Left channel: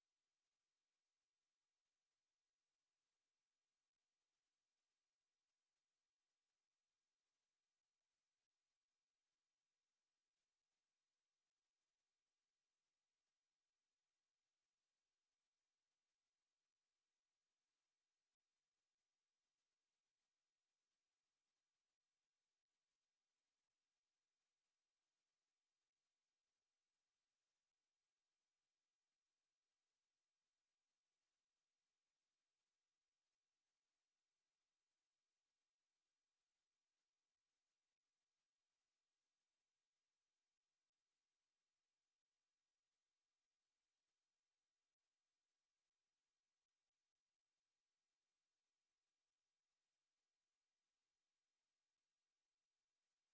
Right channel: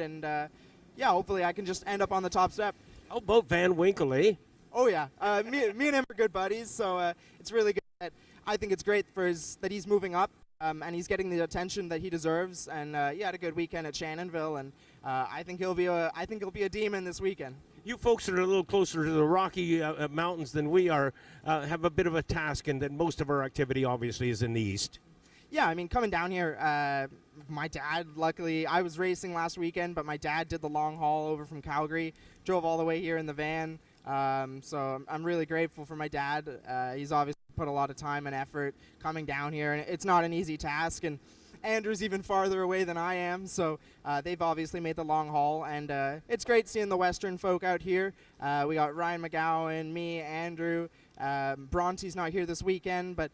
and yeah, hopefully I can just end up on the top step. How about Van Winkle, eh? Oh yeah, me and him are good buddies, so it's really good. I think it's great that he's moving up, and he's getting the attention that he deserves. And he had a good weekend at Shannonville, and I think he'll be a demon this weekend. You folks that are a little closer to the Rocky Mountains than we are have a bit of a task, and that most of our activity obviously is in the east. Yeah, I mean, coming down here, my dad, luckily, I was racing last weekend, but my dad did the long haul over from Calgary, drove all the way here in the van. So I'm really grateful for my dad. He's obviously put a lot of time and effort coming down here, and it's not an easy task. And Andrew's even farther away than I am, so they've obviously made the long haul, and it's great seeing the Western folk out here. We got Ryan McGowan, me, Andrew. Bronte's not here this weekend, but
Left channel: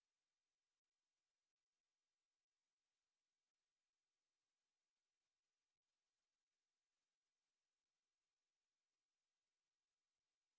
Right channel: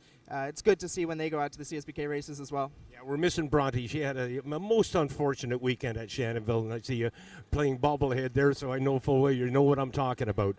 it's good to see when they go out to the CSBK races as well. Yeah, we're missing Bronte. She had a most unfortunate weekend at Shannonville, and I see you playing bobblehead there, so I know full well you know what I'm talking about.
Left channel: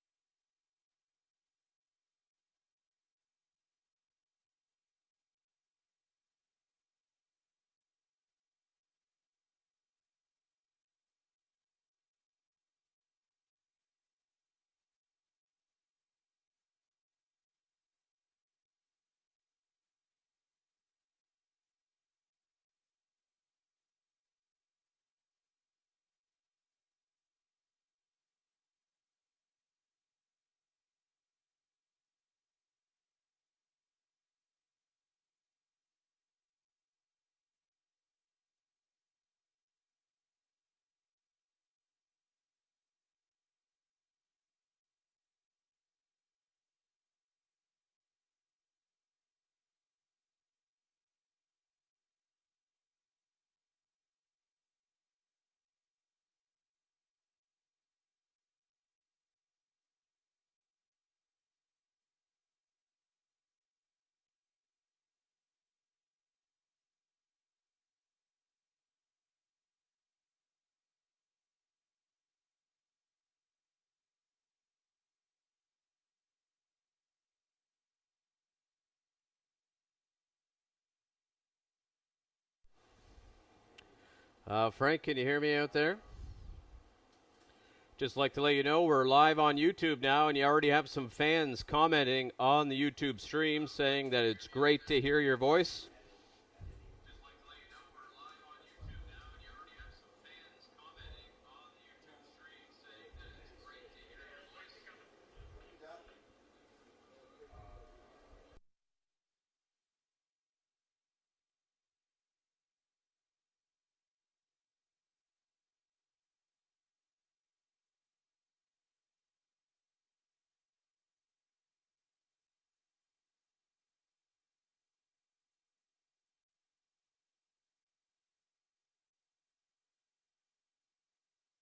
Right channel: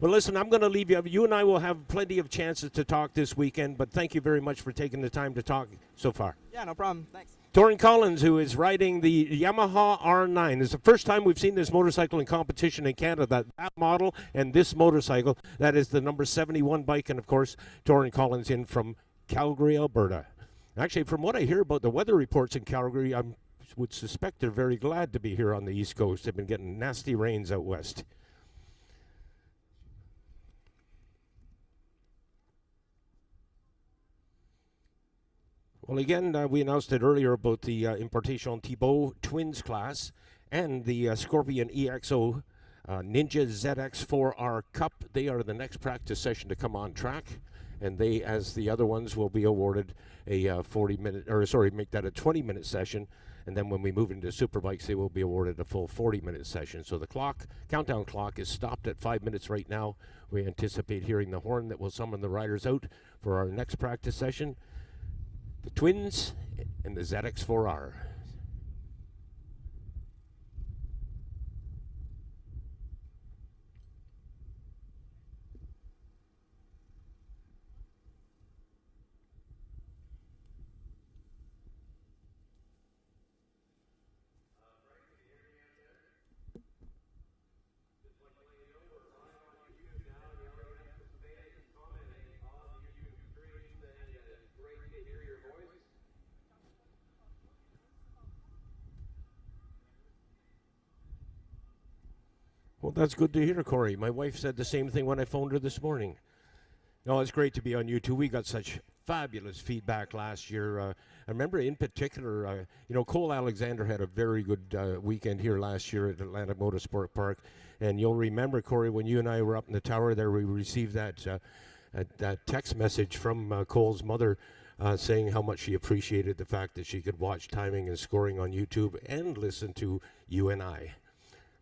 Well, listen, I'm going to leave you. You and I will have plenty of chances to talk this weekend, but thank you very much for taking the time to talk so far. Yeah, no problem. Thanks. Torin Collins, who is riding the Yamaha R9. It's the first time we've seen this motorcycle in competition in Canada, that model and this motorcycle. That is the number 71 bike, and, of course, Torin Collins in from Calgary, Alberta. Actually, from what I hear about the weather reports in Calgary, I would suspect they're very glad to be here on the East Coast. They've been getting nasty rains out west. Well, again, we announced it earlier about the Importation Thibault Twins class and the Scorpion EXO Ninja ZX4R Cup. They are the next practice session to come on track, and they, as the other ones, will be awarded a 40-minute, or sorry, make that a 20-minute session. And then when we move into Superbikes, they will be awarded a full 40-minute session. So the countdown clock is stopped at 5 minutes right now. We anticipate hearing the horn that will summon the riders out for our next practice session. The Twins and the ZX4R. Frank, can you hear me out there? Just like to let you know we're live on YouTube now, and you already have some fans commenting on the YouTube stream saying that it's great to hear your voice. Well, that's good to hear, Corey. My wife said the same thing when I phoned her this morning. No, it's great to be on YouTube. We got such fabulous feedback last year. I remember in particular, Cole Alexander had a very good weekend here last year at Atlanta Motorsport Park. And you'll remember, Corey, when you and I were up in the tower there, we received that text message from Cole's mother saying how much she appreciated the fact that she could watch timing and scoring on YouTube and listen to you and I.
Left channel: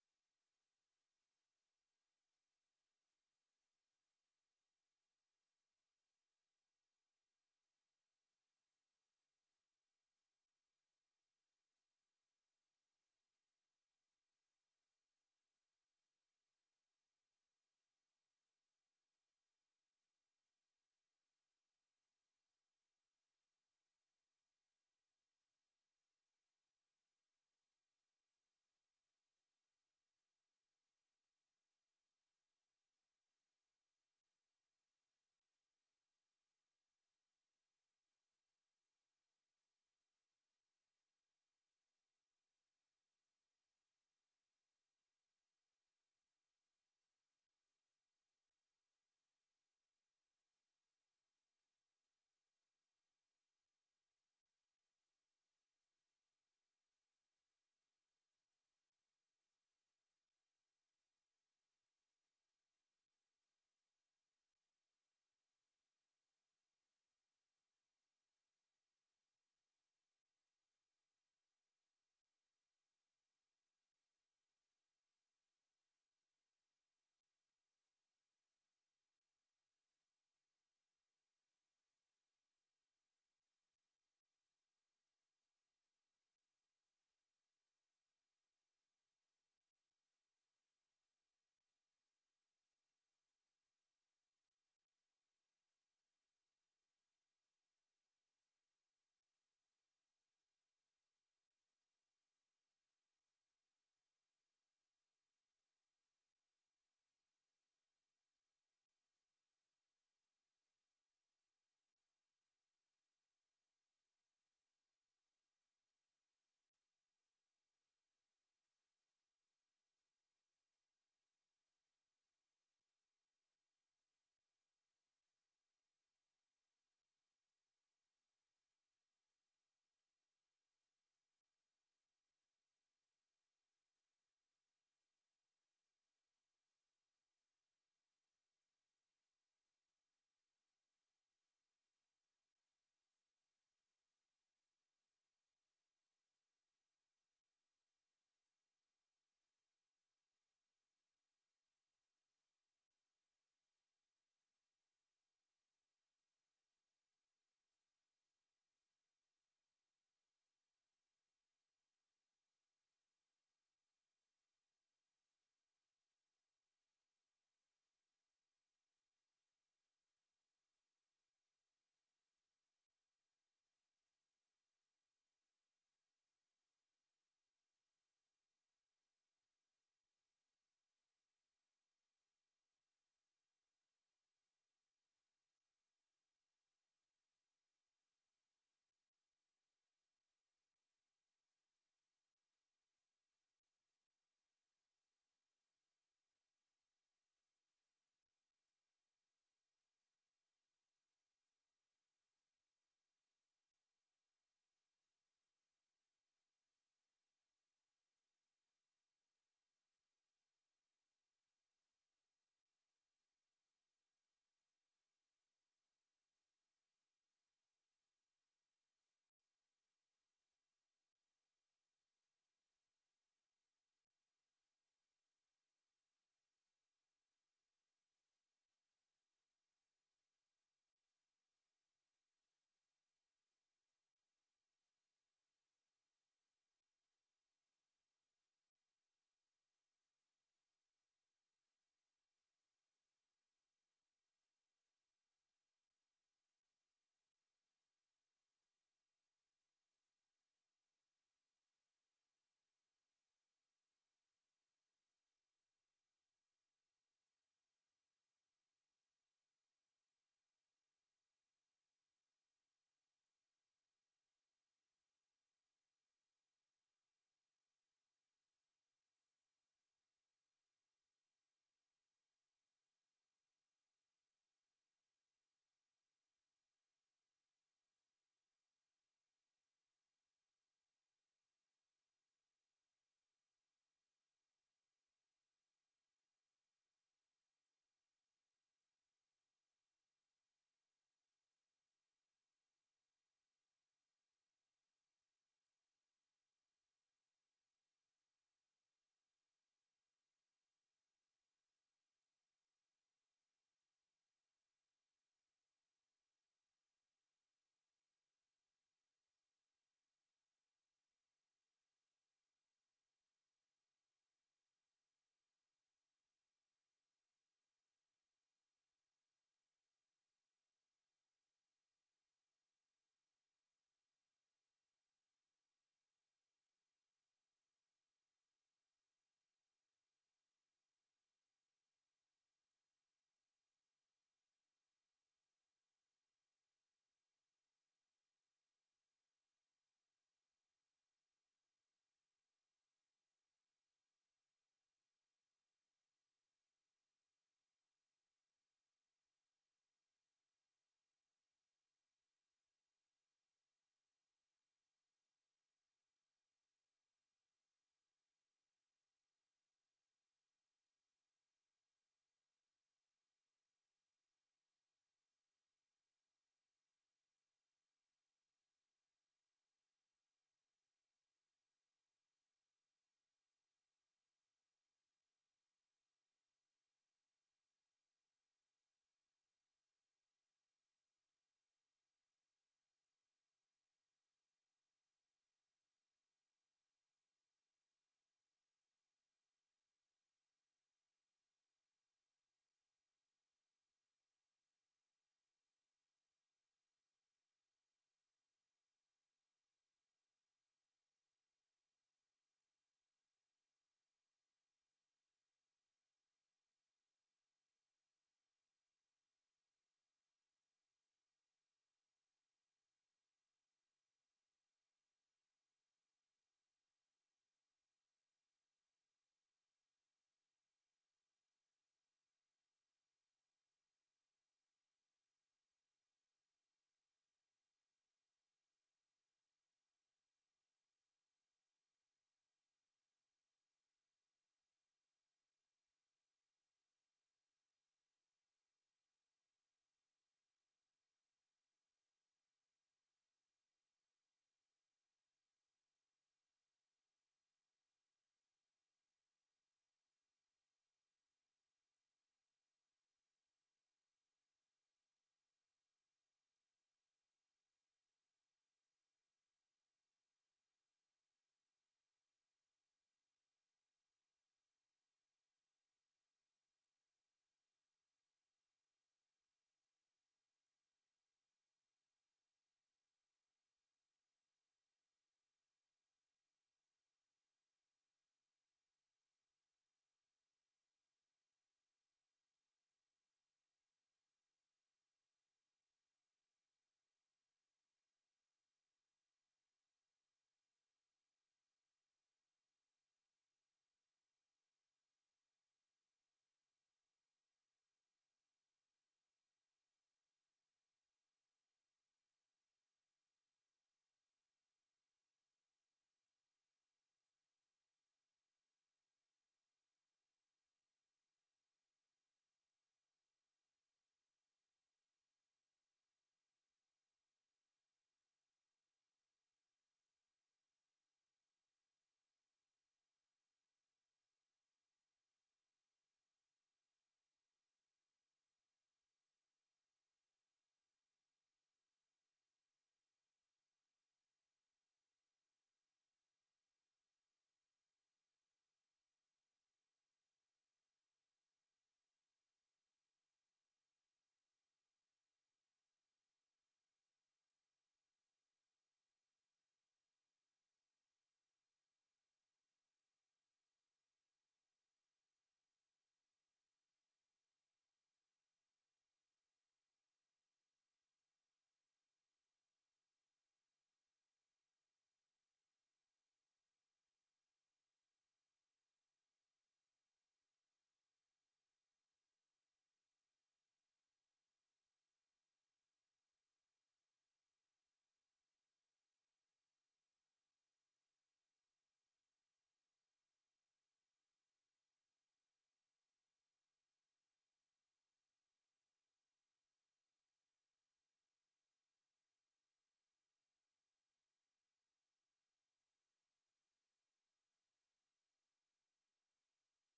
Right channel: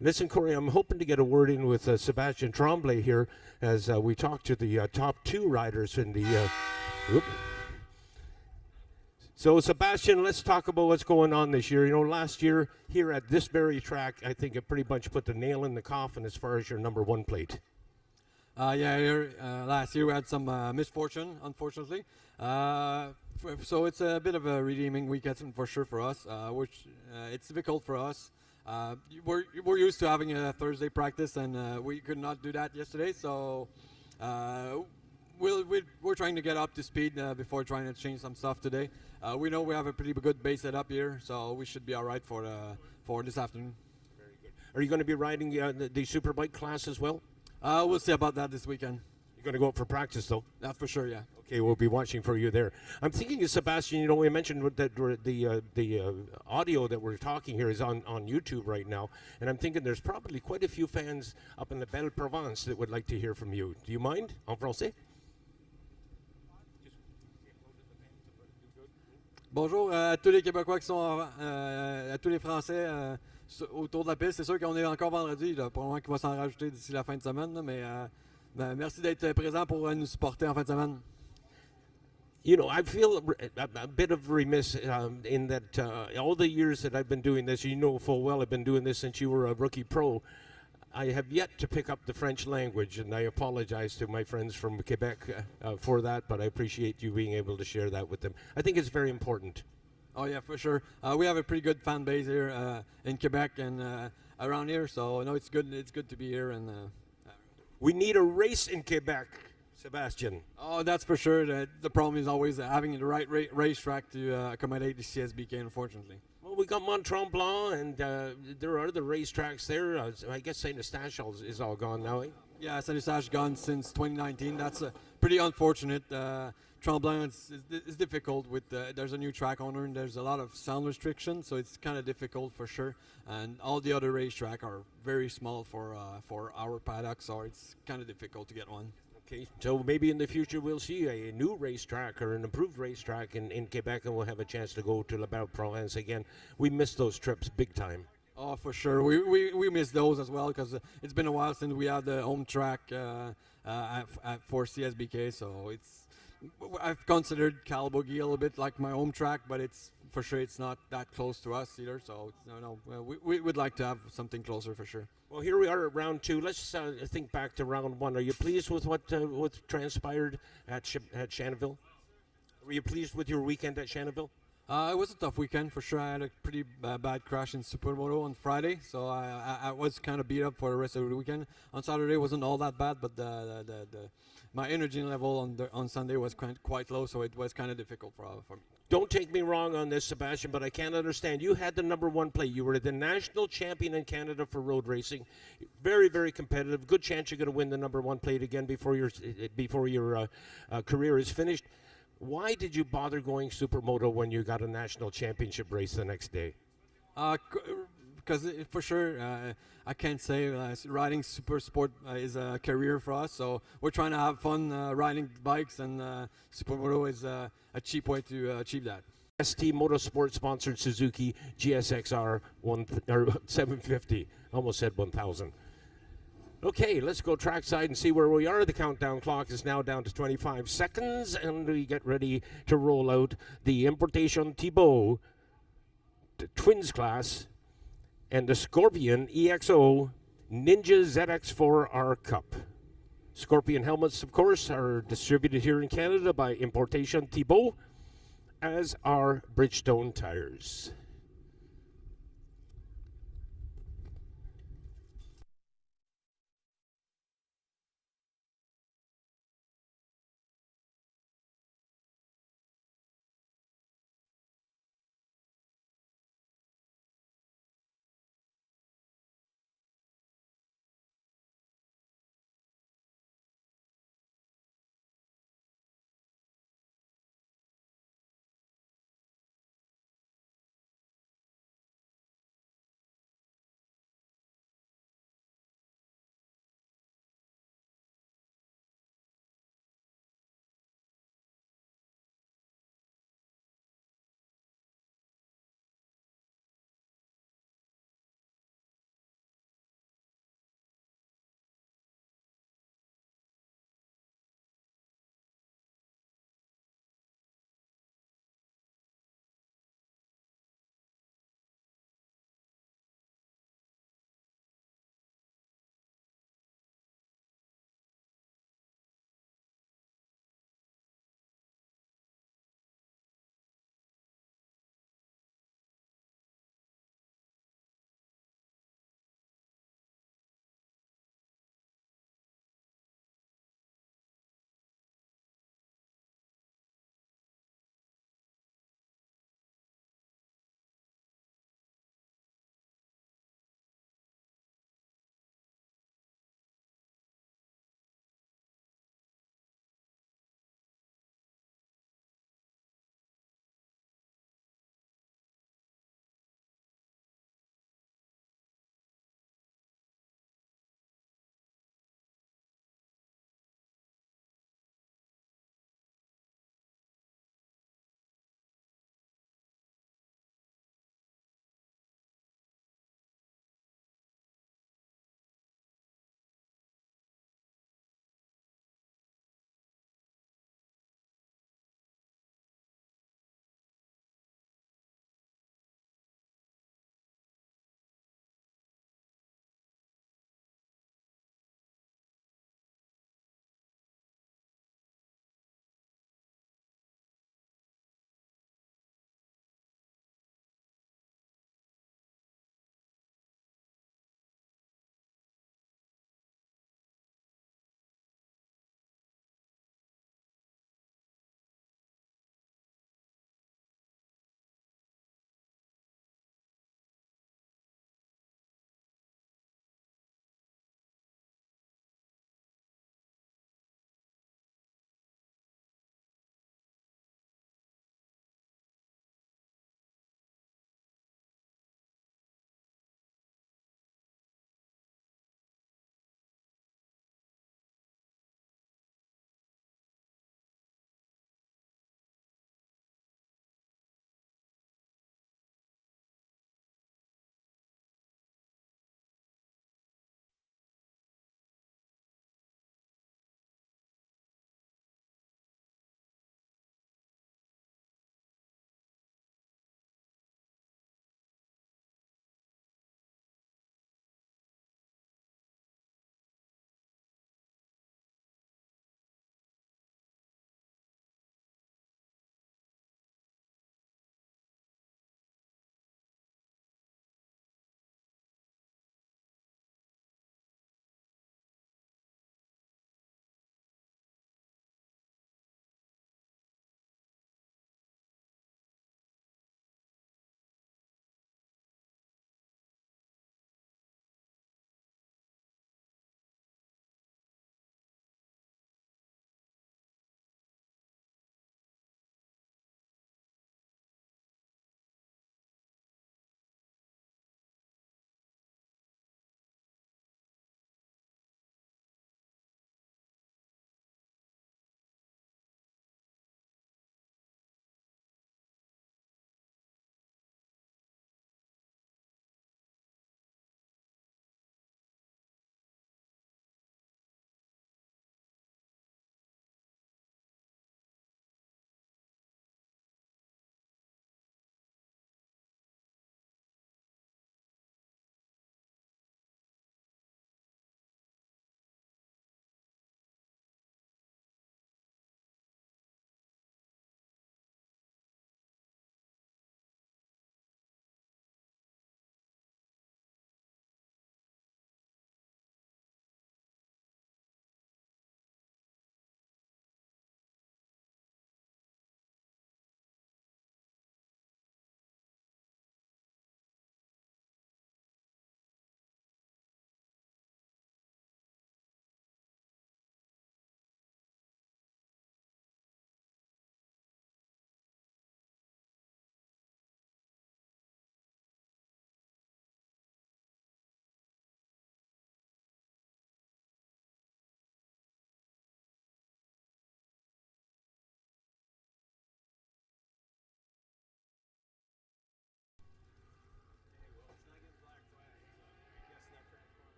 Listen, Corey, I'm hoping to get a word in with Sebastian Tremblay here as we talk to the top two riders in the... So, Sebastian, let's talk about what's going on this year. You know, last year here at this very track, I think it pretty much put the nail in the coffin as far as your number one plate. Last year we had some misfortune, unfortunately. So it's a bit of a redeeming weekend for sure for us, which it's difficult for us. We're used to having a Thursday practice, and we could not do that yesterday. So we're trying to get up to speed before trying to change some stuff today. We know we have a pretty good base set up here, so we should be all right for this afternoon. Very good. Are you going to be riding the Superbike class as well? We'll see about that this weekend. You're going to go up for practice, though? That's for sure, yeah. Okay, we'll be watching for you there. I'm thinking of Sebastian, we mentioned that the audio that we're talking here is on YouTube right now, and I'm thinking there's probably quite a few fans up in the Belle Provence that would like to hear from you. Do you mind, en français? Bonjour à tous les Québécois qui sont à tous les Français autour de la piste. C'est sûr qu'on est encore vendredi, là, pour le moment qu'il va s'en rajouter d'ici la fin de semaine, là, mais merci d'être présent pour nous supporter en fin de semaine. I feel a bit of remiss in that all the years that I've been doing this, you know full well I've been doing this since you were a rookie pro. I have yet to pick up the French language, and I apologize to my friends from Quebec for that, but I appreciate you being able to share that with them. I think it's very important. Oh yeah, for sure. We have a pretty good fan base here in Quebec and around here. So no, it's good. It's good to be here. And We need a race in Quebec, Sebastian. oh, that's for sure. The problem is always having the right racetrack to accommodate the CSBK. Unfortunately. Well, we got Mont Tremblant, and there are other racetracks there. I guess Saint Eustache is all gone now. Eh? Yeah, Saint Eustache gone since 2019. That's pretty unfortunate. Tremblant is difficult with there's a new track owner and there's a lot of sound restrictions, so it's kind of difficult for sure. And all the other racetrack are very small for our paddock, so it's kind of difficult to get one. Okay, so maybe in the future we'll see a new racetrack or an improved racetrack in Quebec, and we'll have a chance to go to La Belle Province again. We miss those trips big time. Oh, for sure. We miss those as well because it's been a while since we had the home track for CSBK. So I've considered Calboogie a little bit like my home track, but it's for sure it's not that close to us either. So we would like to have something closer for sure. Well, here we are at round two. Let's think back to round one. Are you pleased with what transpired at Shannonville? Were you pleased with your weekend at Shannonville? It was a tough weekend for sure. I had a pretty bad crash in Supermoto on Friday, so I was kind of beat up for the rest of the weekend. On Saturday it wasn't all that bad, but my energy level on Sunday was quite low, so it was kind of difficult for me. Don't take me wrong on this, Sebastian, but I can't understand. You had the number one plate. You were the national champion in Canada for road racing. Very, very competitive. Good chance you're going to win the number one plate again before your career is finished. Why did you bother going Supermoto when you got a national championship race the next day? Because for sure, I can't say riding super sport is a career for us. So we're trying to have fun riding bikes, and Supermoto is a cheap way to achieve that. ST Motorsport sponsored Suzuki GSXR 750. Almost said 1000. Okay, let's go trackside and see where we are. The countdown clock is now down to 25 seconds, and we get ready to roll out the Importation Thibault, the Twins class, and the Scorpion EXO Ninja ZX4 R Cup. Scorpion helmets, of course, are distributed here in Canada by Importation Thibault, as are Bridgestone tires.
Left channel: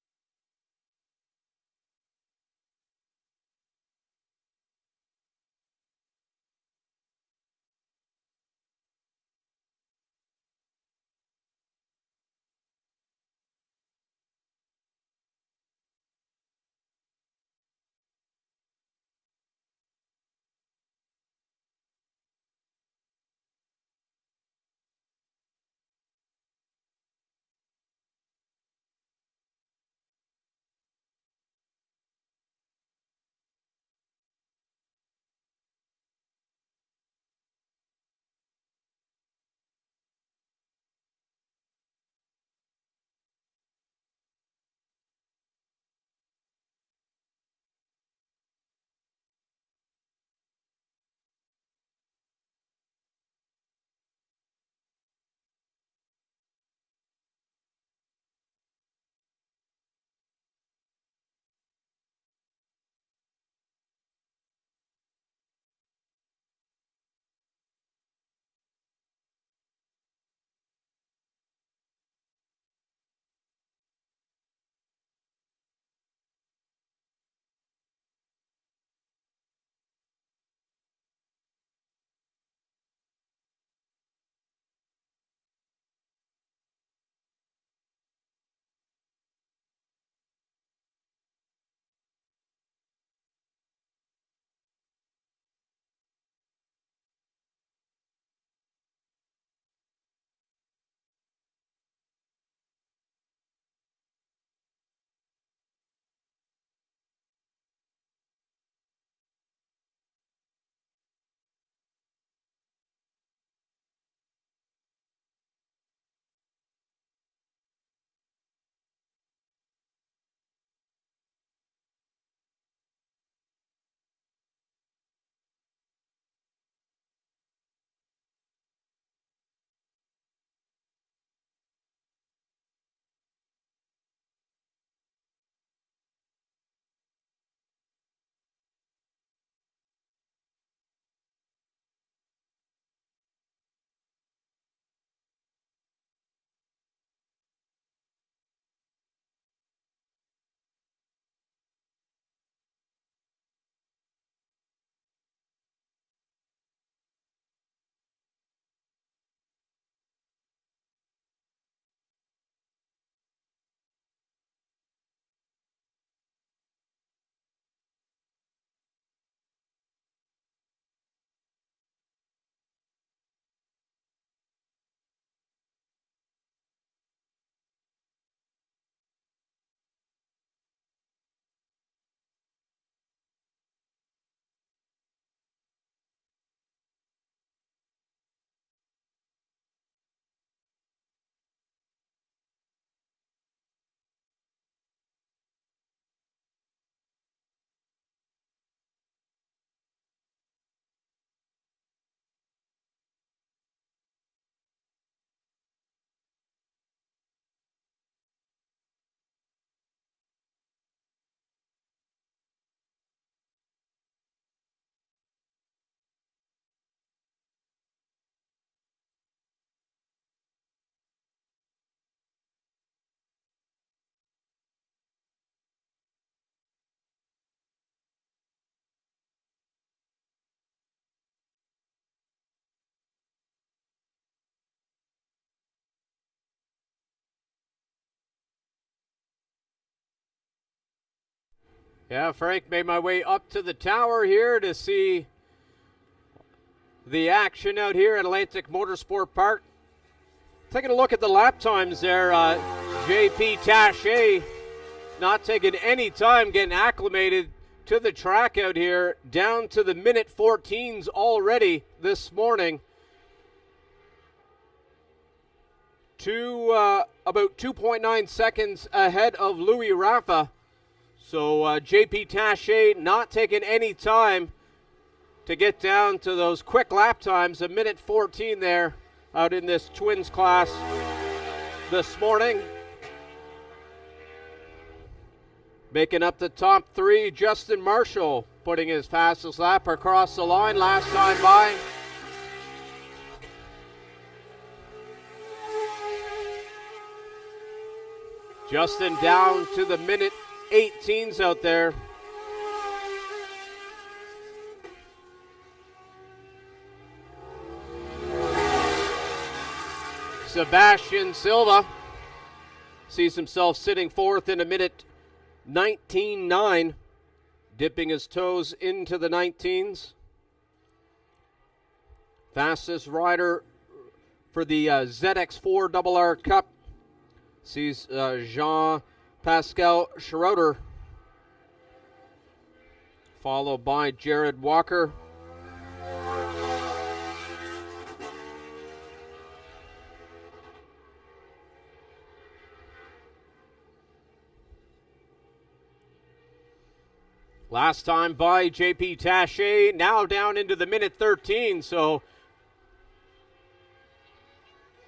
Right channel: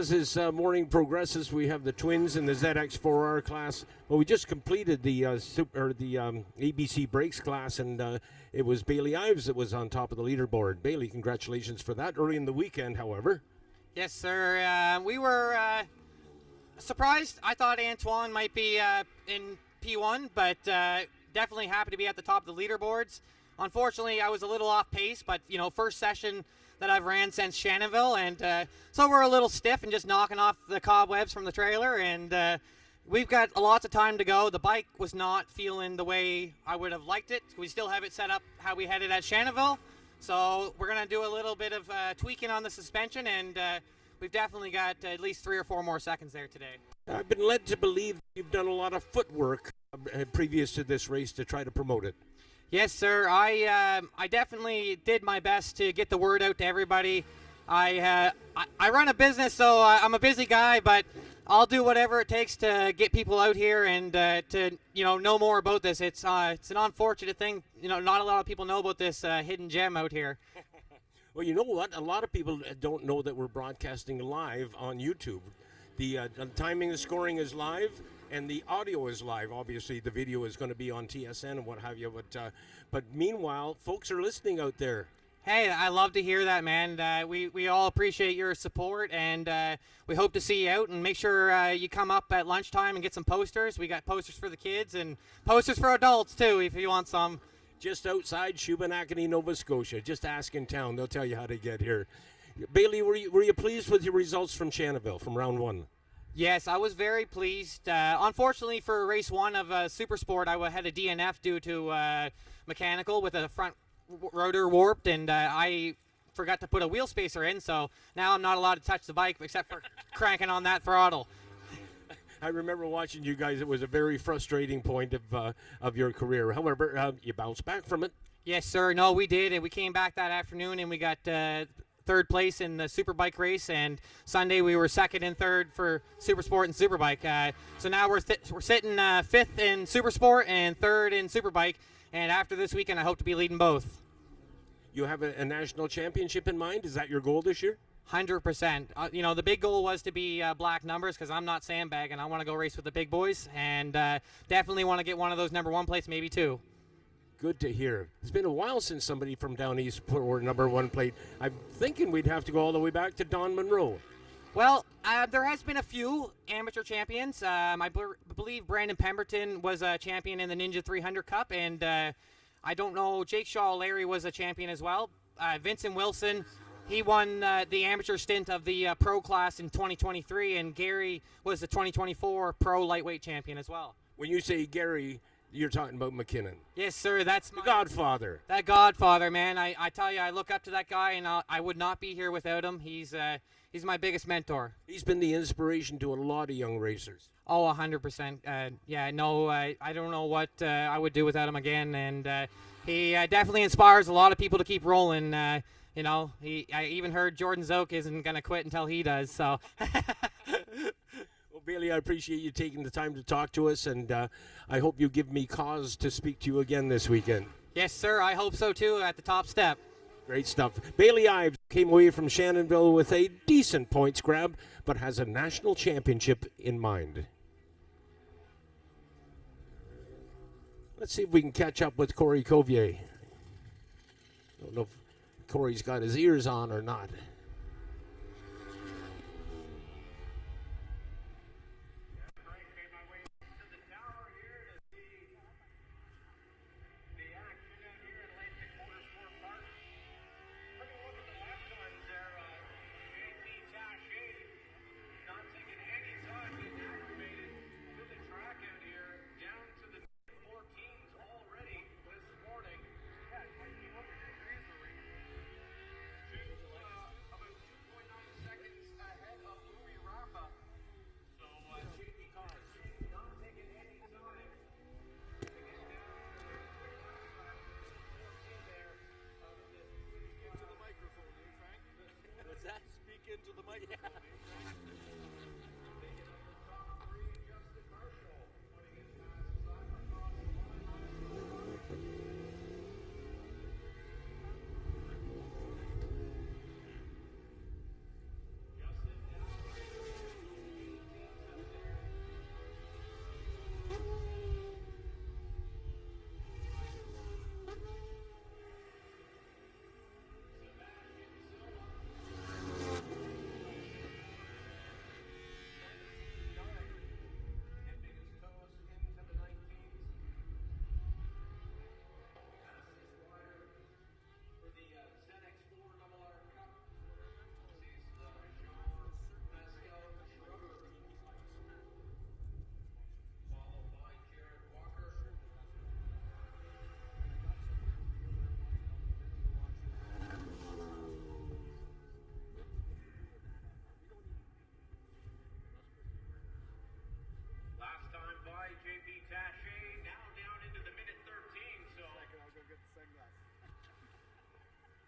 as this morning progresses, we have the twins in the ZX4R class. Well, we just completed the ABC Brakes class, and it was Bailey Ives that was on top of the leaderboard. Bailey, congratulations for that. Early in the weekend, however. Yes, sir. We were surprised. I thought Antoine might be in P1, but definitely happy to be at the top of the leaderboards. Unfortunately, I was a little off pace, but first session that I've ran since Shannonville, and so we're a little stiff and just knocking off the cobwebs from the trailer, and we've got lots of time to go. The bike was not feeling the way I would have liked it. We still have it set up how we had it at Shannonville, so we're going to do a little bit of tweaking on the suspension, and we've definitely got at least 3 or 4 more seconds there today. I've been led to believe you've done a lot of footwork previous to this race to try to promote it. Yes, sir. I definitely did my best to get the word out to everybody. I run a business, so I'm a busy guy, but I'll do whatever it takes to get people out here and to know more about this. It's an unfortunate thing. Not a lot of people know about this hidden gem out here. Well, you know what? A lot of people don't know that we're broadcasting live on YouTube. The timing, the scoring is live, and the audio is live. Obviously, the video is going to be on TSN and what have you. But meanwhile, folks are listening out there. Hey, I love to hear that, man. We all appreciate your support, and we hope to see you out. And make sure you come up at lunchtime and get some posters. We got posters for the kids and posters for adults, too, if you want some. Just outside Shubenacadie, Nova Scotia. Just ask in town. They'll tell you how to get here. Bailey, were you pleased with your results from Shannonville, from round 1? Yes, I was very pleased. Unfortunately for race 1 of Supersport, I had a DNF due to mechanical with a front rotor warped, and I forgot to put a wheel spacer in, so now I'm not allowed to touch the bike except for cranking on that throttle. I remember watching you guys. It was a very frustrating point of your career. However, you bounced back from it. Yes, sir. No, we did, and we came back that afternoon, and we got 3rd place in the Superbike race, and Sunday we were 2nd and 3rd for Supersport and Superbike. So now we're sitting 5th in Supersport and 3rd in Superbike, and after this weekend I hope to be leading both. You have a national championship in mind? Is that your goal this year? 100%. The big goal was to be black numbers because I'm not sandbagging. I want to go race with the big boys, and definitely want to get one of those number 1 plates, maybe 2. Good to hear. It's been a while since somebody from down east put a number 1 plate. I'm thinking we'd have to go all the way back to Don Monroe. Well, there has been a few amateur champions. I believe Brandon Pemberton was a champion in the Ninja 300 Cup, and I don't know, Jake Shaw Larry was a champion as well. Vincent Wilson, he won the amateur stint of the pro class in 2023, and Gary was the 2024 pro lightweight champion as well. When you say Gary, you're talking about McKinnon. Yes, sir. That's the Godfather. That Godfather, man. I tell you, I look up to that guy, and I would not be here without him. He's my biggest mentor. He's been the inspiration to a lot of young racers. Oh, 100%. I don't know what I would do without him again, and he definitely inspires a lot of people to keep rolling. I even heard Jordan Zoke isn't going to quit until he does. So. Well, Bailey, I appreciate you taking the time to talk to us, and I hope you give me cause to speak to you again this weekend. Yes, sir. I hope so, too, at the top step. Great stuff. Bailey Ives came away from Shannonville with a decent points grab, but has a national championship in mind. Let's see if we can catch up with Corey Covier. I don't know if Corey's got his ears on or not. Yeah, Frank, made my way up to the tower here to see the action out here at Atlantic Motorsport Park. Taking a look at the lap times there, JP Taché not taking any time getting acclimated to the track out here, down to the minute 14s already this morning. About 2.9 seconds ahead of Louis Raffa. So JP Taché not taking any time to get down to those quick lap times, a minute 14 there out in this twins class this morning. Making up the top 3, Justin Marshall putting his fastest lap across the line last time by. Justin down to the minute 18s out there. Sebastian Silva sees himself sitting fourth in a minute 19.9, dipping his toes into the 19s. Fastest rider for the ZX4RR Cup sees Jean-Pascal Schroeder, followed by Jared Walker. Last time by JP Taché, now down into the minute 13, so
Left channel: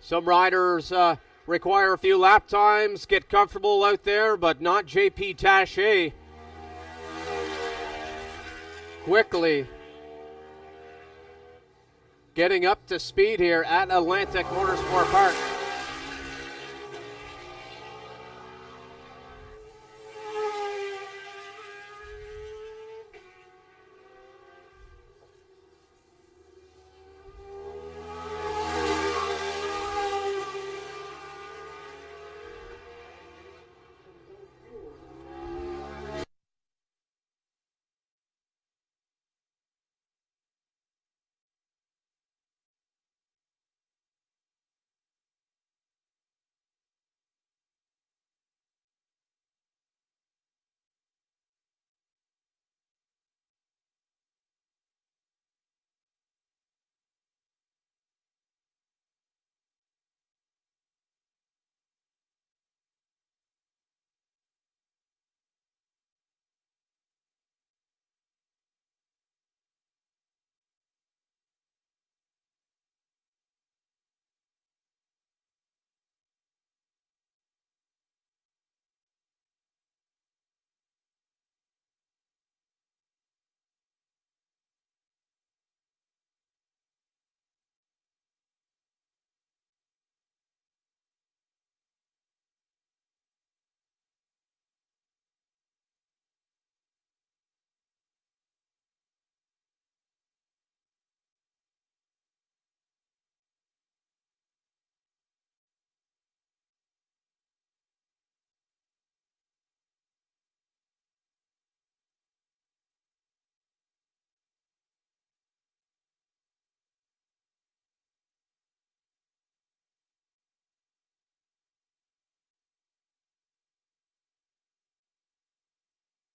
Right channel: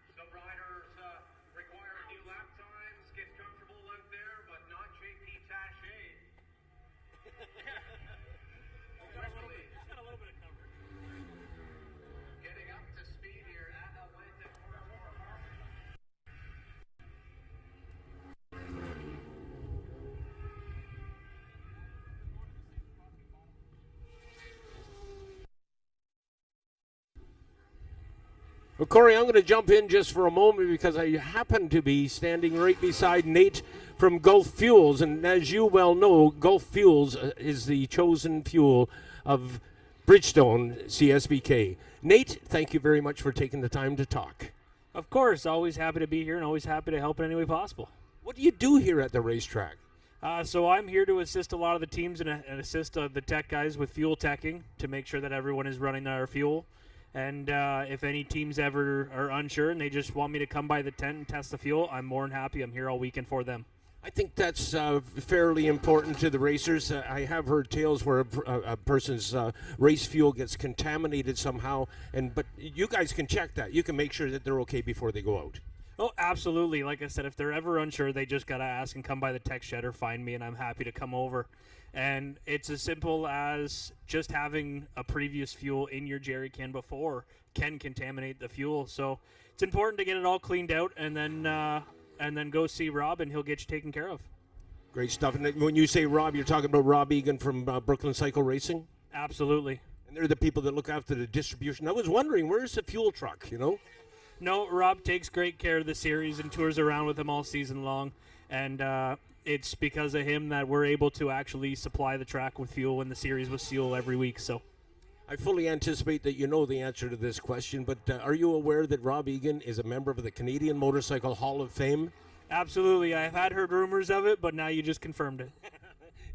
some riders require a few lap times, get comfortable out there, but not JP Taché. Quickly getting up to speed here at Atlantic Motorsport Park. Corey, I'm going to jump in just for a moment because I happen to be standing right beside Nate from Gulf Fuels. And as you well know, Gulf Fuels is the chosen fuel of Bridgestone CSBK. Nate, thank you very much for taking the time to talk. Of course, always happy to be here and always happy to help in any way possible. What do you do here at the racetrack? So I'm here to assist a lot of the teams and assist the tech guys with fuel teching to make sure that everyone is running our fuel. And if any teams ever are unsure and they just want me to come by the tent and test the fuel, I'm more than happy. I'm here all weekend for them. I think that's fairly important to the racers. I have heard tales where a person's race fuel gets contaminated somehow, but you guys can check that. You can make sure that they're okay before they go out. Oh, absolutely. Like I said, if they're ever unsure, they just got to ask and come by the tech shed or find me, and I'm happy to come over. And it's as simple as just having a previous fuel in your jerry can before can contaminate the fuel. So it's important to get it all cleaned out and then go see Rob, and he'll get you taken care of. Great stuff. And when you say Rob, you're talking about Rob Egan from Brooklyn Cycle Racing? Absolutely. And they're the people that look after the distribution. I was wondering, where's the fuel truck, you know? No, Rob takes great care of the series and tours around with them all season long. And it's because of him that we're able to actually supply the track with fuel when the series with fuel every week. So I fully anticipate that you know the answer to this question, but are you aware that Rob Egan is a member of the Canadian Motorcycle Hall of Fame? Absolutely. I've heard rumors of it, but now you just confirmed it.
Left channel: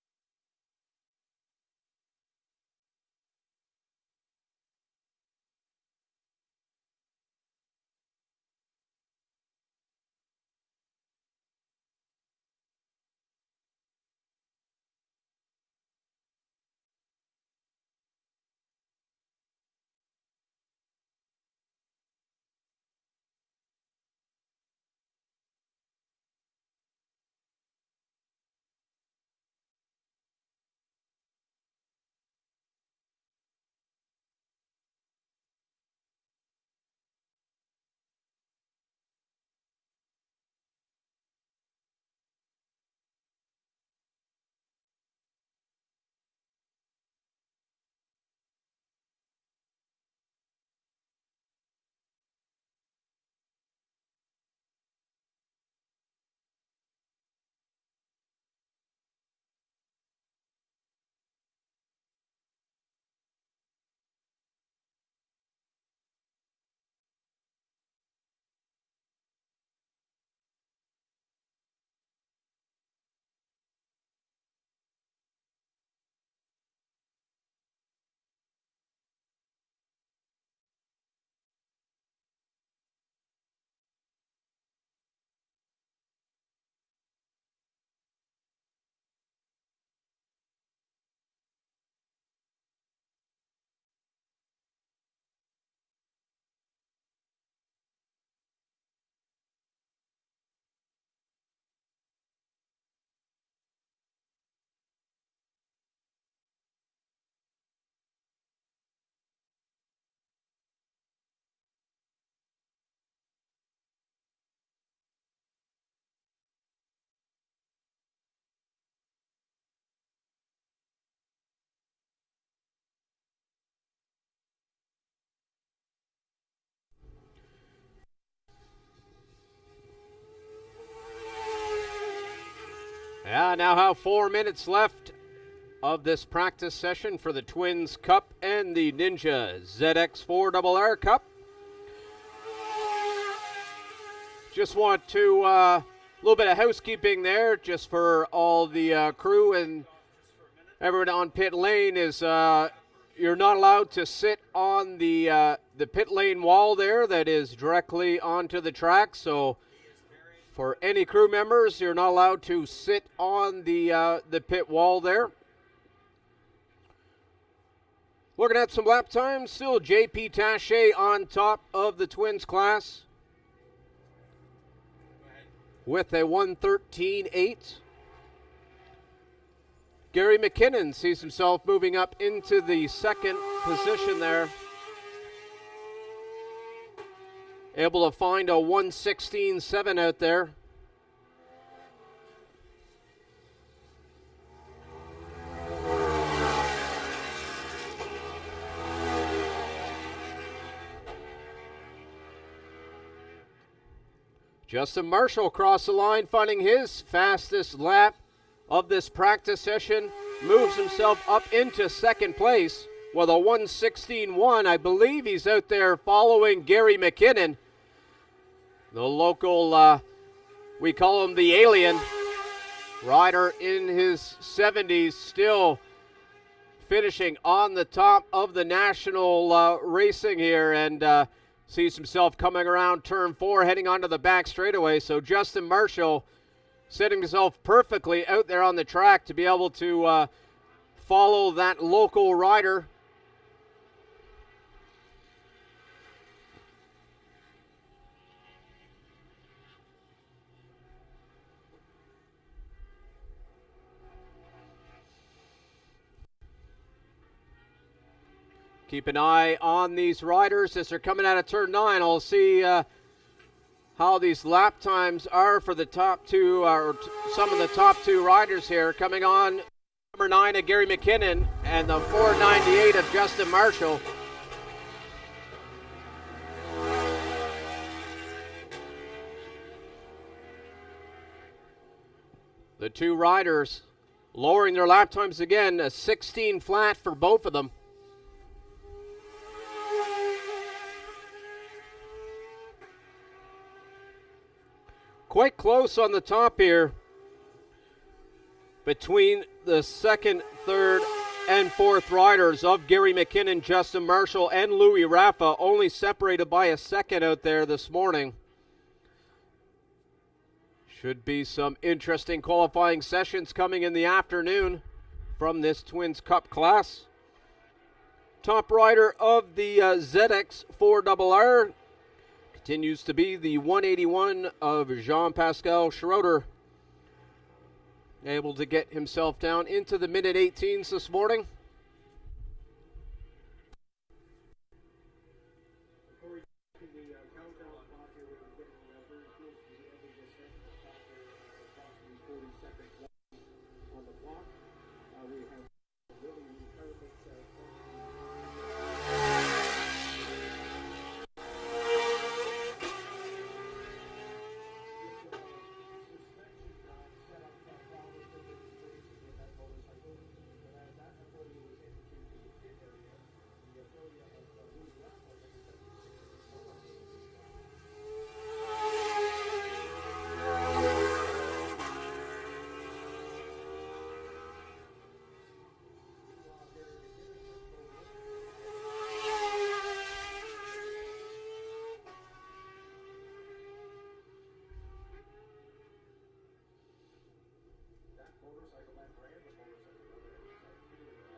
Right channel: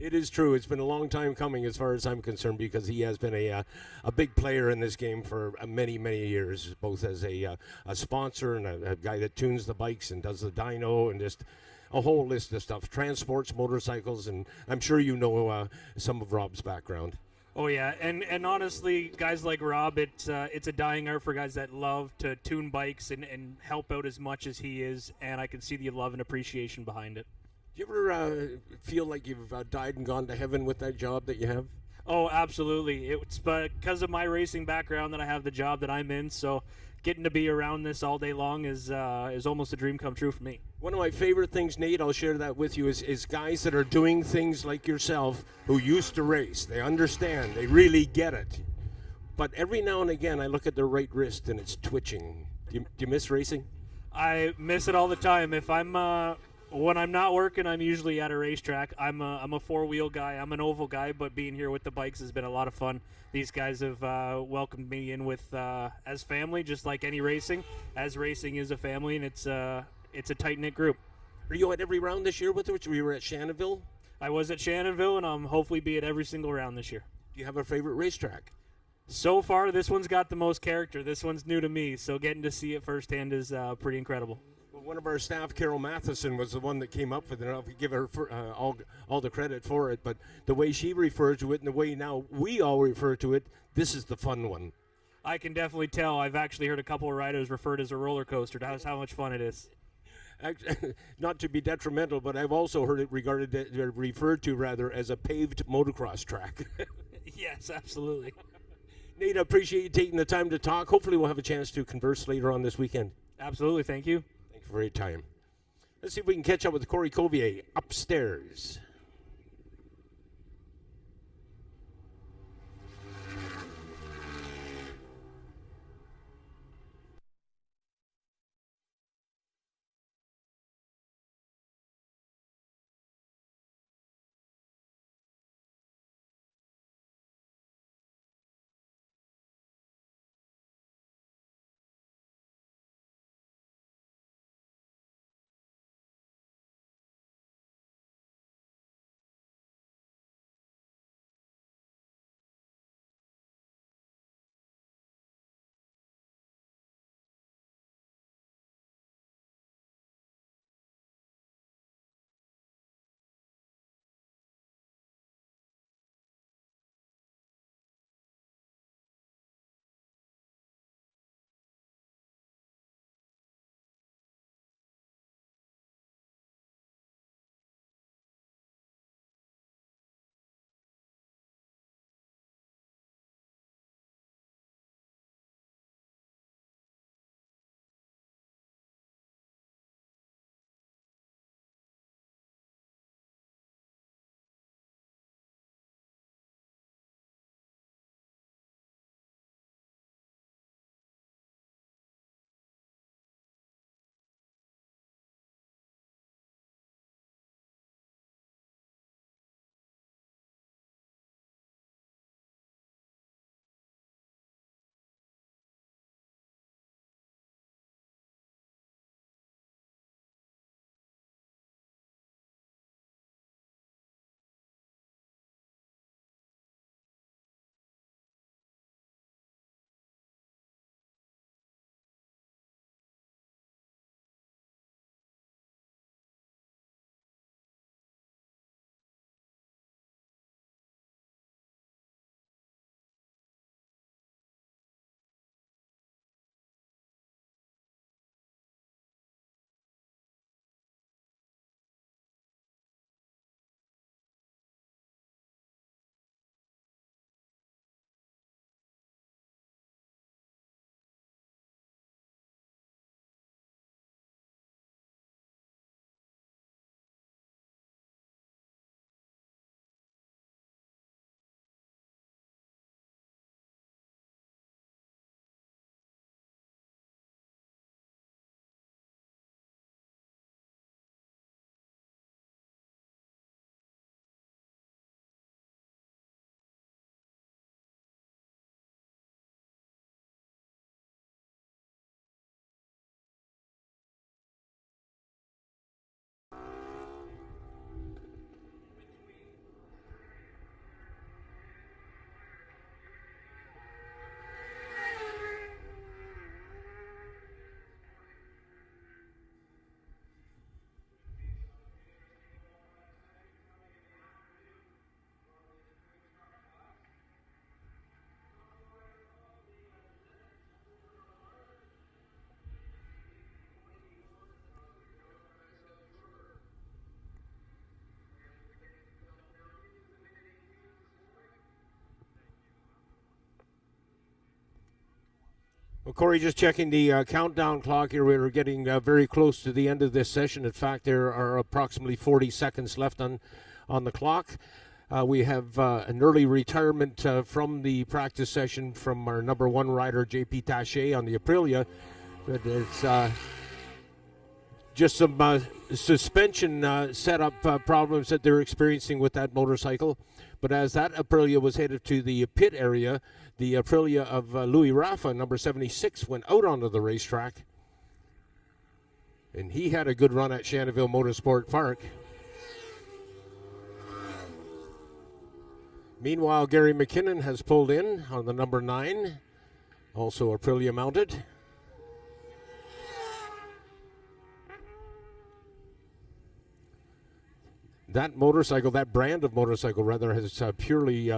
It is true. It's been a long time coming as far as I'm concerned, because he has been a big player in this game for many, many years, both as a sponsor and a guy that tunes the bikes and does the dyno and just a whole list of stuff, transports motorcycles, and I'm sure you know some of Rob's background. Oh yeah, and honestly, guys like Rob, it's a dying art for guys that love to tune bikes and help out as much as he is, and I can see the love and appreciation behind it. Do you ever feel like you've died and gone to heaven with that job that you have? Oh, absolutely. It's because of my racing background that I have the job that I'm in, so getting to be around this all day long is almost a dream come true for me. One of my favorite things, Nate, I'll share that with you, is guys that are doing things like yourself who used to race. They understand. They really get it. But every now and again, I look at their right wrist and it's twitching. Do you miss racing? I miss it all the time. If when I'm not working, I'm usually at a racetrack. I'm a four-wheel guy. I'm an oval guy, but being here with the bikes has been a lot of fun. These guys have welcomed me in with as family, just like any racing. As racing is a family, and it's a tight-knit group. Are you at every round this year with it? We were at Shannonville. I was at Shannonville, and I'll hopefully be at every single round this year. Do you have a favorite racetrack? So far, this one's got the most character. This one's new to me, so getting to see it firsthand is pretty incredible. One of our staff, Carol Matheson, was the one that came up with it. I'll give her all the credit for it, but the way she referred to it and the way now we all refer to it, this is the fun one. I can definitely tell. I've actually heard a couple of riders refer to it as a roller coaster. That's how much fun it is. Not to be detrimental, but I've also heard it referred to as a paved motocross track. Yes, absolutely. Nate, I appreciate you taking the time to talk. Hopefully we'll have a chance to converse later on this weekend. Absolutely. Thank you. For your time. Let's see if we can catch up with Corey Covier upstairs. Yeah, now have 4 minutes left of this practice session for the Twins Cup and the Ninja ZX4RR Cup. Just want to, a little bit of housekeeping there, just for all the crew and everyone on pit lane is, you're not allowed to sit on the pit lane wall there that is directly onto the track. So for any crew members, you're not allowed to sit on the pit wall there. Looking at some lap times, still JP Taché on top of the Twins class with a 1:13.8. Gary McKinnon sees himself moving up into the second position there. Able to find a 1:16.7 out there. Justin Marshall crossed the line, finding his fastest lap of this practice session. Moves himself up into second place with a 1:16.1. I believe he's out there following Gary McKinnon. The local, we call him the alien, rider in his 70s, still finishing on the top of the national racing here, and sees himself coming around turn 4, heading onto the back straightaway. So Justin Marshall setting himself perfectly out there on the track to be able to follow that local rider. Keep an eye on these riders as they're coming out of turn 9. I'll see how these lap times are for the top two, or some of the top two riders here. Coming on, number 9 of Gary McKinnon and the 4:98 of Justin Marshall. The two riders lowering their lap times again, a 16 flat for both of them. Quite close on the top here between the second, third, and fourth riders of Gary McKinnon, Justin Marshall, and Louis Raffa, only separated by a second out there this morning. Should be some interesting qualifying sessions coming in the afternoon from this Twins Cup class. Top rider of the ZX4RR continues to be the 181 of Jean-Pascal Schroeder. Able to get himself down into the minute 18s this morning. Well, Corey, just checking the countdown clock here. We're getting very close to the end of this session. In fact, there are approximately 40 seconds left on the clock. We have an early retirement from the practice session from number 1 rider, JP Taché, on the Aprilia. There's just some suspension setup problems that they're experiencing with that motorcycle. But as that Aprilia was headed to the pit area, the Aprilia of Louis Raffa, number 76, went out onto the racetrack. And he had a good run at Shanaville Motorsport Park. Meanwhile, Gary McKinnon has pulled in on the number 9, also Aprilia mounted. That motorcycle, that brand of motorcycle rather, has purely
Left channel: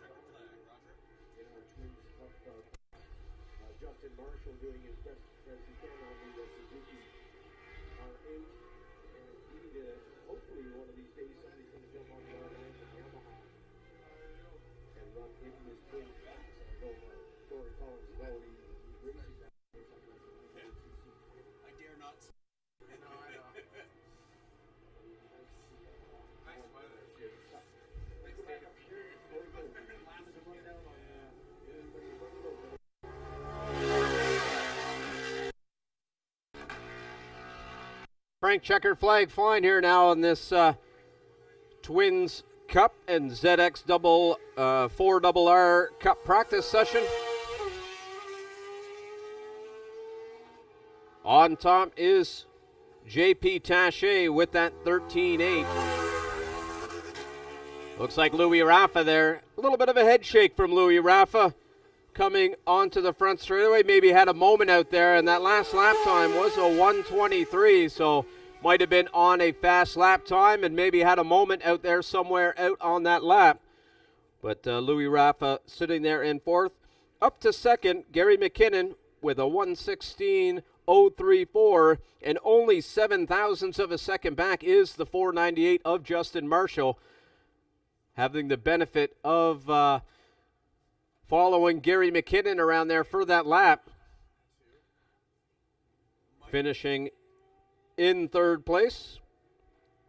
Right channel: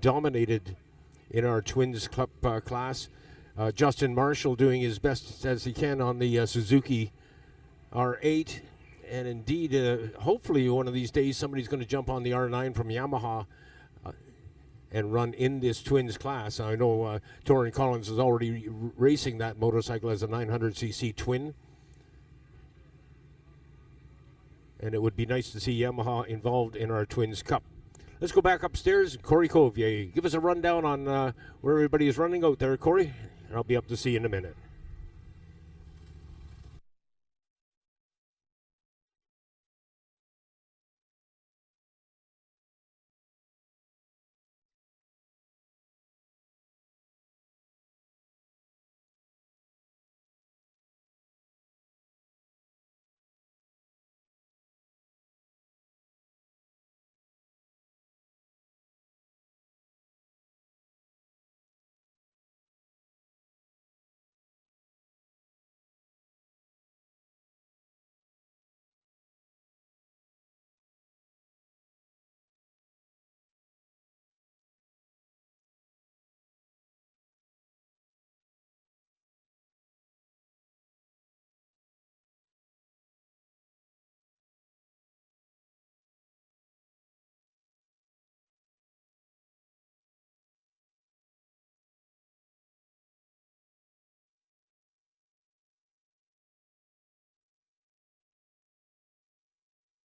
dominated in our Twins Cup class. Justin Marshall doing his best as he can on the Suzuki R8. And indeed, hopefully one of these days somebody's going to jump on the R9 from Yamaha and run in this Twins class. I know Torian Collins is already racing that motorcycle as a 900cc twin. and it would be nice to see Yamaha involved in our Twins Cup. Let's go back upstairs. Corey Covier, give us a rundown on where everybody is running out there, Corey. I'll be up to see you in a minute. Frank checkered flag flying here now in this Twins Cup and ZX 4RR Cup practice session. On top is JP Taché with that 13.8. Looks like Louis Rafa there. A little bit of a head shake from Louis Rafa coming onto the front straightaway. Maybe had a moment out there, and that last lap time was a 1:23, so might have been on a fast lap time and maybe had a moment out there somewhere out on that lap. But Louis Rafa sitting there in fourth. Up to second, Gary McKinnon with a 1:16.034, and only 7 thousandths of a second back is the 498 of Justin Marshall, having the benefit of following Gary McKinnon around there for that lap. Finishing in third place.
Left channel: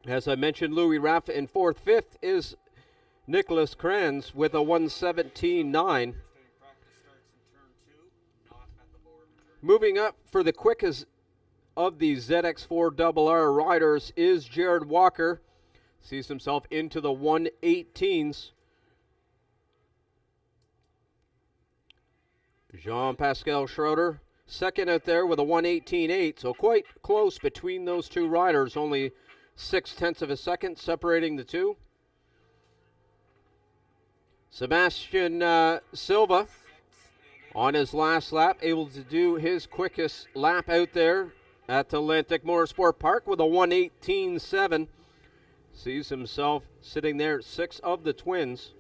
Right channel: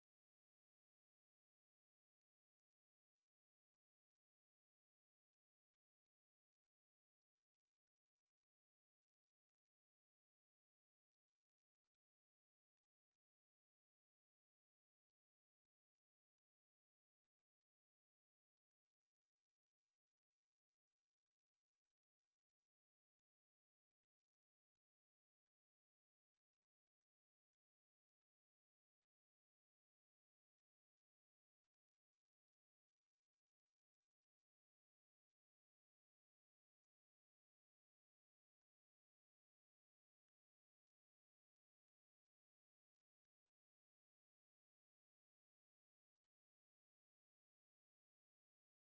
As I mentioned, Louis Rafa in fourth. Fifth is Nicholas Kranz with a 1:17.9. Moving up for the quickest of the ZX4RR riders is Jared Walker. Sees himself into the 1:18s. Jean-Pascal Schroeder, second out there with a 1:18.8, so quite close between those two riders, only 0.6 of a second separating the two. Sebastian Silva on his last lap, able to do his quickest lap out there at Atlantic Motorsport Park with a 1:18.7. Sees himself sitting there at 6 of the Twins.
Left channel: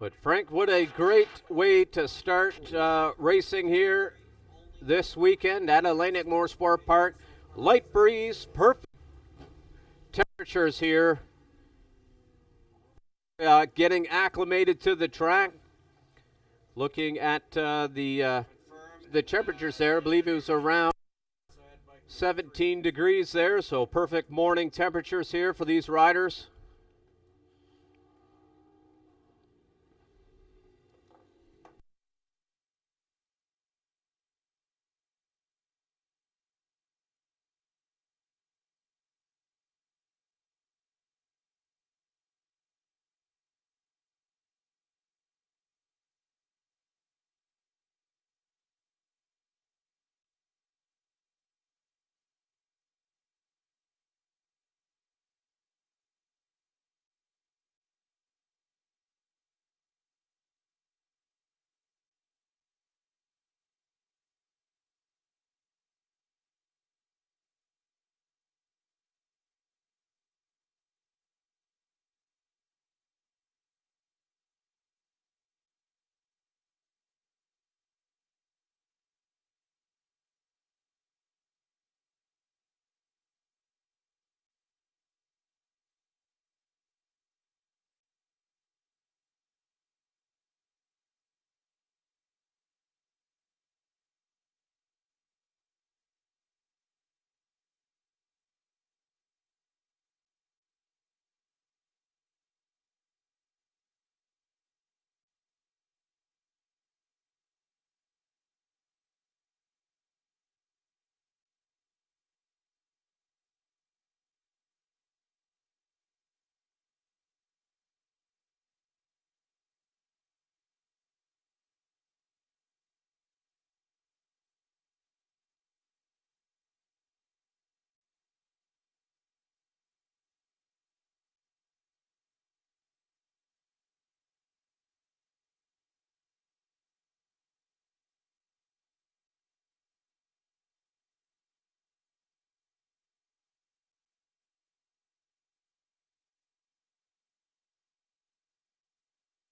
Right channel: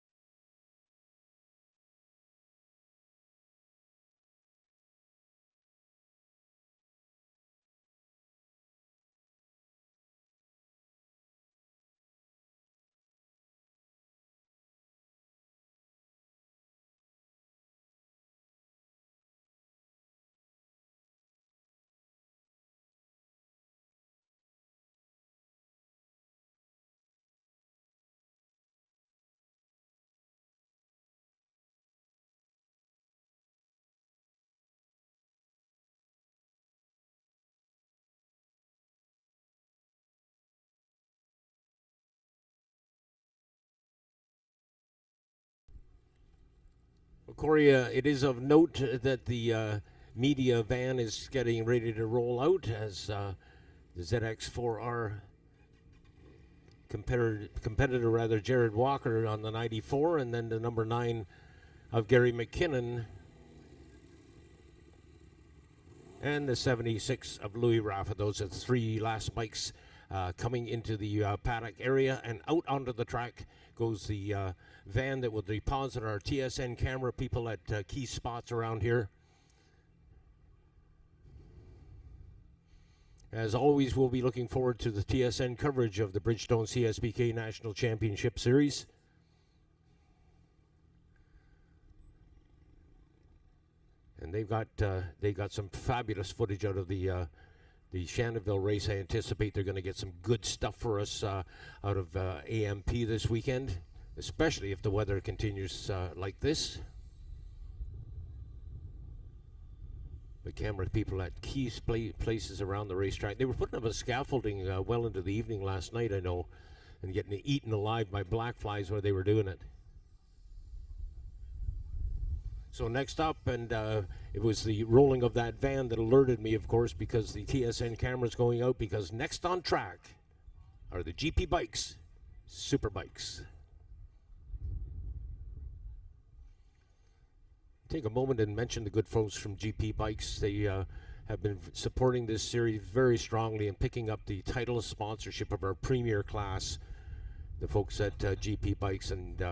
But Frank, what a great way to start racing here this weekend at Atlantic Motorsport Park. Light breeze, perfect temperatures here. Getting acclimated to the track. Looking at the temperatures there, I believe it was around 17 degrees there, so perfect morning temperatures here for these riders. Corey, it is of note that the media van is getting ready to roll out as the ZX4R competitor rather, Jared Walker on the 94, and then the number 9 of Gary McKinnon, and the 76 of Louis Rafa. Those are the 3 last bikes coming into the paddock area, and out onto the track goes the van that will deposit our TSN camera people at key spots around here. As always, we'll be looking forward to the TSN coverage of the Bridgestone CSBK National Championship Series. And they've got some fabulous footage out of the Shannonville race. I anticipate they're going to get some good stuff for us out of AMP this weekend, especially if the weather continues like this. The camera people at key places around the racetrack. They were putting up a scaffolding well into the evening last night, I know, and getting eaten alive by black flies while they were doing it. So next up, and it was the rolling of that van that alerted me, of course, because the TSN camera's going out, because next on track are the GP bikes, Superbikes. Take a moment and mention the good folks from GP Bikes. They have been supporting this series very strongly and picking up the title sponsorship of our premier class. The folks at GP Bikes, and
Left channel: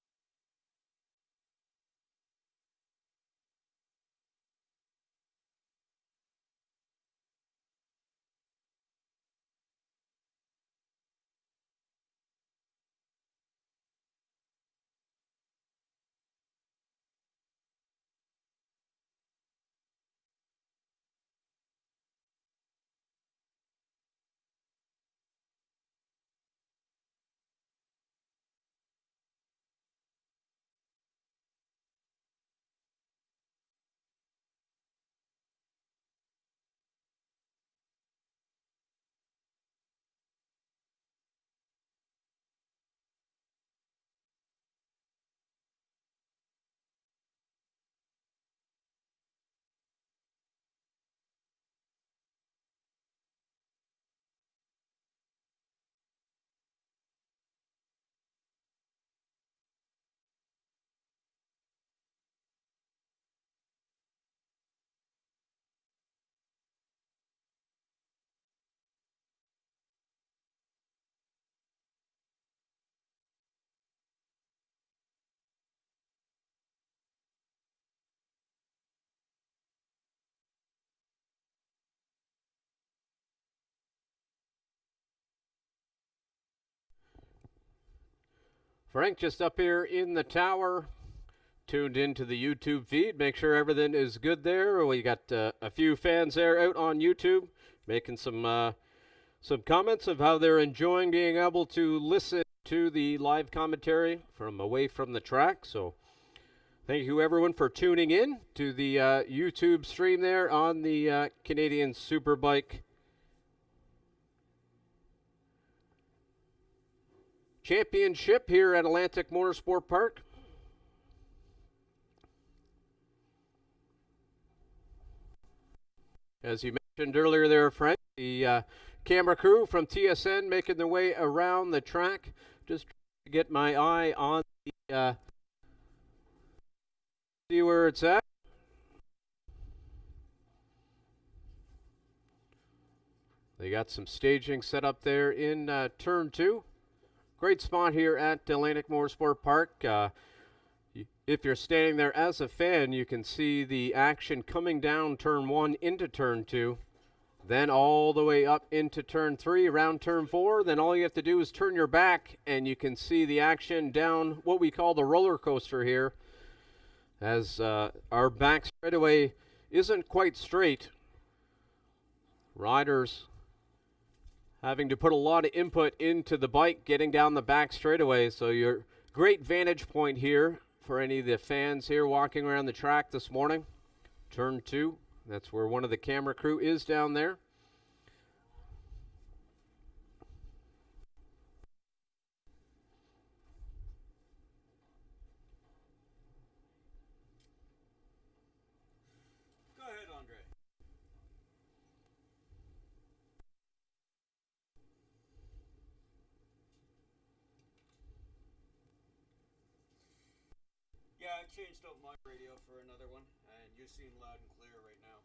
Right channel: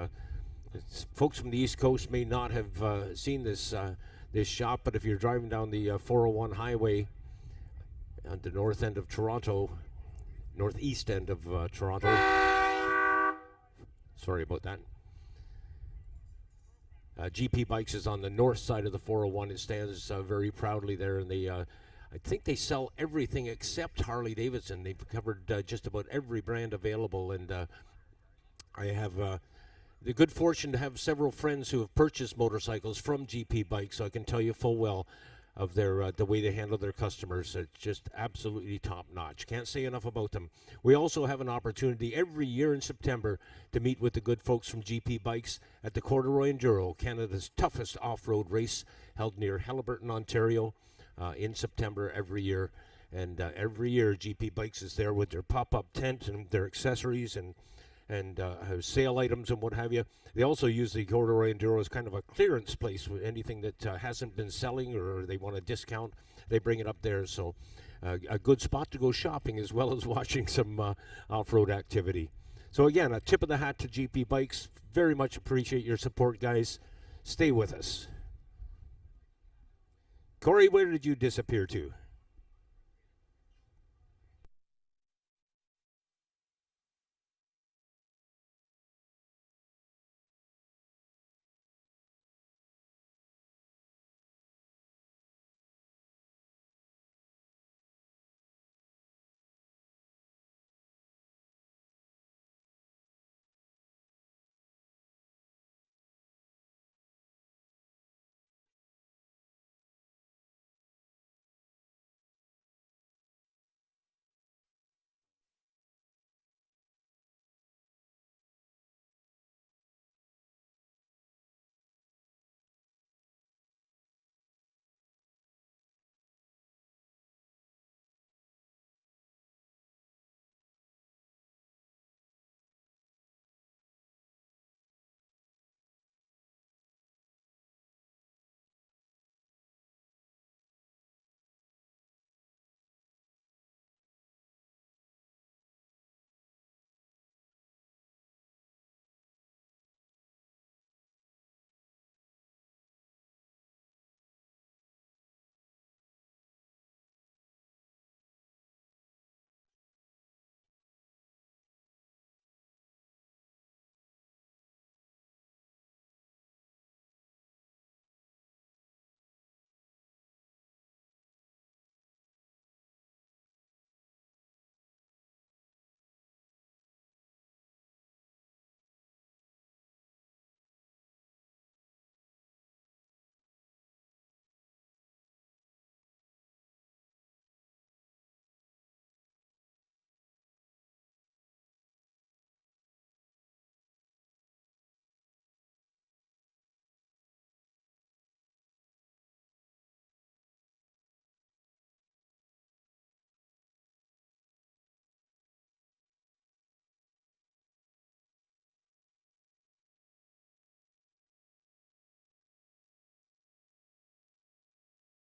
folks from the East Coast may not have seen this shop, but if you're driving down the 401 highway on the north end of Toronto, northeast end of Toronto. Sorry about that. GP Bikes is on the north side of the 401. It stands very proudly there, and they, I think they sell everything except Harley Davidson. They've covered just about every brand available, and I have the good fortune to have several friends who have purchased motorcycles from GP Bikes, so I can tell you full well of their the way they handle their customers. It's just absolutely top notch. Can't say enough about them. We also have an opportunity every year in September to meet with the good folks from GP Bikes at the Corduroy Enduro, Canada's toughest off-road race, held near Halliburton, Ontario, in September every year. And every year GP Bikes is there with their pop-up tent and their accessories and sale items and what have you. They also use the Corduroy Enduro as kind of a clearance place with anything that hasn't been selling or they want a discount. They bring it up there, so a good spot to go shopping as well as watching some off-road activity. So again, a tip of the hat to GP Bikes. Very much appreciate your support, guys. Stay with us. Corey, where did you disappear to? Frank just up here in the tower, tuned into the YouTube feed. Make sure everything is good there. We got a few fans there out on YouTube making some comments of how they're enjoying being able to listen to the live commentary from away from the track. So thank you everyone for tuning in to the YouTube stream there on the Canadian Superbike Championship here at Atlantic Motorsport Park. As you mentioned earlier there, Frank, the camera crew from TSN making their way around the track. Just to get my eye on the see where it's at. They got some staging set up there in turn 2. Great spot here at Atlantic Motorsport Park. If you're standing there as a fan, you can see the action coming down turn 1 into turn 2, then all the way up into turn 3, around turn 4. Then all you have to do is turn your back, and you can see the action down what we call the roller coaster here, as our back straightaway isn't quite straight. Riders having to put a lot of input into the bike getting down the back straightaway. So your great vantage point here for any of the fans here walking around the track this morning. Turn 2, that's where one of the camera crew is down there. Go ahead, Andre. Yeah, I changed out my radio for another one, and you seem loud and clear right now.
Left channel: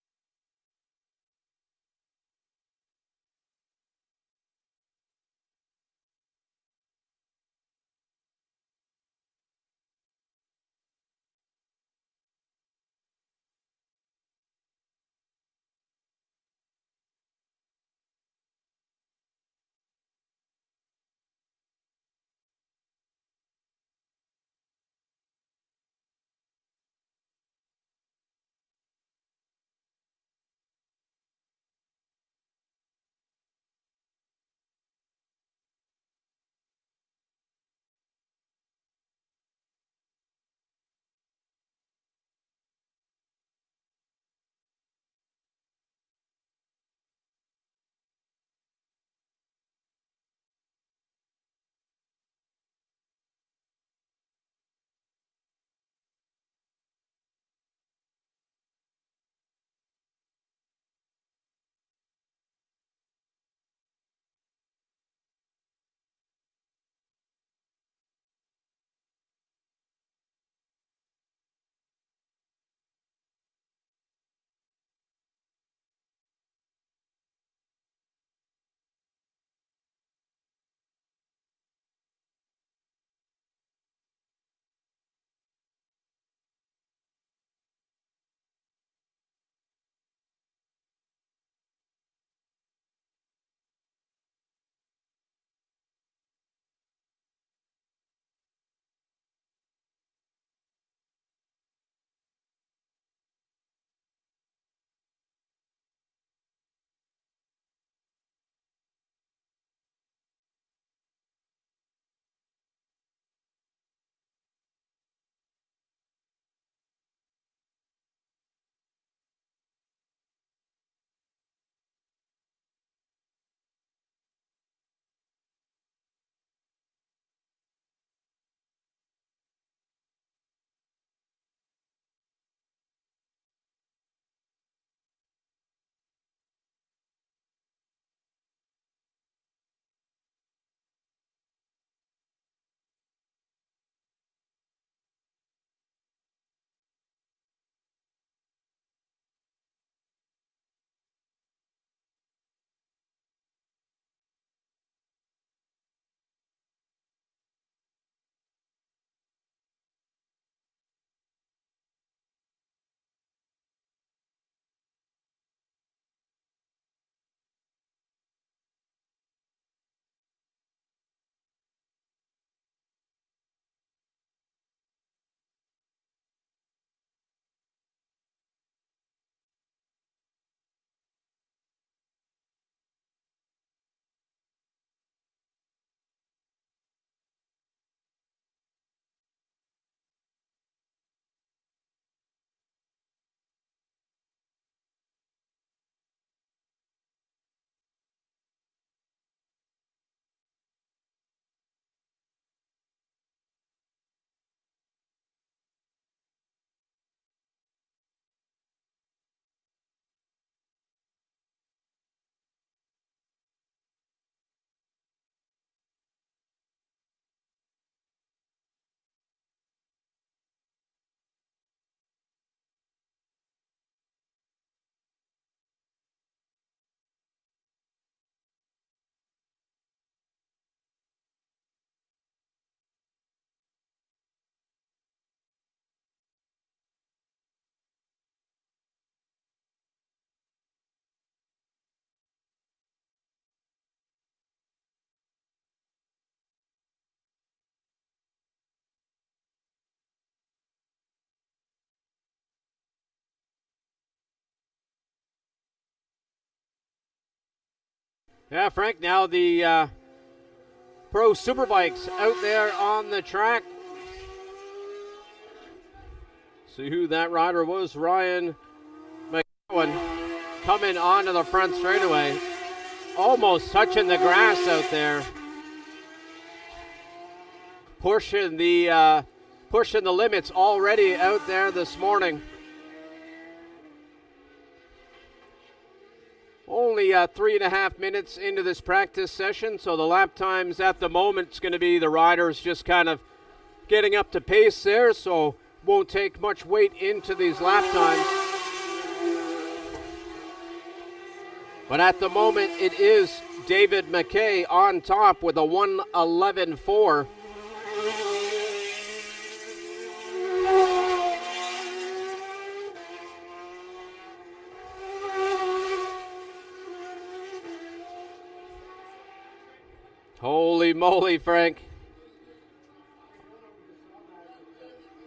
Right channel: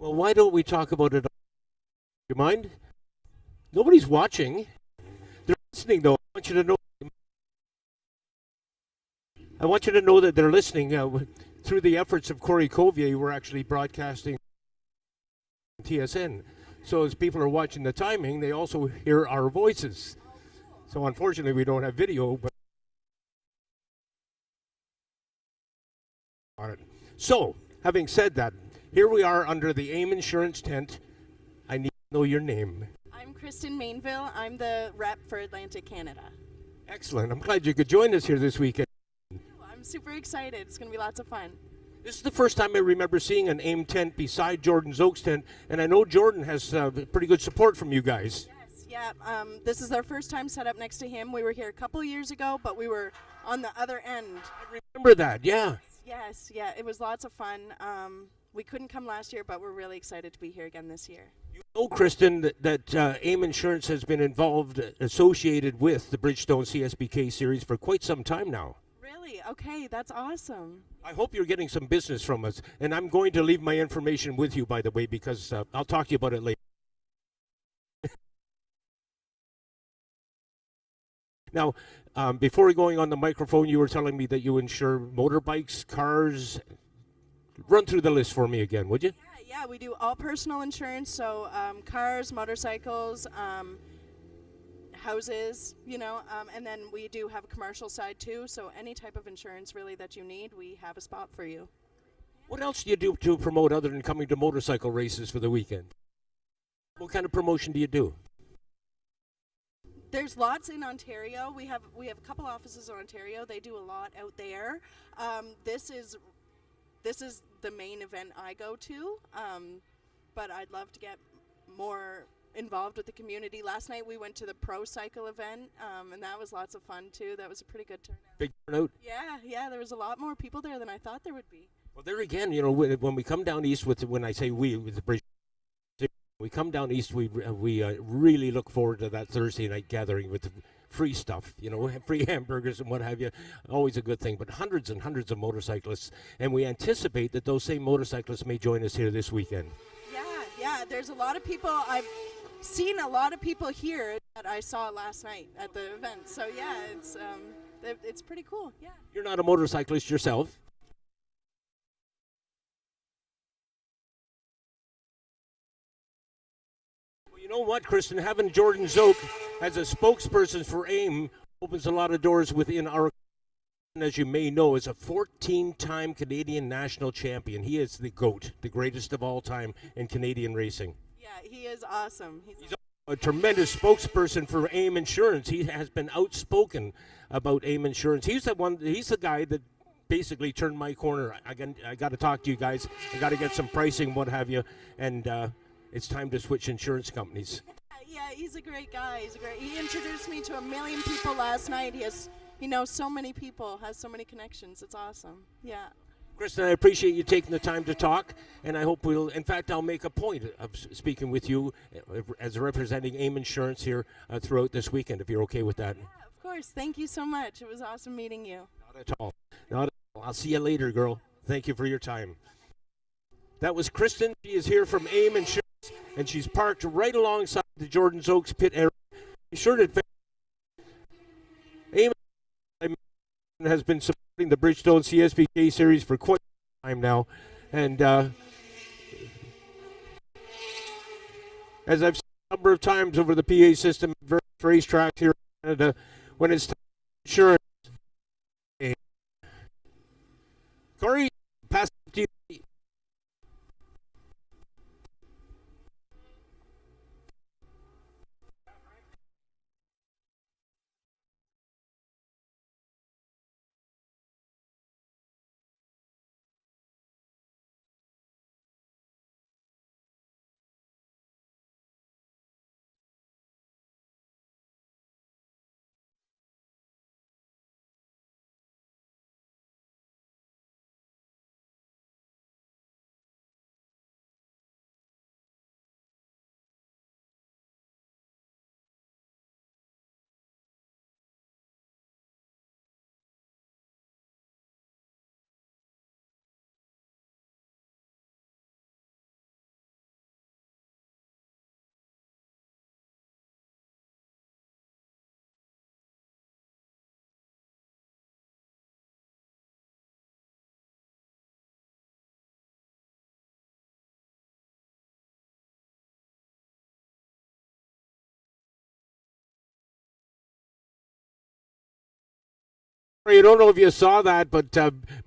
Well, why don't we talk about it? You mind? Nobody's watching. They're listening, though. I want you to know. I want you to know that they're listening. Through the efforts of Corey Covier, we're actually broadcasting TSN. So as people are watching the timing, they also hear our voices. So unfortunately, we don't have video, but on it. So, having said that, here we are under the AIM Insurance tent. I need to know your name. I'm Kristen Mainville. I'm the rep for Atlantic Canada. Excellent. I'm glad you could join us here this weekend. I'm super excited. It's going to be lots of fun. This is the first time I remember seeing an AIM tent beside Jordan's Oaks tent, and I know Jordan has pretty good support from you guys. Yes, yeah. This is our first time set up next to him. We were here a couple years ago, but we were on the other end. I remember that, yeah. Yes, yeah, it was lots of fun. We couldn't come last year, but we're really excited to be here again this year. You know, Kristen, that AIM Insurance has been involved, associated with the Bridgestone CSBK series for quite some time now. Really? Okay, that's awesome. I hope you're getting some business from us, and I'm going to leave my information with you, by the way, because I'll talk to you about it later. Now, before going on the microphone, you were telling me that you insure motorbikes, cars. Run through the list for me again, would you? Yeah, we do all personal insurance, so cars, motorcycles, houses, and then we do have a commercial side too, so any type of insurance really that you need, we have a spot for you. What else do you do to promote other than coming to motorcycle races for the weekend? What kind of promotion do you do? There's lots in Ontario. We have a couple offices in Ontario. They do a lot out there. This is the main event I go to, but I'd love to get more involved with the community. Last night we went to the Pro Cycle event, and that was lots of fun too. That was a pretty good turnout. Big turnout? Yeah, there was a lot more people there than I thought there would be. Well, there again, when we come down east when I say we, with the Bridge, we come down east, we really look forward to that Thursday night gathering with the free stuff, free hamburgers and what have you. Always a good thing, but hundreds and hundreds of motorcyclists, and we anticipate that those same motorcyclists may join us here this weekend. Yeah, there's a lot of people. I've seen a lot of people here that I saw last night at the event. So yeah, it's pretty cool. Yeah. You're not a motorcyclist yourself. Well, you know what, Kristen? Having Jordan Zoke as a spokesperson for AIM opens a lot of doors within our. As you may know, is a 14-time Canadian national champion. He is the GOAT, the greatest of all time in Canadian racing. Yeah, he is awesome. He's a tremendous spokesperson for AIM Insurance. He has been outspoken about AIM Insurance. He's the guy that basically turned my corner. I got to talk to you guys. I got to get some pricing, what have you, and it's time to switch insurance companies. Yeah, he's a great guy. He introduced me to a million people last night. He knows so many people, has so many connections. It's awesome. Yeah. Kristen, I appreciate you taking the time to talk, and I hope I'll make a point of speaking with you as representing AIM Insurance here throughout this weekend, if you're okay with that. Yeah, of course. Thank you so much. It was awesome meeting you. Not at all. I'll see you later, girl. Thank you for your time. That was Kristen. She is here from AIM Insurance, and she's parked right alongside the Jordan Oaks pit area. Be sure to AIM has been supporting the Bridgestone CSBK series for quite some time now, and as I've said a number of times over the PA system at various racetracks here in Canada, when it's time for insurance. Corey, pass it to you. Yeah, Frank, now the Pro Superbikes out there on the track. See who that rider was, Ryan McGowan, coming onto the front straightaway. Almost touching the grass out there. Pushing the limits already out there this morning. Only 3.5 minutes into this practice session, so the lap times at the moment is going to be the riders just kind of getting up to pace there, so won't take much weight into these lap times. But at the moment, it is David McKay on top with a 1:11.4. Holy moly, Frank. I don't know if you saw that, but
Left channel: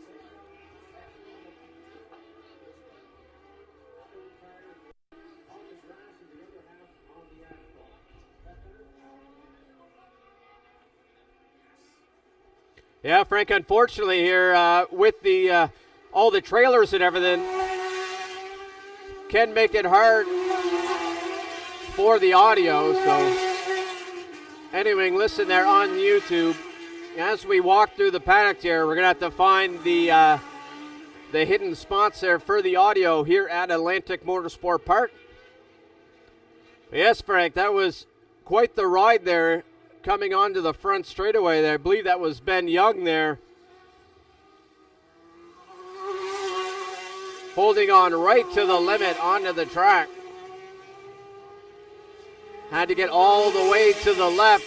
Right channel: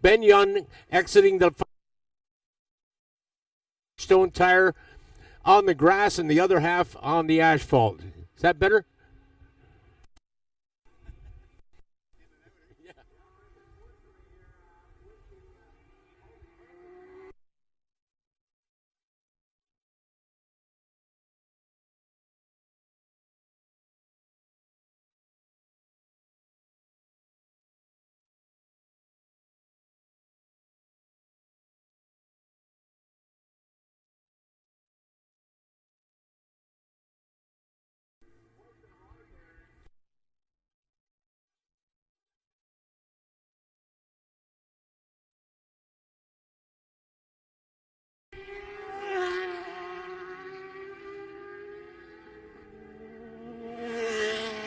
Ben Young exiting the stone tire on the grass and the other half on the asphalt. Is that better? Yeah, Frank, unfortunately here with the all the trailers and everything can make it hard for the audio, so anyway, listen there on YouTube. As we walk through the paddock here, we're going to have to find the the hidden spots there for the audio here at Atlantic Motorsport Park. Yes, Frank, that was quite the ride there coming onto the front straightaway there. I believe that was Ben Young there, holding on right to the limit onto the track. Had to get all the way to the left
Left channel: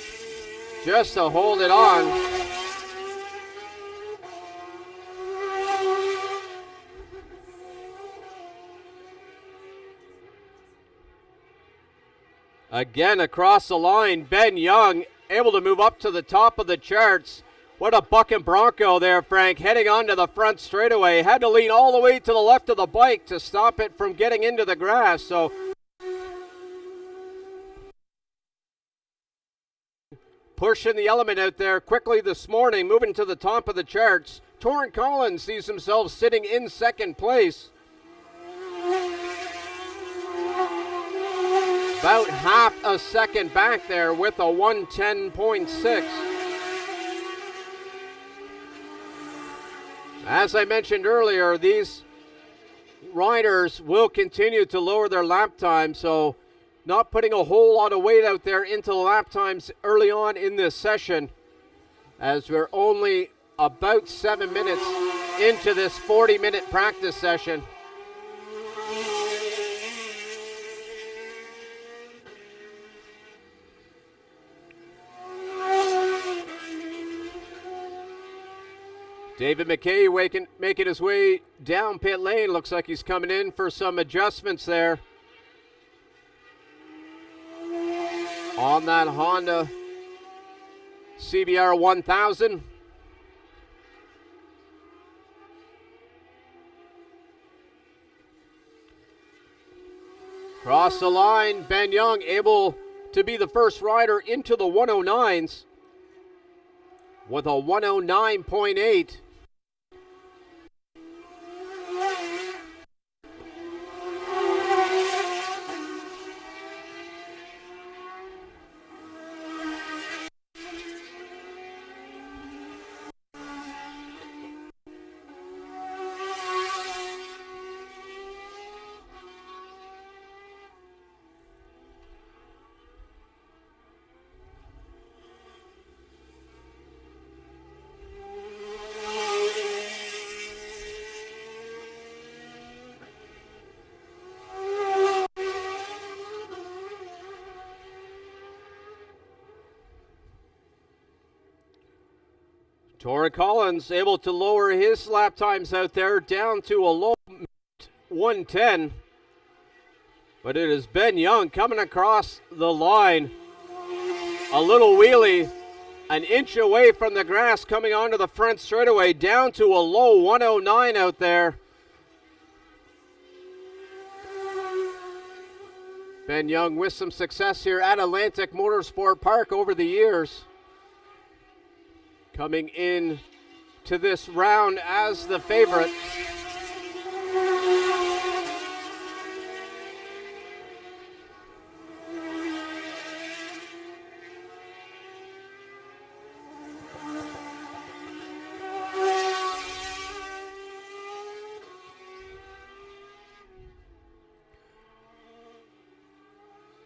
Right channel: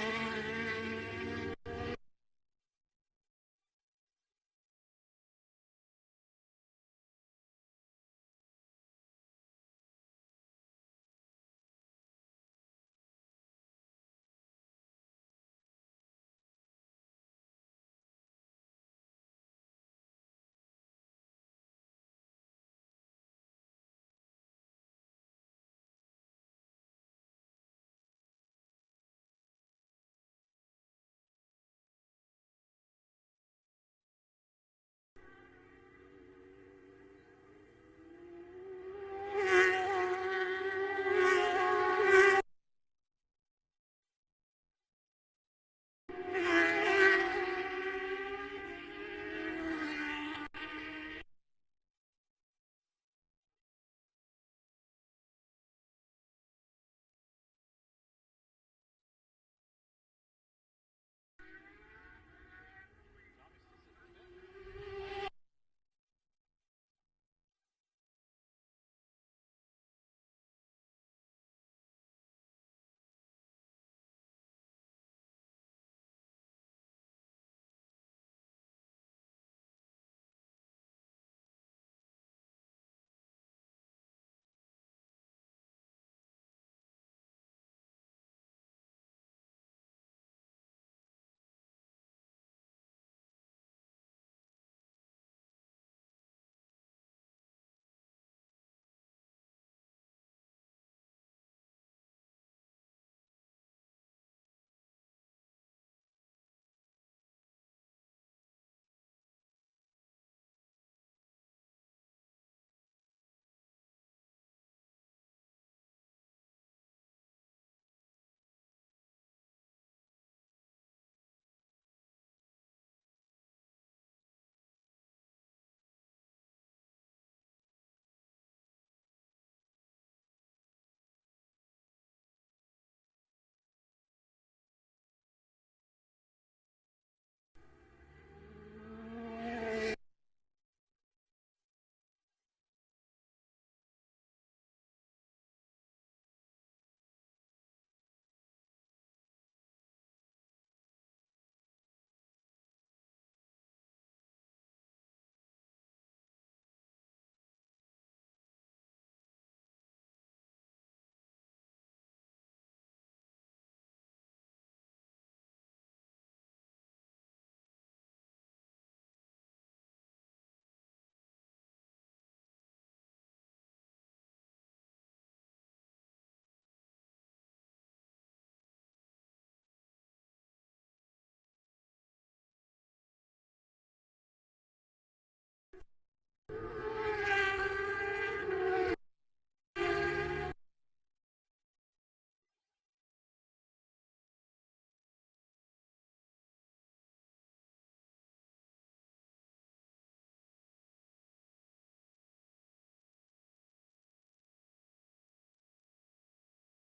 just to hold it on. Again, across the line, Ben Young able to move up to the top of the charts. What a bucking Bronco there, Frank, heading onto the front straightaway. Had to lean all the way to the left of the bike to stop it from getting into the grass. So pushing the element out there quickly this morning, moving to the top of the charts. Torrin Collins sees himself sitting in second place. About half a second back there with a 1:10.6. As I mentioned earlier, these riders will continue to lower their lap time, so not putting a whole lot of weight out there into the lap times early on in this session, as we're only about 7 minutes into this 40-minute practice session. David McKay making his way down pit lane. Looks like he's coming in for some adjustments there on that Honda CBR 1000. Cross the line, Ben Young able to be the first rider into the 109s with a 109.8. Torrin Collins able to lower his lap times out there down to a low 1:10. But it is Ben Young coming across the line. A little wheelie, an inch away from the grass, coming onto the front straightaway, down to a low 109 out there. Ben Young with some success here at Atlantic Motorsport Park over the years. Coming in to this round as the favorite.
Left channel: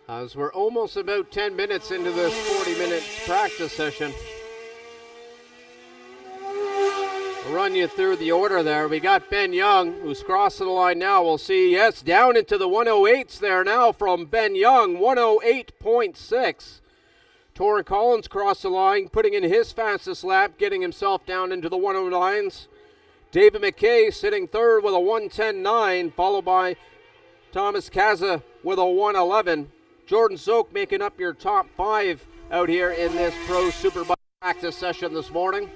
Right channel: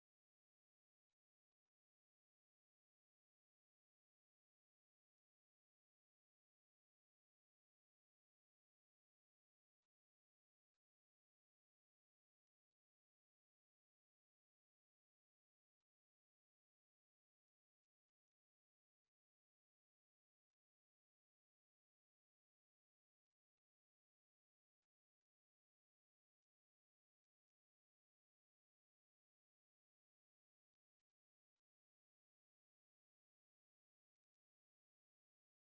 As we're almost about 10 minutes into this 40-minute practice session. We'll run you through the order there. We got Ben Young, who's crossing the line now. We'll see, yes, down into the 108s there now from Ben Young, 108.6. Torrin Collins crossed the line, putting in his fastest lap, getting himself down into the 109s. David McKay sitting third with a 110.9, followed by Thomas Kaza with a 111. Jordan Zook making up your top five out here in this Pro Superbike practice session this morning.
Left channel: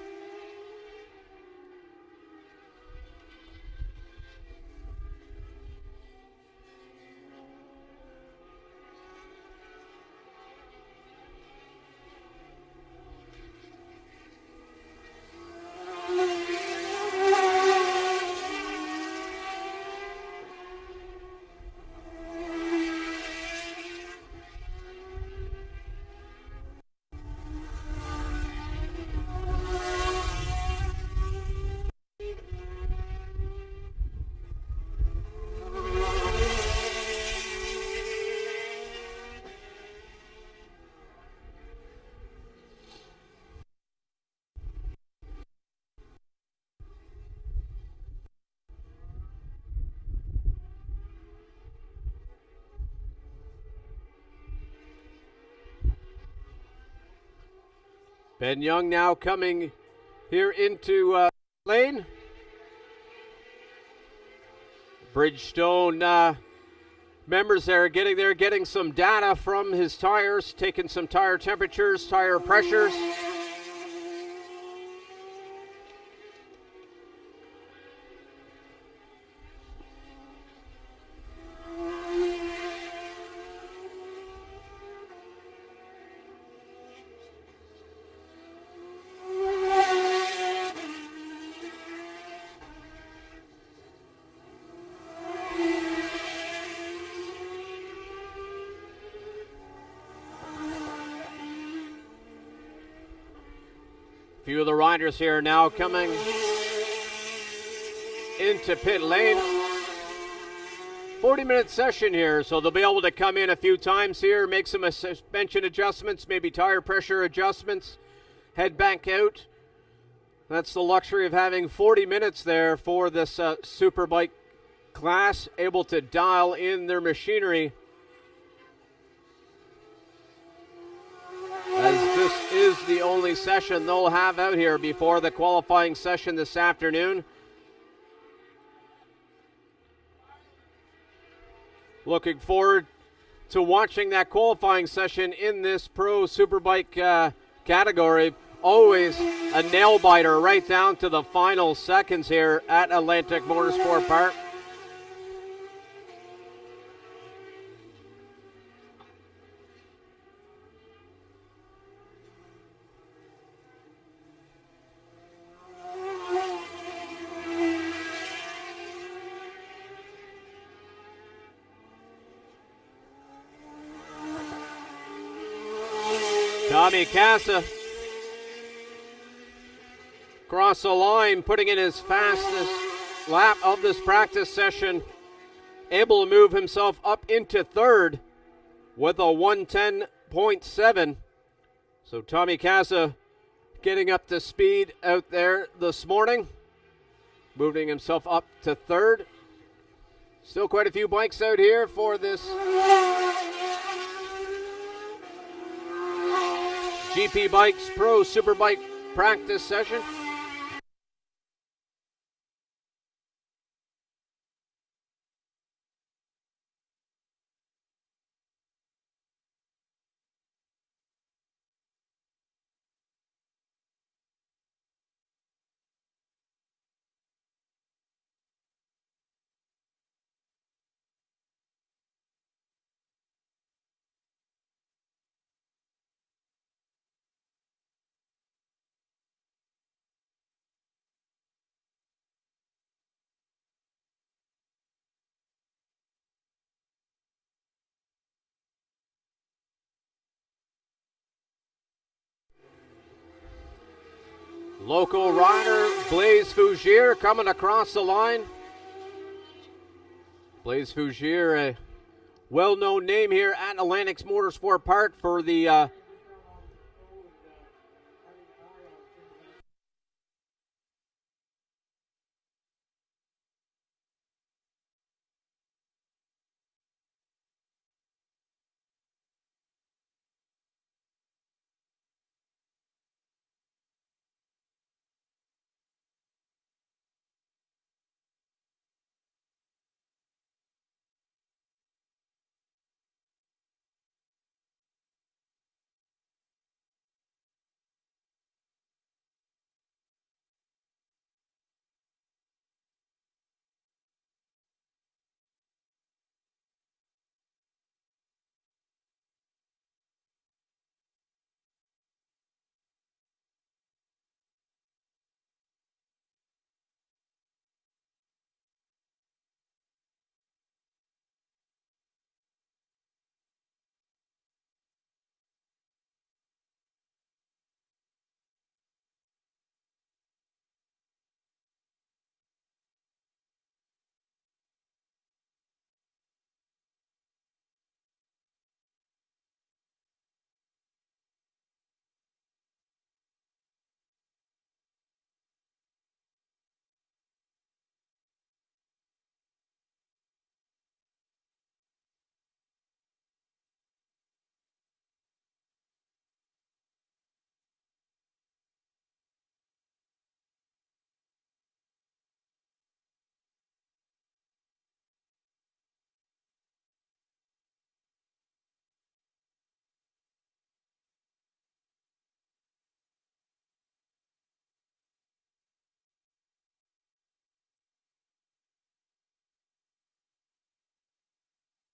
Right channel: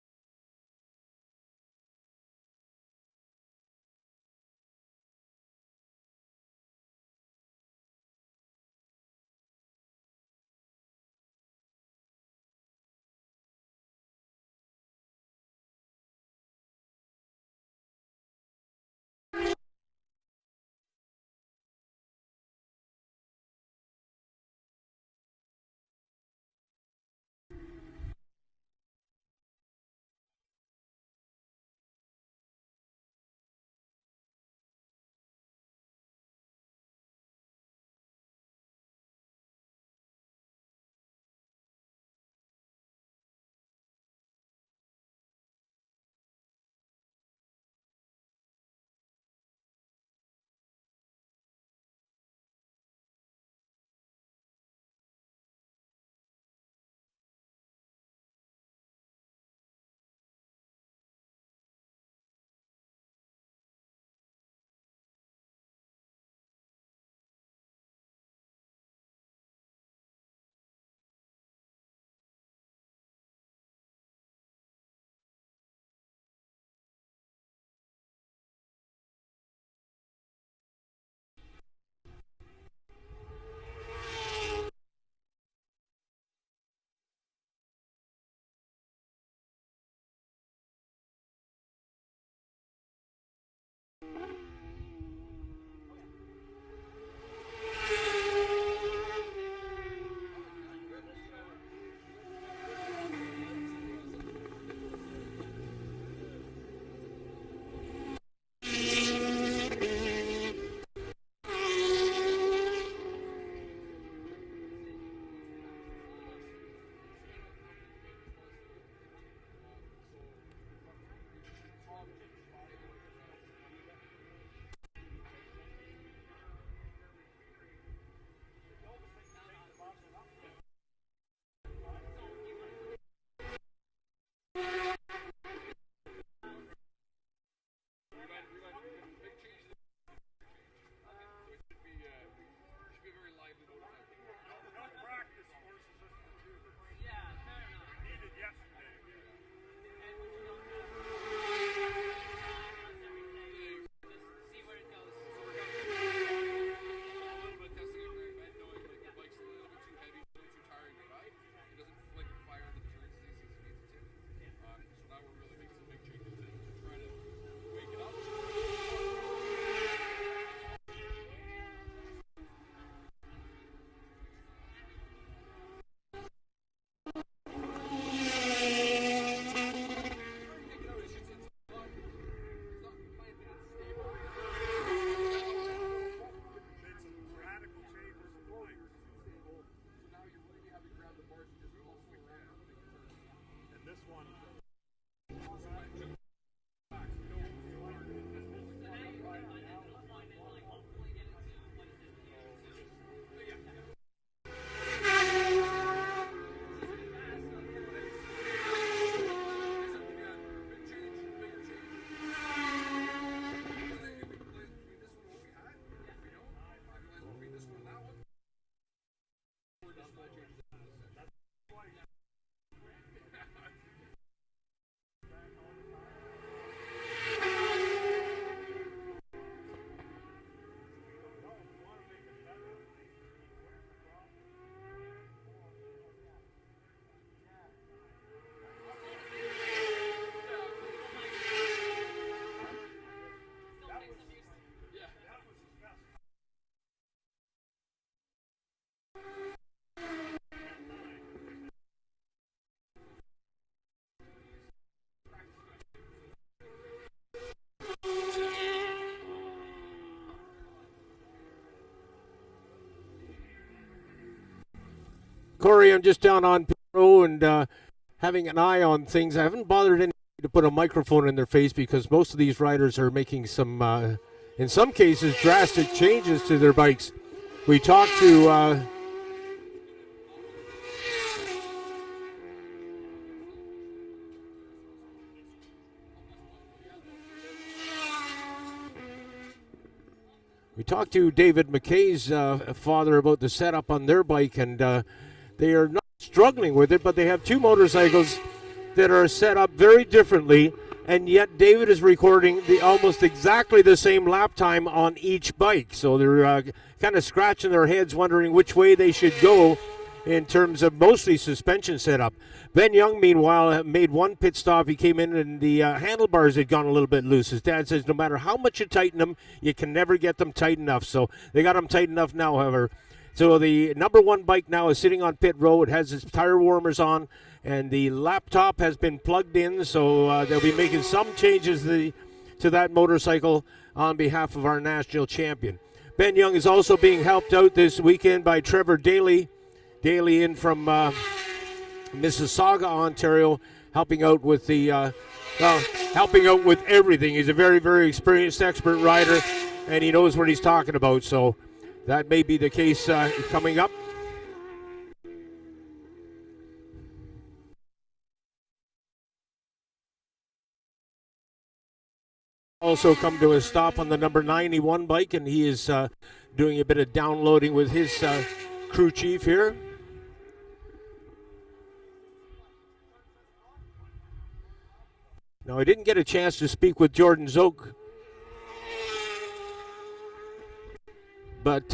Ben Young now coming here into lane. Bridgestone members there, getting some data from his tires, taking some tire temperatures, tire pressures. Few of the riders here now coming into pit lane. 40-minute session here, so they'll be able to come in a few times here, make some suspension adjustments, maybe tire pressure adjustments, head back out. That's the luxury of having 40 minutes there for this Superbike class, able to dial in their machinery. As this is the only session they'll have out here before the qualifying session this afternoon. Looking forward to watching that qualifying session in this Pro Superbike category. Always a nail biter right down to the final seconds here at Atlantic Motorsport Park. Tommy Casa across the line, putting in his fastest lap of this practice session, able to move himself up into third with a 110.7. So Tommy Casa getting up to speed out there this morning, moving himself up to third. Still quite a few bikes out here for this GP Bikes Pro Superbike practice session. Local rider Blaise Fougere coming across the line. Blaise Fougere, a well-known name here at Atlantic Motorsport Park for the... Corey, I'm just down on pit row and having an eye on things. I haven't bothered anybody to put a microphone in their face because most of these riders are making some, in some cases, drastic changes to their bikes. We talked to... We talked to David McKay's father about the setup on their bike, and they are not struggling with it, but they have two motorcycles that are set up very differently, and yet David is recording almost exactly the same lap time on each bike. So they're kind of scratching their heads wondering which way they should go in terms of mostly suspension setup. Ben Young, meanwhile, made one pit stop. He came in and the handlebars had gone a little bit loose. His dad says no matter how much you tighten them, you can never get them tight enough. So they got them tight enough now, however. So the number one bike now is sitting on pit row. It has its tire warmers on, and the laptop has been plugged in. So they'll be making some changes to that motorcycle on behalf of our national champion. Ben Young is also being helped out this weekend by Trevor Daly. Daly in from Mississauga, Ontario, helping out with helping out with everything. He's a very, very experienced, expert rider, and he knows what he's talking about. So that may be the case coming up. Also come to a stop on the number 91 bike, and he is doing a bit of downloading with his crew chief here. Now, I didn't get a chance to speak with Jordan Zoke, but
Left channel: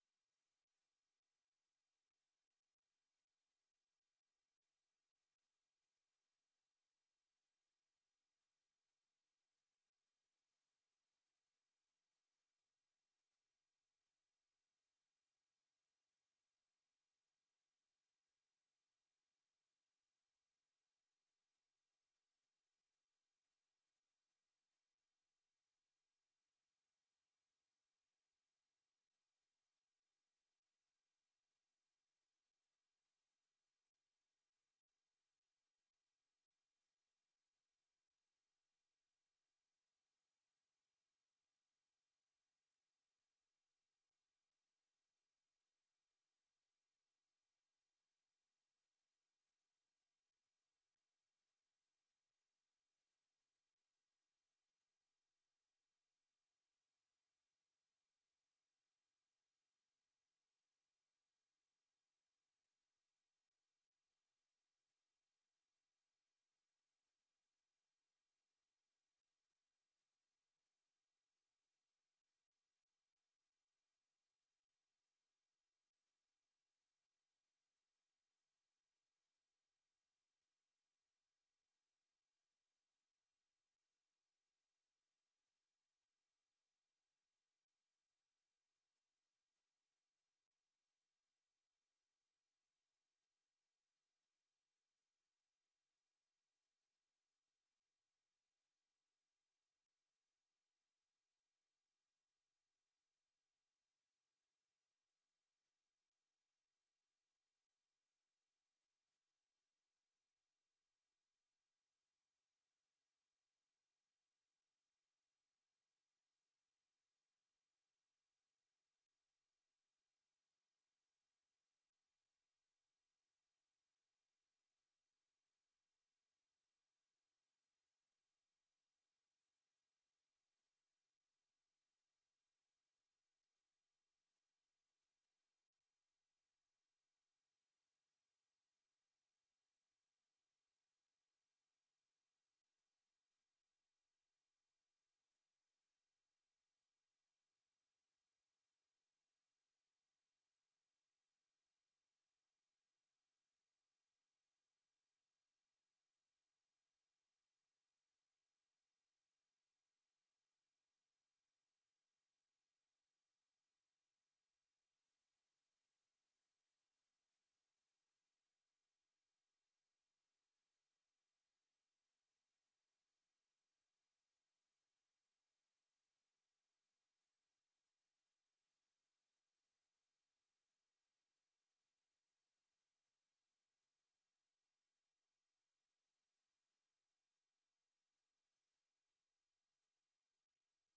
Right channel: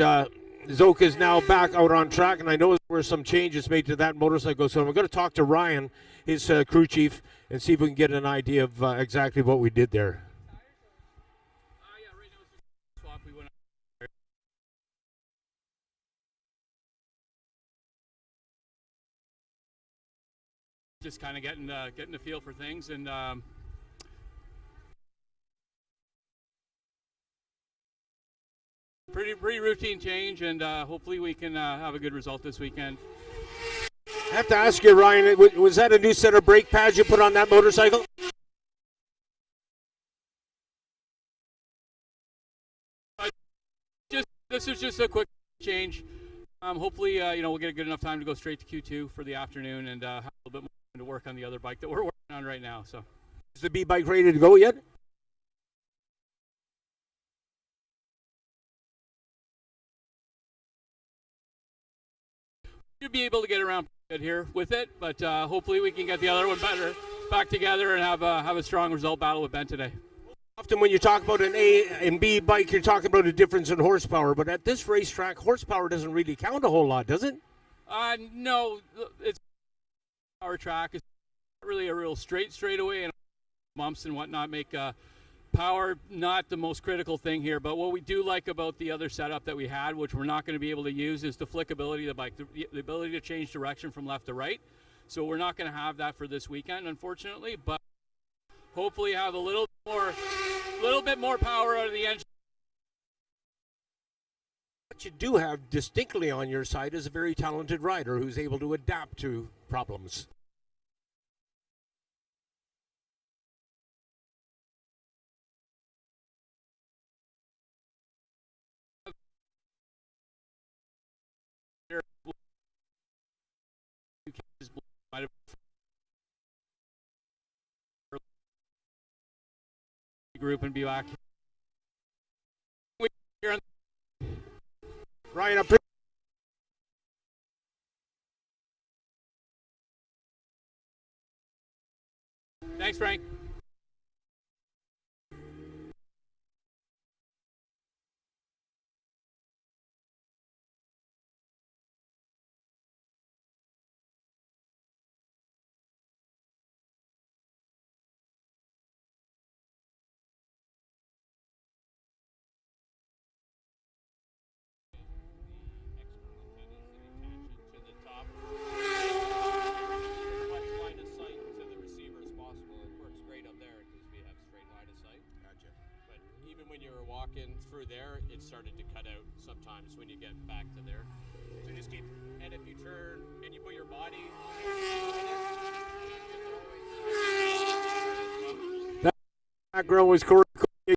Zoke is now back out on track, and I know there were some changes made to that motorcycle, so I'm going to talk to Ryan, his crew chief, and see if we can get an idea of exactly what we did there. Just kind of getting the feel for things, and pretty routine change, and hopefully we can have a good result this weekend. I have to ask you, Ryan, was that a new set of brake pads you put on that motorcycle? This is just a quick change. Hopefully, we'll get a good enough time to go straight to Q2 for the afternoon, and have a little bit more to work on the other bike that we're working on right now. So, is the B bike ready to go yet? Should be able to get around good here with it, but hopefully we can get the other one better back together and have a strong result battle with Ben today. Often when you talk about an A and B bike, you're talking about a difference in horsepower, but at this racetrack, horsepower doesn't really count a whole lot, does it? No, it's our track. It's not really a real straightaway, and bumps and whatnot make power not the most critical thing here. But what we do like about the other setup that we had, which we're not going to be able to use, is the flickability of the bike, the ability to change direction from left to right. So we're not going to have that for this weekend, unfortunately, but hopefully have a little bit more power out of the engine. What you do have distinctly on your side is a very talented rider who's able to adapt to problems. Group and be back. Ryan, thanks, Frank. Through there, it started to cut out sometimes when you get back to there. So just keep, and if you turn and you put your body that background was Corey.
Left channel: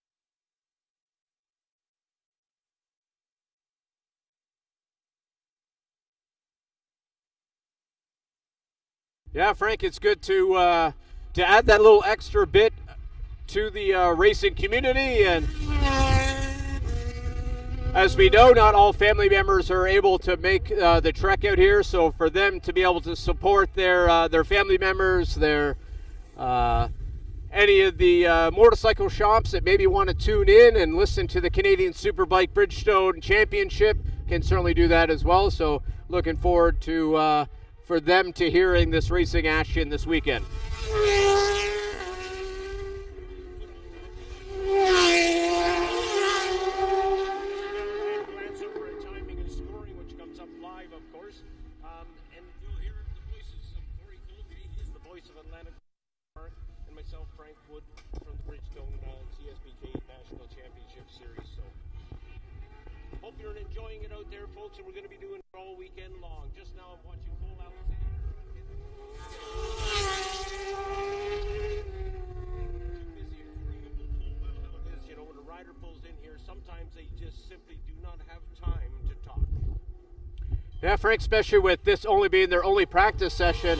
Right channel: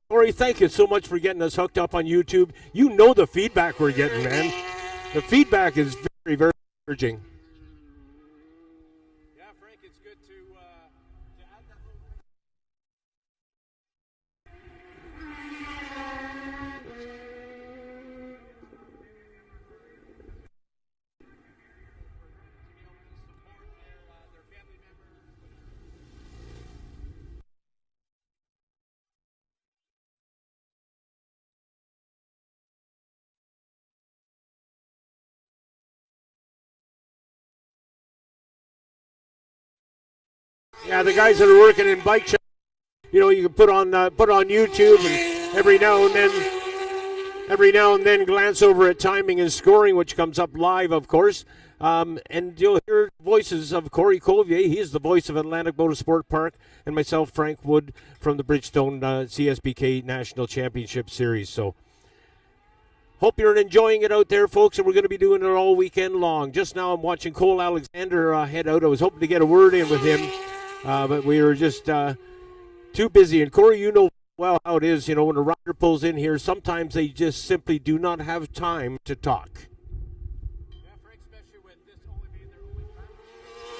Corey, thank you so much for getting us hooked up on YouTube. You know the feedback we're getting, man. The feedback is very, very encouraging. Yeah, Frank, it's good to add that little extra bit to the racing community. And as we know, not all family members are able to make the trek out here, so for them to be able to support their family members, their any of the motorcycle shops that maybe want to tune in and listen to the Canadian Superbike Bridgestone Championship can certainly do that as well. So looking forward to for them to hearing this racing action this weekend. Yeah, the guys that are working in bike shop, you can put on YouTube, and every now and then glance over at timing and scoring, which comes up live, of course. And you'll hear voices of Corey Collier. He is the voice of Atlantic Motorsport Park, and myself, Frank Wood, from the Bridgestone CSBK National Championship Series. So hope you're enjoying it out there, folks, and we're going to be doing it all weekend long. Just now I'm watching Cole Alexander head out. I was hoping to get a word in with him, but we were just too busy. And Corey, you know well how it is, when a rider pulls in here, sometimes they just simply do not have time to talk. Yeah, Frank, especially with this only being their only practice session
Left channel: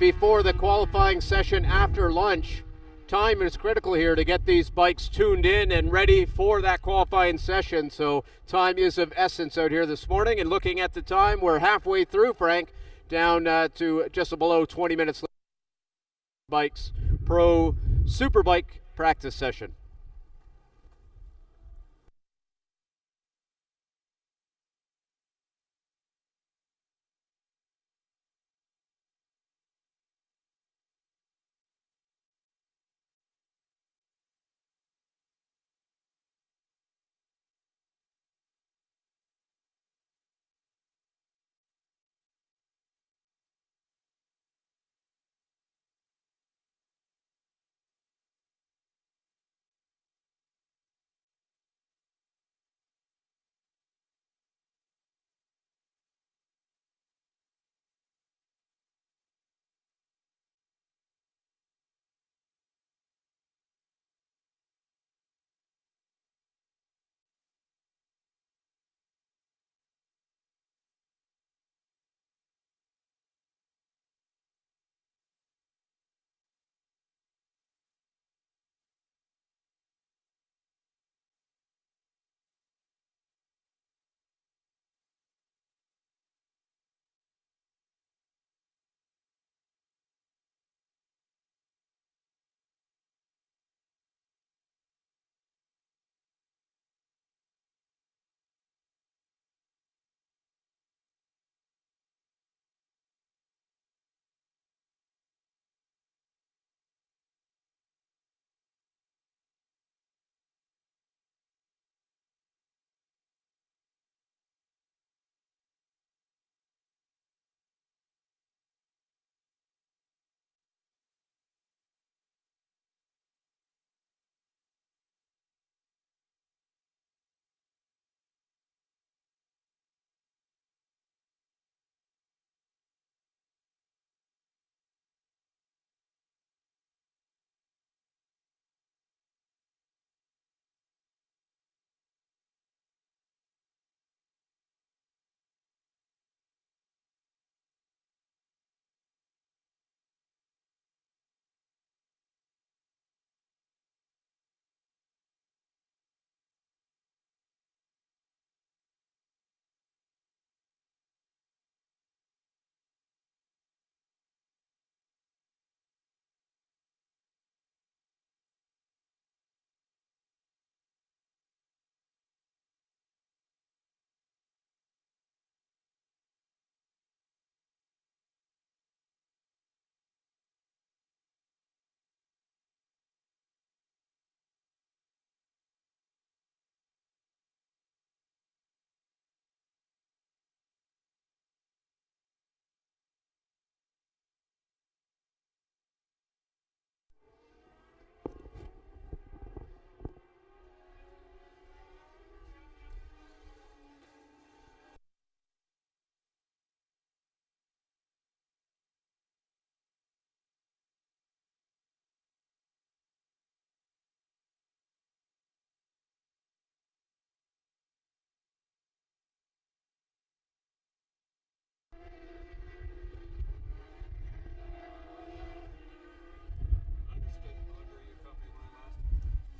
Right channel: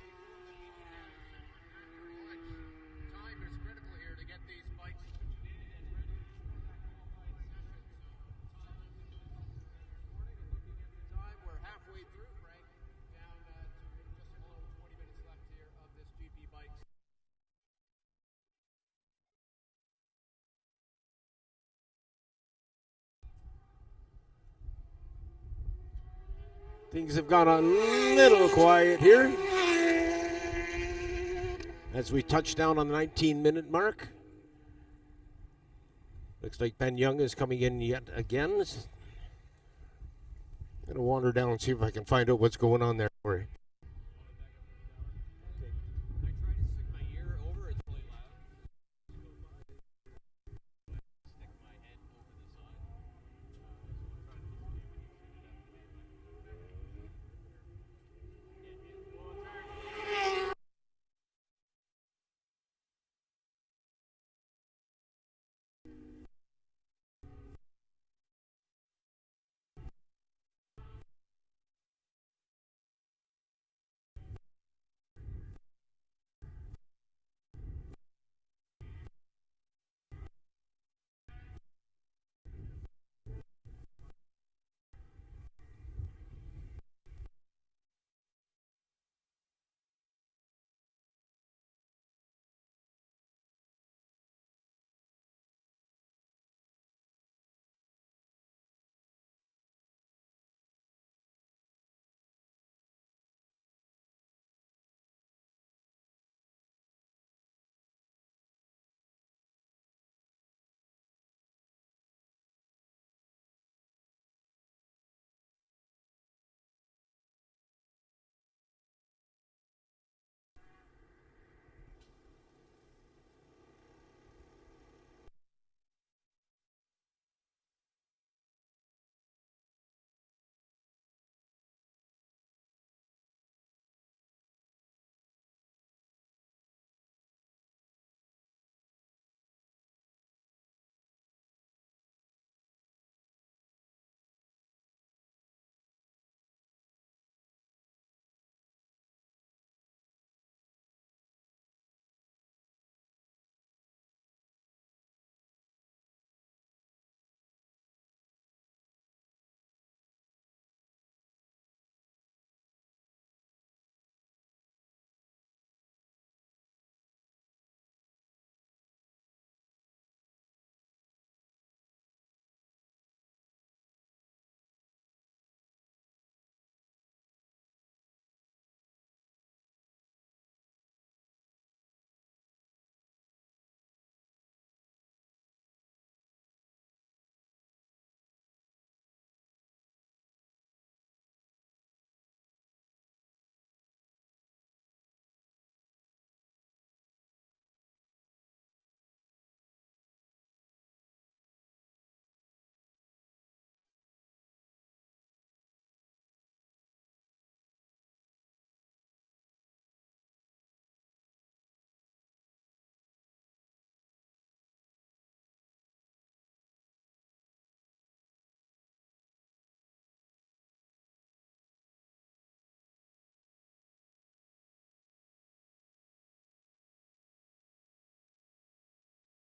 before the qualifying session after lunch. time is critical here to get these bikes tuned in and ready for that qualifying session. So time is of essence out here this morning. And looking at the time, we're halfway through, Frank, down to just below 20 minutes left here of this GP Bikes Pro Superbike practice session. Things have gone a little quiet here as we touch down on the 19-minute mark. Looks like Ben Young is coming in yet again. I'm going to wander down and see if I can find out what's going on there, Corey.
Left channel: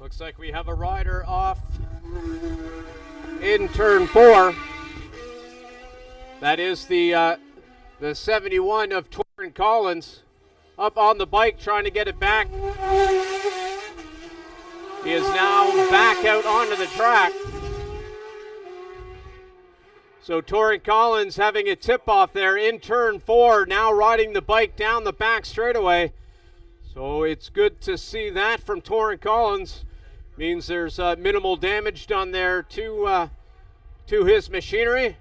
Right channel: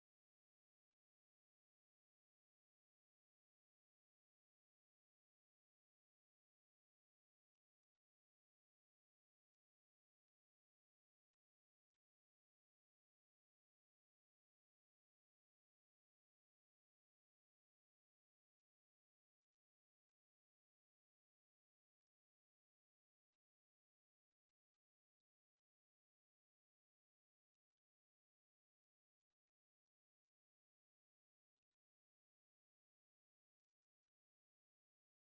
Looks like we have a rider off in turn 4. That is the 71 of Torrin Collins up on the bike trying to get it back. He is now back out onto the track. So Torrin Collins having a tip-off there in turn 4, now riding the bike down the back straightaway. So it's good to see that from Torrin Collins. Means there's minimal damage done there to his machinery.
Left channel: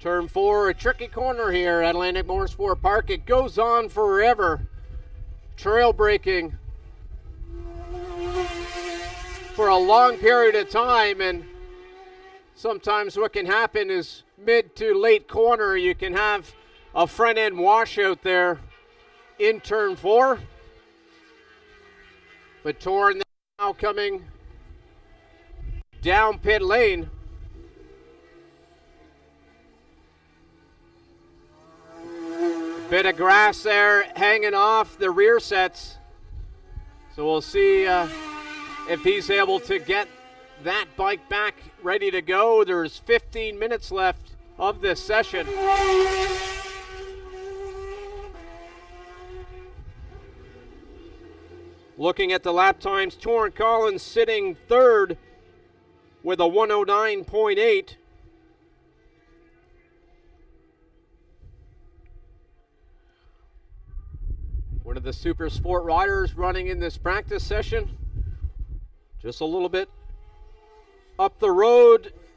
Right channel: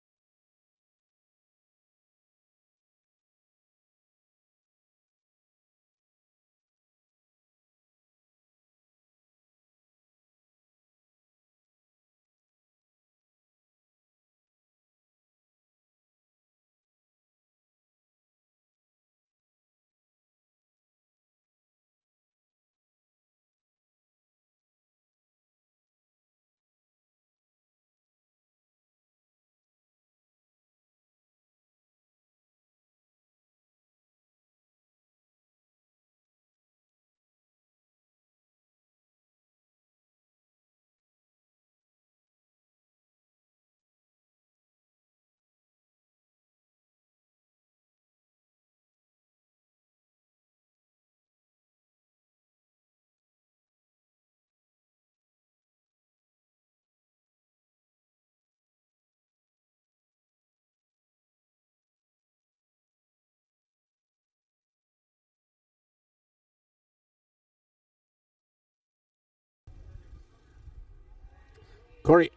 Turn 4, a tricky corner here at Atlantic Motorsport Park. It goes on forever. Trail braking for a long period of time, and sometimes what can happen is mid to late corner you can have a front end washout there in turn 4. But Torrin now coming down pit lane. Bit of grass there hanging off the rear sets. So we'll see if he's able to get that bike back ready to go. There's 15 minutes left of this session. Looking at the lap times, Torrin Collins sitting third with a 109.8. One of the super sport riders running in this practice session. Just a little bit up the road. Corey,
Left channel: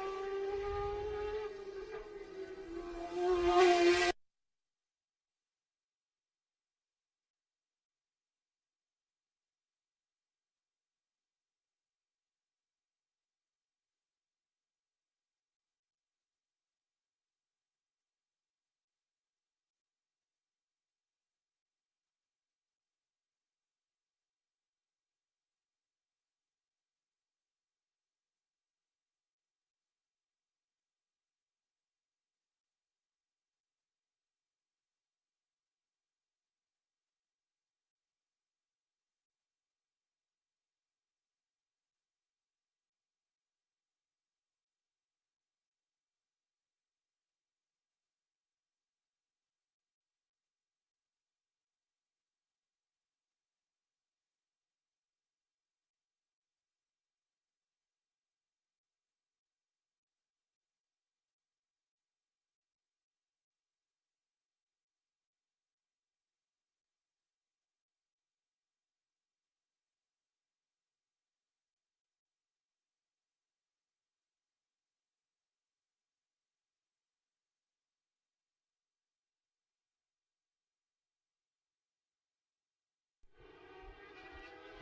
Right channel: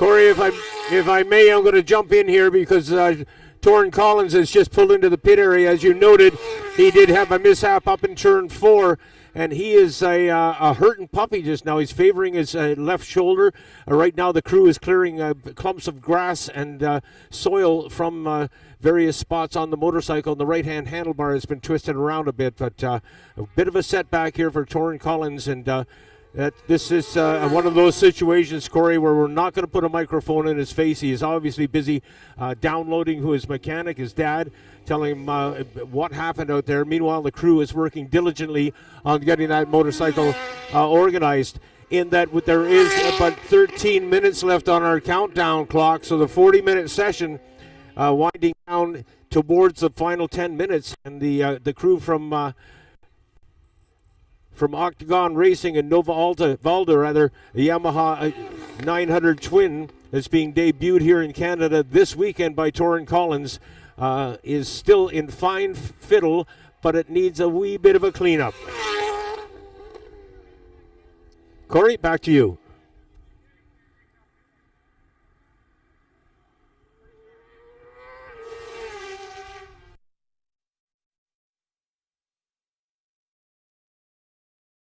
if I may, I'm going to jump in here because Torrin Collins has just pulled into the pit area. As you noted, he did have a mishap up in turn 4, and he is a hurting puppy just now. He's favoring his left shoulder. Right now the crew is clearing clumps of grass and soil from various spots on the motorcycle. The right-hand handlebar has been twisted around a bit, but a bit of a setback here for Torrin Collins, and this is one of those situations, Corey, where we're not going to put a microphone in his face. He is obviously busy downloading who his mechanic, his dad, telling him what happened out there. Meanwhile, the crew is working diligently on getting that motorcycle organized. In that there is about 13 minutes left on our countdown clock, so the 40-minute session winding down towards the final 10 minutes, and the crew from Octagon Racing and Nova Valda, the Yamaha 900 Twin that's being debuted here in Canada this weekend by Torrin Collins, is still in fine fiddle, but it needs a wee bit of a cleanup. Corey, back to you.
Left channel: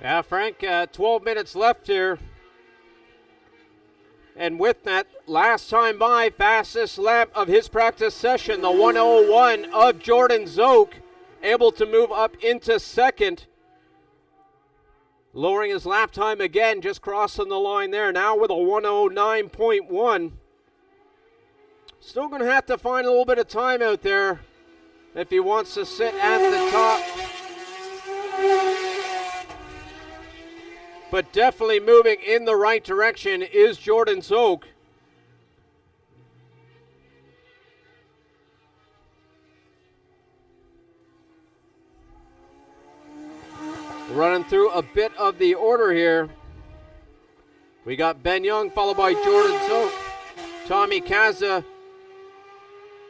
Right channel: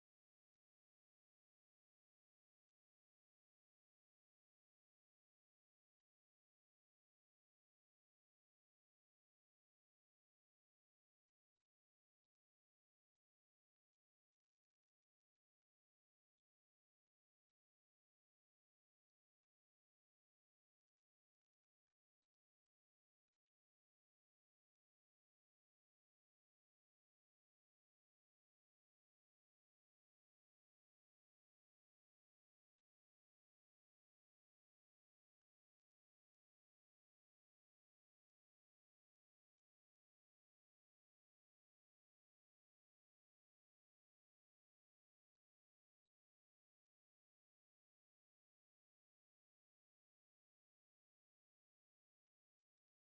Yeah, Frank, 12 minutes left here. And with that, last time by, fastest lap of his practice session, the 101 of Jordan Zoke, able to move up into second. Lowering his lap time again, just crossing the line there. Now with a 109.1. Still going to have to find a little bit of time out there if he wants to sit at the top. But definitely moving in the right direction is Jordan Zoke. Running through a bit of the order here. We got Ben Young followed by Jordan Zoke, Tommy Kaza,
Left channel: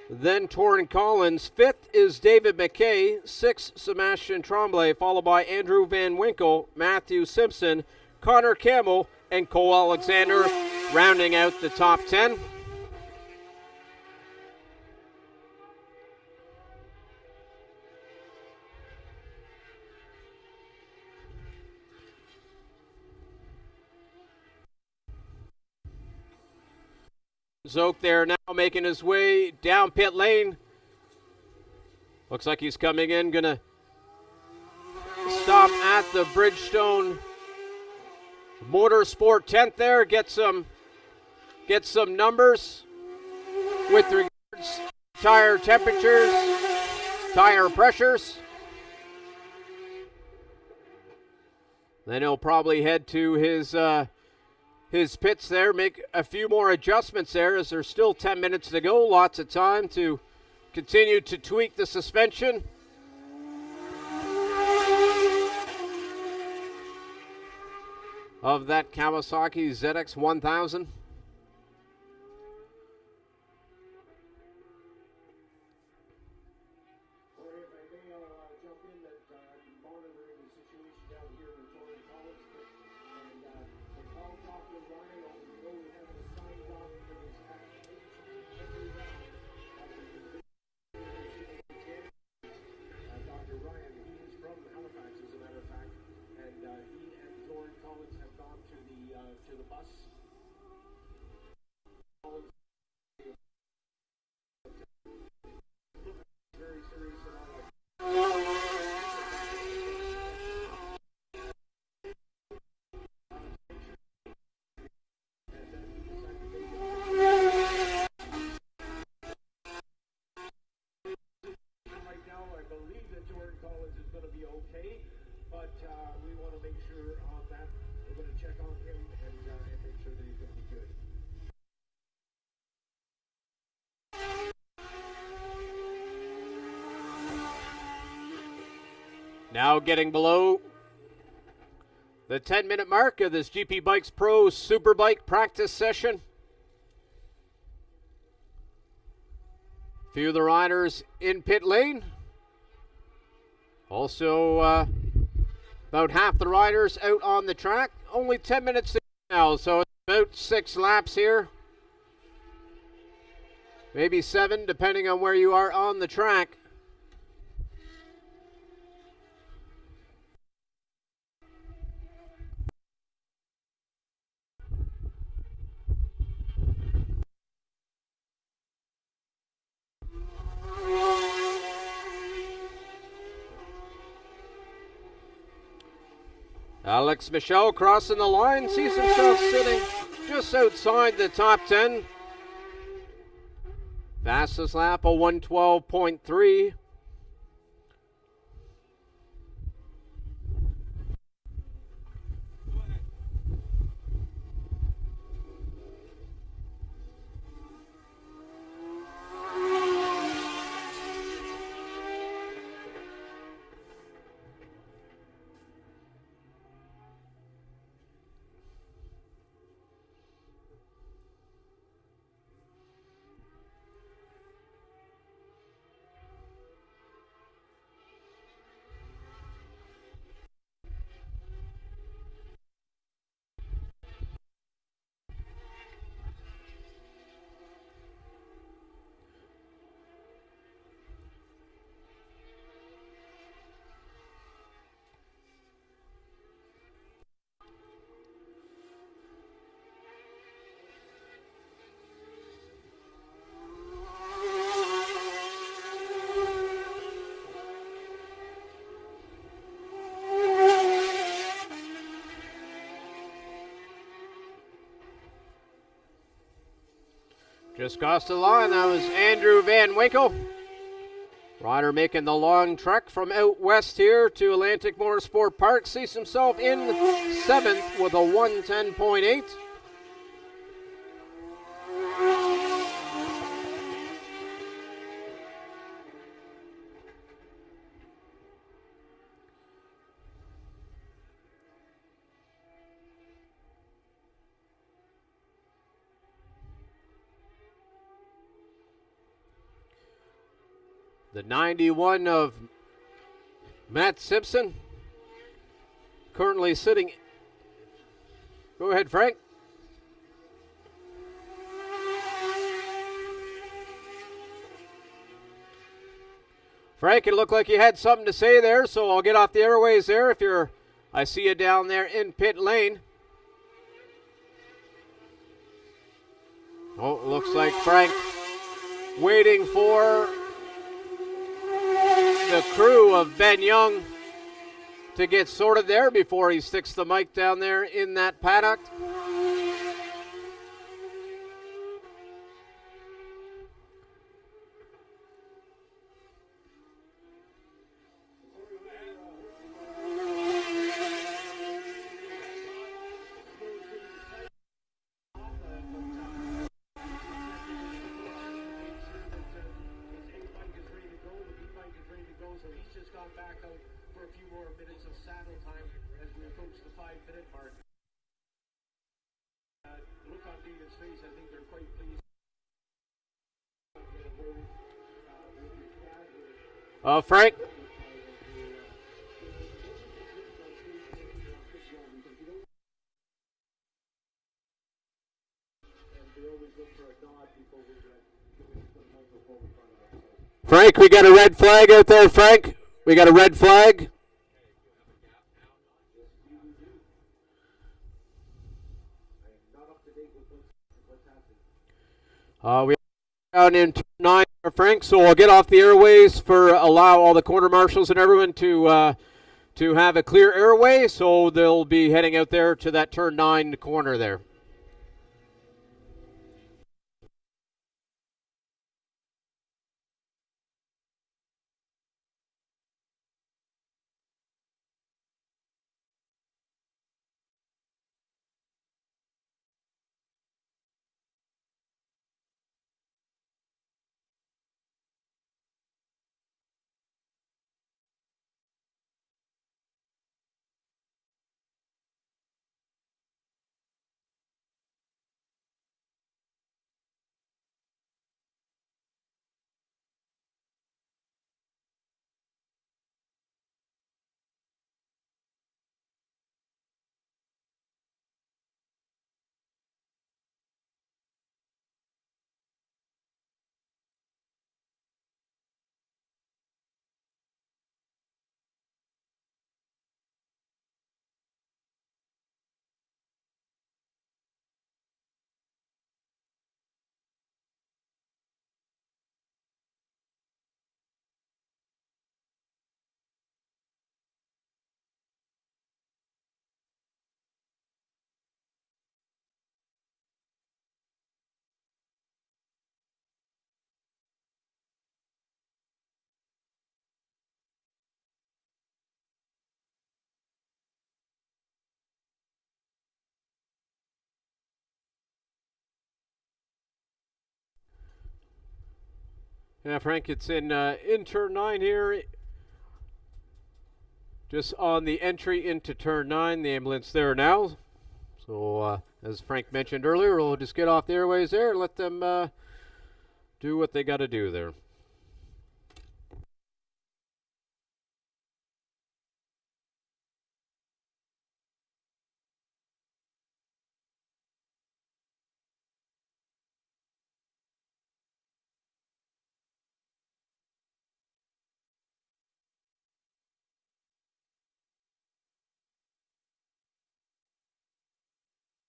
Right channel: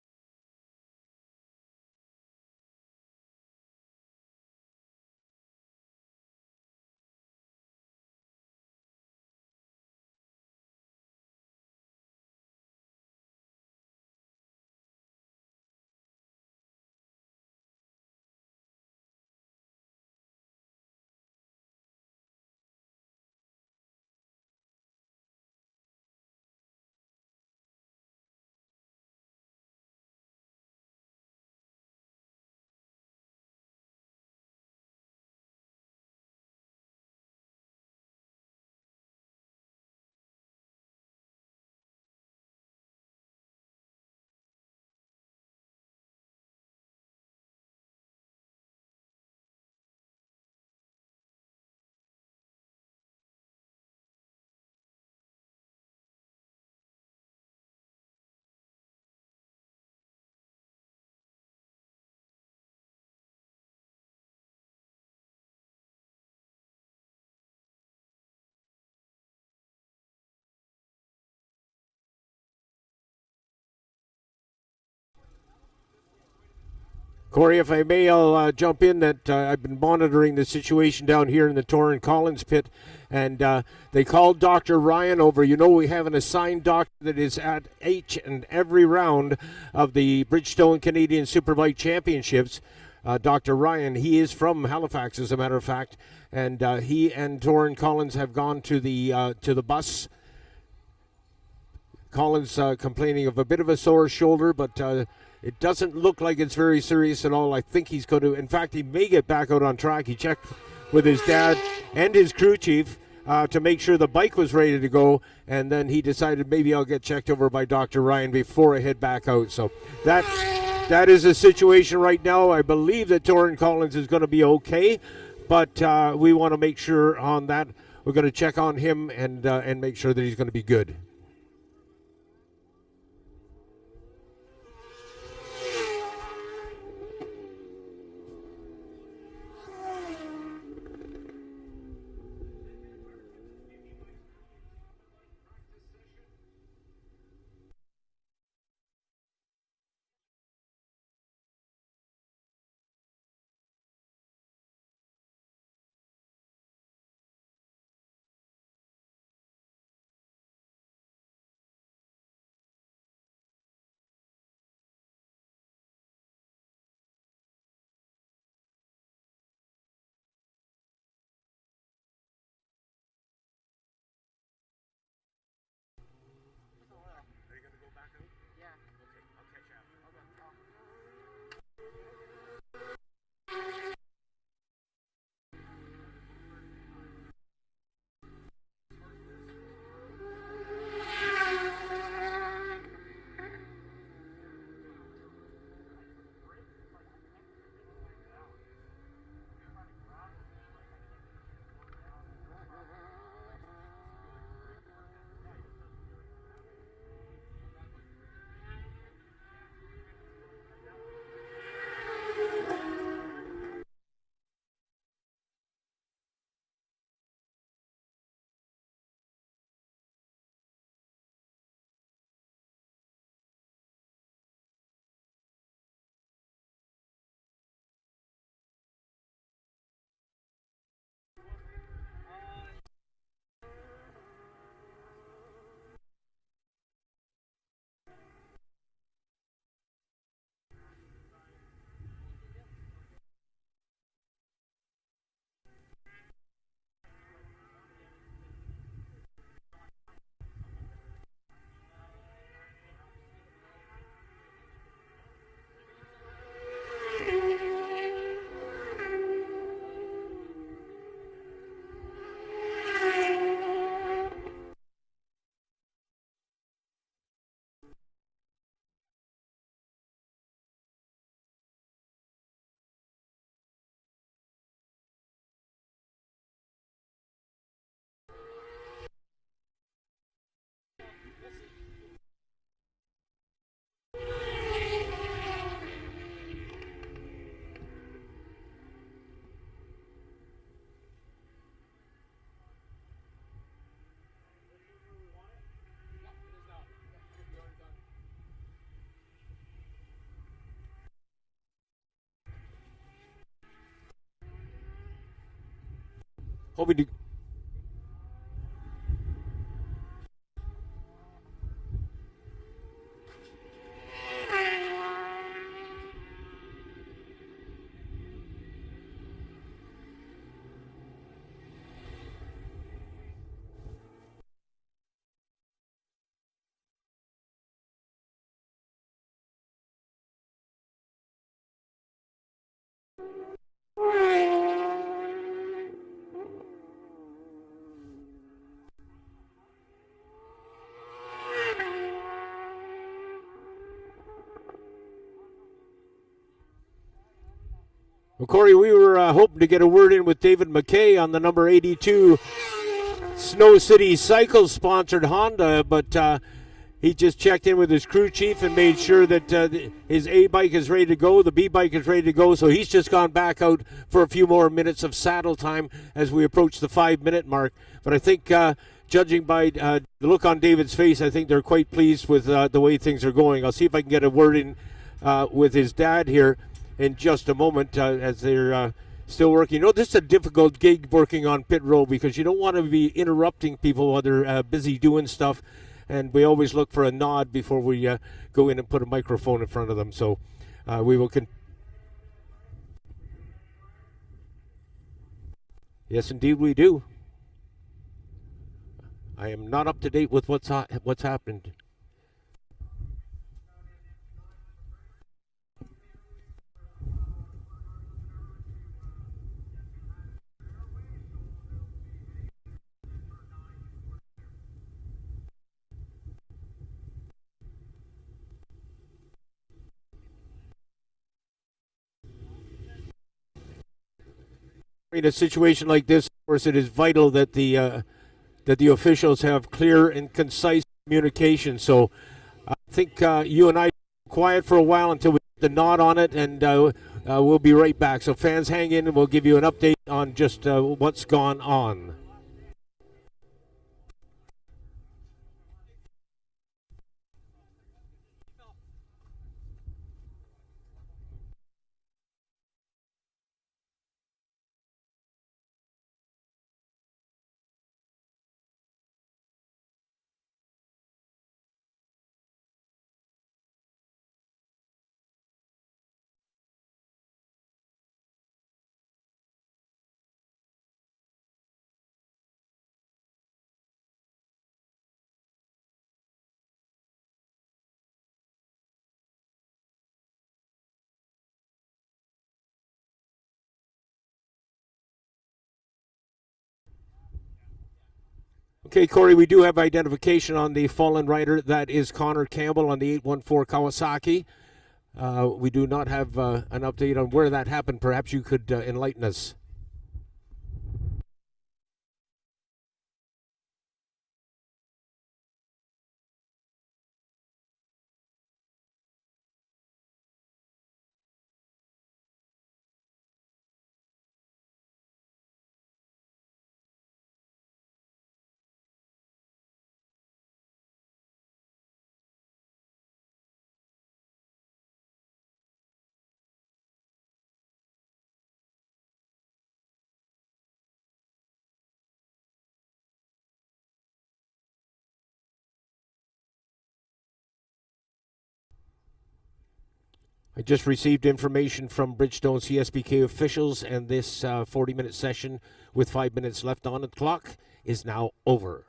then Torrin Collins. Fifth is David McKay. Sixth, Sebastian Tremblay, followed by Andrew Van Winkle, Matthew Simpson, Connor Campbell, and Cole Alexander, rounding out the top 10. Zoke there now making his way down pit lane. Looks like he's coming in, gonna stop at the Bridgestone Motorsport tent there, get some numbers with regards to tire temperatures, tire pressures. Then he'll probably head to his pits there, make a few more adjustments there as there's still 10 minutes to go. Lots of time to continue to tweak the suspension. Of that Kawasaki ZX 1000. Corey, if I may, I'll jump in that I've been monitoring the situation down here in the Torrin Collins pit, and they called Dr. Ryan over. You know, we have an assigned doctor that is at each and every round of the Bridgestone Canadian Superbike Championships. Dr. Ryan, he is from Halifax, as a matter of fact, and he and Torrin Collins have gone to the bus. Collins complaining of a bit of a sore shoulder, but it doesn't look like it's very serious at all. I think he's going to, in fact, he may get back out on track. He checked with his dad and his crew chief to make sure the bike was ready to go, and then he decided maybe I'll get checked over by Dr. Ryan before I head back out. So that is the situation right now. I believe that Torrin Collins is going to be okay, but we want to make sure on that. We're going to check on him and make sure that he's going to be good. Now getting below the 10-minute mark of this GP Bikes Pro Superbike practice session. Few of the riders in pit lane. Also, about half the riders out on the track. Only 10 minutes to go now, so it's about 6 laps here. Maybe 7, depending on where you are on the track. Alex Michel crossing the line, sees himself sitting just outside the top 10. Fastest lap, a 1:12.3. Just crossed the line, that was Andrew Van Winkle. Rider making the long trek from out west here to Atlantic Motorsport Park. Sees himself in 7th with a 1:10.8. The 91 of Matt Simpson, currently sitting. Go ahead, Frank. Frank, it looked like you had something to say there, so I'll get off the airways there. I see you down there in pit lane. Oh, it looks like Frank waiting for the crew of Ben Young to get sorted there before he sticks the mic down there in that paddock. Well, Corey, we were hoping to get a word in with David McKay on the number 82 Snow City Cycles sponsored Honda, but he just checked in with his crew chief and made sure that his A bike is ready to go, the B bike is ready to go, so he's just gone back out for a few more minutes of saddle time as we approach the 5-minute mark. But I think, judging by the look on David's face, I think they're quite pleased with the way things are going. I'll see if I can get a word in with his dad here in just Frank, a moment as they're still working. You know, this is a difficult gig working on pit road because you don't want to be interrupting people while they're busy doing stuff. And we always look for a nod before we go in and put a microphone in front of them. So, Frank, we got a red flag out there, Frank. We got a red flag. Yes, indeed, we do. I am not up to date with what's happened. We are down in turn 9, Frank. So I'll get off the airways allow all the quarter marshals and everyone to to have a clear airway, so they'll be heading out there to that turn 9 corner there. In a situation like this, of course, it is vital that the officials have clear and concise communication. So I think you and I quiet for a while until we get the nod on it, and we'll be right back. So fans, hang in, and we'll give you an update on just what's gone on. Okay, Corey, we do have identification on the fallen rider. That is Connor Campbell on the 814 Kawasaki. We do not have an update on where that happened. Perhaps you could enlighten us. Yeah, Frank, it's in turn 9 here. Just on the entry into turn 9, the ambulance there now. So, as Frank mentioned earlier, we'll just get off the airways there and let them do what they got to do there. I just received information from Bridgestone CSBK officials, and this 40-minute session with 5 minutes left on the clock is now over.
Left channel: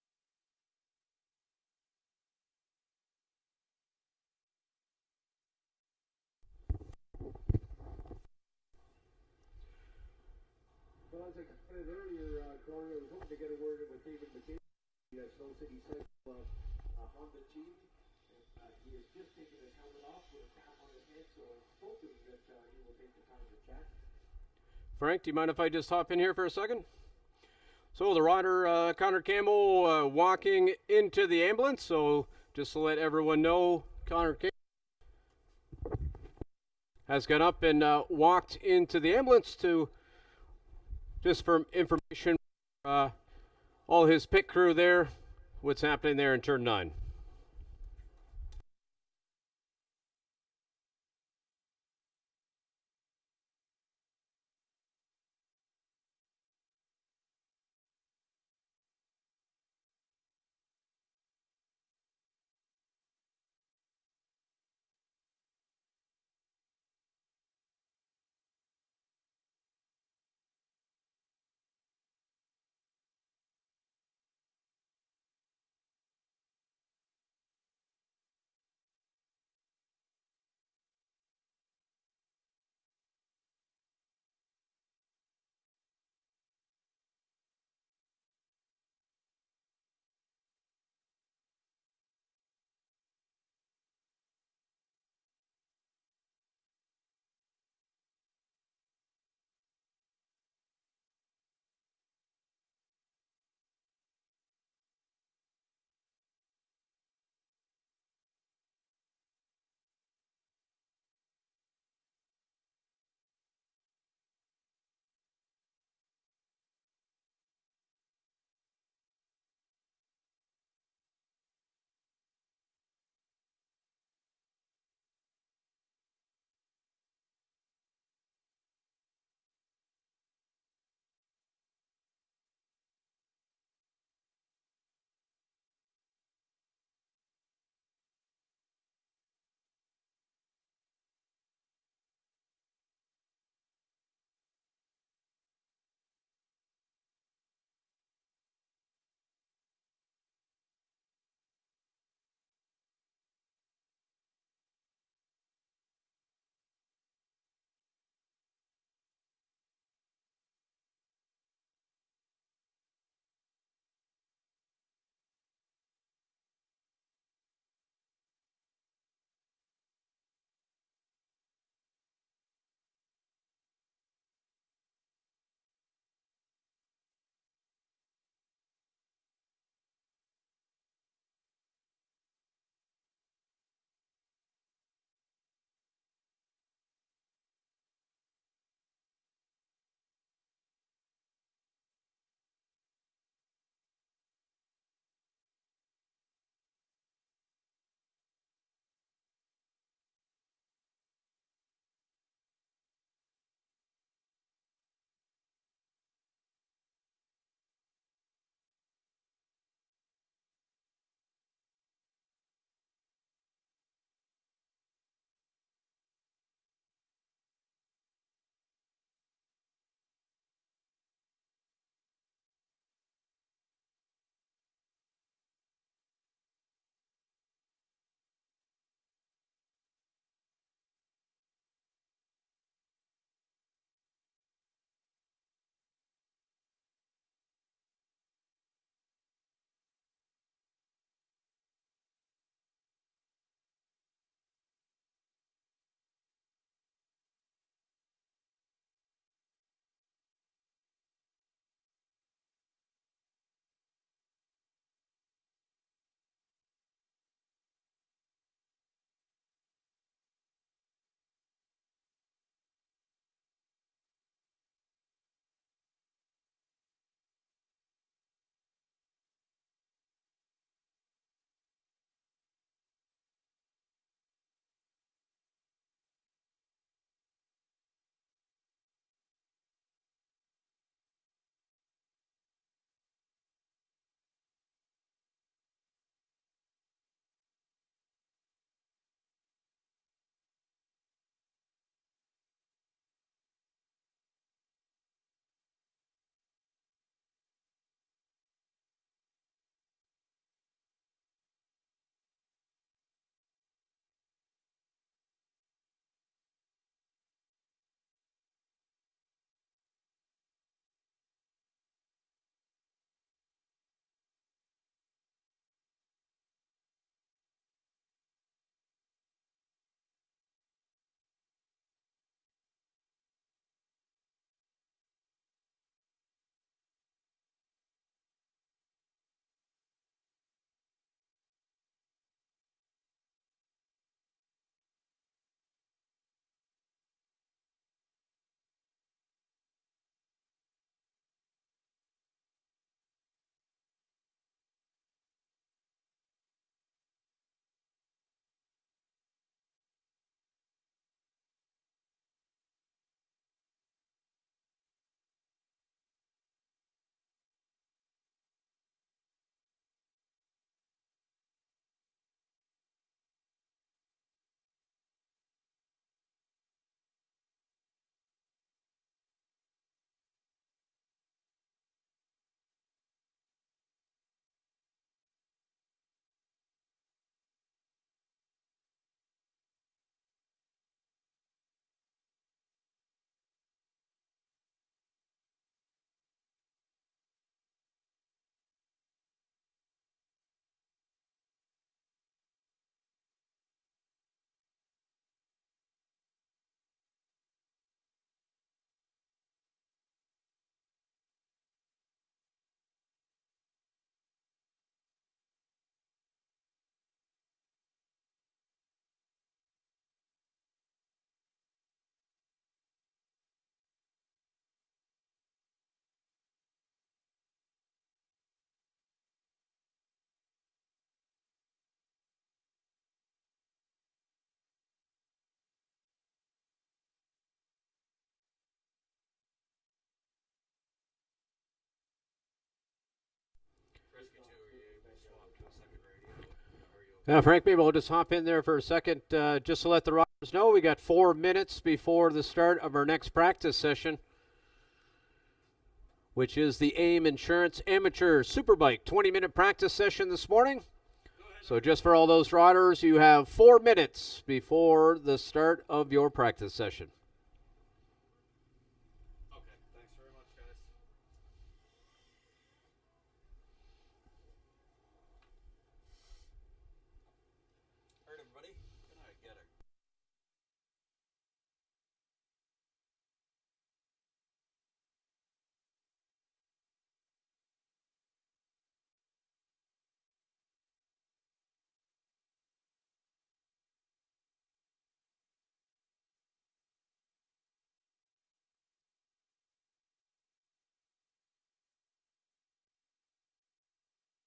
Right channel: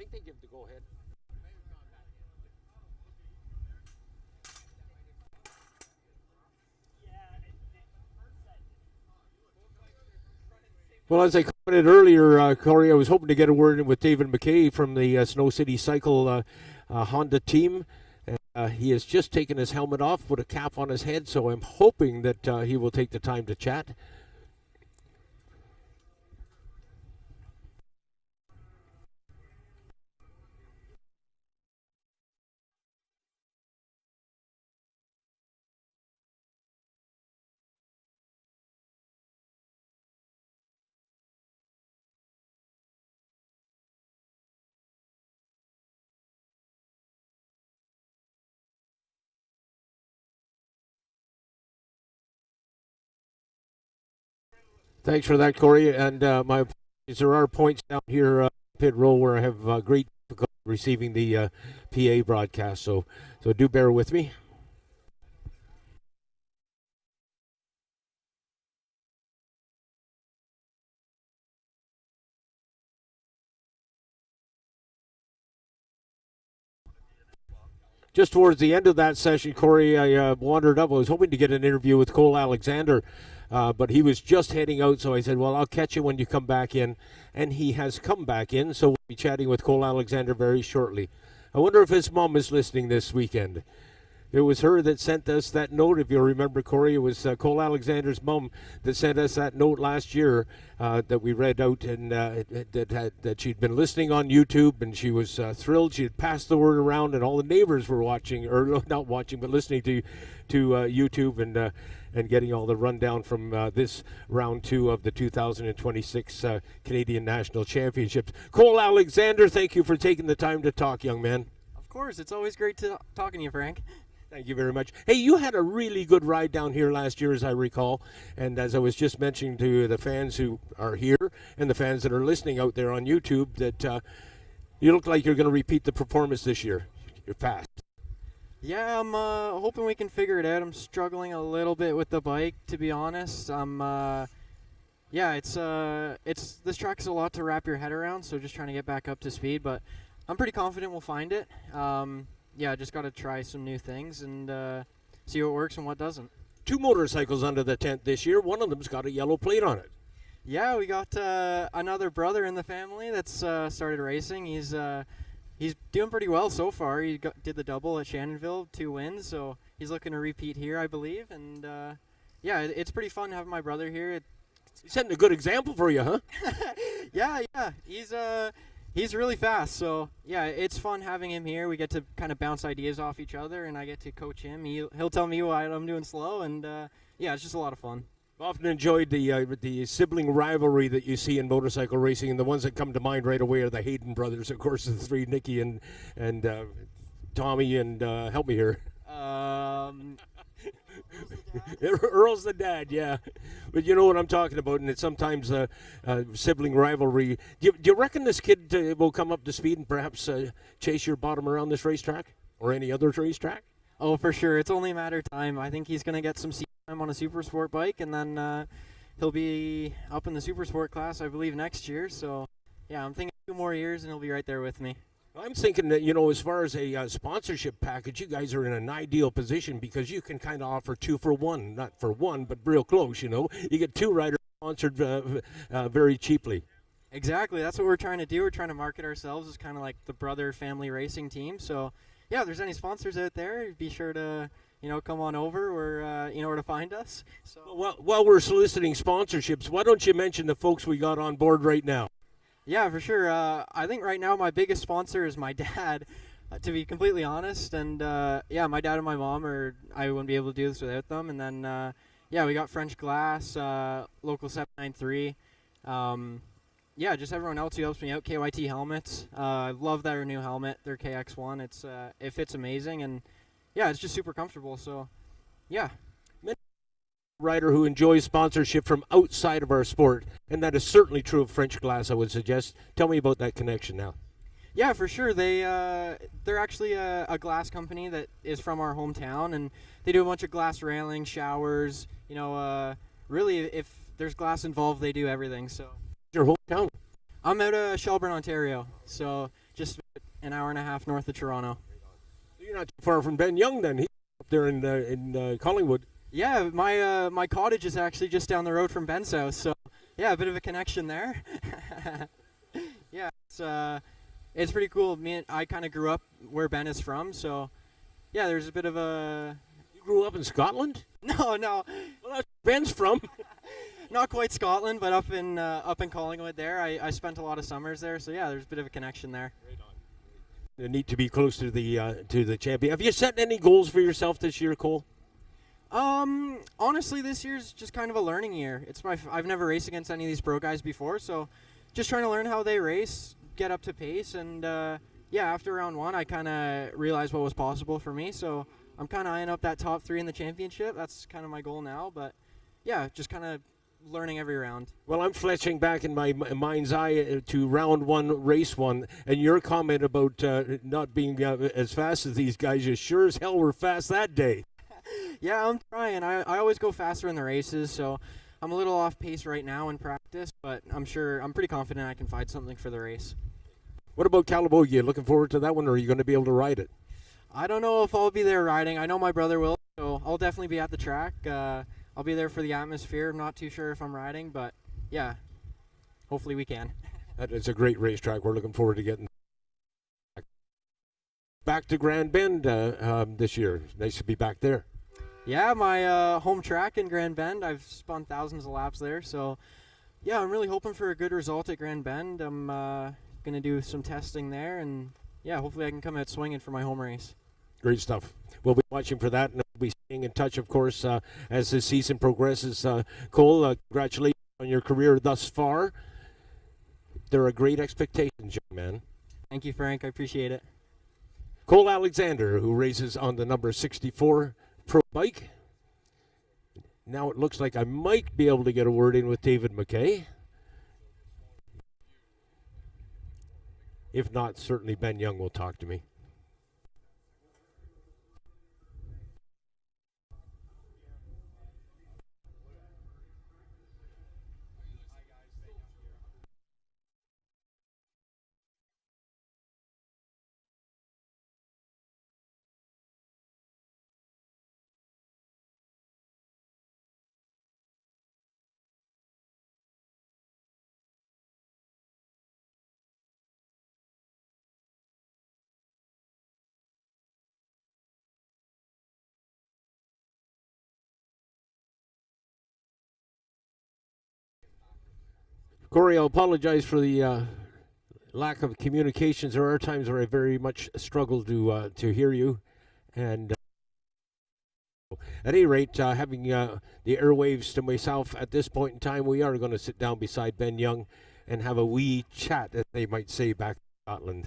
I think they give the go-ahead. Well, as I commented earlier, Corey, I was hoping to get a word in with David McKay from the Snow City Cycle Honda team. He has just taken his helmet off, put a cap on his head, so I'm hoping that he will take the time to chat. Frank, do you mind if I just hop in here for a second? So the rider, Connor Campbell, walking into the ambulance. So just to let everyone know, Connor Campbell has gone up and walked into the ambulance to, just for information, all his pit crew there, what's happening there in turn 9. Thanks for that, Corey. And my apologies, there are points down here pit row where I have great difficulty receiving the PA broadcast, so do bear with me. Just towards the end of that session, Corey, I wandered up. I was hoping to get an interview with Cole Alexander, but he was just heading out, so I said, well, I'll catch you when you come back in. And he has come back in, so we'll be chatting with Cole Alexander very shortly. I wonder if his mom is listening this weekend. It was her that sent us that note, if you'll remember, Corey. It was Cole Alexander's mom that sent us that note last year that we read out, and that she'd been listening on YouTube, and she was thrilled. She had passed the word around, and all the neighbors were watching, or not watching, but listening to YouTube and getting all the rundown from this round 2 of the 2026 Canadian National Championships. Cole Alexander, thank you for taking the time to talk, young man. Of course, it's always great talking to you, Frank. Thank you very much. Hey, you had a really good ride down here last year, as I recall. And as I was just mentioning to the fans who are here and the fans that are listening out there on YouTube, that you look like you're going to repeat the performance this year. You're fast. Yeah, I'm hoping we can figure it out. I'm struggling a little bit with the bike, to be honest. Yeah, it's this track is a lot to wrap your head around, so just trying to get back up to speed. But I'm pretty confident we'll find it. Yeah, just got to try some new things and see what works and what doesn't. 2 motorcycles under the tent this year. One of them's got a yellow plate on it. Yeah, we got another brother in the family that's started racing. He's doing pretty well so far. He did the double at Shannonville, 2 wins, so he's looking to repeat here, I believe. And yeah, it's pretty fun having my brother here. He's setting a good example for you, huh? Yeah. He's really fast, so yeah, it's fun having him here. We get to kind of bounce ideas off each other, and I get to coach him. He'll tell me why I'm doing slow, and yeah, it's just a lot of fun. I've often enjoyed the sibling rivalry that you see in motorcycle racing, and the ones that come to mind right away are the Hayden brothers, of course, the 3, Nicky and Tommy, and help me here. Earl's the dad, yeah. But you know what I'm talking about, and it's sometimes sibling rivalry. Do you reckon this kid will come up to speed and perhaps chase your bottom around this racetrack or any other racetrack? Oh, for sure. It's only a matter of time. I think he's going to get some seat time on a super sport bike, and then he'll be up in the super sport class, I believe, next year. So, yeah, I'm thinking 2 more years, and he'll be right there with me. I'm thinking that, you know, as far as a sponsorship package, you guys are in an ideal position because you can kind of offer 2 for 1. Not for 1, but real close, you know. You get 2 riders sponsored very cheaply. Exactly. That's what we're trying to do. We're trying to market ourselves as kind of like the brother family racing team. So, yeah, if there's any sponsors out there, be sure to, you know, come on over or, you know where to find us. So. Well, while we're soliciting sponsorships, why don't you mention the folks we got on board right now? Yeah, for sure. I think right now my biggest sponsor is my dad, to be completely honest. And, yeah, my dad and my mom I wouldn't be able to do this without them. And then, yeah, we got French Glass, Local 793. Yeah, just everyone else who helps me out. KYT Helmets. I love their new helmet, their KX1. It fits amazing. And, yeah, it's just super comfortable. So, yeah. Rider who enjoys sponsorship from outside of our sport, and that is certainly true of French Glass, I would suggest. Tell me about that connection now. Yeah, for sure. They're actually a glass company that is from our hometown, and they do a bunch of glass railing, showers. You know, really, if there's glass involved, they do everything. So. Your hometown? I'm out of Shelburne, Ontario, so just an hour and a half north of Toronto. You're not too far from Ben Young, then. He's up there in Collingwood. Yeah, my cottage is actually just down the road from Ben's house, so yeah, a bit of a connection there. Yeah, it's pretty cool. I kind of grew up where Ben is from, so yeah, there's a bit of a. You grew up in Scotland? No. Well, that's where Ben's from. Not quite Scotland, but up in Collingwood there. I spent a lot of summers there, so yeah, there's a bit of a connection there. Right on. Neat to be close to the champion. Have you set any goals for yourself this year, Cole? Honestly, this year's just kind of a learning year. I've never raced against any of these pro guys before, so just trying to learn how they race, get up to pace, and yeah, after round 1, I kind of realized what was possible for me, so I'm kind of eyeing up that top 3 in the championship. That's kind of my goal now, but yeah, just kind of learning every round. Well, I'm flashing back in my mind's eye to round 1, race 1, and your comment about not being as fast as these guys, you sure as hell were fast that day. Yeah, I'm trying. I always go faster in the races, so I'm a little off pace right now in practice, but I'm pretty confident I can find something for the race. What about Calabogie? Looking forward to that one, or are you going to be able to ride it? I don't know if I'll be there riding. I know my brother will, so I'll definitely be at the track. I'll be there for the atmosphere. I'm not too sure if I'm riding, but yeah, hopefully we can. That is a great racetrack. We're looking forward to getting back to Grand Bend this year. Nice to be back there. Yeah, my home track in Grand Bend. I've spun thousands of laps there, so yeah, I'm really hoping for a good result at Grand Bend. I'm going to do some testing there, and yeah, hopefully I can come out swinging for my home race. Great stuff. We'll be watching for that, and we'll be staying in touch, of course, as the season progresses. Cole, congratulations on your career thus far. There are great expectations, young man. Thank you, Frank. I appreciate it. Cole Alexander, who races on the number 64 Pro Bike. Now it looks like I might be able to get a word in with David McKay. If not, certainly Ben Young will talk to me. Frank, maybe we'll just hop in there for a second just to let the riders know we got 4 minutes before the start of our next practice session, which is the AIM Insurance Amateur Superbike 20-minute practice session this morning. So just for all those riders, you have 4 minutes before the start of your practice session. Okay, thanks very much, guys. All right, everybody. Can I get it? Corey, I'll apologize for the lack of communications. There are times where I very much struggle to hear you, and at any rate, having the airwaves to myself at this point in time, we are going to sit down beside Ben Young and have a wee chat, as they might say back in Scotland.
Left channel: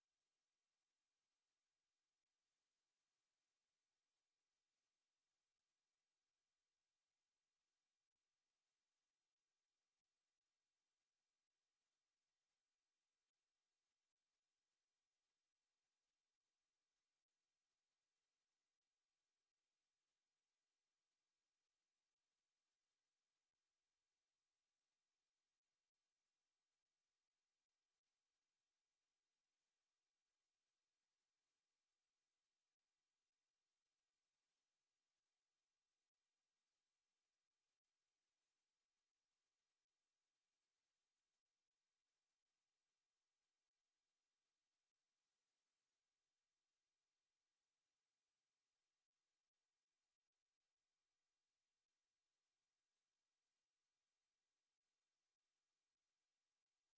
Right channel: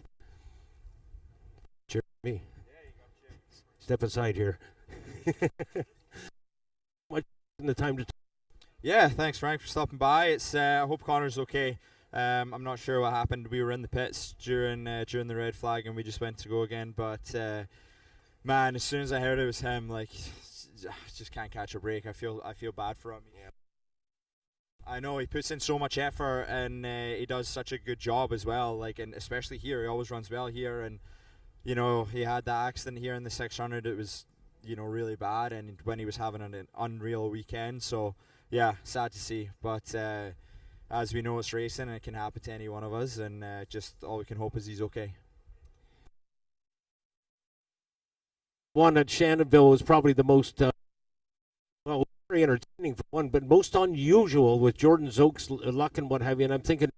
Cheer me. Step aside here. Much in the time to. Yeah, thanks, Frank, for stopping by. It's I hope Connor's okay. I'm not sure what happened. We were in the pits during the red flag, and we just went to go again. But man, as soon as I heard it was him, like, just can't catch a break. I feel bad for him. Yeah. I know he puts in so much effort, and he does such a good job as well. Like, and especially here, he always runs well here. And you know, he had that accident here in the 600. It was, you know, really bad, and when he was having an unreal weekend. So yeah, sad to see. But as we know, it's racing, and it can happen to any one of us. And just all we can hope is he's okay. One at Shannonville was probably the most, well, very entertaining for one, but most unusual with Jordan Zoke's luck and what have you. And I'm thinking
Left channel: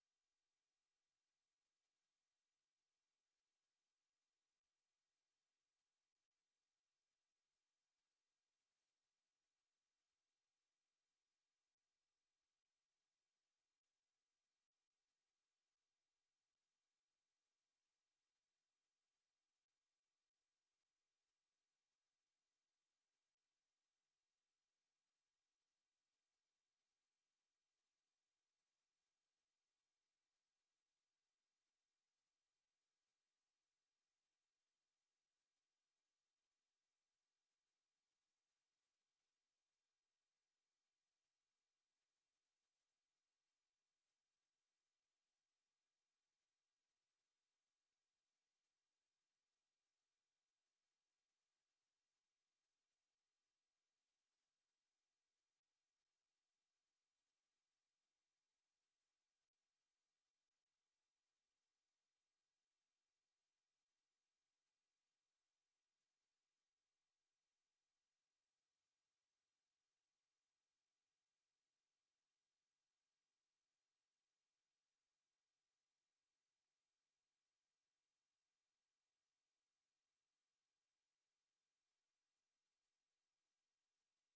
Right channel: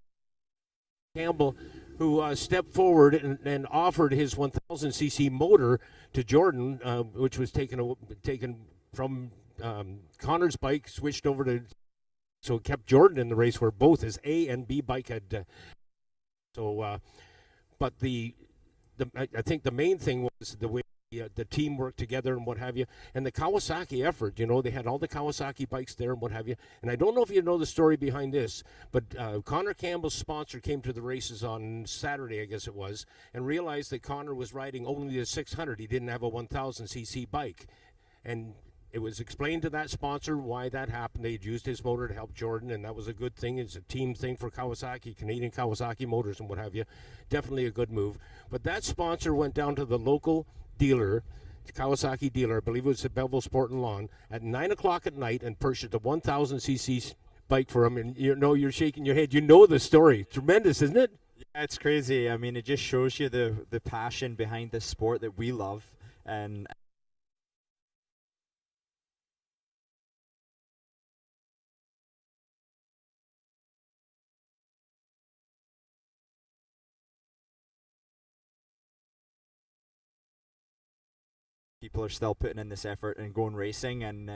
Campbell, who stepped forward and offered his 1,000cc motor to Jordan, which was taken from Connor's bike, switched over to, so it kept Jordan in the race where both his A and B bike had. But I think the main thing was the way the team worked together and what have you, and the Kawasaki effort. You know, they had all the Kawasaki bikes there and what have you. And I don't know if you know the story behind this, but Connor Campbell's sponsor came to the races on Saturday, I guess it was, and realized that Connor was riding only the 600. He didn't have a 1,000cc bike, and it was explained to that sponsor why that happened. They had used his motor to help Jordan, and that was a good thing. It's a team thing for Kawasaki, Canadian Kawasaki Motors and what have you. Definitely a good move. But that sponsor went down to the local dealer, Kawasaki dealer, I believe it was at Belleville Sport and Lawn, at 9 o'clock at night and purchased a 1,000cc bike for him. And you know, you're shaking your head. You know the story. Tremendous, isn't it? Yeah, it's crazy. I mean, it just shows you the passion behind this sport that we love. And people are still putting in this effort and going racing, and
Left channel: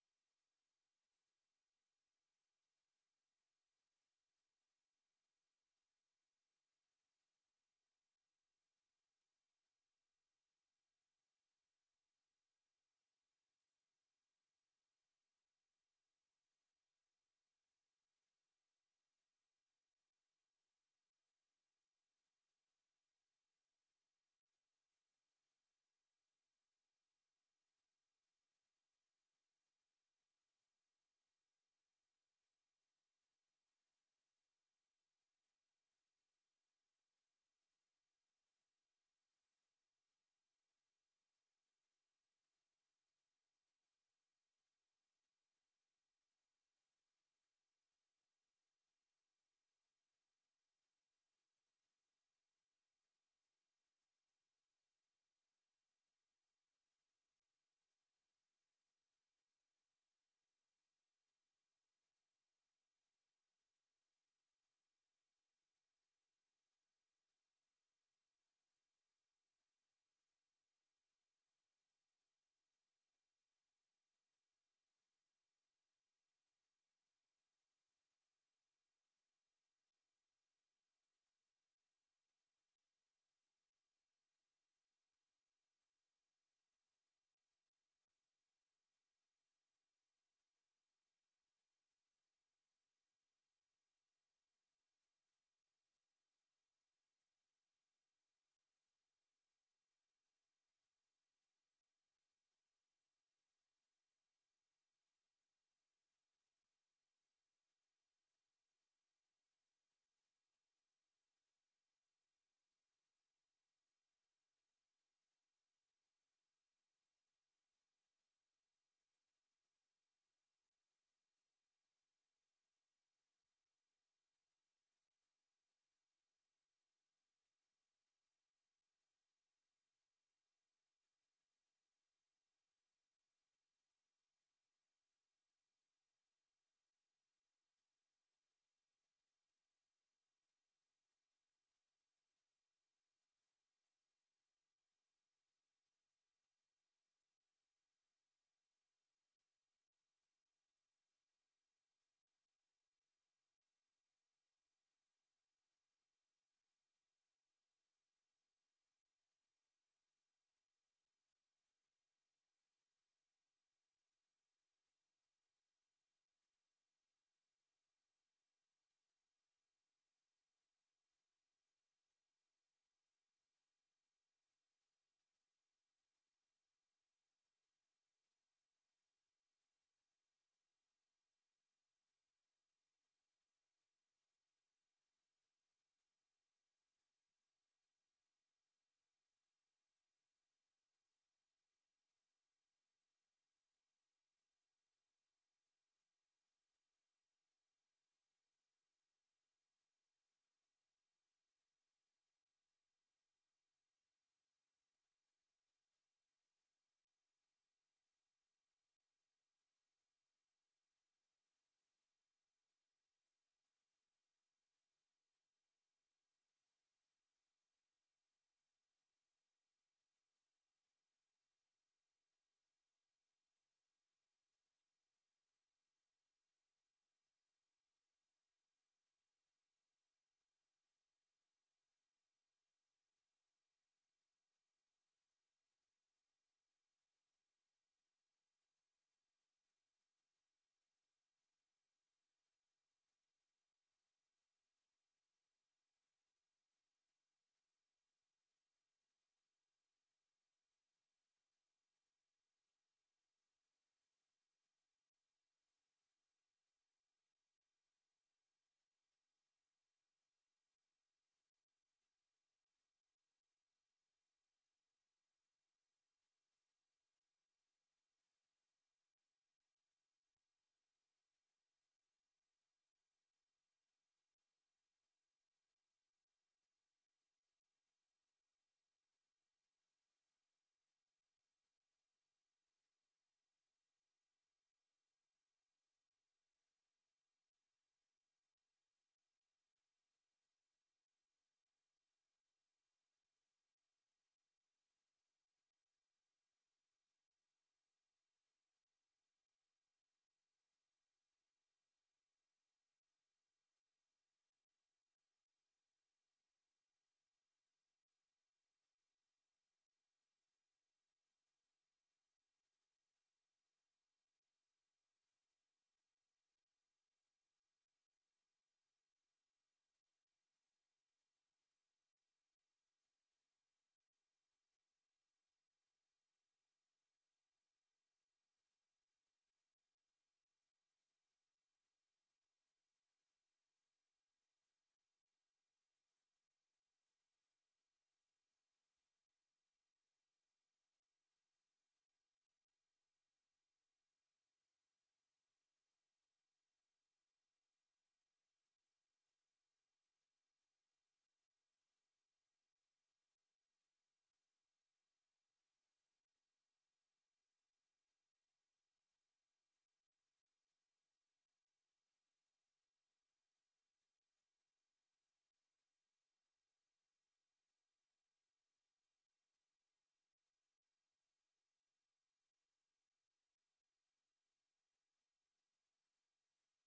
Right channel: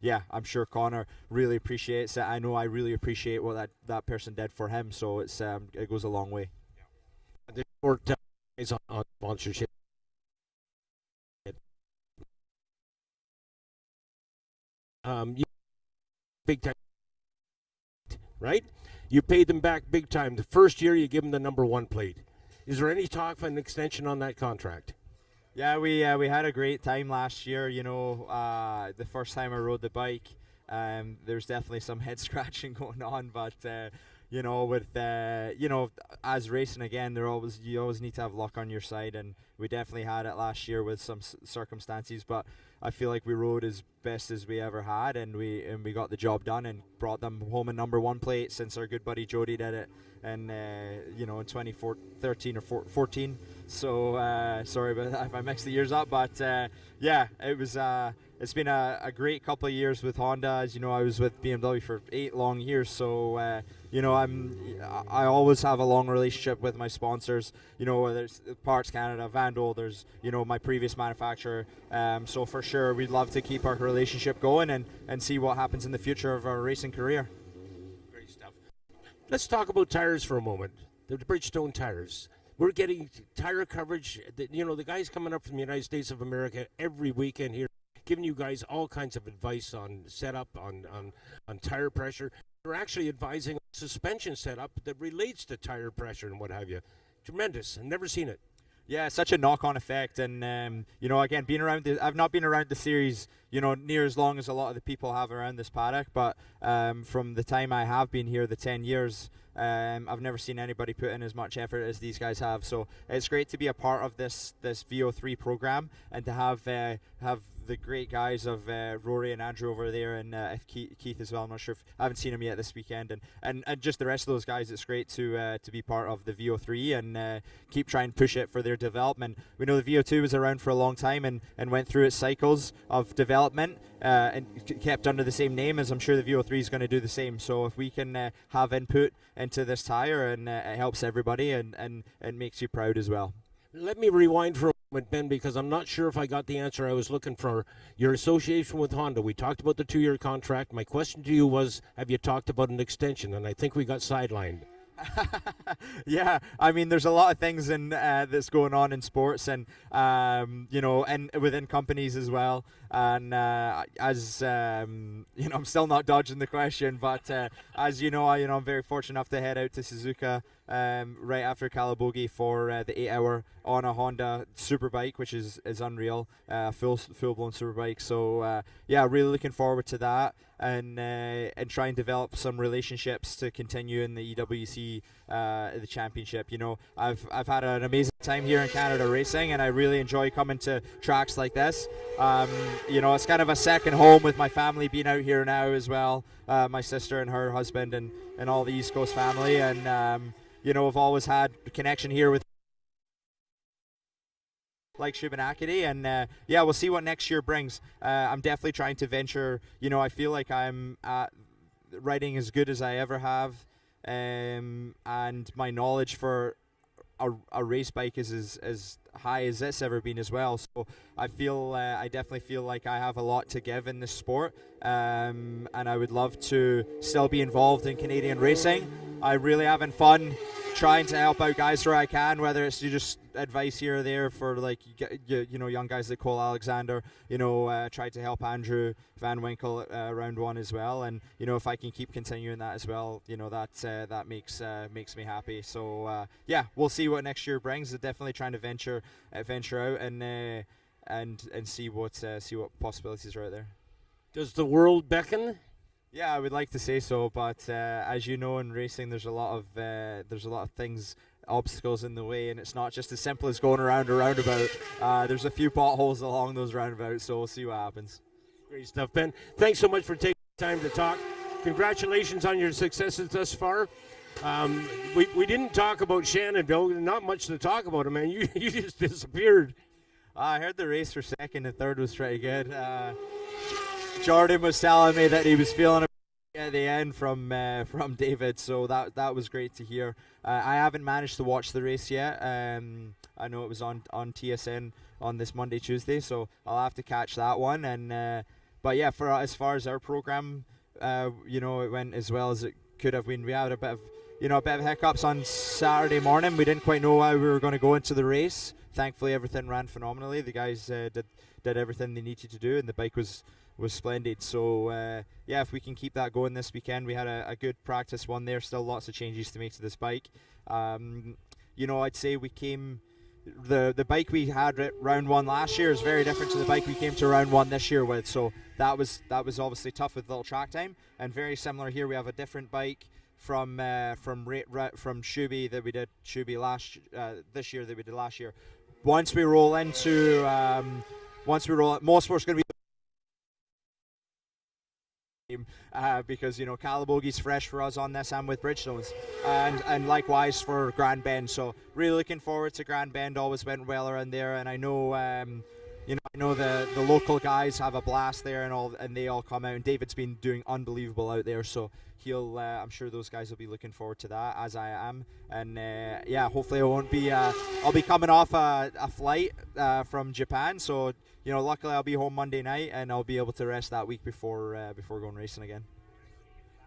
yeah, I'm sure Connor really appreciates it. I know I really appreciate what that person did for him, so it's it goes a long way. The short is on sponsorship. Big time, right? You paid them back big time. The first year you give them the number 1 plate. Is there any talk of an extension on that contract? Yeah, we had a great time last year. You know, the first time I rode the bike, there's definitely some head scratching going on. But you know, with you know, as racing again, you always need to have luck on your side, and we definitely had it last year with some circumstances. But I feel like we rode as best as we ever had, and we got the job done and brought them home a number 1 plate since our good buddy Jody did it, and you know, in 2013 or 14. So sorry about that if I mixed the years up, but yeah, it was. It's been a great couple of years with Honda. As you know, I was with BMW for 8 long years, so you know, I always have a long relationship with my sponsors. You know, whether it's Parts Canada, Vandal, there's, you know, my previous manufacturer. So for sure, we'd love to keep our relationship going and see what happens in the future of our racing career. Great stuff. Let's talk about tires for a moment. The Bridgestone tires. We're getting tire coverage. You know, the guys coming up from the United States of America every weekend here, giving you guys all kinds of advice on setup, on tire pressure. They're actually advising suspension setup that relates to tire pressure and what have you. Tremendous. I've never seen it. Yeah, such a knock-on effect, and you know, again, being around I've not been around the series, you know, near as long as a lot of the people have around this paddock, but from the time I have been here, the 10 years, I've never seen anybody put in as much effort as these guys have. So it's great to be a part of this VO3 program and to have the great guys of Rory and Andrew over there, and Keith as well. I'm not sure if I haven't seen him yet this weekend, and just the rest of those guys. It's great to be part of the VO3 and keep trying to push it for their development. We know the VO2 was around for a long time and went through its cycles of development and kept under the same name, as I'm sure the VO3 is going to do the same. So if we can have input into this tire, and it helps everybody and makes you proud as well. Let me rewind for a moment, Ben, because I'm not sure if I got the answer I was looking for. Your association with Honda, we talked about the 2-year contract. My question to you was, have you talked about an extension? And I think we got sidelined. Yeah, I mean, there's a lot of things in that's going on in sports, and you know, and within companies as well. And as you know, I'm still not dodging the question, but as you know, I'm very fortunate enough to head out to Suzuka right after Calabogie for the 8-hour on a Honda Superbike, which is unreal, full-blown Superbike. So yeah, really looking forward to that, and try and develop some relationships to continue in the EWC, the championship. You know, I've had an amazing time here in Canada racing, and I really enjoy coming to tracks like this. You know, it's kind of a second home with my family being out here now as well. My sister and her husband and all the East Coast family, and you know, I've always had a connection here with like Shubenacadie, and yeah, we'll see what next year brings. I'm definitely trying to venture. You know, I feel like I'm riding as good as I ever have, and my knowledge for a race bike is as high as it's ever been as well. So I feel I definitely feel like I have a lot to give in this sport, and I would love to still be involved in Canadian racing. I'm really having fun trying to help out guys where I can, whether it's just advice here or there for, like, you know, young guys like Cole Alexander. You know, try to help Andrew Van Winkle round one as well, and you know, if I can keep continuing that as well, you know, that makes me happy. So yeah, we'll see what next year brings. Definitely trying to venture out and see what possibilities are out there. Does the world beckon? Yeah, I would like to say so, but as you know, in racing, there's a lot of things, obstacles in the way, and it's not just as simple as going around a roundabout. There's a few potholes along those roundabouts, so we'll see what happens. Great stuff, Ben. Thanks so much for taking time to talk. Congratulations on your successes thus far. We didn't talk about Shannonville. Not much to talk about, man. You just disappeared. I heard the race for second and third was pretty good. Jordan was telling me that he was feeling it at the end from David, so that was great to hear. I haven't managed to watch the race yet. I know it was on TSN on this Monday, Tuesday, so I'll have to catch that one. And but yeah, for as far as our program, you know, it went as well as it could have been. We had a bit of hiccups on Saturday morning. We didn't quite know how we were going to go into the race. Thankfully, everything ran phenomenally. The guys did everything they needed to do, and the bike was splendid. So yeah, if we can keep that going this weekend, we had a good practice one there. Still lots of changes to make to this bike. You know, I'd say we came, the bike we had at round one last year is very different to the bike we came to round one this year with. So that was obviously tough with little track time, and very similar here. We have a different bike from Shuby that we did this year that we did last year. Once we roll into Motorsport's going to be because Calabogi's fresh for us on this and with Bridgestones, and likewise for Grand Bend. So really looking forward to Grand Bend. Always went well around there, and I know the local guys have a blast there and they all come out. And David's been doing unbelievable out there, so he'll I'm sure those guys will be looking forward to that, as I am. And hopefully I'll be coming off a flight from Japan, so luckily I'll be home Monday night and I'll be able to rest that week before going racing again.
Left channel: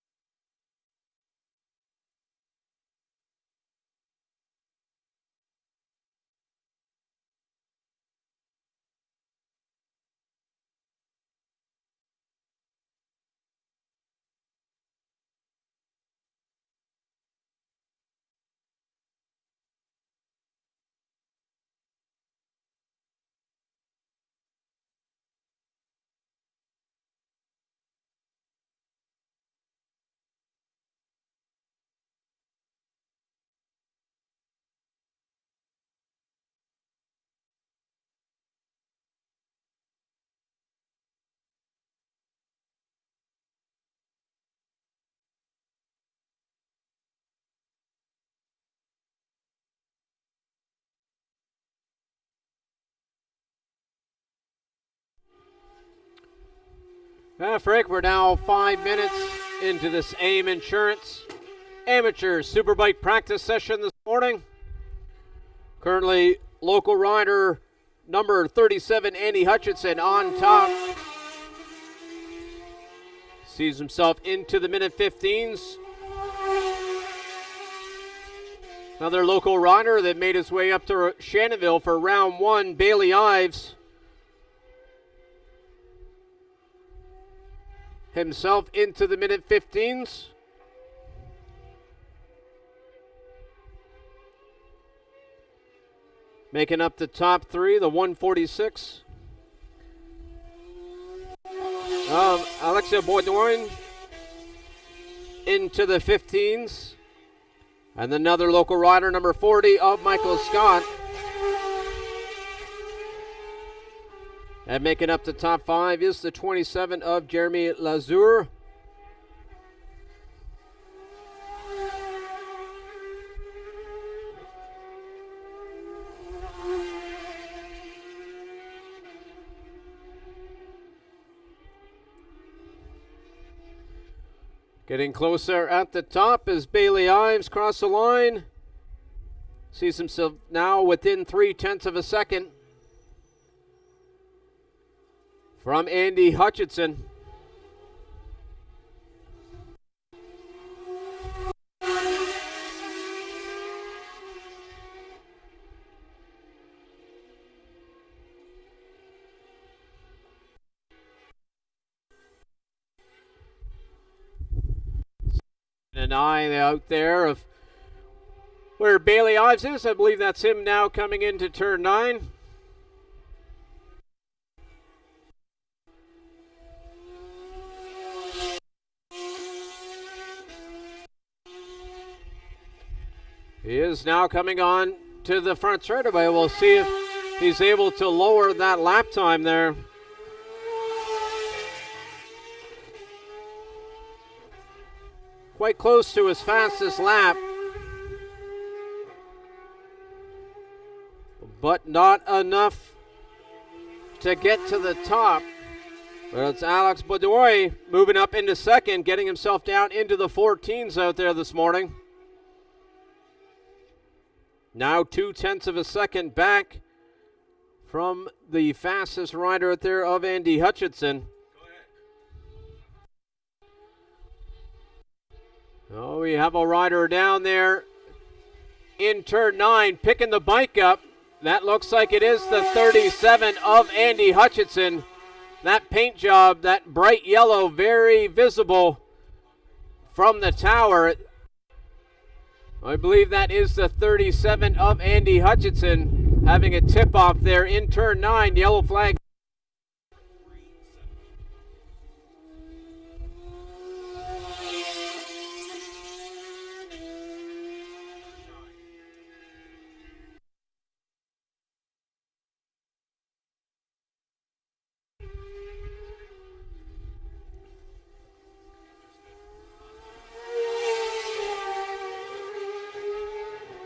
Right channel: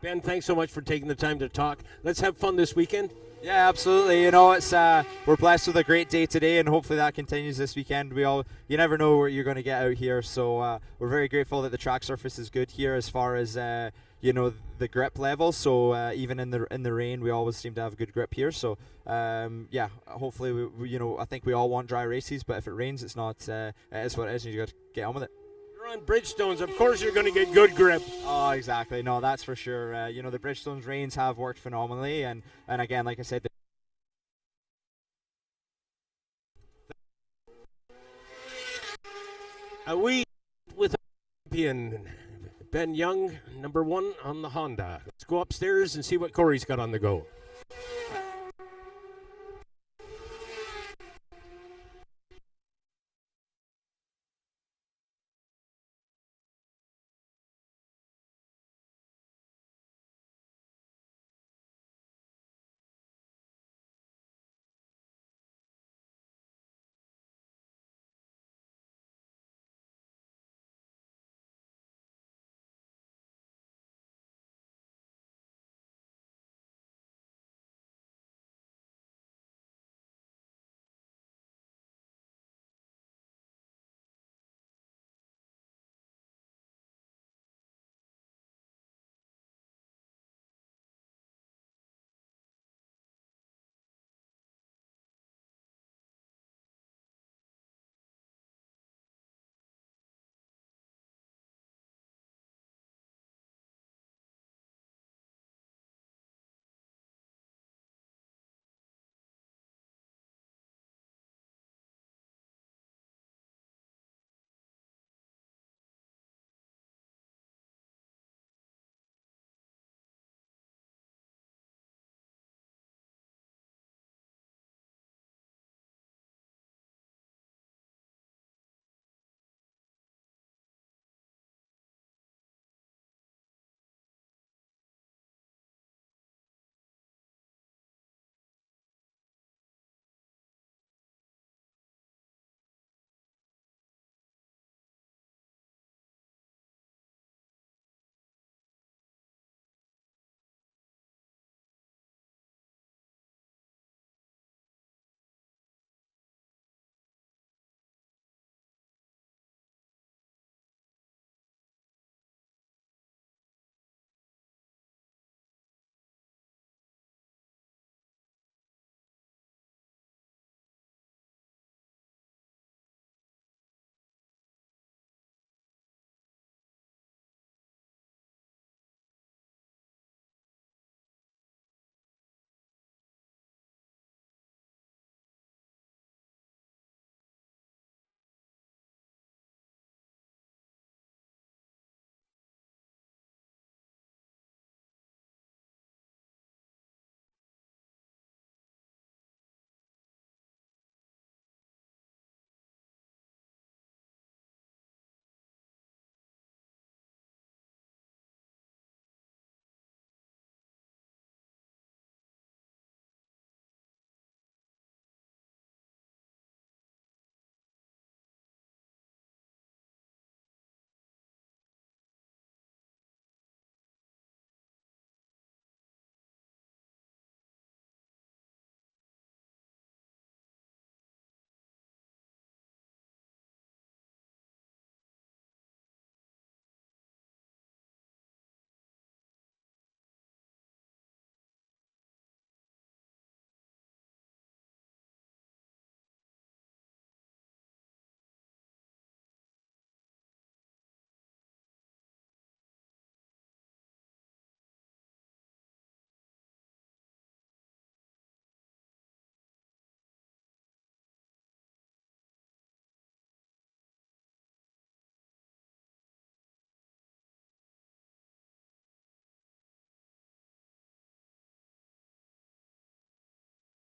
Ben, thanks so much for taking the time to talk. Let's have fun this weekend. Yeah, absolutely. It's we're blessed with a great day today, and hopefully that continues this weekend. You never know what you're going to get out here, so we're very grateful that the track surface is good here as far as the grip level. So even in the rain, we always seem to have good grip here. So hopefully I think we all want dry races, but if it rains, it's not. It is what it is, and you got to get on with it. You're on Bridgestones, of course you're going to get good grip. Oh, exactly. No, that's for sure. The Bridgestones rains have worked phenomenally, and again, like I said. We with champion Ben Young, number 1 on the Honda. Let's go upstairs and see what Corey's got on the go. Frank, we're now 5 minutes into this AIM Insurance Amateur Superbike practice session this morning. Currently, local rider number 37, Andy Hutchinson, on top. Sees himself into the minute 15s. Another local rider that made his way up to Shannonville for round 1, Bailey Ives. Himself into the minute 15s. Making up the top 3, the 146. Alexia Bourdouin into the 15s. And another local rider, number 40 of Michael Scott. And making up the top 5 is the 27 of Jeremy Lazur. Getting closer at the top as Bailey Ives cross the line. Sees himself now within 0.3 of a second from Andy Hutchinson. An eye out there of where Bailey Ives is. I believe that's him now coming into turn 9. He is now coming on to the front straightaway. We'll see if he's able to lower that lap time there. Quite close to his fastest lap, but not enough to get to the top. But it's Alex Badoy moving up into second, getting himself down into the 14s out there this morning. Now 0.2 of a second back from the fastest rider out there of Andy Hutchinson. Oh, we have a rider down there in turn 9 picking the bike up. That looks like it is the 37 of Andy Hutchinson. That paint job, that bright yellow, very visible from the tower. I believe that is the 37 of Andy Hutchinson having a tip-off there in turn 9, yellow flag.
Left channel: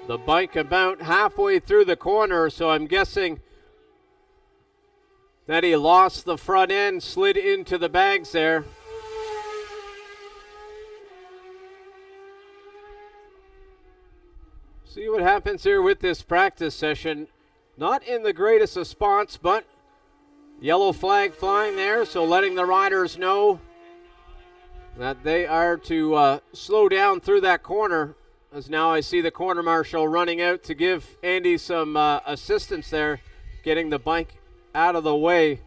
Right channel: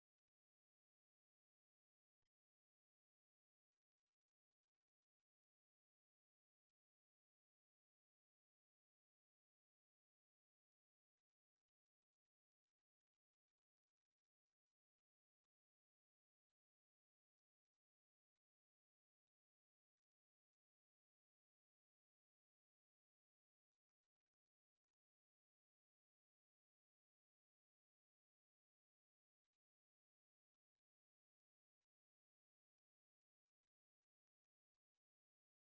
The bike about halfway through the corner, so I'm guessing that he lost the front end, slid into the bags there. See what happens here with this practice session. Not in the greatest of spots, but yellow flag flying there, so letting the riders know that they are to slow down through that corner, as now I see the corner marshal running out to give Andy some assistance there, getting the bike out of the way.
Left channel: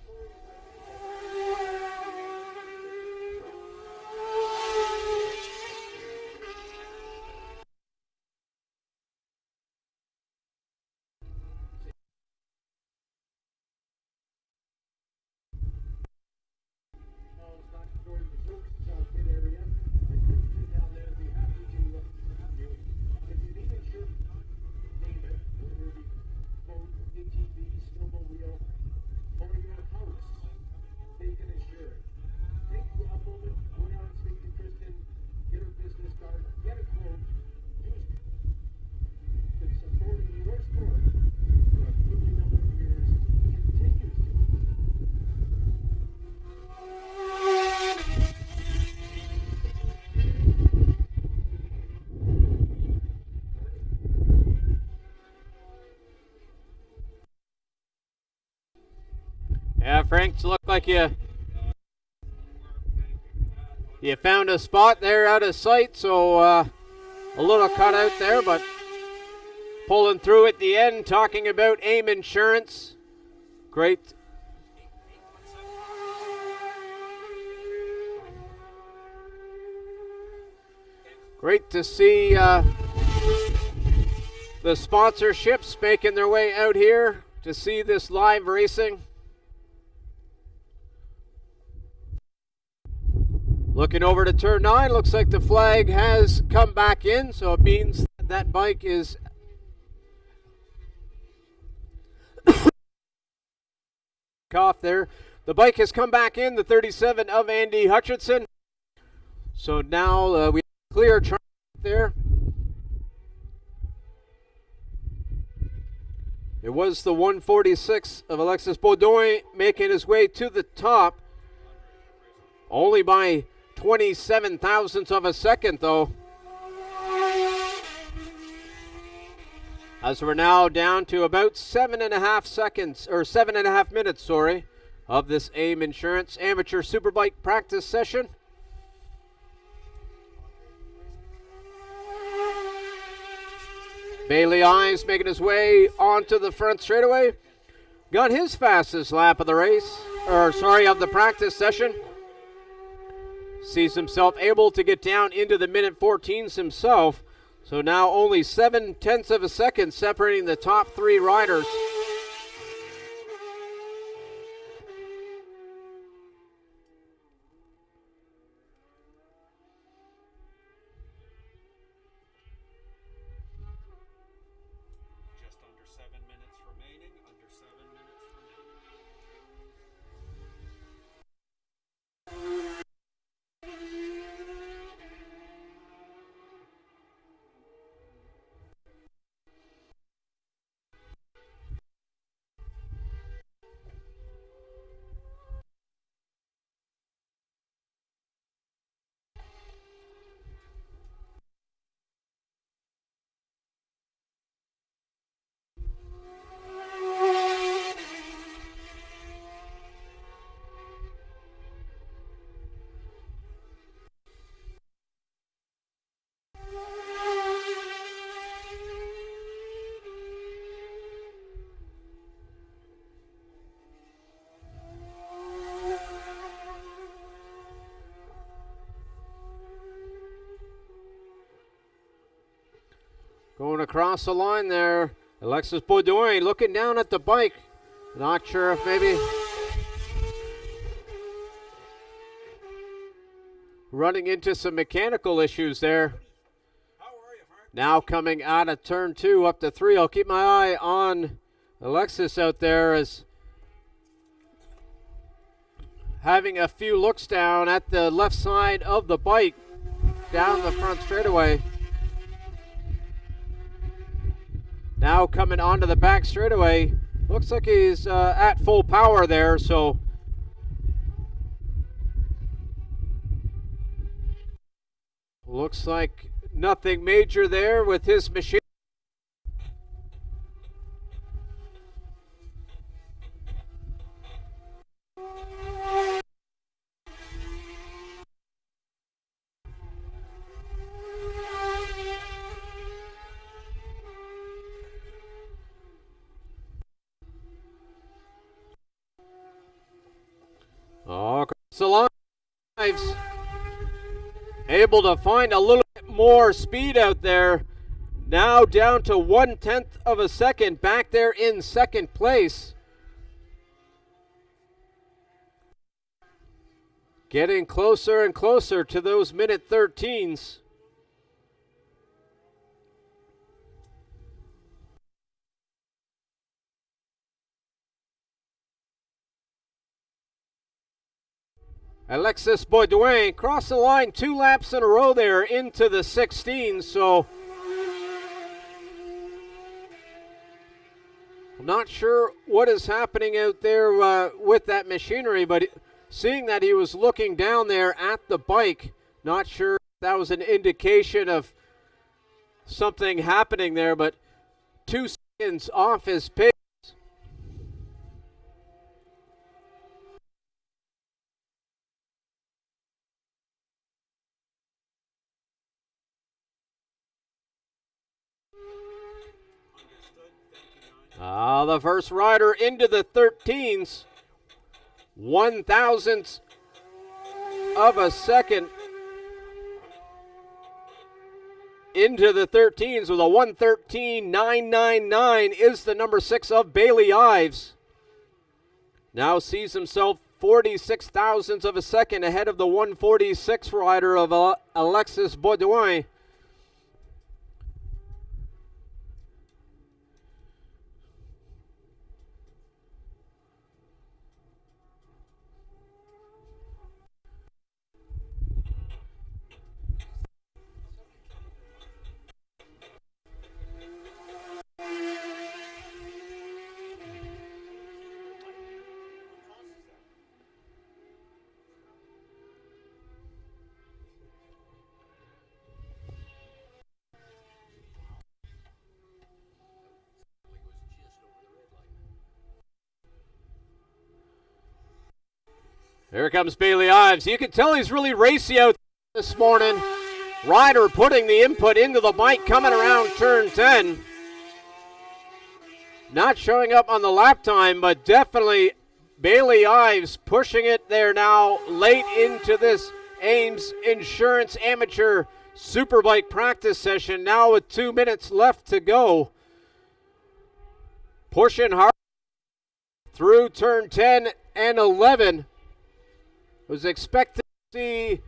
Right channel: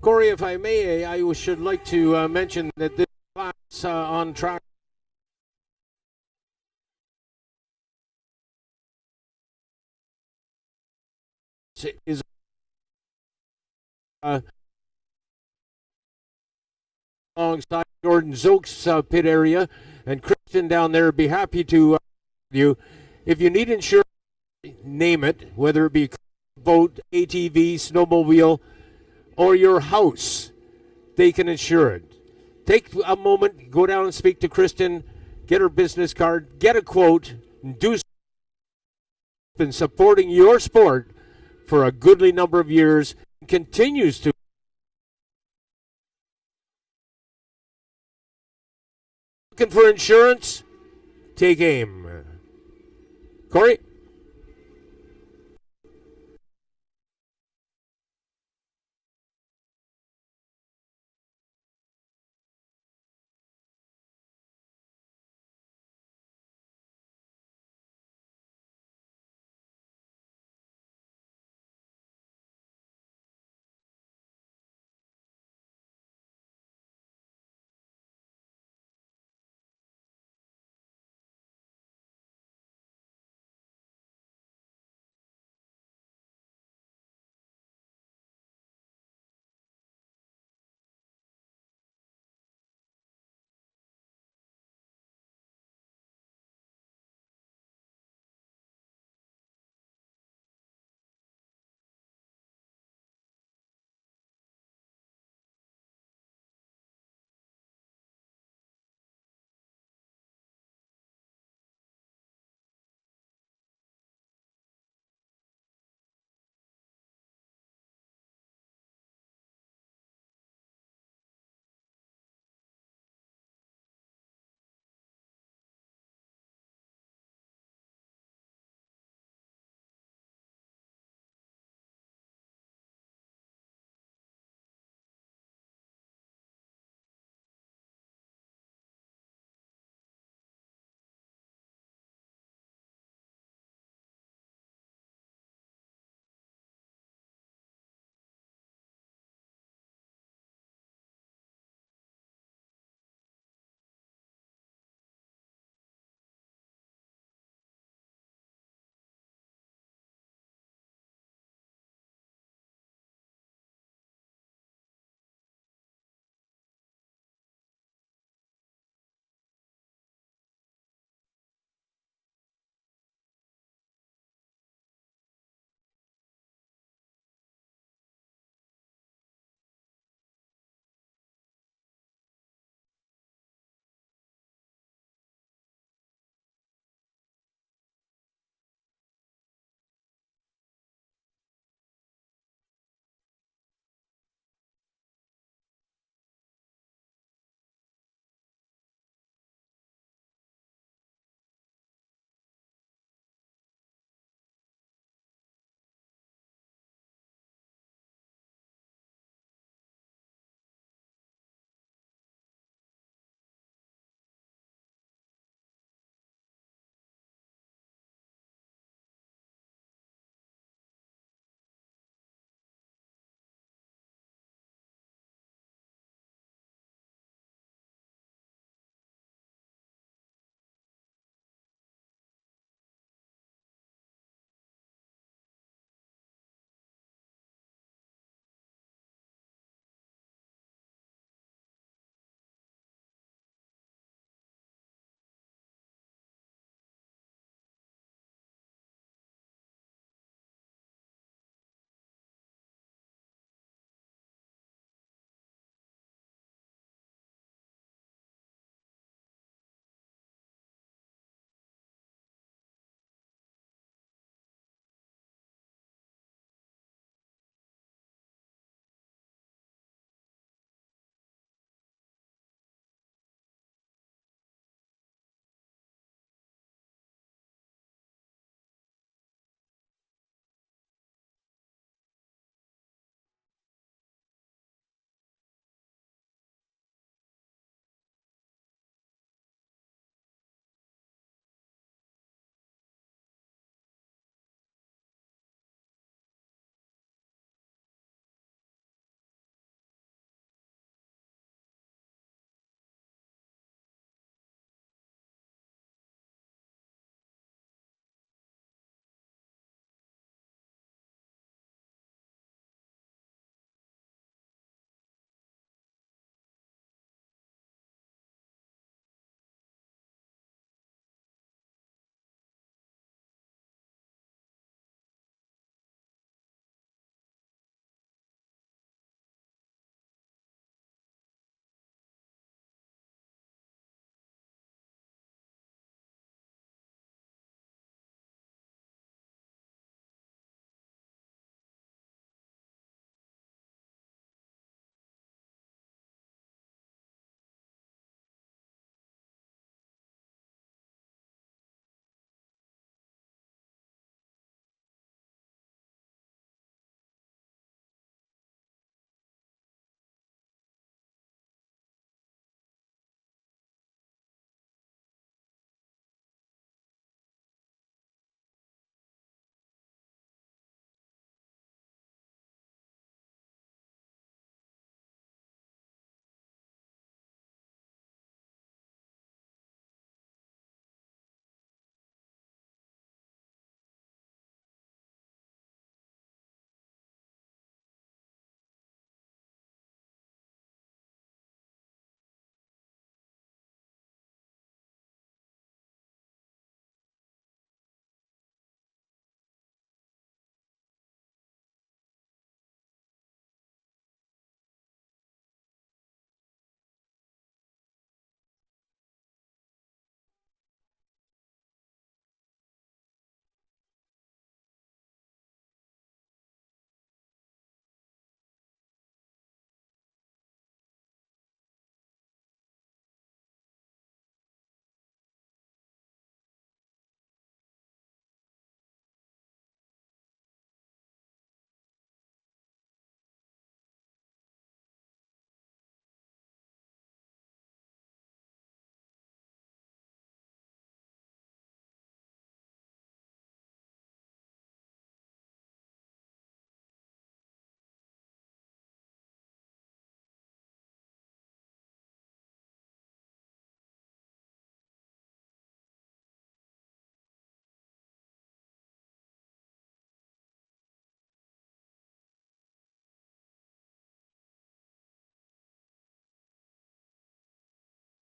Corey, if I may, I should like to mention that this class on track is alongside Jordan Zoke's pit area, and Kristen down there would be happy to you. If you need insurance, name it, whether it be boat, ATV, snowmobile, or your house, they can insure it. Take a moment, go down and speak to Kristen, get her business card, get a quote, and do been supporting your sport for a goodly number of years, continues to. Looking for insurance? Take aim. Corey? Yeah, Frank, looked like you found a spot there out of sight, so a little cut out there, but pulling through at the end, talking about AIM Insurance. Great. Great to see the sponsorships making their way out here to see this live racing. Looking over to turn 9, looks like the flag has come back in, so it means that bike is off there. The bike has come back in, the 37 of Andy Hutchinson. So now we have clear track there. It was the 146 of Alexis Baudouin making his way to the top, only by 27 thousandths of a second, though. As we're now down to about 7.5 minutes, of this AIM Insurance Amateur Superbike practice session. Bailey Eyes making his way onto the front straightaway. Got his fastest lap of the race, of the practice session. Sees himself able to get down into the minute 14s himself. So now only 0.7 of a second separating the top 3 riders. across the line there. Alexis Baudouin looking down at the bike. Not sure if maybe running into some mechanical issues there. Now coming out of turn 2 up to 3. I'll keep my eye on Alexis out there as having a few looks down at the left side of the bike down the front straightaway. Now coming onto the back straightaway. Looks like he's at full power there, so looks like nothing major there with his machine. Oh, across the line. Able to find a little bit more speed out there. Now down to 1/10 of a second. Back there in second place. Getting closer and closer to those minute 13s. Alexis Baudouin crossed the line 2 laps in a row there into the 16, so I'm not sure what is happening out there with that machinery, but seeing that he was looking down there at the bike, not sure if that was an indication of something happening there, but 2 seconds off his pace. The first rider into the 13s. 1,000th of a second into the 13s with a 1:13.999 is the number 6 of Bailey Ives. Now sees himself 46 thousandths of a second ahead of the 1:46 rider of Alexis Baudouin. Here comes Bailey Ives. You can tell he's really racy out this morning. Ryder putting the input into the bike coming around turn 10. Not showing up on the lap time, but definitely Bailey Ives pushing it there now late into this Ames Insurance Amateur Superbike practice session. Now with 2 minutes left to go. Pushing hard through turn 10 and 11. Was expected to see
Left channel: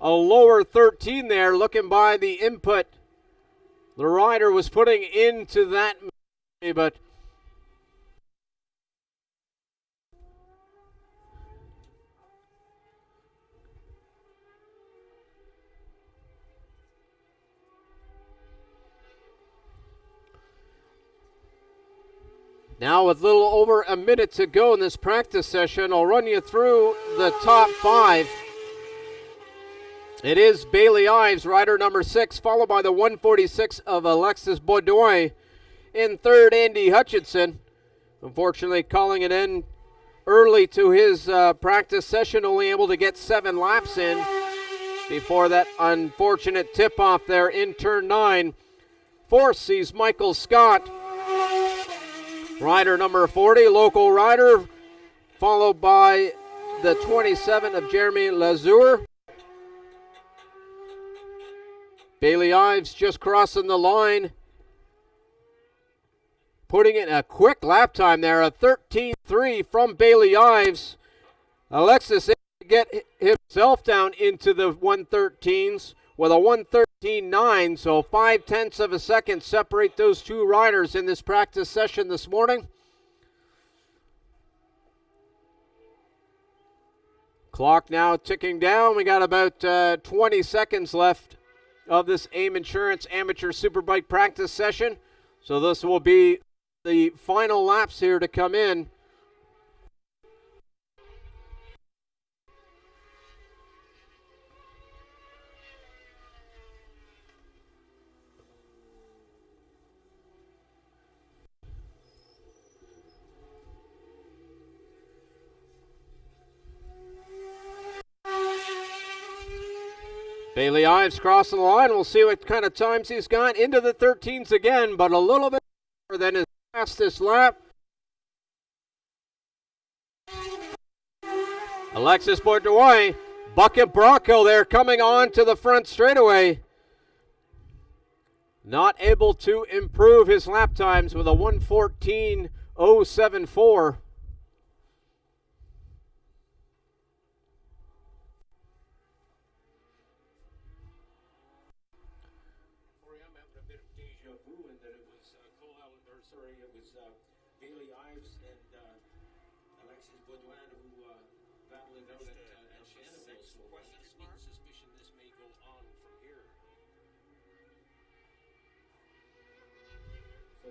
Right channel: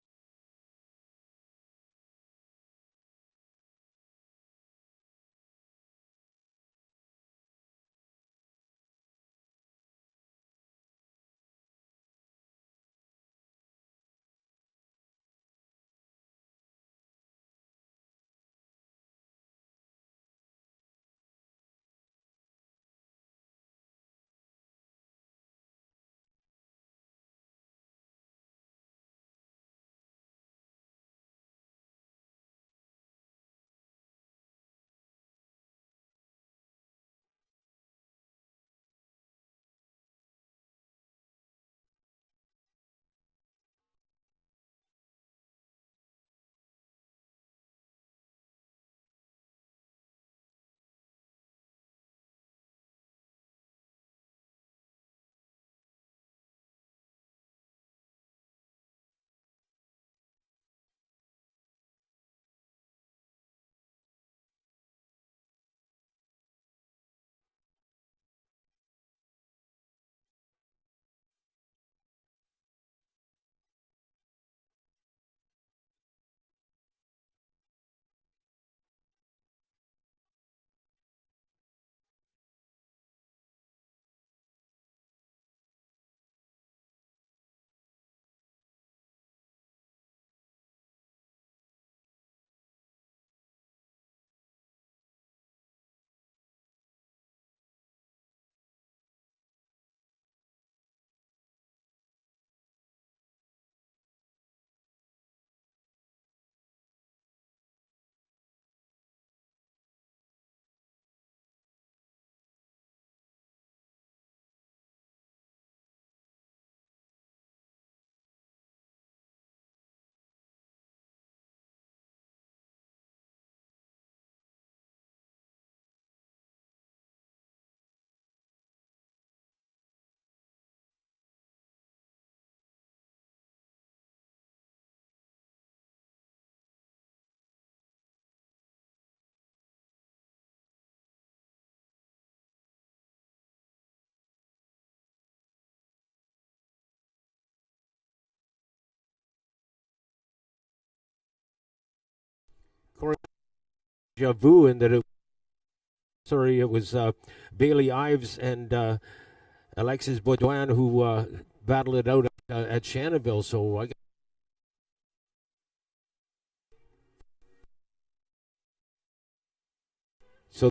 a lower 13 there, looking by the input the rider was putting into that, but now with a little over a minute to go in this practice session, I'll run you through the top 5. It is Bailey Ives, rider number 6, followed by the 1:46 of Alexis Baudouin. In third, Andy Hutchinson. Unfortunately, calling it in early to his practice session, only able to get 7 laps in before that unfortunate tip-off there in turn 9. Fourth sees Michael Scott. Rider number 40, local rider, followed by the 27 of Jeremy Lazur. Bailey Ives just crossing the line putting in a quick lap time there, a 13.3 from Bailey Ives. Alexis able to get himself down into the 113s with a 113.9, so 0.5 of a second separate those two riders in this practice session this morning. Clock now ticking down. We got about 20 seconds left of this AIM Insurance Amateur Superbike practice session. So this will be the final laps here to come in. Bailey Ives crossing the line. We'll see what kind of times he's got. Into the 13s again, but a little bit more than his fastest lap. Alexis Bordeaux, Bucket Bronco there coming on to the front straightaway. Not able to improve his lap times with a 1:14.074. Deja vu in that it was Bailey Ives and Alexis Baudouin who battled it out at Shannonville. So I got suspicion this may go on from here. So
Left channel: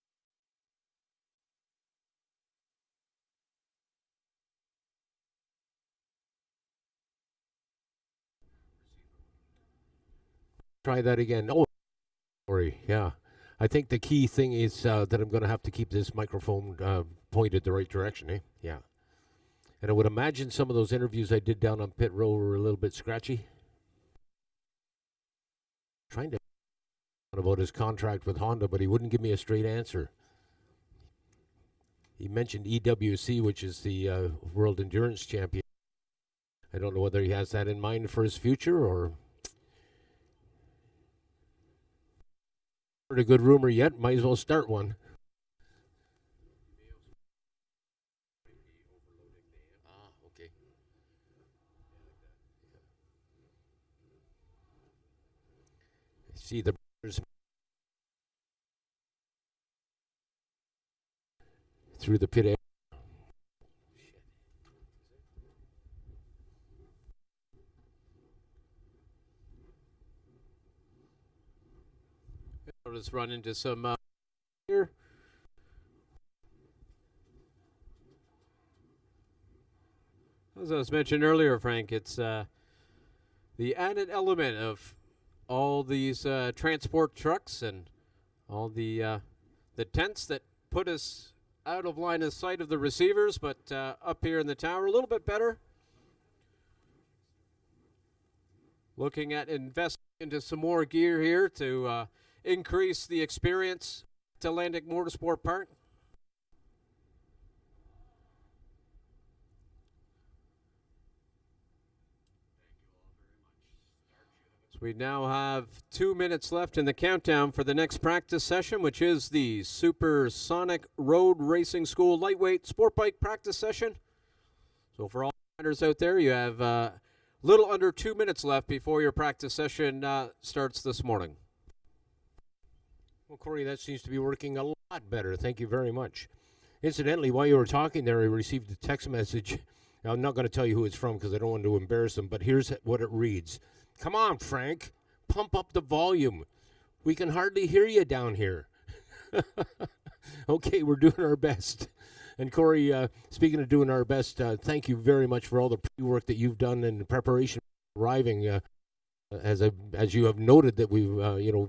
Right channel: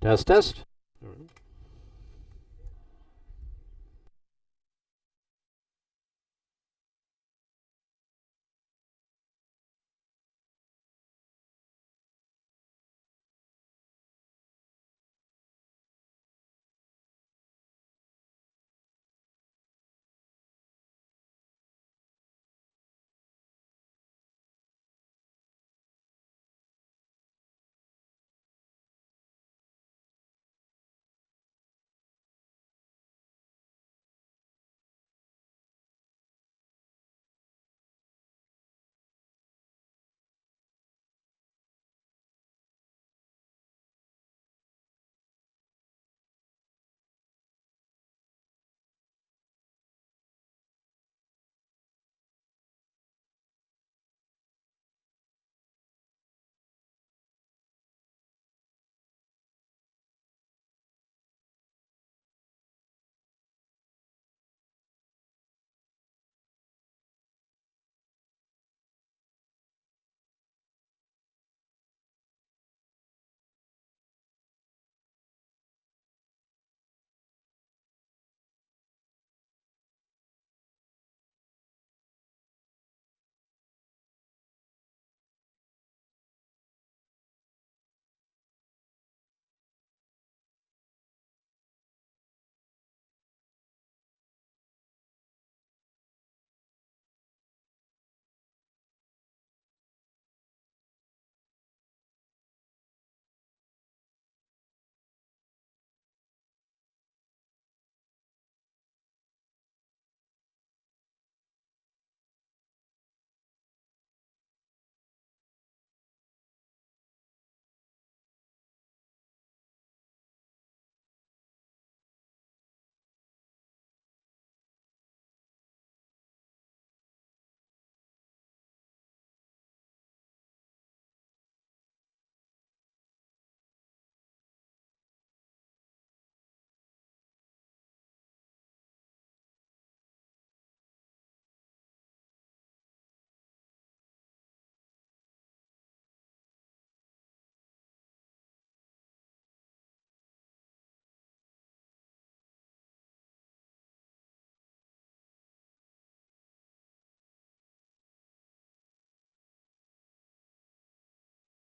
Test. try that again. Oh, sorry. Yeah. I think the key thing is that I'm going to have to keep this microphone pointed the right direction, eh? Yeah. And I would imagine some of those interviews I did down on pit row were a little bit scratchy. Trying to about his contract with Honda, but he wouldn't give me a straight answer. He mentioned EWC, which is the World Endurance Champion. I don't know whether he has that in mind for his future or heard a good rumor yet. Might as well start one. Okay. See the brothers through the pit area. I'll just run into some here. As I was mentioned earlier, Frank, it's the added element of all these transport trucks and all the tents that put us out of line of sight of the receivers, but up here in the tower a little bit better. Looking at investing into some more gear here to increase the experience to Atlantic Motorsport Park. So we now have 2 minutes left in the countdown for the next practice session, which is the Supersonic Road Racing School Lightweight Sport Bike practice session. So for all riders out there, you have little under 2 minutes left before your practice session starts this morning. Well, Corey, that seems to be working a lot better. Thank you very much. Incidentally, while you were talking there, I received a text message. Now, I'm not going to tell you who it's from because I don't want to embarrass them, but here's what it reads. Come on, Frank. Pump up the volume. We can hardly hear you down here. Okay, we're doing our best. And Corey, speaking of doing our best, thank you very much for all the pre-work that you've done in preparation for arriving. As you have noted that we've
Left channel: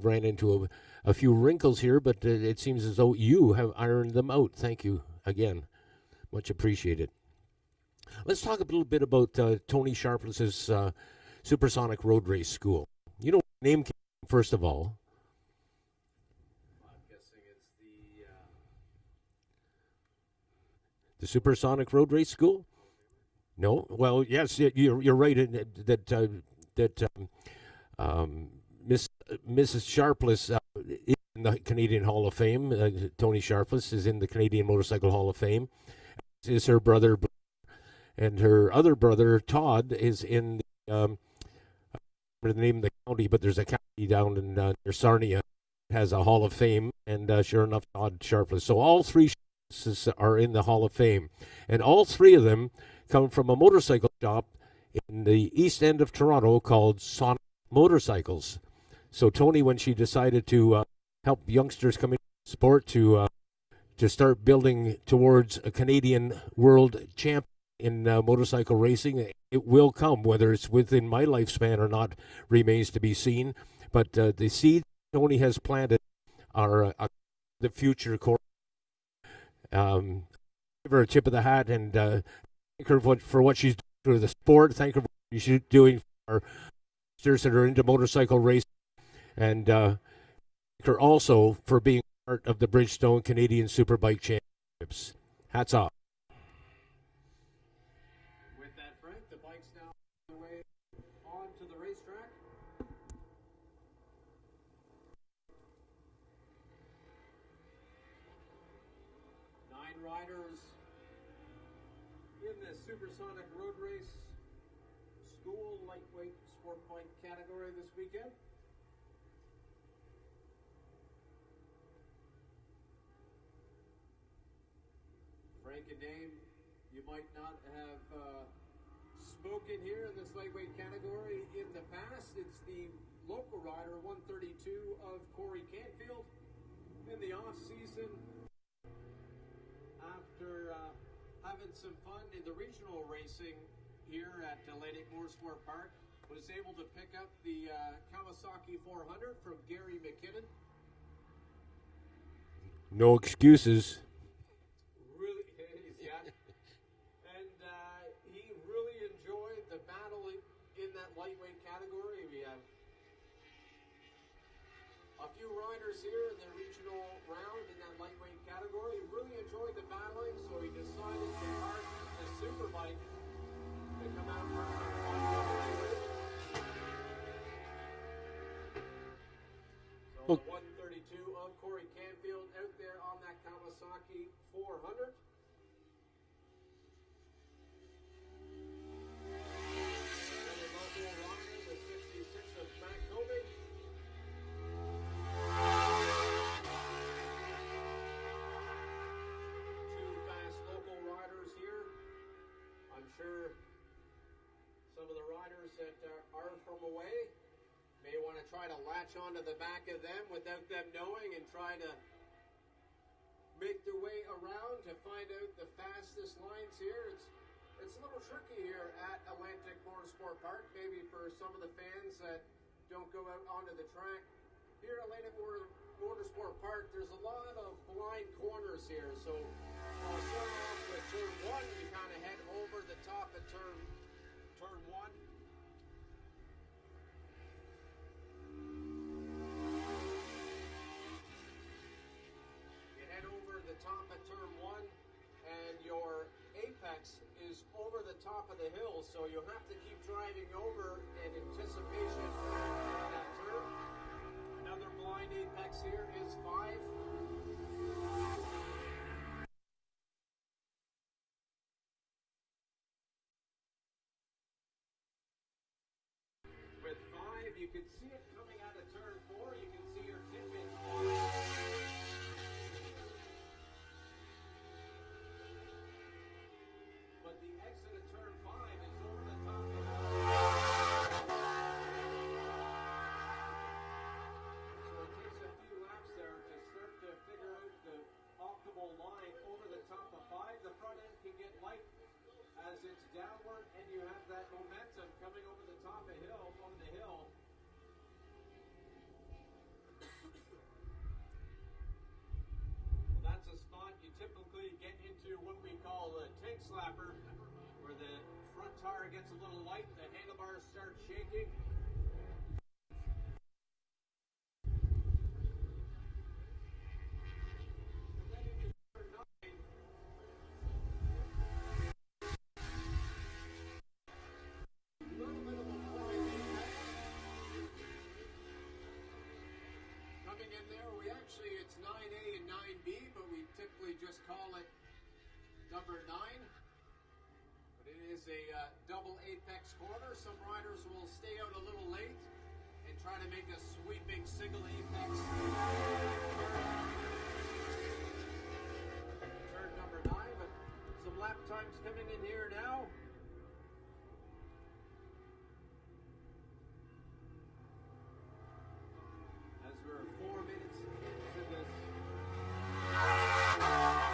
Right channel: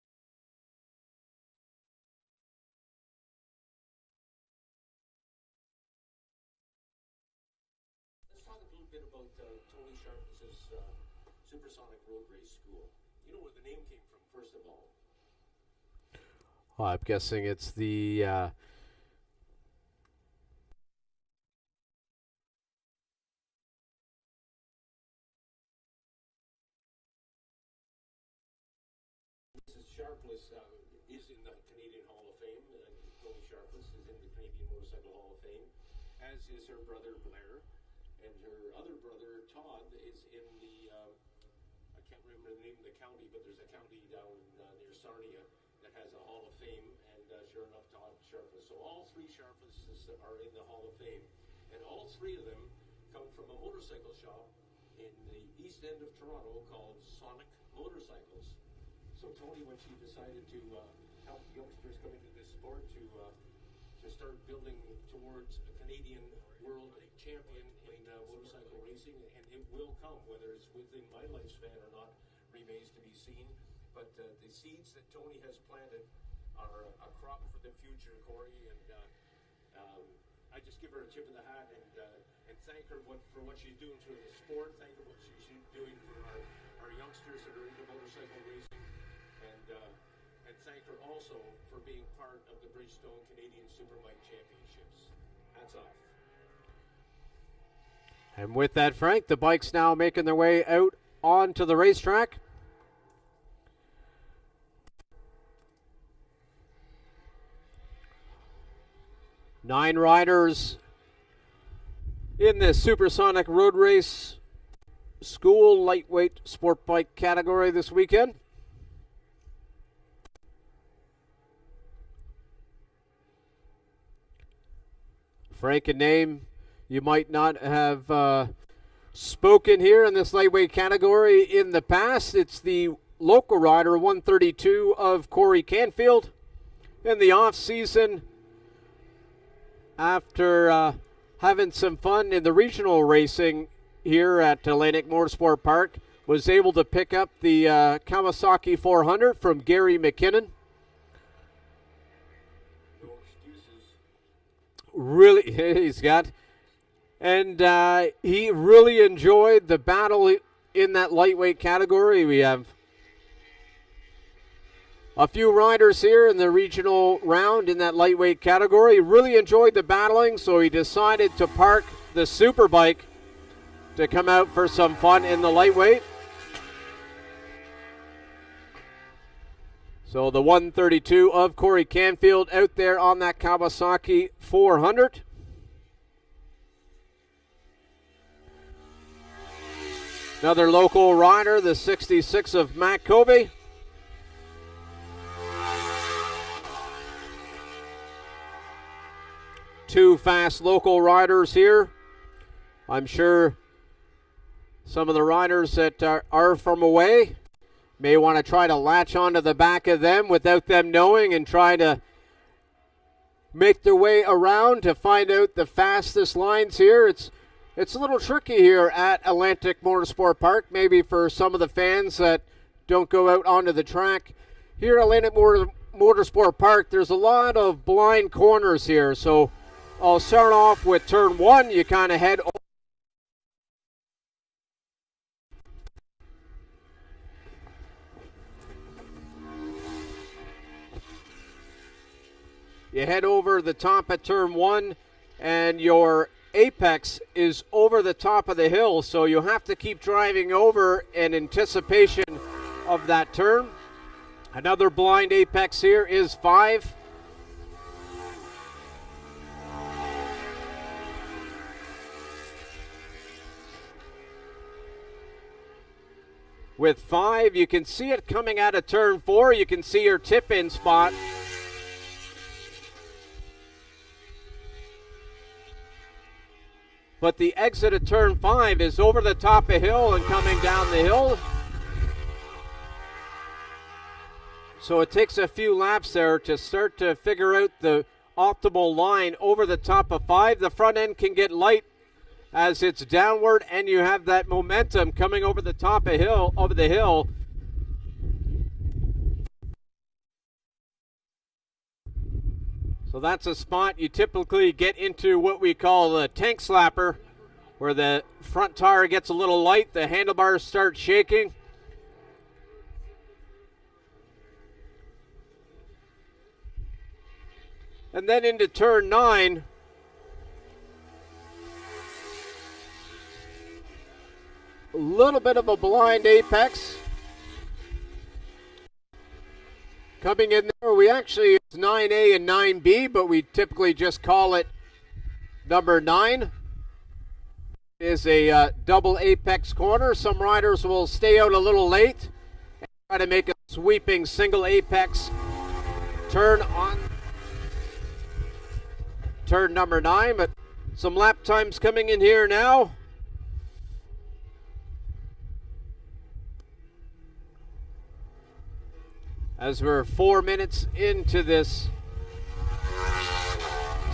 ran into a few wrinkles here, but it seems as though you have ironed them out. Thank you again. Much appreciated. Let's talk a little bit about Tony Sharpless's Supersonic Road Race School. You know where the name came from, first of all. Well, I'm guessing it's the Supersonic Road Race School? No? Well, yes, you're right that Mrs. Sharpless is in the Canadian Hall of Fame. Tony Sharpless is in the Canadian Motorcycle Hall of Fame, as is her brother Blair. And her other brother, Todd, is in the, I can't remember the name of the county, but there's a county down in near Sarnia that has a Hall of Fame, and sure enough, Todd Sharpless. So all three Sharplesses are in the Hall of Fame. And all three of them come from a motorcycle shop in the east end of Toronto called Sonic Motorcycles. So Tony, when she decided to help youngsters come into the sport to start building towards a Canadian world champion in motorcycle racing, it will come. Whether it's within my lifespan or not remains to be seen. But the seeds that Tony has planted are a crop for the future, Corey. And, I just give her a tip of the hat and thank her for what she's doing for the sport. Thank her for what she's doing for our youngsters that are into motorcycle racing. And thank her also for being part of the Bridgestone Canadian Superbike Championships. Hats off. And with that, Frank, the bikes now making their way out onto the racetrack. Nine riders in the Supersonic Road Race School Lightweight Sport Bike category this weekend. Frank, a name you might not have spoken here in this lightweight category in the past. It's the local rider, 132 of Corey Canfield. In the off-season, after having some fun in the regional racing here at Atlantic Motorsport Park, was able to pick up the Kawasaki 400 from Gary McKinnon. No excuses. Really, he's got, and he really enjoyed the battle in that lightweight category. We have a few riders here in the regional round in that lightweight category. He really enjoyed the battling, so he decided to park the Superbike to come out for some fun in the lightweight. So the 132 of Corey Canfield out there on that Kawasaki 400. Another local rider, the 66 of Matt Covey. Two fast local riders here. I'm sure some of the riders that are from away may want to try to latch onto the back of them without them knowing and try to make their way around to find out the fastest lines here. It's a little tricky here at Atlantic Motorsport Park, maybe for some of the fans that don't go out onto the track. Here at Atlantic Motorsport Park, there's a lot of blind corners here. So I'll start off with turn one. You kind of head over the top of turn one. You head over the top of turn one, and your apex is over the top of the hill, so you have to keep driving over in anticipation of that turn. Another blind apex here is 5. With 5, you can see it coming out of turn 4. You can see your tip-in spot. But the exit of turn 5 is over the top of hill and coming down the hill. So it takes a few laps there to start to figure out the optimal line over the top of 5. The front end can get light as it's downward, and you have that momentum coming over the top of the hill. So that's a spot you typically get into what we call a tank slapper, where the front tire gets a little light, the handlebars start shaking. And then into turn 9. A little bit of a blind apex. Coming in there, it's 9A and 9B, but we typically just call it number 9. It is a double apex corner. Some riders will stay out a little late and try to make a sweeping single apex turn on turn number 9, but some lap times coming in here now. As we're 4 minutes into this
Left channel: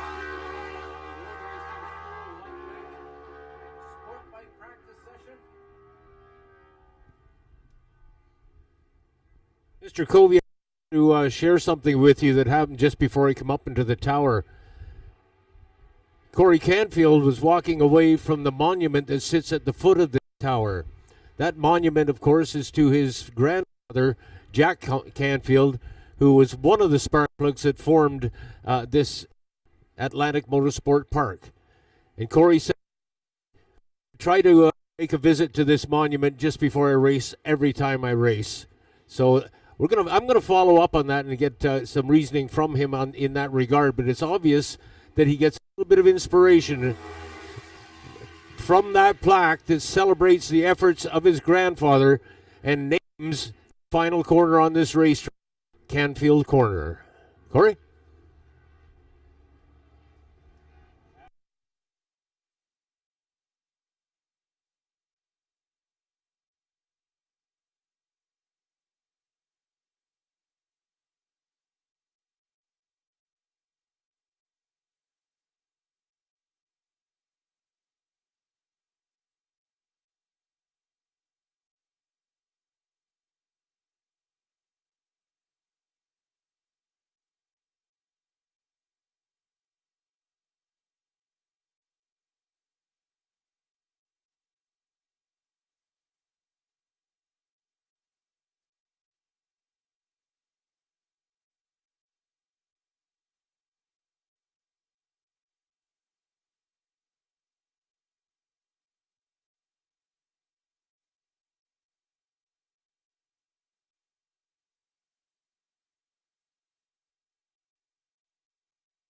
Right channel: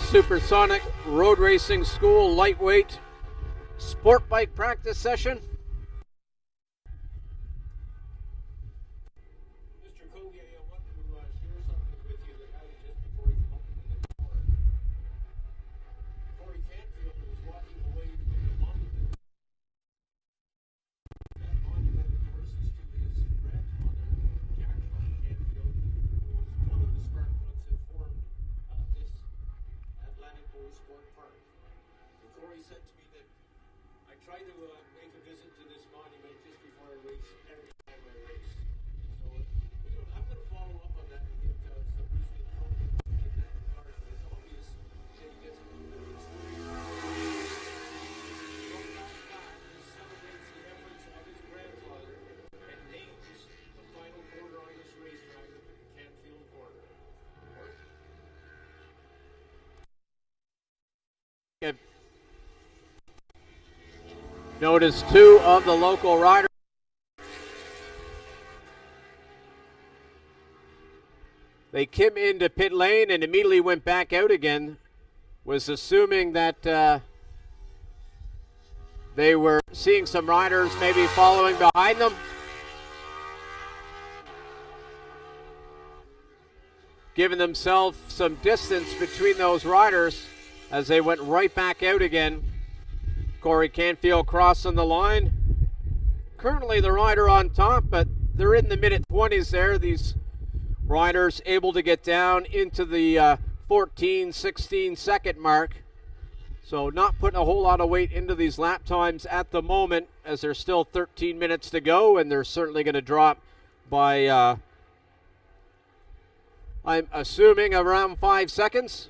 Supersonic Road Racing School lightweight sport bike practice session. Mr. Covey, I want to share something with you that happened just before I come up into the tower. Corey Canfield was walking away from the monument that sits at the foot of the tower. That monument, of course, is to his grandfather, Jack Canfield, who was one of the spark plugs that formed this Atlantic Motorsport Park. And Corey said, I try to make a visit to this monument just before I race every time I race. So I'm gonna follow up on that and get some reasoning from him in that regard. But it's obvious that he gets a little bit of inspiration from that plaque that celebrates the efforts of his grandfather and names final corner on this race, Canfield Corner. Corey? Notice 2 of the local riders. They came into pit lane and immediately went back out again. Was assuming that they were seeing some riders maybe following behind them. Giving themselves some distance between those riders as they went right back out again. Corey Canfield crossing the line. Currently the rider on top, but they're in the mid-20s there. These riders able to get down into the 14, 16 second mark. So not putting a whole lot of weight into these lap times at the moment, as there's still 13 minutes to go, and they're certainly going to drop by I'm assuming around 5 seconds.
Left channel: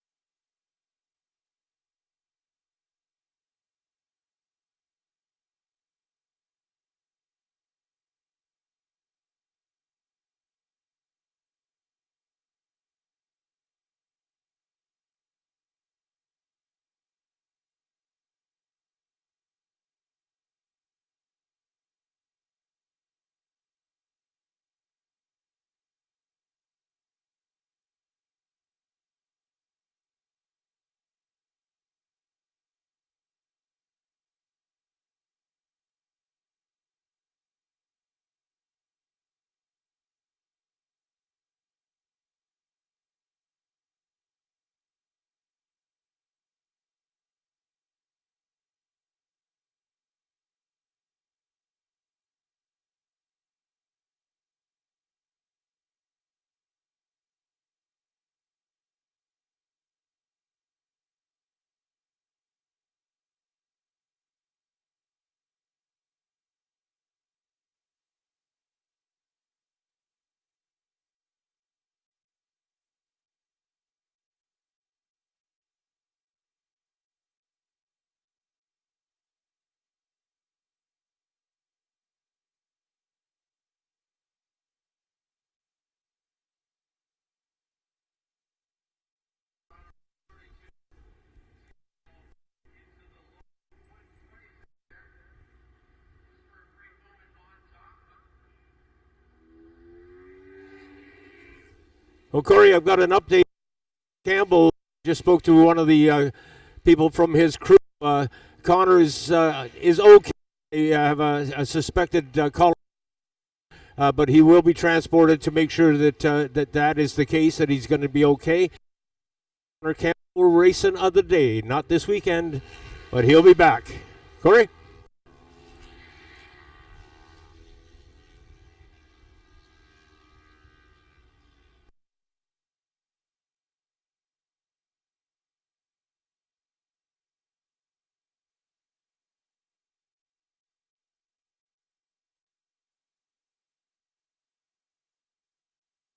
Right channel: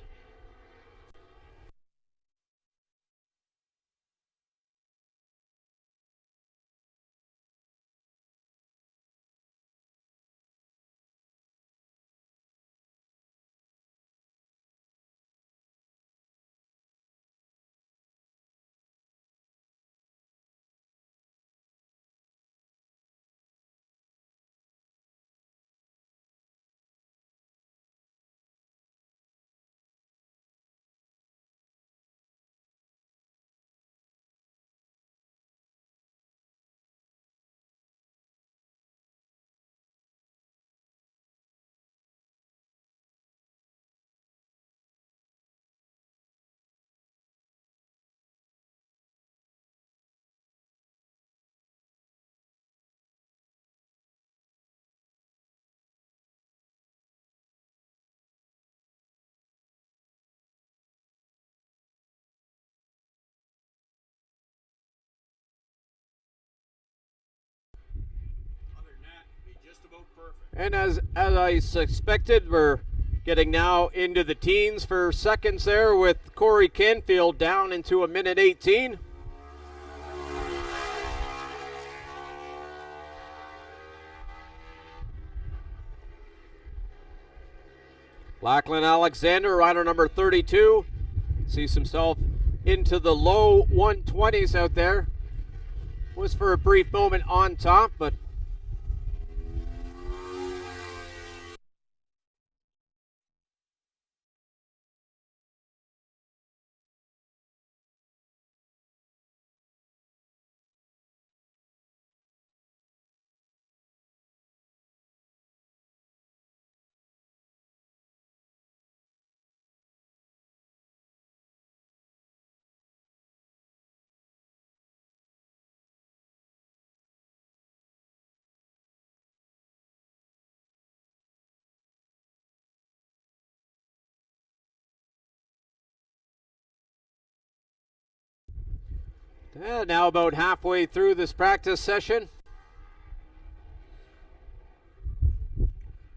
And as I suspected, we're getting now into the teens for seconds there with Corey Canfield down into a minute 18. Lachlan Alexander, rider number 32, sees himself into the low 120s out there. Was for a brief moment on top, but... Well, Corey, I've got an update. Campbell just spoke to one of the people from his crew. Connor is okay. They have a suspected collar, but he will be transported to make sure that that is the case, that he's going to be okay. Connor Campbell will race another day, not this weekend, but he'll be back. Corey? Now about halfway through this practice session.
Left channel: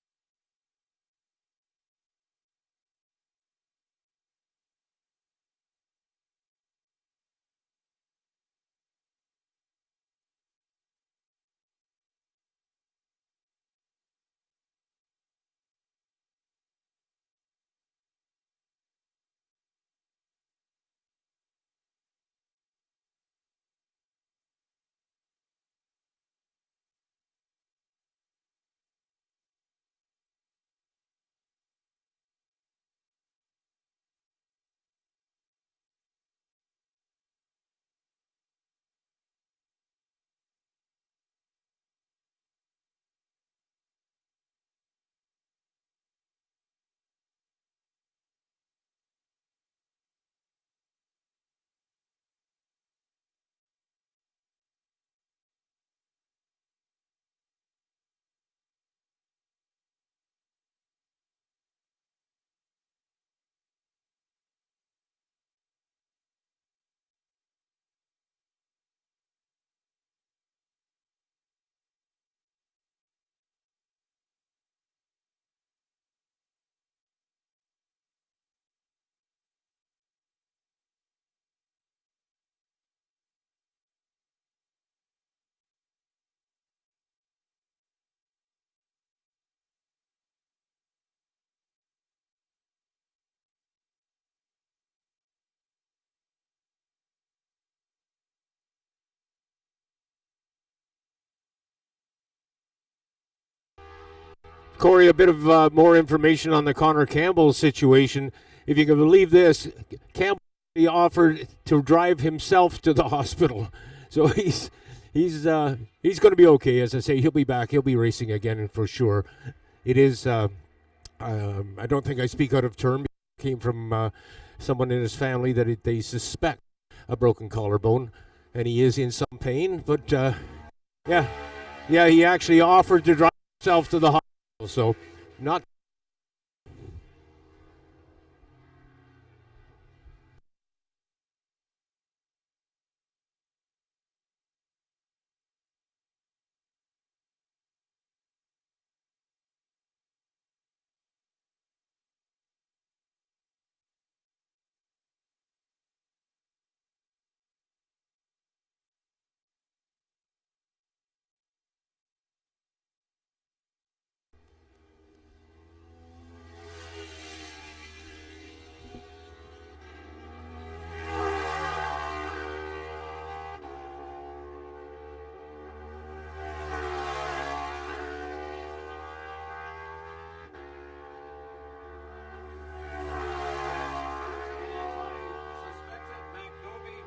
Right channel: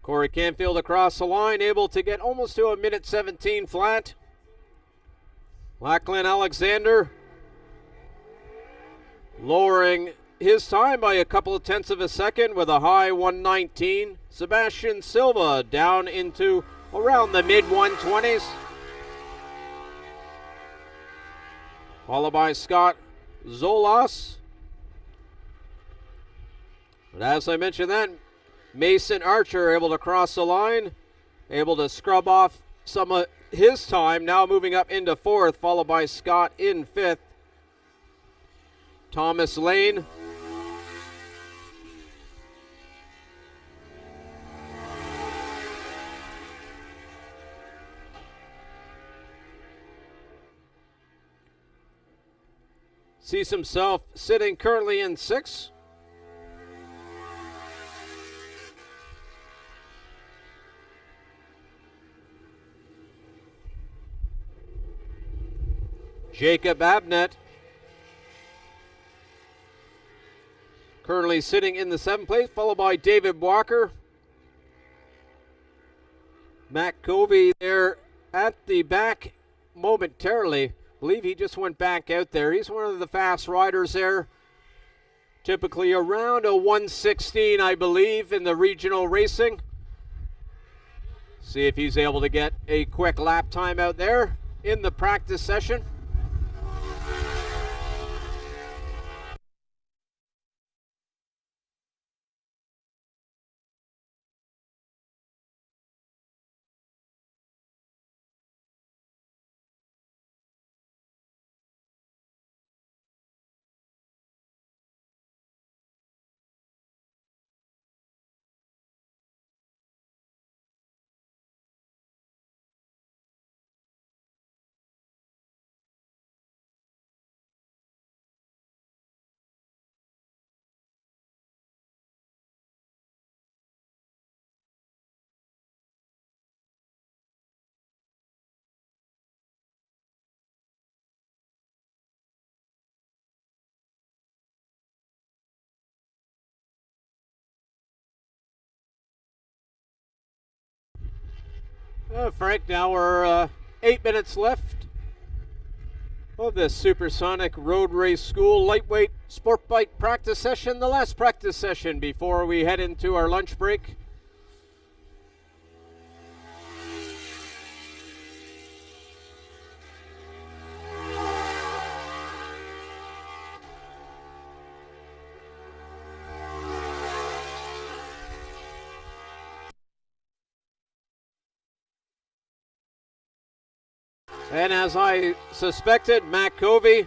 Corey Canfield across the line, able to get almost to a minute 17 flat. Lachlan Alexander lowering his time by a couple of tenths of a second with a high 119. Sebastian Silva down into around the mid 120s. Followed by Scott Zolas. But as I mentioned then, Mason Archer able to cross the line, able to scrub off some of his time, now moving up into fourth, followed by Scott in fifth. Thomas Lane. Sees himself sitting currently in sixth. Jacob Abnett currently sitting in the seventh place, followed by David Walker. Matt Covey there at the back momentarily. I believe he just went back out there. He's one of the fast riders there. Typically around a 116, I believe, in the regional racing. See if he's able to get a quick lap time out there in the practice session. Corey, a bit of more information on the Connor Campbell situation. If you can believe this, Campbell offered to drive himself to the hospital, so he's going to be okay. As I say, he'll be back. He'll be racing again for sure. It is. I don't think I speak out of turn. It came from someone in his family that they suspect a broken collarbone, and he is in some pain. But yeah, he actually offered to drive himself to the hospital. So, not. Frank, now we're 8 minutes left of this Supersonic Road Race School Lightweight Sport Bike practice session, the last practice session before we head into our lunch break. And as I suspected, Matt Covey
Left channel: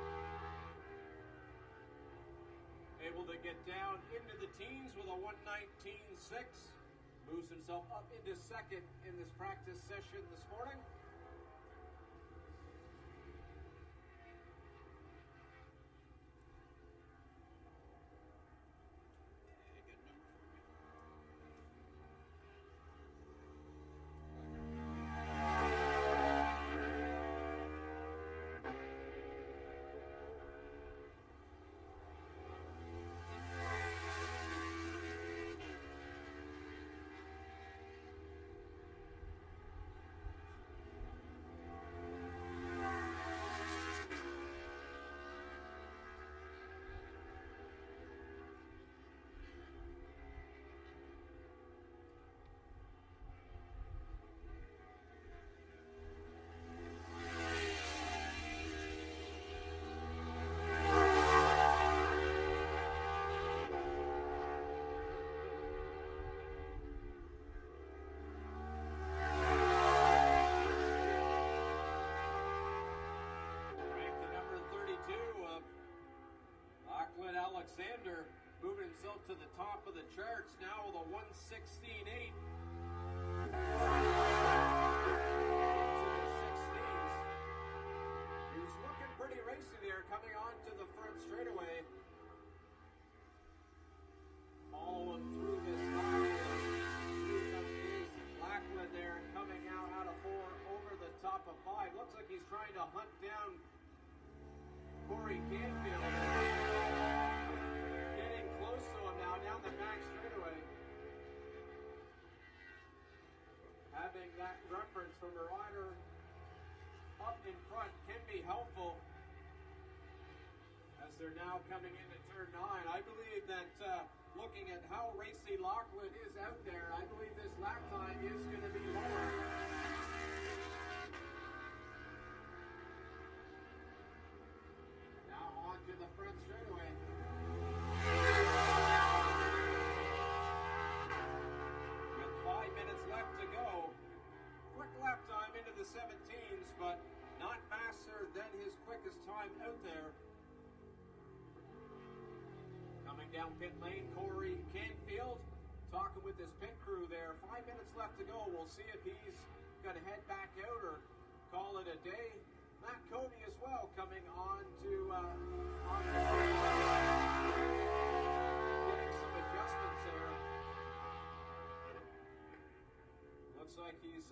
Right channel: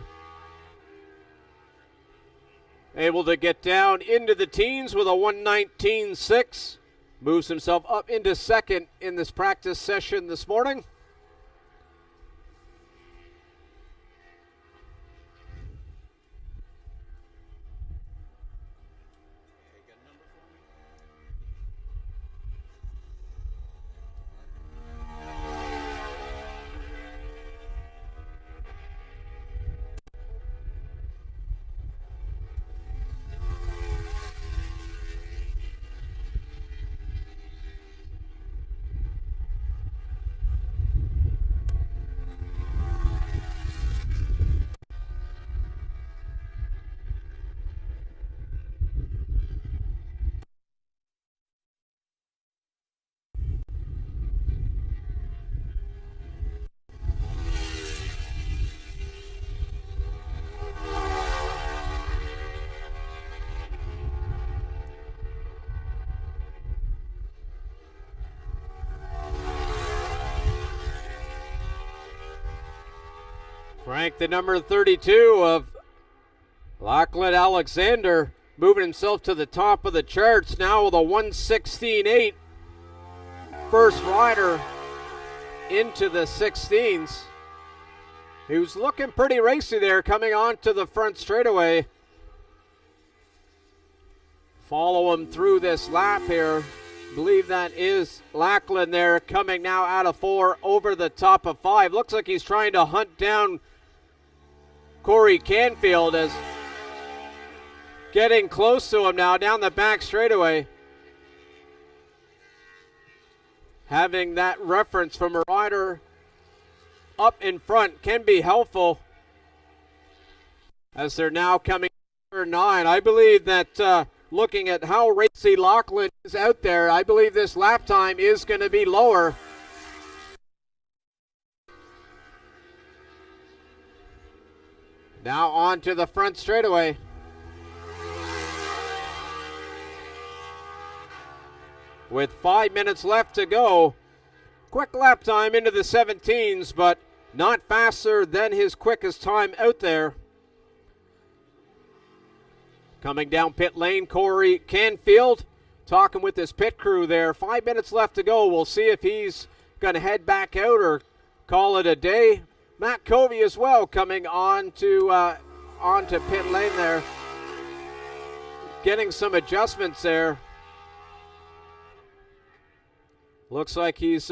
able to get down into the teens with a 1:19.6. Moves himself up into second in this practice session this morning. Frank, the number 32 of Lachlan Alexander, moving himself to the top of the charts now with a 1:16.8. First rider into the 16s. He was looking pretty racy there coming onto the front straightaway. Follow him through this lap here. I believe that is Lachlan there coming now out of 4 over the top of 5. Looks like he's trying to hunt down Corey Canfield as getting close to him now down the back straightaway. Having that reference from a rider up in front can be helpful as they're now coming into turn 9. I believe that looking at how racy Lachlan is out there, I believe this lap time is going to be lower. Now on to the front straightaway. With 5 minutes left to go. Quick lap time into the 17s, but not faster than his quickest time out there. Coming down pit lane, Corey Canfield talking with his pit crew there. 5 minutes left to go. We'll see if he's going to head back out or call it a day. Matt Covey as well coming onto pit lane there. Getting some adjustments there. Looks like he's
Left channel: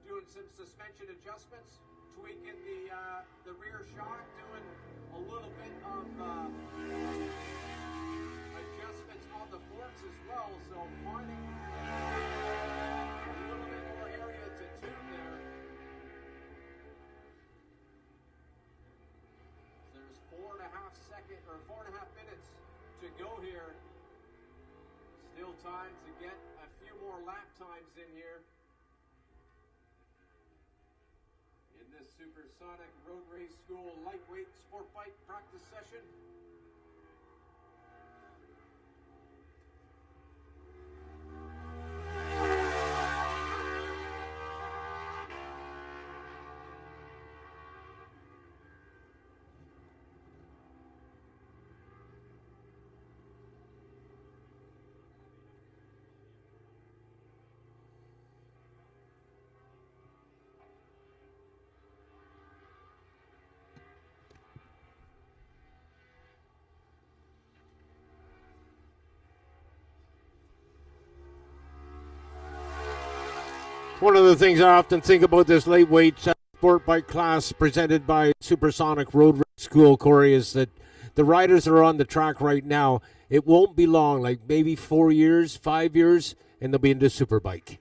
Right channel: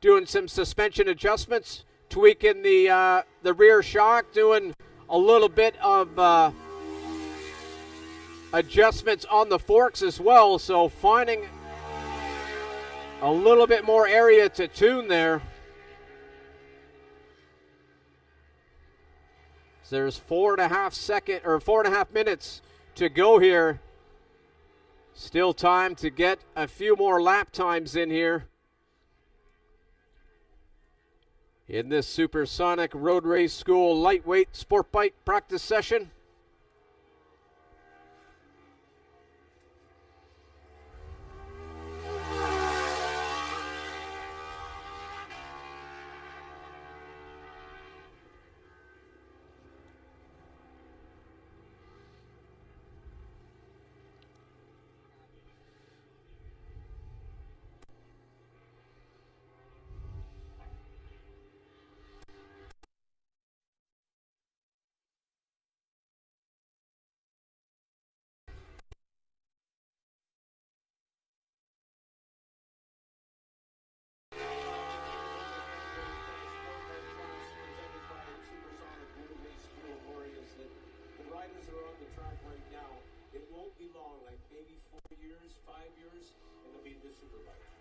doing some suspension adjustments, tweaking the rear shock, doing a little bit of adjustments on the forks as well. So finding a little bit more area to tune there. There's 4.5 minutes to go here. Still time to get a few more lap times in here in this Supersonic Road Race School Lightweight Sport Bike practice session. One of the things I often think about this lightweight sport bike class presented by Supersonic Road Race School, Corey, is that the riders that are on the track right now, it won't be long, like maybe 4 years, 5 years, and they'll be into Superbike.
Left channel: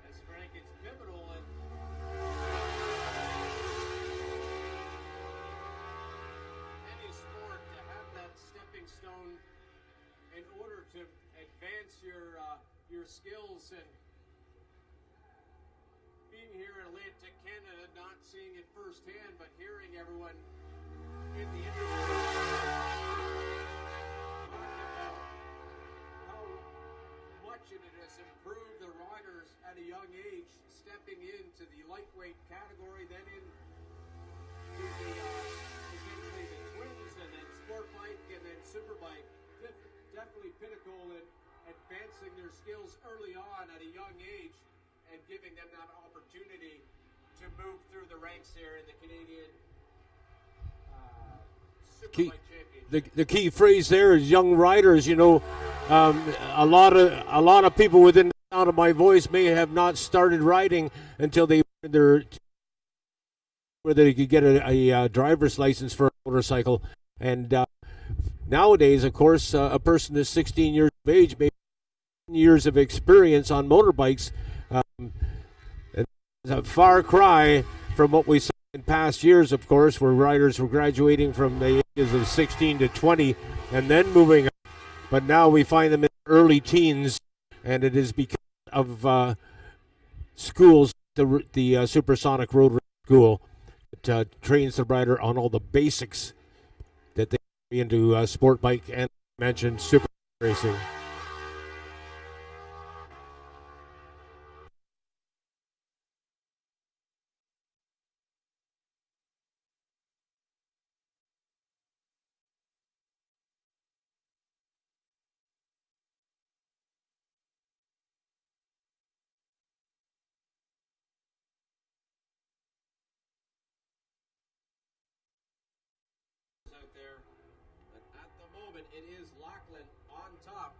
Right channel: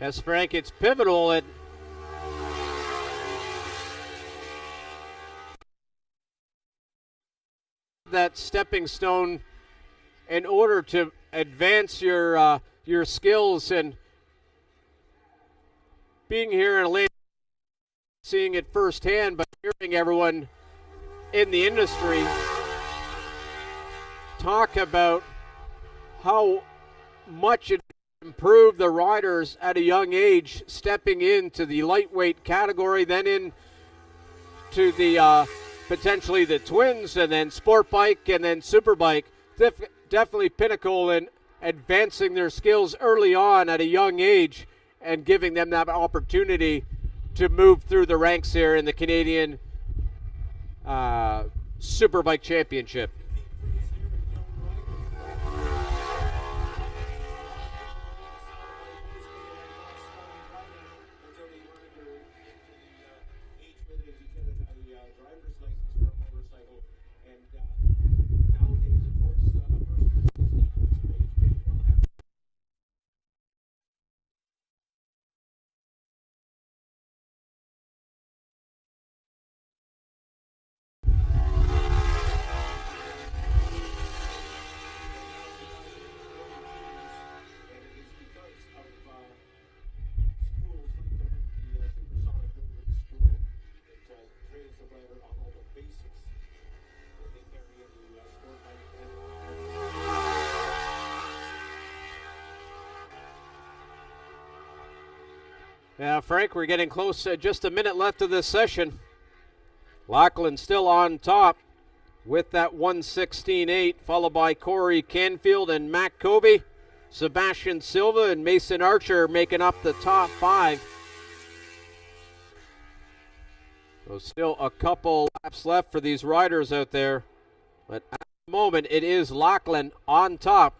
Yes, Frank, it's pivotal at that stepping stone in order to advance your skills. And being here in Atlantic Canada, not seeing it firsthand, but hearing everyone in the industry talk about how much it has improved the riders at a young age, stepping into the lightweight category, then into the potentially the twins, and then sport bike, and then superbike. Definitely pinnacle in advancing their skills early on at a young age and giving them that opportunity to move through the ranks here in the Canadian Superbike Championship. The key phrase there is young riders. You know, a lot of people within the sound of my voice may have not started riding until where they could get a driver's license for a motorcycle. And nowadays, of course, a person that's 16 years of age may have 10 years of experience on motorbikes. It's a far cry from what we saw in past years, of course, where riders were graduating from the ages of 16 to 20 and then moving up. But now we find them in early teens, and it is because of schools, the Supersonic Road Race School, that trains the rider on all the basics that they carry into sport bike and mentioned super racing. Yeah, Frank, we're getting close. Just a minute left of this session. Lachlan still on top with that 1:16.8, followed by Corey Canfield and Matt Kobe. Sebastian Silva and Mason Archer making up the top five. So still a couple laps left for these riders out there. But at the moment, it is Lachlan on top.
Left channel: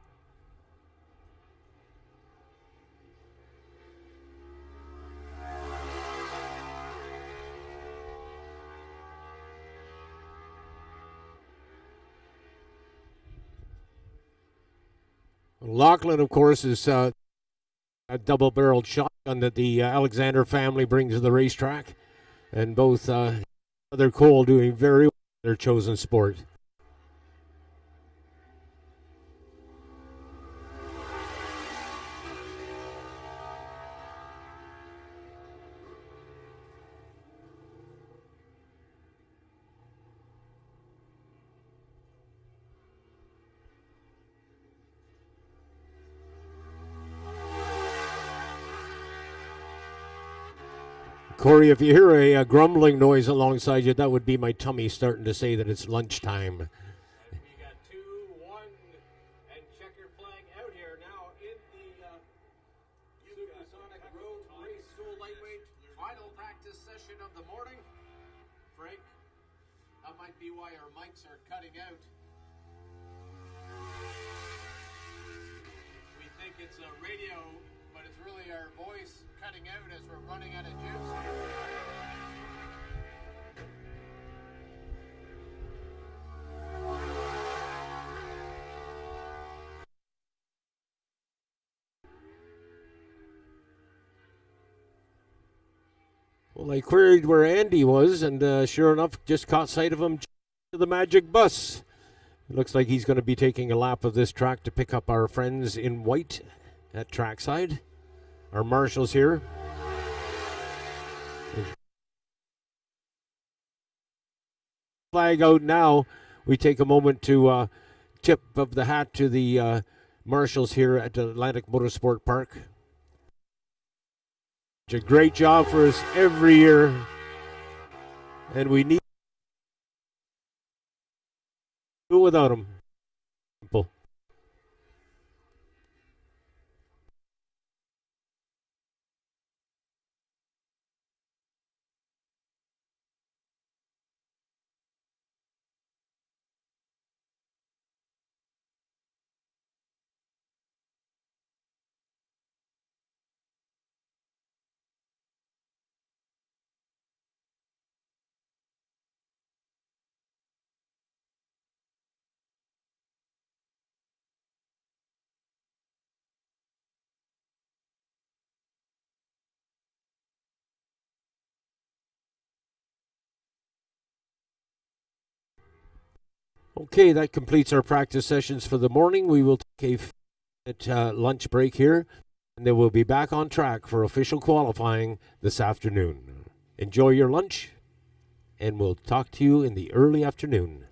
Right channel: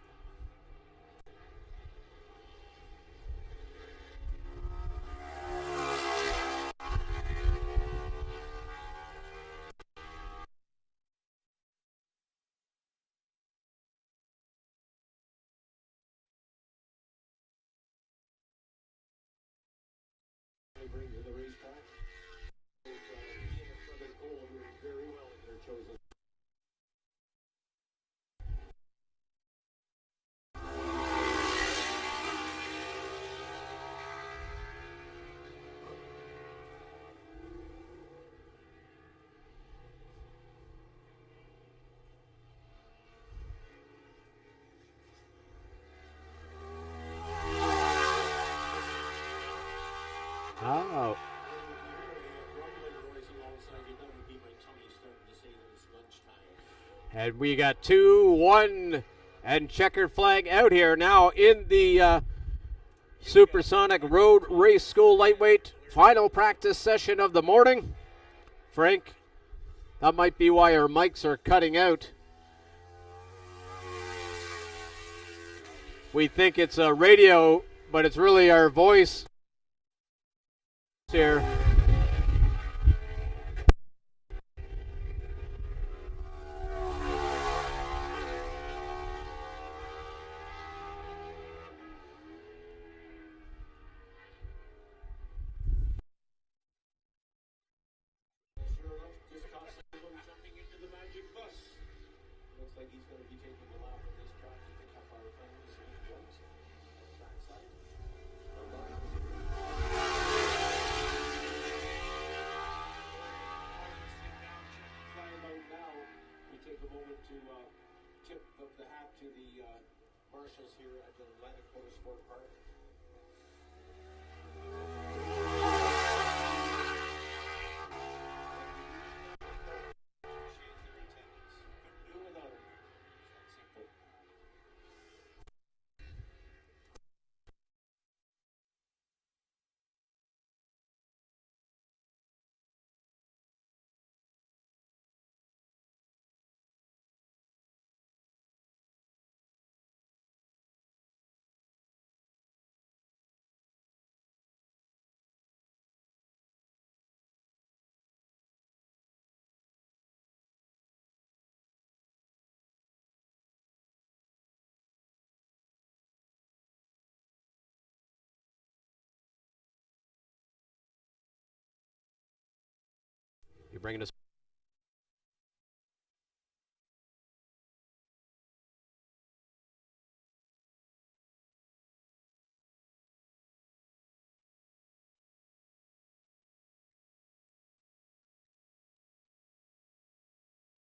Lachlan, of course, is a double-barreled shotgun that the Alexander family brings to the racetrack. And both Brother Cole doing very well in their chosen sport. Corey, if you hear a grumbling noise alongside you, that would be my tummy starting to say that it's lunchtime. And we got 2-1 and checkered flag out here now in the Supersonic Road Race School Lightweight final practice session of the morning. Frank, that might be why our mics are cutting out. We think it's a radio, but it's really our voice cutting out as we're running out of juice here. Well, I queried where Andy was, and sure enough, just caught sight of him jumping into the magic bus. It looks like he's going to be taking a lap of this track to pick up our friends in white at trackside. Our marshals here. Flag out now. We take a moment to tip of the hat to the marshals here at Atlantic Motorsport Park. It's a great job for us every year, and we need to do it without them. bringing us. Okay, that completes our practice sessions for the morning. We will take a lunch break here, and then we'll be back on track for official qualifying this afternoon. Enjoy your lunch, and we'll talk to you in the early afternoon.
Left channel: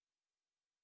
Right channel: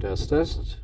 Test.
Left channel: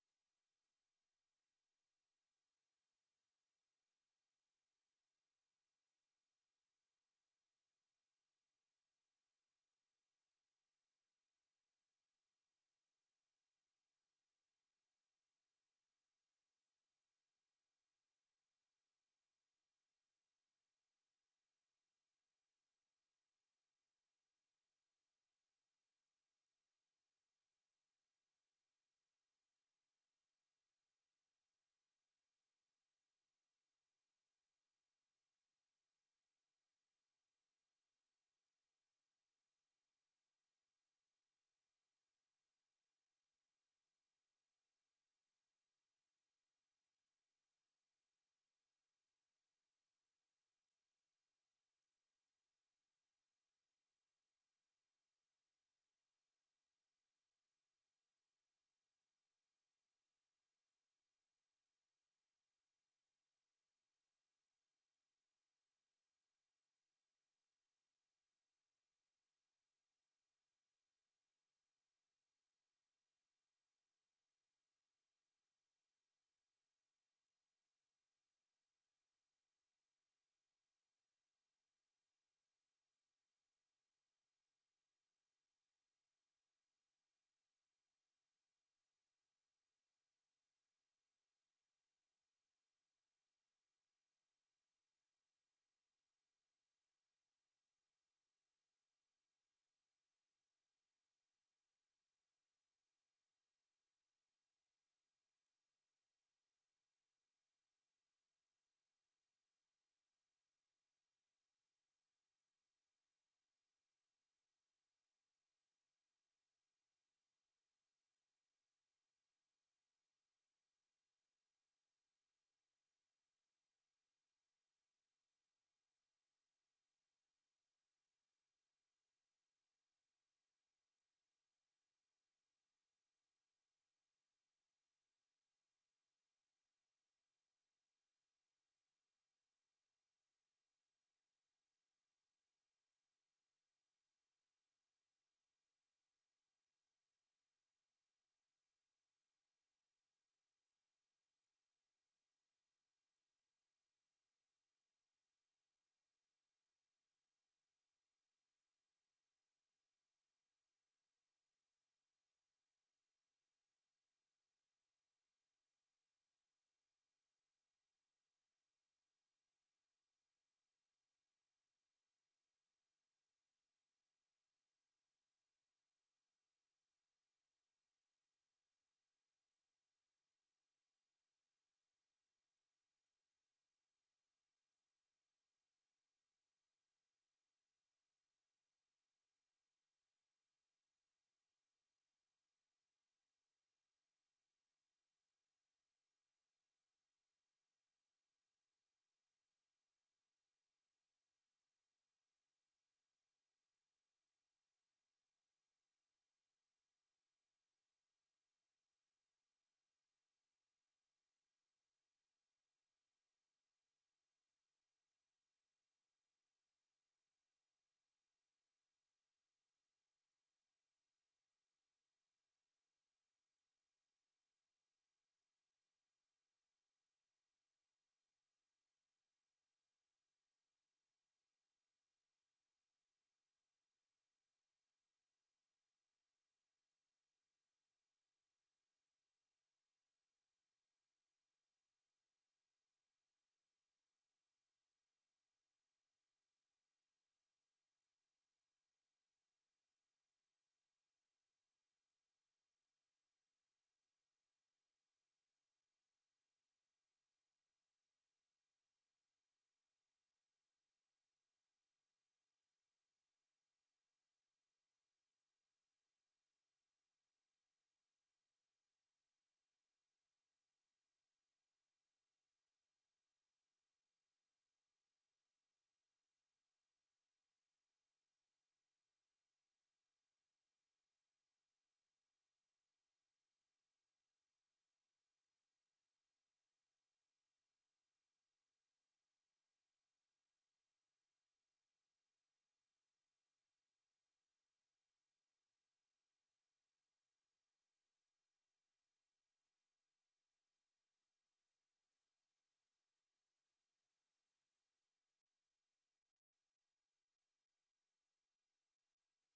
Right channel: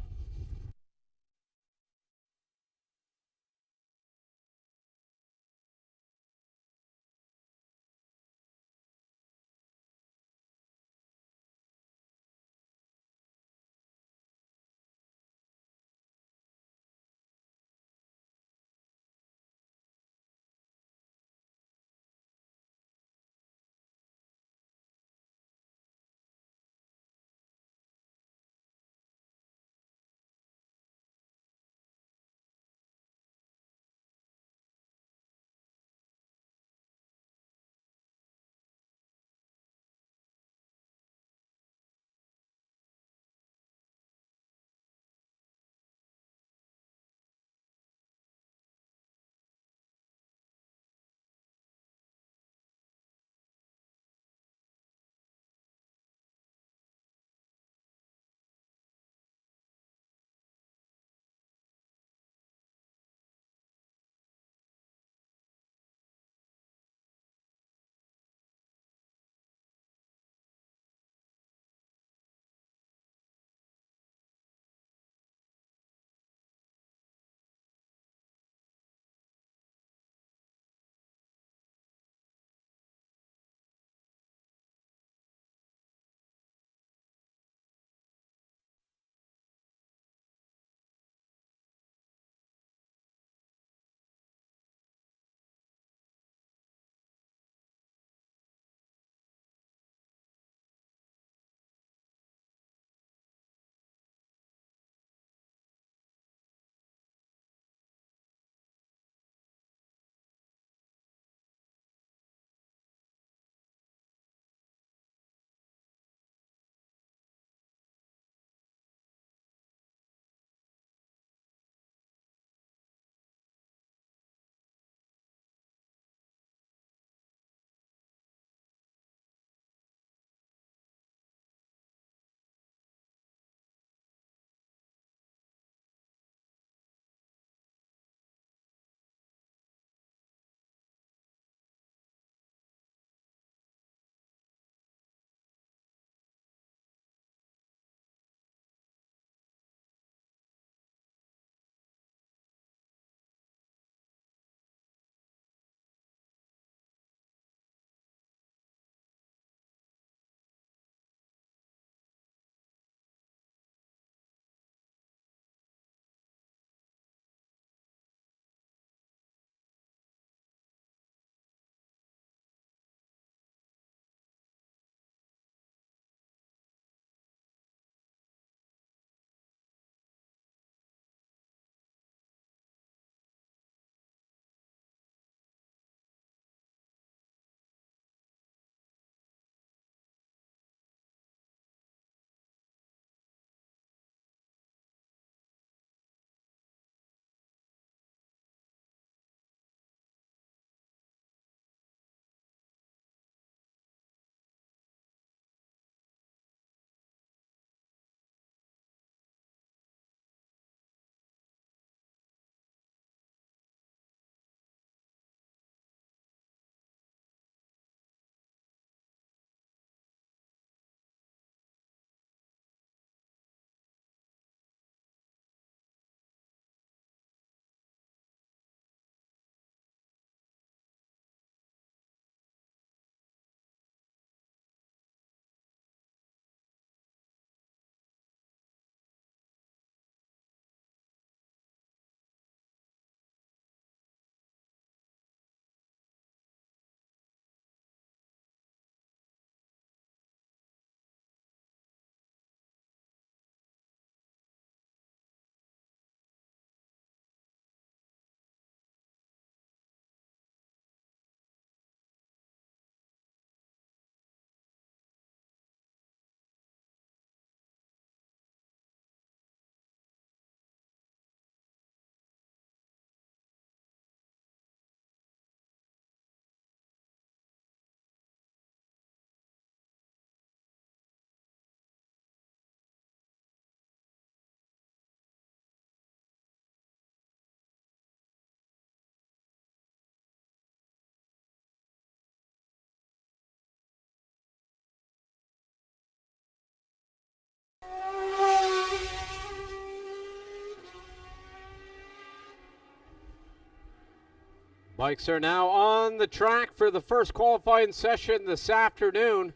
Bikes are now on the track for the first qualifying session this afternoon,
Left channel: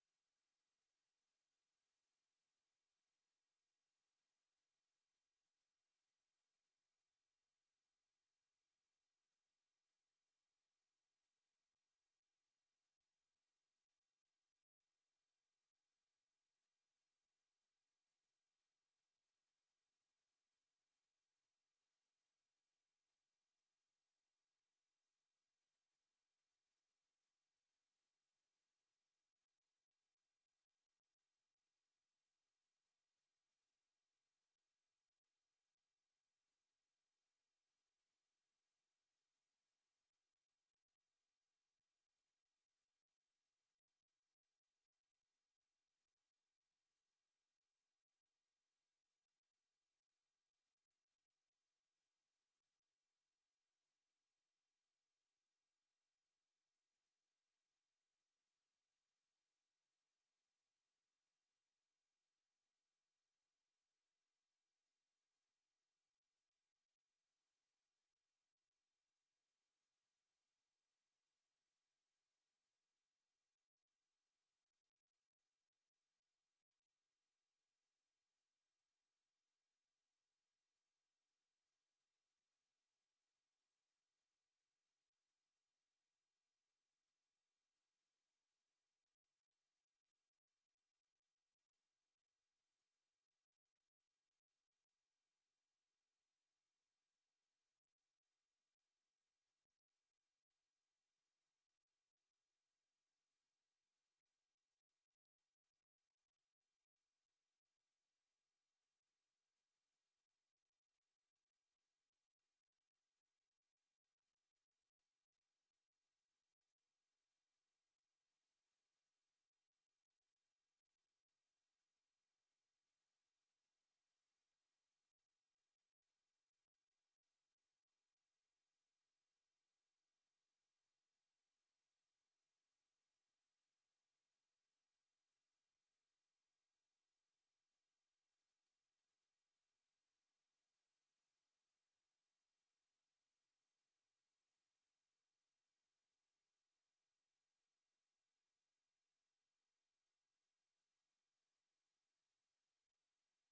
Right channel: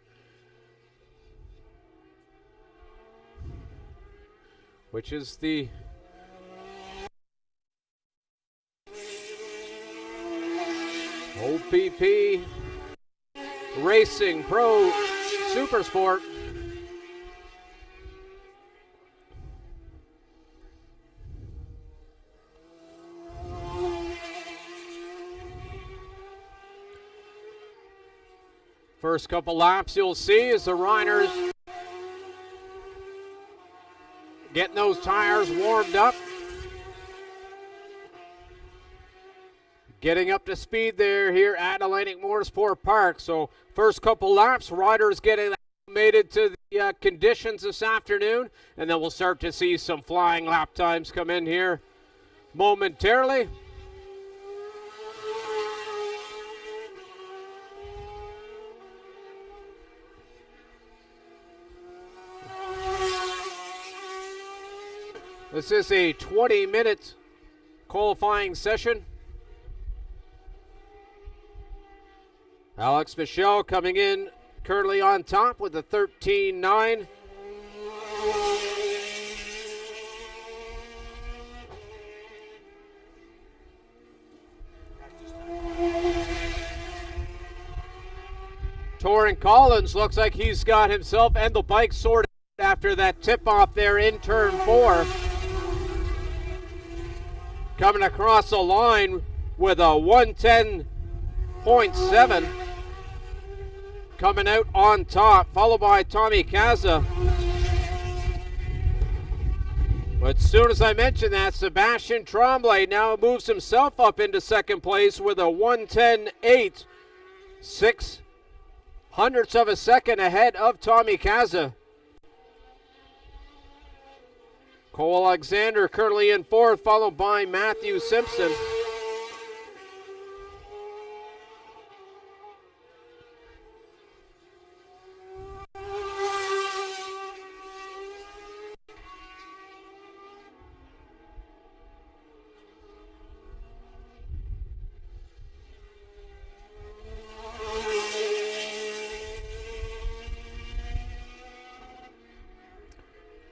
which is the OPP Racing Pro Supersport. First couple laps you'll see is the riders getting those tires warmed up. Getting up to speed there here at Atlantic Motorsport Park. So first couple laps, riders getting acclimated to the conditions this afternoon, and then we'll start to see some flying lap times come in here momentarily. This is a 20-minute qualifying session. Alex Michel coming in currently on top with a 13.9. Torrin Collins looks like he's got himself and the bike sorted after that tip-off there in turn 4. Coming across the line with a 110.7. Coming out on top, followed by Tommy Kaza. But as soon as I mentioned that, Sebastian Tremblay now moves himself up into second place with a 110.8. 0.06 of a second ahead of Tommy Kaza. Cole Alexander currently in fourth, followed by Matthew Simpson.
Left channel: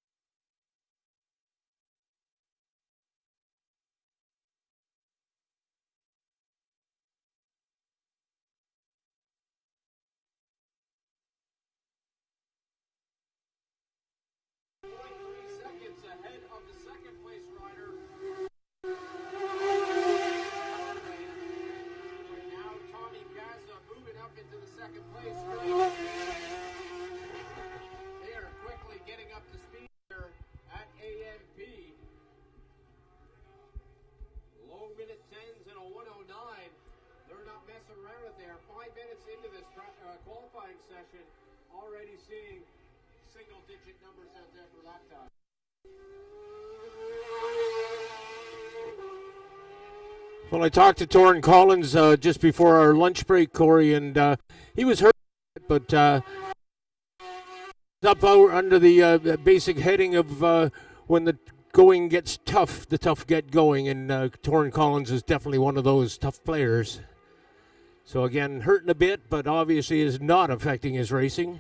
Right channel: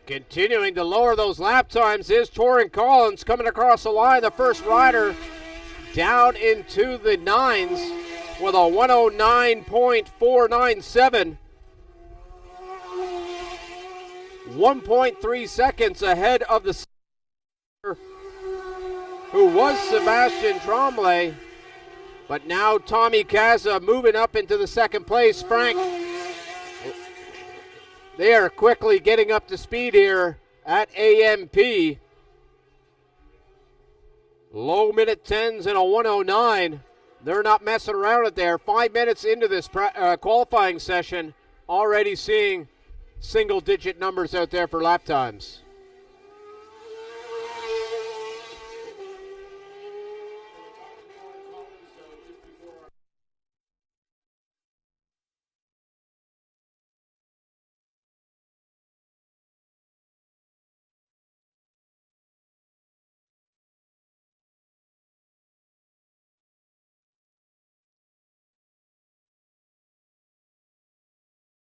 Continuing to lower those lap times is Torrin Collins coming across the line. The first rider down into the 9s with a 109.497. 1.3 seconds ahead of the second place rider, who was Sebastian Tremblay. But now Tommy Kaza moving up into the second place. Frank, they are quickly getting up to speed here at AMP. Low minute 10s and a 109. They're not messing around it there. 5 minutes into this qualifying session, already seeing single-digit numbers out there for lap times. Well, I talked to Torrin Collins just before our lunch break, Corey, and he was hurt, but up out under the basic heading of when the going gets tough, the tough get going, and Torrin Collins is definitely one of those tough players. So again, hurting a bit, but obviously is not affecting his racing.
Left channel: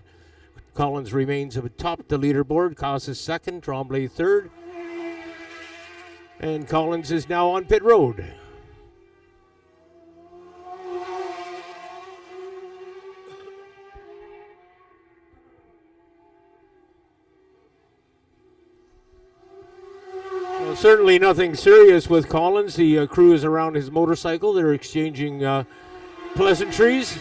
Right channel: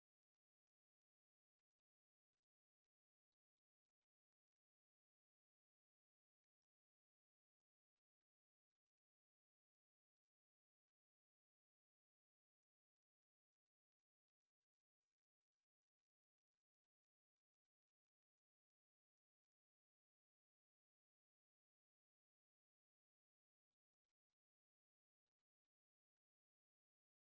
Collins remains atop the leaderboard. Koss is second, Tremblay third, and Collins is now on pit road. Certainly nothing serious with Collins. The crew is around his motorcycle. They're exchanging pleasantries,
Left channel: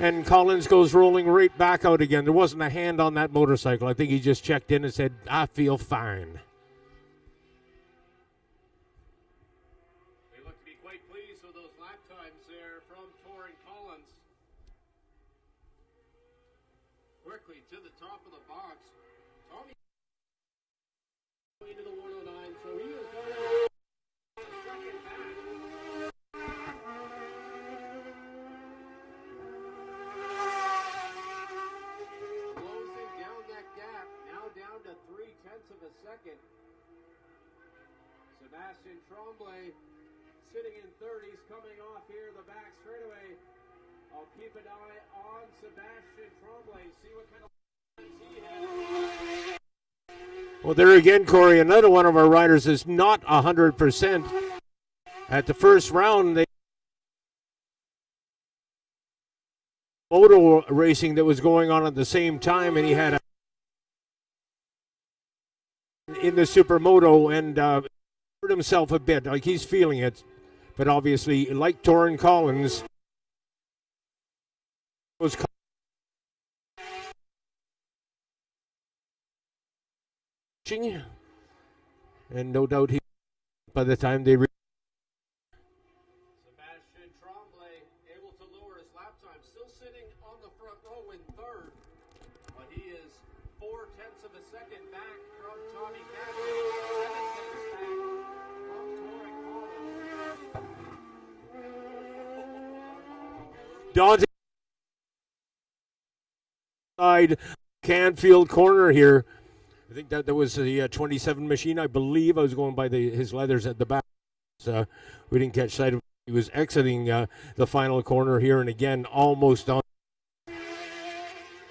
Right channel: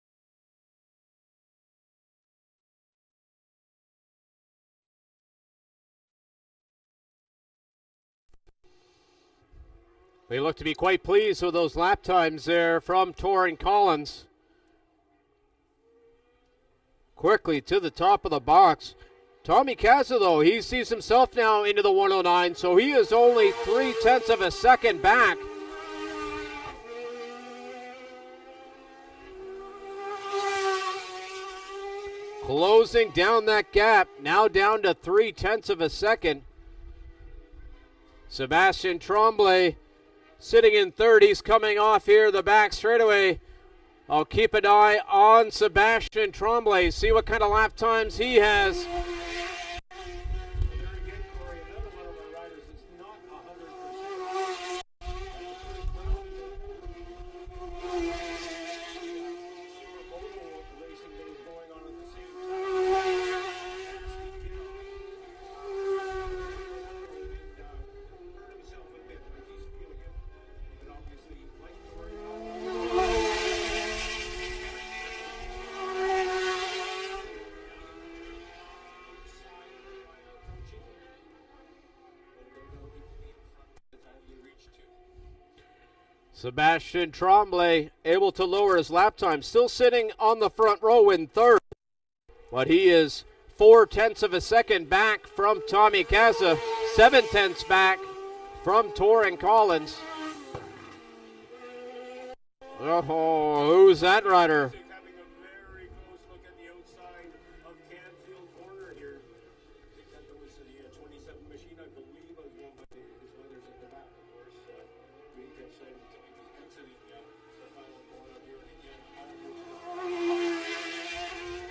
and Collins goes rolling right back out again. There wasn't a hand on that motorcycle. I think he just checked in and said, "I feel fine." They look to be quite pleased with those lap times there from Torrin Collins. Quickly to the top of the box. Tommy Kaza, though, he sees himself now into the 109, so he is only 0.3 of a second back. Closing down that gap, now down to 0.3 of a second. Sebastian Tremblay sitting in third. He's coming off here the back straightaway. I'll keep an eye on Sebastian Tremblay, see what kind of lap times he has. Well, there again, Corey, another one of our riders is not 100%. At the first round, they moto racing that was going on at the same time, and he had in the supermoto and hurt himself a bit, like he's feeling it. But obviously, like Torrin Collins, was and no doubt he, by the time they reached. Sebastian Tremblay able to lower his lap time, still sitting on the front row in third, but he is 0.4 of a second back from Tommy Casa, 0.7 back from Torrin Collins. Oh, who's that rider? Side Canfield corner here. I think that was the 27 machine. I believe I was going by his leathers at the back. So we didn't catch sight of. He was exiting the final corner here, and again almost on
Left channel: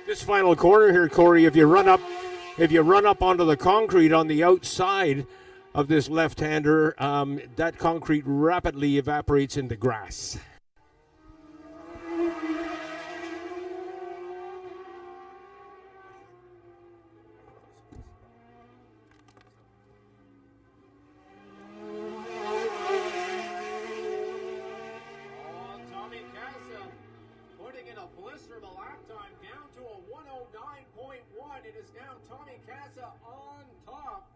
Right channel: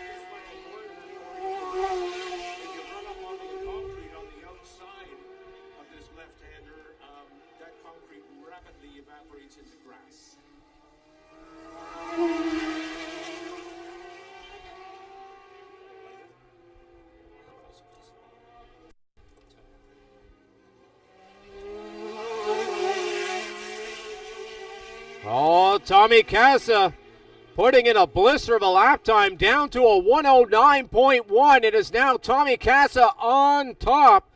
this final corner here, Corey. If you run up onto the concrete on the outside of this left-hander, that concrete rapidly evaporates into grass. Oh, Tommy Casa putting in a blister of a lap time down to a 109.1. It is now Tommy Casa on top.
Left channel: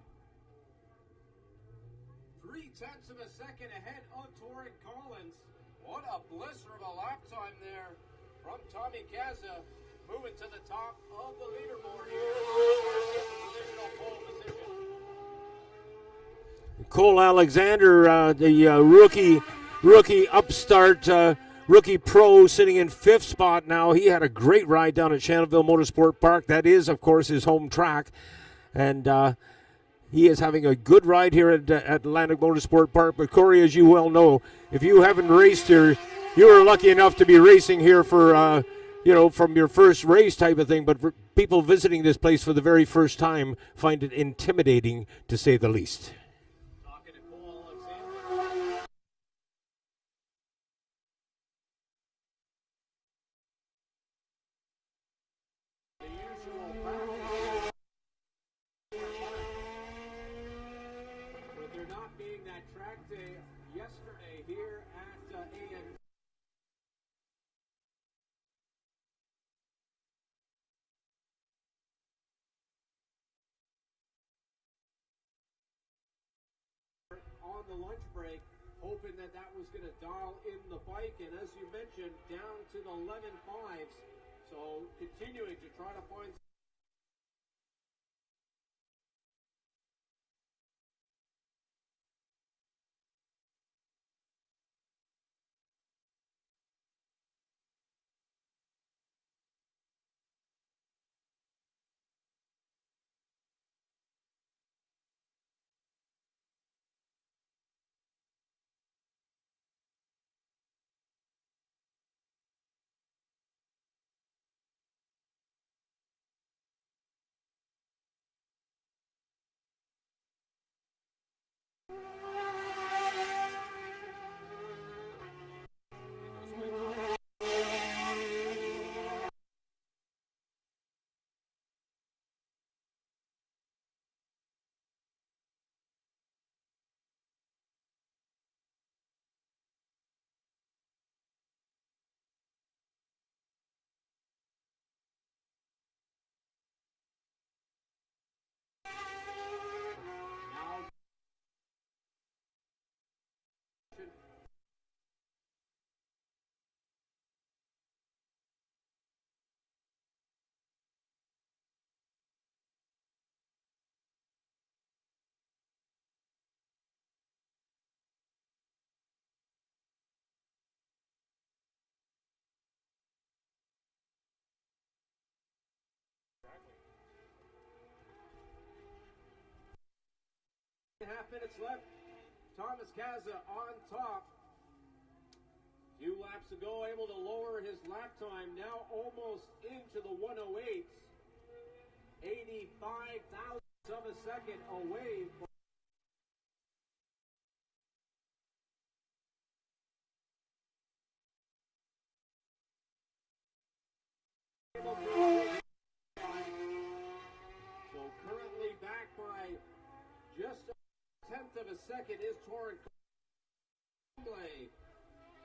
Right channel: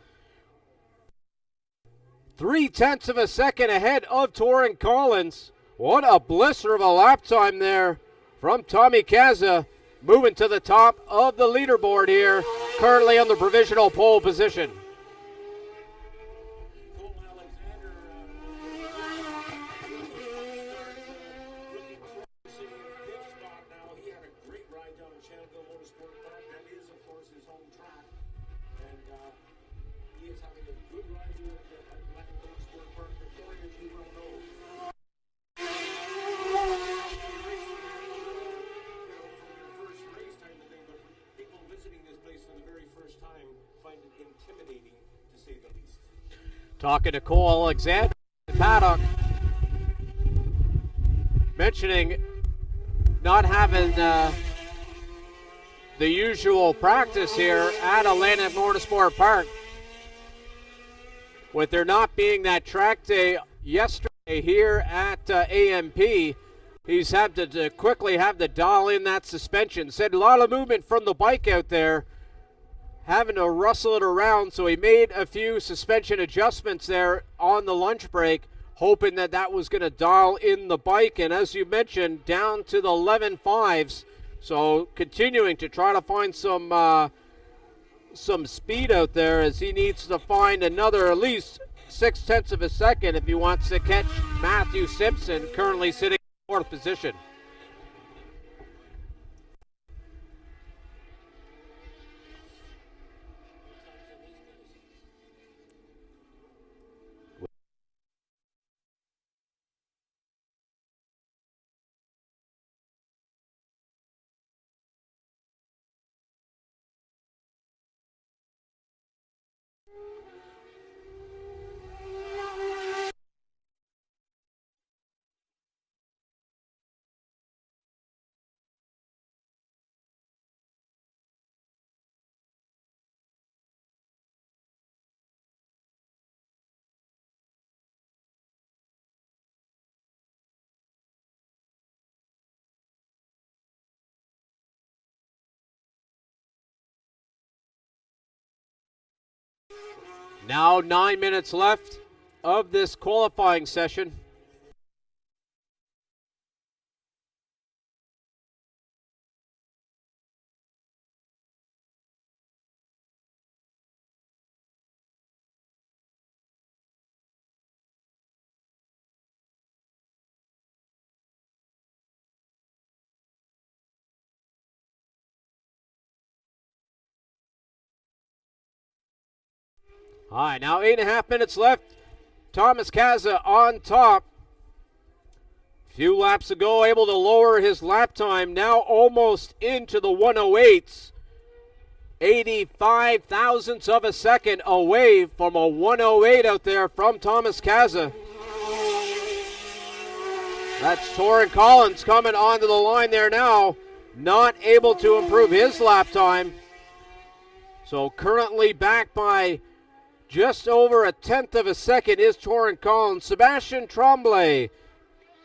0.3 of a second ahead of Torrin Collins. What a blister of a lap time there from Tommy Casa. Moving to the top of the leaderboard here, currently on the provisional pole position. Cole Alexander, the rookie upstart, rookie pro, sitting in 5th spot now. He had a great ride down at Channelville Motorsport Park. That is, of course, his home track. And he is having a good ride here at Atlantic Motorsport Park. But Corey, as you well know, if you haven't raced here, you are lucky enough to be racing here for, from your first race type of thing. But for people visiting this place for the very first time find it intimidating, to say the least. Talking to Cole Alexander, the paddock, mentioning not having the usual practice here at Atlantic Motorsport Park. With there not being that track day yesterday here at AMP, he's had to quickly have to dial in that suspension. Said a lot of movement from the bike out there, having to rustle it around, so he made a few suspension adjustments there on the lunch break, hoping that that was going to dial in the bike. And as you mentioned, down to the 11.5s, so continuing to try to find some speed out there, as he needs to find another at least 0.6 of a second if he wants to catch Matthew Simpson, currently sitting in 4th position. Now 9 minutes left of this qualifying session. All right, now 8.5 minutes left Thomas Kaza on top. Few laps ago, able to lower his lap time, now almost into the 108s. 85 thousandths of a second away from a 108 out there from Thomas Kaza. That's Torrin Collins coming onto the line there now, not able to improve his lap time. So currently back by just over a tenth of a second is Torrin Collins. Sebastian Tremblay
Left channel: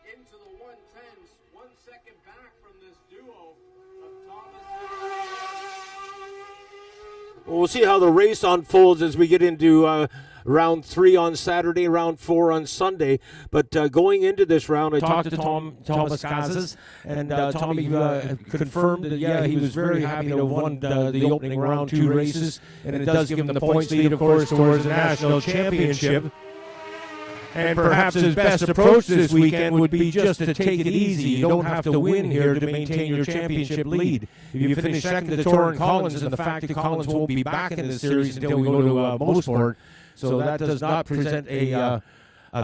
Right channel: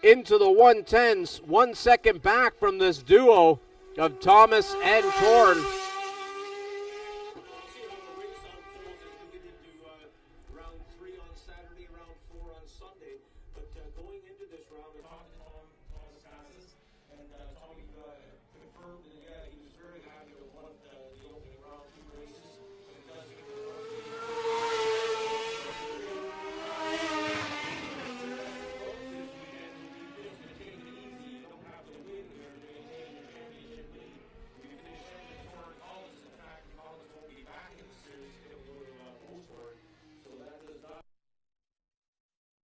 into the 110s, 1 second back from this duo of Thomas and Torrin. Well, we'll see how the race unfolds as we get into round 3 on Saturday, round 4 on Sunday. But going into this round, I talked to Thomas Casas, and Tommy confirmed that, he was very happy to have won the opening round 2 races, and it does give him the points lead, of course, towards the national championship. And perhaps his best approach this weekend would be just to take it easy. You don't have to win here to maintain your championship lead. If you finish second to Torrin Collins, and the fact that Collins won't be back in the series until we go to Mosport, so that does not present a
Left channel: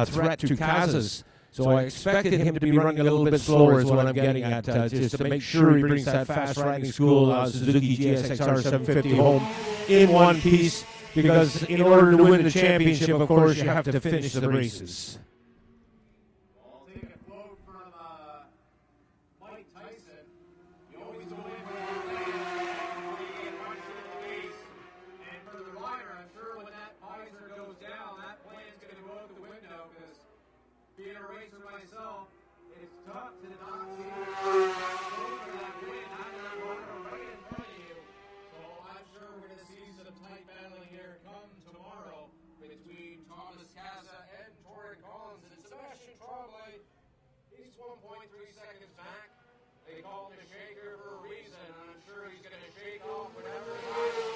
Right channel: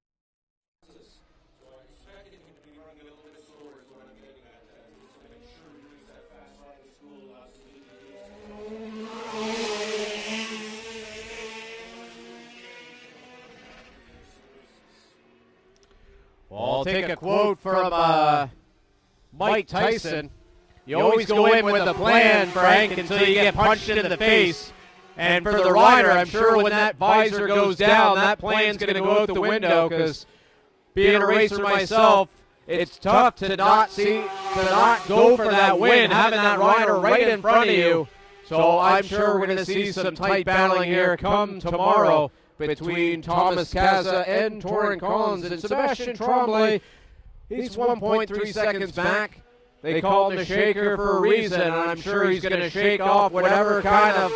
threat to Casas. So I expected him to be running a little bit slower is what I'm getting at, just to make sure he brings that fast riding school Suzuki GSXR 750 home in one piece. Because in order to win the championship, of course, you have to finish the races. Well, I'll take a quote from Mike Tyson. You always go in with a plan, Frank, until you get punched in the face. And for the rider, I'm sure when that visor goes down, that plan's going to go out the window, because being a racer myself, it's tough to not go for that win, having that rider right in front of you. So I'm sure we're going to see some tight battling here come tomorrow between Thomas Kaza and Torrin Collins. And Sebastian Tremblay, he's 1.3 seconds back. They call him a shaker for a reason, and I'm sure he's going to shake off whatever kind of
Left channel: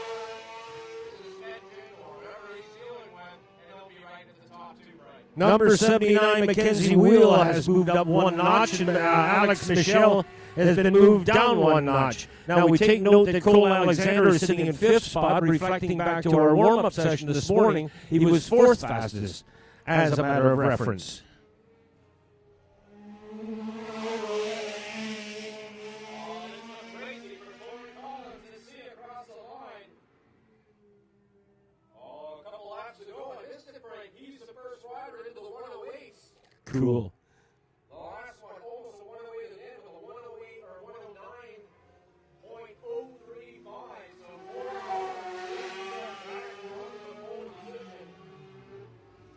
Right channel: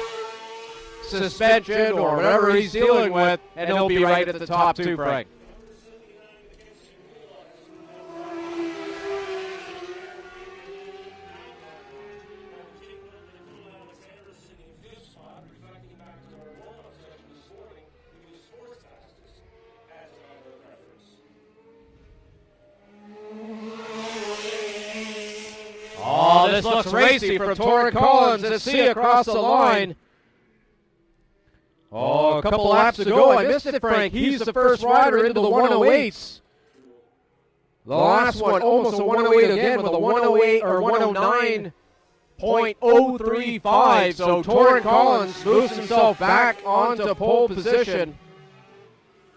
suspension or whatever he's dealing with, and he'll be right at the top too, Frank. Number 79, Mackenzie Wheel, has moved up 1 notch, and Alex Michel has been moved down 1 notch. Now we take note that Cole Alexander is sitting in 5th spot, reflecting back to our warm-up session this morning. He was 4th fastest, as a matter of reference. Oh, this looks racy from Torrin Collins to see across the line. Oh, a couple laps ago, I missed it, Frank. He's the first rider into the 108s. Cool. The last one, almost a 108 again with a 108 or 109.035. So Torrin Collins moves himself back onto pole position.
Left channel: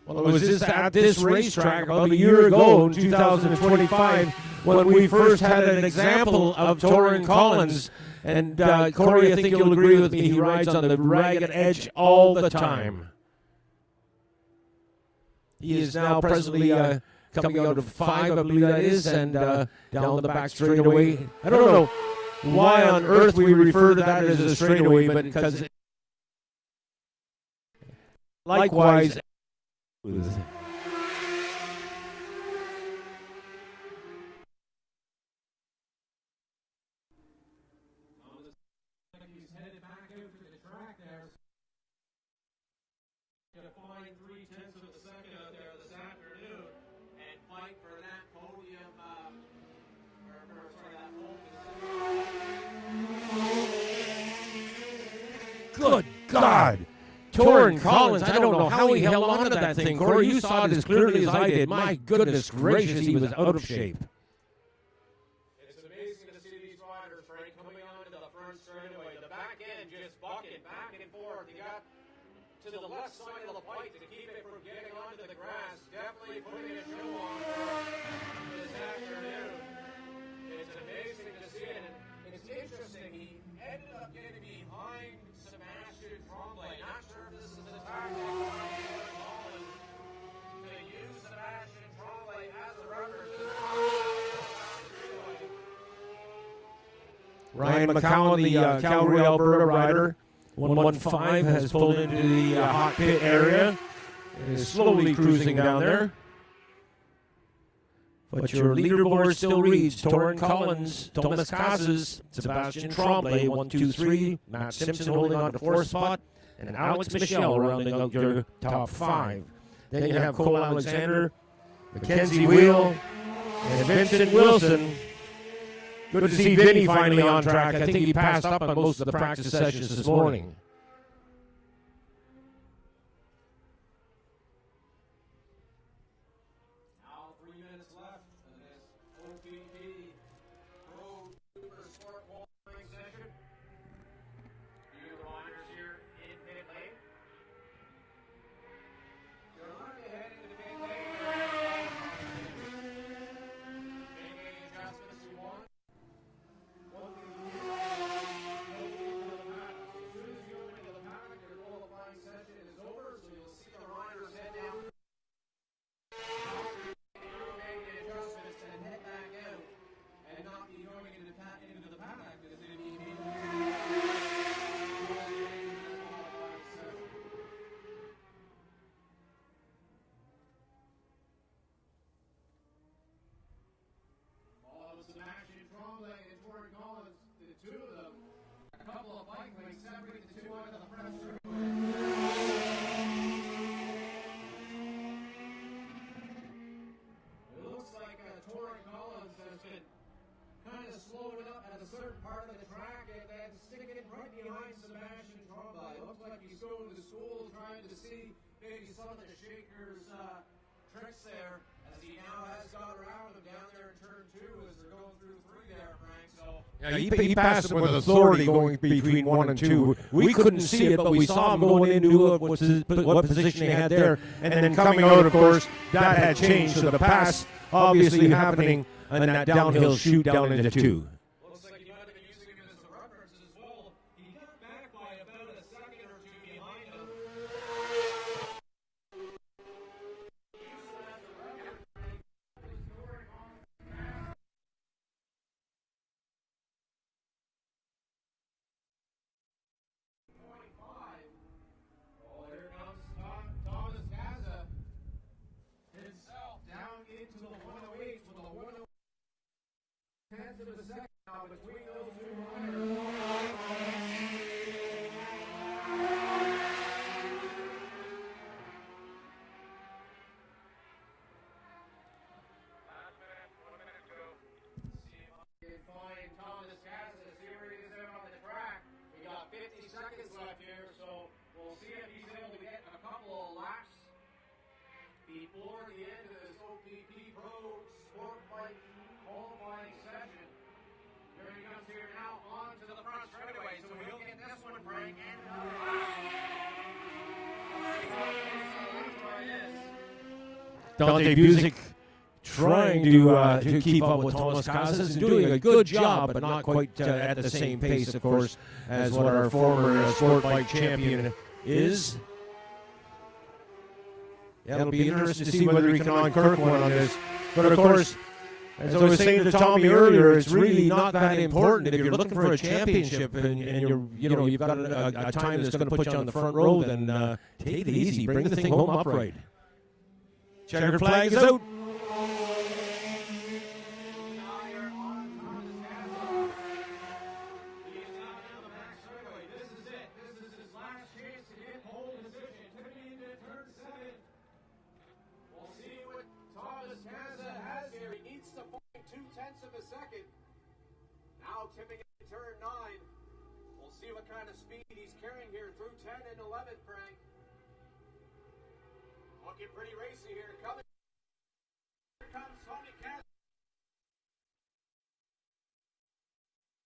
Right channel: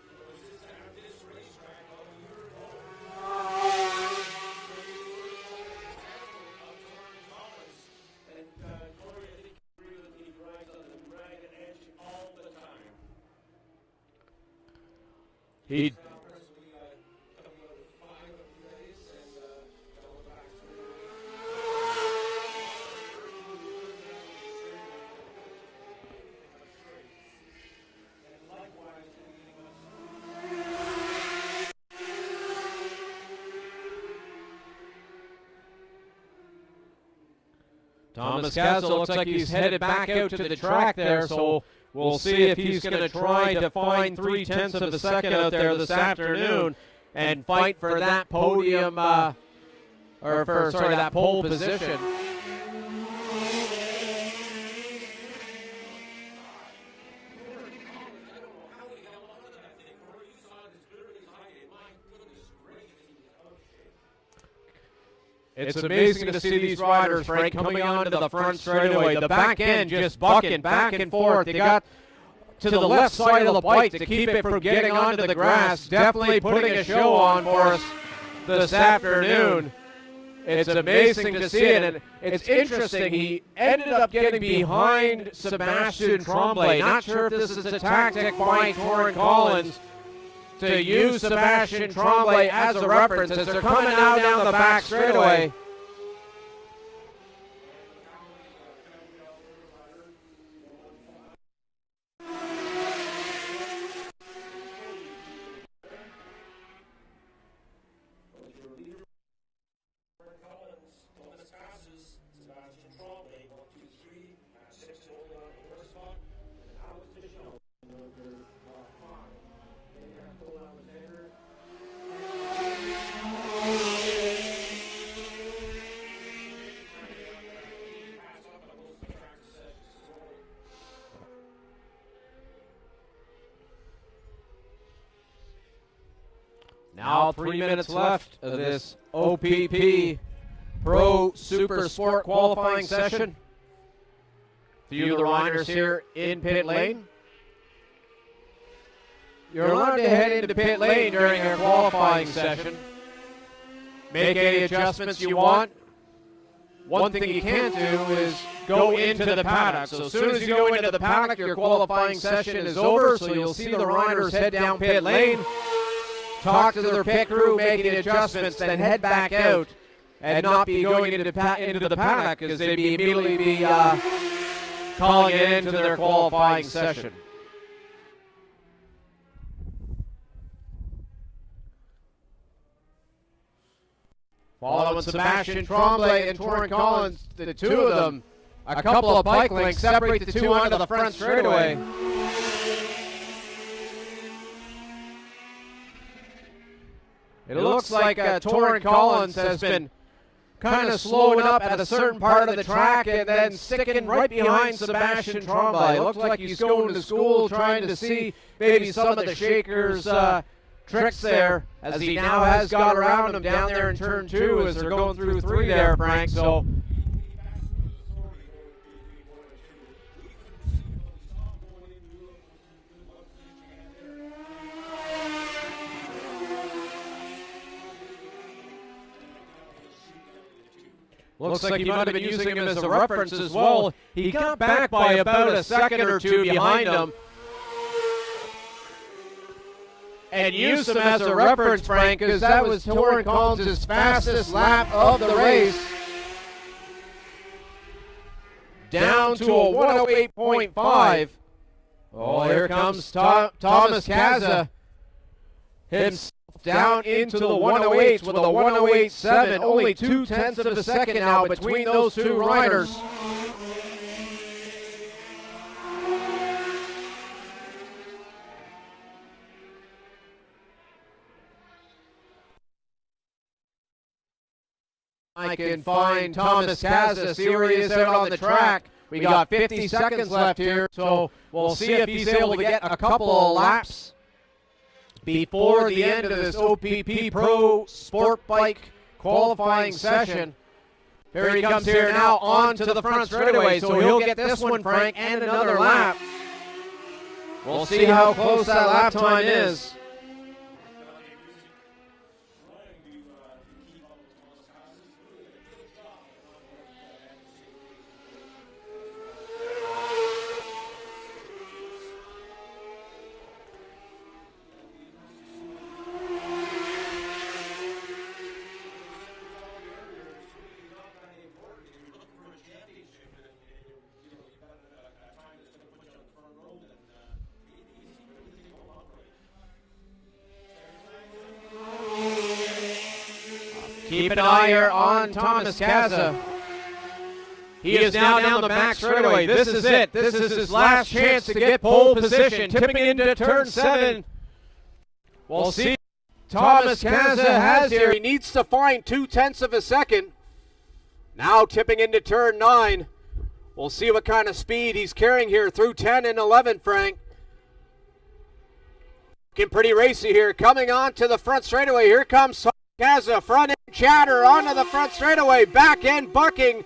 Well, it was at this racetrack about a year ago in 2025 when we first had an example of Torrin Collins. And Corey, I think you'll agree with me, he rides on the ragged edge all the time. He is now presently coming out of 5, I believe that is, and down the back straightaway. I don't know why on earth we refer to that as a straightaway, but because likewise. Thomas Kaza looks like he's headed back out to the track there, so we'll see if he's going to try to find 3/10 of a second out there this afternoon and fight for that podium, that pole position. Good God. Torrin Collins, I don't know how he held on to that thing. Corey, you saw it as clearly as I did. My goodness gracious, he was out of shape. It's amazing to see these riders, Frank, coming onto the front straightaway. The back end just bucking back and forth. They got to the left side of the bike to keep it from getting onto the grass. Definitely putting a show on for us this afternoon. It's amazing to see it, and it's interesting. He ended up getting behind Sebastian Tremblay. Not sure if this is a tactic by Torrin Collins to use Sebastian Tremblay as a reference as they're coming out down the back straightaway. Ryan McCowan, the Calgary, Alberta rider, 115, has pulled into the hot pit area and is slowly cruising down there. But your leaderboard still reads Torrin Collins, Thomas Casas, Sebastian Tremblay, 1, 2, 3, Matt Simpson holding on to 4th spot, and Alex Michel rounding out your top 5. Then you have Cole Alexander, Mackenzie Wheel, and Vincent Wilson. Good to see Vinny finally on track. I think he passed up on most of the practice sessions this morning. Now 3 minutes left of this OPP Pro Super Sport qualifying session. Few of the riders here in pit lane. You're allowed to head into pit lane during your qualifying session. Make any adjustments you want. One thing you can't do is go into the paddock. So as soon as you go into the paddock, your qualifying session is over. So you'll see the riders head down pit lane, talk to their pit crew, make any adjustments, then head back out and not be going into the paddock because they'd be immediately be calling it into their qualifying session. Following Sebastian Tremblay and Torrin Collins, the two of them, a couple of bike links separate the two onto the front straightaway. It looks like Torrin Collins has been kind of slowing up at a certain part of the track and then sticking right behind Sebastian Tremblay. It looks like he's going to school trying to see maybe some of the shakers tricks there, as he now has got around him down there in turn 2 as they're going through 3 there, Frank. So he passed him with authority going between 1 and 2. We couldn't see it, but we saw him going into what position he had there, and then coming out, of course, that had changed. So the pass obviously happening on that downhill shoot down into 2. Looks like he might have been using him as a reference as well. He got back by about a second or two behind him. And use him as a reference, Frank, because that was Torrin Collins' fastest lap of the race. Down to a 108.5. Oh, here comes Thomas Kaza. Himself down into the 108s with a 108.7. Only 0.2 of a second now between those two riders. I can find Thomas Kaza. See where he is out on the track. We got 50 seconds left here, so we'll see if he's able to get a couple of laps before the end of this OPP Pro Sport Bike qualifying session. Here he comes here now onto the front straightaway, so he'll get this one, Frank, and another lap. We'll see how close that lap time is. Dante Busick trying to keep up with Thomas Kaza, is doing a good job, but not quite at the same pace, of course, as what our former sport bike champion is. Yeah, it'll be interesting to see whether he can uncurve one on this. But of course, as I was saying to Tommy earlier, it's really not that important. If you're looking for a championship and you've got a time that's going to put you on the front row, then take it easy, bring the thing home upright. Checkered flag is out. Keep an eye here on Thomas Kaza. He is now down the back straightaway. This is it. This is his last chance to get pole position. Tipping into turn 7. We'll see what Thomas Kaza has here. He needs to find 0.2 of a second. Now tipping into turn 9. We'll see what kind of speed he's carrying here through 10 and 11, Frank. Looking pretty racy here. Coming on to the front straightaway. Here comes Kaza, front end chatter onto the front straightaway, back end bucking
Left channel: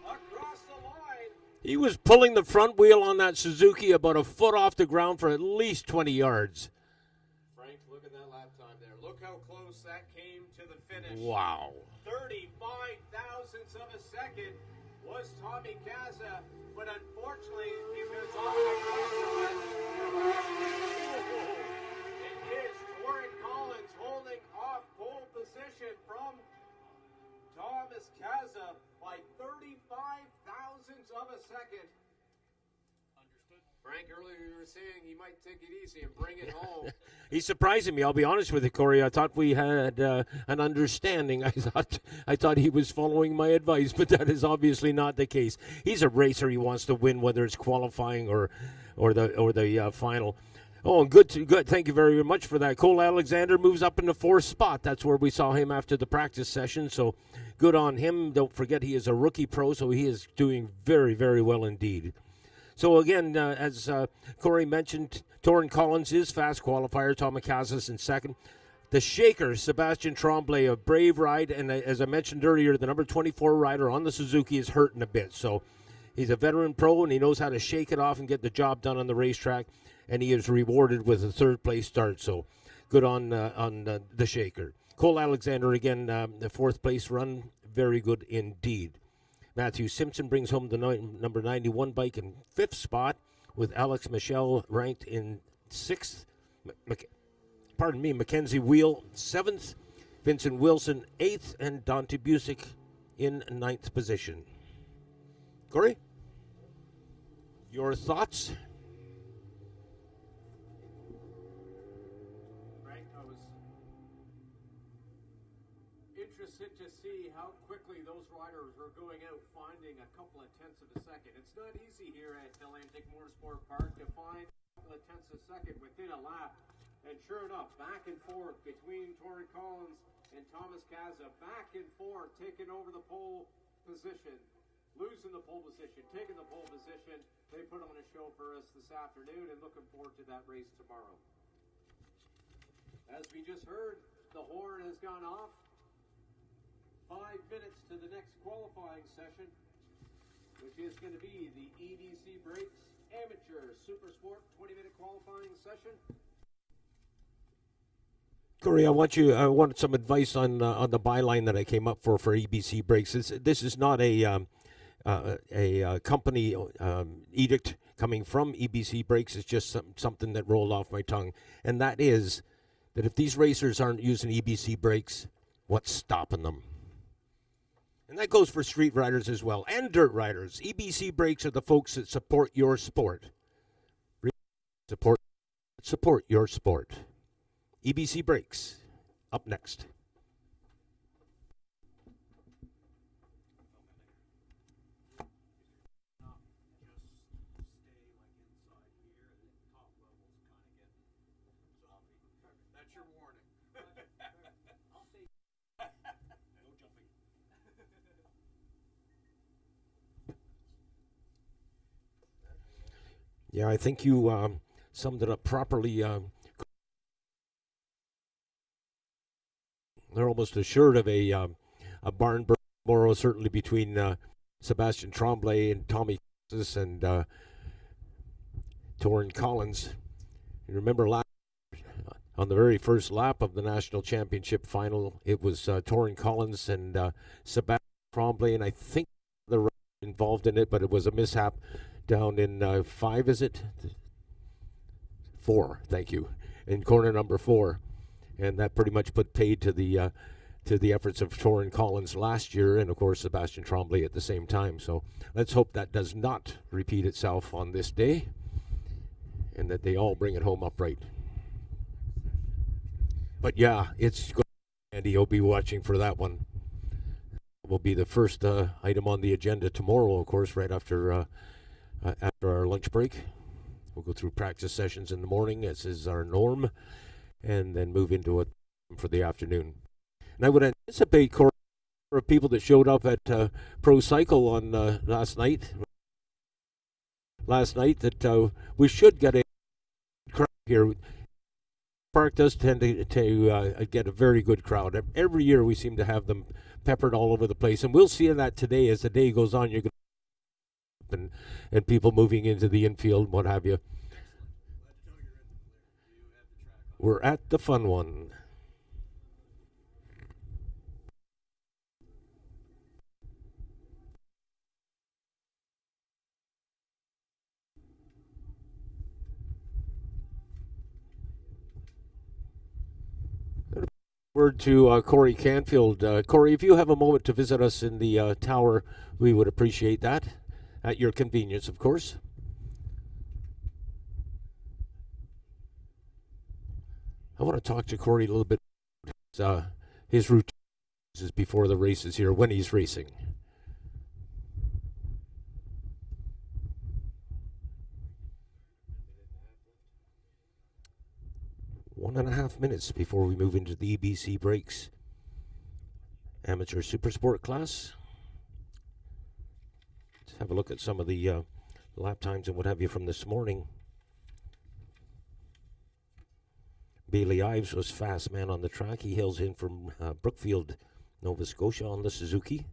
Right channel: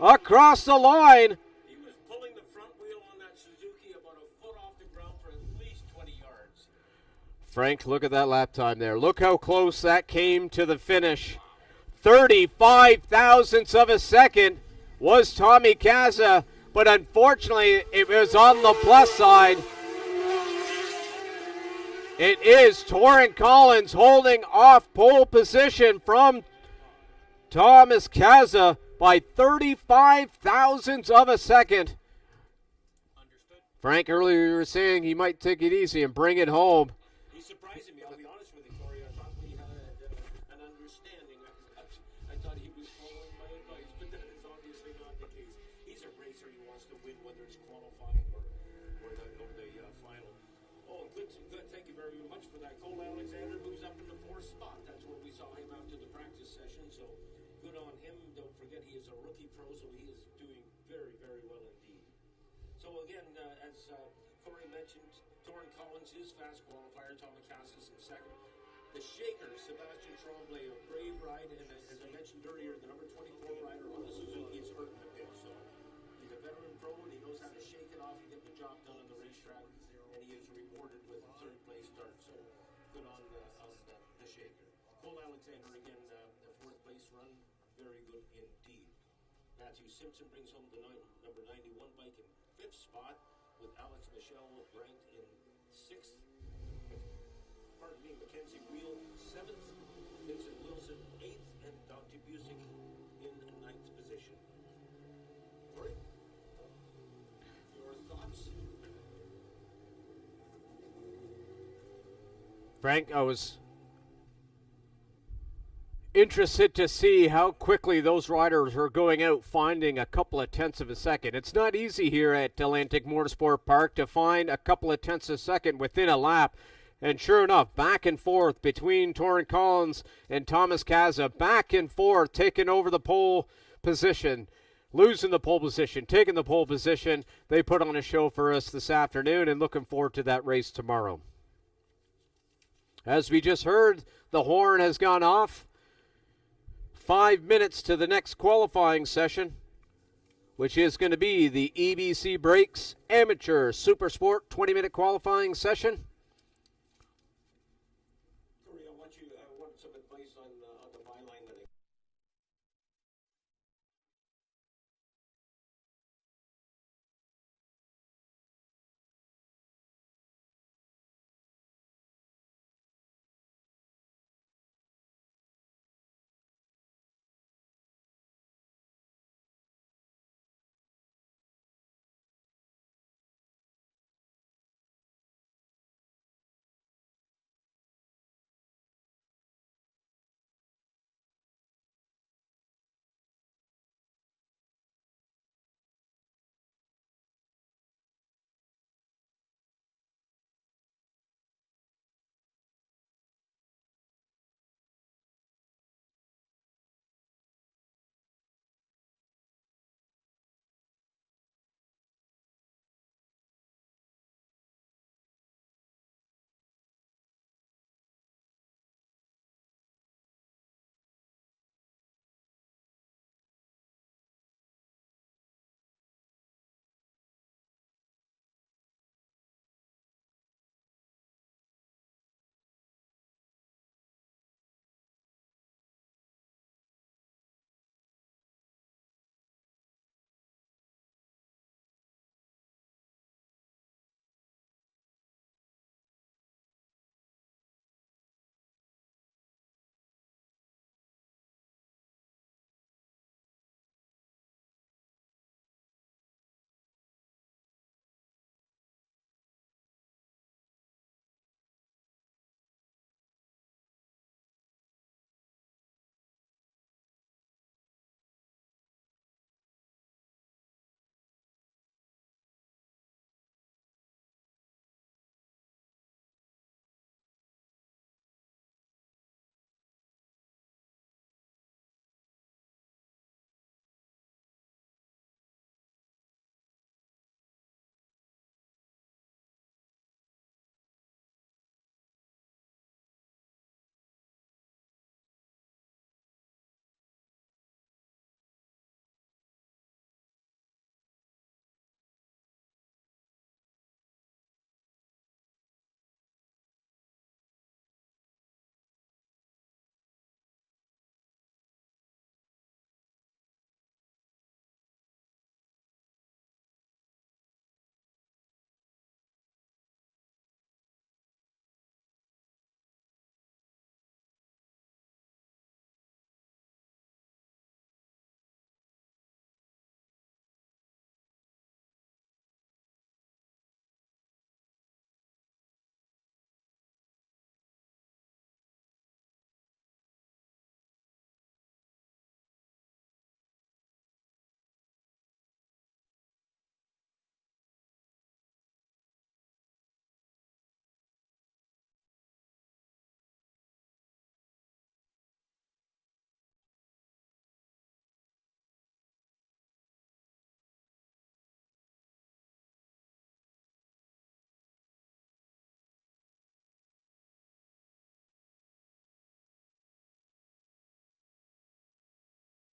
across the line. He was pulling the front wheel on that Suzuki about a foot off the ground for at least 20 yards. Frank, look at that lap time there. Look how close that came to the finish. Wow. 35 thousandths of a second was Tommy Kaza, but unfortunately it was on the plus side. It is Torrin Collins holding off pole position from Thomas Kaza by 35 thousandths of a second. Frank, earlier you were saying he might take it easy and bring it home. He's surprising me, I'll be honest with you, Corey. I thought we had an understanding. I thought he was following my advice, but that is obviously not the case. He's a racer. He wants to win, whether it's qualifying or the final. Oh, good. Good. Thank you very much for that. Cole Alexander moves up in the 4th spot. That's where we saw him after the practice session. So good on him. Don't forget he is a rookie pro, so he is doing very, very well indeed. So again, as Corey mentioned, Torrin Collins is fast qualifier. Tom Casas in 2nd. The shaker, Sebastian Tremblay, a brave ride. And as I mentioned earlier, the number 24 rider on the Suzuki is hurting a bit. So he's a veteran pro, and he knows how to shake it off and get the job done on the racetrack. And he is rewarded with a 3rd-place start. So good on the shaker. Cole Alexander, again, the 4th-place run. Very good indeed. Matthew Simpson brings home the number 91 bike in 5th spot, with Alex Michel ranked in 6th. Mackenzie Wheel 7th. Vincent Wilson 8th. And Dante Busick in 9th position. Corey, your thoughts? Frank, I was interested to see how quickly those riders are going out finding a couple of tenths of a second. It's not easy here at Atlantic Motorsport Park to find a couple of tenths of a second within a lap. And sure enough, back and forth between Torrin Collins and Thomas Kaza, back and forth, taking over the pole position, losing the pole position, taking the pole position. They put on a show for us this afternoon, and looking forward to that race tomorrow. As we just heard, the horn has gone off. 5 minutes to the next qualifying session, which is going to be the EBC Brakes Amateur Super Sport 20-minute qualifying session. Corey, I wanted some advice on the byline that I came up for EBC Brakes. This is not a company edict coming from EBC Brakes. It's just something that rolled off my tongue, and that is that if these racers aren't using EBC brakes, what's stopping them? And that goes for street riders as well, and dirt riders. EBC brakes are the folks that support your sport. Support your sport. EBC brakes, up next. Yeah, I think you summed it up properly. They're almost assured of a barn burn tomorrow, certainly between Sebastian Tremblay and Tommy Casas and Torrin Collins. You remember on the very first lap of the National Championship final, it was Torrin Collins and Sebastian Tremblay, and I think the rider involved in it, but it was a mishap down in 5, is it? 4, thank you, in corner number 4. And that pretty much put paid to the efforts of Torrin Collins last year, and of course Sebastian Tremblay at the same time. So let's hope that does not repeat itself on this day, and that they all bring it home upright. But yeah, it's good. Andy, you'll be watching for that one. Will be the first item on the agenda tomorrow, of course, right after our lunch break. We'll go through practice sessions in the morning, as is our norm, and then move into it for the afternoon. And I would anticipate, Corey, for people that showed up at Pro Cycle on last night, that we should get a crowd here. Park does tend to get a very good crowd. Every year we seem to have them peppered all over the place, and we'll see that today as the day goes on. You're going to and people moving into the infield, what have you. We're at the fun one. Word to Corey Canfield. Corey, if you have a moment to visit us in the tower, we would appreciate that. At your convenience, of course. I want to talk to Corey a little bit about his routines before the races here, when he's racing. 1.5 minutes before we move into the EBC breaks. Amateur Super Sport class. Let's have a look at some of the lap times and what have you from this morning. Bailey Ives was fast man on the track. He hails in from Brookfield, Nova Scotia on the Suzuki.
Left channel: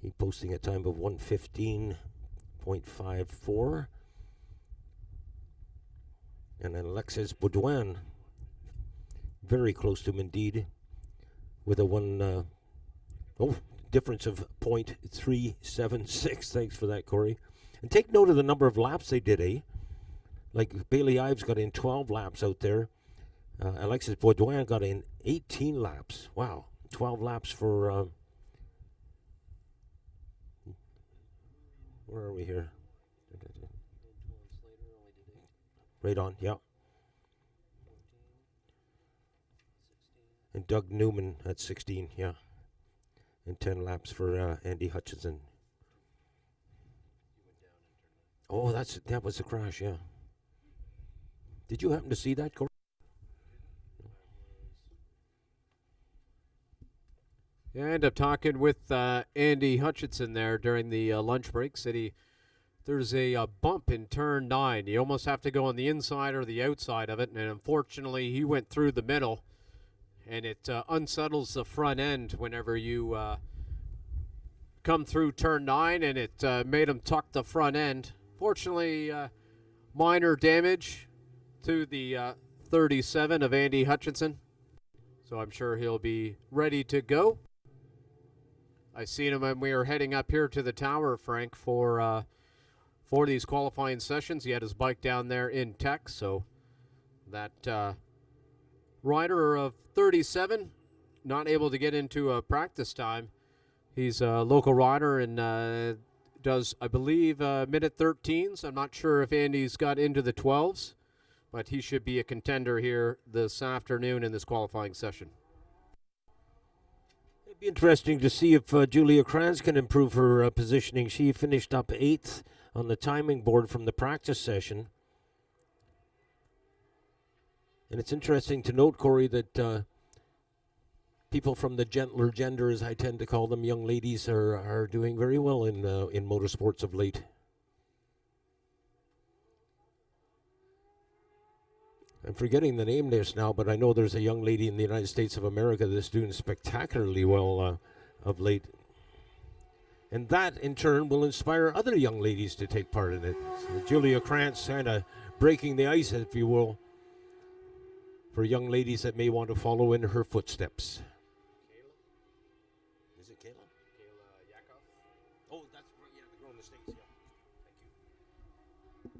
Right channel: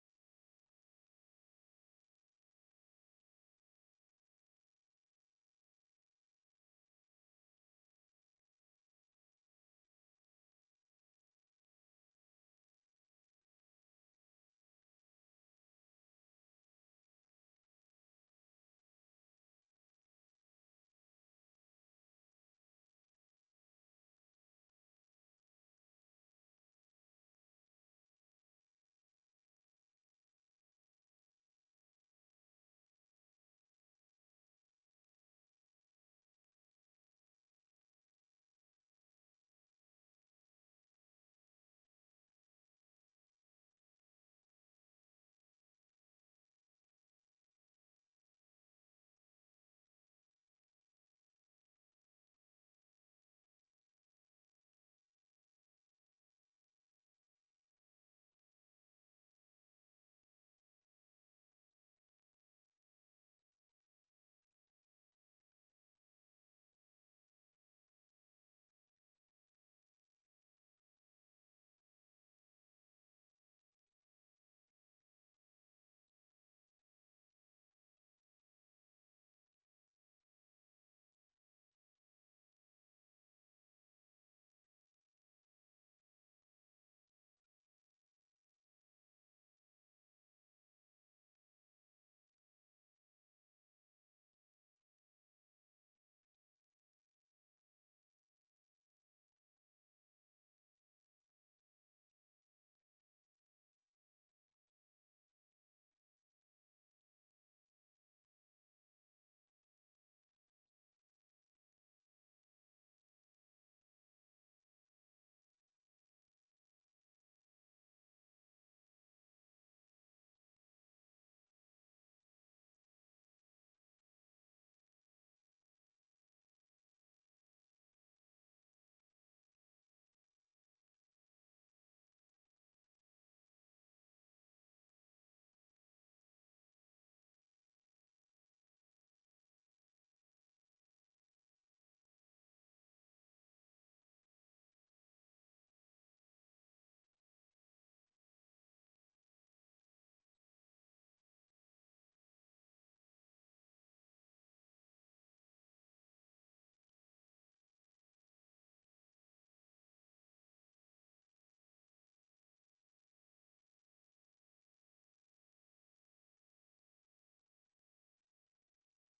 He posting a time of 1:15.54. And then Alexis Baudouin, very close to him indeed, with a difference of 0.376. Thanks for that, Corey. And take note of the number of laps they did, eh? Like Bailey Ives got in 12 laps out there. Alexis Baudouin got in 18 laps. Wow, 12 laps for, where are we here? Right on, yeah. And Doug Newman at 16, yeah. And 10 laps for Andy Hutchinson. Oh, that was a crash, yeah. Did you happen to see that, Corey? Yeah, I ended up talking with Andy Hutchinson there during the lunch break. Said there's a bump in turn 9. You almost have to go on the inside or the outside of it, and unfortunately he went through the middle, and it unsettles the front end whenever you come through turn 9, and it made him tuck the front end. Fortunately, minor damage to the 37 of Andy Hutchinson, so I'm sure he'll be ready to go. I seen him when we were heading up here to the tower, Frank, for these qualifying sessions. He had his bike down there in tech, so that rider of 37, not able to get into a practice time. He's a local rider and does, I believe, minute 13s. I'm not sure if Andy's got into the 12s, but he should be a contender here this afternoon in this qualifying session. It'd be interesting to see if Julia Kranz can improve her positioning. She finished up 8th on the timing board from the practice session. And it's interesting to note, Corey, that people from the gentler gender, as I tend to call them, young ladies, are doing very well in motorsports of late. I'm forgetting the name just now, but I know there's a young lady in the United States of America that's doing spectacularly well of late. And that, in turn, will inspire other young ladies to take part in it. So Julia Krantz kind of breaking the ice, if you will, for young ladies that may want to follow in her footsteps. Is it Kayla? Kayla Yakov? Oh, that's right, yeah, the girl in the States, yeah. Thank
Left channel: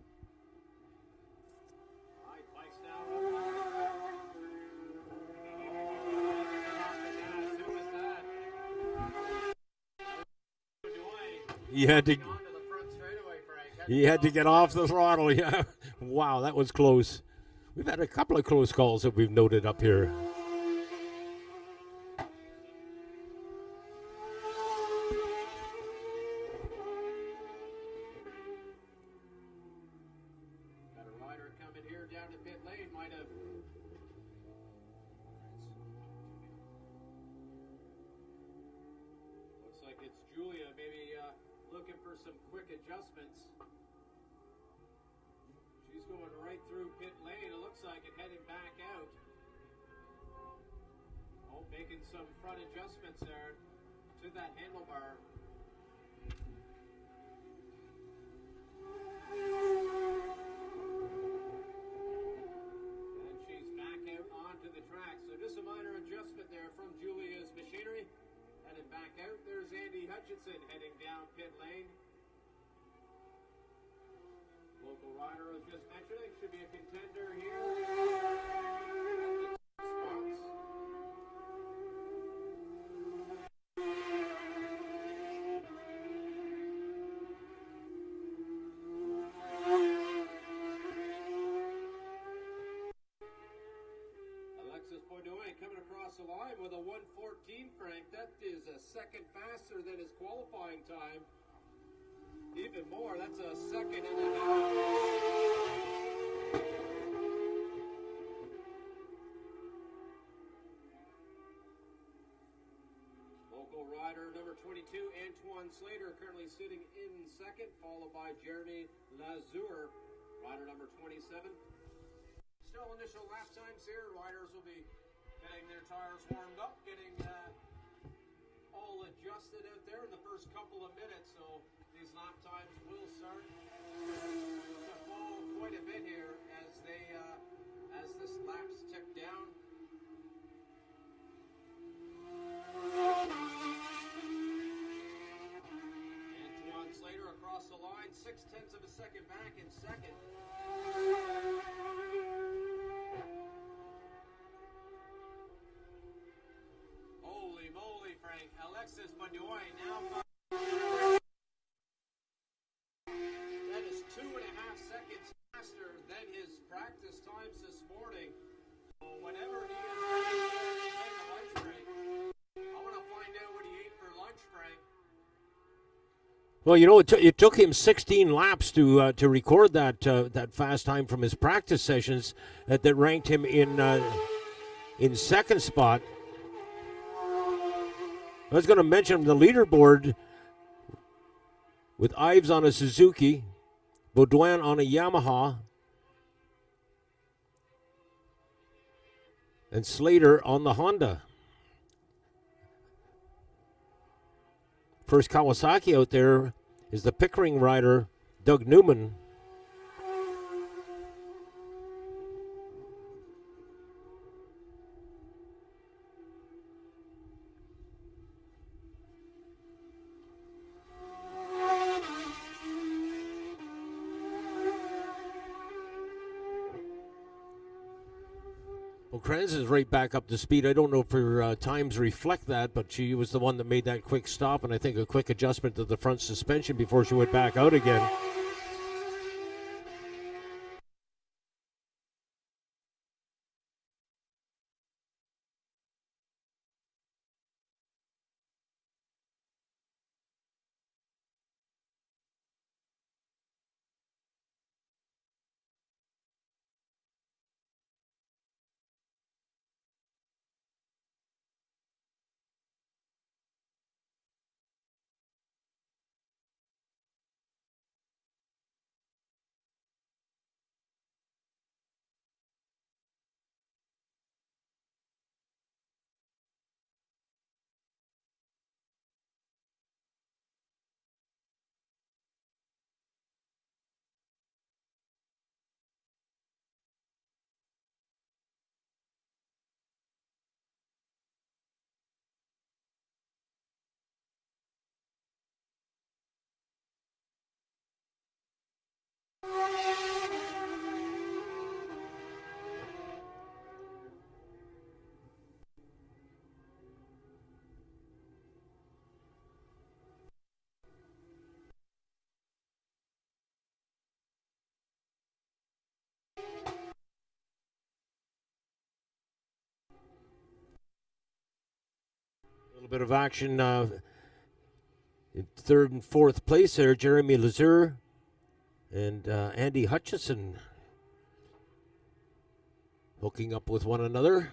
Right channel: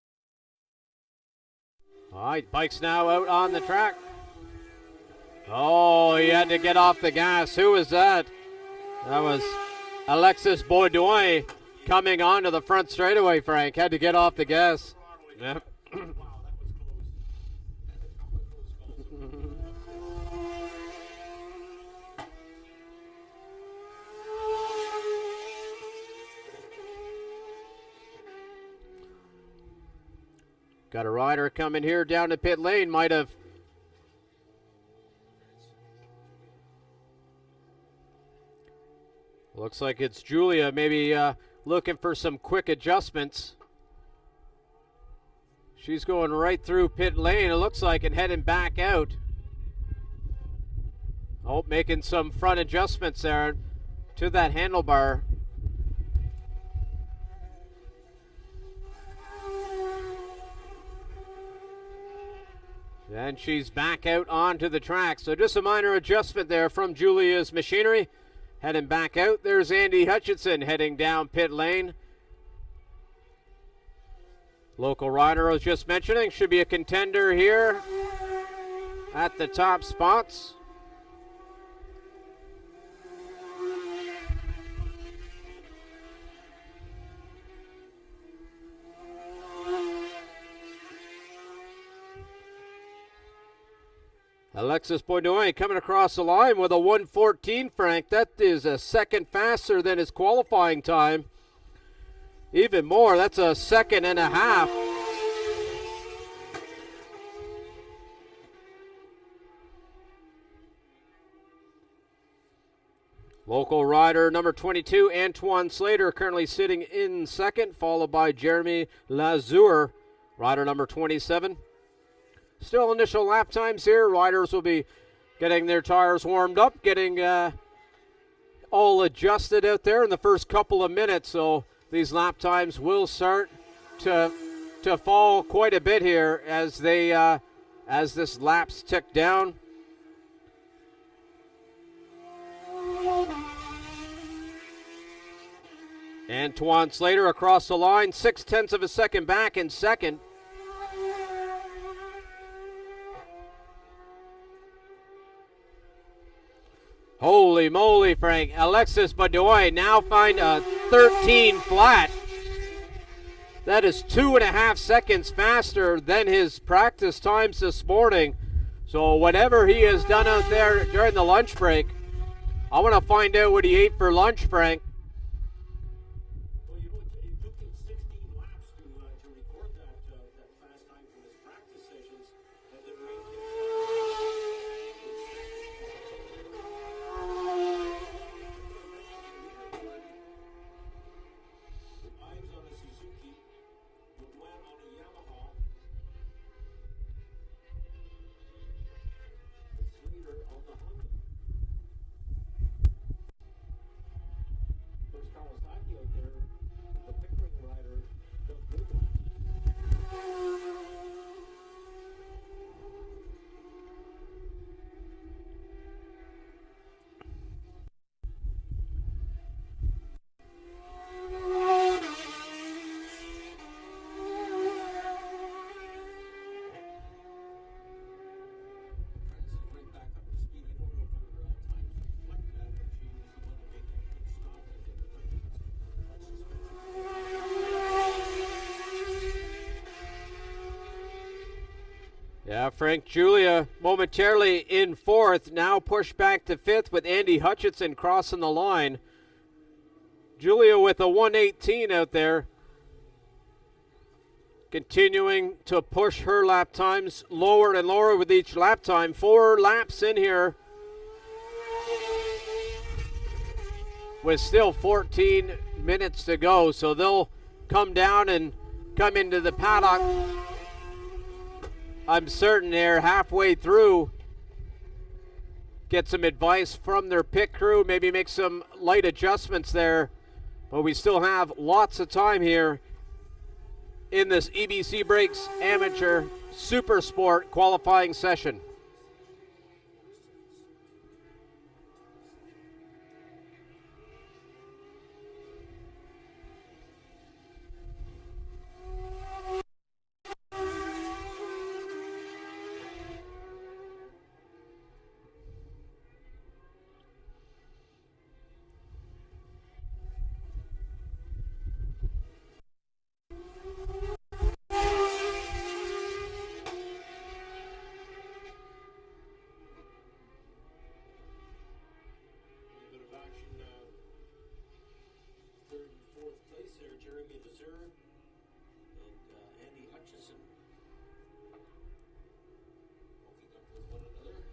you. All right, bike's now out on the track. Oh, he had to get off the gas. Who was that? That was Alexis Baudouin coming onto the front straightaway, Frank. Had to get off the gas. Off the throttle, yeah. Wow, that was close. We've had a couple of close calls that we've noted up here. Got a rider coming here down to pit lane. Might have. Looks like it's Julia, maybe looking for some quick adjustments. She's going right through pit lane, it looks like, and heading back out. Oh, making some front adjustments there to that handlebar. And she's back out onto the track. So just a minor adjustment there from Julia's machinery. Heading back out, there's Andy Hutchinson heading down pit lane. Local rider I was just mentioning should be a contender here at the top spots. Alexis Baudouin coming across the line with a 1:14, Frank. That is a second faster than his qualifying time. Even more, that's a second and a half. Local rider number 22, Antoine Slater, currently sitting in second, followed by Jeremy Lazur, rider number 27. Still initial lap times here. Riders will be getting their tires warmed up, getting all adjusted out there in the first couple of minutes. So these lap times will start to fall quite a bit here as this laps tick down. Antoine Slater across the line, 0.6 of a second back in second. Holy moly, Frank. Alexis Badoy now find a 13 flat. That is 2.5 seconds faster than his practice times this morning. So whatever he has done out there during the lunch break, I want to find out what he ate for lunch, Frank. Well, you know, it took him 16 laps to record that fast time from his practice sessions that ranked him in second spot. I was going to mention the leaderboard with Ives on a Suzuki, Baudouin on a Yamaha, and Slater on the Honda. First Kawasaki out there is the Pickering rider, Doug Newman. Kranz is right back up to speed. I don't know if her times reflect that, but she was the one that made that quick stop, and I think a quick adjustment to the front suspension before she went back out again. Yeah, Frank Julia momentarily in fourth, now pushed back to fifth with Andy Hutchinson crossing the line. Julia with a 1:18 out there, continuing to push her lap times lower and lower with each lap time. 4 laps in here with still 14 minutes to go. So they'll come down and come into the paddock, I'm certain they're halfway through, get some advice from their pit crew, maybe make some light adjustments there. But we still have lots of time here in this EBC Brakes Amateur Super Sport qualifying session. Bit of action in third and fourth place there. Jeremy Lazur and Andy Hutchison hooking up with one another.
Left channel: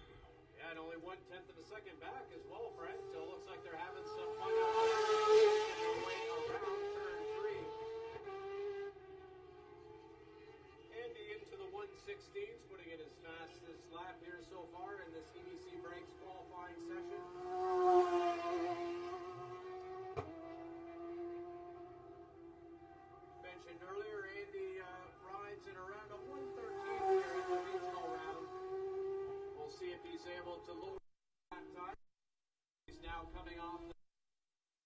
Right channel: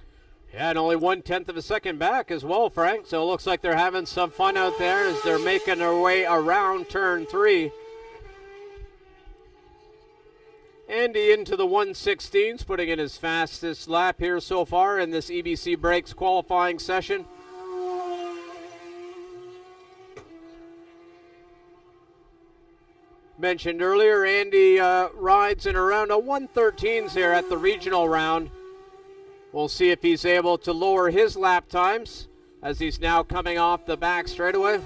Yeah, and only 1/10 of a second back as well, Frank. So it looks like they're having some fun out there as they're making their way around turn 3. Andy into the 1:16s, putting in his fastest lap here so far in this EBC Brakes qualifying session. Mentioned earlier, Andy rides in around a 1:13s here at the regional round. We'll see if he's able to lower his lap times as he's now coming off the back straightaway.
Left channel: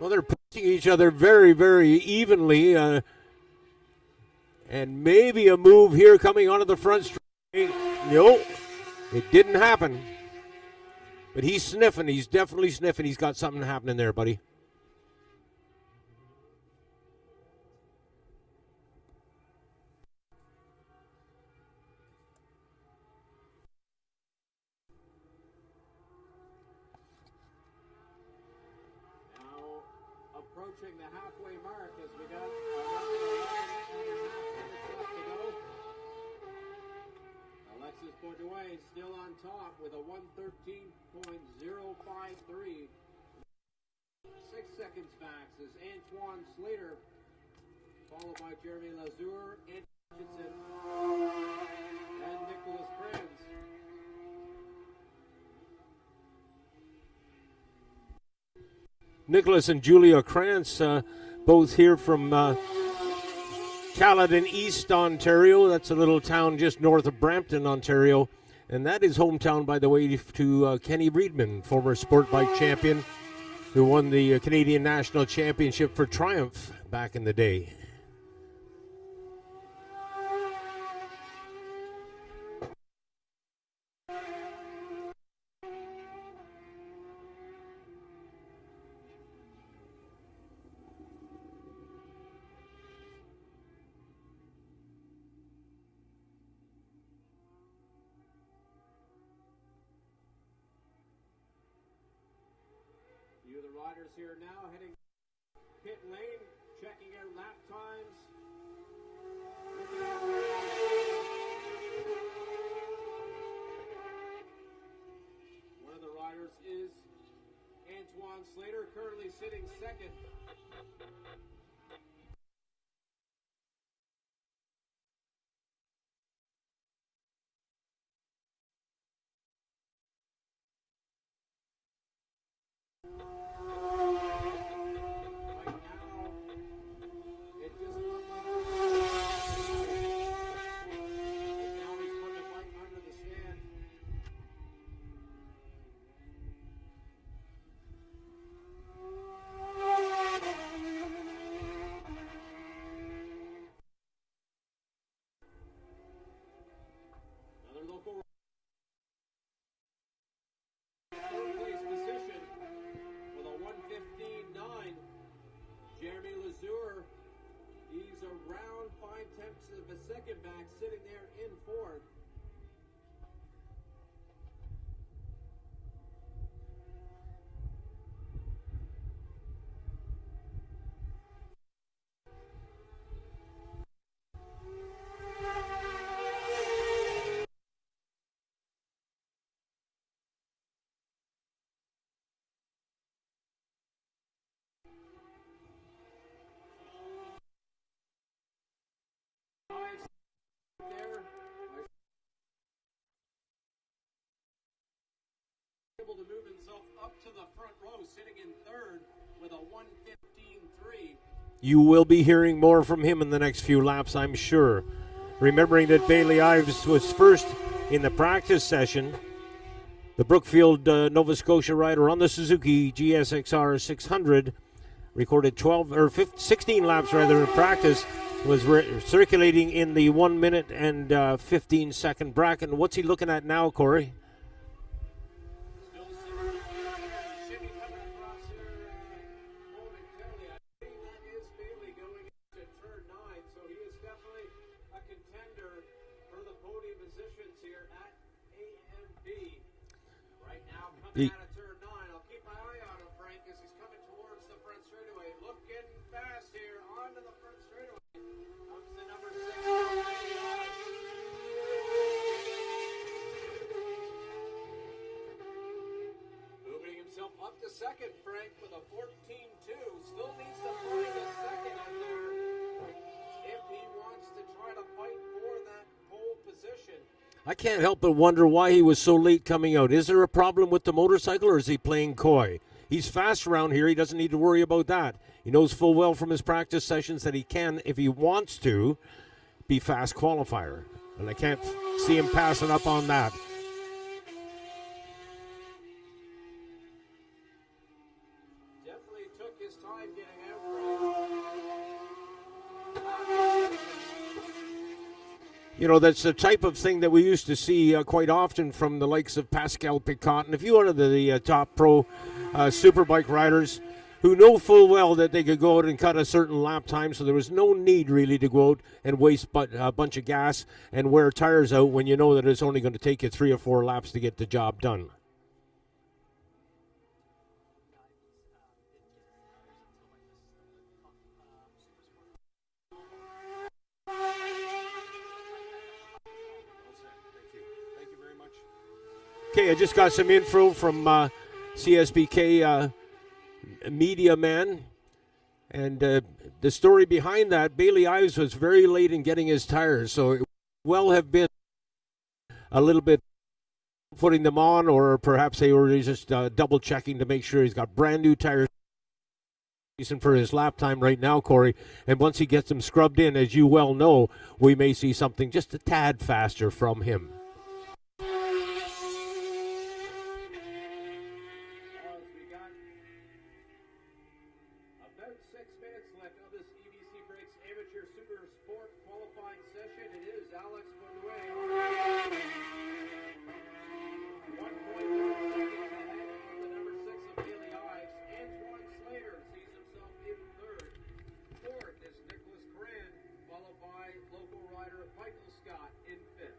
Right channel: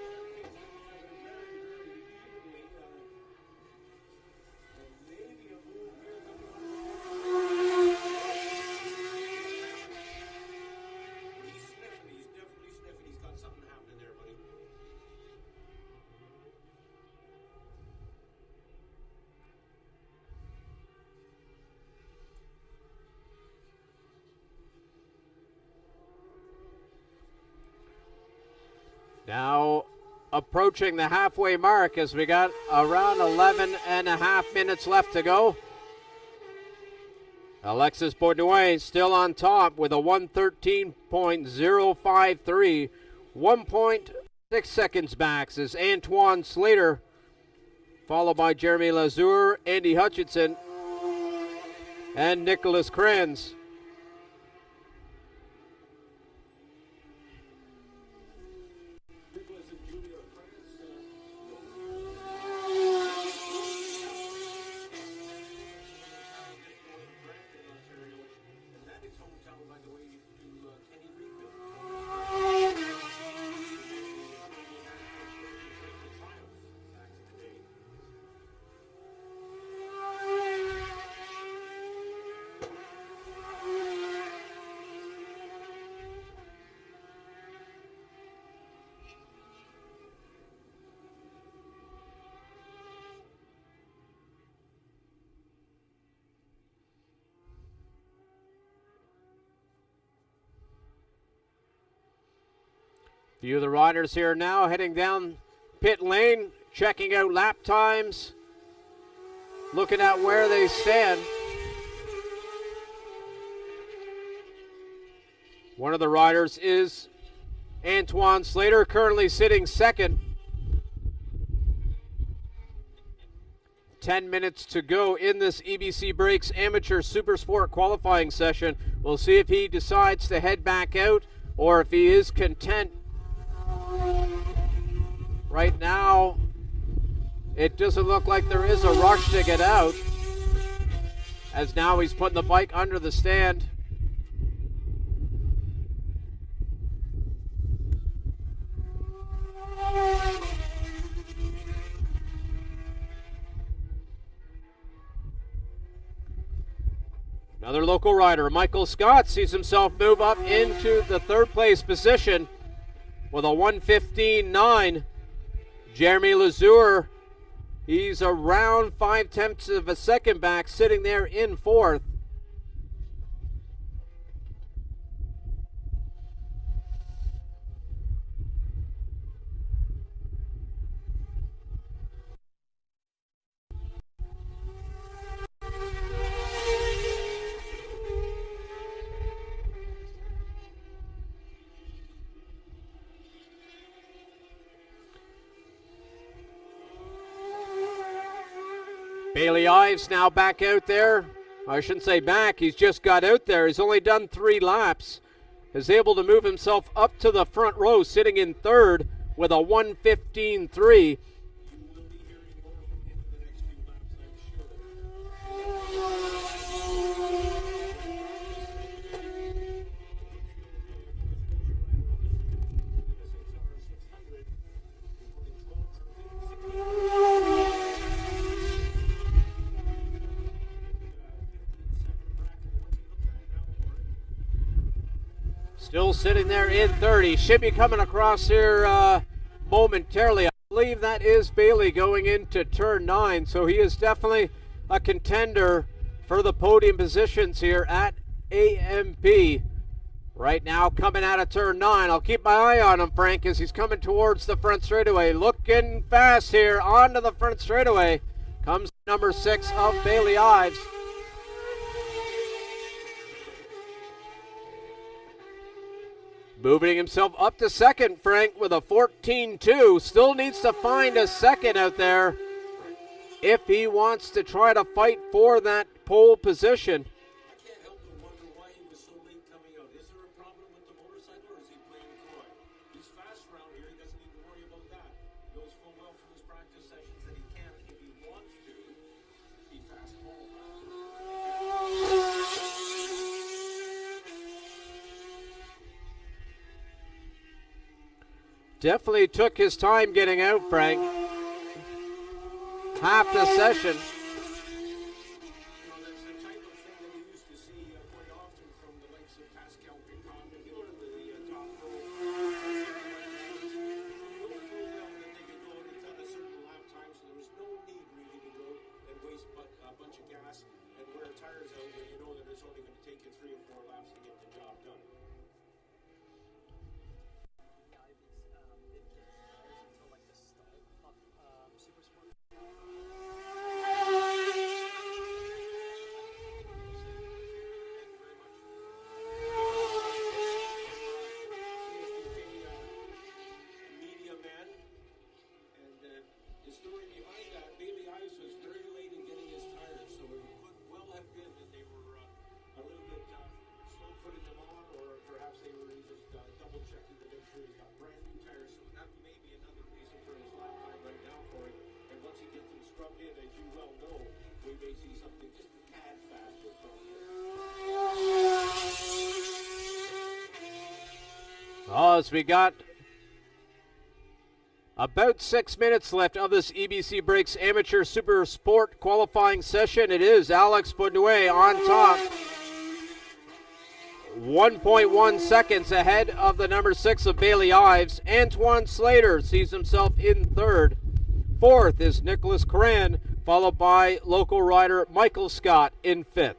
Well, they're pitching each other very, very evenly. And maybe a move here coming onto the front straight. Nope, it didn't happen. But he's sniffing. He's definitely sniffing. He's got something happening there, buddy. Now approaching the halfway mark as we got around 11 and a half minutes left to go. Alexis Baudouin still on top with a 1:13.053. 1.6 seconds back is Antoine Slater, followed by Jeremy Lazur, Andy Hutchinson, and Nicholas Kranz. Nicholas and Julia Krantz, both here from Caledon East, Ontario. That's a little town just north of Brampton, Ontario. And that is hometown, by the way, to Kenny Reedman, former sport bike champion, who won the Canadian National Championship for Triumph back in the day. Few of the riders here now heading down pit lane, checking out lap times, looking at where they stand. One of the riders is Antoine Slater, currently sitting second. 10 minutes to go in this EBC Brakes Amateur Supersport qualifying session. We'll see if he decides to head back out or if he is content. Right now, it doesn't look like there is a rush to get out, as now he's putting the bike under the stand. Another local rider, Michael Scott, sees himself move up into the third place position with a 1:15.9. Jeremy Lazur, he's around 0.5 of a second back, sitting there in fourth. Bailey Ives now back out there. I shouldn't say back, he's just got out there. He's only done 3 laps. Is able to move himself up to the front row, sitting in third with a 1:15.3. You will be hearing more from him in the next few laps, I'm sure. Remembering that Bailey Ives was first in the practice session. The Brookfield, Nova Scotia rider on the Suzuki GSXR 600 recorded 16 laps rather in practice. Was circulating in the 1 minute and 15 second bracket. And what's he looking at now, Corey? Still sitting there in third. He should be coming across here momentarily. I believe that is Bailey going into turn 9. So he is definitely a contender for the podium positions here at AMP. Right now coming out of turn 9. I'll keep my eye on him, Frank, as he's coming towards the front straightaway. Looking fast here onto the front straightaway. Comes number 6 of Bailey Ives. Moving himself up to second, Frank, with a 14.2. Still needs to find a second out there if he wants to try to fight for that pole position. I can't help but wonder why he was so late coming out. Is there a problem with the motorcycle, or is he playing coy? He's fast around here. He doesn't need to worry about that. He knows full well from his practice sessions that he can, if he wants to, be fast qualifier. And I can't see him passing up on that. Definitely took his time getting out, Frank. Half the session. You know, that's the type of thing that we used to see quite often from the likes of Pascal Picot and a few of the top pro superbike riders who know full well that they could go out and cut a certain lap time, so there was no need really to go out and waste a bunch of gas and wear tires out when you know that it's only going to take you 3 or 4 laps to get the job done. Okay, I just got some info from CSBK media man, and the story behind that, Bailey Ives was very late in getting his tires, so it well have been a little bit putting them on, or perhaps they were just double checking to make sure he's got brand new tires. Reason for his lap time right now, Corey, and once he gets them scrubbed in, as you well know, we may see something just a tad faster from him. Oh, as we got about 6 minutes left of this EBC Brakes Amateur Super Sport qualifying session. It is Alex Benoit on top. 1.1 seconds ahead of the number 6 of Bailey Ives. Antoine Slater sees himself in third. Fourth is Nicholas Coran, followed by local rider Michael Scott in fifth.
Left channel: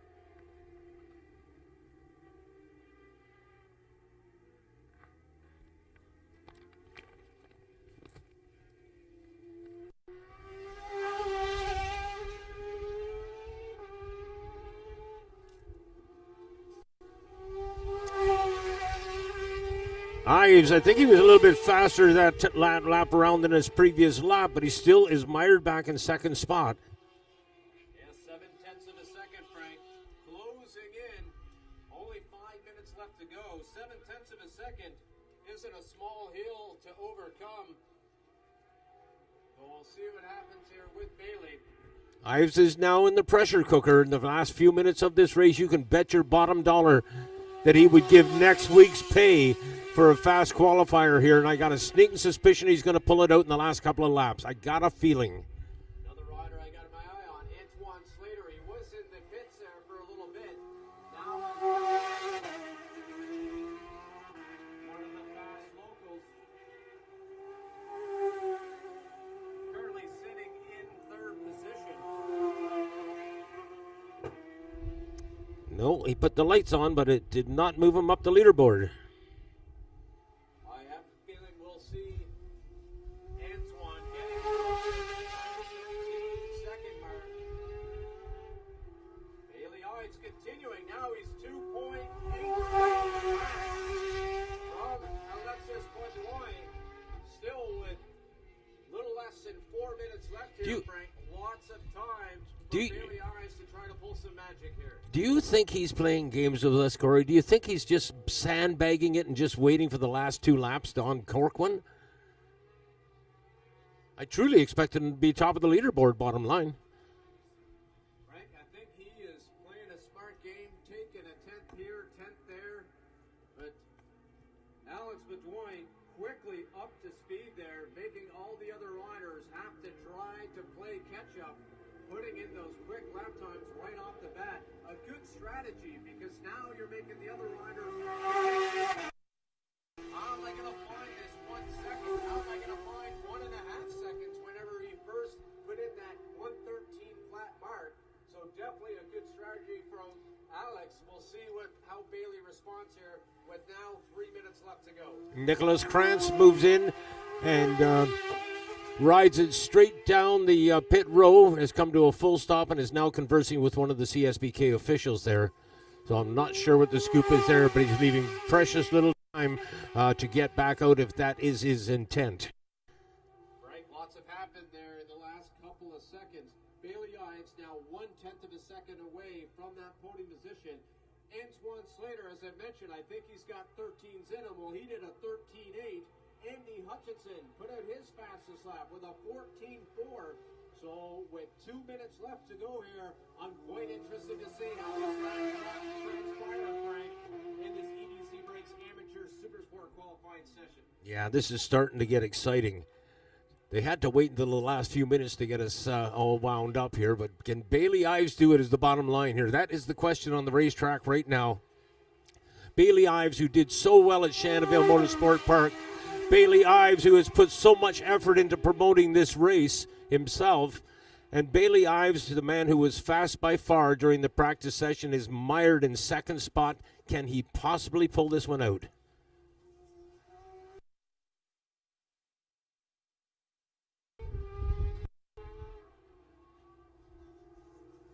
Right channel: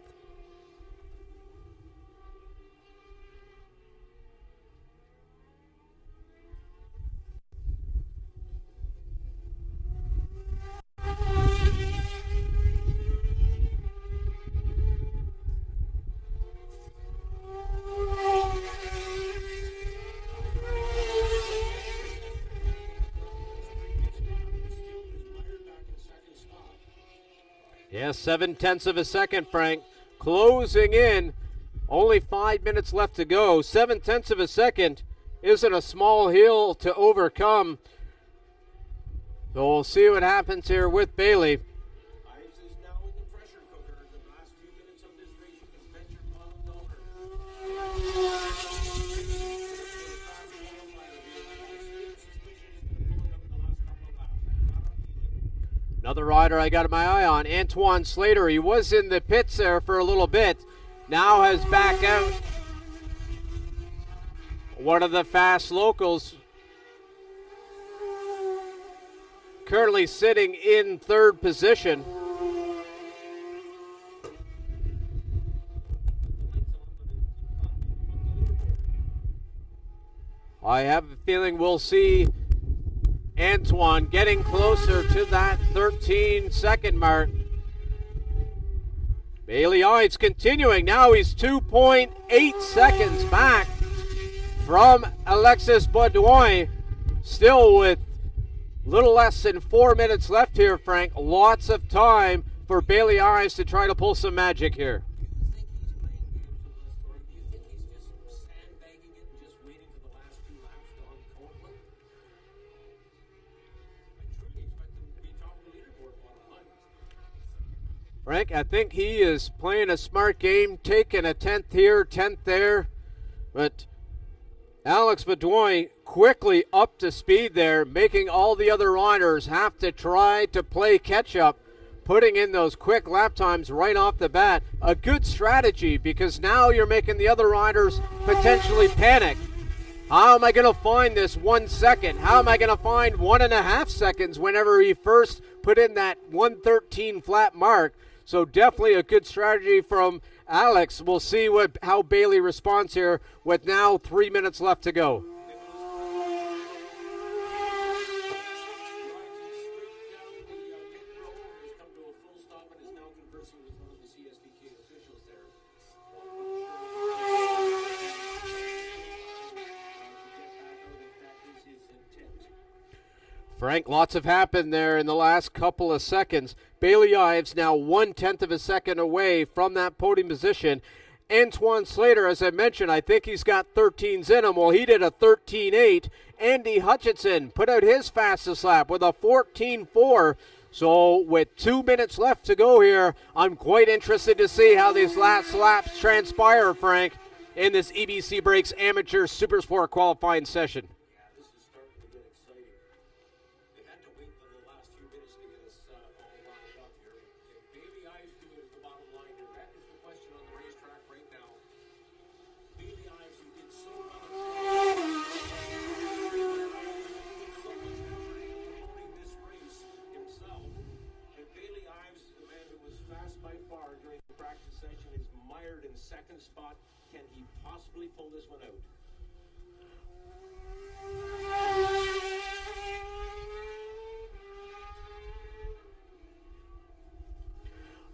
Ives, I think he was a little bit faster that lap around than his previous lap, but he still is mired back in second spot. Yeah, 0.7 of a second, Frank. Closing in. Only 5 minutes left to go. 0.7 of a second isn't a small hill to overcome. So we'll see what happens here with Bailey. Ives is now in the pressure cooker. In the last few minutes of this race, you can bet your bottom dollar that he would give next week's pay for a fast qualifier here, and I got a sneaking suspicion he's going to pull it out in the last couple of laps. I got a feeling. Another rider I got my eye on, Antoine Slater. He was in the pits there for a little bit. Now has back out. One of the fast locals. Currently sitting in third position. No, he put the lights on, but it did not move him up the leaderboard. I have a feeling we'll see Antoine getting closer to that 13-second mark. Bailey Ives continuing. Now he's 2.8 seconds back from Alexis Baudouin. Still with little less than 4 minutes left here, Frank. Lots of time for Bailey Ives to try to pull some magic here. Do you think he's playing games with us, Corey? Do you think he's just sandbagging it and just waiting for the last 2 laps to uncork one? I truly expect him to be top of the leaderboard, bottom line. Frank, I think he is playing a smart game, taking a 10th here, 10th there. But Alex Baudouin quickly up to speed there, making all the other riders have to try to play catch-up, putting in those quick lap times right off the bat. A good strategy, because now you're making the other riders potentially panic. How am I going to find this 1 second? How am I going to find 1.5 seconds whenever he first put in that 1:13 flat mark? So definitely a good strategy from Alex. We'll see how Bailey responds here with now 3 minutes left to go. Nicholas Krantz moves in and rides it straight down the pit row, has come to a full stop and is now conversing with one of the CSBK officials there. So I'm not sure what the scoop is there, but he's leaving precious little time to get back out if that is his intent. Frank, lots have happened there in the last couple of seconds. Bailey Ives now 1/10 of a second away from that podium position. Antoine Slater, as I mentioned, I think he's got 13s in him. Well, he did a 13.8. Andy Hutchinson put out his fastest lap with a 14.4. So with 2 minutes left to go here, I'm quite interested to see how these last laps transpire, Frank, in this EBC Brakes Amateur Supersport qualifying session. Yeah, this is starting to get exciting. They had to wait until the last few minutes to get us all wound up here, but can Bailey Ives do it is the bottom line here. That is the question on the racetrack right now. Bailey Ives, who did so well at Shanaville Motorsport Park. Bailey Ives, who has put so much effort into promoting this race himself. And Bailey Ives, the man who was fast by far during the practice session, is mired in second spot. Can he possibly pull this one out?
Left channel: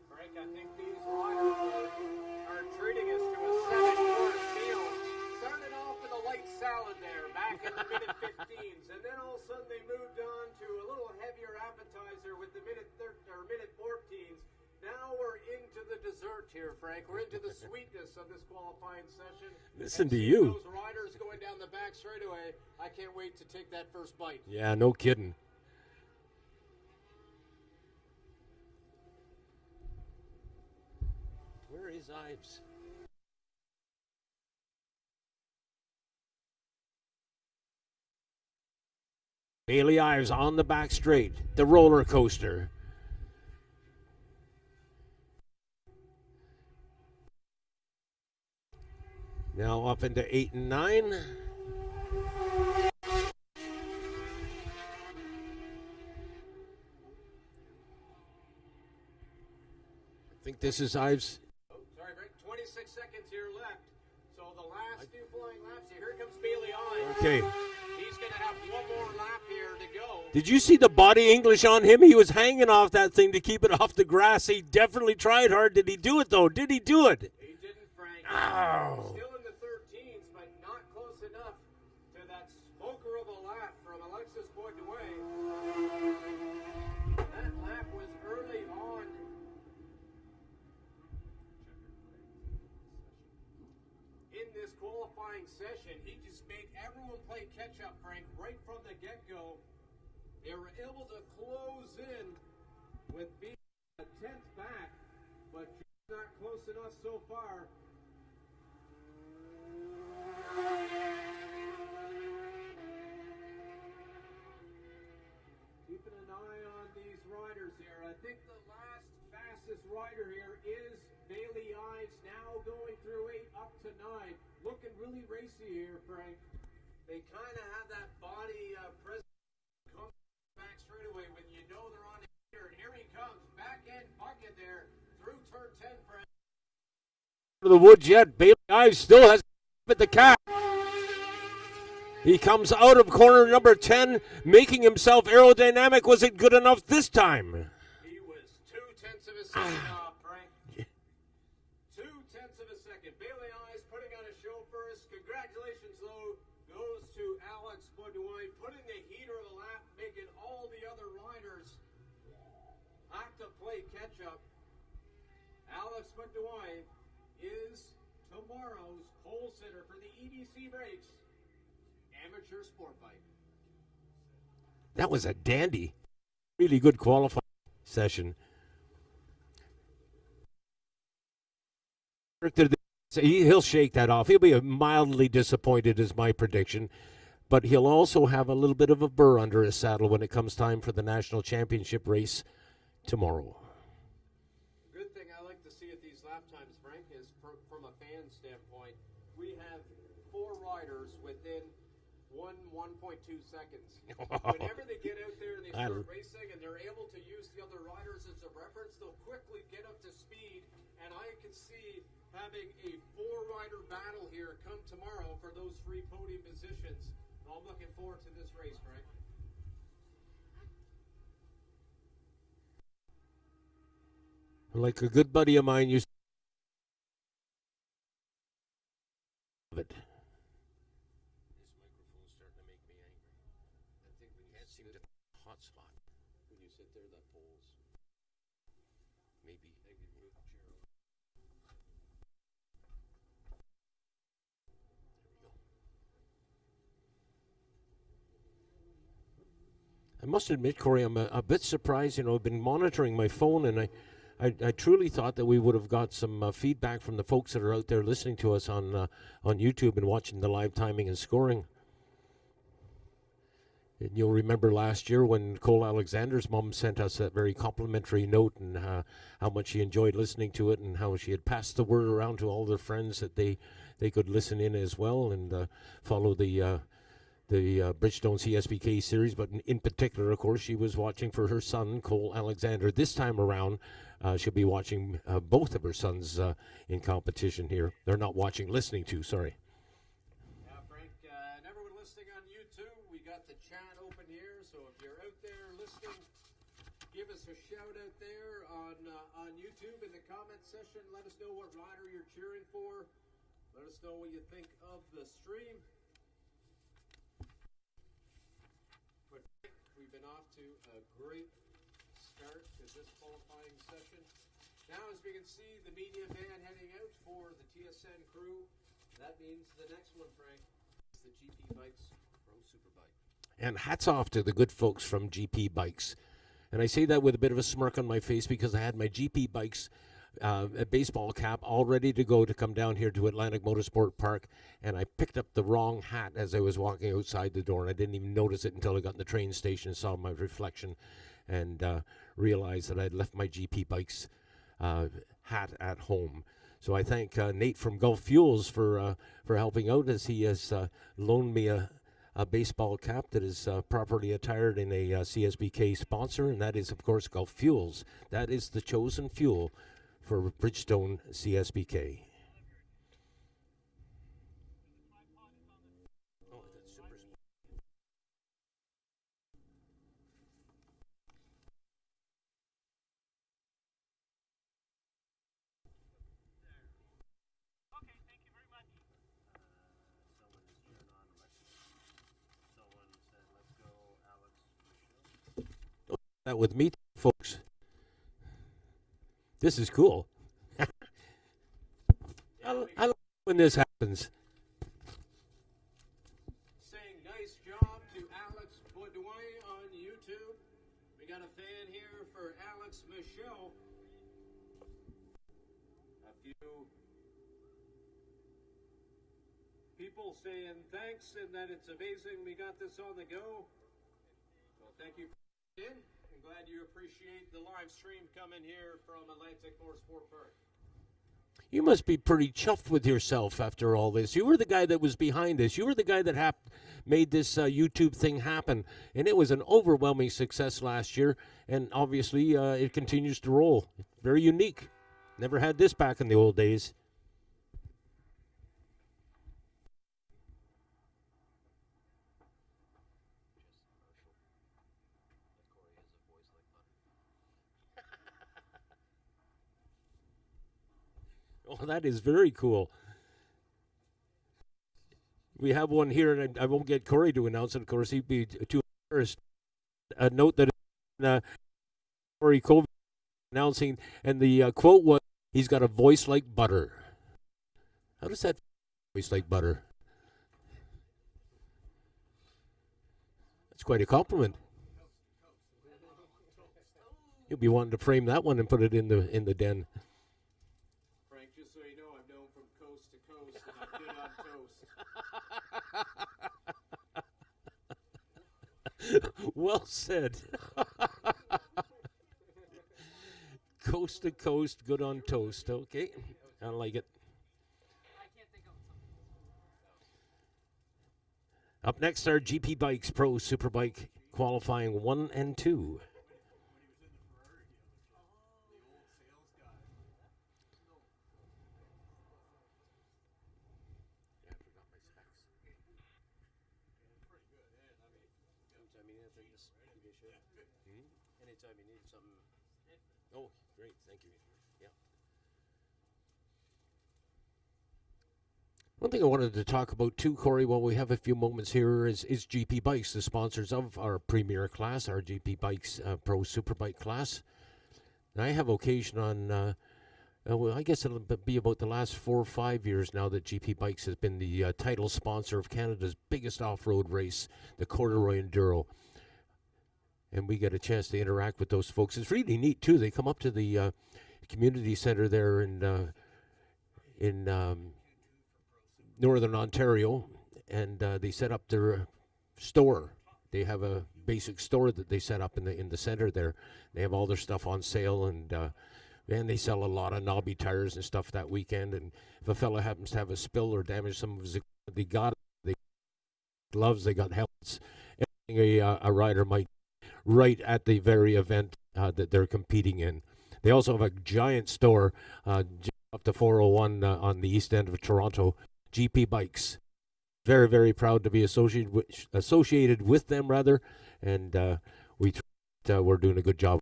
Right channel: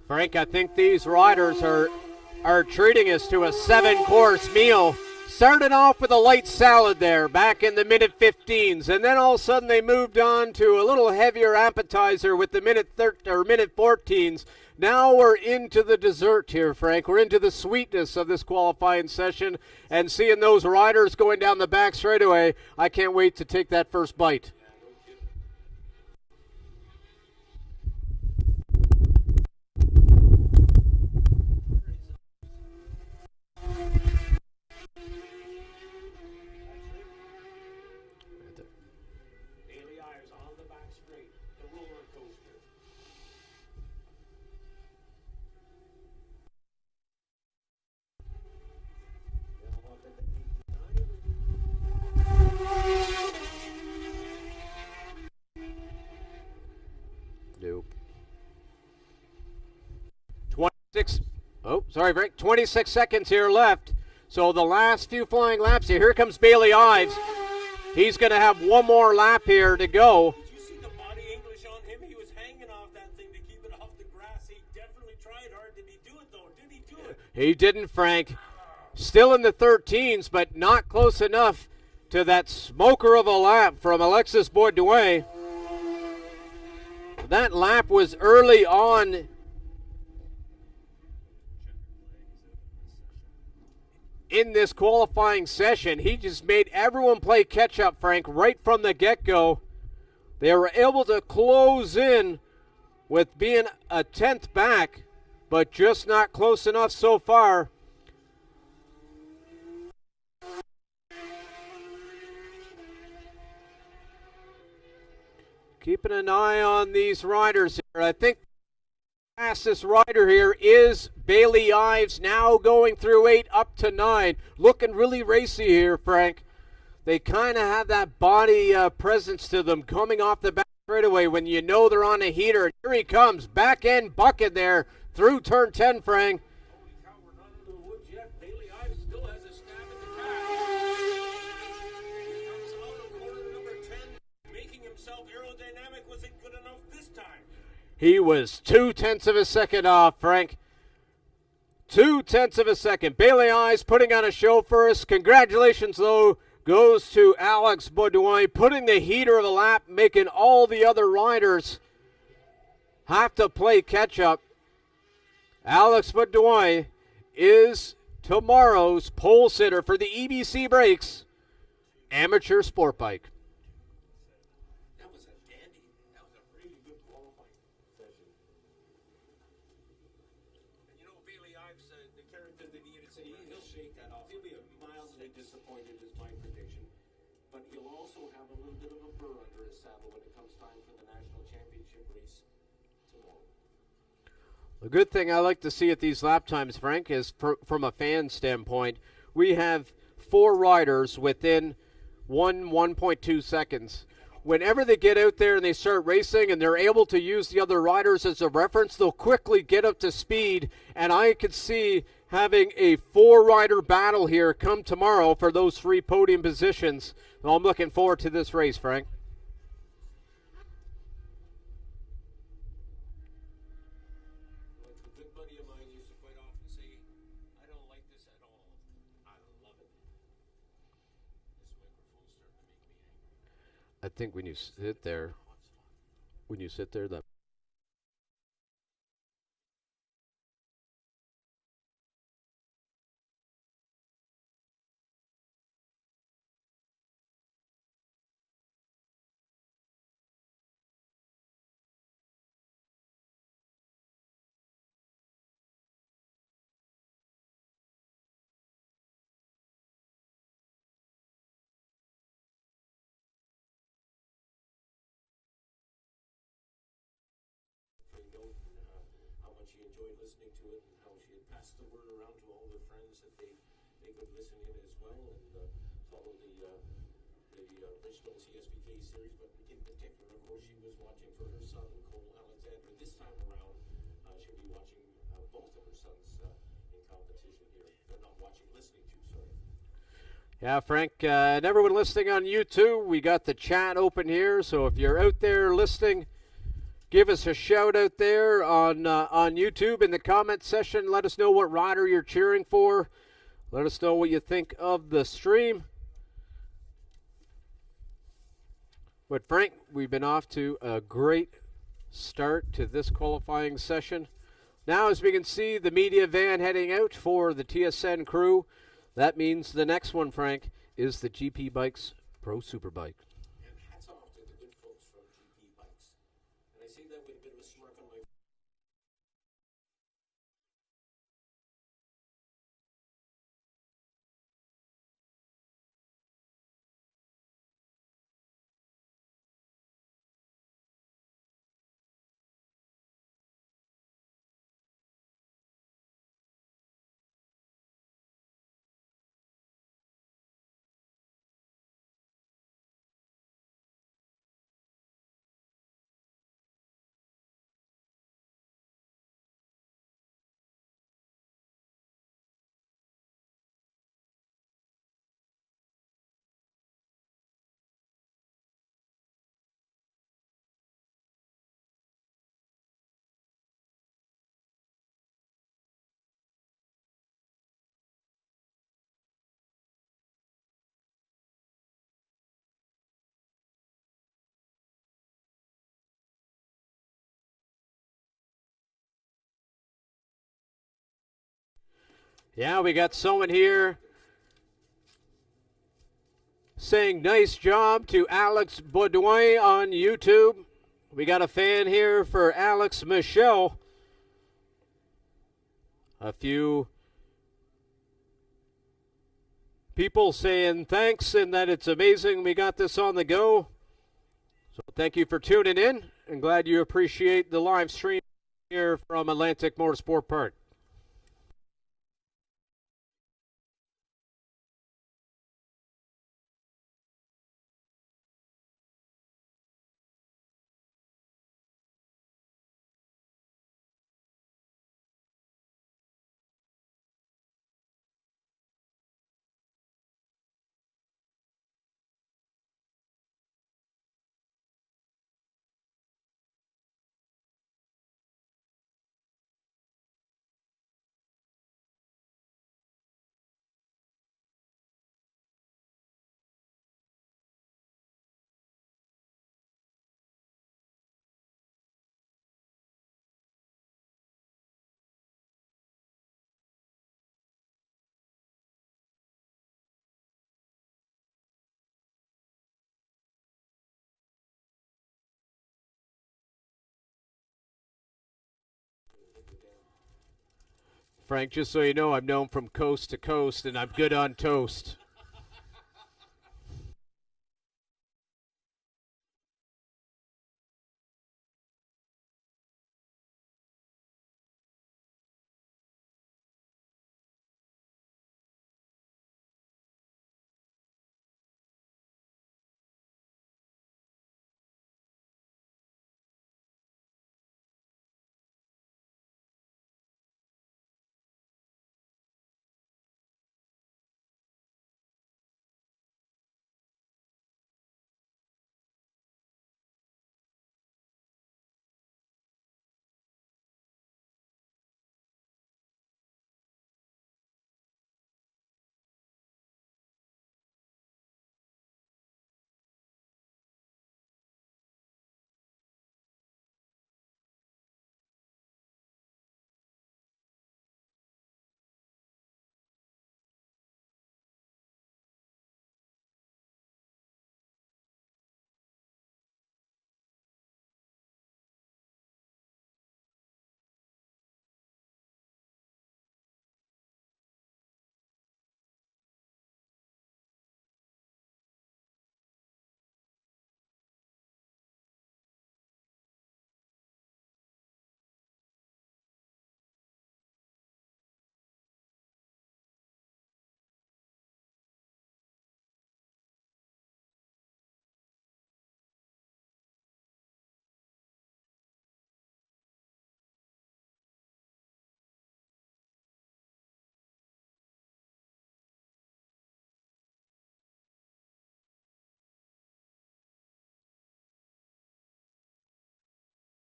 Frank, I think these riders are are treating us to a 7-course meal. Started off with a light salad there back in the minute 15s, and then all of a sudden they moved on to a little heavier appetizer with the minute 14s. Now we're into the dessert here, Frank. We're into the sweetness of this qualifying session, and seeing those riders going down the back straightaway, I can't wait to take that first bite. Yeah, no kidding. Where is Ives? Bailey Ives on the back straight, the roller coaster. Now up into 8 and 9. Nope. I think this is Ives. Oh, sorry, Frank. 26 seconds here left. So the last few flying laps here. Here comes Bailey Ives. Okay. He's going to have one more lap here to go. Did you see the body English on him? He was hanging off that thing to keep it off the grass. He definitely tried hard. Did he do it, though? Did he do it? He didn't, Frank. Ow. Still in the 13s, but not close enough to that smoker of a lap from Alexis Bourdouin. That lap was early on. In this qualifying session, he just made everyone play catch-up, Frank, right from the get-go. They were able to close in with being a 10th back, but just not close enough so far. Keeping an eye on these riders here. I think the fastest rider here is Bailey Ives, now going through 8 up to 9. Looking really racy here, Frank. They kind of have that body presence to them coming off the back straightaway when you know they're on a heater. And here he comes, back end bucket there through turn 10, Frank. To the woods yet. Bailey Ives still has a stab at the cap. He comes out of corner number 10, making himself aerodynamic. Was it good enough this time? He was 0.2 of a second off, Frank. 0.2 of a second. Bailey Ives putting on a show for us. Congratulations, though, goes to Alex Bourdouin, putting the heater of the lap, making all the other riders have to play catch-up. Alex Bourdouin is tomorrow's pole sitter for the EBC Brakes Amateur Sport Bike. That was a dandy. Really good qualifying session. He'll shake that off. He'll be mildly disappointed is my prediction, but he'll also have a little bit of a burr under his saddle when it comes time for the national championship race tomorrow. The good thing I like to see at these lap times, Frank, is from a fan standpoint, we have 4 riders within 1.2 seconds. Whenever they get out there and they start racing and they're able to use the other riders as a reference, they'll quickly get up to speed, and I could see having a 4-rider battle here come tomorrow for those 3 podium positions. Well, I'm looking forward to this race, Frank. Like a good buddy of mine used to quite often say, I don't like this at all. I love it. This microphone's starting to make me angry. I think when you sit there, Hot spot. that Maybe I can move the chair. I must admit, Corey, I'm a bit surprised. You know, I've been monitoring my phone, and I truly thought that we would have got some feedback from the folks that are out there listening to us on YouTube and watching the live timing and scoring. And you'll remember last year when Cole Alexander's mom sent us that very complimentary note and how much she enjoyed listening to it and how she had passed the word around to all their friends that they could listen in as well and follow the Bridgestone CSBK series. But in particular, of course, she was watching for her son, Cole Alexander. This time around, she'll be watching both of her sons in competition here. They're not watching, listening to, sorry. Yeah, Frank, and everyone listening on YouTube, we got the chat open here, so if you're out there listening, Give us a shout out there on YouTube in the comment section. Let us know what rider you're cheering for. Let us know what you think of the stream. But Frank, we've been off to a great start to this qualifying session. Now, as we can see, the media van heading out for the TSN crew. That means the next one, Frank, is the GP Bikes Pro Superbike. And hats off to the good folks from GP Bikes. And I say that with a bit of a smirk on my face because I had my GP Bikes a baseball cap all ready to go to come down here to Atlantic Motorsport Park, and I picked up the wrong hat as I was walking outside the door, and I didn't even notice it until I got in the train station and saw my reflection and realized that I'd left my GP Bikes hat at home. So I thank Nate from Gulf Fuels for helping out as he has loaned me a baseball cap that is properly attired in a CSBK sponsor, and that is, of course, Gulf Fuels. That is the chosen fuel for Bridgestone CSBK. That with me, folks. This is cool. Yeah, we got someone when here this happens. saying nice job to Alex Baudouin on YouTube. We got a fan here for Alex Michel. A few people saying thanks and that it's amazing we got this on the go. So thank you for tuning in, and glad you appreciate the live stream coming here from Atlantic Motorsport Park. You must be pretty chuffed with yourself after all this. You were the guy that was behind this. You were the guy that made this YouTube thing happen. And it was an overwhelming success last year. And obviously, it continues to roll. Very unique. Never had this back in the old days. Oh, that is very cool. We have one here, and I won't get Corey to announce it. Of course, he'd be too embarrassed. A note that Corey Covey announcing, and the quote was, "He's got a voice like butter." How does that voice like butter? That's quite a compliment. You'll be wanting to frame that one and put it in the den. Frank, just so you know, I'm known from coast to coast, and I'm good on toast. Well said. Coast to coast, good on toast. Okay, I like it. Up next are GP Bikes Pro Superbike qualifying 1 and 2. Oh, great, thank you. Yeah. One thing I wanted to talk about too, Corey, while we have a few moments here, is GP Bikes, the sponsors of our premier class, our GP Bikes Pro Superbike class. And I have occasion on, well, I guess it'll be about the last 4 or 5 years now that GP Bikes has been the title sponsor of Canada's biggest off-road race, the Corduroy Enduro. And we get a chance to interact with those folks. It's really neat, too. They come up to the community center there in Northern Ontario, and they set up their store. They have a basic store that they set up in the center there. They have all their stuff on sale, and they sell a lot of knobby tires and stuff that weekend. And if a fella happens to have a spill or damage some of his equipment, they got gloves, they got helmets, everything a rider might right at the very event that they're competing in. They also have a giant store just off the 401 on the east end of Toronto, GP Bikes. Very, very proud to be associated with them, rather, and we're doing a good job.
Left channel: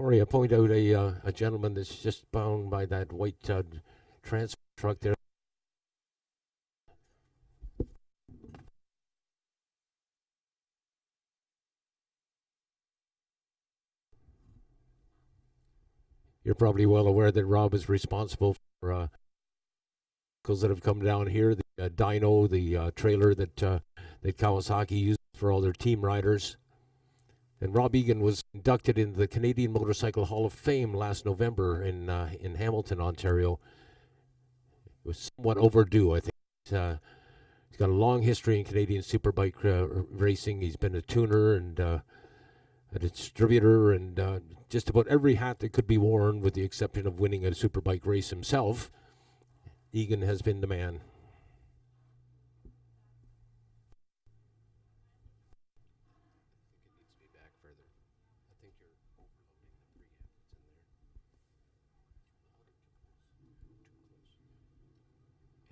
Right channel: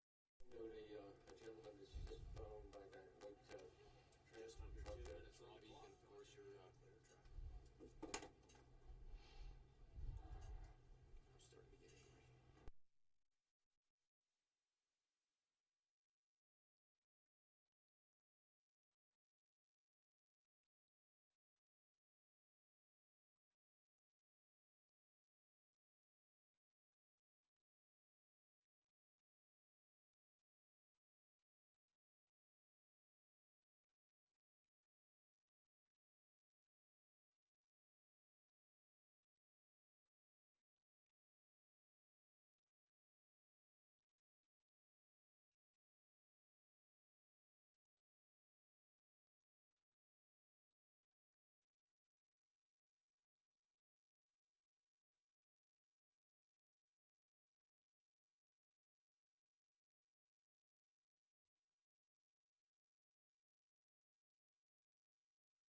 Corey, I point out a gentleman that's just bound by that white transfer truck there. You're probably well aware that Rob is responsible for vehicles that have come down here, the dyno, the trailer that Kawasaki uses for all their team riders. And Rob Egan was inducted into the Canadian Motorcycle Hall of Fame last November in Hamilton, Ontario. It was somewhat overdue, I think. He's got a long history in Canadian Superbike racing. He's been a tuner and a distributor and just about every hat that could be worn, with the exception of winning a Superbike race himself. Egan has been the man.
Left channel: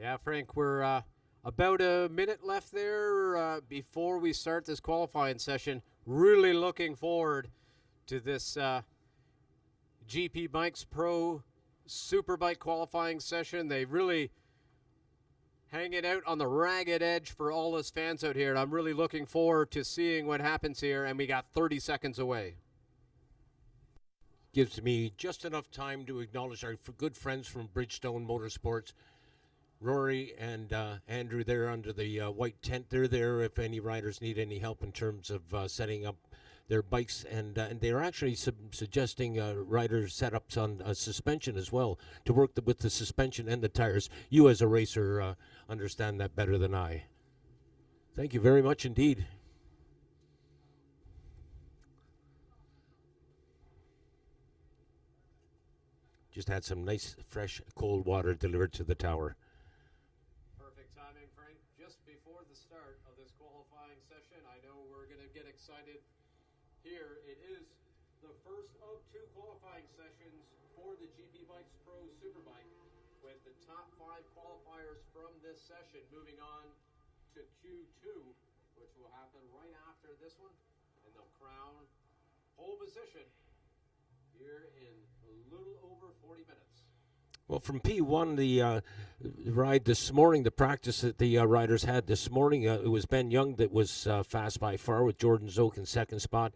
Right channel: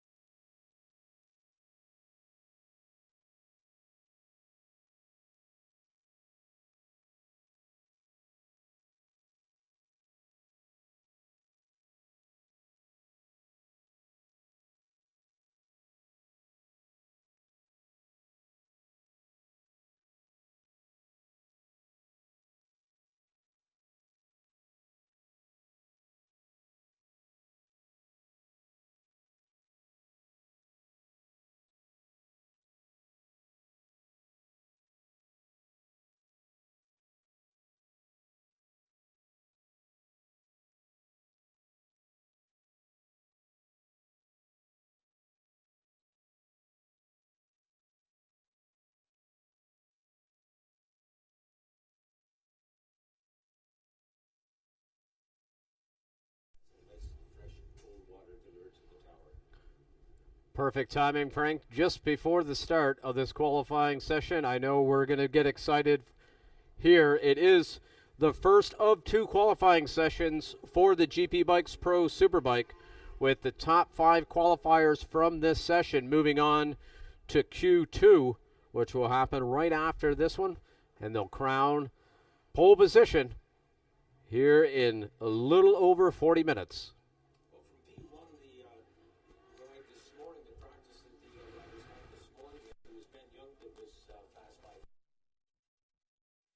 Yeah, Frank, we're about a minute left there before we start this qualifying session. Really looking forward to this GP Bikes Pro Superbike qualifying session. They really hang it out on the ragged edge for all us fans out here, and I'm really looking forward to seeing what happens here, and we got 30 seconds away. Gives me just enough time to acknowledge our good friends from Bridgestone Motorsports. Rory and Andrew, they're under the white tent. They're there if any riders need any help in terms of setting up their bikes, and they're actually suggesting riders setups on suspension as well to work with the suspension and the tires. You as a racer understand that better than I. Thank you very much indeed. Just had some nice, fresh, cold water delivered to the tower. Perfect timing, Frank. Just before the start of this qualifying session, I know we're going to get excited here. It is the first of two qualifying sessions for the GP Bikes Pro Superbike, with the top 5 qualifiers from this session moving on to Q2, which will happen right after this one, and they'll crown pole position here in a little over 40 minutes. Well, from P1, the ride this morning, the practice that the riders had this morning, it was Ben Young that was fast by far, with Jordan Zoke in second spot.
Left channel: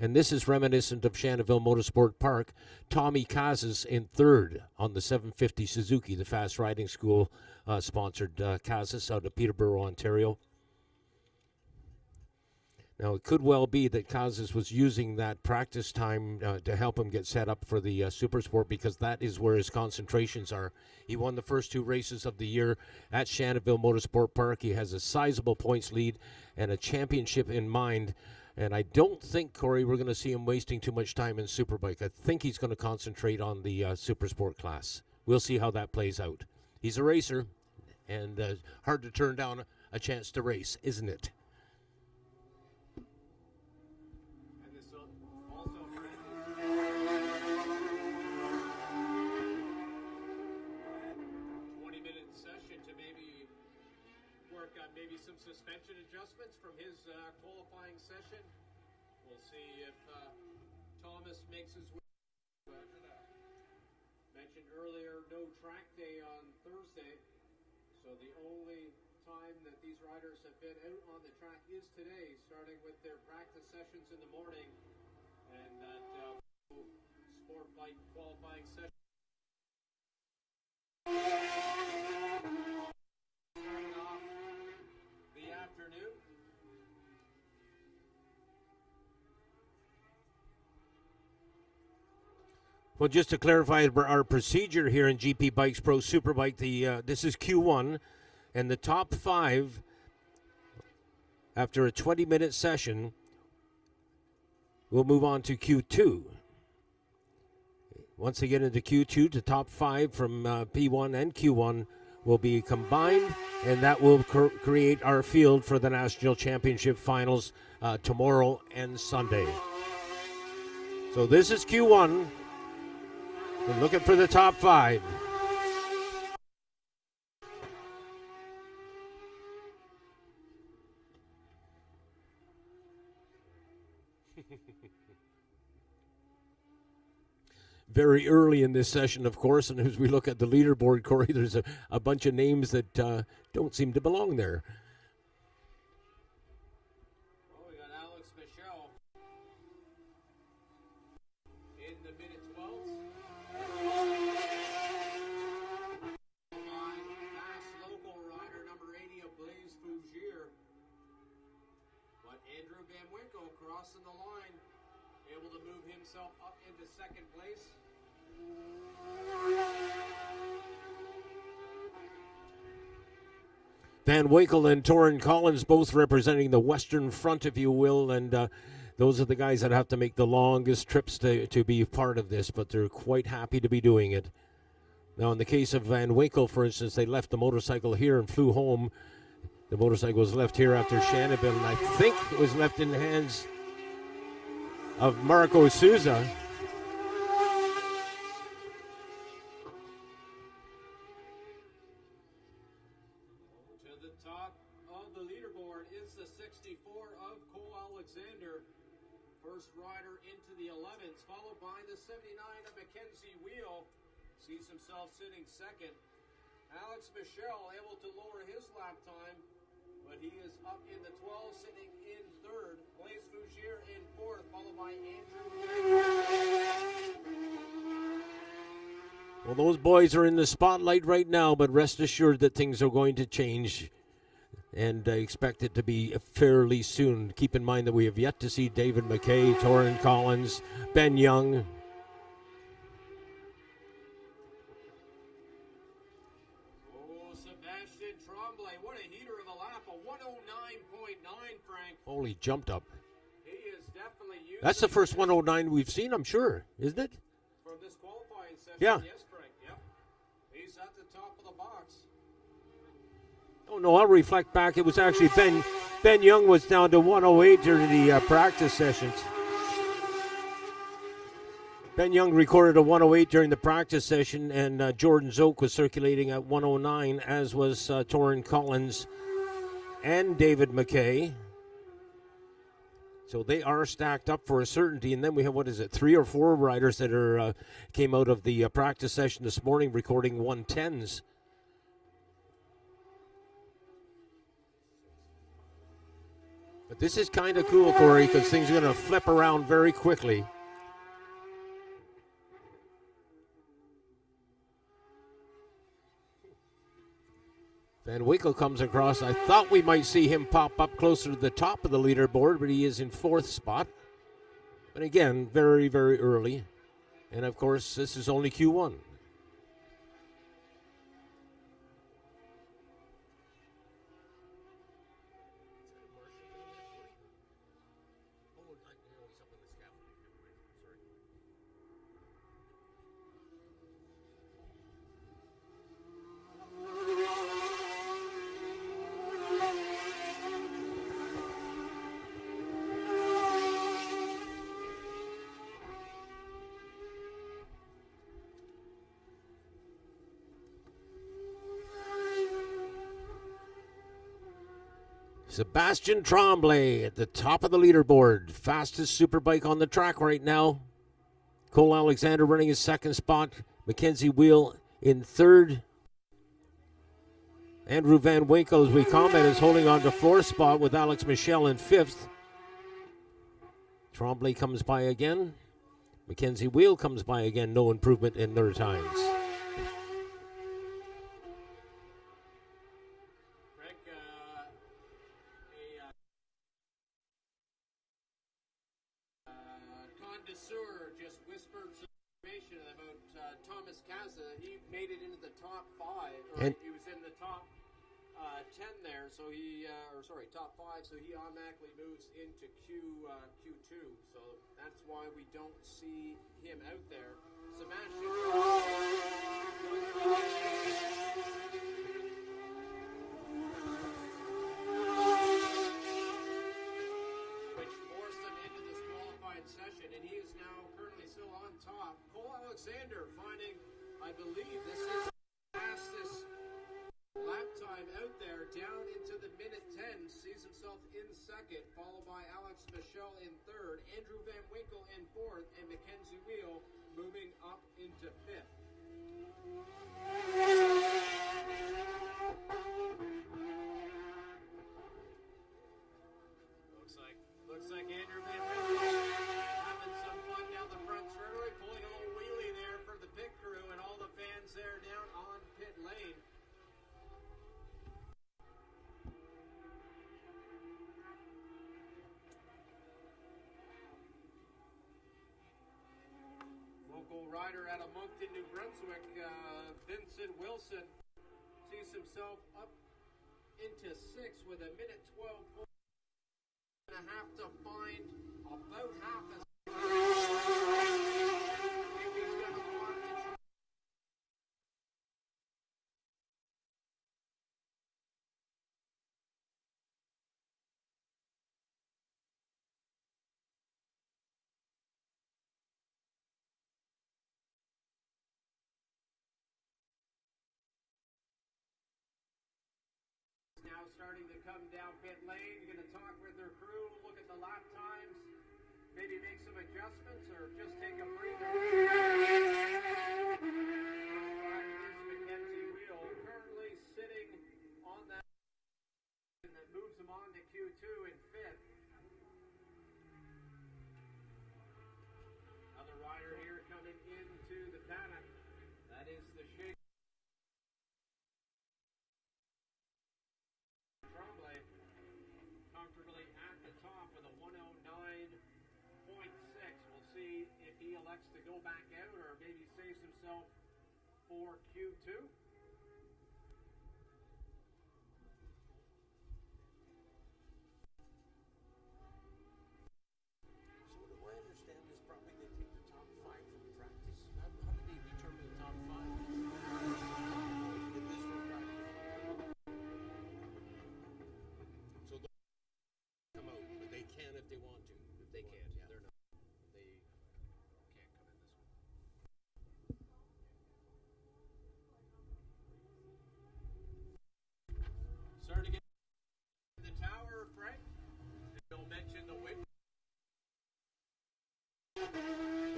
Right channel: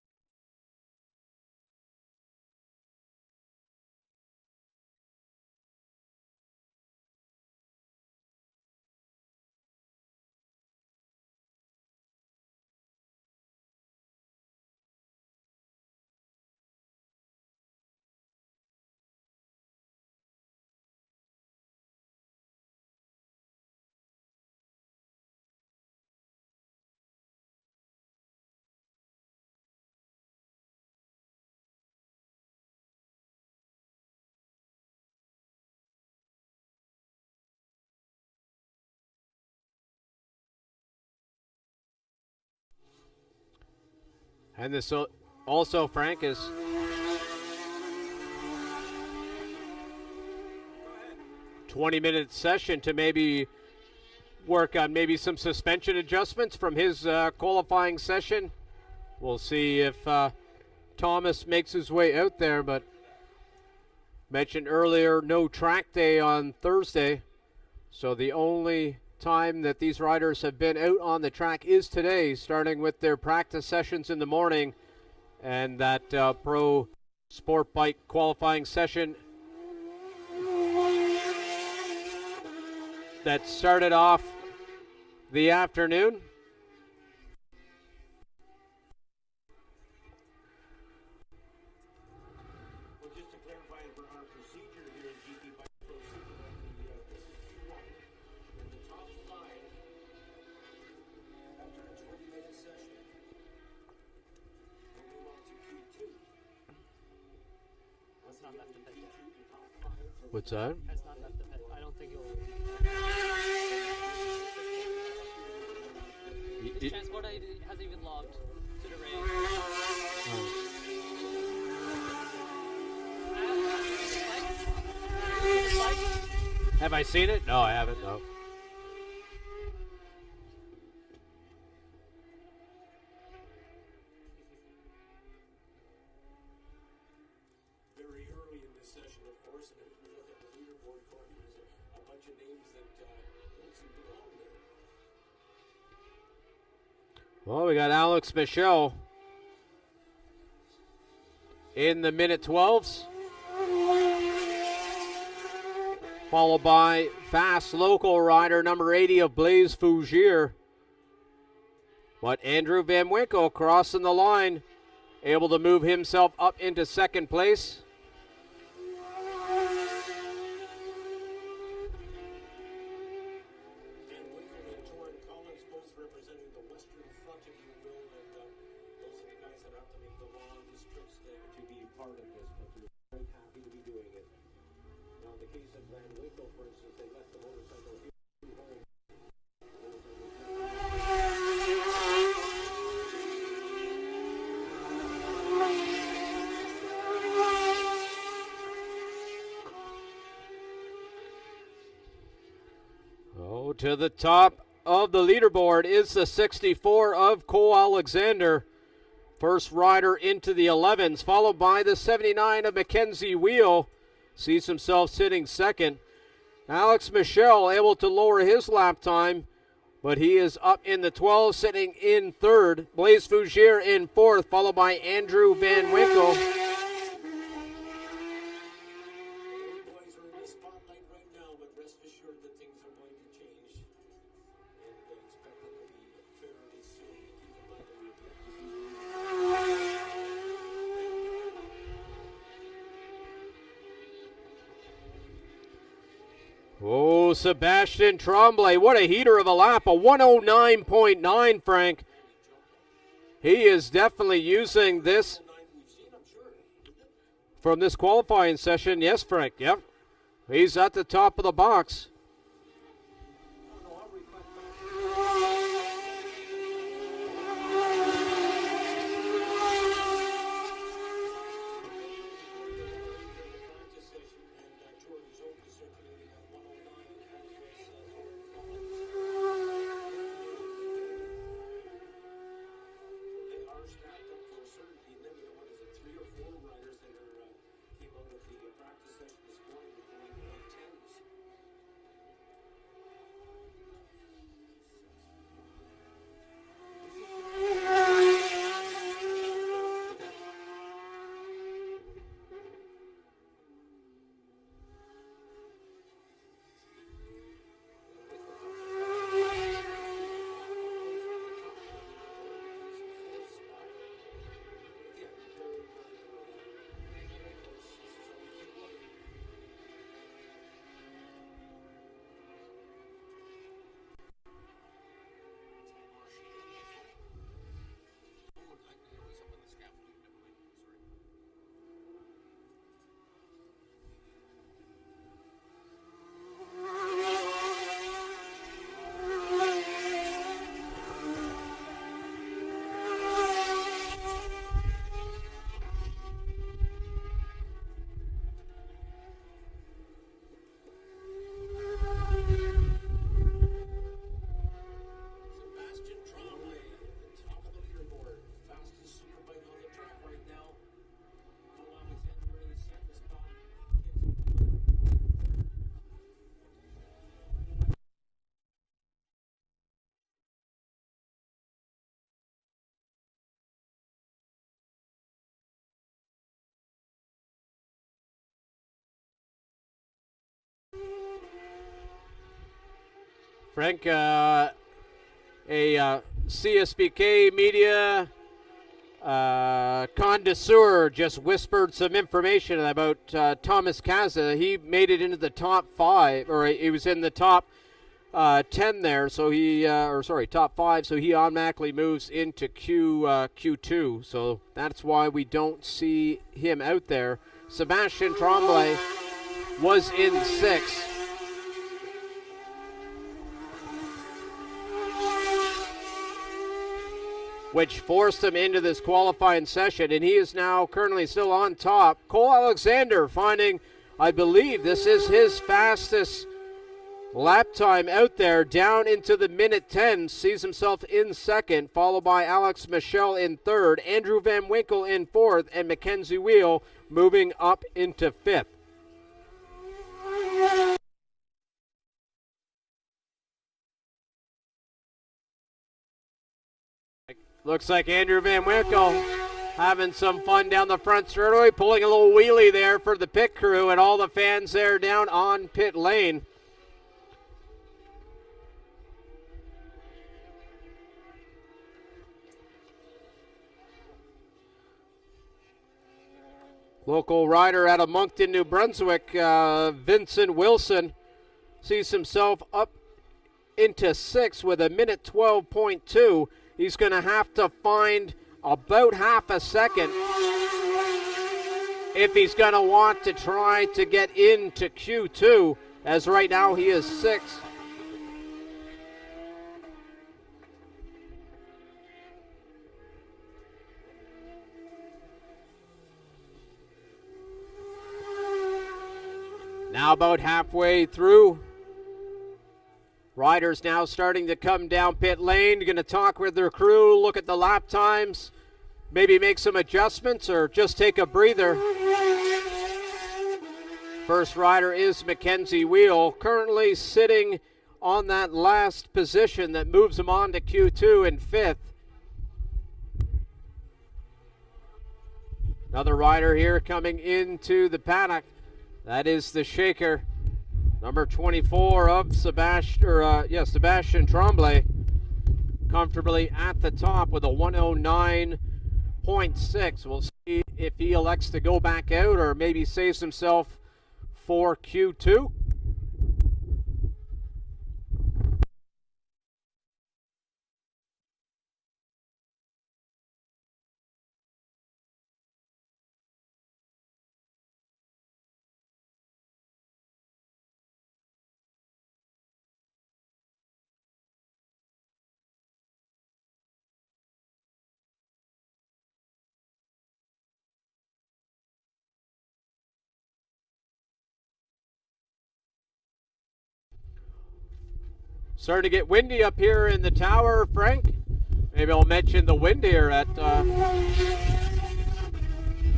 And this is reminiscent of Shanaville Motorsport Park. Tommy Kazas in third on the 750 Suzuki, the fast riding school sponsored Kazas out of Peterborough, Ontario. Now, it could well be that Kazas was using that practice time to help him get set up for the Supersport, because that is where his concentrations are. He won the first 2 races of the year at Shanaville Motorsport Park. He has a sizable points lead and a championship in mind. And I don't think, Corey, we're going to see him wasting too much time in Superbike. I think he's going to concentrate on the Supersport class. We'll see how that plays out. He's a racer, and hard to turn down a chance to race, isn't it? And this also, Frank, is a 20-minute session to maybe work on maybe some suspension adjustments from his qualifying session. We'll see if Thomas makes his way out there, but mentioned earlier, no track day on Thursday, so the only time that these riders have been out on the track is today, starting with their practice sessions in the morning and that pro sport bike qualifying session that started off the afternoon. Well, just to clarify our procedure here in GP Bikes Pro Superbike, this is Q1. And the top 5, after a 20-minute session, will move on to Q2. Once they get into Q2, the top 5 from P1 and Q1 will be combined, and that will create our field for the National Championship Finals tomorrow and Sunday. So this is Q1. And looking for the top 5. Have I seen it? No, I haven't, no. very early in this session, of course, and as we look at the leaderboard, Corey, there's a bunch of names that don't seem to belong there. Well, we got Alex Michel in the minute 12s, followed by fast local rider number 80 of Blaise Fougier. But Andrew Van Winkle crossing the line, able to move himself up into second place. Van Winkle and Torrin Collins both representing the Western Front, if you will, and those are the guys that have to make the longest trips to be part of this, but they're quite happy to be doing it. Now, in the case of Van Winkle, for instance, they left the motorcycle here and flew home. The motorcycle was left here after Shannonville, and I think it was left in the hands of Marco Souza. Oh, to the top of the leaderboard is the 64 of Cole Alexander. First rider into the 11s, followed by the 79 of Mackenzie Wheel. Sees himself sitting second. Alex Michel able to lower his lap time, but he is up in the 12, sitting in third. Blaise Fougier in fourth, followed by Andrew Van Winkle. Well, those boys are in the spotlight right now, but rest assured that things are going to change, and I expect it to be fairly soon. Keep in mind that we have yet to see David McKay, Torrin Collins, Ben Young. Oh, Sebastian Tremblay, what a heater of a lap, a 109.9, Frank. Holy, jumped up. He is definitely using That's the first this 109 we've seen, I'm sure, isn't it? from this qualifying session. Yeah. Yes, Frank, yep. He's at the top of the box. Oh, no, I'll reflect back. It was actually Ben Young was down to 108 during the practice sessions. Ben Young recorded a 108 during the practice session, and Jordan Zoke was circulating at 109, as was Torrin Collins and David McKay. So they are stacked up for a certainty. And then we have, 3 or 4 riders that are came out of the practice session this morning recording 110s. But this is kind of cool, Corey, because things are going to flip around very quickly. Van Winkle comes across. I thought we might see him pop up closer to the top of the leaderboard, but he is in 4th spot. But again, very, very early. And of course, this is only Q1. Sebastian Tremblay at the top of the leaderboard. Fastest Superbike on the track right now. Cole Alexander running his 2nd spot. Mackenzie Wheel in 3rd. Andrew Van Winkle, as we comment, is holding on to 4th spot with Alex Michel in 5th. Tremblay comes by again. Mackenzie Wheel comes by again. No improvement in their times. Frank, a CSBK media connoisseur just whispered some information about Thomas Kaza. He made it into the top 5, or he was in the top 10 there. So he, top 5. So he automatically moves into Q2. So that's why we don't see him out there. Sebastian Tremblay was in 6th. Which forced him into this qualifying session, and he is now currently still on top. Cole Alexander finding, I believe this is his fastest lap time out there, down into the minute 10, sees himself in 2nd, followed by Alex Michel in 3rd, Andrew Van Winkle in 4th, and Mackenzie Wheel moving up into 5th. Looks like Andrew Van Winkle having some fun down the front straightaway, pulling a little wheelie there for the pit crew and all the fans there down on pit lane. Local rider out of Moncton, New Brunswick, Vincent Wilson, sees himself up into 6th with a minute 12.2. He's going to have to find about half a second if he's going to want to try to get into Q2, as right now he is 6th. Now about halfway through. Riders now starting to come down pit lane. Going to talk with their crew, look at the lap times, maybe make some adjustments or just take a breather. First rider is Mackenzie Wheel, currently sitting on that last position that moves him on to Q2 and 5th. Another rider here coming into the paddock. That is the Shaker, number 24 of Sebastian Tremblay, comfortably at the top with a 109.6. We'll see if he elects to go back out or maybe saves himself for Q2. Starting to get windy up here in the tower, Frank. Maybe I'll mention the wind here at... Well,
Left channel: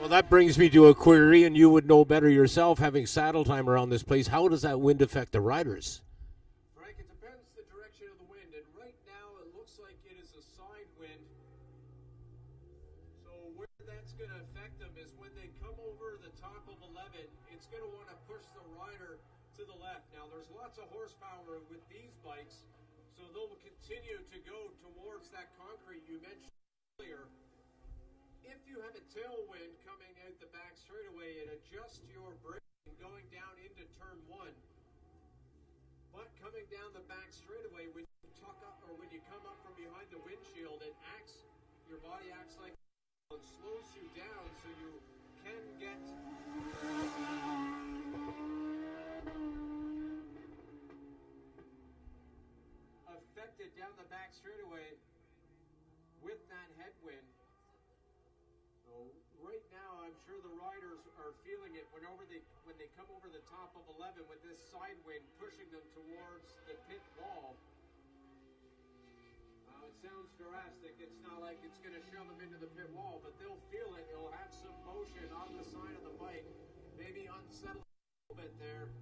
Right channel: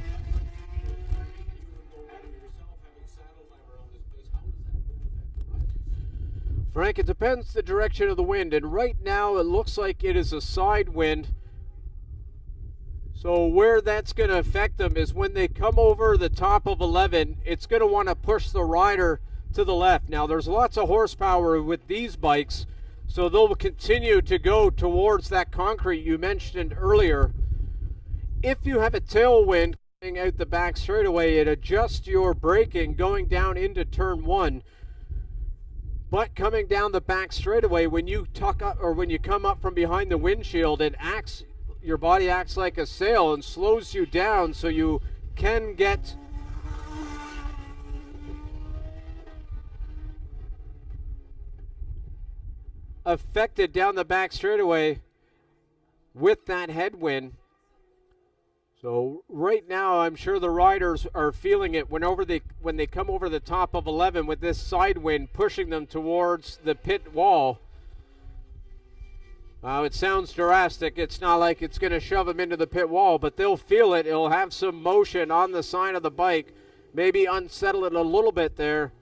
that brings me to a query, and you would know better yourself, having saddle time around this place. How does that wind affect the riders? Frank, it depends the direction of the wind, and right now it looks like it is a side wind. So where that's going to affect them is when they come over the top of 11, it's going to want to push the rider to the left. Now there's lots of horsepower with these bikes, so they'll continue to go towards that concrete you mentioned earlier. If you have a tailwind coming out the back straightaway, it adjusts your braking going down into turn 1. But coming down the back straightaway, when you tuck up or when you come up from behind the windshield, your body acts like a sail and slows you down so you can get affected down the back straightaway with that headwind. So right now I'm sure the riders are feeling it when they come over the top of 11 with this side wind pushing them towards the pit wall. It sounds drastic. It's not like it's going to shove them into the pit wall, but they'll feel it. It'll have some motion on the side of the bike, maybe unsettle it a little bit there.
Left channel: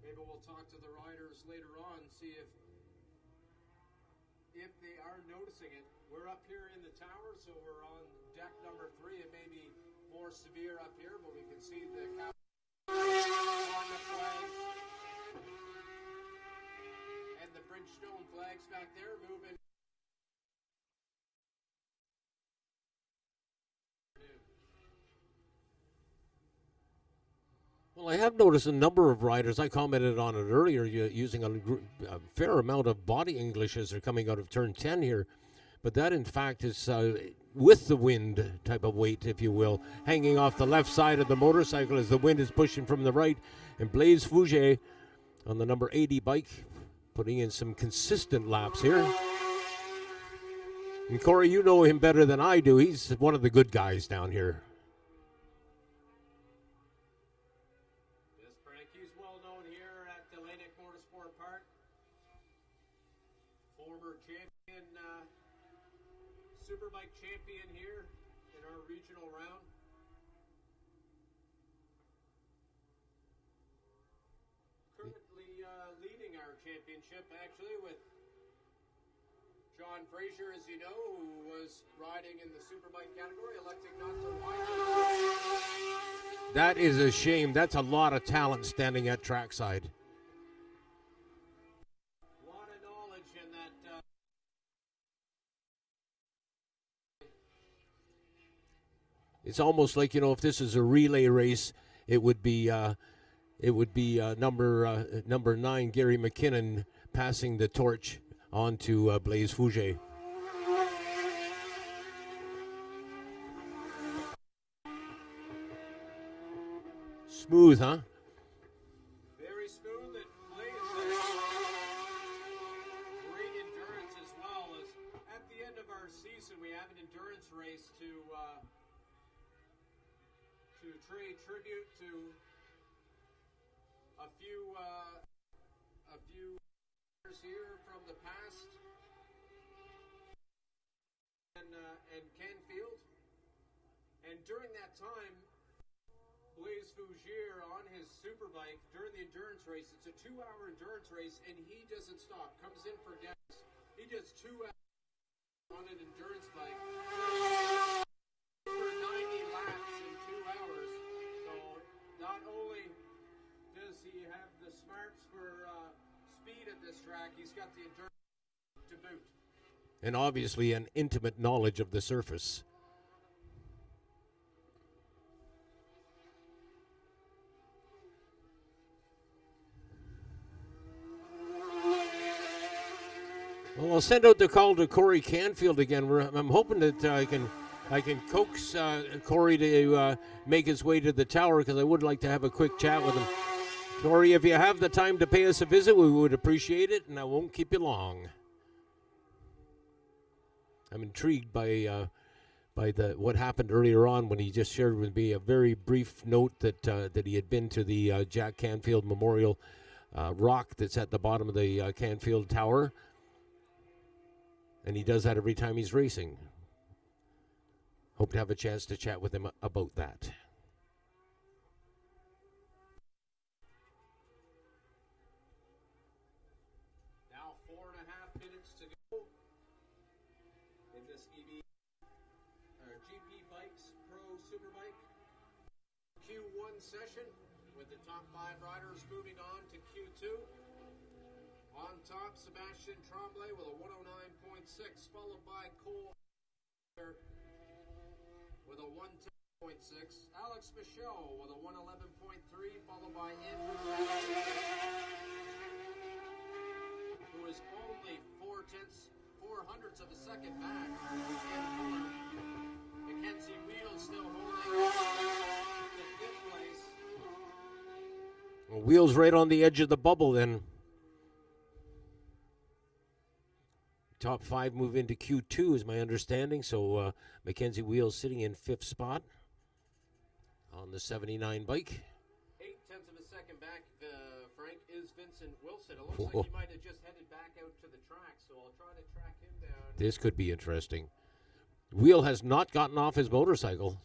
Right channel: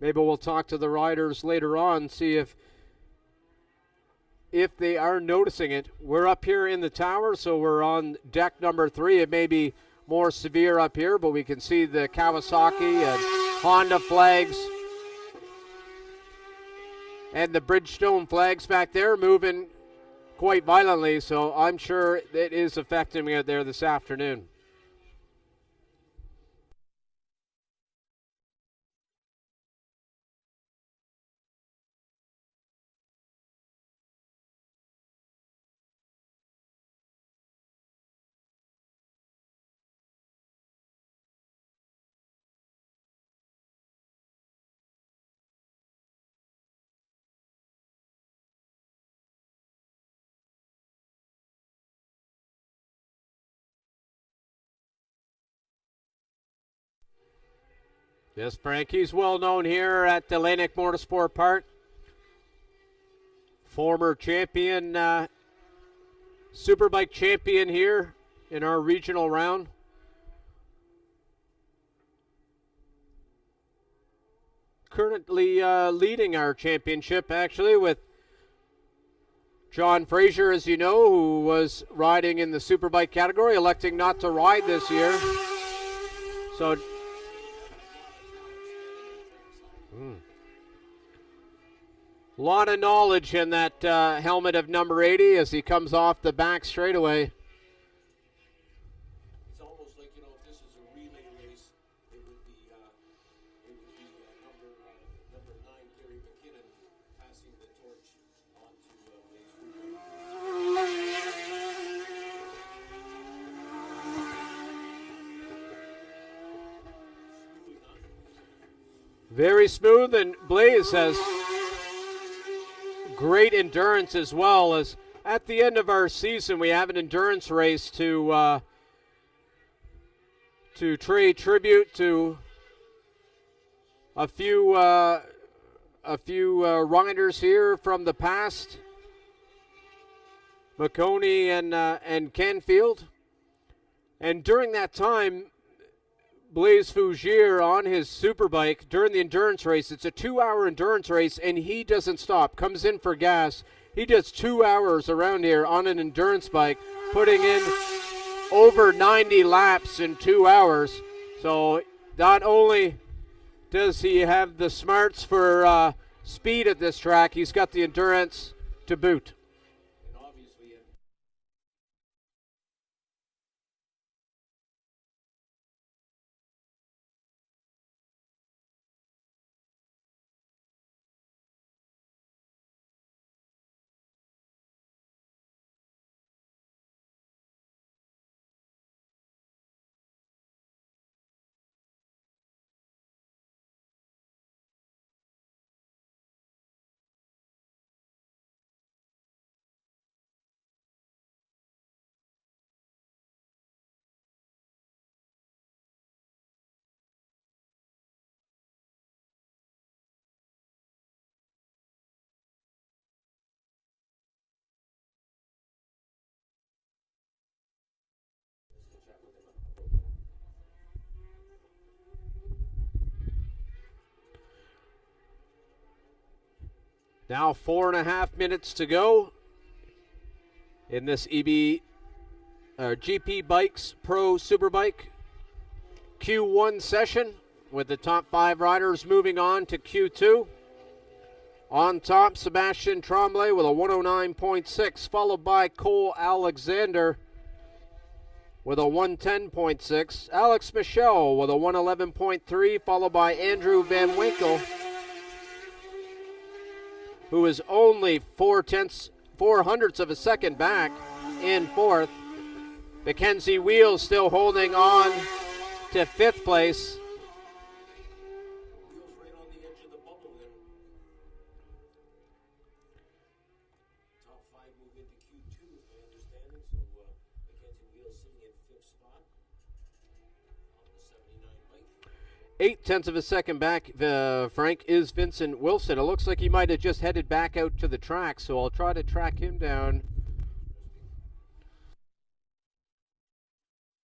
Maybe we'll talk to the riders later on, see if they are noticing it. We're up here in the tower, so we're on deck number 3. It may be more severe up here, but we can see the Kawasaki and Honda flags and the Bridgestone flags back there moving quite violently, so I'm sure it is affecting me out there this afternoon. Well, I have noticed a number of riders, I commented on it earlier, using a fair amount of body English as they're coming out of turn 10 here. But that, in fact, is with the wind type of weight, if you will, hanging off the left side of the motorcycle as the wind is pushing from the right. And Blaise Fouget on the number 80 bike, putting in some consistent laps here. And Corey, you know him better than I do. He's one of the good guys down here. Yes, Frank, he's well known here at Atlantic Motorsport Park. Former champion, Superbike champion here in our regional round. currently leading our championship, actually, with John Fraser, as you know, who was riding in the Superbike category, electing not to ride this year. That is a shame. That's a lot of talent standing at trackside. A lot of knowledge in that helmet of number 80 as he comes off the back straightaway. It's almost like, if this is a relay race, it would be number 9, Gary McKinnon, passing the torch on to Blaise Fouget. Smooth, huh? Very smooth, and Blaise has great endurance as well. As at the end of our season, we have an endurance race to pay tribute to a few riders here from the past, McConey and Canfield. And during that time, Blaise Fougier on his Superbike during the endurance race, it's a 2-hour endurance race, and he doesn't stop, comes in for gas. He does 2 hours around here on an endurance bike, putting in over 90 laps in 2 hours. So not only does he have the smarts for speed at this track, he's got the endurance to boot. And obviously an intimate knowledge of the surface. Well, I'll send out the call to Corey Canfield again. I'm hoping that I can coax Corey to make his way to the tower, because I would like to have a quick chat with him. Corey, if you have the time to pay us a visit, we would appreciate it, and I won't keep you long. I'm intrigued by what happened earlier on when he just shared with me a very brief note that he had been to the Jack Canfield Memorial rock that's at the bottom of the Canfield Tower. And he does that every time he's racing. Hope to have a chance to chat with him about that. Now 4.5 minutes to go in this GP Bikes Pro Superbike Q1 session, with the top 5 riders moving on to Q2. On top, Sebastian Tremblay with a 109.6, followed by Cole Alexander with a 110.6. Alex Michel with a 111.3, followed by Andrew Van Winkle, who is only 0.04 of a second back in 4th. Mackenzie Wheels still holding on to 5th place. Wheels right on the edge of the bubble then. Top 5 move into Q2 is my understanding. So Mackenzie Wheels sitting in 5th spot on the 79 bike. 0.8 of a second back, Frank, is Vincent Wilson. It looks like he might have just headed back out to the track, so I'll try to track him down. This could be interesting. Wheel has not gotten off his motorcycle.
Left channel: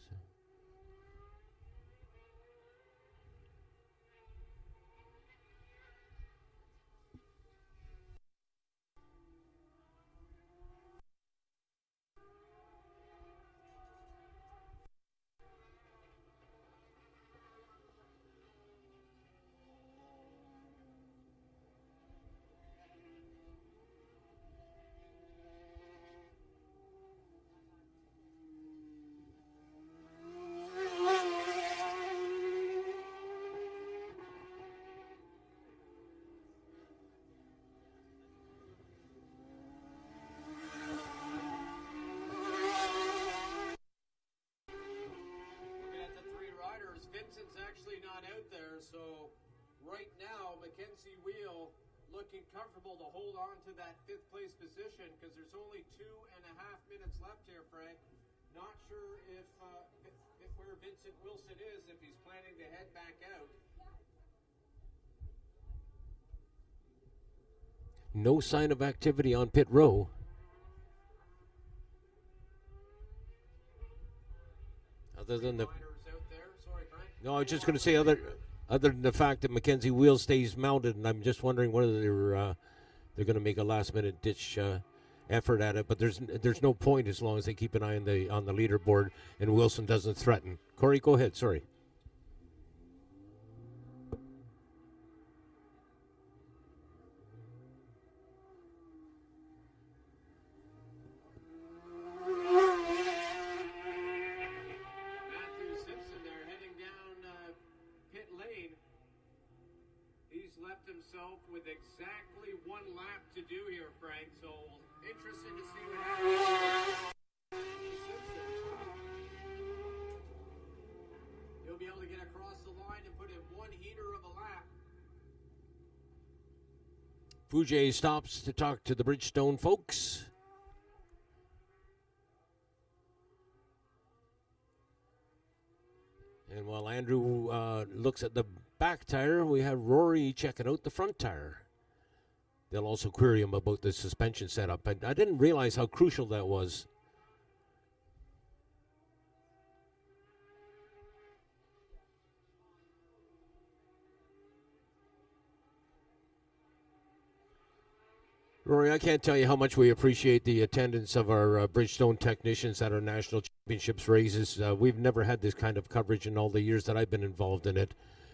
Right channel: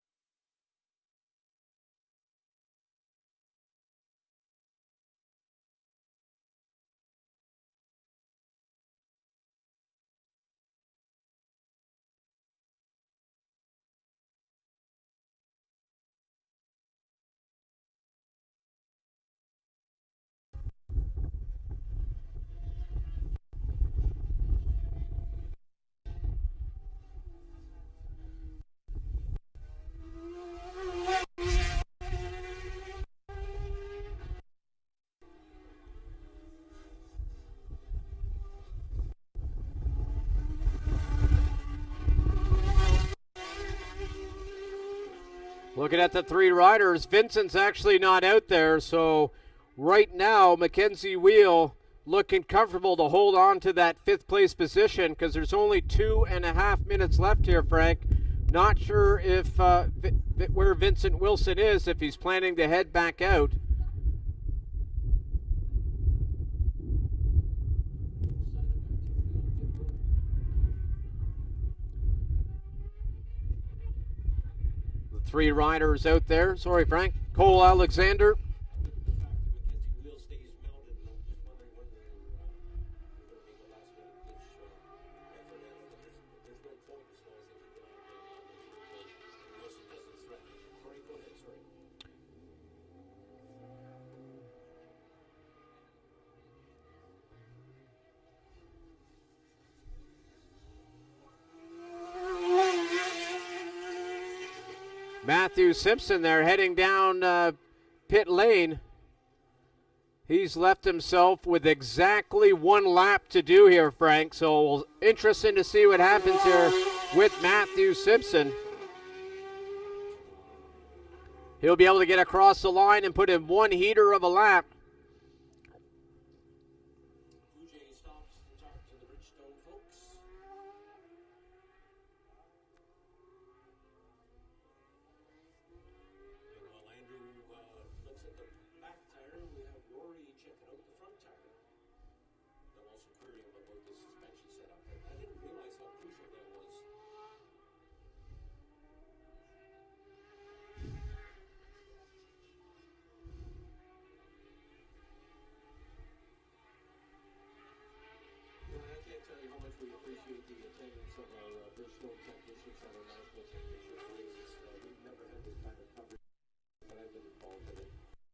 Looking at the 3 riders, Vincent's actually not out there, so right now Mackenzie Wheel looking comfortable to hold on to that 5th place position, because there's only 2.5 minutes left here, Frank. Not sure if where Vincent Wilson is, if he's planning to head back out. No sign of activity on pit row. Three riders out there. Sorry, Frank. No, Cole Alexander. other than the fact that Mackenzie Wheel stays mounted, and I'm just wondering whether they're going to make a last-minute ditch effort at it. But there's no point as long as they keep an eye on the leaderboard and Wilson doesn't threaten. Corey, go ahead. Sorry. Matthew Simpson there heading down pit lane. He's left himself with exactly 1 lap to do here, Frank. So interesting to see what happens here with Matthew Simpson. He'll be able to get across the line and put in 1 heater of a lap. Fougier stops to talk to the Bridgestone folks. And while Andrew looks at the back tire, we have Rory checking out the front tire. They'll also query him about the suspension setup. I didn't realize how crucial that was. Rory, I can't tell you how much we appreciate the attendance of our Bridgestone technicians at our national championships races. We've never had this kind of coverage in all the years that I've been involved in it.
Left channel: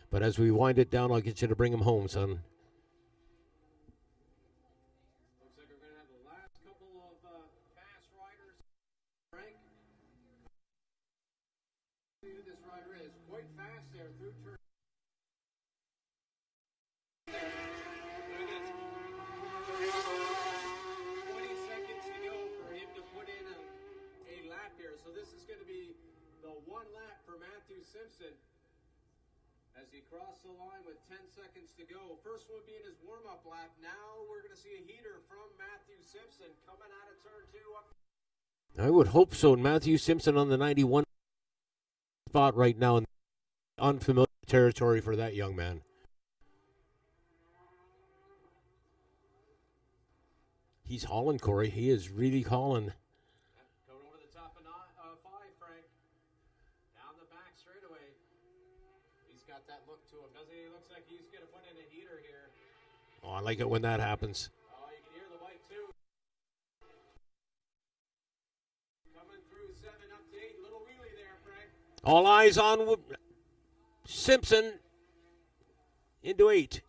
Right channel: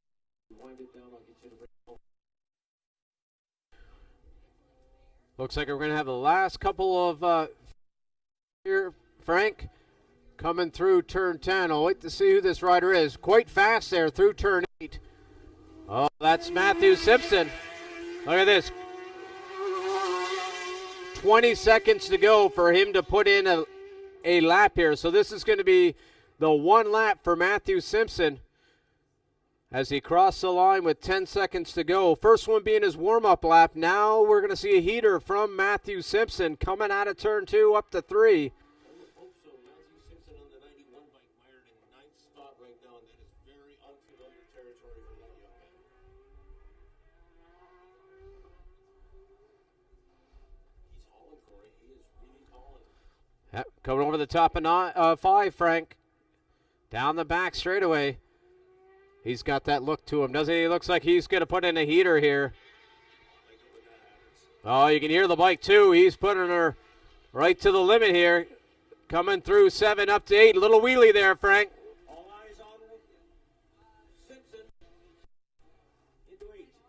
But as we wind it down, I'll get you to bring them home, son. Looks like we're going to have the last couple of fast riders here, Frank, coming through turn 10. I'll wait to see who this rider is. Quite fast there through turn 8. Oh, that's Matthew Simpson. Look at this. 20 seconds to go for him to put in a lap here. So this is going to be the 1 lap for Matthew Simpson as he crossed the line with 10 seconds to go. First one being his warm-up lap. Now we're going to see a heater from Matthew Simpson coming out of turn 2 up to 3. I would hope so. And Matthew Simpson on the 91 spot right now. And very unfamiliar territory for that young man. He's hauling, Corey. He is really hauling. Yep, coming over the top of 5, Frank. Down the back straightaway. He's got that look to him, doesn't he? He looks like he's going to put in a heater here. Oh, I like it when that happens. Oh, you can hear the bike, too. He's putting her right to the limit here. Coming through 7 up to 8. Little wheelie there, Frank. All eyes on Simpson into 8.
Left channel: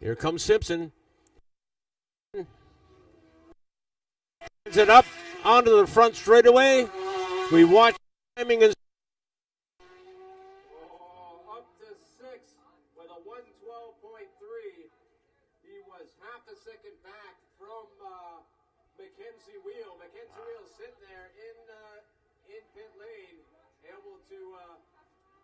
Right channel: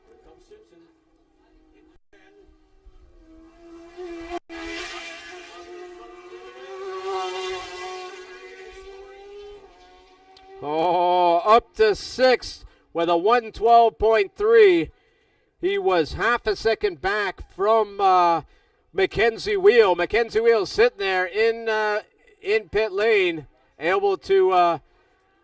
Here comes Simpson. Is it up onto the front straightaway? We watch timing and up to 6 with a 112.3. He was half a second back from Mackenzie Wheel. Mackenzie Wheel sitting there in pit lane, able to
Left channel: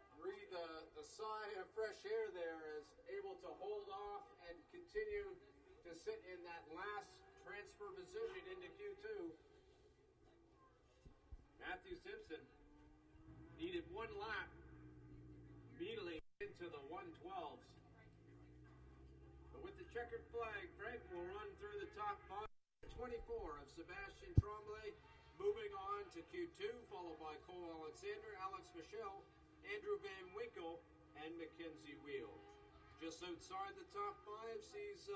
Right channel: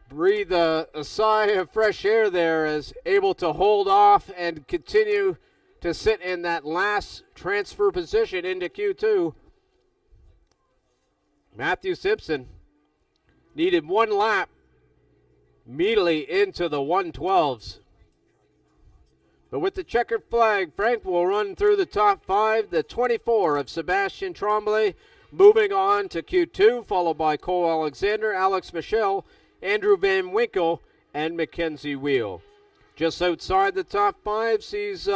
breathe a sigh of fresh air there, as able to hold off and continue to sit in that last transfer position into Q2. Matthew Simpson needed 1 lap immediately into the 112s. But with the checkered flag, Frank will run through the top 5, the 24 of Sebastian Tremblay, moving on to Q2, followed by Cole Alexander, Alex Michel, Andrew Van Winkle, and Mackenzie Wheel. Just outside the top 5 sees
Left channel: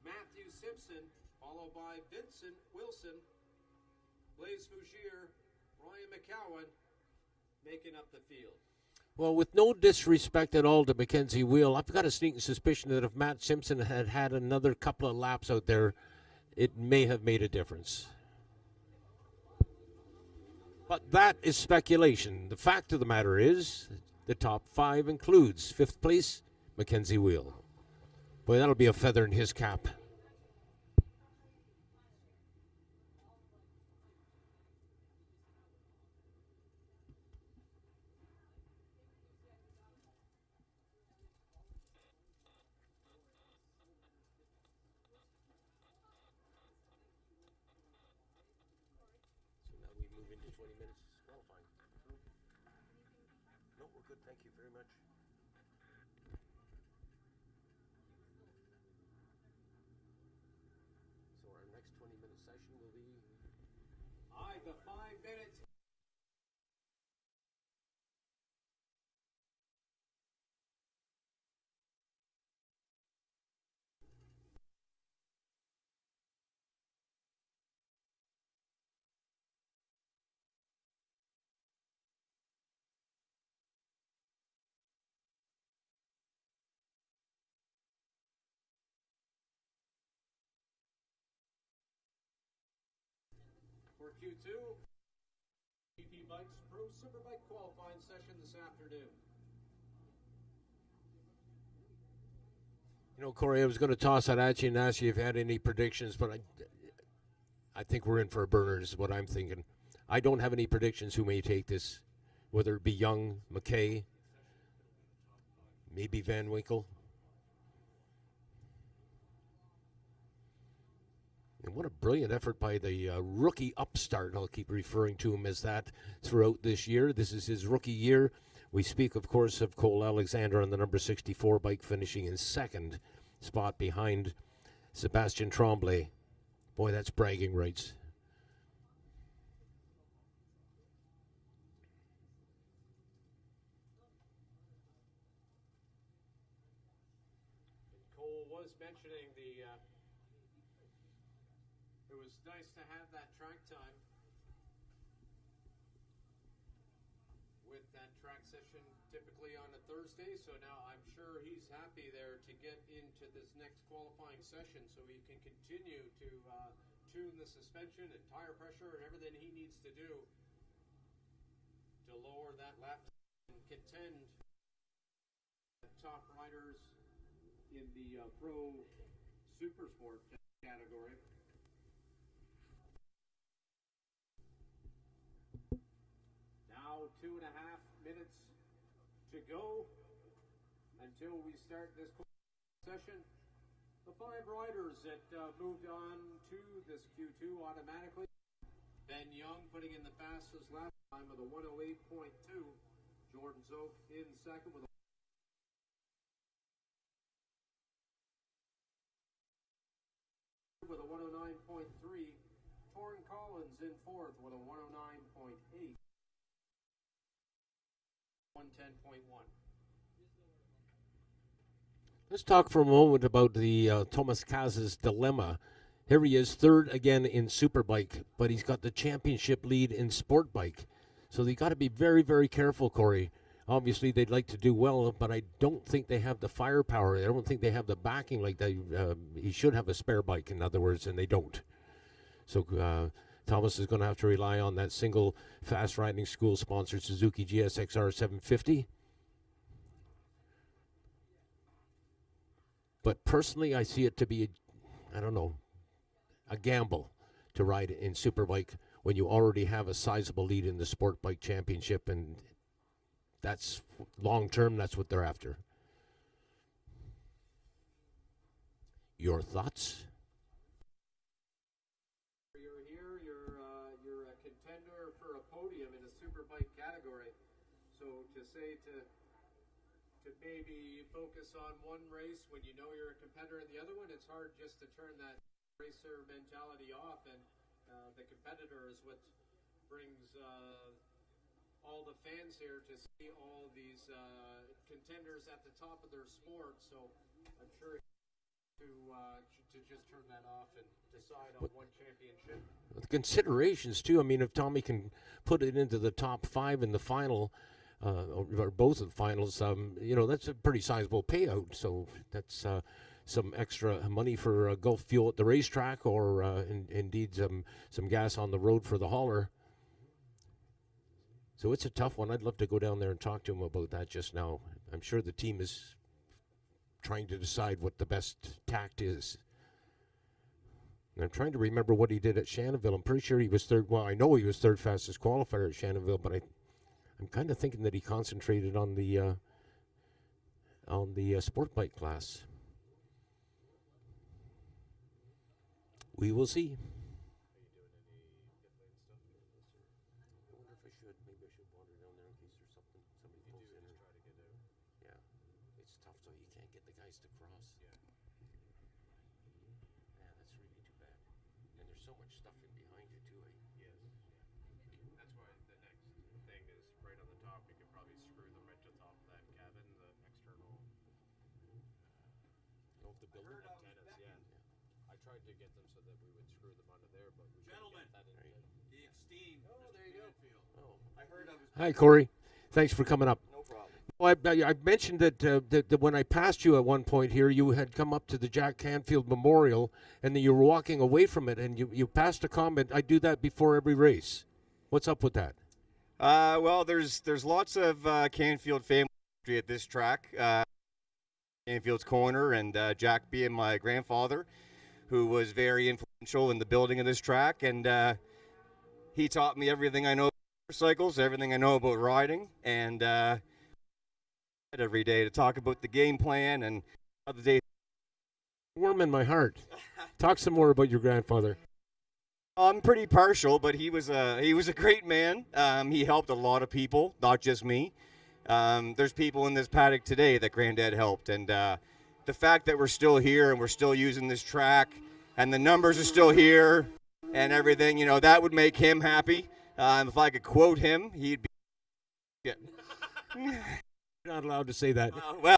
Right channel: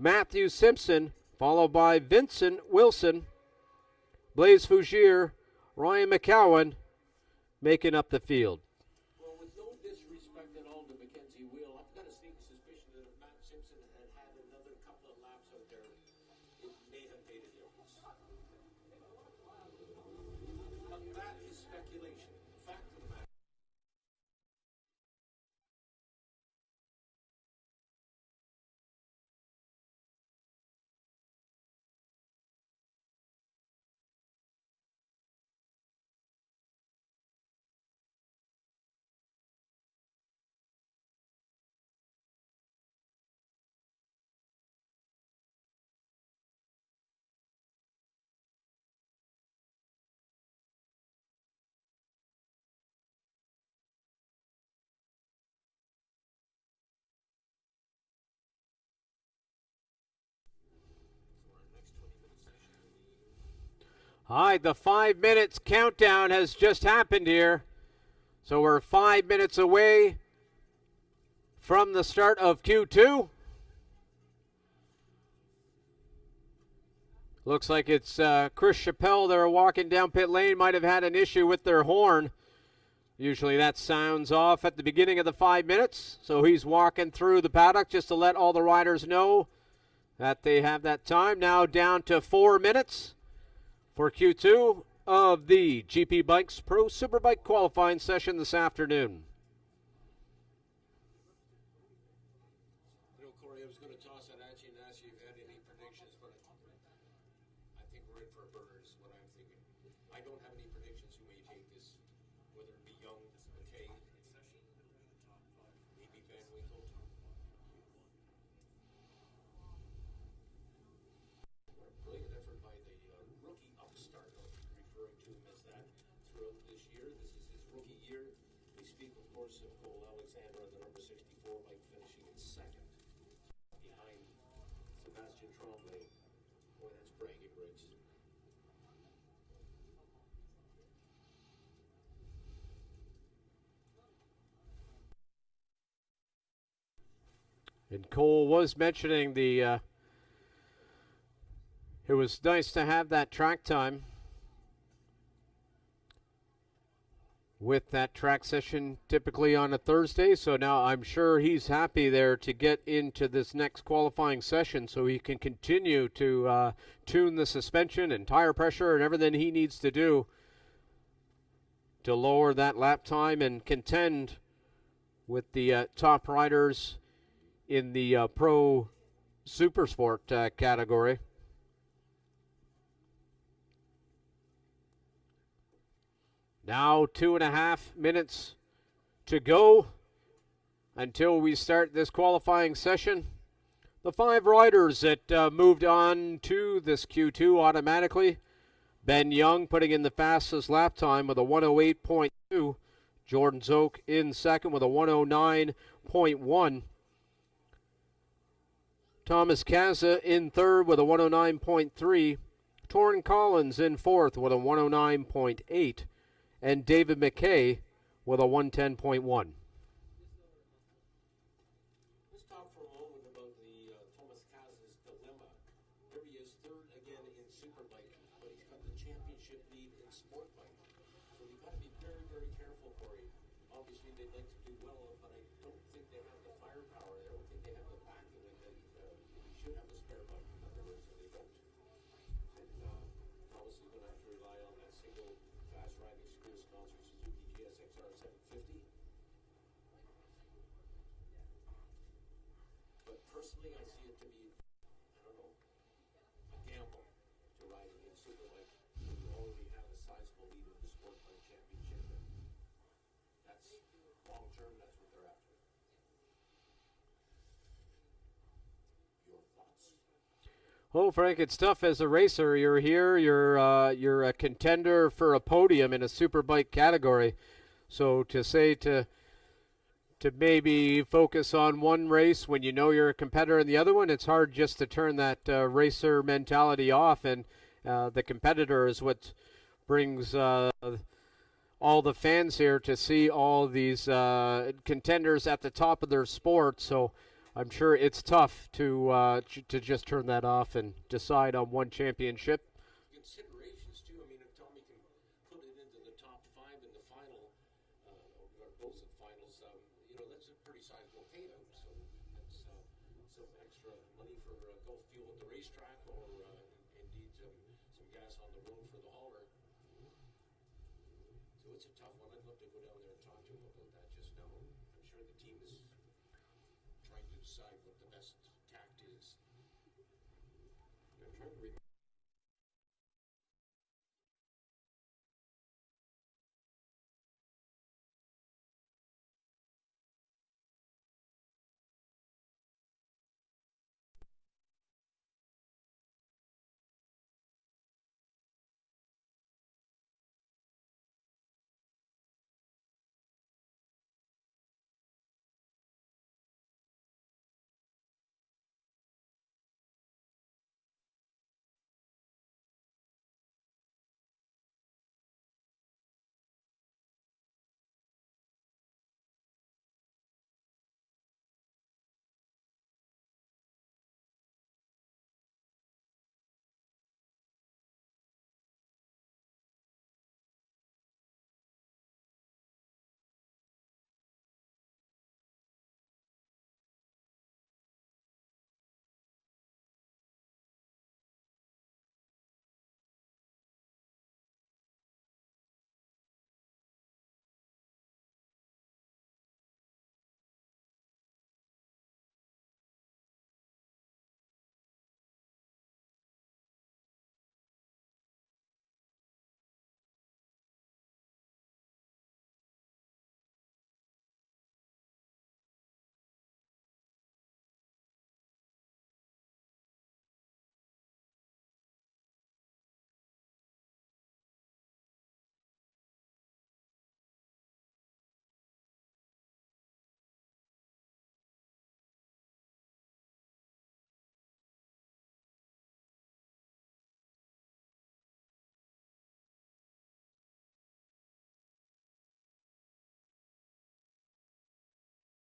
Matthew Simpson, followed by Vincent Wilson, Blaise Fougier, Ryan McCowan, making up the field. Well, with no disrespect at all to Mackenzie Wheel, I've got a sneaking suspicion that if Matt Simpson had had another couple of laps out there, it may have made a difference. But that is speculation. The fact of the matter is, the top 5 includes 5th place, Mackenzie Wheel. Boy, that'll be a feather in his cap. Hi, the 5 minutes countdown has just happened here. So we're 5 minutes away from the start of Q2. Looks like it's Chris Chappelle. They're walking down pit lane. Might have had an issue with their horn. Usually that sounds off at the beginning of the 5 minutes. So he's walking through the paddock just to let all the riders know that they have that time. Now down to 4 minutes for Q2 of the GP Bikes Pro Superbike qualifying session this afternoon. You know, Corey, I was going to toss that at you and ask you if you had any predictions, but I think we're in for a burner is what I'm thinking. I don't have any predictions who may take this, whether it be Young, McKay, maybe Van Winkle. And what a brilliant effort by the rookie upstart. I'll keep referring to him as that throughout this year. This is his rookie year. We speak, of course, of Cole Alexander on the number 64 bike, finishing in second spot behind Sebastien Tremblay. Boy, that's bragging rights. And Cole was mentioning it was nice to have that track time with that track session typically on a Thursday. So now I'm sure he's happy there to get into this next qualifying session so he can continue to tune the suspension and tire pressure and everything he needs to do to lower that lap time and contend with the top riders in the Pro Supersport category. Now 2.5 minutes to go until we start this qualifying session. The 5 riders that moved on to this Q2 automatically. Ben Young putting in the fastest lap time with a 108.2. Jordan Zoke in second with a 109.1. Thomas Kaza in third with a 109.3. Torrin Collins in fourth with a 109.8. And David McKay with a 110.1. Let's talk for a moment about the Thomas Kaza's dilemma. Here he is, third again in Superbike, but he's got the championship lead in Sportbike. So they got to be very, very careful, Corey. Obviously, they'd like to do well, but I don't think they have the firepower. I don't think they have the backing like that. He should have a spare bike, in other words, and they don't. So Thomas is going to have to rely on that single fast riding school sponsored Suzuki GSXR 750. But personally, I see it to be, I don't know, a gamble to ride in Superbike when you already have a sizable lead in the Sport Bike Championship, and that's long term, that's what they're after. Your thoughts? Oh, Frank, it's tough as a racer. You're here, you're a contender for a podium in a Superbike category. So to say to maybe focus on one race when you know you're a competitor in the other one, it's hard just to turn that racer mentality off. And the competitor is what brings all the fans here to see all these contenders at the top of their sport. So I'm sure it's tough to just turn that off and decide on one championship. The considerations, too. I mean, if Tommy can put it into the top 5 in the final, or both of the finals, you know, that's a pretty sizable payout. So that's some extra money for Gulf fuel at the racetrack, or indeed some gas on the road for the hauler. So it's a tough one. I'd love to go down there and talk to him about that just now. I'm sure the team is trying to decide what the best tact is. And I'm trying to remember what he did at Shannonville. I'm pretty sure he was third. Well, I know he was third fastest qualifier at Shannonville, but I'm kind of thinking that he concentrated on the sport bike class. We will see. Hi, Corey. Thanks for coming up. No problem. I mentioned that when I passed you at one point here, you had come up to the Jack Canfield Memorial, and that you were walking away from it, and you passed a comment. I do that before every race. What's up with that? Well, there's lots of Canfield family history at this track. Canfield's Corner, and Jack being my grandfather, who was very influential in the building of this track, and he taught me everything I know about motorcycles, everything I know about riding, and every day to talk about the game plan and other days. Warm in my heart. Talk some more about your grandfather. I'm pretty partial, but he was a great man. He helped a lot of people, not just me. There's people in this paddock today that Granddad helped, and the fact that we're still here and we're still using this track and the numbers are still here and everything, you know, that would make him happy. If I could quote him, he'd be. Yeah. You're not allowed to say that. Well,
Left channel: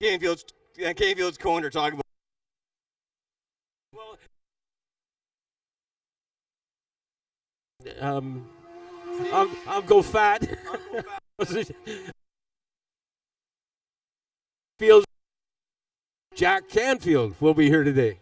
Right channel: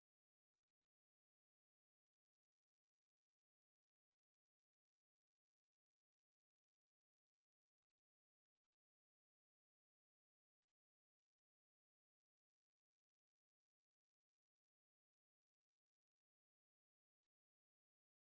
Canfield's Corner talking about. I'll go fat. Feels Jack Canfield will be here today.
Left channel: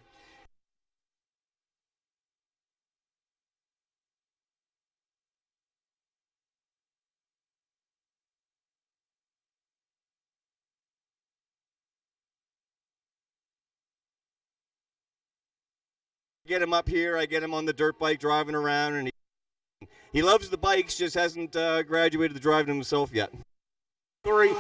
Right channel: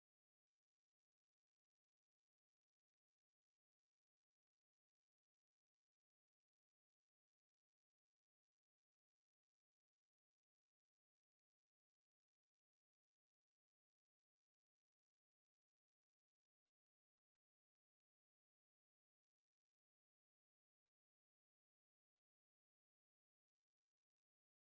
Get him up here, I get him on the dirt bike driving around, and he loves the bikes, just hasn't graduated to driving himself yet. Corey,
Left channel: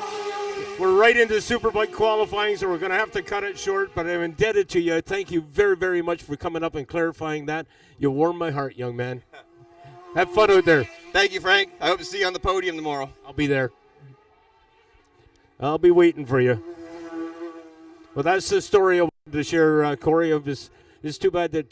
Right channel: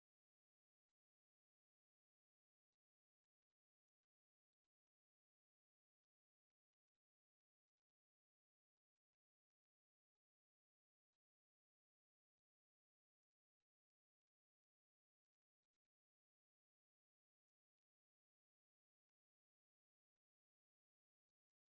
we're right into Superbike qualifying, so we're going to have to cut it short, but I'm indebted to you. Thank you very, very much for coming up and clarifying that. You warm my heart, young man. Have fun out there. Thank you, Frank. I hope to see you on the podium tomorrow. I'll be there. I'll be waiting for you. Well, that's the story I wanted to share, Corey. It's too bad that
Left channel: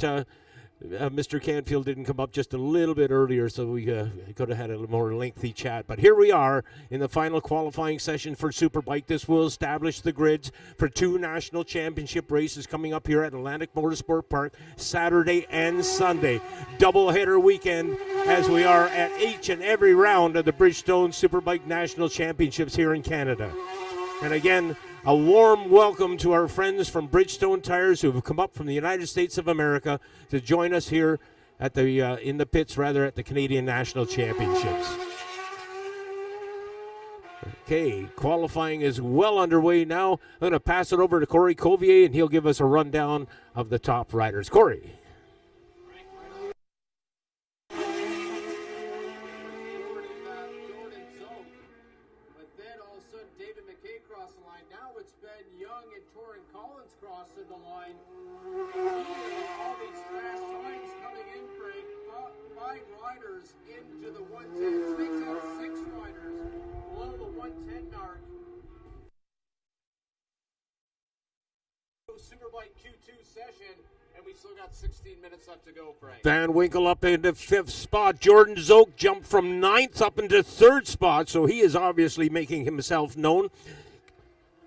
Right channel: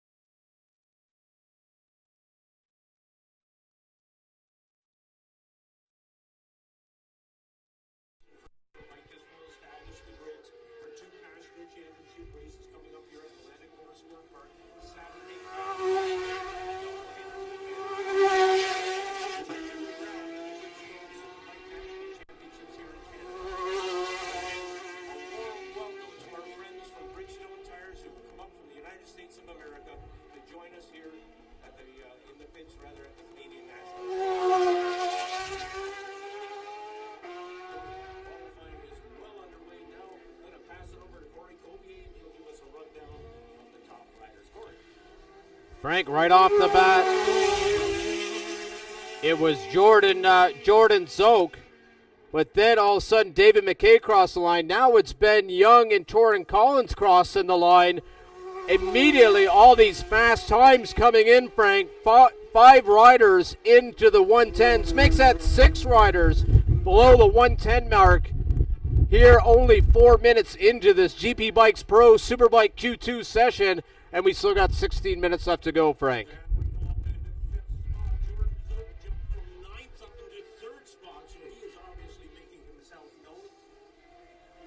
Mr. Canfield didn't come up just a little bit earlier, so we could have had a more lengthy chat. But here we are in the final qualifying session for Superbike. This will establish the grids for 2 national championship races coming up here at Atlantic Motorsport Park Saturday and Sunday. Doubleheader weekend as we are at each and every round of the Bridgestone Superbike National Championships here in Canada. And again, a warm welcome to our friends from Bridgestone Tires who have come up from the United States of America to join us here at the in the pits, rather, at the Canadian National Championships. Okay, qualifying is well underway now. I'm going to pass it over to Corey Covier, and he'll give us a rundown of the top riders. Corey. Frank, right off the bat, it was Jordan Zoke. But then all of a sudden, David McKay crossed the line. Now it's Ben Young and Torrin Collins crossing the line. Immediately, all these fast times coming in, Frank. 5 riders into the 110s. Makes that 6 riders below the 110 mark. Here, only 4 minutes into this GP Bikes Pro Superbike Q2 session. And we still got 16 minutes left to go, Frank. Van Winkle up into 5th spot. Jordan Zoke jumped from 9th up into 3rd spot, so he is obviously making himself known.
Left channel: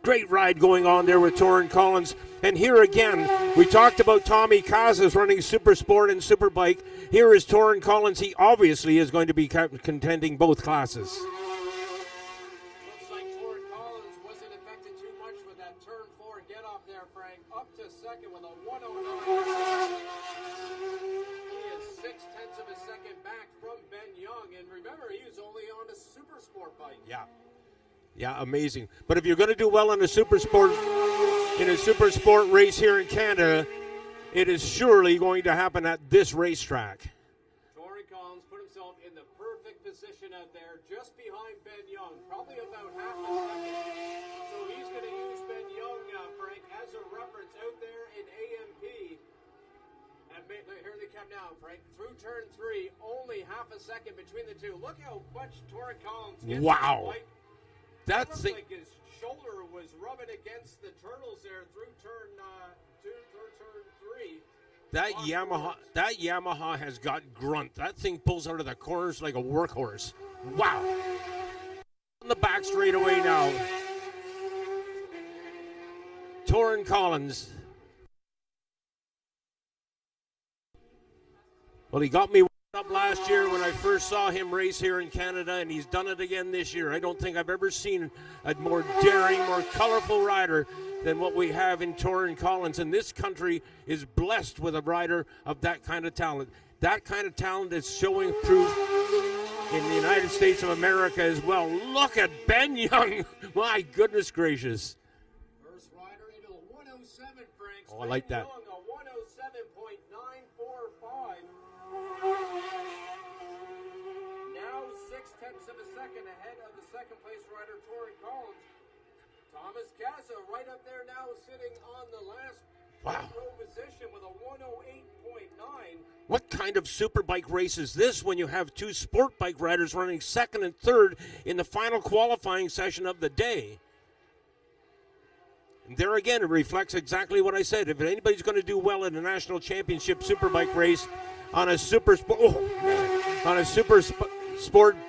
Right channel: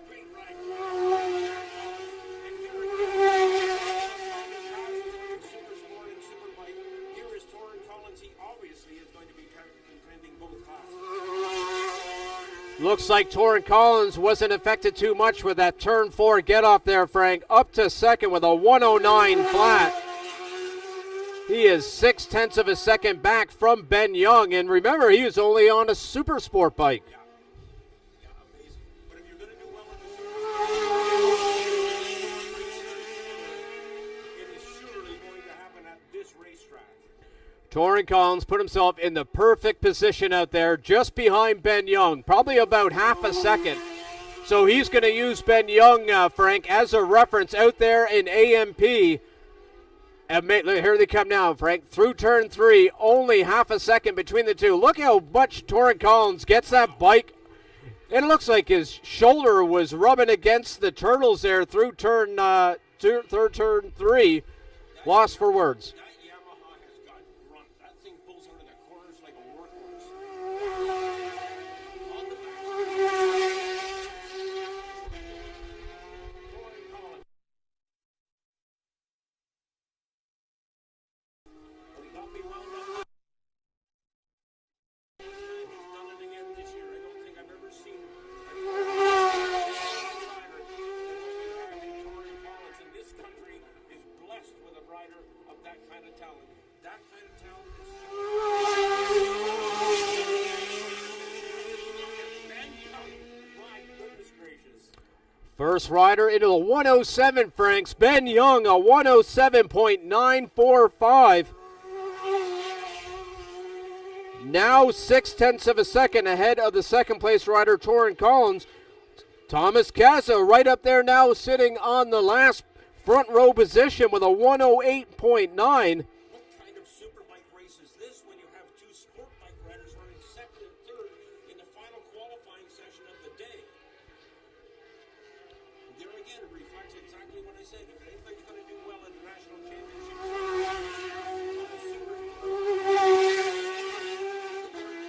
Great ride going on there with Torrin Collins. And here again, we talked about Tommy Casas running Super Sport and Superbike. Here is Torrin Collins. He obviously is going to be contending both classes. Looks like Torrin Collins wasn't affected too much with that turn 4 get off there, Frank. Up to second with a 109 flat. He is 0.6 of a second back from Ben Young. And remember, he was only on a Super Sport bike. Yeah, amazing. But if you're going to do well in a Super Sport race here in Canada, it is surely going to happen at this racetrack. Torrin Collins put himself in the perfect position out there, just behind Ben Young, probably about half a second. So he's going to use Ben Young, Frank, as a reference out there in AMP. And here they come now, Frank, through turn 3, only half a second between the two. Look how much Torrin Collins gets that bike. It looks like his shoulder was rubbing against the turtles there through turn 3. Lost for words. That Yamaha has got grunt. That thing pulls out of the corners like a workhorse. Wow. On the back straightaway now. Torrin Collins. Well, he got me wound up last year when I first saw him race here in Canada, and he's done it again this year. I don't think I've ever seen a more daring, more colorful rider than what we have in Torrin Collins. And this country is blessed with a rider of that kind of talent. That kind of talent is showing through in the United States of America as well. Look at Ben Young. My goodness gracious. First rider into the 107, Franks. Ben Young, a 107.945. Now 0.6 of a second ahead of the second place rider, Torrin Collins. Thomas Casa right up there now, sitting on the last front row position with a 108.9. What kind of superbike race is this when you have two sport bike riders running second and third in the final qualifying session of the day? There again, it reflects exactly what I said. If anybody's going to do well in a national championship superbike race on a sport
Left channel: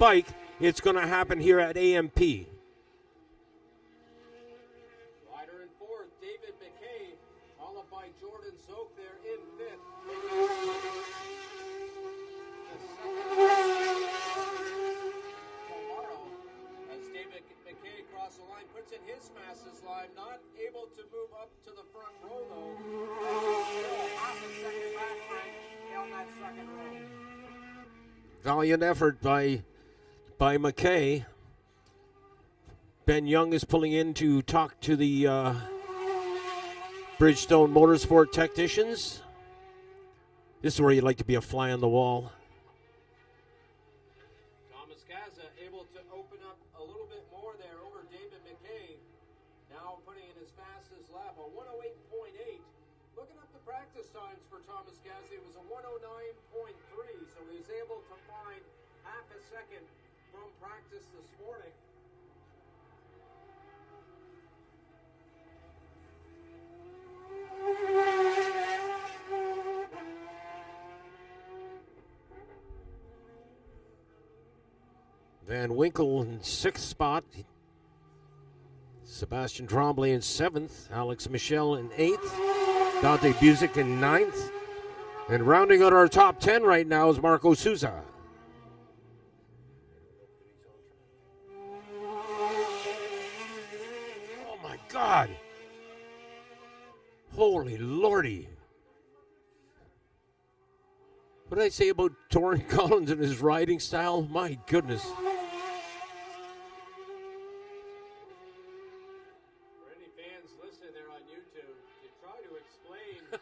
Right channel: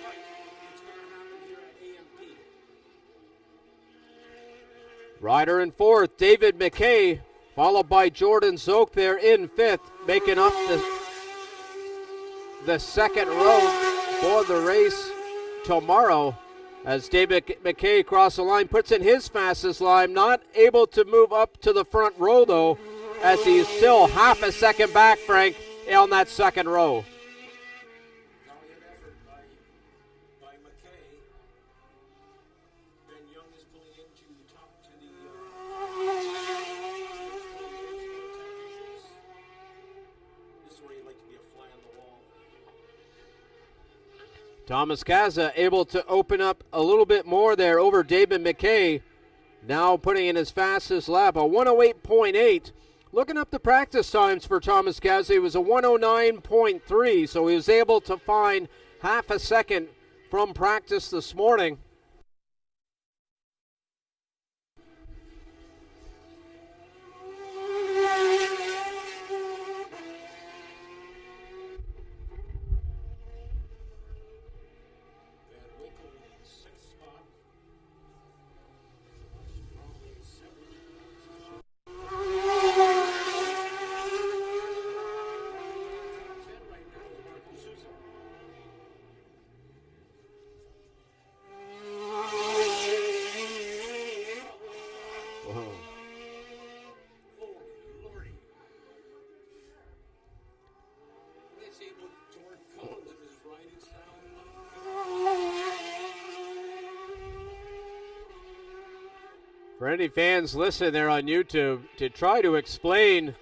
bike, it's going to happen here at AMP. Rider in fourth, David McKay, followed by Jordan Zook there in fifth, making up the second row for the race tomorrow. As David McKay across the line, puts in his fastest line, not able to move up to the front row though, as he's still half a second back, Frank, on that second row. Valiant effort by McKay. Ben Young is pulling in to talk to the Bridgestone Motorsport technicians. This is where you'd like to be a fly on the wall. Thomas Casa able to open up a little bit more there over David McKay. Now putting in his fastest lap, a 108.8. Looking up the practice times for Thomas Casa, it was a 109.3, so he was able to find half a second from practice this morning. Van Winkle in sixth spot. Sebastian Tremblay in seventh. Alex Michel in eighth. Dante Busick in ninth. And rounding out our top 10 right now is Marco Souza. Oh my God. Holy lordy. What did I say about Torrin Collins and his riding style? My goodness. For any fans listening there on YouTube, to try to explain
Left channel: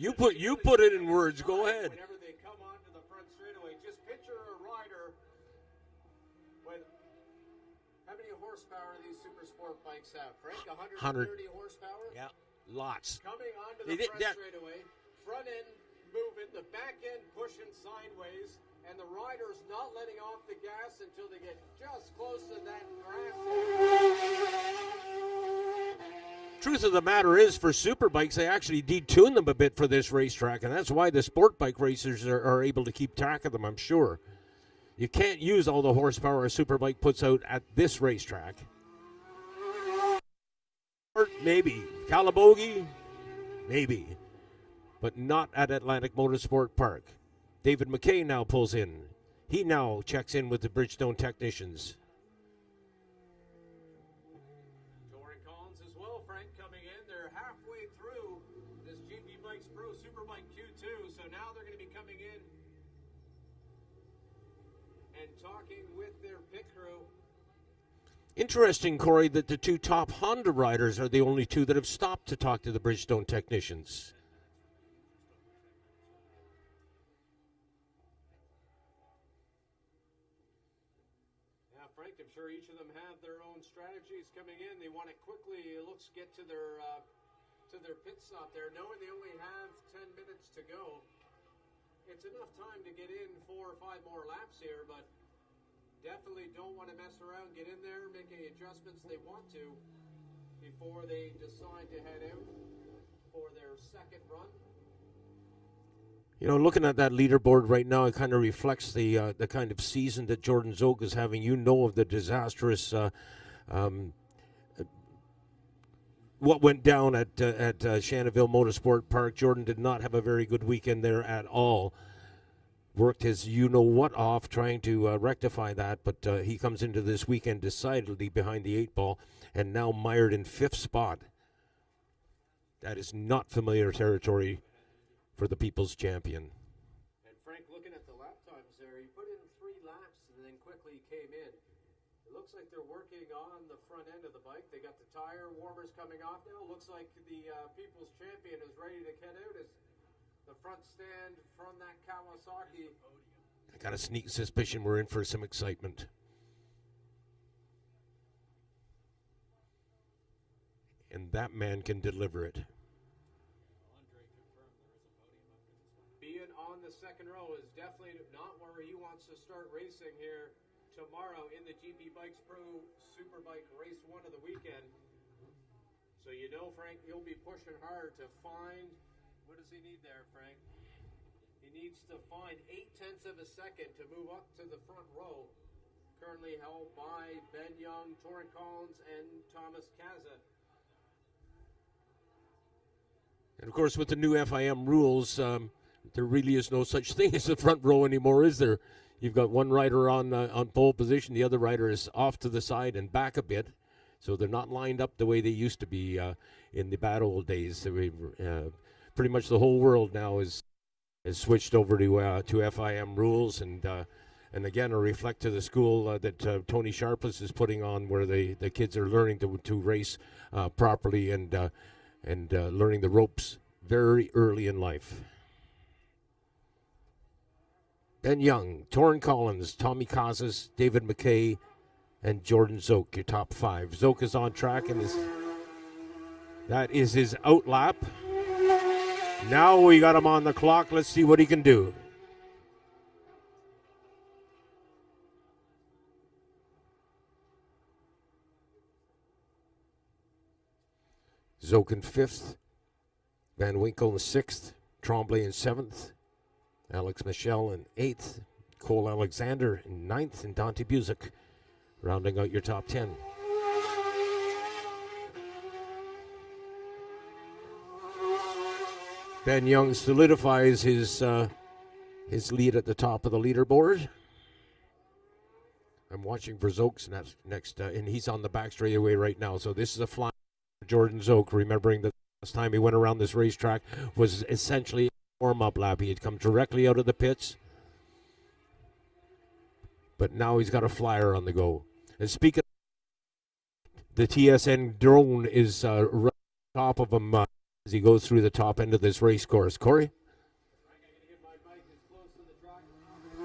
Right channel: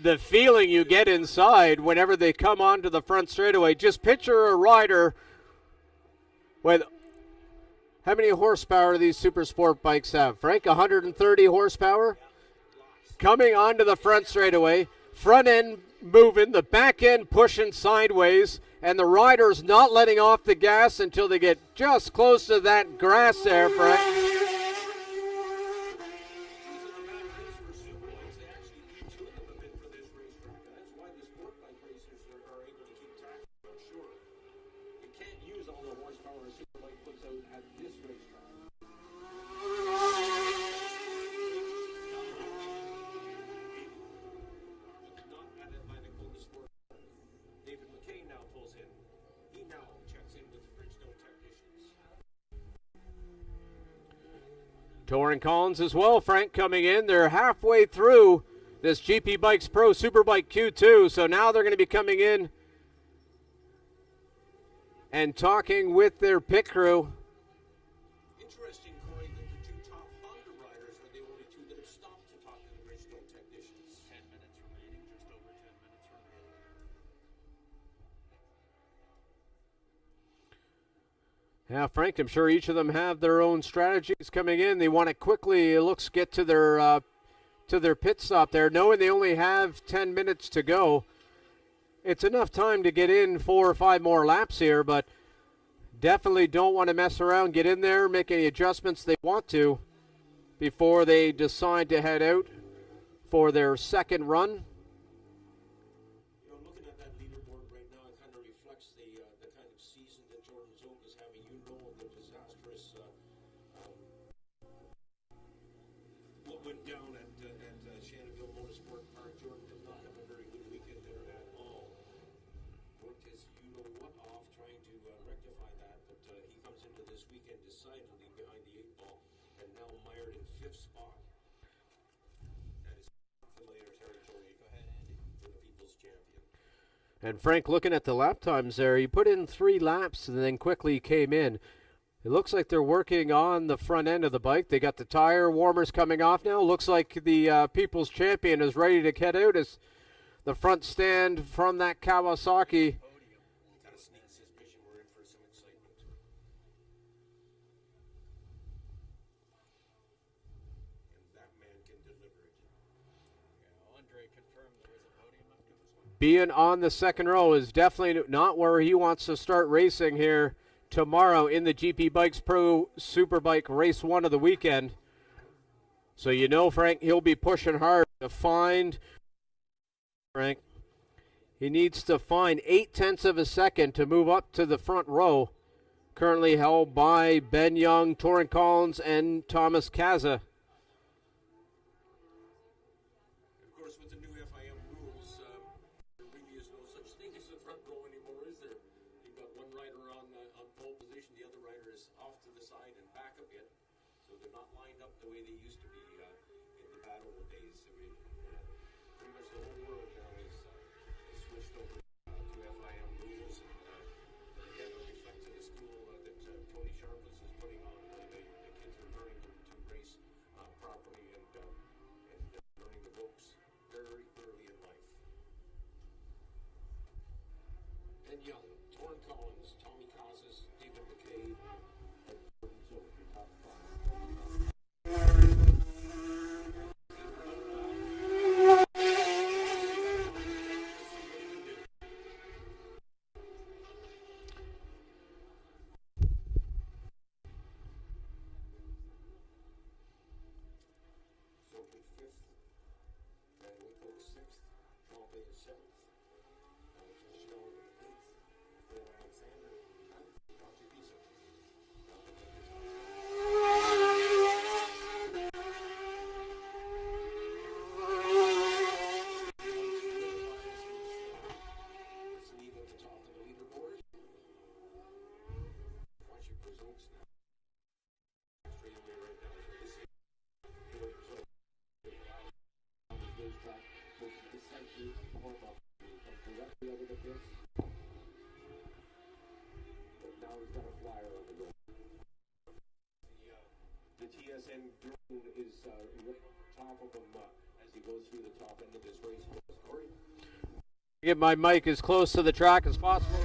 the feeling you get inside whenever they come onto the front straightaway, just picture a rider with, how many horsepower do these super sport bikes have, Frank? 130 horsepower? Yeah, lots. Coming onto the front straightaway, front end moving, the back end pushing sideways, and the rider's not letting off the gas until they get just close to that grass there, Frank. Truth of the matter is, for super bikes, they actually detune them a bit for this racetrack, and that's why the sport bike racers are able to keep track of them, I'm sure. You can't use all the horsepower a super bike puts out at this racetrack. Or maybe Calabogie, maybe, but not at Atlantic Motorsport Park. David McKay now pulls in. He now checks in with the Bridgestone technicians. Torrin Collins as well, Frank, coming in. They're halfway through this GP Bikes Pro Superbike Q2, so now they're going to be coming in and talking with their pit crew. Interesting, Corey, that the two top Honda riders are the only two that have stopped to talk to the Bridgestone technicians. Yeah, Frank, I'm sure each of them have their own strategies coming in. They want to quickly, it looks, get to their pit stop there, knowing they only have 10 minutes to go. It's enough time to get in 4 or 5 more laps here, but definitely don't want to mess around. Get in there, make any adjustments they want to before they decide to head out for their second run. You know, looking at that leaderboard right now, it kind of reflects the kind of season that Jordan Zook is having. You know of the disastrous what went down at Shannonville Motorsport Park. Jordan did not have a very good weekend there at all. worked his you-know-what off trying to rectify that, but he comes into this weekend decidedly behind the 8 ball and now mired in 5th spot. That is not familiar territory for the People's Champion. And Frank, looking at the lap times there, he put in 3 laps and then quickly came in. It looks like they're working on the front end of the bike. They got the tire warmers coming off now. Looks like the People's Champion is ready to get out as the front stand from that Kawasaki. I got a sneaking suspicion we're in for some excitement. And that man can deliver it. Being on the second row is definitely not where he wants to start racing here tomorrow in the GP Bikes Pro Superbike Race 1 of the weekend. So you know, Frank, he'll be pushing hard to find, what does he need there, Frank? He needs to find 0.8 of a second to move up to the front row, currently held by Ben Young, Torrin Collins, and Thomas Kaza. And of course, with the new FIM rules, there really is no such thing as the front row anymore, is there? You've got one rider on pole position, the other rider is off to the side and back a bit, so they're not lined up the way they used to be in the bad old days. So pretty much the whole world now is switched over to FIM rules, and again, a reflect to the school that Tony Sharpless is putting on, where the kids are learning to race properly and learning the ropes very early in life. Ben Young, Torrin Collins, Tommy Casas, David McKay, and Jordan Zoke, your top 5. Zoke is on track, and that is his out lap. Now we got him on the clock. Let's see what he can do. Zoke in 5th, Van Winkle in 6th, Tremblay in 7th, Alex Michel in 8th, Cole Alexander in 9th, and Dante Busick rounding out your top 10. Ben Young solidifies his lead at the top of the leaderboard. I'm watching for Zoke's next and he's on the back straightaway right now. So this is a fly for Jordan Zoke, remembering that last time he went around this racetrack was essentially a warm-up lap. He had come directly out of the pits, but now he's got a flyer on the go. And speaking of, the TSN drone is right on top of him as he goes through the top end of this race course. Corey? Get my mic as close to the track as possible.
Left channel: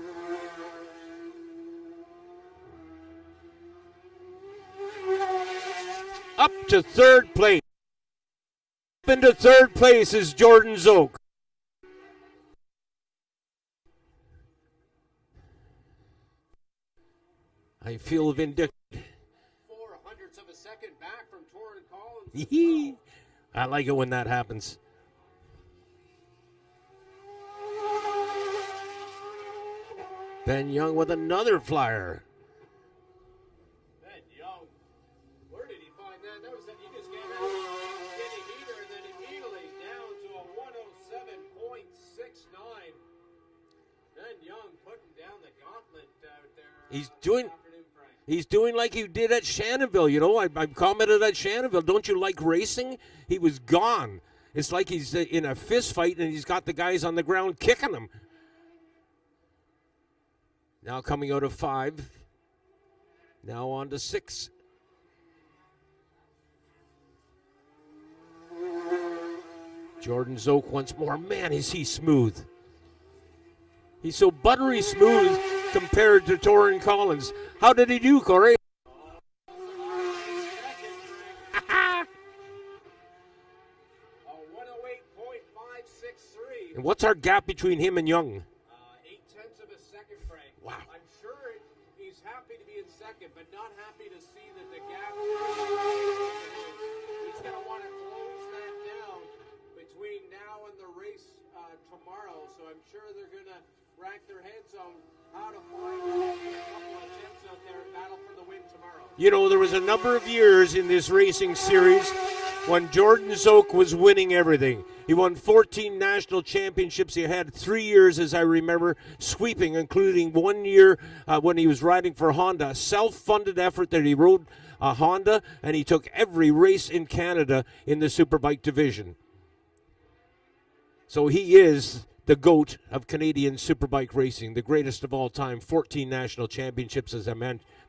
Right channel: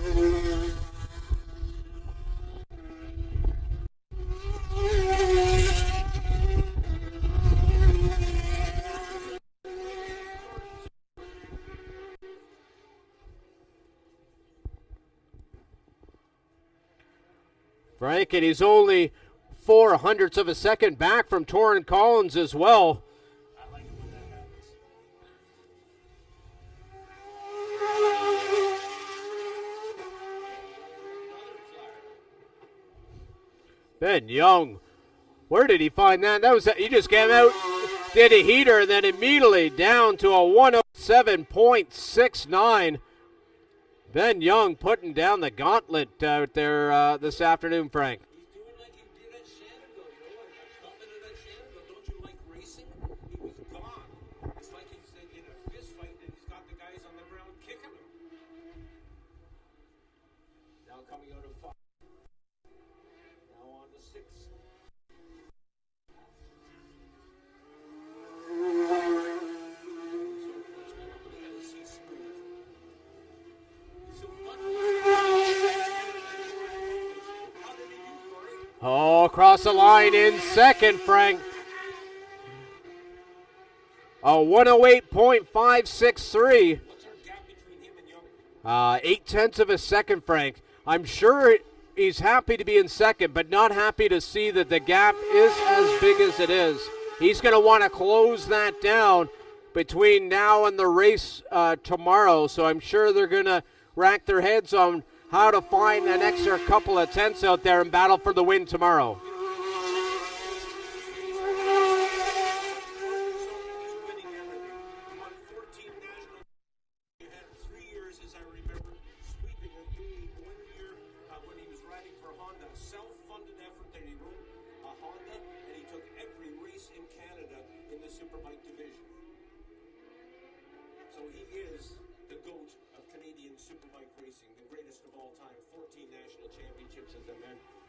Up to 3rd place. Up into 3rd place is Jordan Zoke. Frank, and he's only 0.04 of a second back from Torrin Collins as well. I like it when that happens. Ben Young with another flyer. Ben Young, where did he find that? He just came out, did a heater, and then immediately down to a 107.69. Ben Young putting down the gauntlet out there this afternoon, Frank. He's doing like he did at Shannonville. You know, I commented at Shannonville, don't you like racing? He was gone. It's like he's in a fist fight and he's got the guys on the ground kicking him. Now coming out of 5. Now on to 6. Jordan Zoke once more. Man, is he smooth. He's so buttery smooth compared to Torrin Collins. How did he do, Corey? Oh, across the line in 2nd, Frank. A 108.563. What's our gap between him and Young? 0.8 of a second, Frank. Wow. I'm sure he's happy to be in 2nd, but not happy to see that the gap is as big as it is. He's going to want to close that down between now and the race tomorrow, so I'm sure they're going to rack their heads on how to find an extra couple of tenths out there and battle for the win tomorrow. You know, there was a number of years in this racing series when Jordan Zoke was winning everything. He won 14 national championships. He had 3 years, as I remember, sweeping, including 1 year when he was riding for Honda. A self-funded effort that he rode Honda, and he took every race in Canada in the Superbike division. So he is the GOAT of Canadian Superbike racing, the greatest of all time. 14 national championships, as I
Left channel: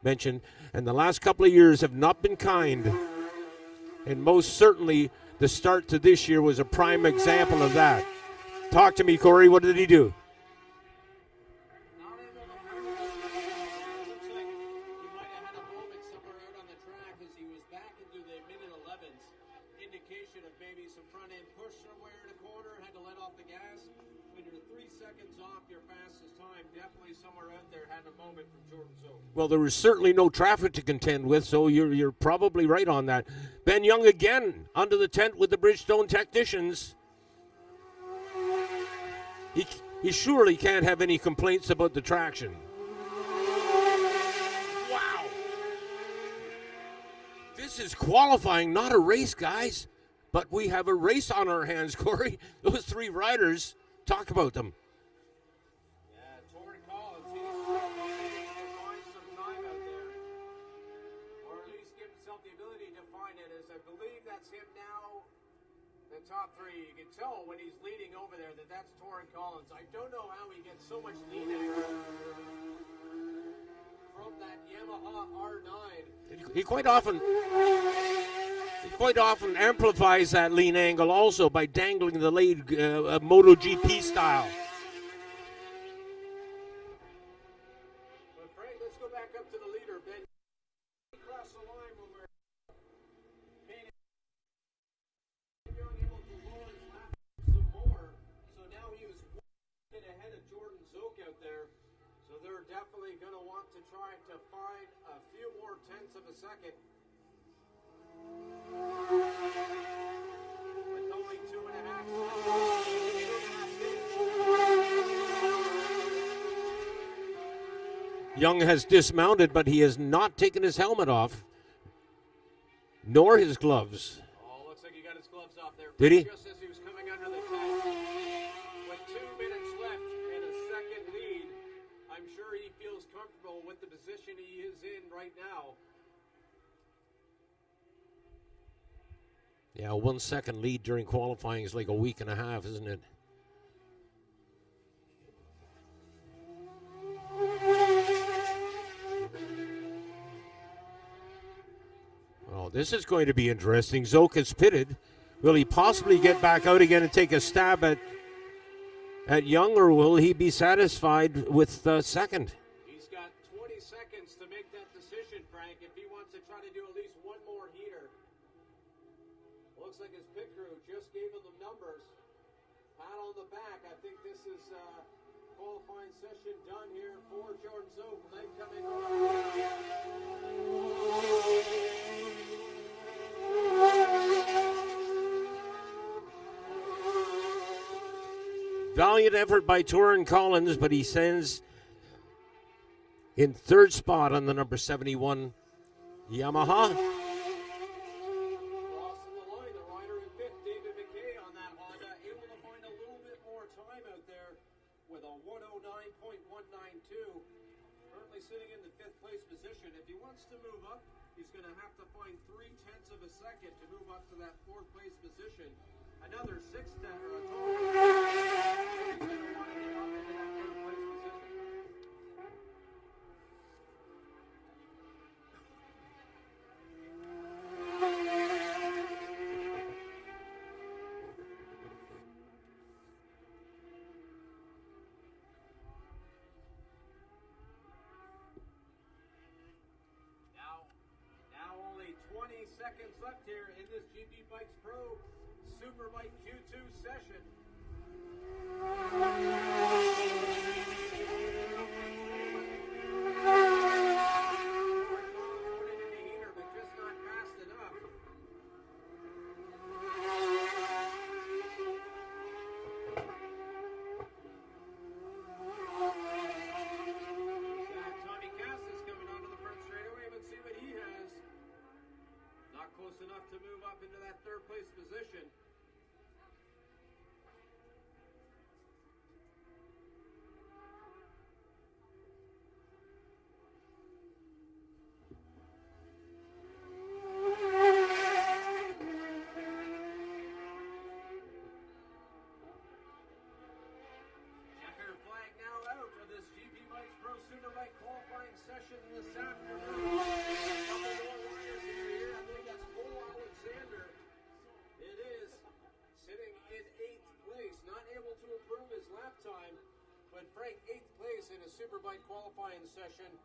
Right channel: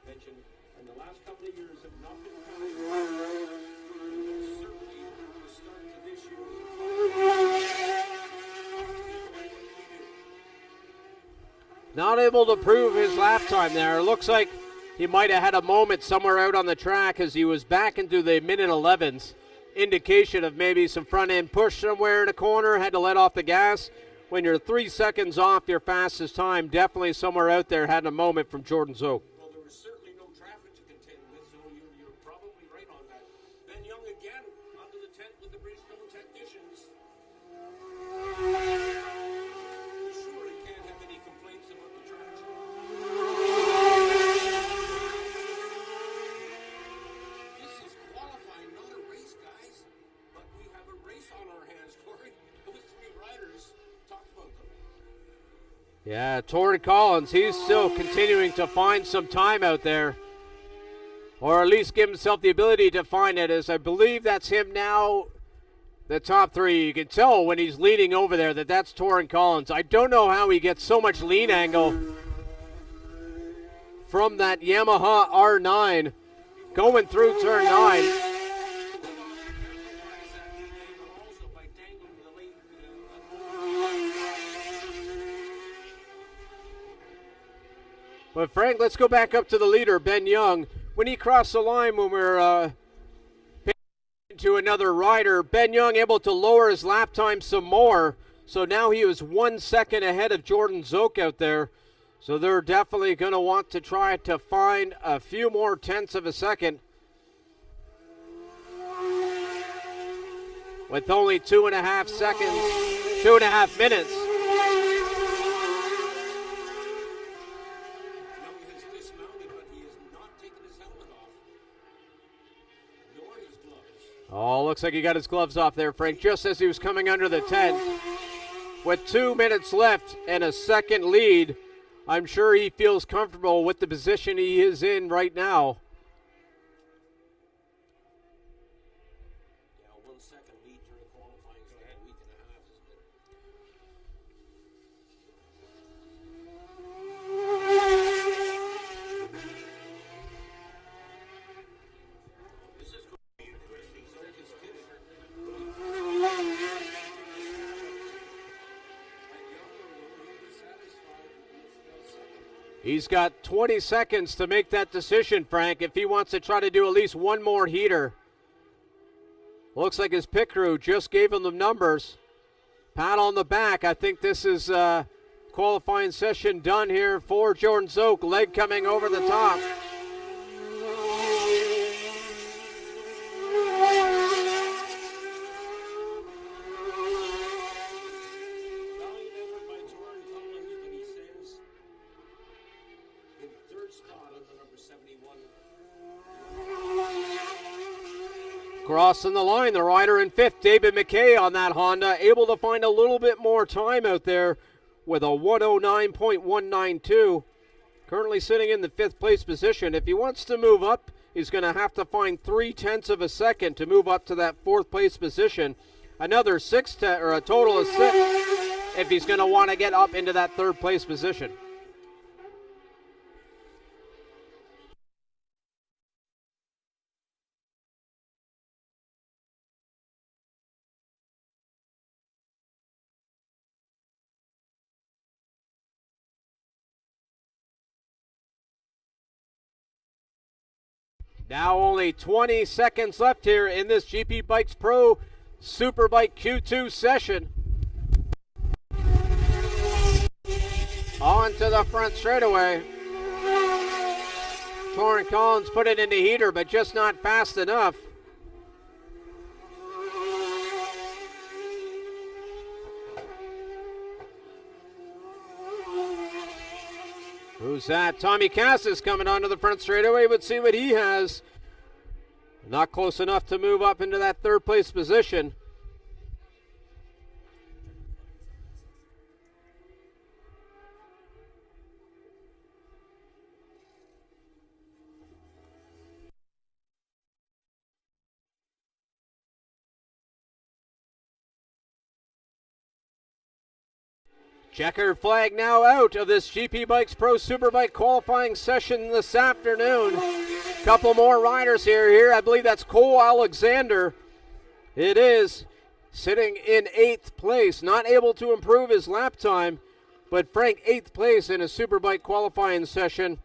mentioned. And the last couple of years have not been kind. And most certainly, the start to this year was a prime example of that. Talk to me, Corey. What did he do? Not able to prove his lap time there. It looks like he might have had a moment somewhere out on the track as he was back into the minute 11s. Indication of maybe some front end push somewhere in the corner, had to let off the gas. When you're 3 seconds off your fastest time, definitely somewhere out there had a moment from Jordan Zook. Well, there was certainly no traffic to contend with, so you're probably right on that. Ben Young again under the tent with the Bridgestone technicians. He surely can't have any complaints about the traction. Wow. This is qualifying, not a race, guys. But we have a race on our hands, Corey. Those 3 riders, talk about them. Yeah, Torrin Collins, he's still continuing to find some time out there. Or at least give himself the ability to find it, as I believe that's him now, the top 3. You can tell when he's leaning over there that that's Torrin Collins. I don't know how he gets so much lean angle from that Yamaha R9 going through turn 9. Quite often amplifies that lean angle also by dangling the leg MotoGP style. But Frank, let's go back up to the leader, Ben Young. When he crossed the line when we were paying attention to another rider, Ben Young able to lower his lap time some more. So now he was 1 second ahead of Jordan Zook out there. So they're definitely going to want to try to find a few more tenths of a second. With only 2.5 seconds, 2.5 minutes. Young has dismounted, but he has not taken his helmet off, nor his gloves. Oh, looks like he got his gloves off there, Frank, just as he was coming under the tent. With 2 minutes left and a second lead, I'm sure he feels comfortable with the position he is in right now. Yeah, 1 second lead during qualifying is like a week and a half, isn't it? Oh, this is going to be interesting. Zook is pitted. Will he possibly get back out again and take a stab at Young, or will he be satisfied with second? He's got 20 seconds to make that decision, Frank, if he wants to try to do at least one more heater. Looks like his pit crew just gave him the numbers. Pat on the back. I think this is qualifying session done here for Jordan Zook. Leg coming over the top. Valiant effort by Torrin Collins, but he sends in third spot on the number 71 Yamaha. Crossing the line, the rider in fifth, David McKay on that Honda, able to find a little bit more time out there with a 109.192. Currently sitting in the 5th place position. If he wants to move up, he's going to have to find 0.3 of a second to move up to that 4th place position. Another a total of 6 if he's going to want to get up into that 3rd place position. Now only 20 seconds left here in this GP Bikes Pro Superbike Q2 session. On to the front straightaway. Torrin Collins put it in the heater, but just not fast enough. Who's that? Tommy Cass is coming onto the front straightaway. Let's see what he has. Not close enough to move up into that 3rd place position. Checkered flag now out of this GP Bikes Pro Superbike qualifying session this afternoon. Couple more riders here. I believe that's Cole Alexander. It is, sitting in 8th place, not able to improve his lap time, but Frank 8th place in a Superbike qualifying session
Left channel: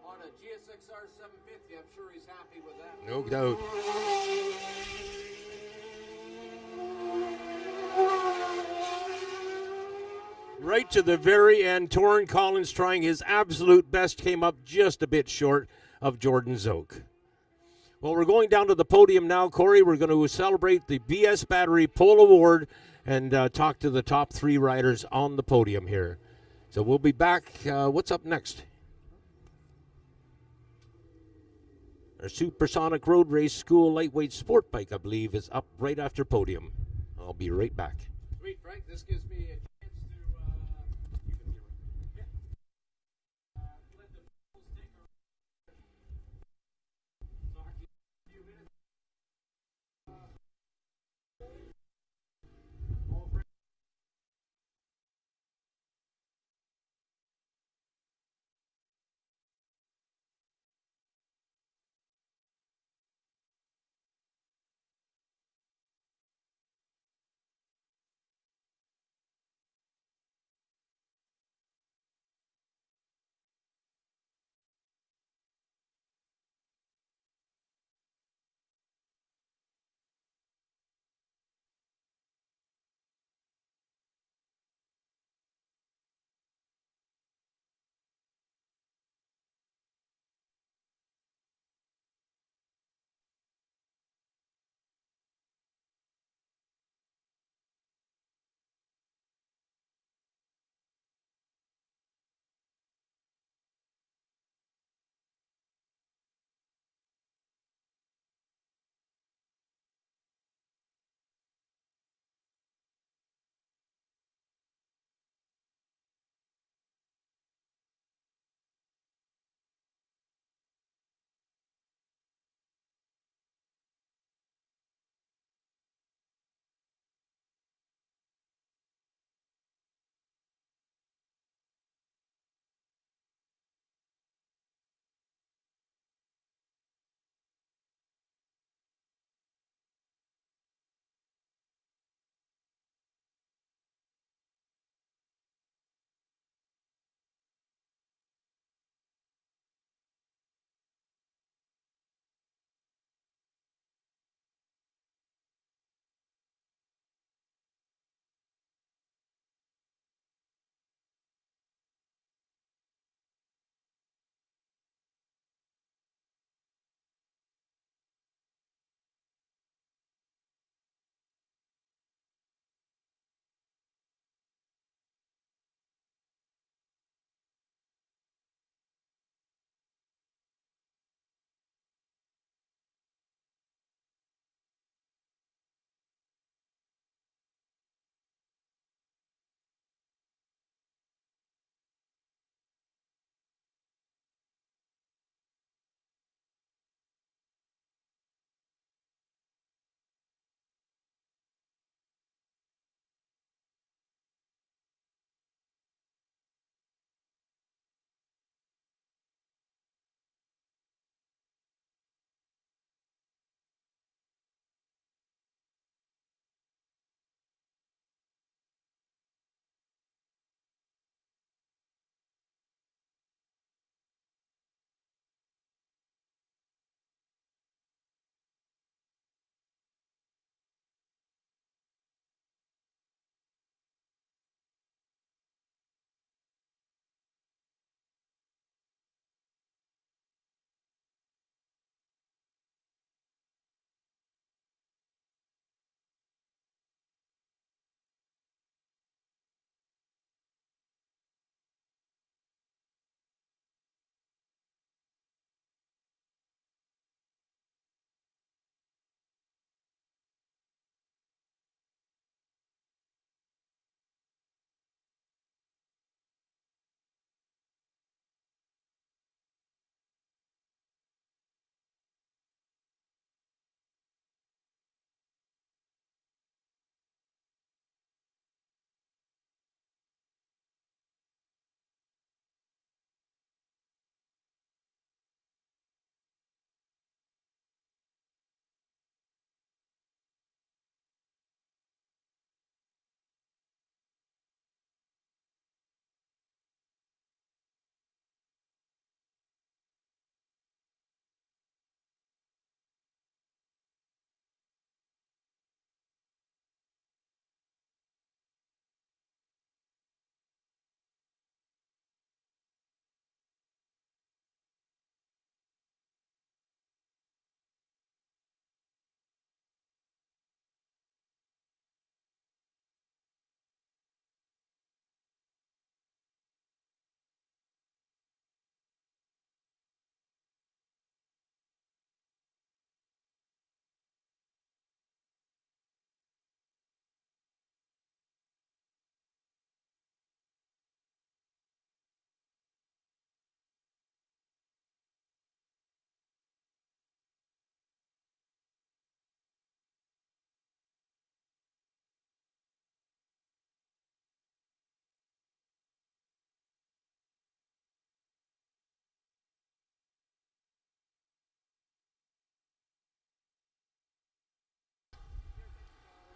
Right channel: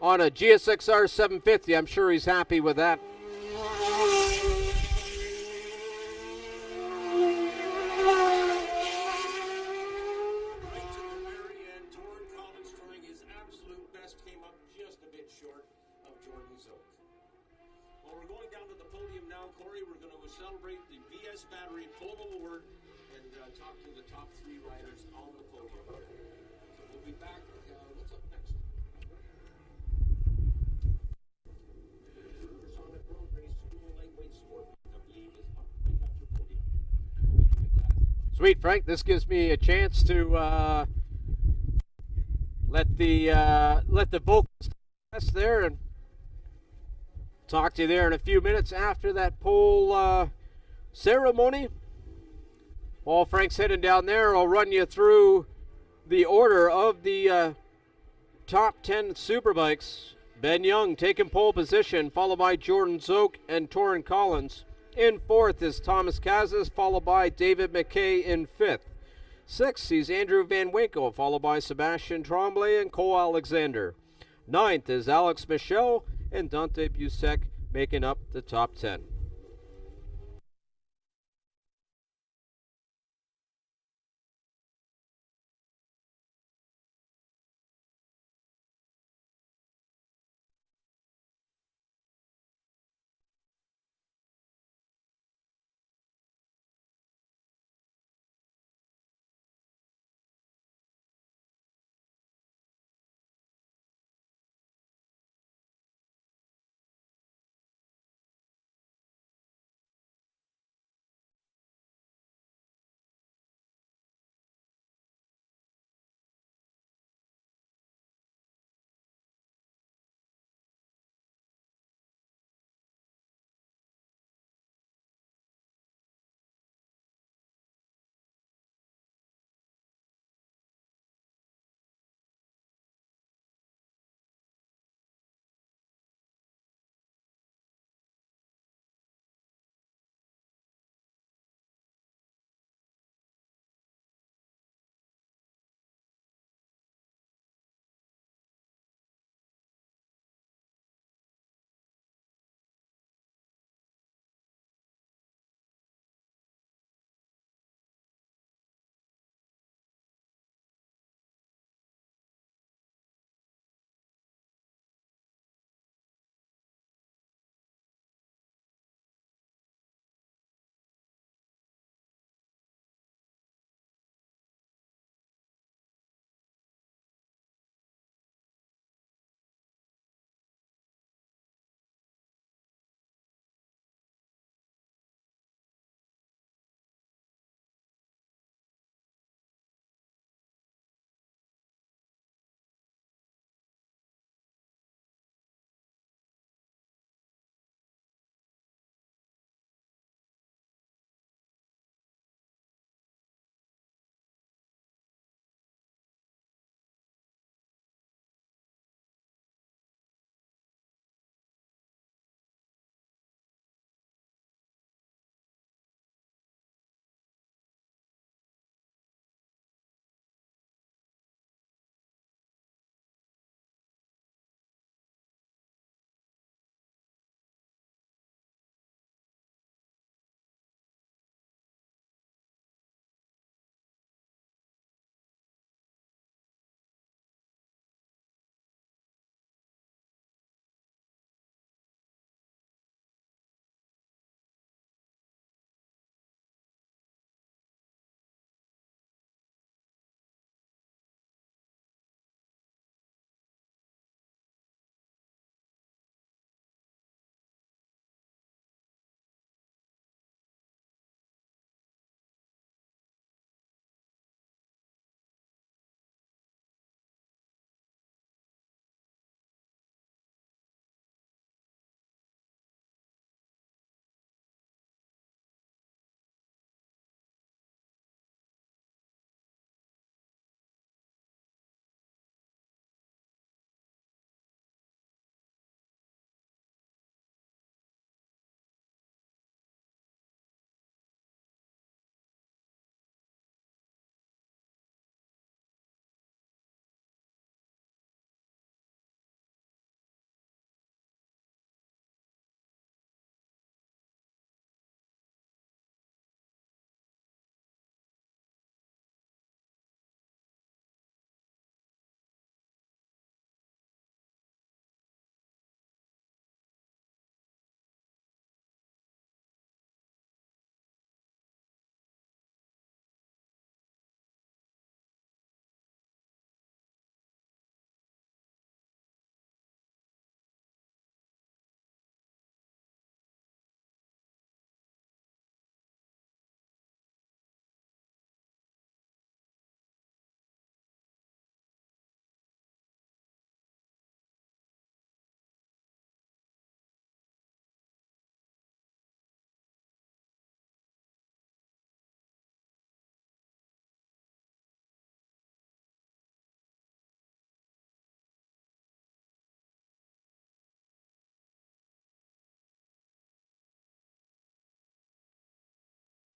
on a GSXR 750. I'm sure he's happy with that. No doubt. Right to the very end, Torrin Collins trying his absolute best, came up just a bit short of Jordan Zoke. Well, we're going down to the podium now, Corey. We're going to celebrate the BS Battery Pole Award and talk to the top 3 riders on the podium here. So we'll be back. What's up next? Our Supersonic Road Race School Lightweight Sport Bike, I believe, is up right after podium. I'll be right back. Sweet, Frank. This gives me a chance to let the vocals take a rest there and talk to you there in a few minutes after that pole ceremony. While Frank's heading down there, I'll run you through the order of the top 10 Superbikes. Ben Young taking pole position, followed by Jordan Zoke and Torrin Collins. In 4th is Thomas Kazas, followed by David McKay in 5th. 6th is Andrew Van Winkle, followed by Sebastian Tremblay and Cole Alexander. 9th is Alex Michel and Dante Busek, making up the top 10.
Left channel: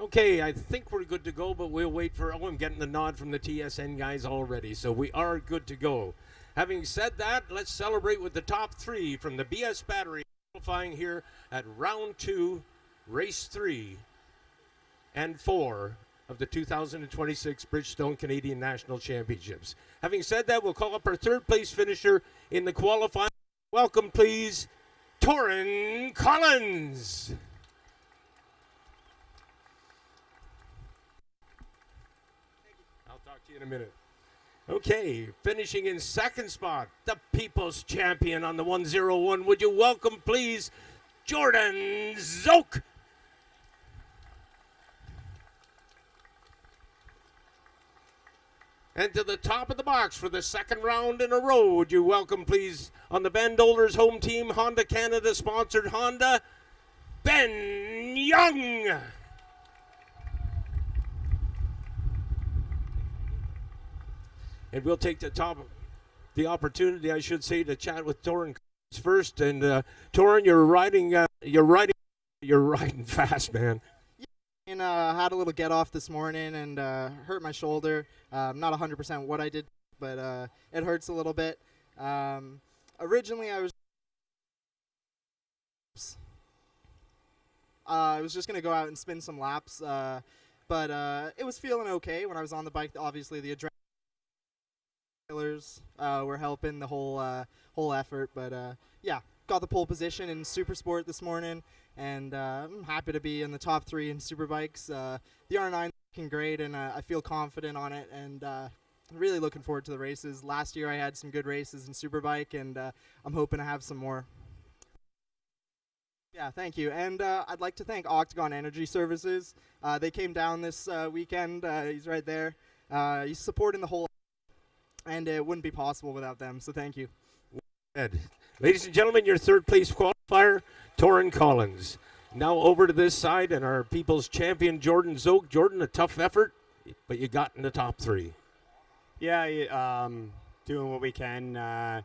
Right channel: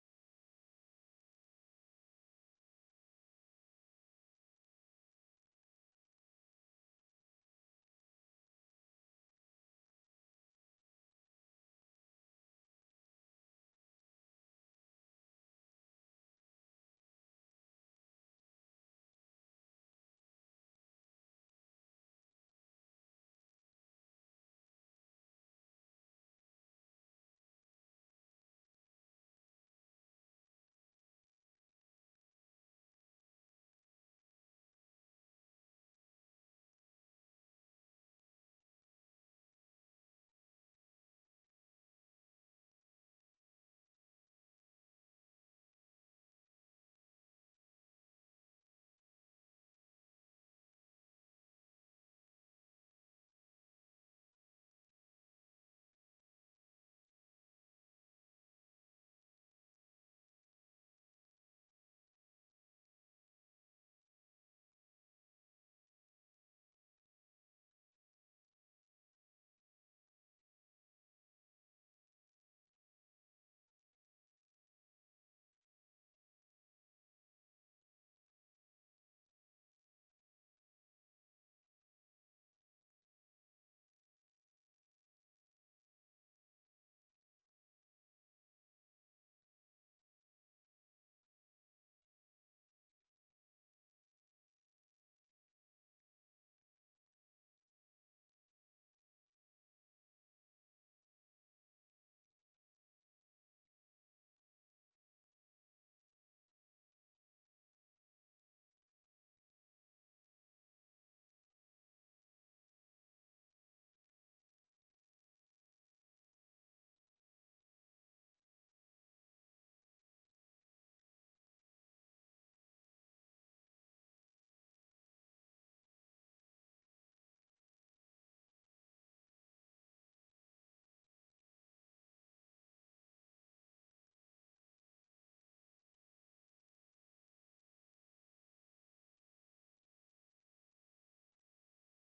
Okay, I think we're good to go, but we'll wait for, I'm getting the nod from the TSN guys already, so we are good to go. Having said that, let's celebrate with the top 3 from the BS Battery qualifying here at round 2, race 3 and 4 of the 2026 Bridgestone Canadian National Championships. Having said that, we'll call up our 3rd place finisher in the qualifying. Welcome, please, Torrin Collins. I'll talk to you in a minute. Okay, finishing in 2nd spot, the People's Champion on the 101. Would you welcome, please, Jordan Zoke. And to the top of the box for the 2nd round in a row, would you welcome, please, on the Van Dolders home team, Honda Canada sponsored Honda, Ben Young. And we'll take the opportunity, I should say, to chat with Torrin first. And Torrin, you're riding fast, man. And had a little get off this morning and hurt my shoulder. Not 100% what I did, but it hurts a little bit. Originally, I was just gonna go out and spin some laps, but it was feeling okay when I was on the bike. Obviously, the adrenals were helping the whole effort. But yeah, got the pole position in Super Sport this morning. And I'm happy to be in the top 3 in Superbikes. The R9 is looking great, and I feel confident on it, and really looking forward to the races. Last year I had some good races in Superbike, and I'm hoping to have some more. Yeah, thank you. And I'd like to thank Octagon Energy Services. They came down this weekend. He's right there. He's supporting the whole, and it wouldn't be possible without them, so thank you. Ed. Ladies and gentlemen, your 3rd place qualifier, Torrin Collins. Now over to this side and our People's Champion, Jordan Zoke. Jordan, a tough effort, but you got in the top 3. Yeah, doing what we can.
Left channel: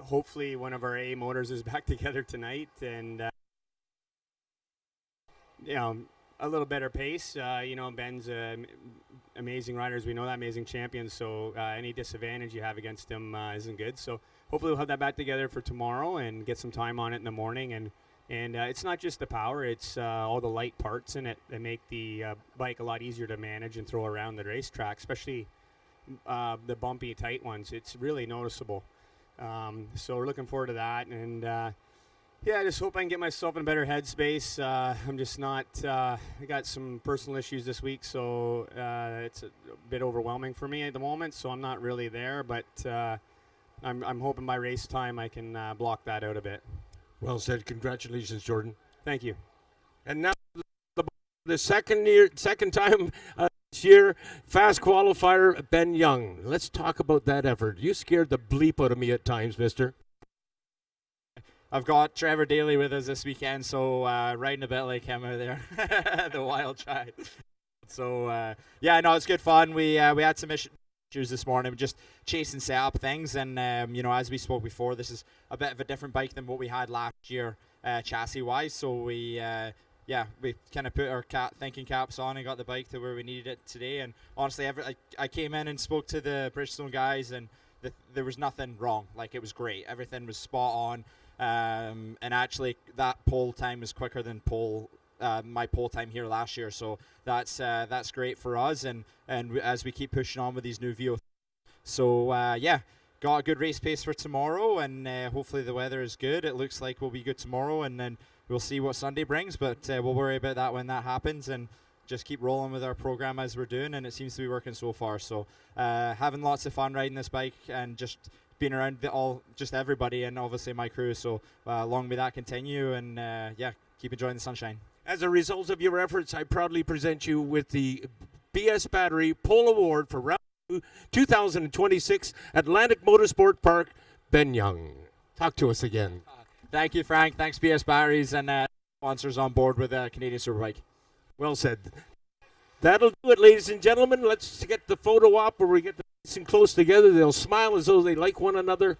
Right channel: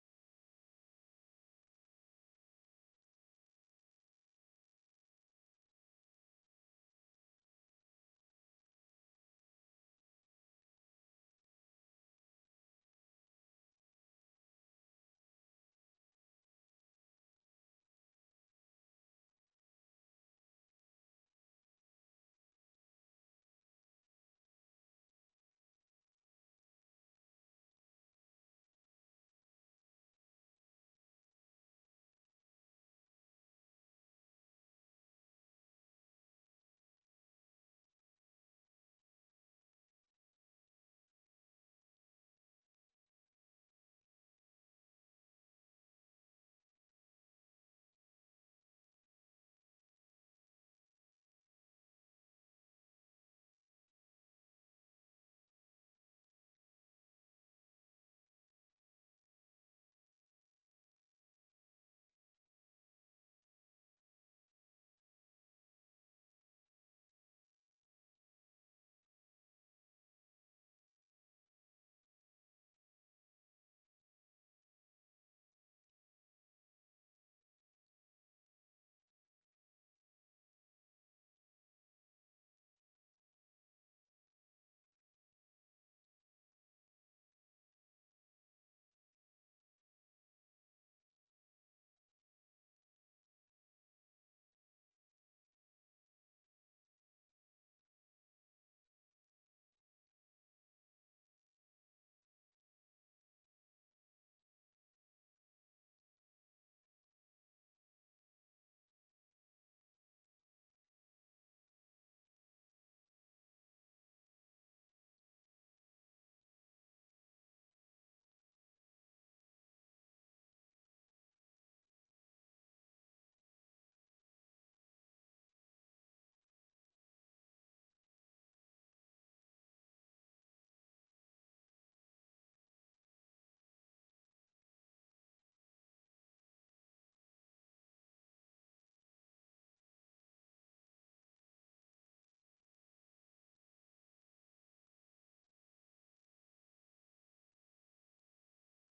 Hopefully one of our A motors is back together tonight, and you know, a little better pace. You know, Ben's amazing riders. We know that, amazing champions. So any disadvantage you have against him isn't good. So hopefully we'll have that back together for tomorrow and get some time on it in the morning. And it's not just the power; it's all the light parts in it that make the bike a lot easier to manage and throw around the racetrack, especially the bumpy, tight ones. It's really noticeable. So we're looking forward to that. And yeah, I just hope I can get myself in a better headspace. I'm just not. I got some personal issues this week, so it's a bit overwhelming for me at the moment. So I'm not really there, but I'm hoping by race time I can block that out a bit. Well said. Congratulations, Jordan. Thank you. And now the second time this year, fast qualifier Ben Young. Let's talk about that effort. You scared the bleep out of me at times, mister. I've got Trevor Daly with us this weekend, so riding a bit like him out there, the wild child. So yeah, no, it's good fun. We had some issues this morning, just chasing setup things, and you know, as we spoke before, this is a bit of a different bike than what we had last year, chassis-wise. So we kind of put our thinking caps on and got the bike to where we needed it today. And honestly, I came in and spoke to the Bridgestone guys, and there was nothing wrong. Like, it was great. Everything was spot on. And actually, that pole time is quicker than my pole time here last year. So that's great for us. And as we keep pushing on with these new VO, so yeah, got a good race pace for tomorrow, and hopefully the weather is good. It looks like we'll be good tomorrow, and then we'll see what Sunday brings. But we'll worry about that when that happens, and just keep rolling with our program as we're doing. And it seems to be working so far. So having lots of fun riding this bike and just being around just everybody, and obviously my crew. So long may that continue, and yeah, keep enjoying the sunshine. As a result of your efforts, I proudly present you with the BS Battery Pole Award for Round 2 2026 Atlantic Motorsport Park, Ben Young. Talk to us again. Thank you, Frank. Thanks, BS Batteries, and sponsors on board with Canadian Superbike. Well said. That'll do it, ladies and gentlemen. Let's get the photo op where we get the nice and close together. They'll smile as though they like one another,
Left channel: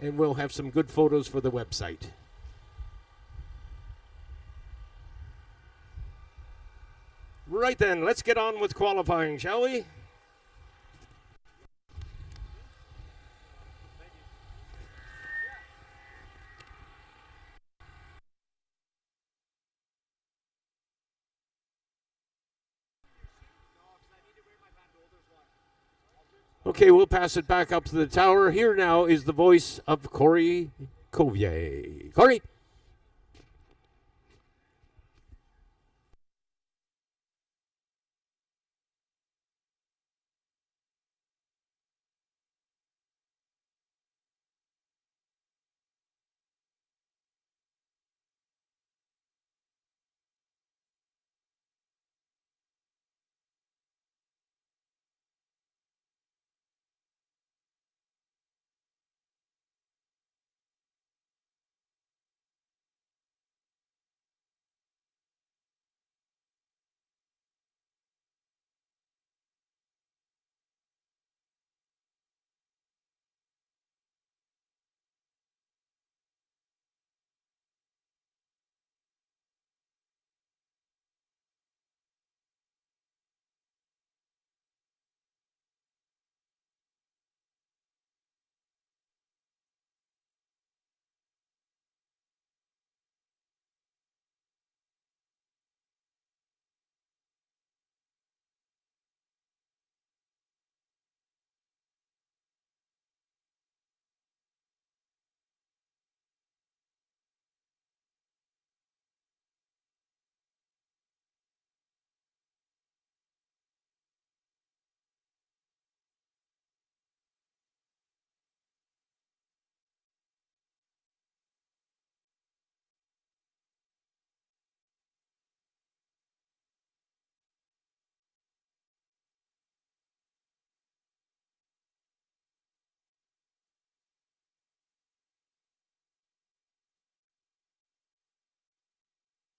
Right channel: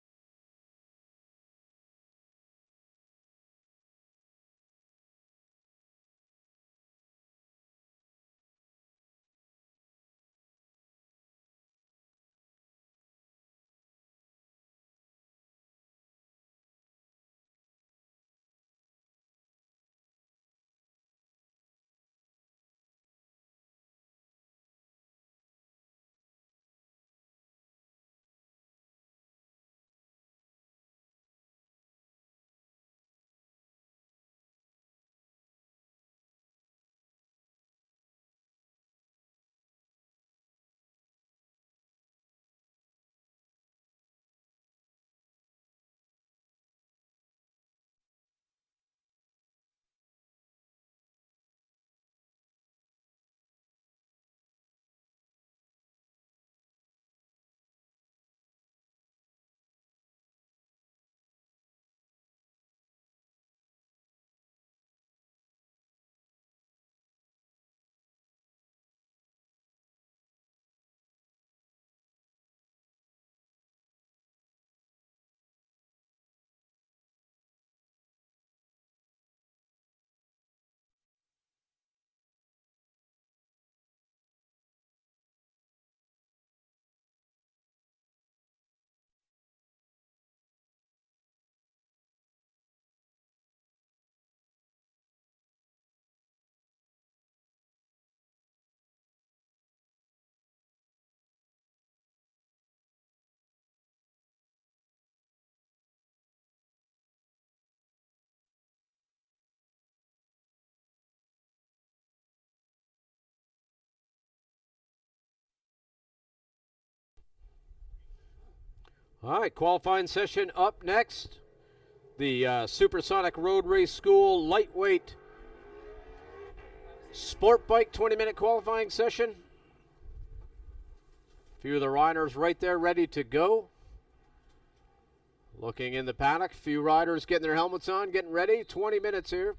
and we'll have some good photos for the website. Right then, let's get on with qualifying, shall we? Okay, we'll pass it back up to the tower. Here now is the voice of Corey Covier. Corey? All right, qualifying session up next. The Supersonic Road Race School lightweight sport bike 20-minute qualifying session. A few of the riders right there ready to go. Looking in the paddock, a few riders getting their helmets on, getting ready. 20 minutes here.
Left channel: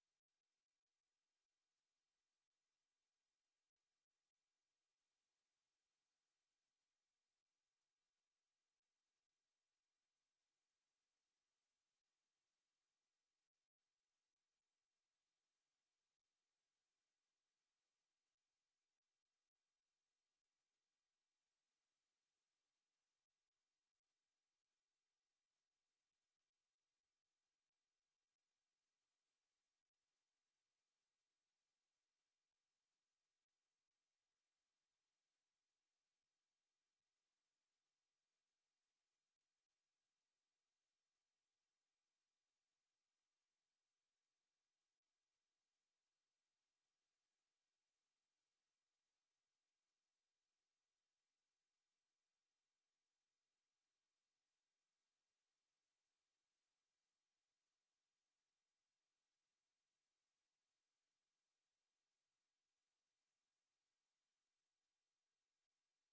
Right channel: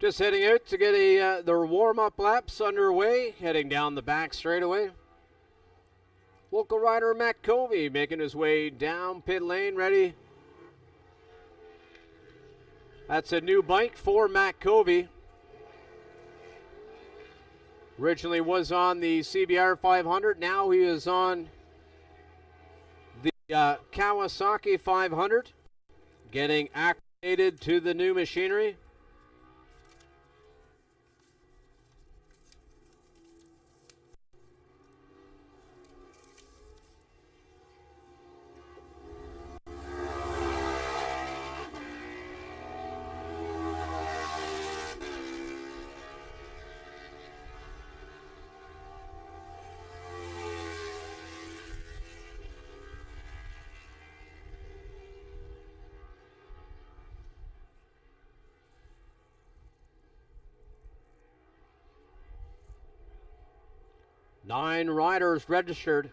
Just heading out to get their warm-up laps underway, heading down the back straightaway. Local rider Matt Covey making his way down pit lane, ready. That's a new bike for Matt Covey. Originally was on the CBR 500, now he is on the Kawasaki 500, getting acclimated to the new machinery. Nine riders registered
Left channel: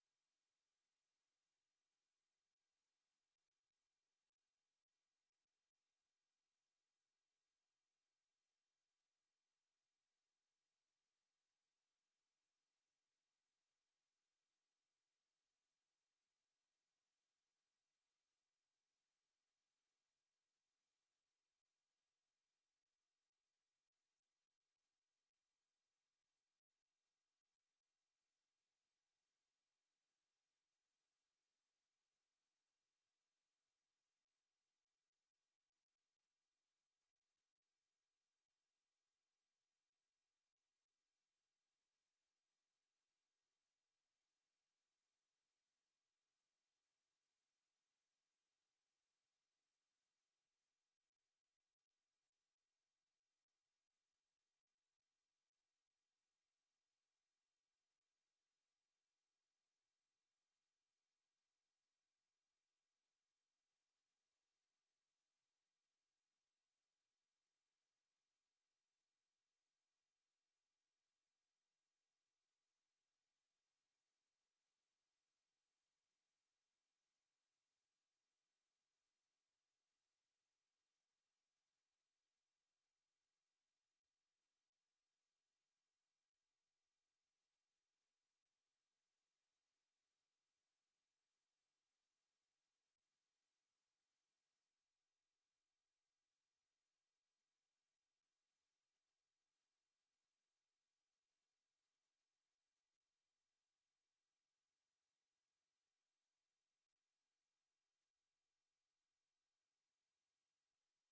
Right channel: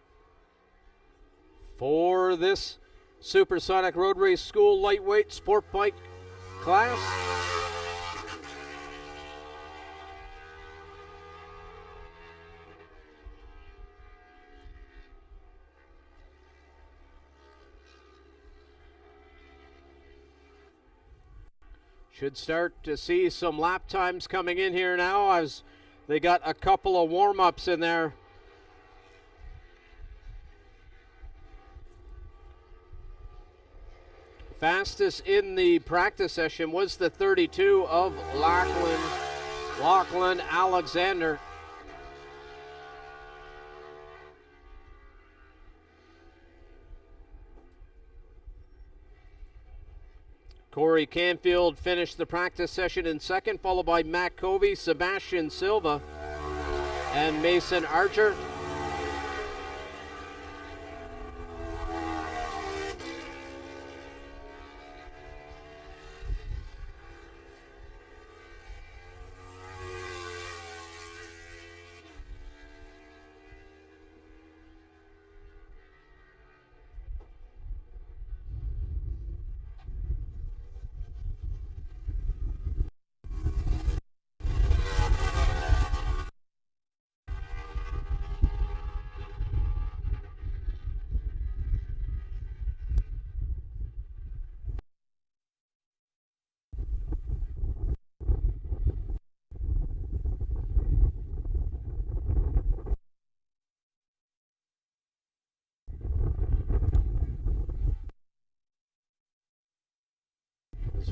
for this Supersonic Road Race School lightweight sport bike class. Should start to see some lap times coming in here now as they got a couple of warm-ups in there. Fastest in the practice session was the 32 of Lachlan Alexander. Corey Canfield finished the practice session in second, followed by Matt Covey, Sebastian Silva, and Mason Archer.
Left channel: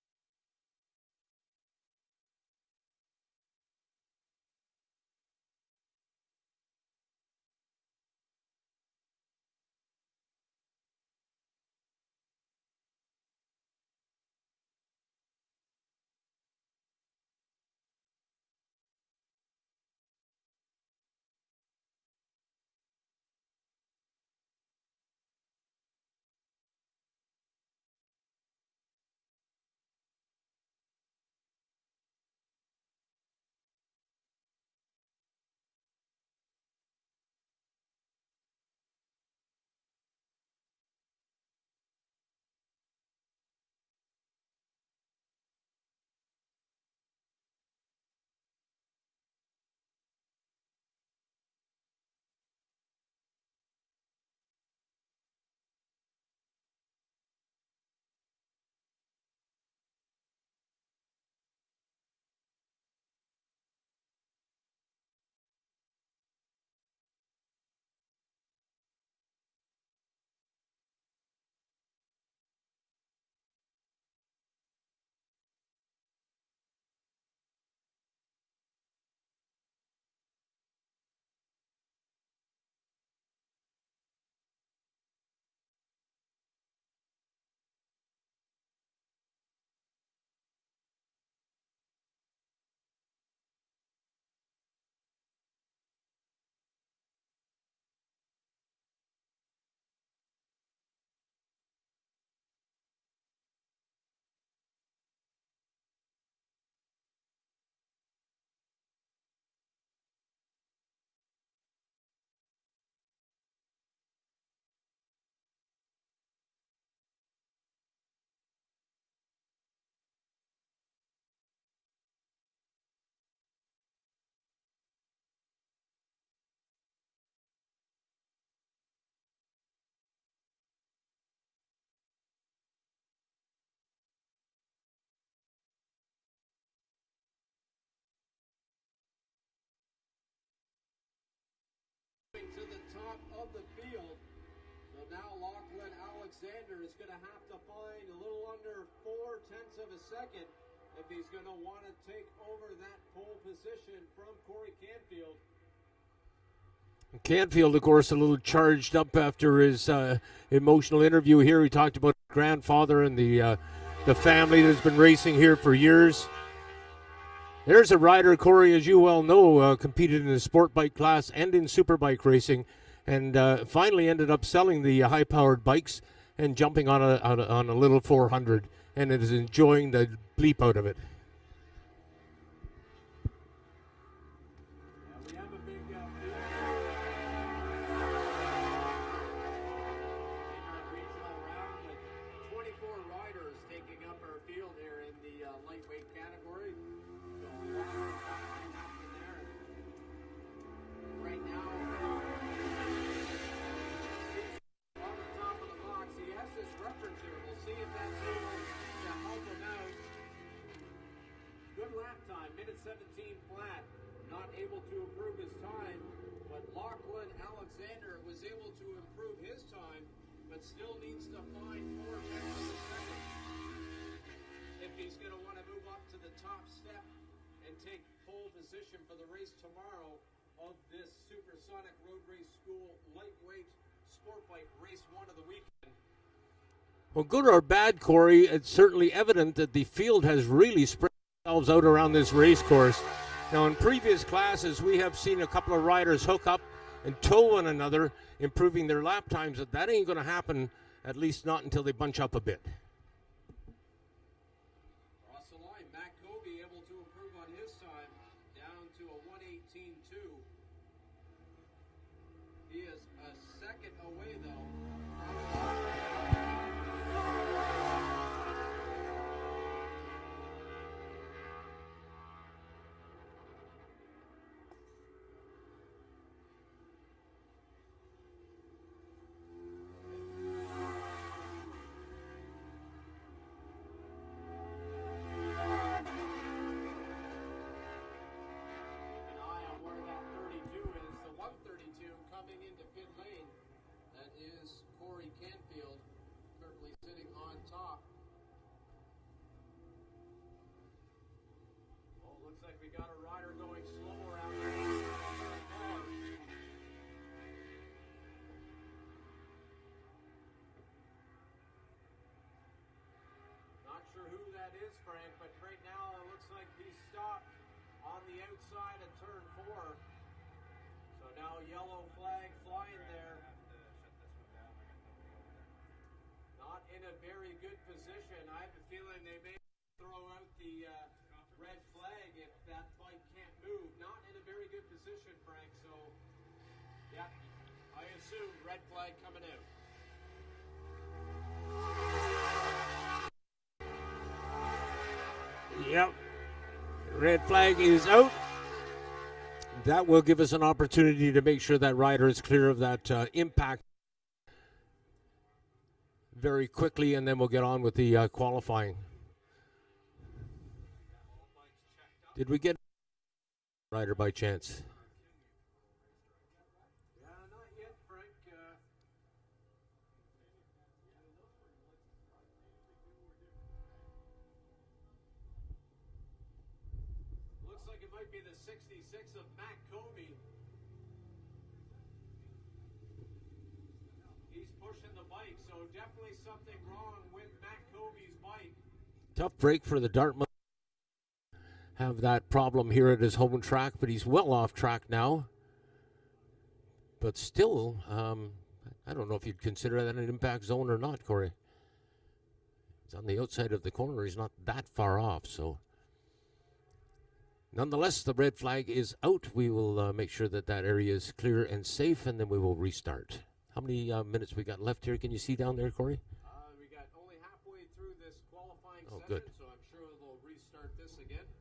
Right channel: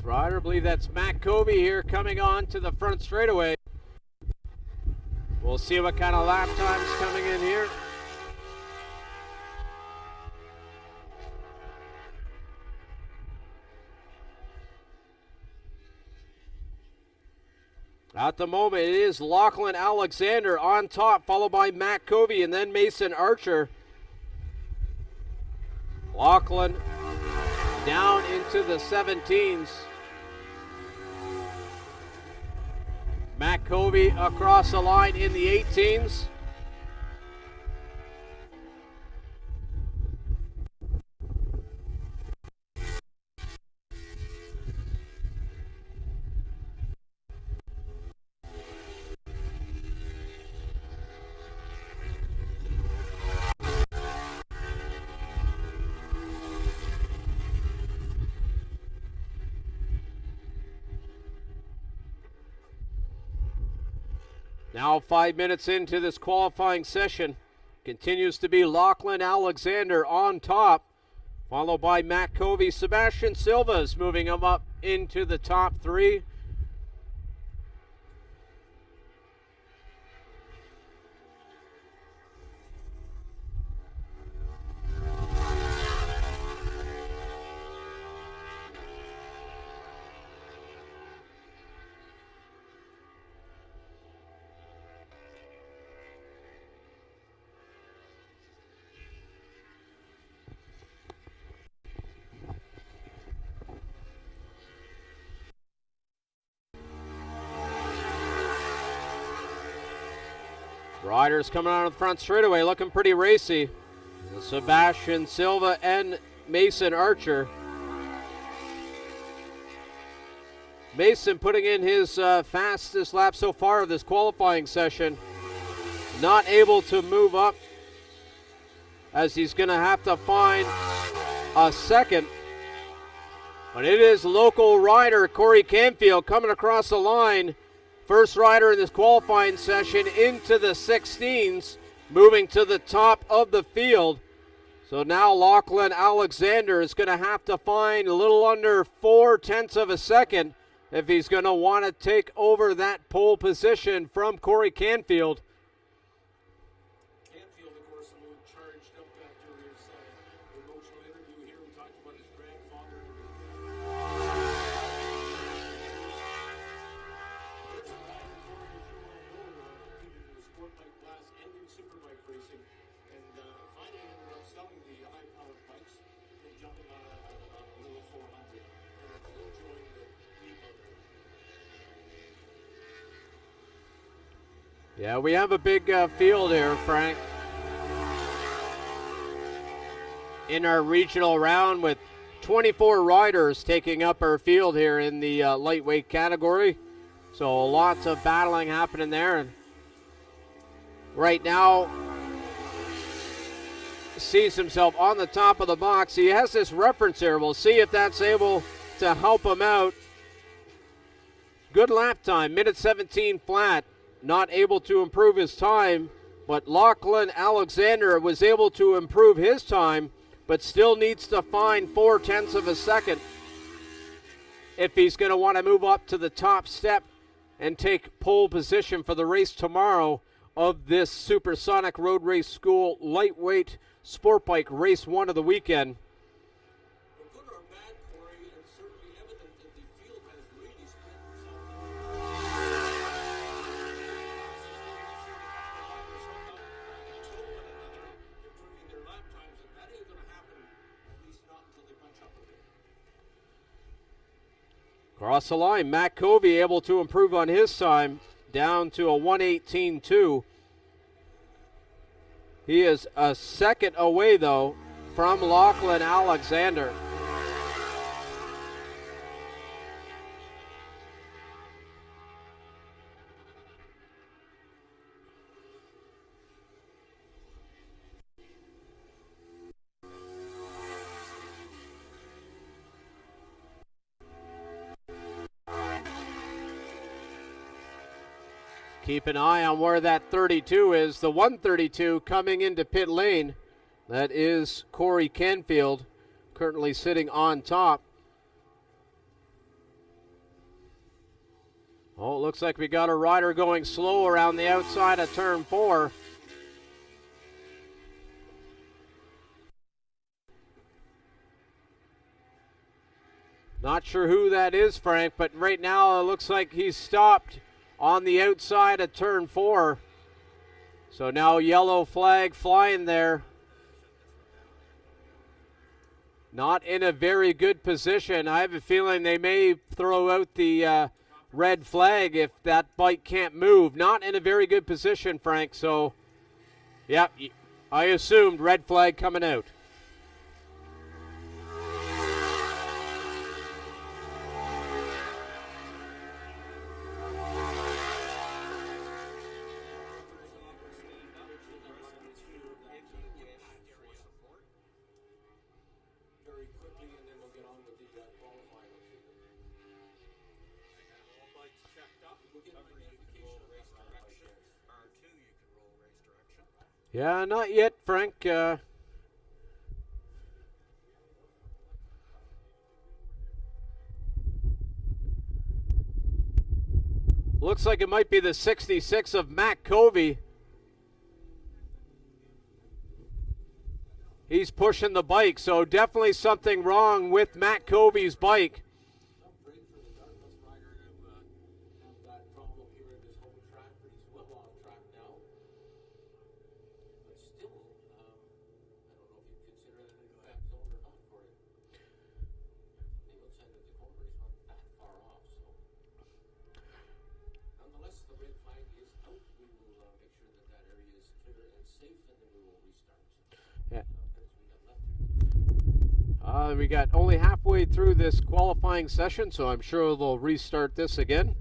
rider. I believe that's Matt Covey here coming on to the front straightaway. We'll see what kind of lap time's coming in here. At the moment, it is Lachlan Alexander on top, followed by Matt Covey and then Mason Archer. Lachlan down into the 17s. Matt Covey across the line in the 18s. Now 5 minutes into this qualifying session. Continues to be Lachlan Alexander on top, followed by Matt Covey. Sebastian Silva is moving him up into the top three. Riders coming out of the front straightaway looking pretty racy. Sebastian Silva and Mason Archer. Mason putting in his fastest lap so far of this qualifying session. Not able to move up as he's going to have to find a second. But it is local rider Corey Canfield coming across the line. First rider in this qualifying session into the 16s, moving to the top of the field. So now Lachlan Alexander is going to have to find a little under 4/10 of a second if he's going to want to take over that pole position from Corey Canfield. Canfield, of course, a little charged up after his emotional interview here. He talked about grandfather and the family that's been racing here for years. There's a rider, Corey, as you well know, competed in the sport bike class and in superbike racing, and finally ended up selling the high-powered bikes and jumping on a little 400, and is enjoying the bleep out of it. Yeah, we have a big field here, Frank, in our regional round with 24 riders taking up our field here in the lightweight category. So lots of battling happening there. And right now, sees himself on the top of the box. He has this reference here. We'll see if that's able to help him out. Good lap time, minute 17 flat. Not able to improve his time, but Lachlan Alexander was able to improve his time, but still needs to find 4/10 of a second if he's going to want to move up to the top step and take pole position for the race tomorrow of this Supersonic Road Race School lightweight sport bike race one of the weekend. Well, good or bad, Corey, it's certainly evident that the field has really spread themselves out around this race course. Now, in previous classes, we have seen a couple of riders hook up and tow one another, improving their lap times. But that ain't going to happen, at least not until they bunch up a bit. Across the line, Matt Covey able to improve on his time down to a 1:18.2. He is a second away, though, from Lachlan Alexander. Keep an eye on where that 32 is. The 132 coming into pit lane. That is Corey Canfield, currently sitting on top. Oh, it looks like we got a rider going slow around the outside of turn 4. Not sure who that is, Frank, but right now it looks like he's stopped on the outside of turn 4. So now yellow flag flying there. Not in a very good position. I have a feeling they may throw out the red flag if that bike can't move. Not in a very good position, Frank. So, yeah, I assumed red flag coming out. Yep. Red flag is out. That will give us an opportunity to make sure that rider is clear of that impact very quickly, and then we'll get on with the qualifying. Did we get rider by chance? Yeah, not yet, Frank. Looks like it might be the 66 of Matt Covey. He's pushing the bike, so definitely something wrong with Matt Covey's bike. Tough break for the Dartmouth rider to have that problem here at his home track, but he's well off track now. But still, I don't know if you'd consider that an impact zone or not, Corey. It's on the outside of the corner. He's not that far off, so. Nonetheless, the red flag is out. We will make sure that that area is clear and safe, and then we will restart. How many minutes we got left here? Can you see down there, Corey? We got only halfway through this qualifying session, so I'm sure they'll restart this again.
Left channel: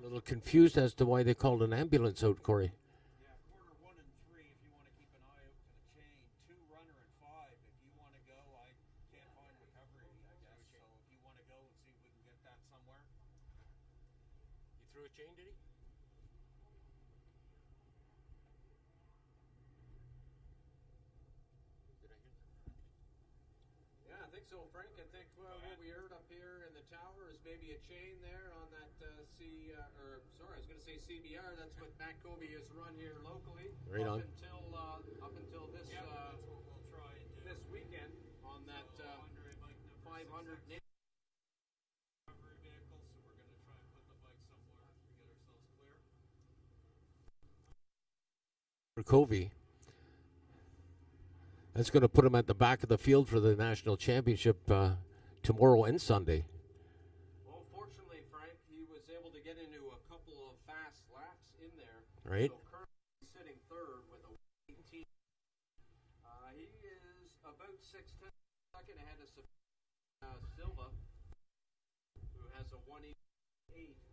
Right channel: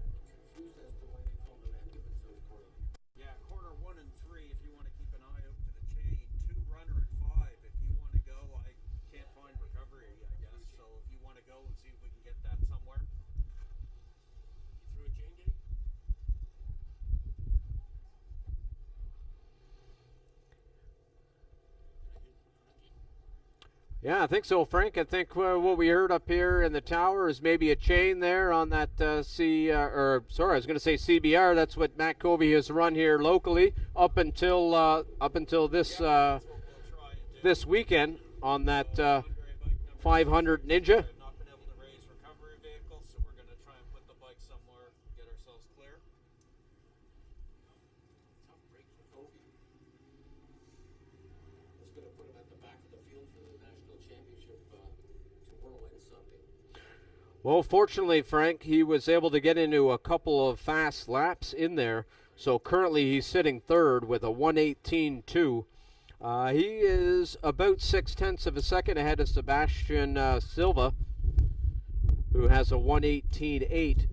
A little confused as to why they called an ambulance out, Corey. Yeah, corner 1 and 3 if you want to keep an eye out for the chain. 2 runner and 5 if you want to go. I can't find recovery, I guess. So if you want to go and see if we can get that somewhere. He threw a chain, did he? Yeah, I think so, Frank. I think what we heard up here in the tower is maybe a chain there on that I was going to say CBR. That's what Matt Covey has run here locally up until this weekend on that 500 Ninja. For Covey. That's going to put him at the back of the field for the national championship tomorrow and Sunday. Well, fortunately, Frank, he was able to get into a couple of fast laps in there. Right. So currently he's sitting third with a 1:18.2. He is about 0.6 of a second ahead of Sebastian Silva, who has a 1:18.8.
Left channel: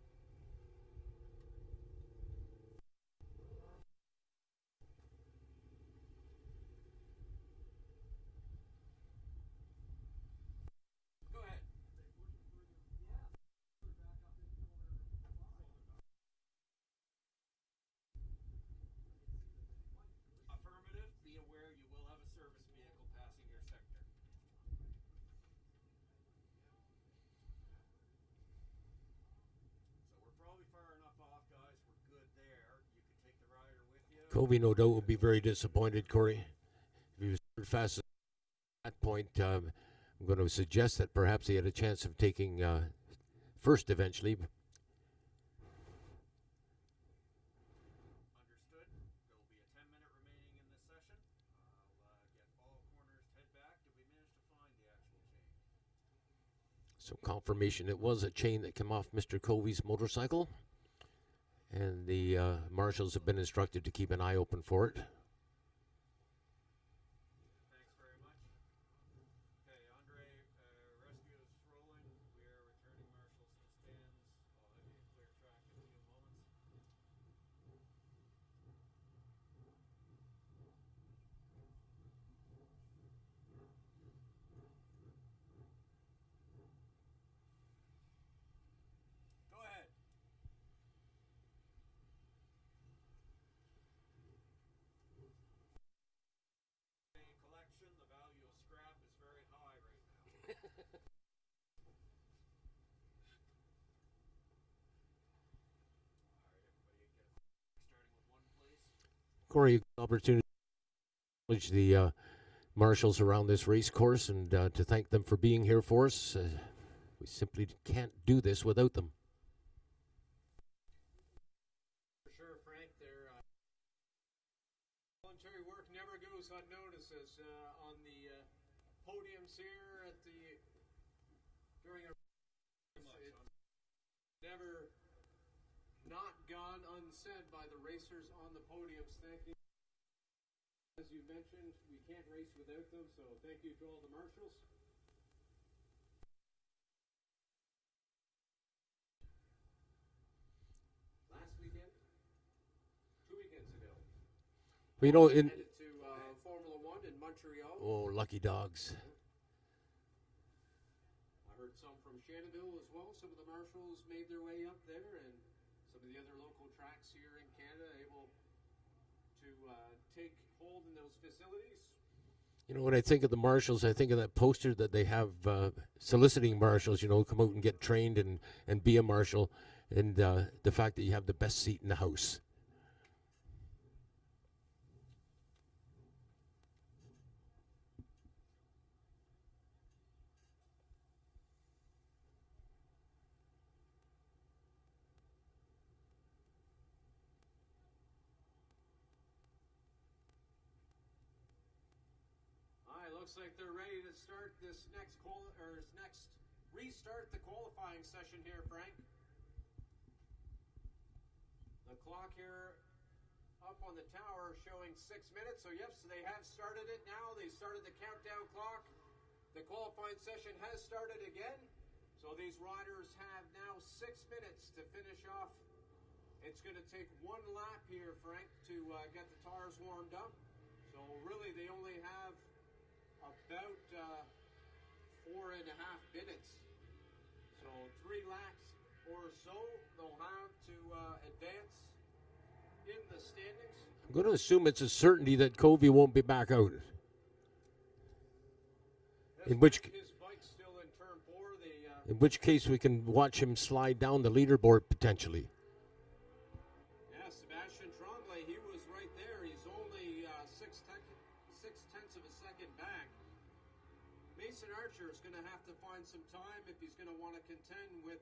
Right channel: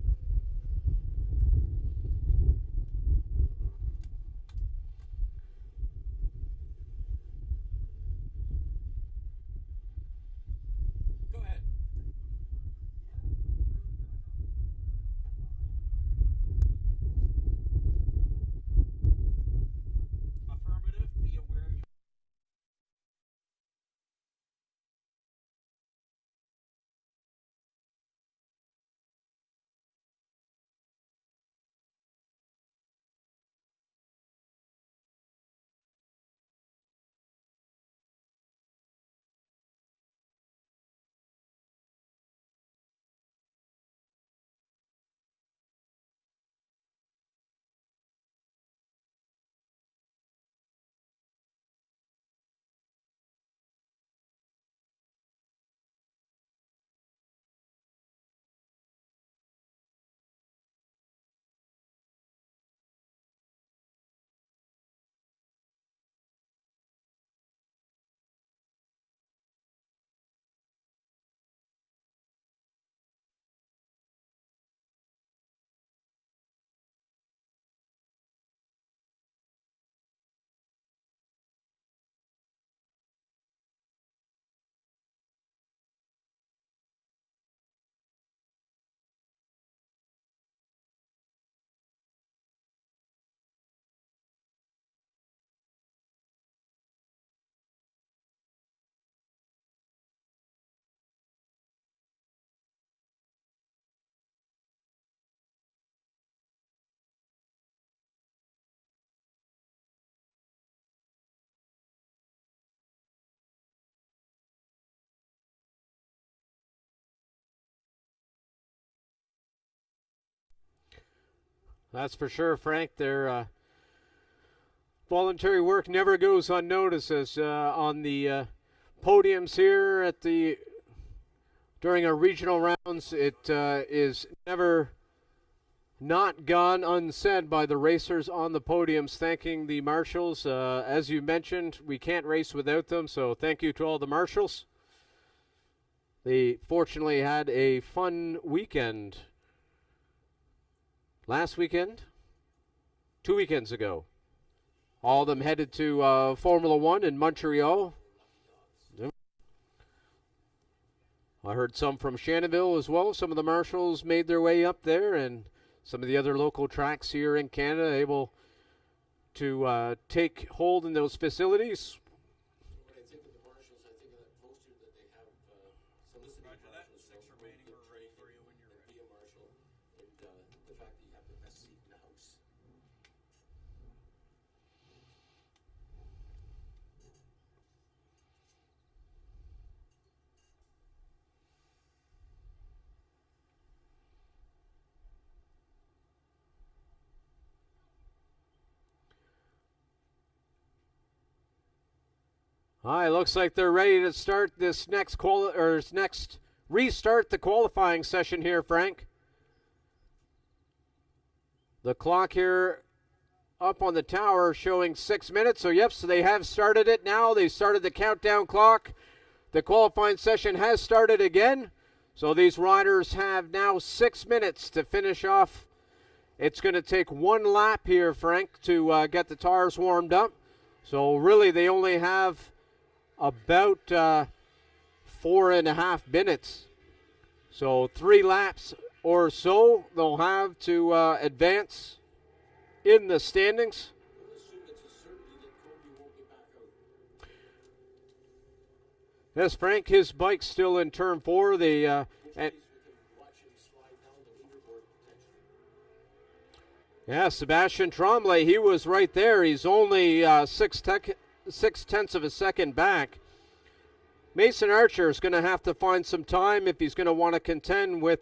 Covey, no doubt, will be very disappointed, Corey. If he was fast at that point, I'm going to suggest that perhaps he had a chance of taking first eventually. So confirmation, it was a chain that came off Mr. Covey's motorcycle. And the marshals have been instructed to keep an eye open for it. Corey, opportunity to acknowledge the marshals around this race course and to thank them for being here for us. We simply can't do this without them. That's for sure, Frank. Their voluntary work never goes unnoticed as on the podiums here at during our regional rounds. It is never not gone unsaid by the racers on the podiums, thanking the marshals. As you mentioned, we can't race without them, so thank you to all the marshals. They fortunately had a fun weekend last weekend, 2 weekends ago. All of them headed to Formula One in Montreal. Oh, lucky dogs. Yep. I heard some from Shannonville as well. Some of the marshals made their way up there, and some of the other local tracks here in Canada able to take hold in those facilities. You know, when I think of the marshals, I think of that poster that they have soliciting marshals, you know, come out and get trained and be a marshal, and the fact that you have the best seat in the house. All right, looks like they're ready to start this next restart the qualifying session here, Frank. The clock here up on the tower showing 6 minutes. So they have started it now. They started the countdown clock. The qualifying session has started again. So these riders have now 6 minutes to finish off. It's going to take one lap here, Frank, to get the tires warmed up. So really they only have about 4.5 minutes. So 3 laps or so they'll have to advance in the standings. I'm going to assume it's a certainty that Covey won't be back out. Yes, Frank, his bike's still in turn 4. In which case we can watch him slide down the leaderboard potentially. Yeah, Sebastian Tremblay, he was right there. He's only 6/10 of a second back. Mason Archer is going to have to find some time if he's going to want to contend with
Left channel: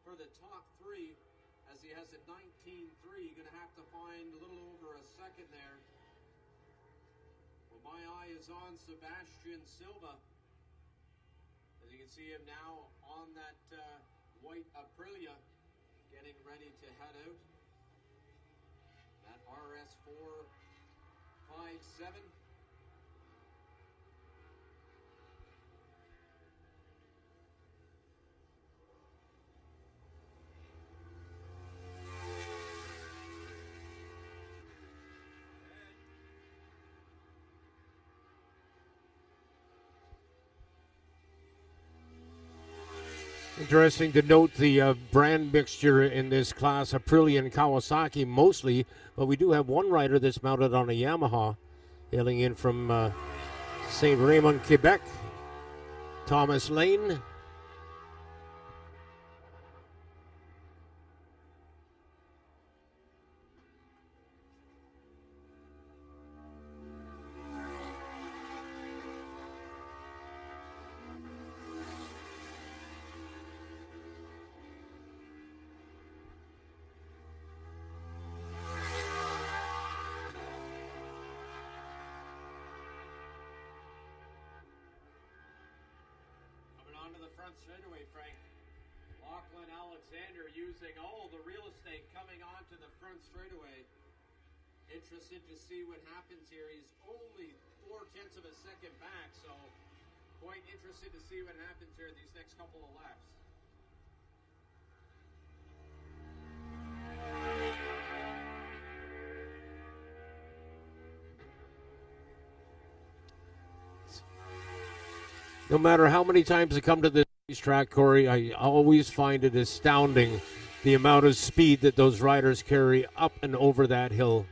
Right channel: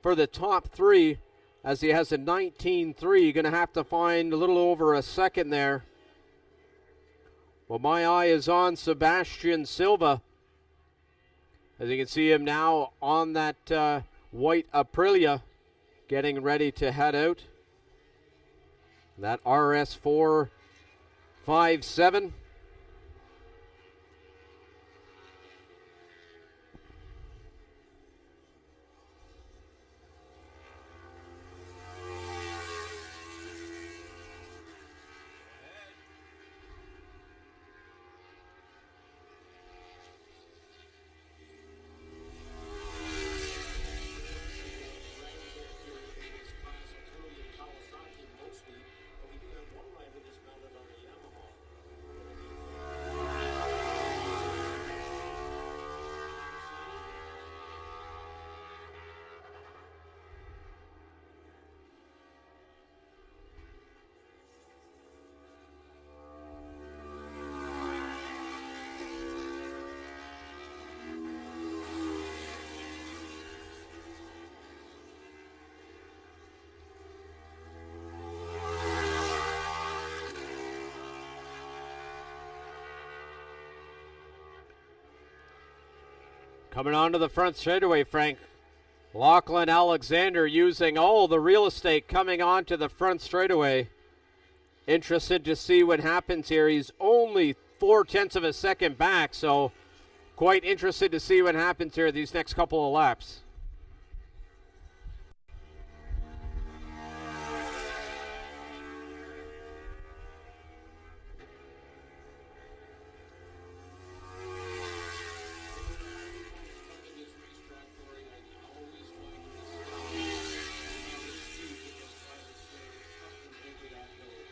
for the top 3, as he has a 19.3. You're going to have to find a little over a second there. Well, my eye is on Sebastian Silva. As you can see him now on that white Aprilia, getting ready to head out. That RS4 5.7. Interesting to note the brand mixture in this class, Aprilia and Kawasaki mostly, but we do have one rider that's mounted on a Yamaha, hailing in from St. Raymond, Quebec, Thomas Lane. Coming onto the front straightaway, Frank. Lachlan Alexander using all the real estate coming onto the front straightaway. Interested to see what happens here. He's only 0.4 of a second back, so quite interested to see what happens here these next couple of laps. No matter how many times I come to this track, Corey, I always find it astounding the amount of speed that those riders carry up and over that hill.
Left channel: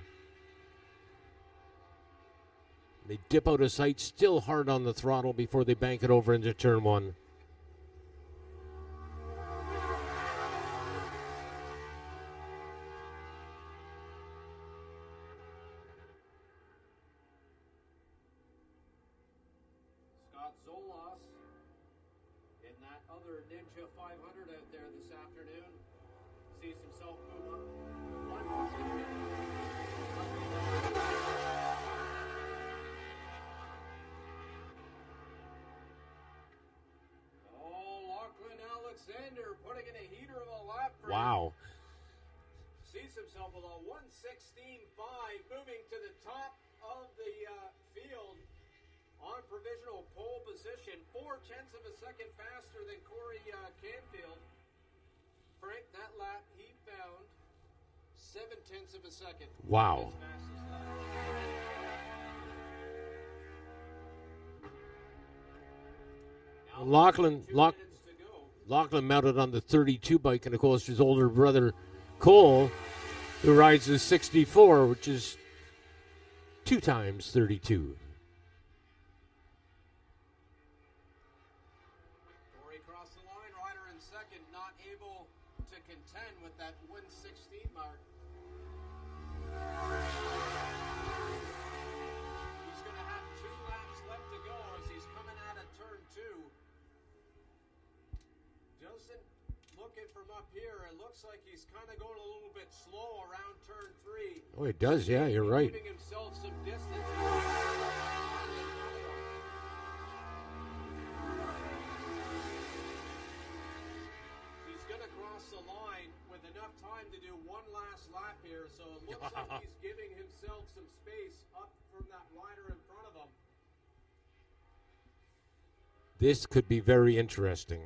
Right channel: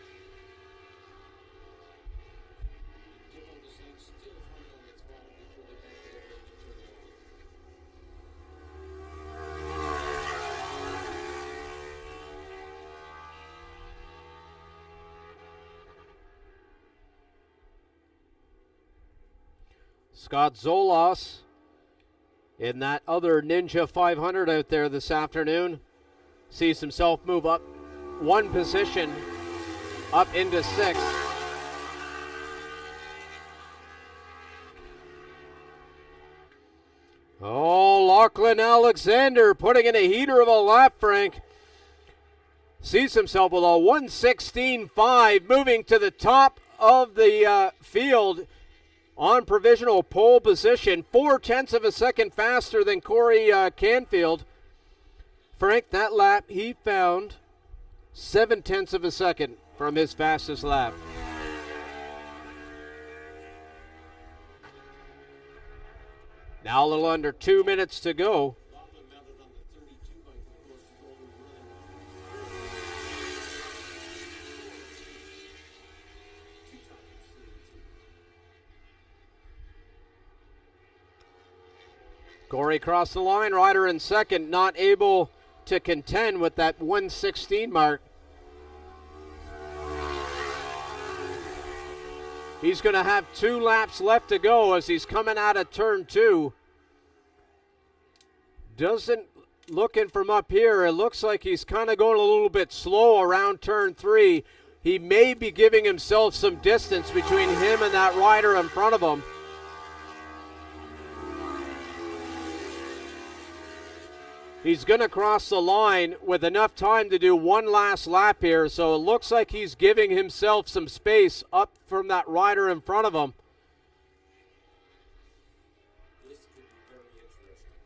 They dip out of sight, still hard on the throttle before they bank it over into turn 1. Scott Zolos in that other Ninja 500 out there this afternoon sees himself move up one position up into sixth. Oh, Lachlan Alexander putting in a heater of a lap, Frank. Wow. Sees himself with a 1:16.5, moving to the top of the field on provisional pole position. 0.4 of a second faster than Corey Canfield. Frank, that lap he found 0.7 of a second from his fastest lap. Now a little under 2 minutes to go. Lachlan mounted on the 32 bike, and of course his older brother Cole, who rides the 64, which is 2 times 32. Corey crossed the line, rider in second, not able to contend with that 1:16 mark. He's going to have 2 laps left to go as he's coming out of turn 2. Doesn't, looking from up here, it looks like he's kind of going a little bit slow around turn 3. Oh, he may be giving himself some distance between him and that rider in front of him. He's going to cross the line with enough time to do one last lap here, so it looks like he's giving himself some space up from that rider in front of him. This could be very interesting.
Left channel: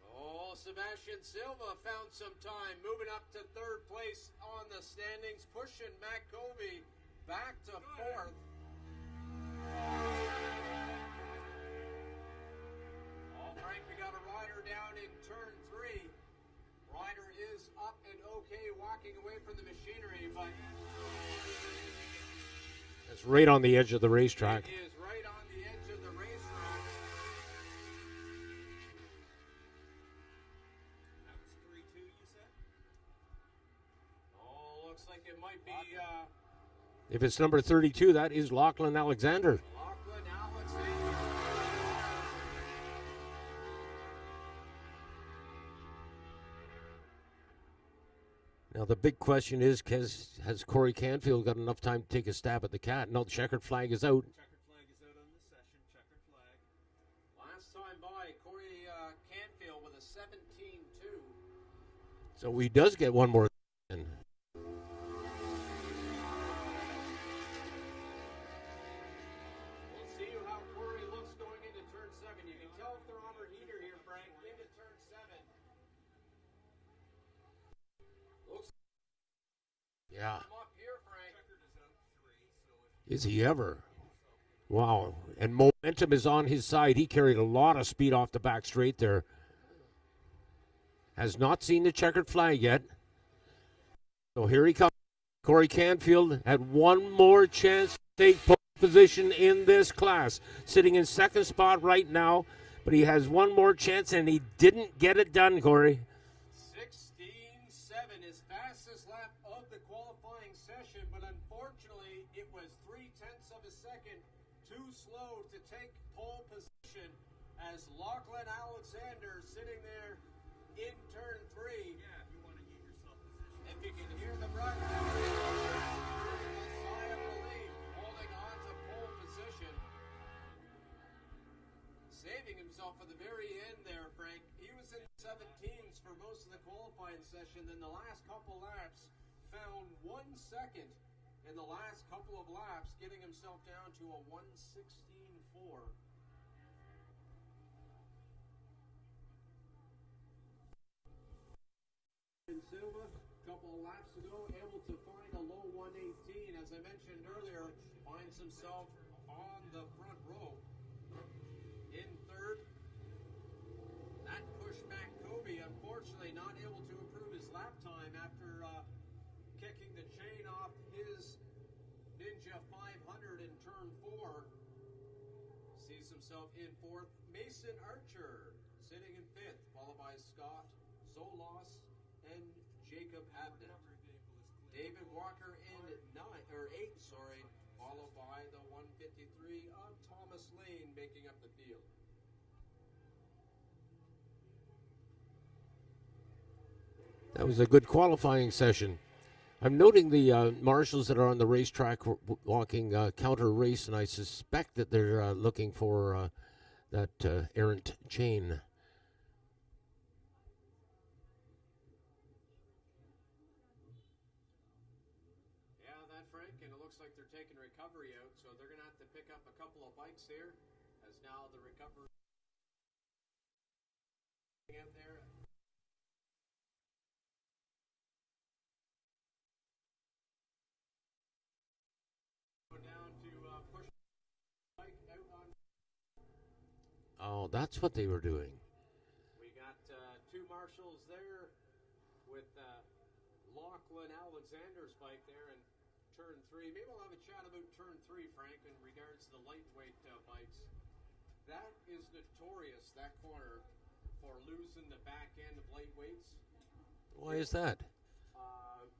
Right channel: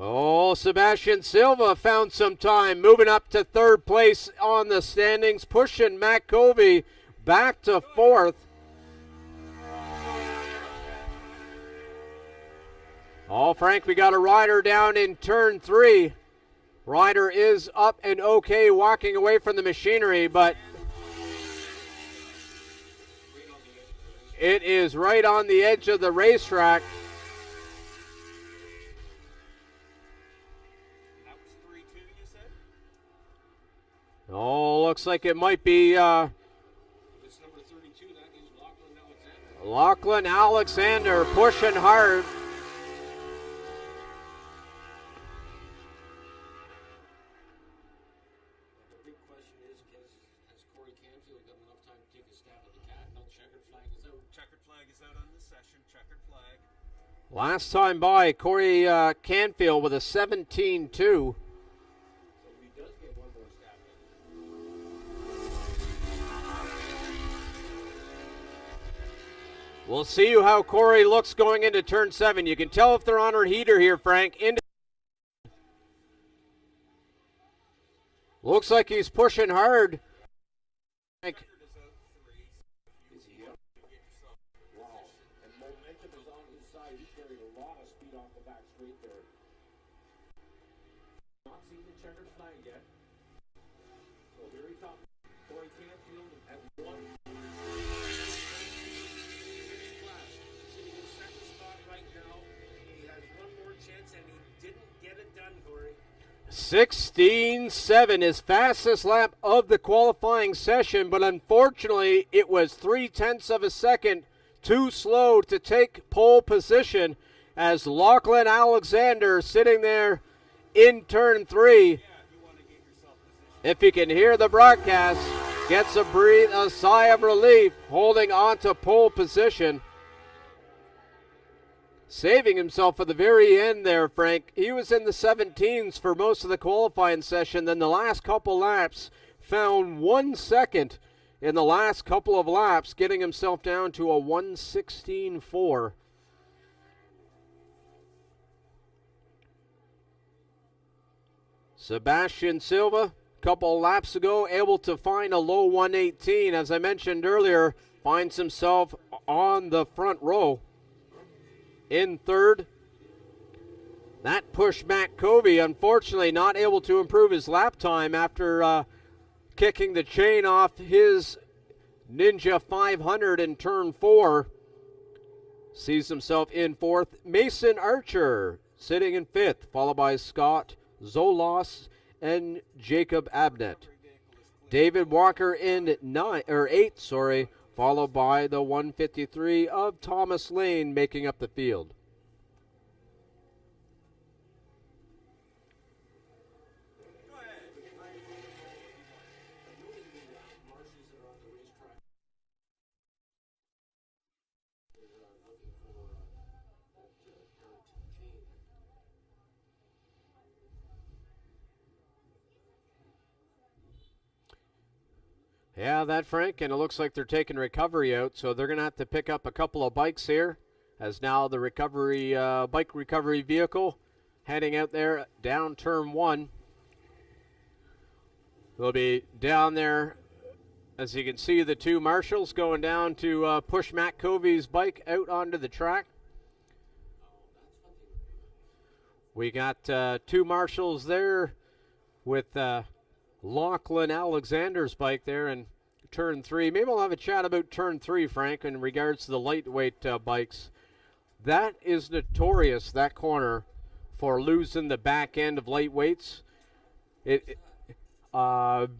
Oh, Sebastian Silva found some time, moving up to 3rd place on the standings, pushing Matt Covey back to 4th. Oh, Frank, we got a rider down in turn 3. Rider is up and okay, walking away from the machinery, but it's right on the edge of the racetrack. It is right on the edge of the racetrack. That was 3-2, you said? Oh, looks like it might be if it's number 32, that is Lachlan Alexander. Lachlan Alexander pushing hard. Now, the big question is, has Corey Canfield got enough time to take a stab at the cat? No, the checkered flag is out. Checkered flag is out on this session. Checkered flag. Last time by, Corey Canfield with a 17-2. So he does get one more. We'll see how Corey looks going into turn 7. You can tell if they're on her heater here, Frank. Into looks like he's pushing hard. Yeah. Frank. Is he ever? Wow. And momentum is on his side. He carried a lot of speed off the back straight there. Has not seen the checkered flag yet. So here he comes. Corey Canfield had one more chance to take pole position in this class. Sitting in 2nd spot right now, but he has one more chance, and he didn't get it done, Corey. 16.7, his fastest lap of the qualifying session, but unfortunately it was 0.3 of a second too slow to take pole position as Lachlan Alexander sitting there in turn 3. If you can hear the broadcast, gets a sigh of relief, holding on to pole position. Saving himself for the very end there, Frank. He was in the 17s for most of the qualifying session. Then the last couple laps found 1 second in the last couple of laps, getting himself down to a 1:16.4. Sebastian Silva, couple laps ago, able to find a low 1:18. As I mentioned earlier, finds himself on the front row. In 3rd, that pushed Matt Covey, unfortunately not able to improve his lap time after kicking the chain off his Ninja 500 in turn 4. Sees himself in 4th. Mason Archer sitting in 5th, followed by Scott Zolos and Jacob Abnett. David Walker in 8th, followed by the 153 of Thomas Lane making up the field. That was a good qualifying session. I'm noting the marshals that are on the racetrack walking counter race, and I suspect that they're looking for that errant chain. Yeah, that, Frank, and it looks like they're taking recovery out, so they're going to have to pick up a couple of bikes here, as now the recovery bike recovery vehicle heading out there down turn 1. They'll be down there, as you can see, the two marshals going down to push Matt Covey's bike out onto the track. Oh, that's what they were doing. We got two marshals there with Lachlan Alexander's bike there in turn 3. Maybe we'll have a chat about turn 3, Frank, in regards to the lightweight bikes. That is notorious, that corner, for losing the back end of lightweights. What is that?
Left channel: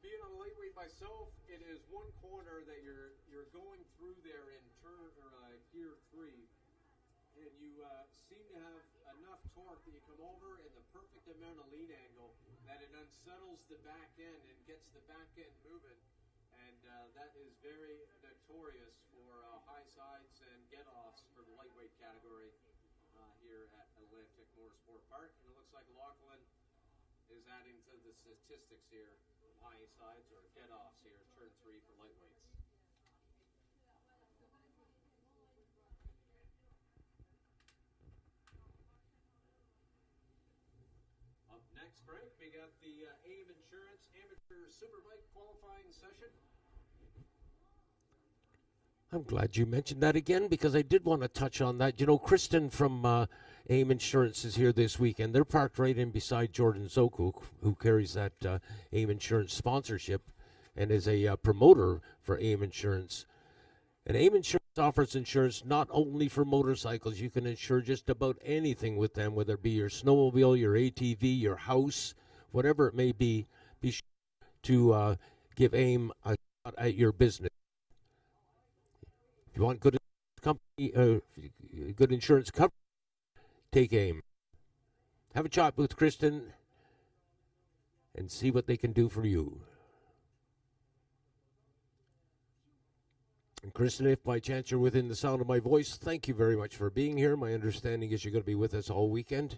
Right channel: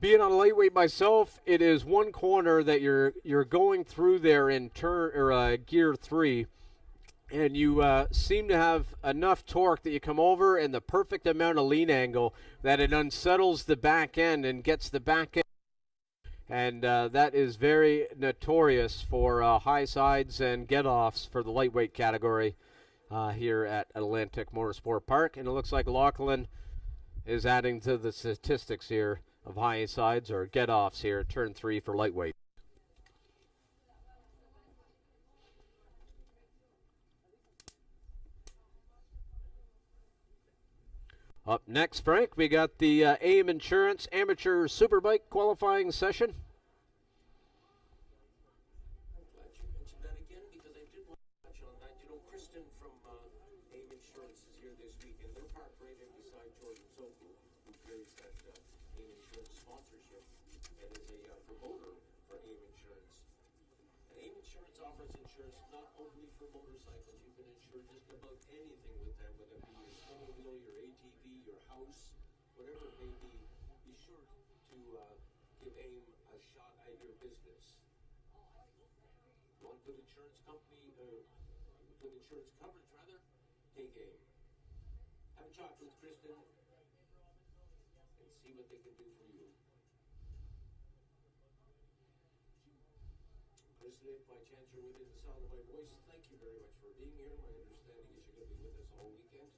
Being on a lightweight myself, it is one corner that you're going through there in gear 3, and you seem to have enough torque that you come over in the perfect amount of lean angle that it unsettles the back end and gets the back end moving. And that is very notorious for high sides and get-offs for the lightweight category here at Atlantic Motorsport Park. And it looks like Lachlan is adding to the statistics here of high sides or get-offs here, turn 3 for lightweight. Up next, Frank, we got the AIM Insurance Amateur Superbike qualifying session. I'm glad you mentioned that again, because I did want to touch on that. You know, Kristen from AIM Insurance is here this weekend. They're parked right in beside Jordan Zoku, who carries that AIM Insurance sponsorship and is a promoter for AIM Insurance. And AIM Insurance offers insurance not only for motorcycles. You can insure just about anything with them, whether it be your snowmobile, your ATV, your house, whatever it may be. Be sure to give AIM a shot at your business. If you want good insurance company, good insurance coverage, take AIM. Have a chat with Kristen and see what they can do for you. And Kristen, if by chance you're within the sound of my voice, thank you very much for being here. My understanding is you're going to be with us all weekend.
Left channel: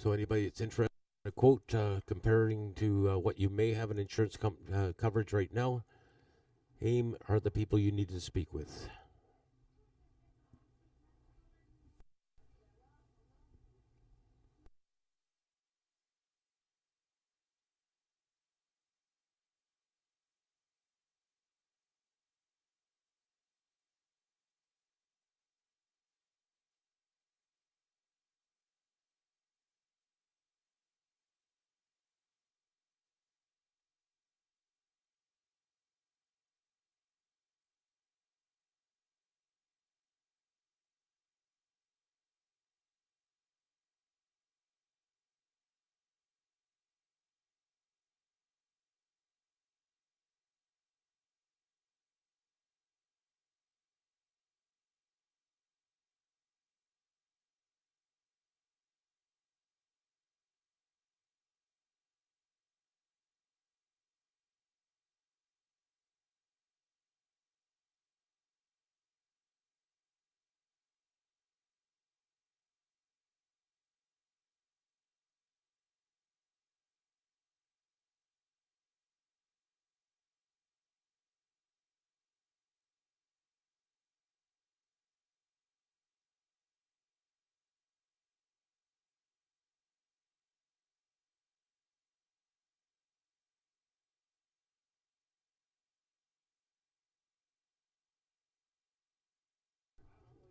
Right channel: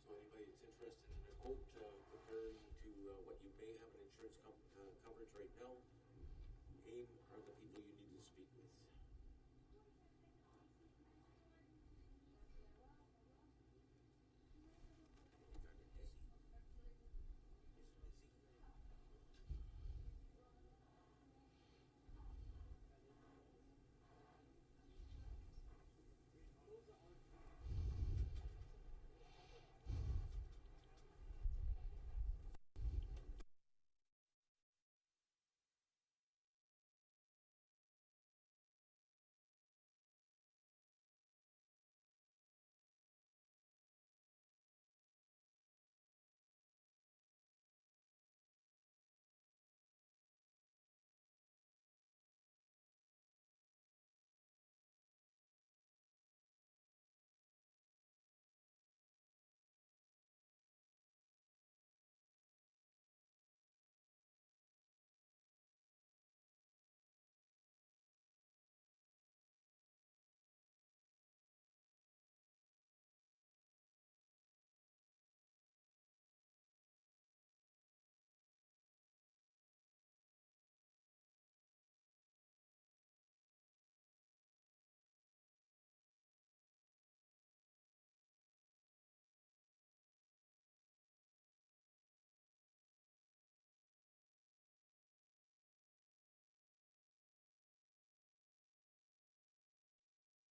So anybody that's interested in a quote comparing to what you may have in insurance coverage right now, AIM are the people you need to speak with.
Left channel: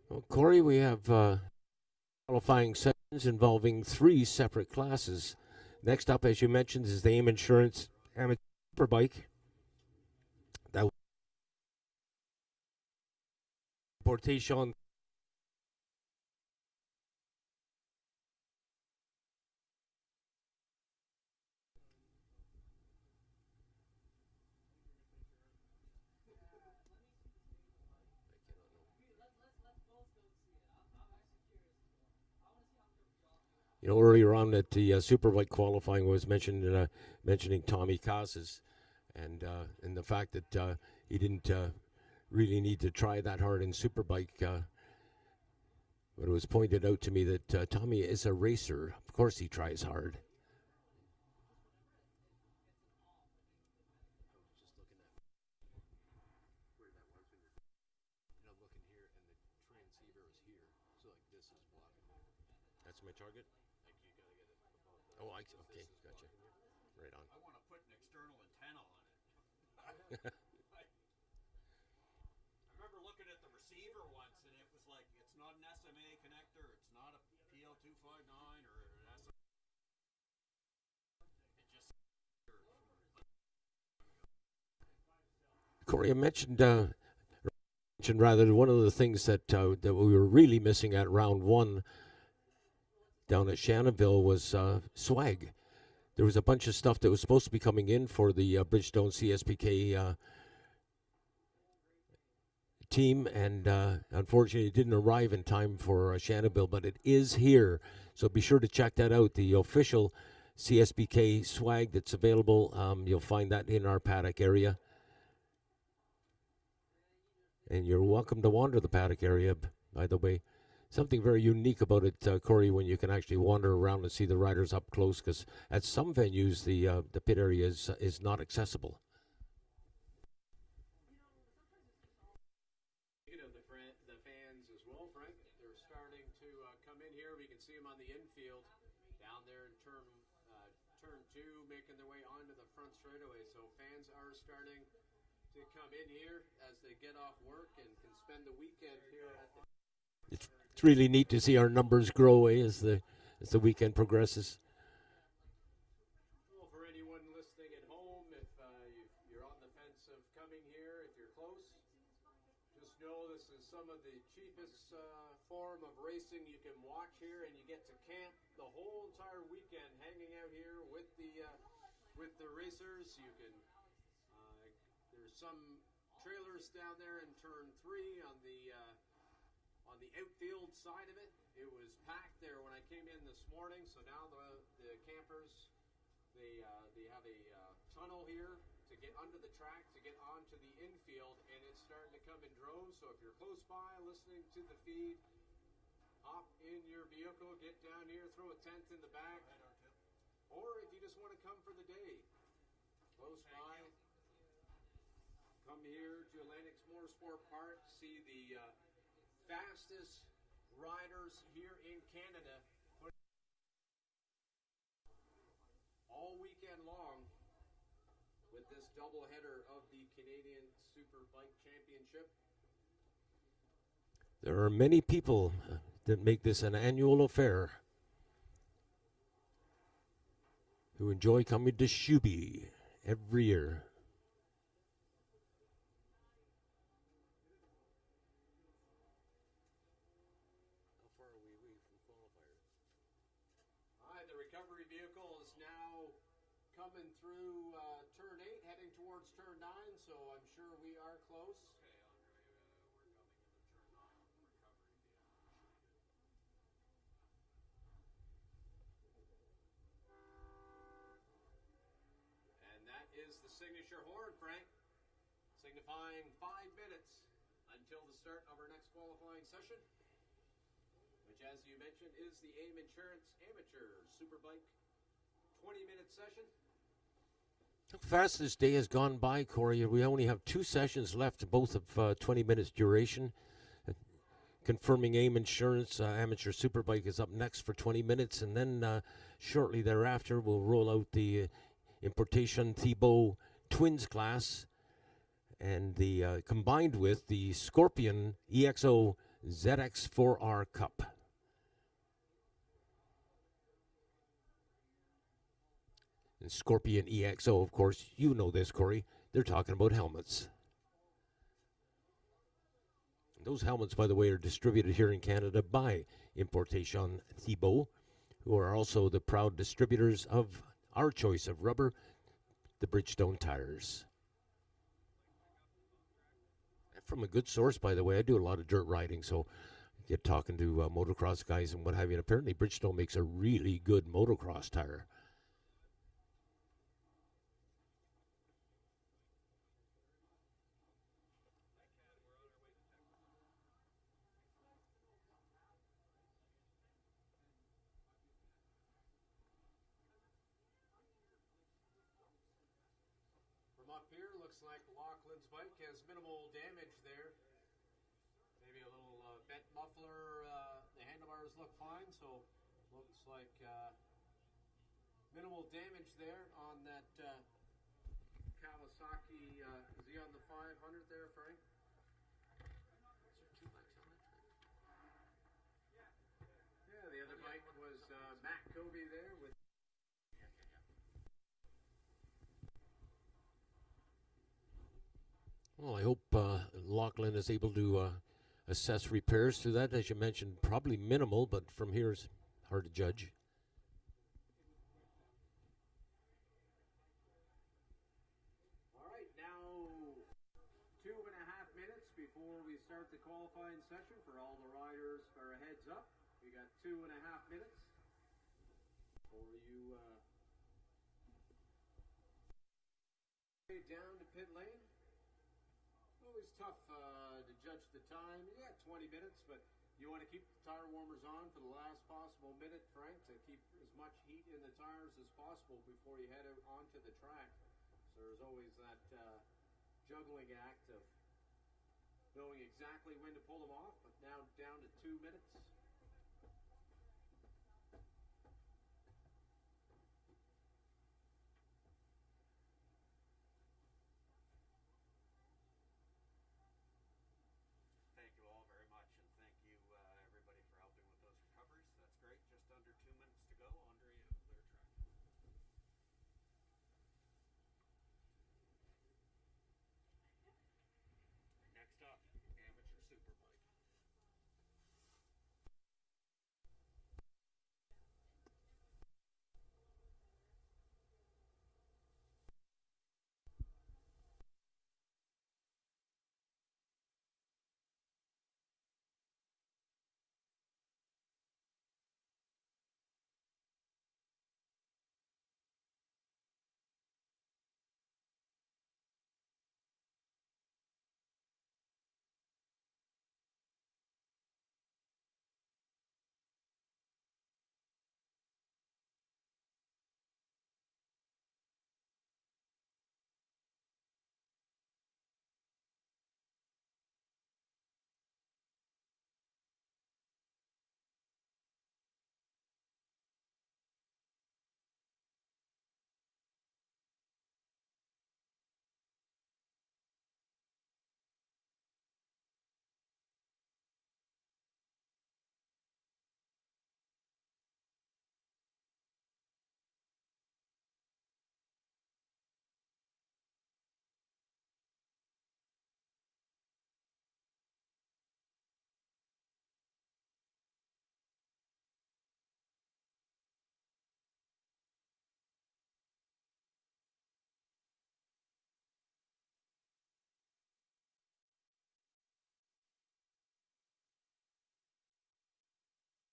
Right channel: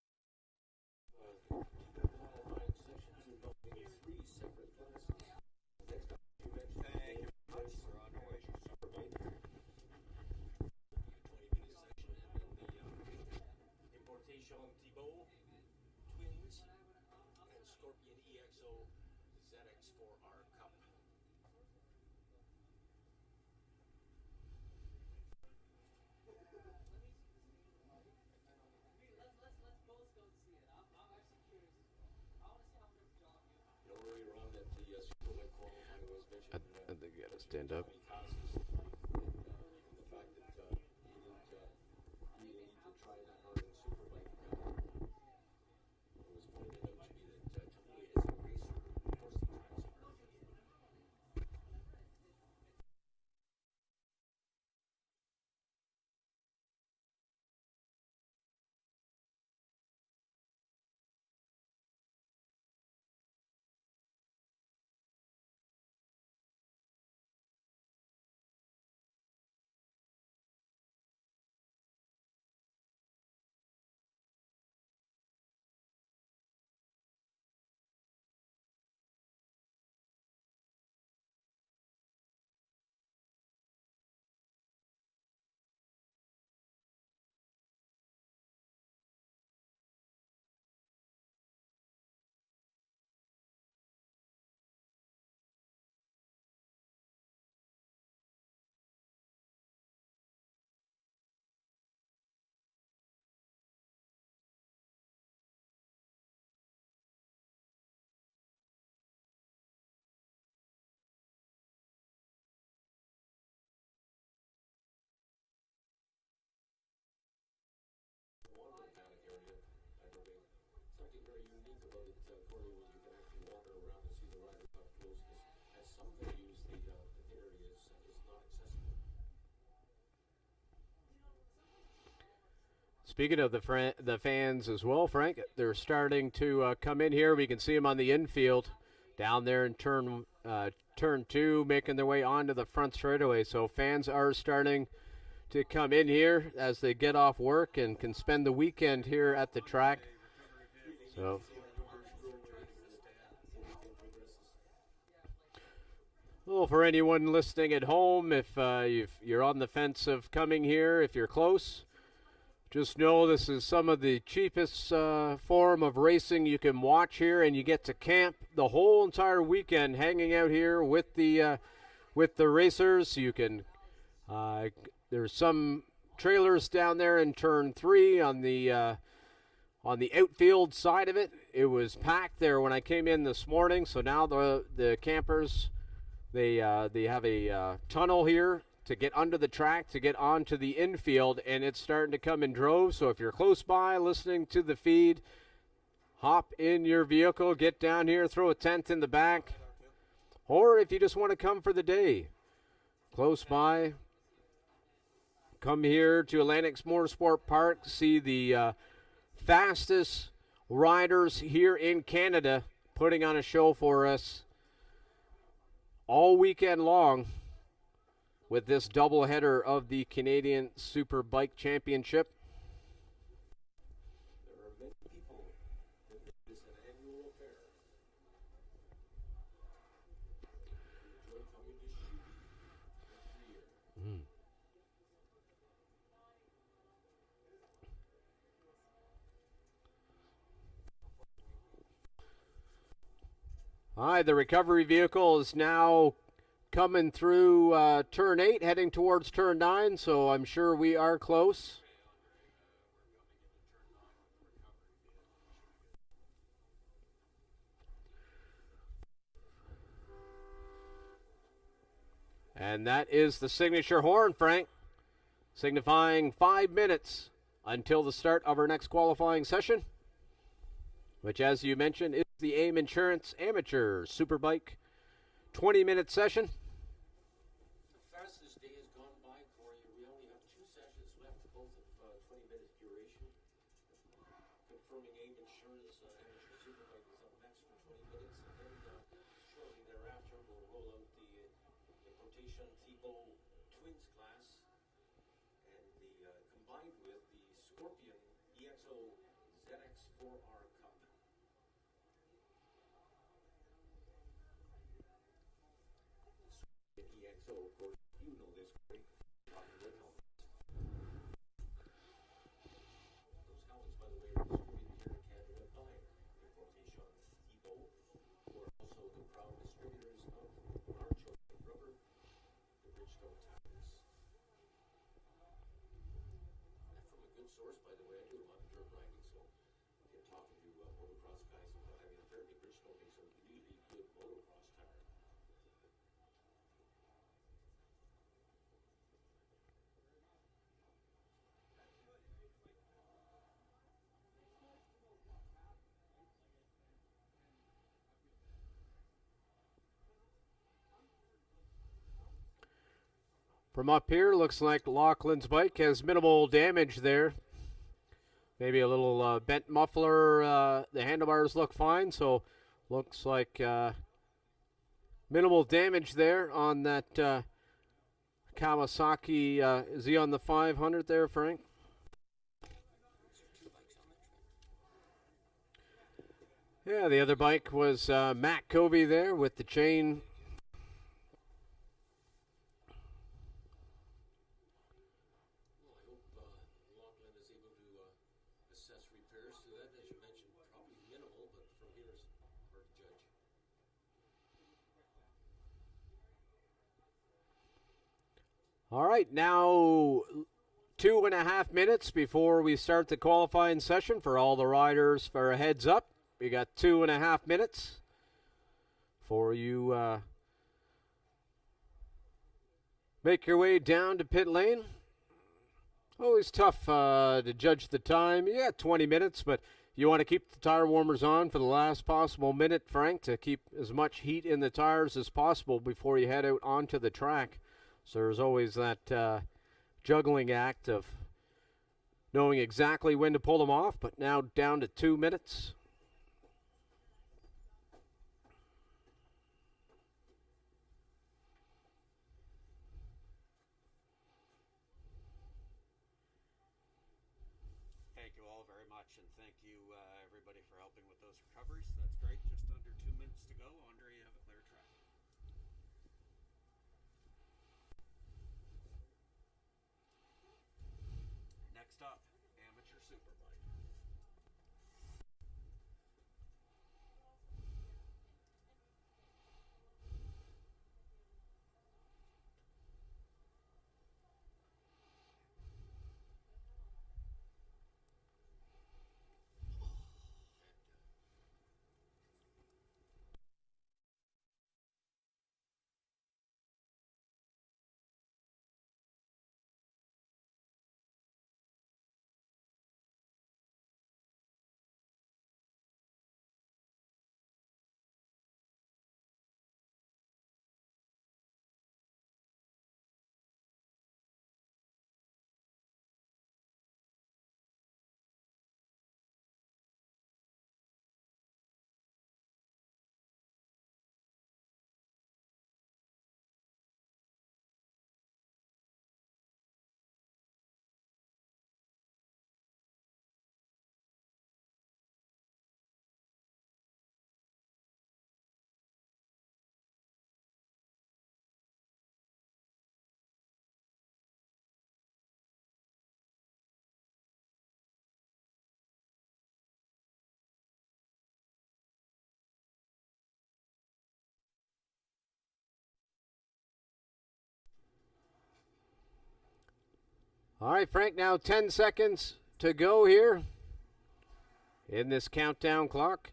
Well, Corey, we have qualifying sessions involving 3 separate classes. Next up, as you mentioned, is the AIM Insurance Amateur Superbike. That was Portation You know, earlier on at the Superbike qualifying was mentioning Tommy Casas and the fact that he didn't really need to try that hard in Superbike. But it was pointed out to me that Tommy is a racer. Of course he tries hard. That's my target? Oh, okay, gotcha. Right on. I want to put an external antenna on it. I remember looking at the receiver once, and it was like, it's not an SMA connector, it's not a PL259 or an SMA. Corey, I mentioned rather one of the things that that we were really missing at round one down at Shannonville was swag. There was a bunch of stuff that was supposed to be coming in for the Bridgestone CSBK team, and unfortunately it didn't arrive in time for Shannonville, but it is here. So be sure to check that out. The official CSBK swag that's available, you'll find that in our paddock area. And you're welcome to wander the paddock area, by the way. Something very unique about it, Corey, when you can actually wander around and see the riders up close, because at some venues the pit area is not accessible. Speaking of the fans as well, Frank, they're starting to come in here. We can see them on the infield down there in turn 2, making their way onto the front straightaway. So fans are starting to come in here as they get off work and can spend the weekend here at the track. It's really neat to see our numbers grow as the weekend progresses. Well, for anyone listening at home, if you're on the fence of coming here, if you're close, just know this is some of the cheapest form of racing you can watch here, and you get to camp the whole entire weekend hanging out here with the racers. You can there's some trailers down there in turn 3 on the outfield side of it. It was packed there when I came in this morning, so now the campers they have a tunnel here to get under the track to get onto the infield, and it's starting to come in droves. So if you're close by listening to the feed, hop in your vehicle, get down here, throw a tent in the back, or if you just want to come for the day, close by, come here to Atlantic Motorsport Park, see the fastest riders here in Canada putting on a show for us all weekend long with this doubleheader of the Canadian Superbike Championship. There are many people that make this an annual affair who enjoy coming to Shuby every year. All right, the recovery vehicle is now coming through turn 8, heading towards turn 9, so I'm sure we are close. And that is the signature horn, Frank, signifying 5 minutes until the start of our next qualifying session, which, as you mentioned, is the AIM Insurance Amateur Superbike 20-minute session. How fast this day has gone by, Corey. We only have 2 sessions left, both of 20 minutes duration. Confirming AIM Insurance Amateur Superbike is up next for 20 minutes, and then shortly thereafter we'll roll out the Importation Thibault Twins class, and the combined with the Scorpion EXO ZX4R Cup. And Scorpion EXO, of course, you know this, Corey. They're talking about helmets. Those helmets, by the way, are distributed here in Canada by Importation Thibault, who are also the proud distributors of our choice of rubber, the Bridgestone tires. From a good source, by the way. I do a lot of dirt riding, so get talking to motocross guys and what have you. And apparently Bridgestone makes a really good motocross tire. From up here, looks like Lachlan's bike has minimal damage there. Maybe a little bent muffler. The handlebars look fine, so looks like minimal damage there on that Kawasaki. Is he on the 500 there, Frank? Yeah, the other bike was Matt Covey there with the chain. Well, I hope Lachlan is able to assess repairs to that. As you mentioned, probably minimal, but from here it's hard to judge. All right, now 2.5 minutes before we start the qualifying session for all the riders. For a heads up, we got 2.5 minutes for you make your way down to pit lane. Always tough to judge the time. You got 20 minutes, but you want to keep the tire warmers on for the last possible minute, Frank, to keep as much heat in the tires as possible before you head out onto the track. So there's always that juggling act of knowing exactly when to pull them off, but now down to 2 minutes. Thank you all very much, and thank you everybody for helping with those recoveries. That's great. Just under 2 minutes to go. Andre, you have a clear track. Next up, amateur superbike. All right, Frank, now 10 seconds to go here in this countdown clock.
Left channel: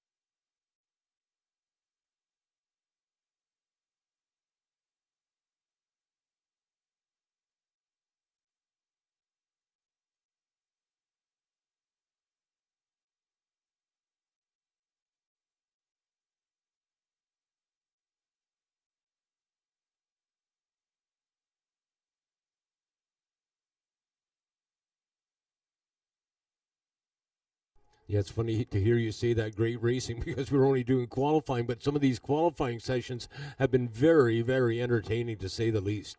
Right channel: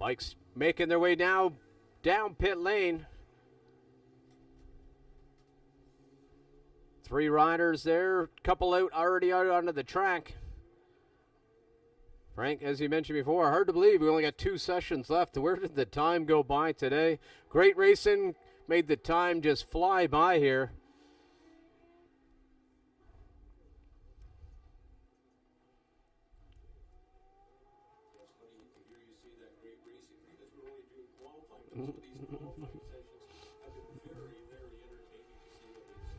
Bikes making their way now down pit lane. 3 riders there, couple out already out onto the track. Frank, as you mentioned before, hard to believe we only got 2 sessions left. Where did the time go by today? Great racing, made the time just fly by here. Yeah, it's funny to hear you say that, great racing, because we're only doing qualifying, but some of these qualifying sessions have been very, very entertaining, to say the least.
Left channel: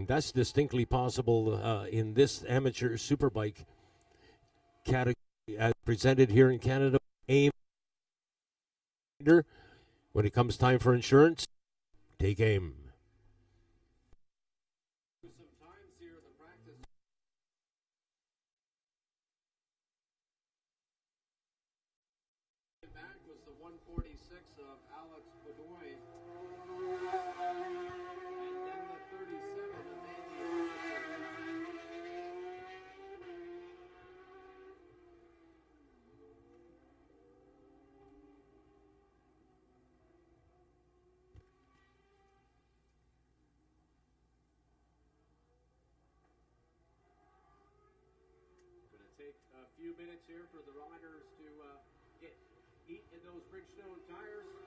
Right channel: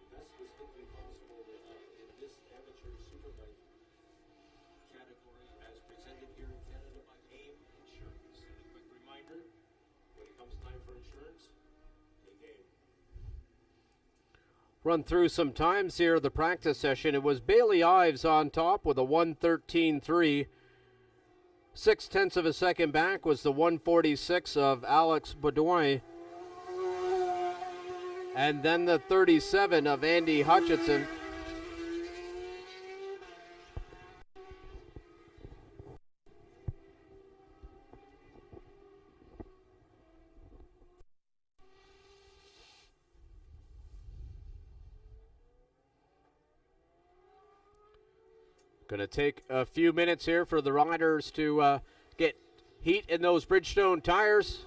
And that's distinctly possible in this amateur superbike category as presented here in Canada. AIM. Reminder, when it comes time for insurance, take AIM. Run through some times here of the practice session. It was Bailey Ives on top with a 1:13.3. 0.6 of a second back was the 1:46 of Alex Baudouin. And then the 37 of Andy Hutchinson. Going to take a few minutes here for the riders to get heat in those Bridgestone tires.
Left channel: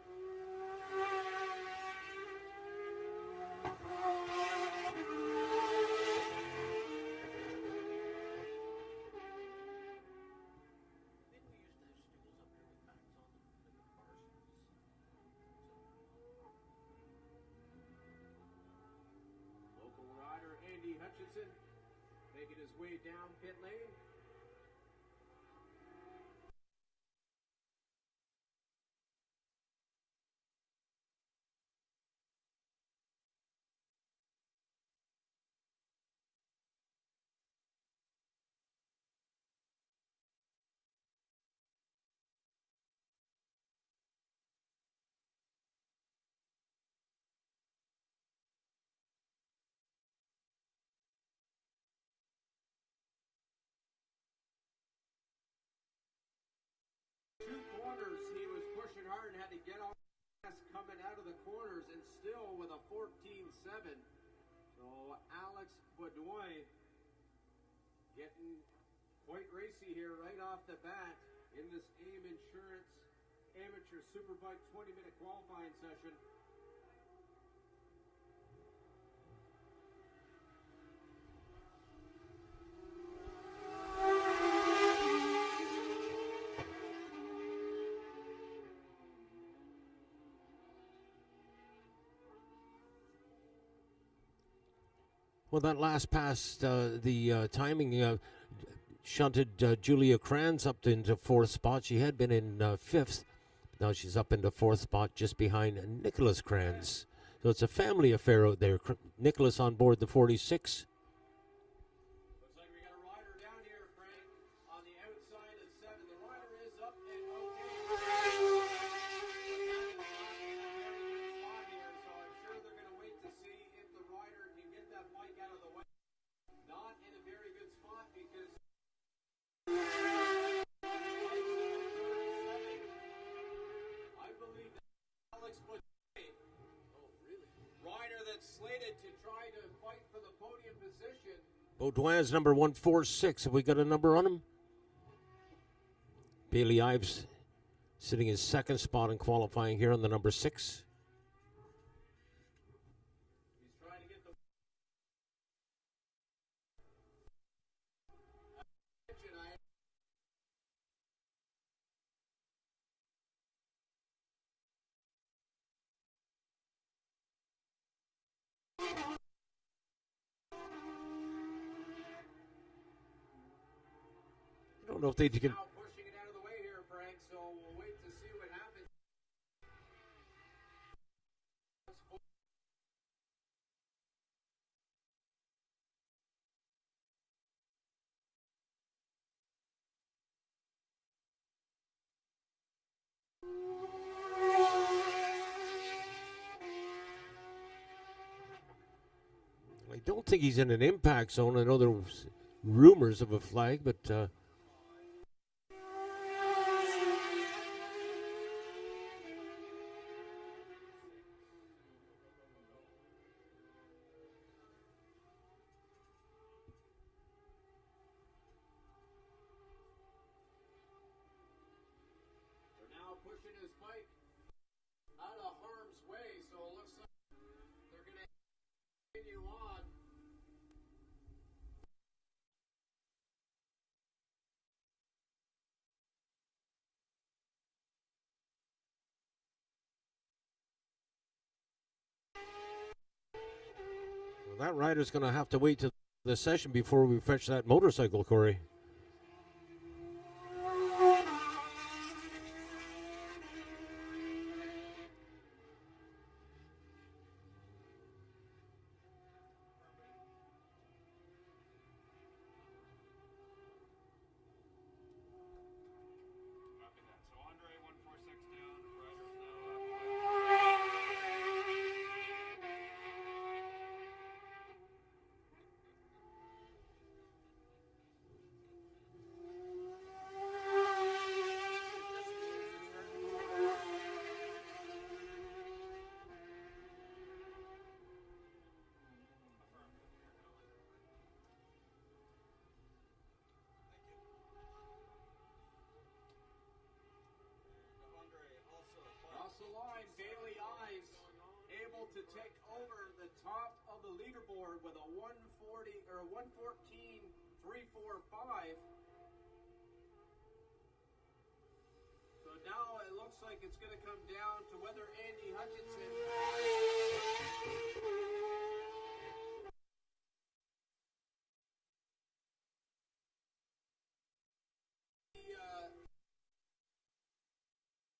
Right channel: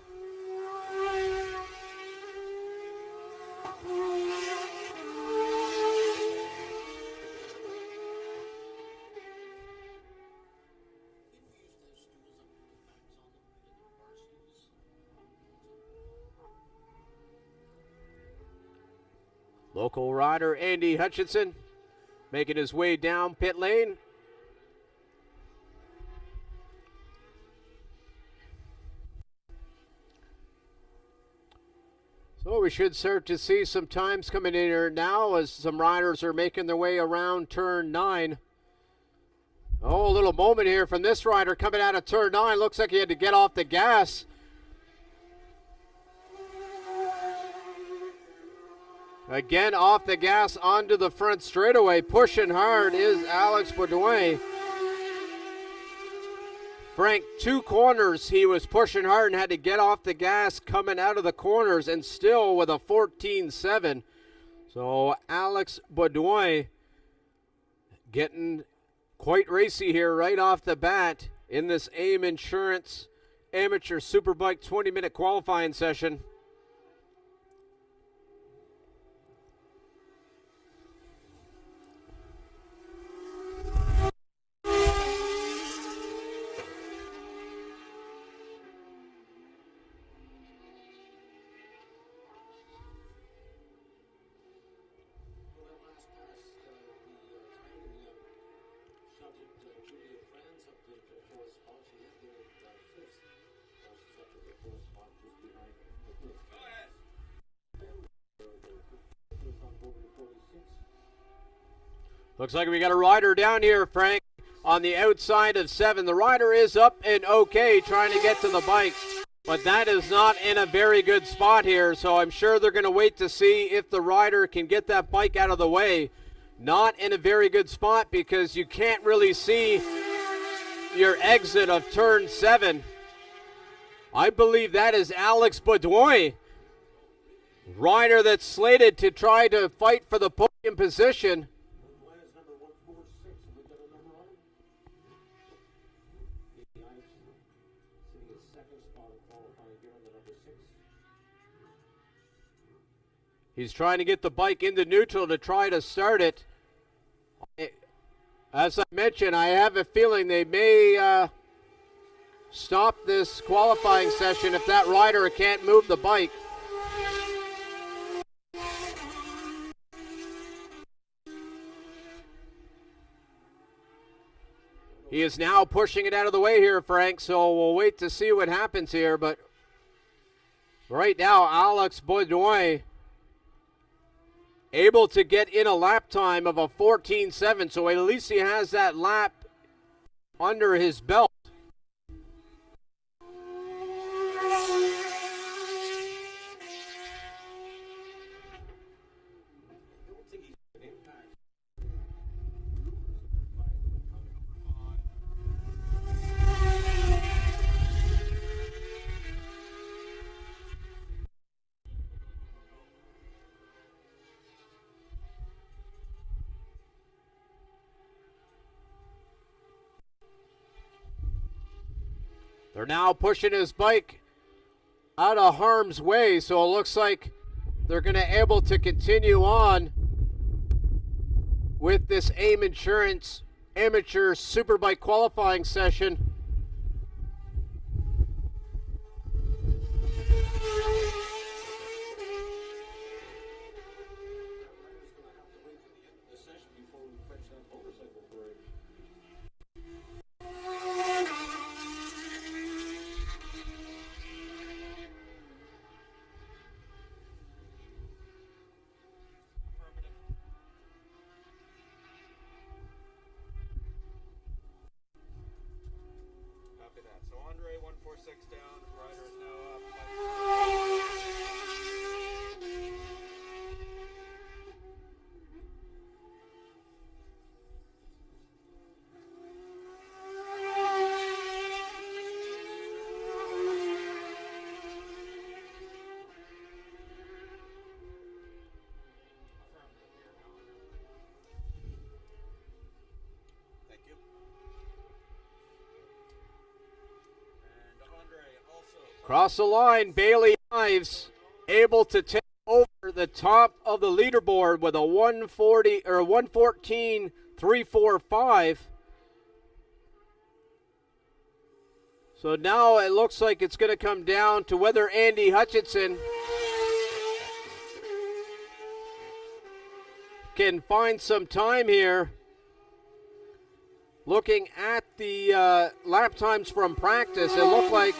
Local rider Andy Hutchinson making his way down pit lane. So we should start to see some times coming in here now as some riders are making their way around turn 9. Oh, a little moment here from this rider coming out of turn 9. Looks like he had to get off the gas. Again, off the gas onto the front straightaway. Pushing hard is Alex Baudouin. Frank, 2 corners, he was pushing hard and had to get off the gas coming out of the corners, and still with a 14.7. So Alex Baudouin getting quite racy here right off the bat in this AIM Insurance Amateur Superbike 20-minute qualifying session. Well, that last pass, the timing shunted Julia Kranz up into 4th spot. She had been in 5th. Now she's up into 4th spot just behind Nicholas Kranz. So it's a family affair out there. Nicholas on board the 46. Looks like we got a rider down here, Frank, on the outside of 7. The rider is up and okay, trying to get to the bike. But that is not in a very good spot here, so I'm sure they're going to wait to see if the rider can get that bike out of the way. Not in a very good spot because you can't really see your exit of turn 7. I believe that is Alex Baudouin, rider that's slated to try to fight for the podium position. Baudouin is number 146. Have we got a number on him? Bailey Ives sitting in 2nd spot in qualifying here on the number 6. He's trying to get the bike into neutral to try to start it. As I mentioned, I have a feeling they may stop this qualifying session if that rider can't move the bike. He is now pushing it out of the way here, Frank, so we'll wait to see what happens here. But right now, Alex Baudouin able to get in a lap time of a 14.7, so at least he has that lap under his belt. I don't think he's in an impact zone. I know there was rumors of a flag, but they're now pushing his bike out of harm's way, so it looks like they're going to able to continue on with this AIM Insurance Amateur Superbike qualifying session. That rider's going to have to wait to the session before we fetch that motorcycle, Corey. Copy that. So Andre 146 down. Rider is now up. Thank you. And Andre also. Cross the line, Bailey Ives able to take over the top of the leaderboard with a 140 or 114.345. So now it looks like it's going to come down to whether Andy Hutchinson can find some time here. Looking at the lap times from practice, it looked like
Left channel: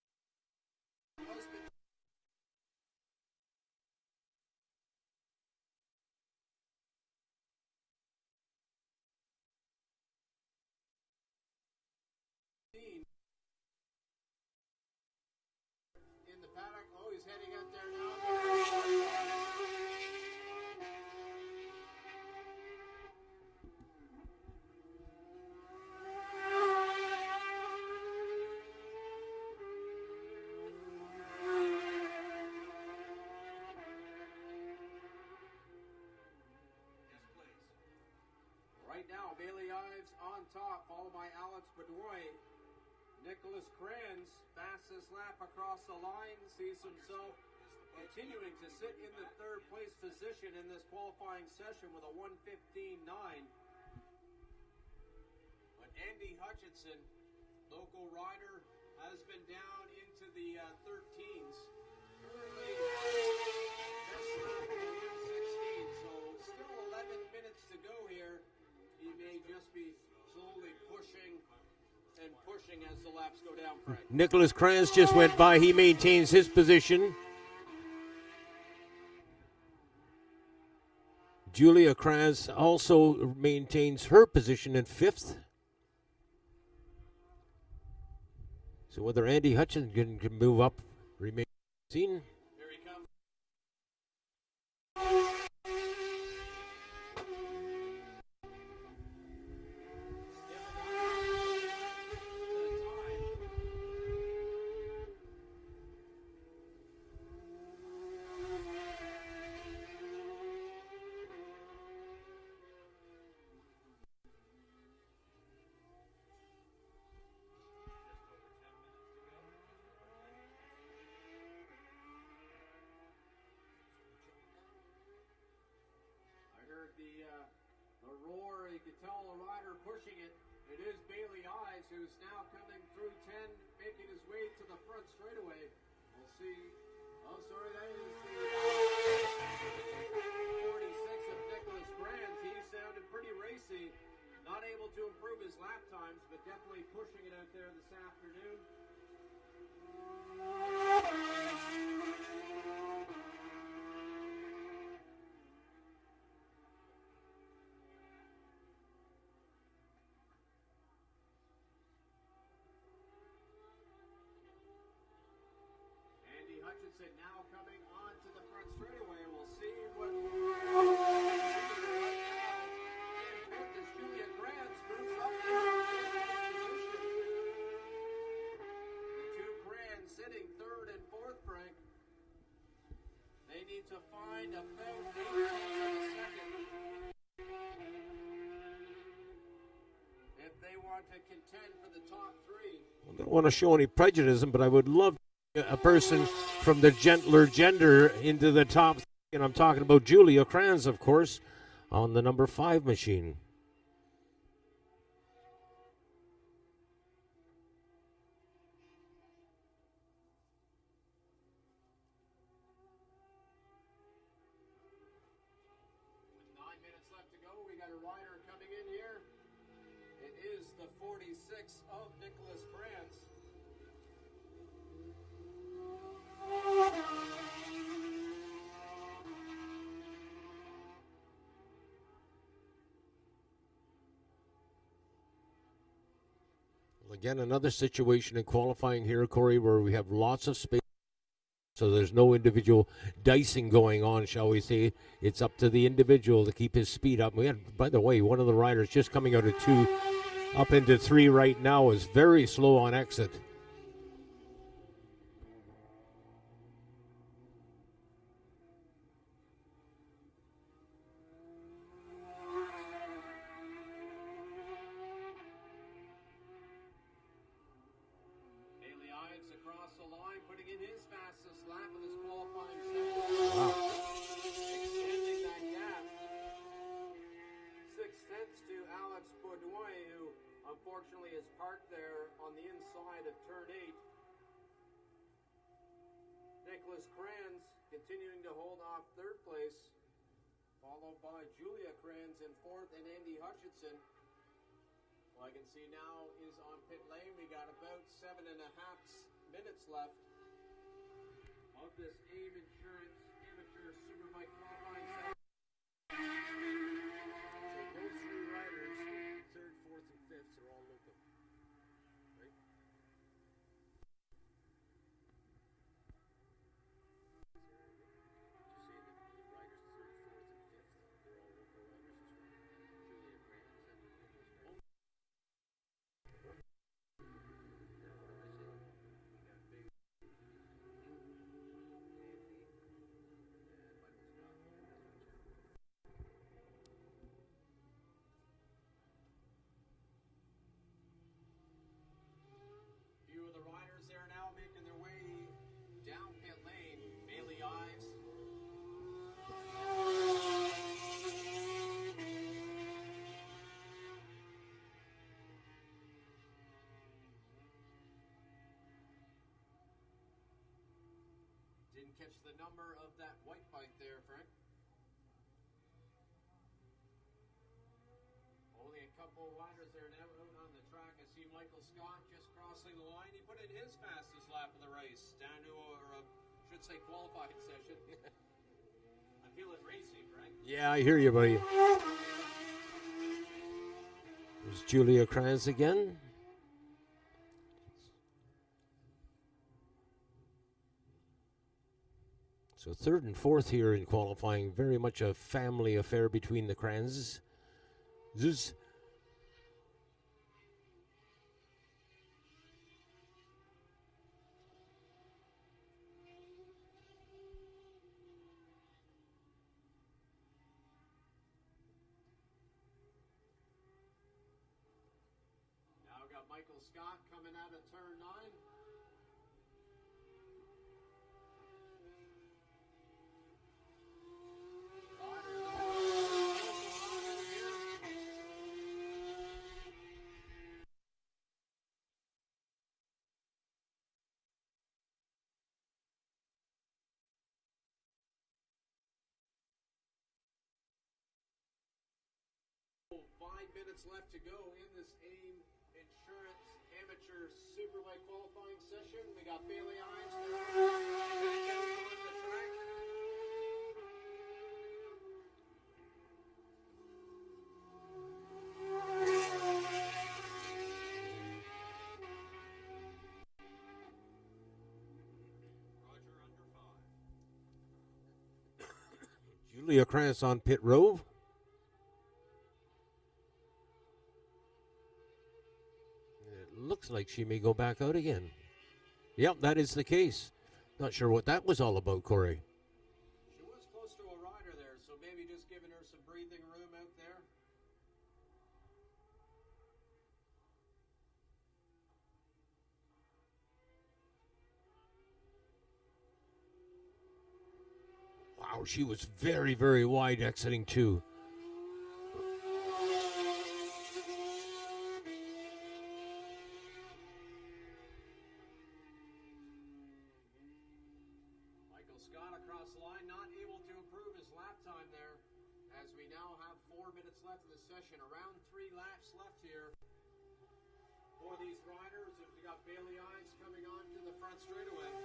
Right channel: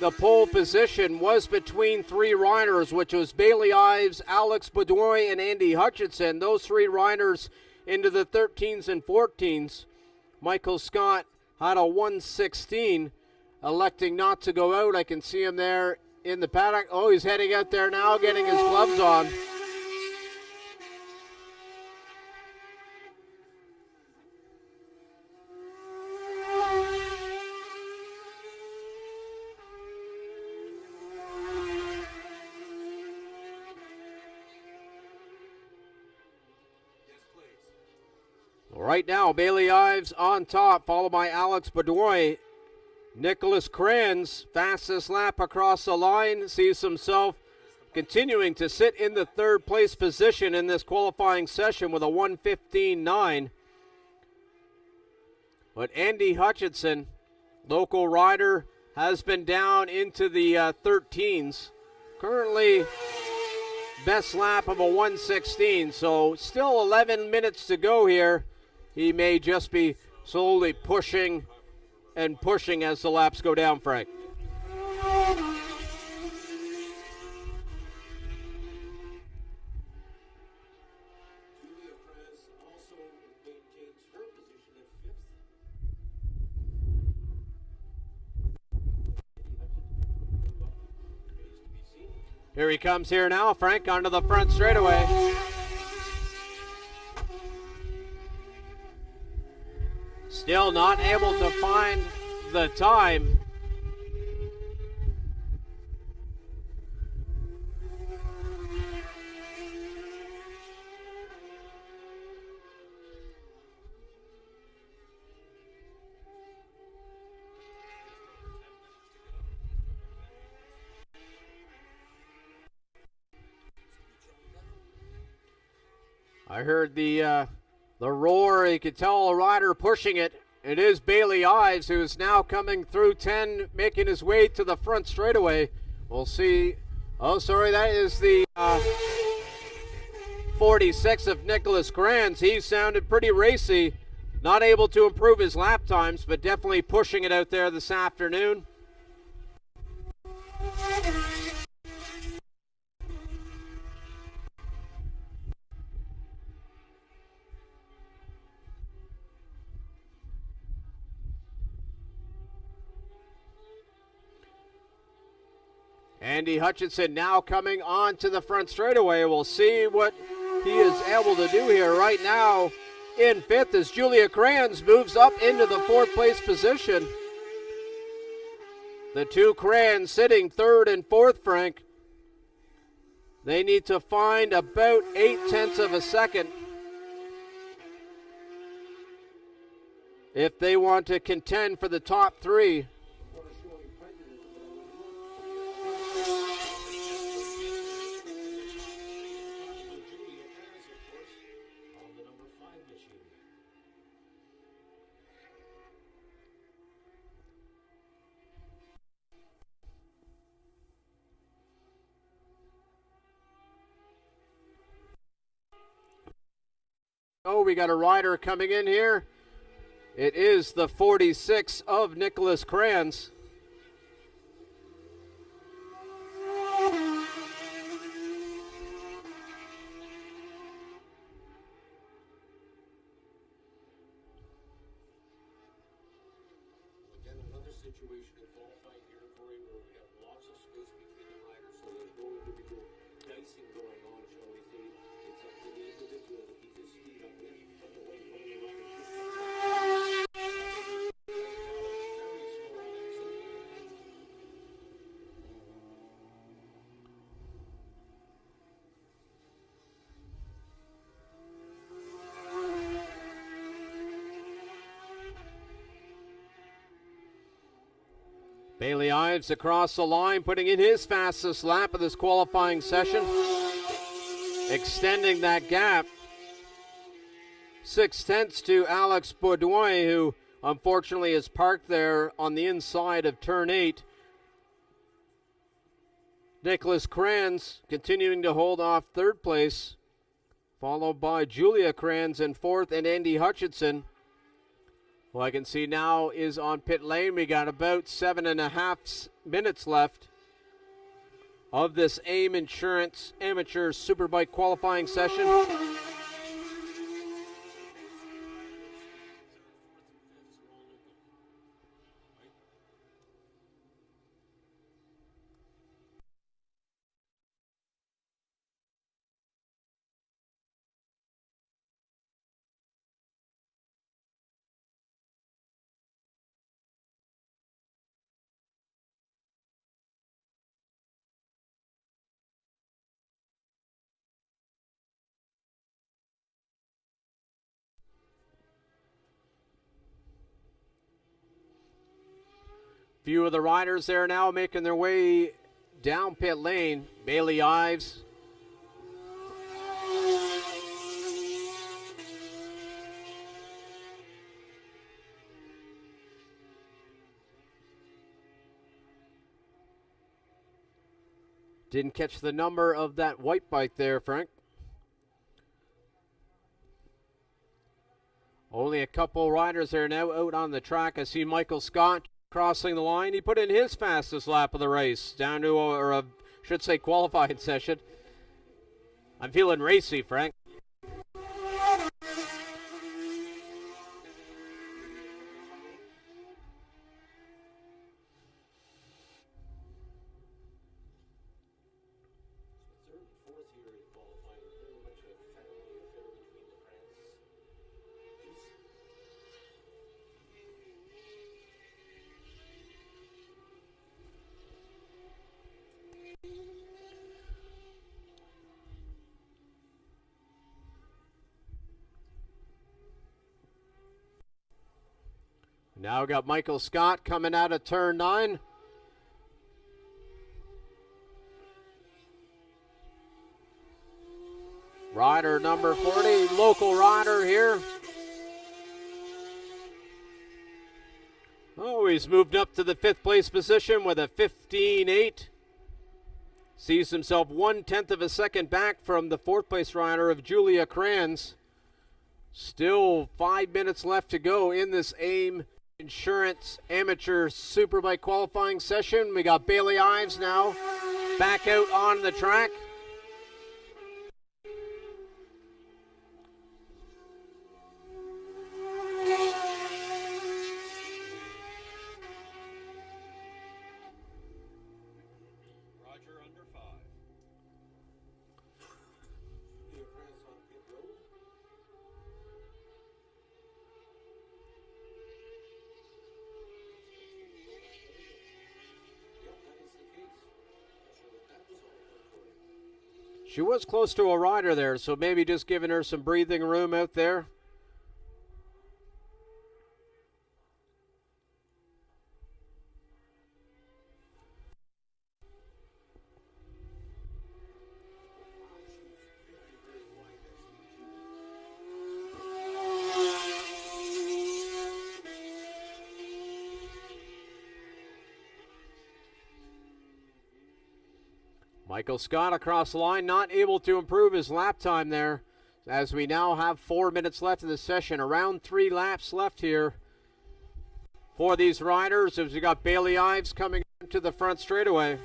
the pole position was between three riders, which was Bailey Ives, Alex Bedoy, and Andy Hutchinson. Those three riders into the 13s and 14s. Michael Scott had a 116, electing not to go out. I can see him there in the paddock. Oh, he's heading out there now, getting his gloves on. Right now, Bailey Ives on top, followed by Alex Bedoy. Nicholas Kranz, fastest lap across the line, sees himself continuing to sit in the third place position in this qualifying session with a 1:15.9. But Andy Hutchinson, local rider, has been down into the 13s. Currently, best lap of a 1:16, so still 11 minutes to go here. He may just be slowly pushing and pushing as the laps go down, Frank. Nicholas Kranz just went by. He maintains his position. Julia Kranz also maintains her position in fifth. So whether Andy Hutchinson can move up remains to be seen. Here he comes here now, Frank, onto the front straightaway. Still not able to find the time. I heard the roar. You could tell a rider pushing it. It is Bailey Ives, who is now coming through 10, making his way to the front straightaway. We'll see. Oh, sorry, that is the 46 of Nicholas Kranz. He sounded pretty racy. Not able to improve his lap times, but definitely pushing it out there this afternoon. Andy Hutchinson now coming on to the front straightaway. We'll see what he is able to do here. Right now in fifth as Julia Kranz moves up into the fourth place position. The two Kranz sitting third and fourth, Frank. They need to find about 0.8 of a second if they want to contend for the top three. I don't want to show any prejudice, but I would love a person from the gentler gender into the top. And I'm talking about Julia Kranz, of course, on the number 5 machine. Oh, we got a rider coming in here. It is the 46 of Nicholas Kranz. Again, another situation in qualifying here, Corey, where we have lots of space. So there's no individual dicing going on, shall we say. It's up to the individual to keep his speed up. We had, by the way, one of the riders just coming out of 2 up into 3 right now is very slow on exit. Bailey Ives across the line, putting in his fastest lap of this qualifying session. Extending that gap. 0.6 to Alex Baudouin, who unfortunately is parked there on the inside of turn 8. Nicholas Kranz continuing to hold off 3rd place, followed by Julia Kranz in 4th and Andy Hutchinson. Well, I can see now is on pit lane. We got about 7.5 minutes left of this AIM Insurance Amateur Superbike qualifying session. Few of the riders there now making their way down pit lane. Bailey Ives. Didn't catch the number of that white bike there, Frank. Only a couple riders there now out on the track. I see Michael Scott crossing the line. He put in his fastest lap of the race, down to, or I should say, qualifying session. I'm feeling racy, Frank. Yeah, I hear you, buddy. There's Julia Kranz again. So 3rd and 4th here in qualifying. Very much a family affair between the Kranzes. Zeus. Now we got Michael Scott coming out of turn 9. Rider number 40, local rider here. Oh, he's moved up to the 5th place position with a 15.8. Sees himself 1/10 of a second back from the 4th place rider of Julia Kranz. Still 5 minutes left to go in this AIM Insurance Amateur Superbike qualifying session. We got Bailey Ives now back out on the track. Julia Kranz on pit road. It looks like she may go back out again. Yep, that is the case. Not sure what that was all about, Corey. She was close to a rider there, so maybe just giving her some breathing room out there. Wow, she was very, very wide exiting too. Michael Scott across the line, not able to improve his lap time there. as we now have 4 minutes left in the session. Around 3 laps left here for these riders as we got Bailey Ives coming on to the front straightaway.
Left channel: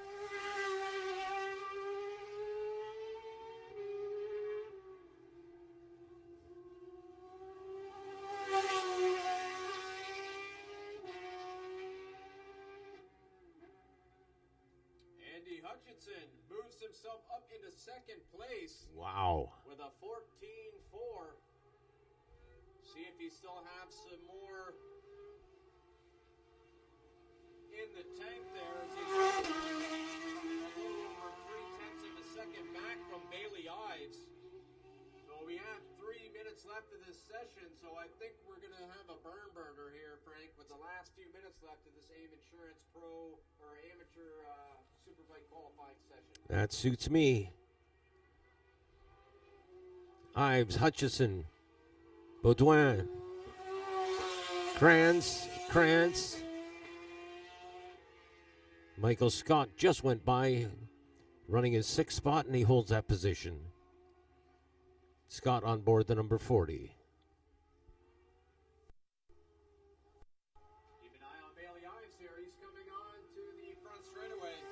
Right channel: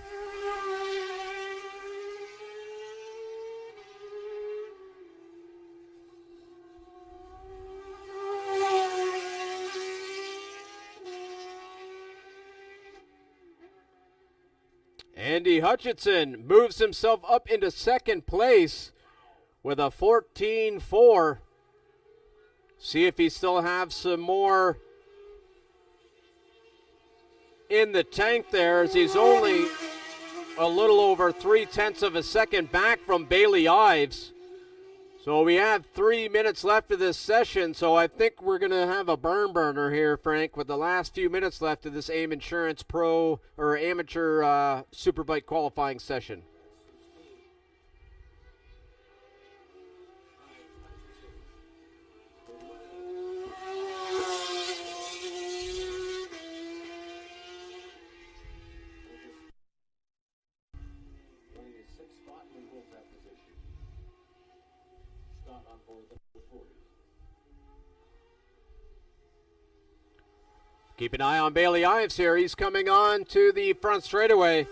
Andy Hutchinson moves himself up into second place. Wow. With a 14.4. See if he still has some more in the tank there, as he's only a little over 0.3 of a second back from Bailey Ives. So we have 3 minutes left of this session, so I think we're going to have a burner here, Frank, with the last few minutes left of this AIM Insurance Pro or Amateur Superbike qualifying session. That suits me. Ives, Hutchison, Baudouin, Krantz. Michael Scott just went by, running his 6th spot, and he holds that position. Scott on board the number 40. Keep an eye on Bailey Ives here. He's coming on to the front straightaway.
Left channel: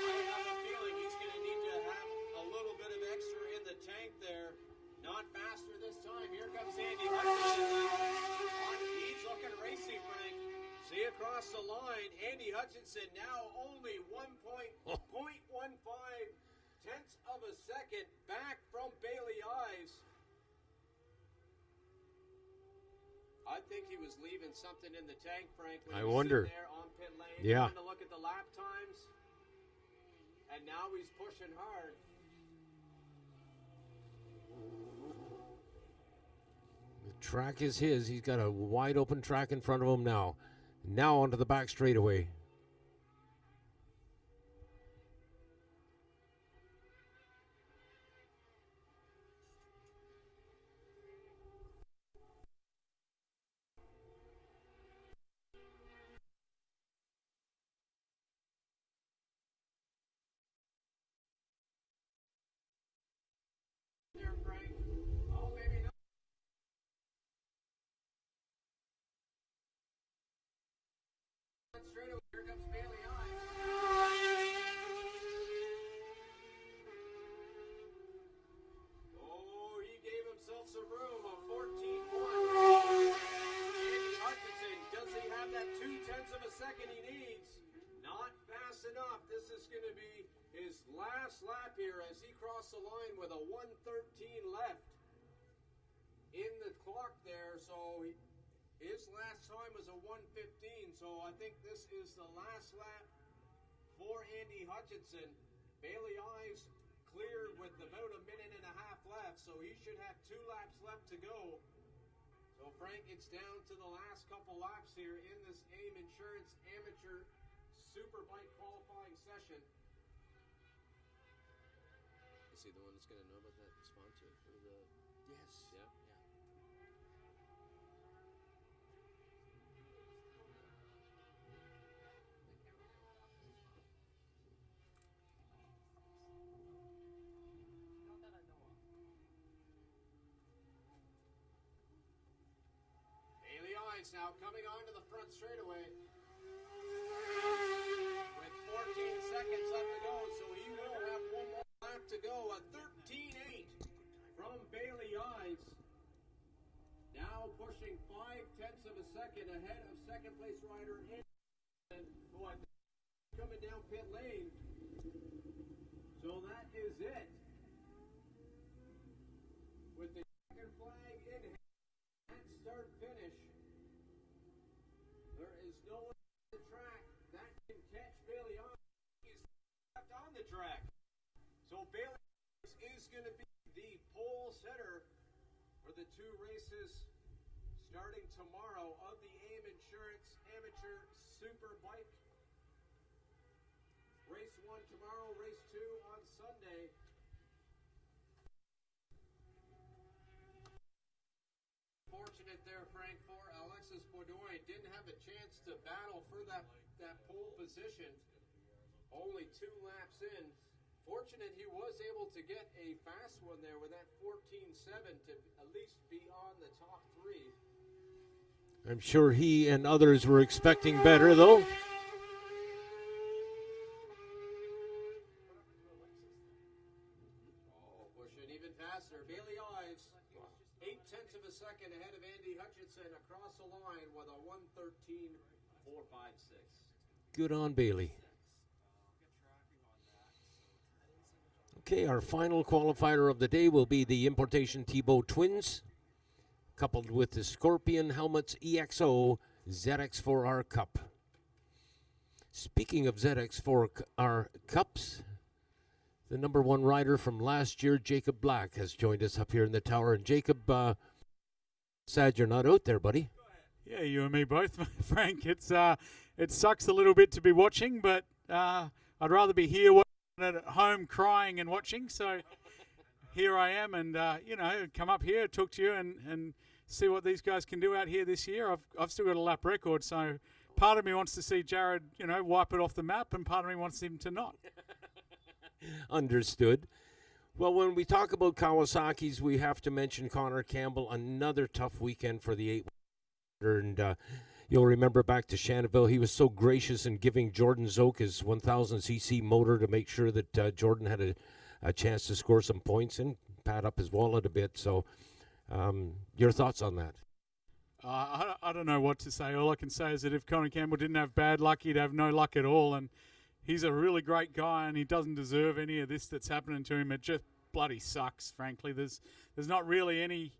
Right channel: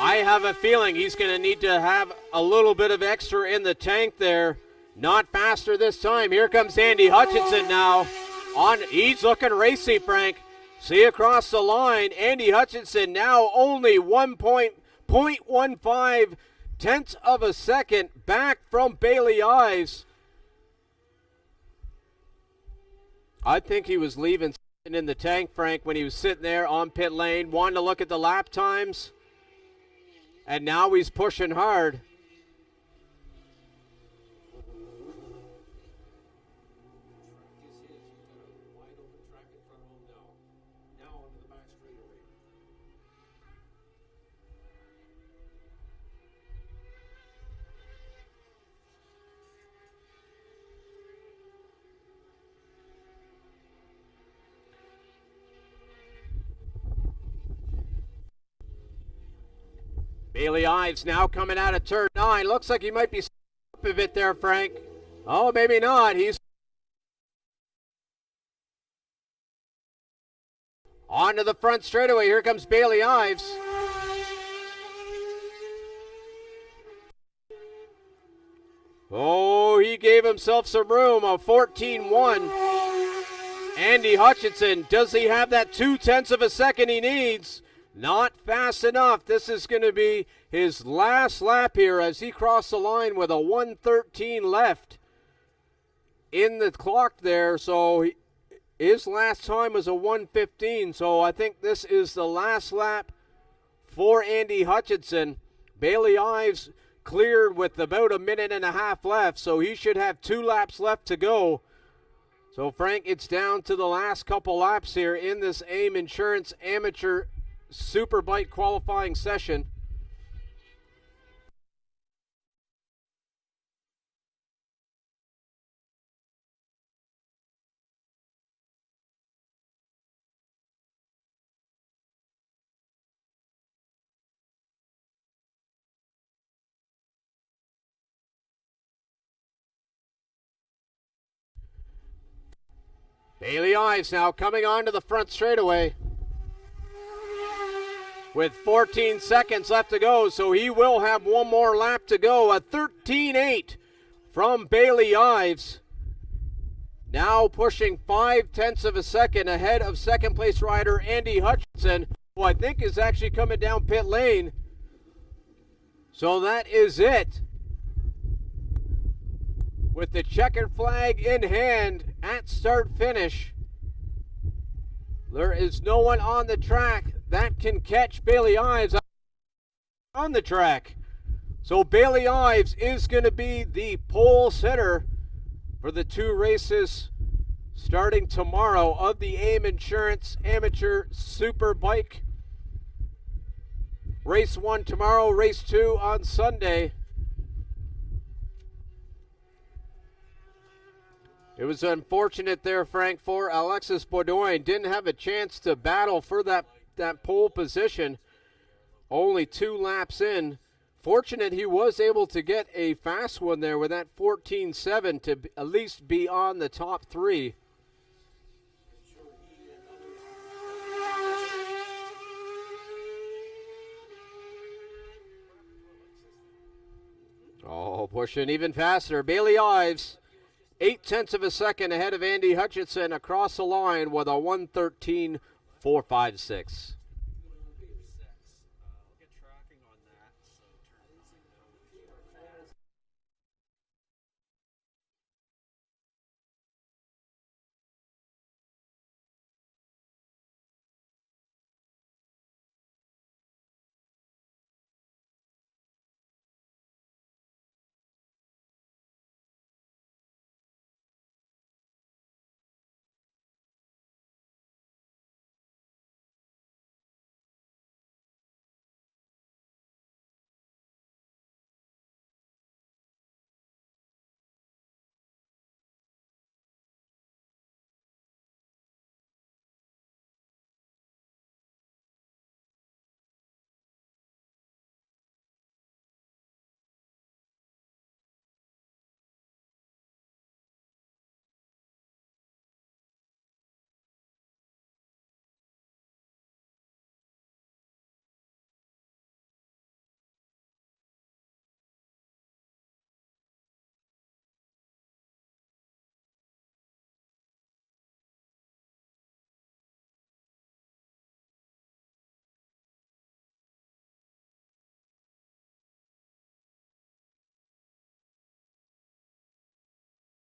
I have a feeling he's going to need to have a little bit of extra in the tank there. Not faster this time. Here comes Andy Hutchinson now. He's looking racy, Frank. See across the line, Andy Hutchinson now only 1.15 tenths of a second back from Bailey Ives. I think he was leaving something in the tank, Frank, when he was sitting there on pit lane, wanting to look at the lap times. And now he's pushing hard. The track is his. He's got a wide open track in front of him now. Now onto the back straightaway. Bailey Ives now coming out of turn 9. Looks like he might be up a bit there, Frank. Oh, maybe not. He's onto the front straightaway. Here comes Bailey Ives. Oh, he gave himself some room. A 14.1. Andy Hutchinson, does he have that 0.2 of a second he needs? Not fast enough. This is going to be his last lap here as he crossed the line with a 1:13 left in the clock there. So his last time was a 1:15. So I think this is the last lap for Andy Hutchinson. Bailey Ives cleared with about a minute and a half left. So he should have 2 laps left to go. So Frank, it's down to the last couple laps here in this AIM Insurance Amateur Superbike qualifying session. Is he the one that's going to know about that sponsor for the? Yes. Bailey Ives now coming onto the front straightaway with 14 seconds left to go, so he will have one more lap to go. A 13.8 from Bailey Ives. Now pushing 0.5 of a second ahead of second place rider Andy Hutchinson, who I think is actually coming down pit lane. So that is it. With the checkered flag in hand at start finish, there is no one on the track that can catch Bailey Ives on the track. So Bailey Ives is going to be the pole sitter for the 2 races starting tomorrow of the AIM Insurance Amateur Superbike. Race 1 tomorrow, race 2 on Sunday. It was unfortunate there, Frank, for Alexis Baudouin. Didn't have a chance to battle for that pole position. Only 2 laps in Fortunate he was able to get a fast one there with that 14.7 to at least be on the top 3. I'm sure he and others were expecting better, though. Oh, pushing even faster. Bailey Ives, 0.8 of a second ahead of Andy Hutchinson across the line with a 1:13.456. Good on Bailey. Okay, our final qualifier of the day will be the Importation Thibault Twins, coupled with the Scorpion Helmets EXO ZX4R Cup. Speaking of ZX4R Cups, the number 1 rider from last year, Jacob Black, has joined us up here in the tower. And Jacob, sad you're not out there, buddy. Yeah, you and me both, Frank. It sucks a little bit to be watching, but I'd rather be here watching it at home crying and watching. So here I am, and come up here, talk to you, and see what these guys can do out here this year. I've still got a lap record, so part of me wants to see Jared, wipe it off the map, and part of me wants him to not. Understood. Well, when we talk about Kawasaki's, we have to mention Connor Campbell. Another tough weekend for the 8-wheeler, and you'll remember back to Shanaville, he was so gracious in giving Jordan Zoke his 1,000cc motor to make sure that Jordan had a chance to score some points and pad up his wallet a bit. So, your thoughts on that? I don't know what to say. All I can say is that if Connor Campbell didn't have bad luck, he'd have no luck at all. And he's a really great guy, and he doesn't deserve any of this that's happening to him. It just bloody sucks, frankly. There's not really any.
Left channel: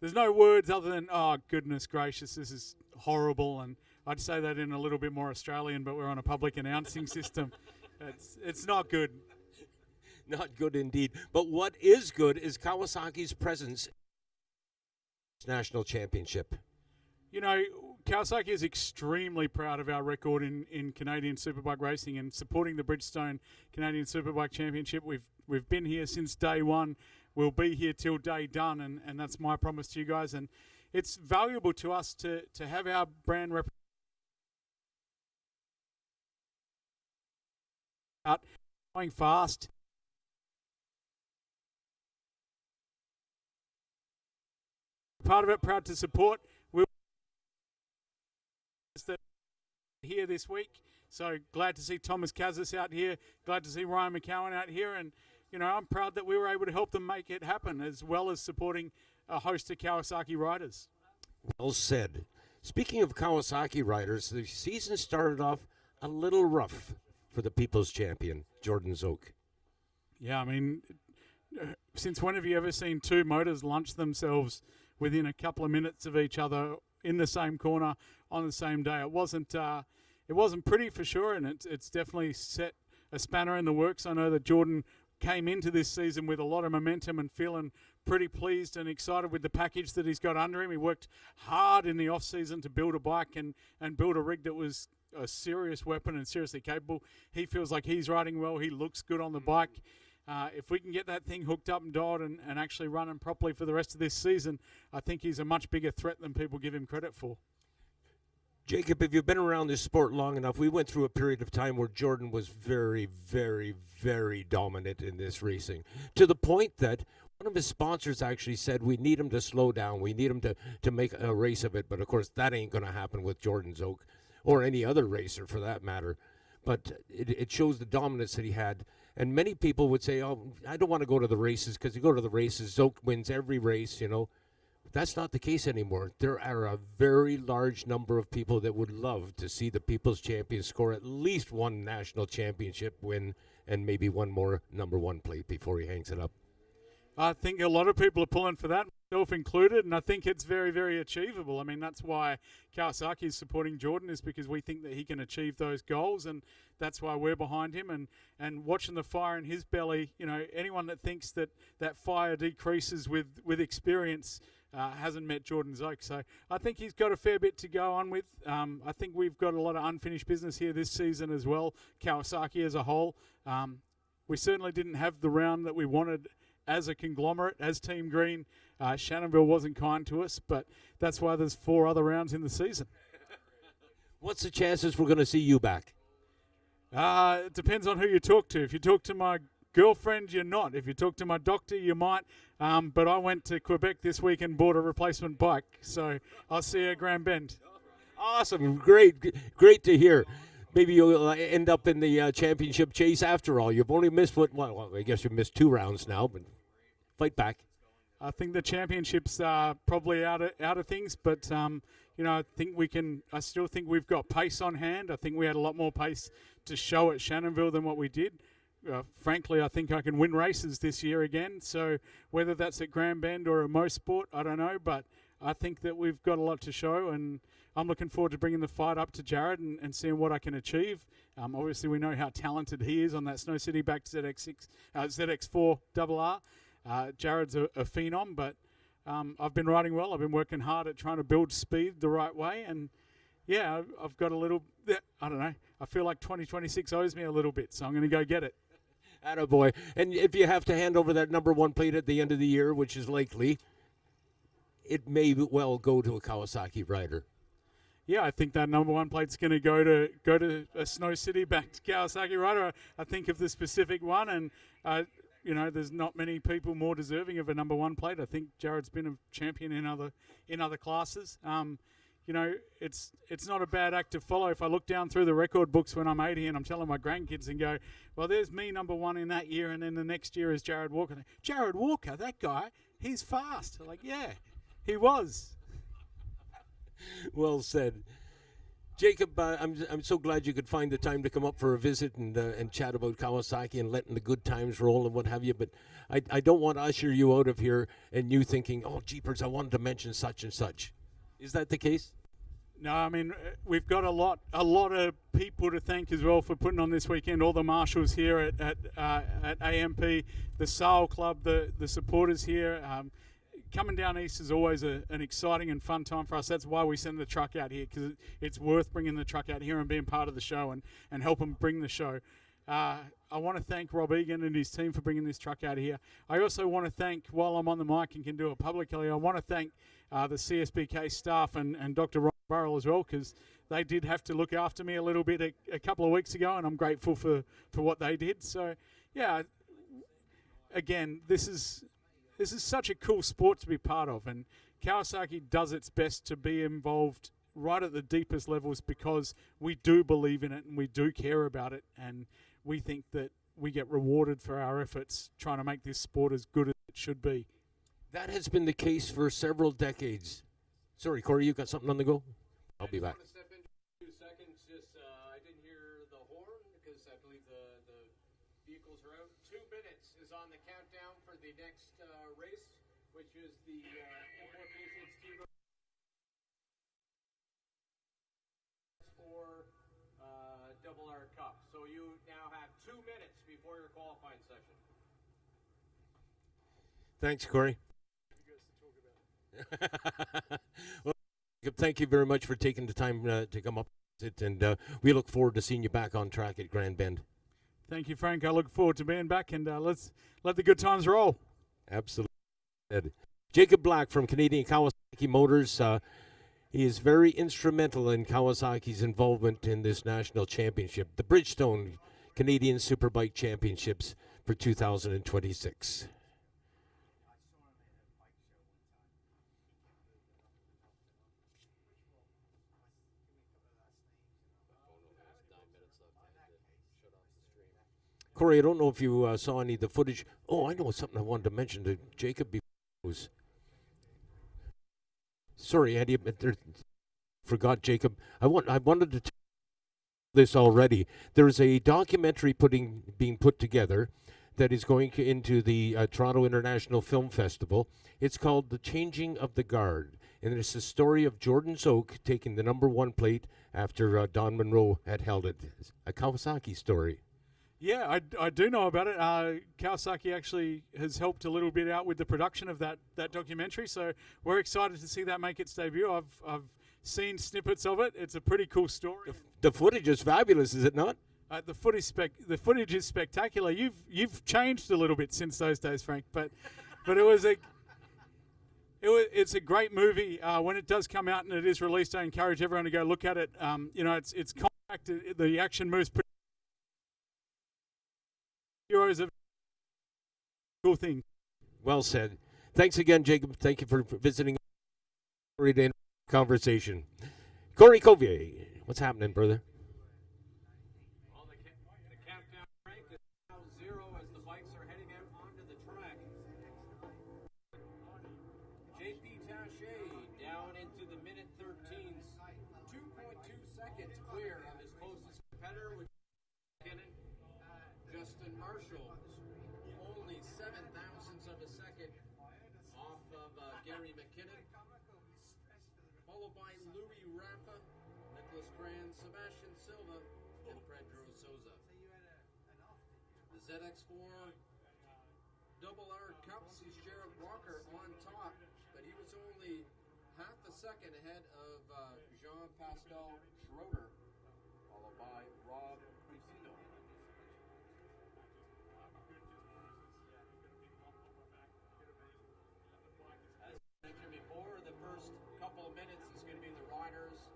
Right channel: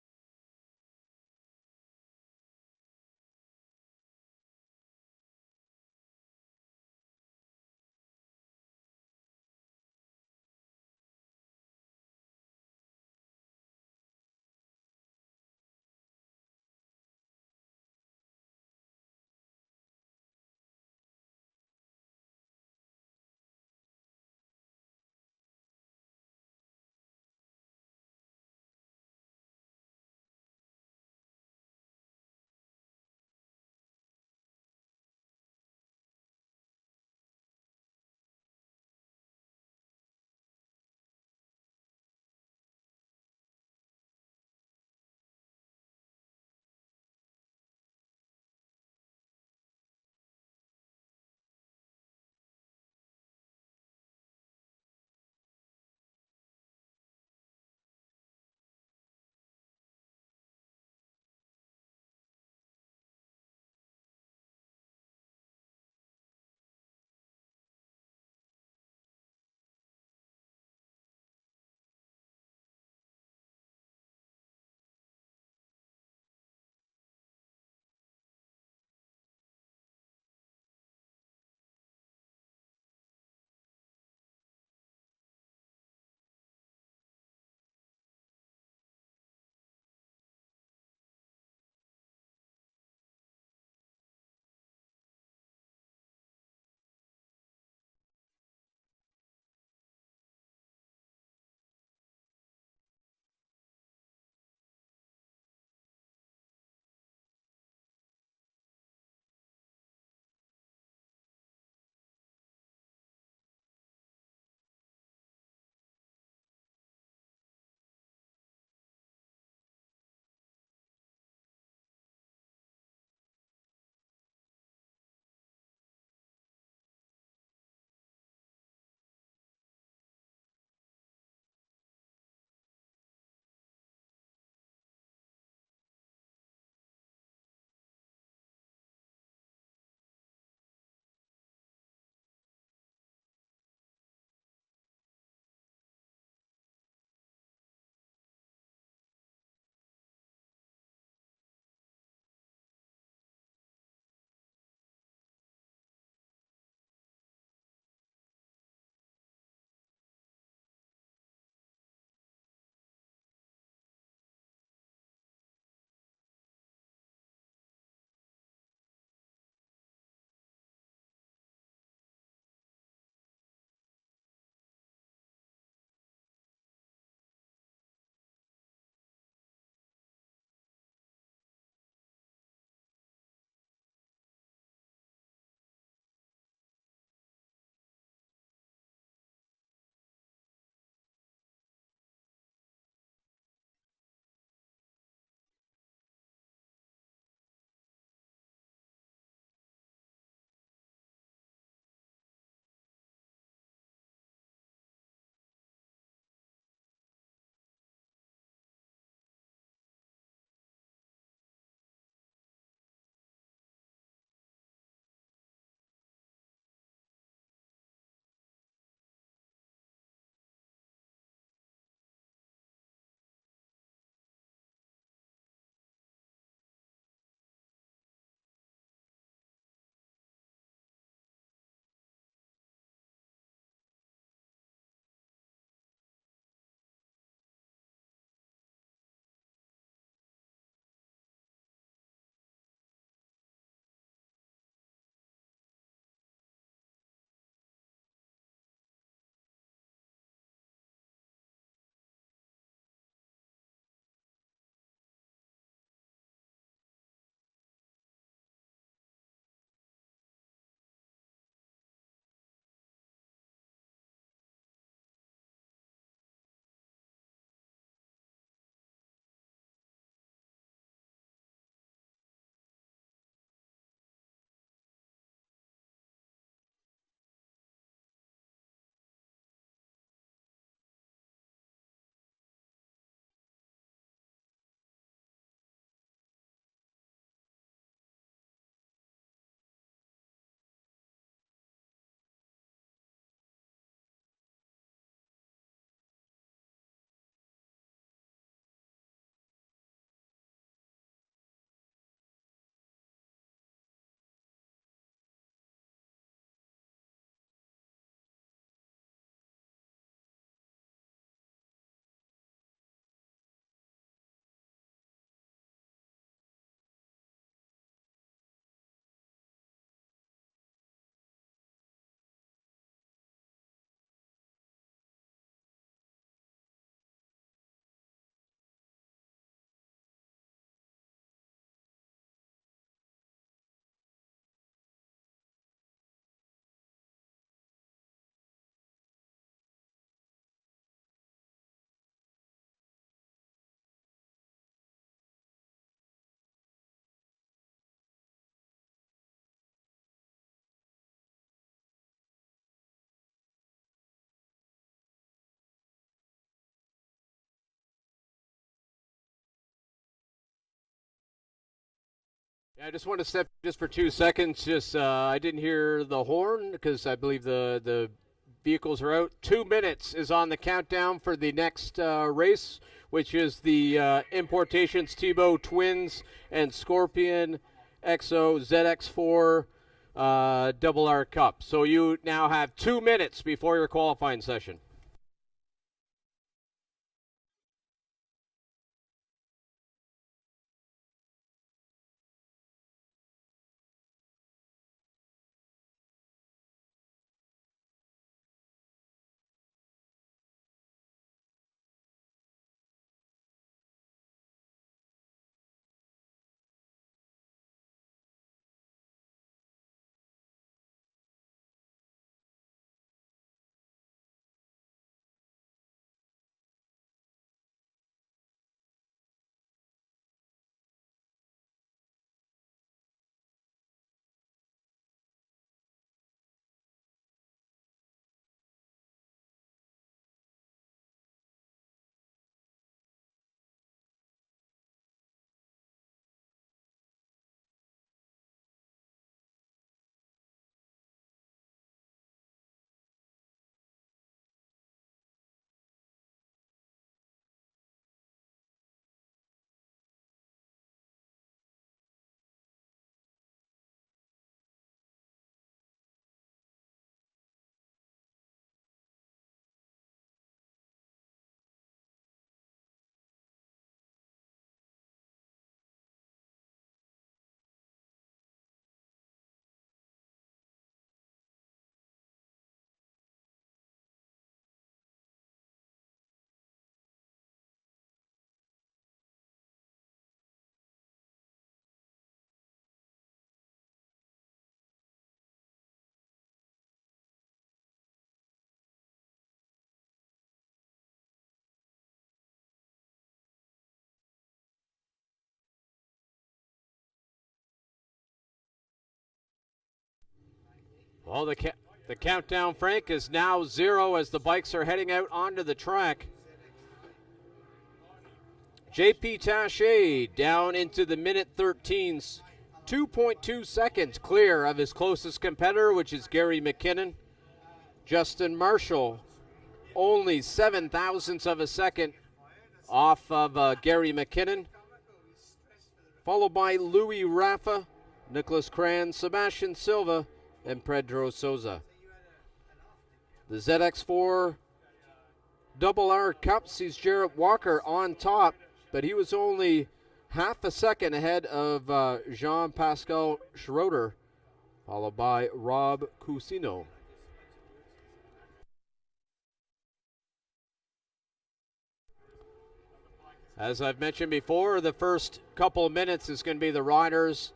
There's no words other than, oh, goodness gracious, this is horrible. And I'd say that in a little bit more Australian, but we're on a public announcing system. It's not good. Not good indeed. But what is good is Kawasaki's presence in the National Championship. Kawasaki is extremely proud of our record in Canadian Superbike racing and supporting the Bridgestone Canadian Superbike Championship. We've been here since day one. We'll be here till day done, and that's my promise to you guys. And it's valuable to us to have our brand out going fast. Part of it, proud to support. We'll here this week, so glad to see Thomas Kazis out here. Glad to see Ryan McCowan out here, and I'm proud that we were able to help them make it happen, as well as supporting a host of Kawasaki riders. Well said. Speaking of Kawasaki riders, the season started off a little rough for the People's Champion, Jordan Zoke. Yeah, I mean, since when have you ever seen two motors launch themselves within a couple of minutes of each other in the same corner on the same day? It wasn't pretty for sure, and it's definitely set a spanner in the works. I know that Jordan came into this season with a lot of momentum and feeling pretty pleased and excited with the package that he's got under him. He worked hard in the off-season to build a bike and build a rig that was a serious weapon and seriously capable. He feels like he's riding well. He looks good on the bike. If we can get that thing hooked up and dialed and actually running properly for the rest of this season, I think he's a much bigger threat than people give him credit for. Jacob, if you've been around this sport long enough, we went through a period of time where Jordan was very, very, very dominant in this racing, to the point that one of his sponsors actually said, we need him to slow down. We need him to make a race of it. But, of course, that ain't going to happen with Jordan Zoke or any other racer for that matter. But it shows the dominance that he had. And many people would say, oh, I don't want to go to the races because you go to the races, Zoke wins every race, That's not the case anymore. There are a very large number of people that would love to see the People's Champion score at least one national championship win and maybe one more number one plate before he hangs it up. I think a lot of people are pulling for that, myself included, and I think it's very, very achievable. I mean, that's why Kawasaki is supporting Jordan, is because we think that he can achieve those goals, and that's why we're behind him. And watching the fire in his belly, anyone that thinks that fire decreases with experience hasn't met Jordan Zoke. So I think he's got a fair bit to go on with. I think we've got a lot of unfinished business here this season as well, Kawasaki as a whole. We certainly didn't have the round that we wanted as a conglomerate, as Team Green. Shannonville wasn't kind to us, but that's why there's 4 other rounds in the season. What's the chances we're going to see you back? It depends on who you talk to. If you talk to my girlfriend, you're not. If you talk to my doctor, you might. But I went to Quebec this week and bought a replacement bike. So I'll see you at Grand Bend. Awesome. Great to hear. Maybe you'll end up in the championship chase after all. You've only missed well, I guess you missed 2 rounds now, but fight back. I think the championships are probably out of things, but I think I still think we've got pace on hand. I think we had a lot more pace to show at Shannonville than what we did. Frankly, I think I can win races this year again. So whether that's at Grand Bend or at Mosport, I don't know, but I think that we've got a lot to show, and I'm looking forward to bringing the fight up to Jared and seeing what I can achieve. Obviously, we know how talented he is on that Snow City back to ZX4 RR. Jared's a phenom, but I've been riding well. I've been working hard at trying to build speed the right way, and yeah, I've got a little, I don't know, I feel like 2026 owes me a little bit, so I'm going to go get it. Attaboy. And if you have to hand over that number 1 plate at the end of the year, which is likely, it may well go to a Kawasaki rider. Yeah, I think that number 1 plate's going to go to a Snow City back to Kawasaki rider. I think of the specific one, and there's not many people more deserving of a number 1 plate. I think Jared's been a champion in other classes. It's not a bad act to follow. If I look down through the record books when I'm 80 and I'm telling my grandkids and go, well, there's me number 1 in that year, and then the next year is Jared Walker. Jared Walker, that guy, he's fast. I'm like, yeah, he was. Well said. Jacob, I'm so glad you could find the time to come up for a visit and chat about Kawasaki and letting the good times roll and what have you. But I don't want to usher you out of here and you thinking, oh, jeepers, I wanted to mention such and such. Is that the case? No, I mean, we've got a lot of people to thank as well for putting on this weekend. All the marshals here at AMP, the Sale Club, the supporters here. Coming down east is always an exciting and fun time for us. That's why we send the truck out here, because it's worth bringing the truck out here and being part of the show and helping bring the show. I want to thank Rob Egan and his team for bringing this truck out here. I also want to thank, while I'm on the mic and can do it publicly, I want to thank the CSBK staff and Dr. Ron Burrell as well, because they did have to look after me a little bit a couple of weeks ago, and I'm grateful for what they did. So, yeah, again, this is such a cool sport to be part of, and Kawasaki does its best to be involved right at the deepest levels because we do believe in it and we do care about it, and we think that we get rewarded for our efforts trying to make this sport as good as it should be. That has been the case for several decades. Sorry, Corey, you got something on the go? I just want to step in just for 2 seconds. I didn't hear the horn because I believe the vehicles are out. 2 minutes is on the countdown for the next race, which is the Importations Tebow Twins and Scorpion XO ZX4 RR Cup. So you now have 2 minutes before your qualifying session. Thanks, Corey. Well, thank you very much for taking the time to come up, and we look forward to seeing you back on track at Grand Bend. Thank you, Frank. I look forward to being back, and let's let the good times roll. Absolutely. Jacob Black from Canadian Kawasaki Motors. He is very instrumental in Kawasaki's involvement in this national championship, the Bridgestone Canadian Superbike Championships for 2026. Corey, I don't know if you saw any of the footage. Oh, I know something I wanted to mention to Jacob before. Sorry, Andy, forgot Jacob. I wanted to tell this already. There's a documentary being put together that is going into the Toronto International Film Festival. It's called The Changing of the Guard, and it's the story of Jordan Zoke taking the number 1 plate after Don Monroe had held it. It's a Kawasaki story. Yeah, I do know about it. Kawasaki actually has helped a little bit out with the production of that documentary, so we're excited to see that make its debut. I've seen snippets of it. It's a pretty cool story. The footage is fabulous, is it not? The footage is spectacular. You've changed a little bit since those days, Frank, but it's a great movie. When it does come out and it is released, I encourage everyone to go look at it. It's compact. The action moves pretty. Heroes of Cool thing. Well said. Thanks again, Jacob. Thank you for visiting Corey Day conversation. Corey Covier, what's happening, brother? Well, the countdown, Frank, is now 0 as the bikes are heading out onto the track. JP Taché down into the minute 13s, 2.2 seconds clear of his closest competitor, which is Gary McKinnon. Justin Marshall, only 7 thousandths of a second off of Gary McKinnon, followed by Louis Rafa, Nicholas Cran, Sebastian Silva, and Pedro Souza. The ZX4 Double R Cup sees Jarrett Walker on top, but he was only half a second ahead of Jean-Pascal Schroeder, followed by Rob Cusino. As I've mentioned before, the first couple of minutes is going to be the riders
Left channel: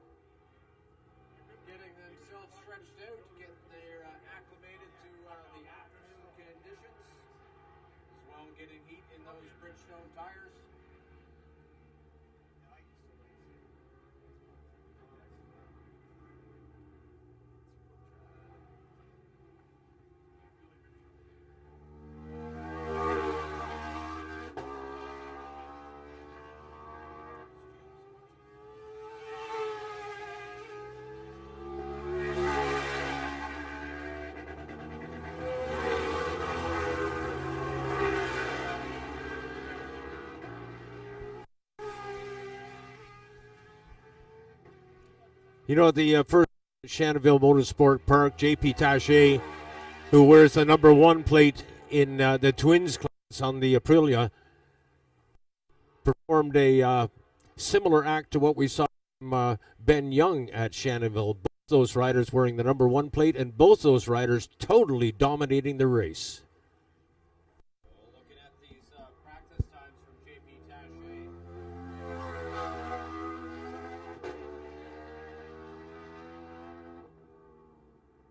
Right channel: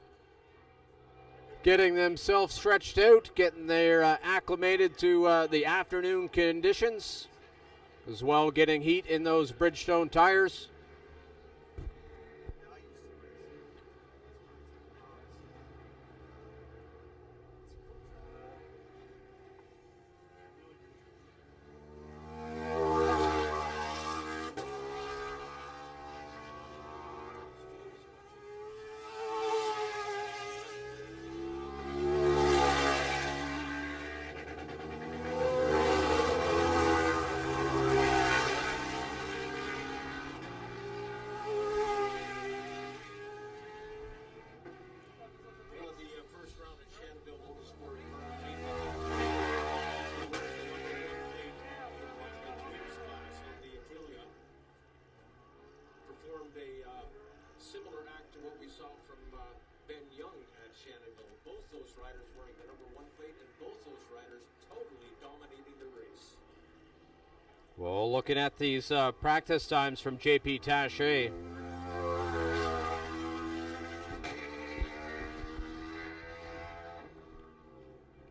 getting themselves stretched out, getting their acclimated to the afternoon conditions, as well getting heat in those Bridgestone tires. You know, the first Shannonville Motorsport Park, JP Taché, who wears the number 1 plate in the Twins class on the Aprilia, performed a similar act to what we saw from Ben Young at Shannonville. Both those riders wearing the number 1 plate, and both those riders totally dominating the race. Well, looking at these practice times from JP Taché.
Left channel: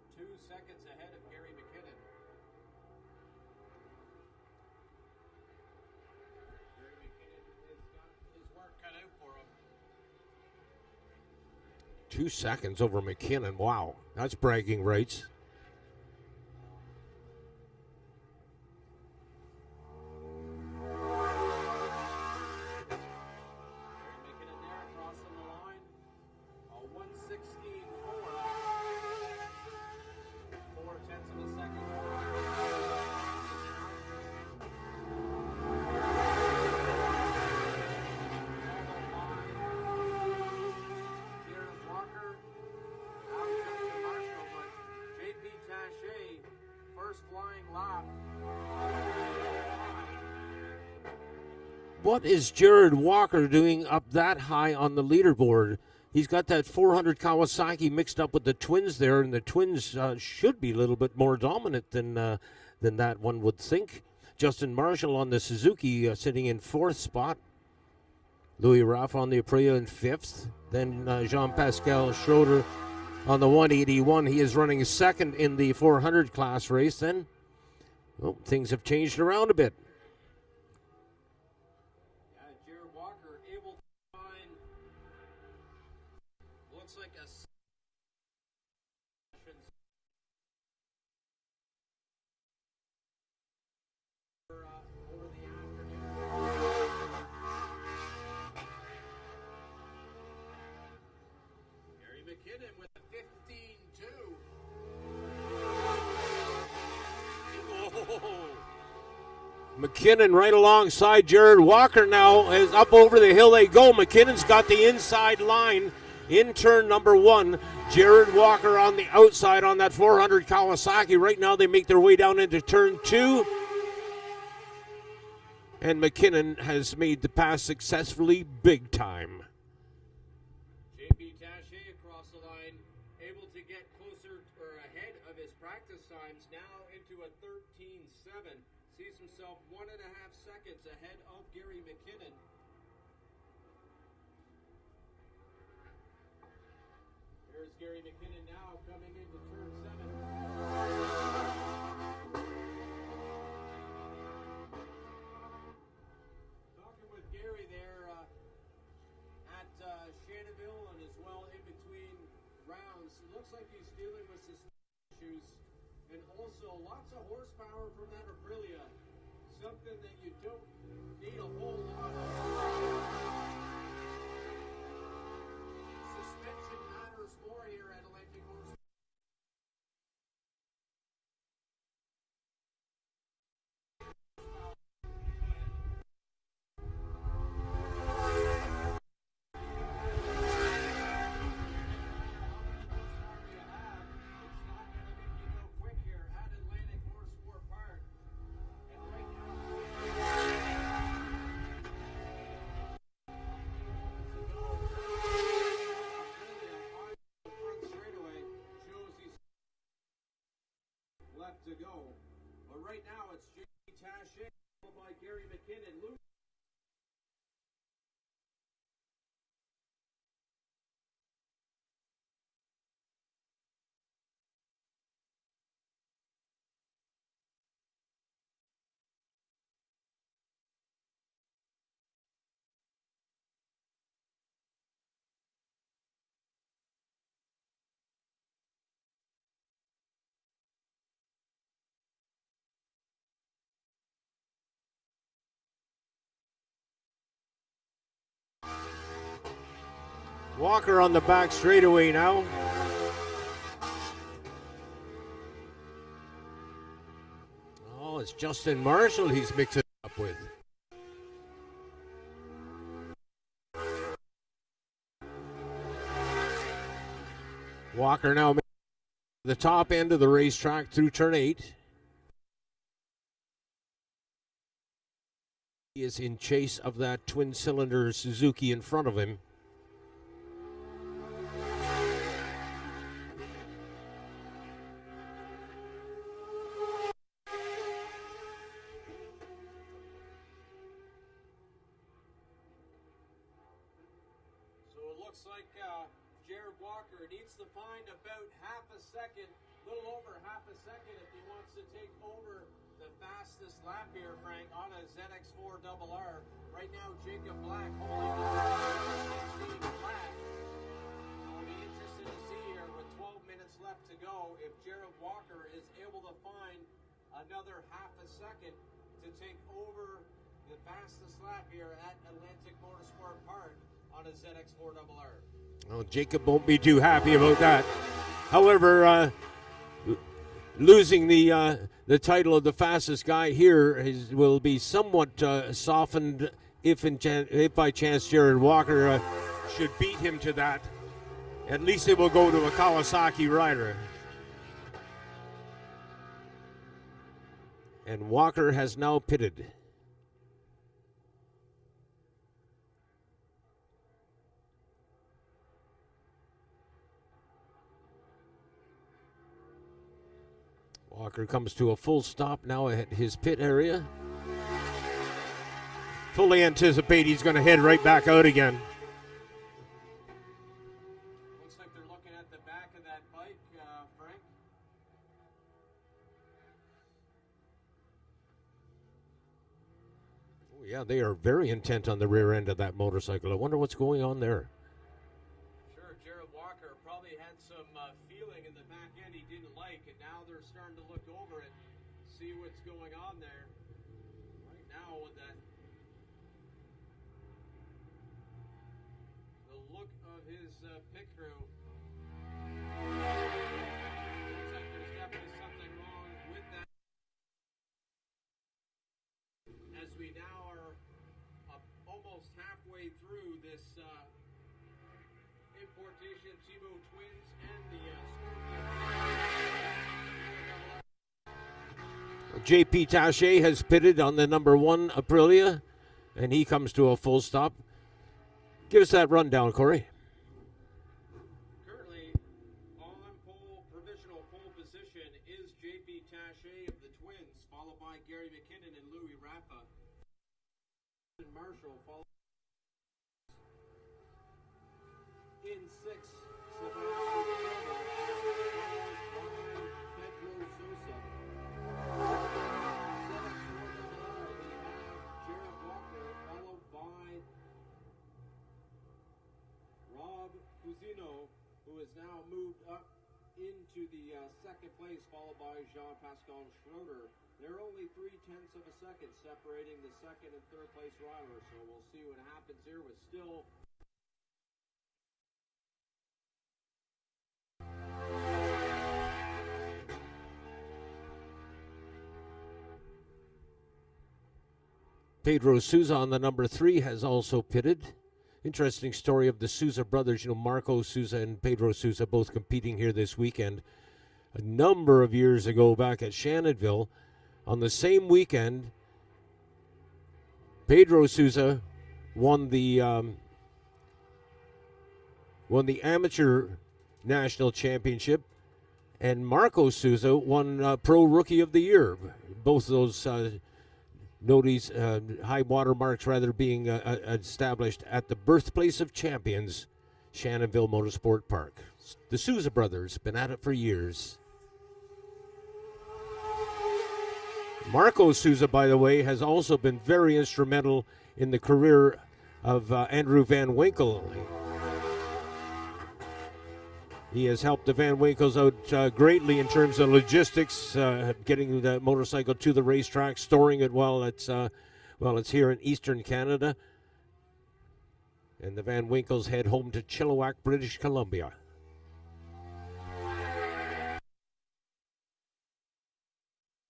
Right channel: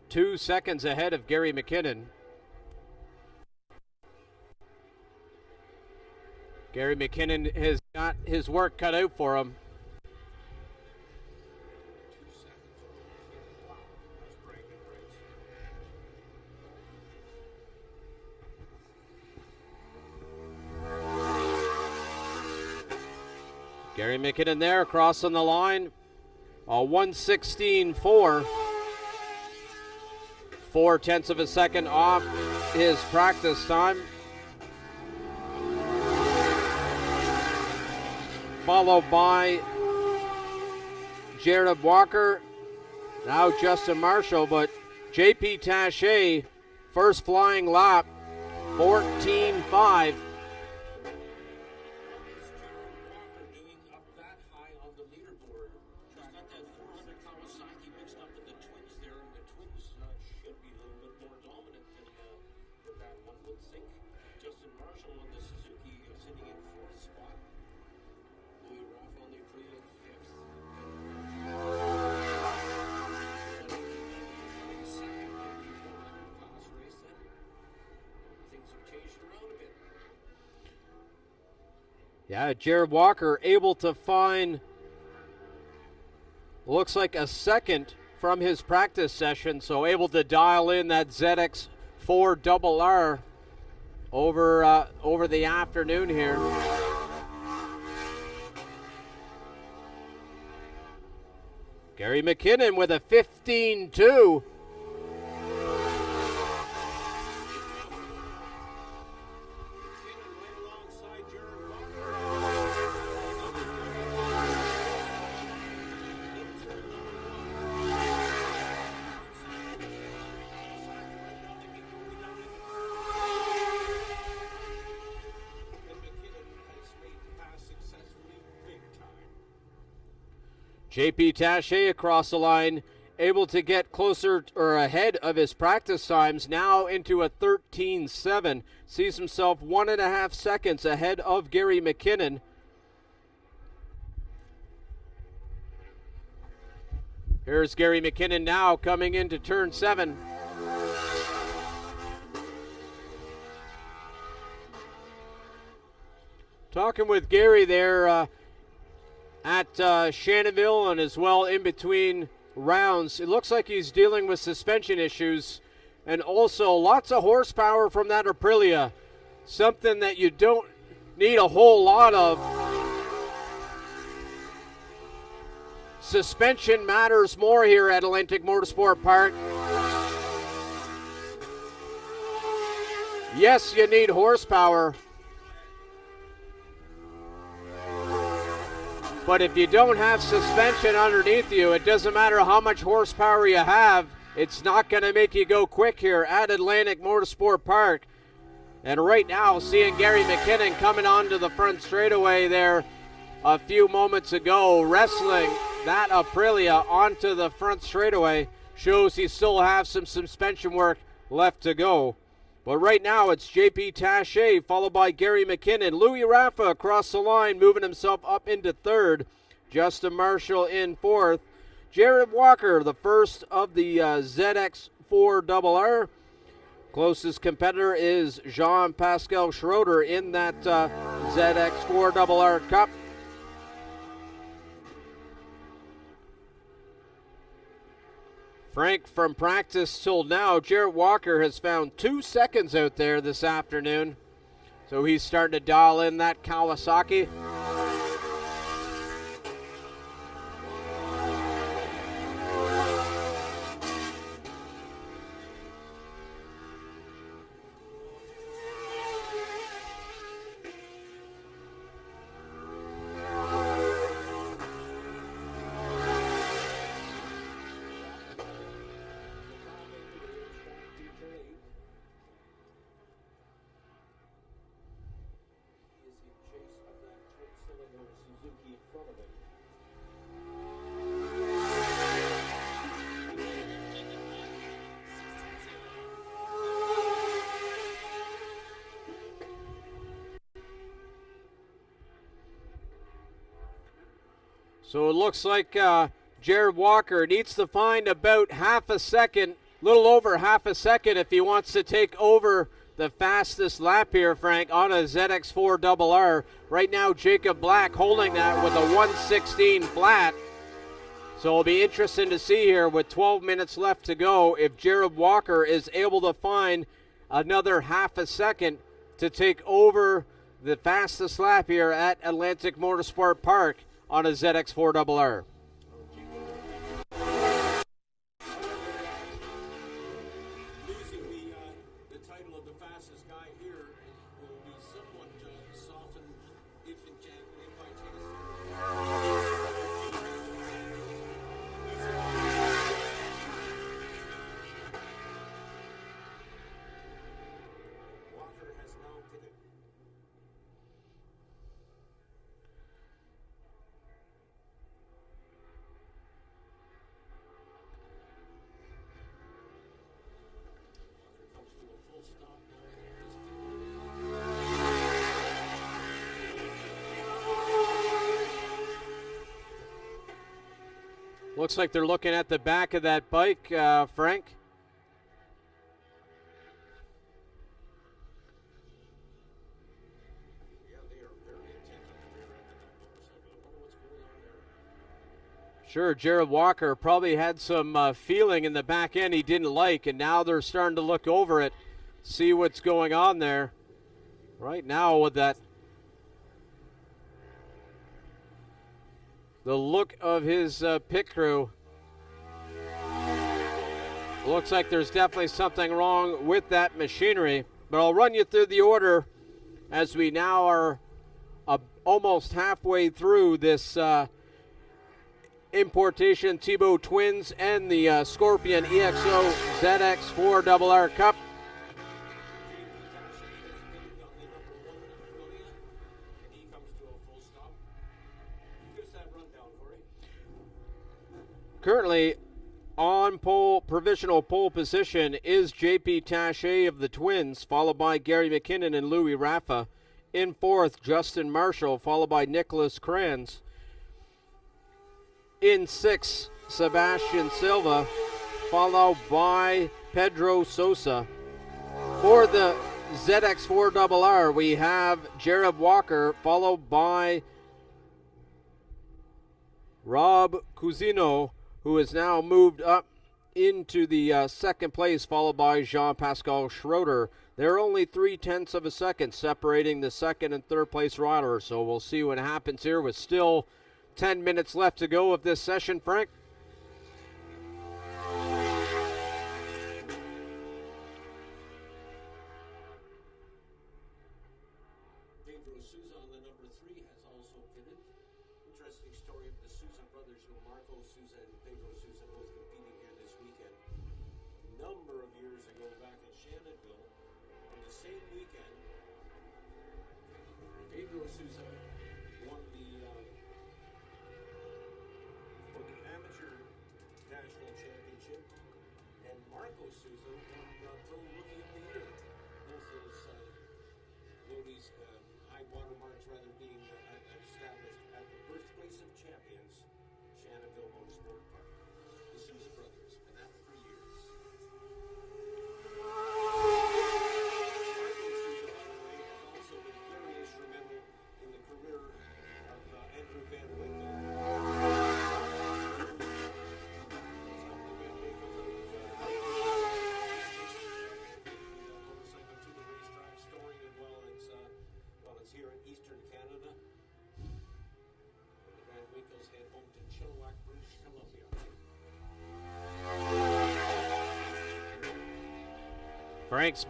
2 seconds ahead of Gary McKinnon. Gary McKinnon has got his work cut out for him. 2 seconds over McKinnon. Wow, that's bragging rights. Gary McKinnon there, crossing the line. 1:16.4. 4/10 of a second off his practice time. Followed by Jared Walker, now Justin Marshall, but JP Taché, first flying lap, 14.5. What is Jared Walker doing up that high on the leaderboard? He's got that 400 Kawasaki mixed up with the Twins there, and the Twins should be a little bit more dominant than that one would think. Justin Marshall on the Suzuki sitting in 4th spot. Louis Raff on the Aprilia in 5th. Then Jean-Pascal Schroeder on the 181. He is running 2nd in the 400 class race. Then, well, things have changed around a bit. Yeah, Jared Walker able to find, looks like a second from his practice session, so able to dial in that ZX4 RR over the afternoon here. Gary McKinnon with a 15.2. McKinnon right alongside Jared Walker now, and up over the hill they go. McKinnon's got the inside line in turn number 1. Jared Walker on the outside on that 400 Kawasaki. Right now they make their way down into turn 2. And McKinnon has made the pass successfully big time. JP Taché across the line, able to get closer or ahead of his practice times, now into a 13.7. Sees himself 1.5 seconds ahead of Gary McKinnon. Here's Gary McKinnon now coming into turn 7. Talking with Gary there at Shannonville and as well in between rounds. It looks like he's dealing with suspension issues and also lots of horsepower from that Aprilia. Something that you don't need a whole lot of. Suspension matters more here at Atlantic Motorsport Park. Yes, you need horsepower. But if you don't have suspension underneath you, it doesn't matter how much horsepower you have, it's not going to make you go quick here at Atlantic Motorsport Park. And right now, seeing Gary McKinnon coming onto the front straightaway there a few moments ago, wrestling that Aprilia onto the front straightaway, shows he still has some suspension work left to go. But right now, it's JP Taché, followed by Gary McKinnon. Louis Raffa across the line, moving himself up into third. Justin Marshall in fourth. Jared Walker, the first of the ZX4RR. Closest competitor is Jean-Pascal Schroeder in that ZX4RR Cup. Frank, from practice till now, Jared Walker has found 2 seconds out there this afternoon. So he's starting to dial in that Kawasaki. Walker on the back straightaway now. Oh, it's Justin Marshall he's mixing up with. Walker now the top end of the racetrack through turn 8. He is in chase of that twin-cylinder Suzuki in front of him. So it looks like Jared Walker needs to find about half a second, little over half a second, if he wants to take over the fastest lap here, Frank, on a ZX4RR. Right now, Jacob Black holding that with a 1:16 flat. So it'll be interesting to see here with 12 minutes left to go if Jared Walker is able to find another half a second to take over the fastest lap here at Atlantic Motorsport Park on a ZX4RR. Well, Jacob won't be too happy about that. However, losing the title of the fastest guy here will be somewhat softened if by chance Jared Walker should beat him to that. At least it will go to a Kawasaki rider. And Walker has now pitted. Walker comes to a full stop now at his pit area. Fully anticipate he's going to head right back out again. Looks like they're looking at the back of that bike, Frank. Yeah, they are very intent on the rear end of that motorcycle. I wonder what's going on there. Sure, Jared Walker probably had some feeling in the back end he didn't like, and now they're starting to look over it, see what's going on there. Right now with that, the look of his pit crew, looks like there's definitely something wrong with that machinery. But I'll run you through the order as we now are almost halfway through this importation Thibaut Twins and the Scorpion EXO ZX4RR Cup. JP Taché has pitted on the number 1 Aprilia, and he comes to a full stop. Give us that rundown, Corey. Currently on provisional pole position is JP Taché of the Twins, followed by Gary McKinnon and Louis Raffa. In fourth, Justin Marshall, followed by Nicholas Kranz. In sixth, Sebastian Silva, followed by Pedro Sosa. For the ZX4RR, we have Jared Walker, followed by Rob Cousino, who has now moved up into the second place, followed by Jean-Pascal Schroeder. They're only 0.3 of a second separating the second and third place rider, so we'll see what happens here with still 10 minutes left to go of this session, Frank. Pedro Souza on the number 3 has also pitted. Interesting story of the Souza brothers. Marco Souza and Pedro Souza both competing here this weekend. A number of years ago back at Shannonville, on the same weekend, Pedro Souza won the amateur national championship, and Marco Souza won Pro Rookie of the Year. Both of those high water marks rather being established at the birthplace of champions, Shannonville Motorsport Park. The Souza brothers, been at it for years. Marco Souza, by the way, has also been very instrumental in the career of Andrew Van Winkle. He has helped the Van Winkles out greatly in terms of logistics, getting the motorcycle to the racetrack, storing it while it's here in Eastern Canada. And the Van Winkles head home to Chilliwack, British Columbia. Frank's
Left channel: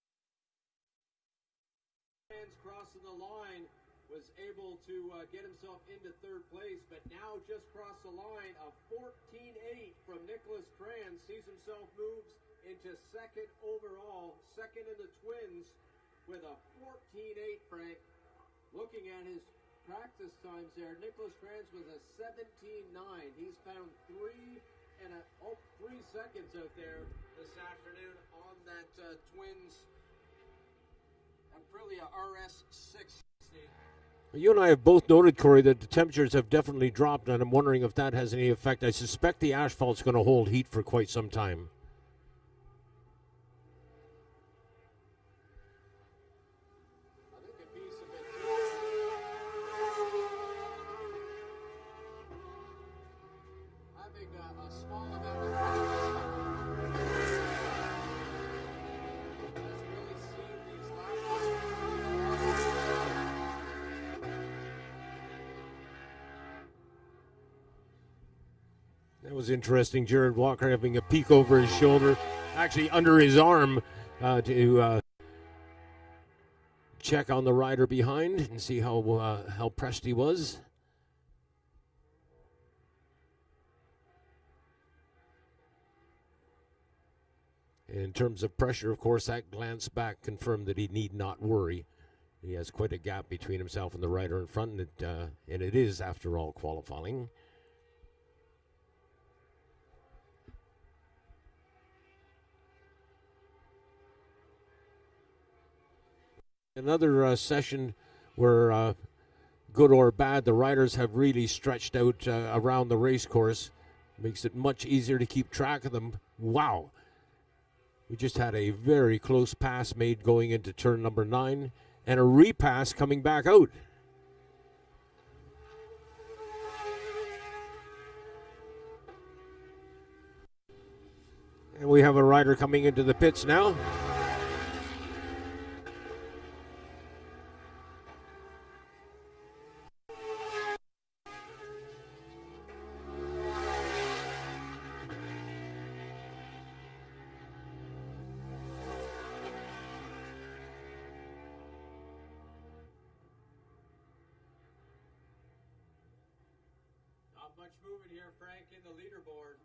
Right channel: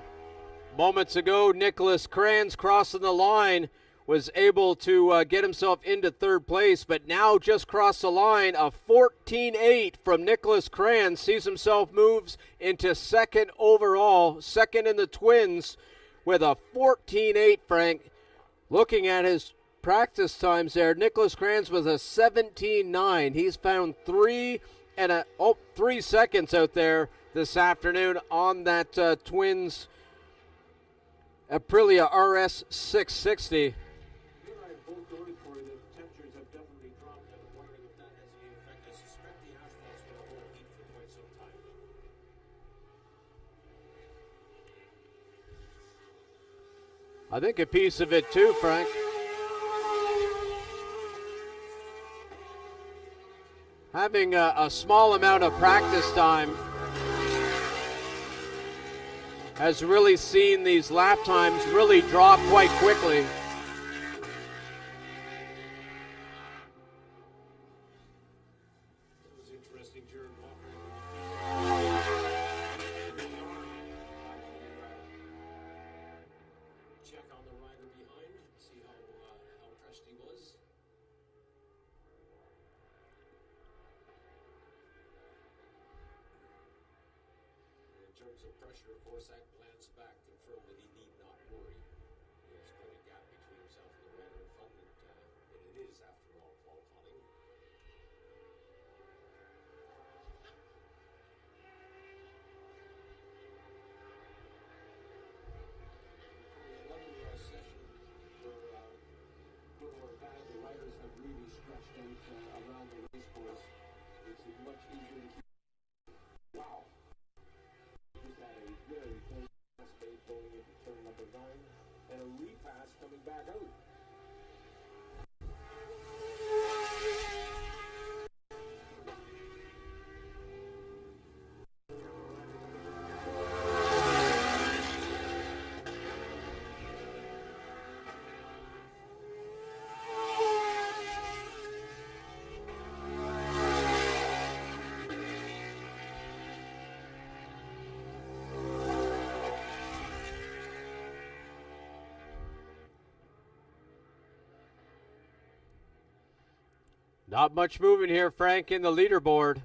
moments ago, Nicholas Kranz crossing the line, was able to get himself into third place, but now just crossed the line. A 14.8 from Nicholas Kranz sees himself moves into second overall, second in the twins with a 14.8, Frank. Looking at his practice times there, Nicholas Kranz was a 17.9. He's found 3 seconds out there this afternoon on that twins Aprilia RS 660. You and I have both noted, Corey, that the temperatures have definitely dropped, and I'm wondering if that has any effect. I suspect the asphalt's going to hold heat for quite some time. I think a piece of it too, Frank. Having a small amount of practice time has really seen these lap times really drop quite quickly. That was interesting. Jared Walker having a peek over his shoulder, actually under his arm, to check on the rider behind and see how pressed he was. In terms of pressure, of course, that glance back confirmed that he need not worry. He has quite a gap between himself and the rider in front, and it is, after all, qualifying. Another session where, good or bad, the riders have really stretched out around the race course. Makes it much easier to keep track of them. Wow. We just had a very close pass made going into turn number 9 and a repass coming back out. And we have a rider coming into the pits now. Not much moving here, Frank, in the leaderboard.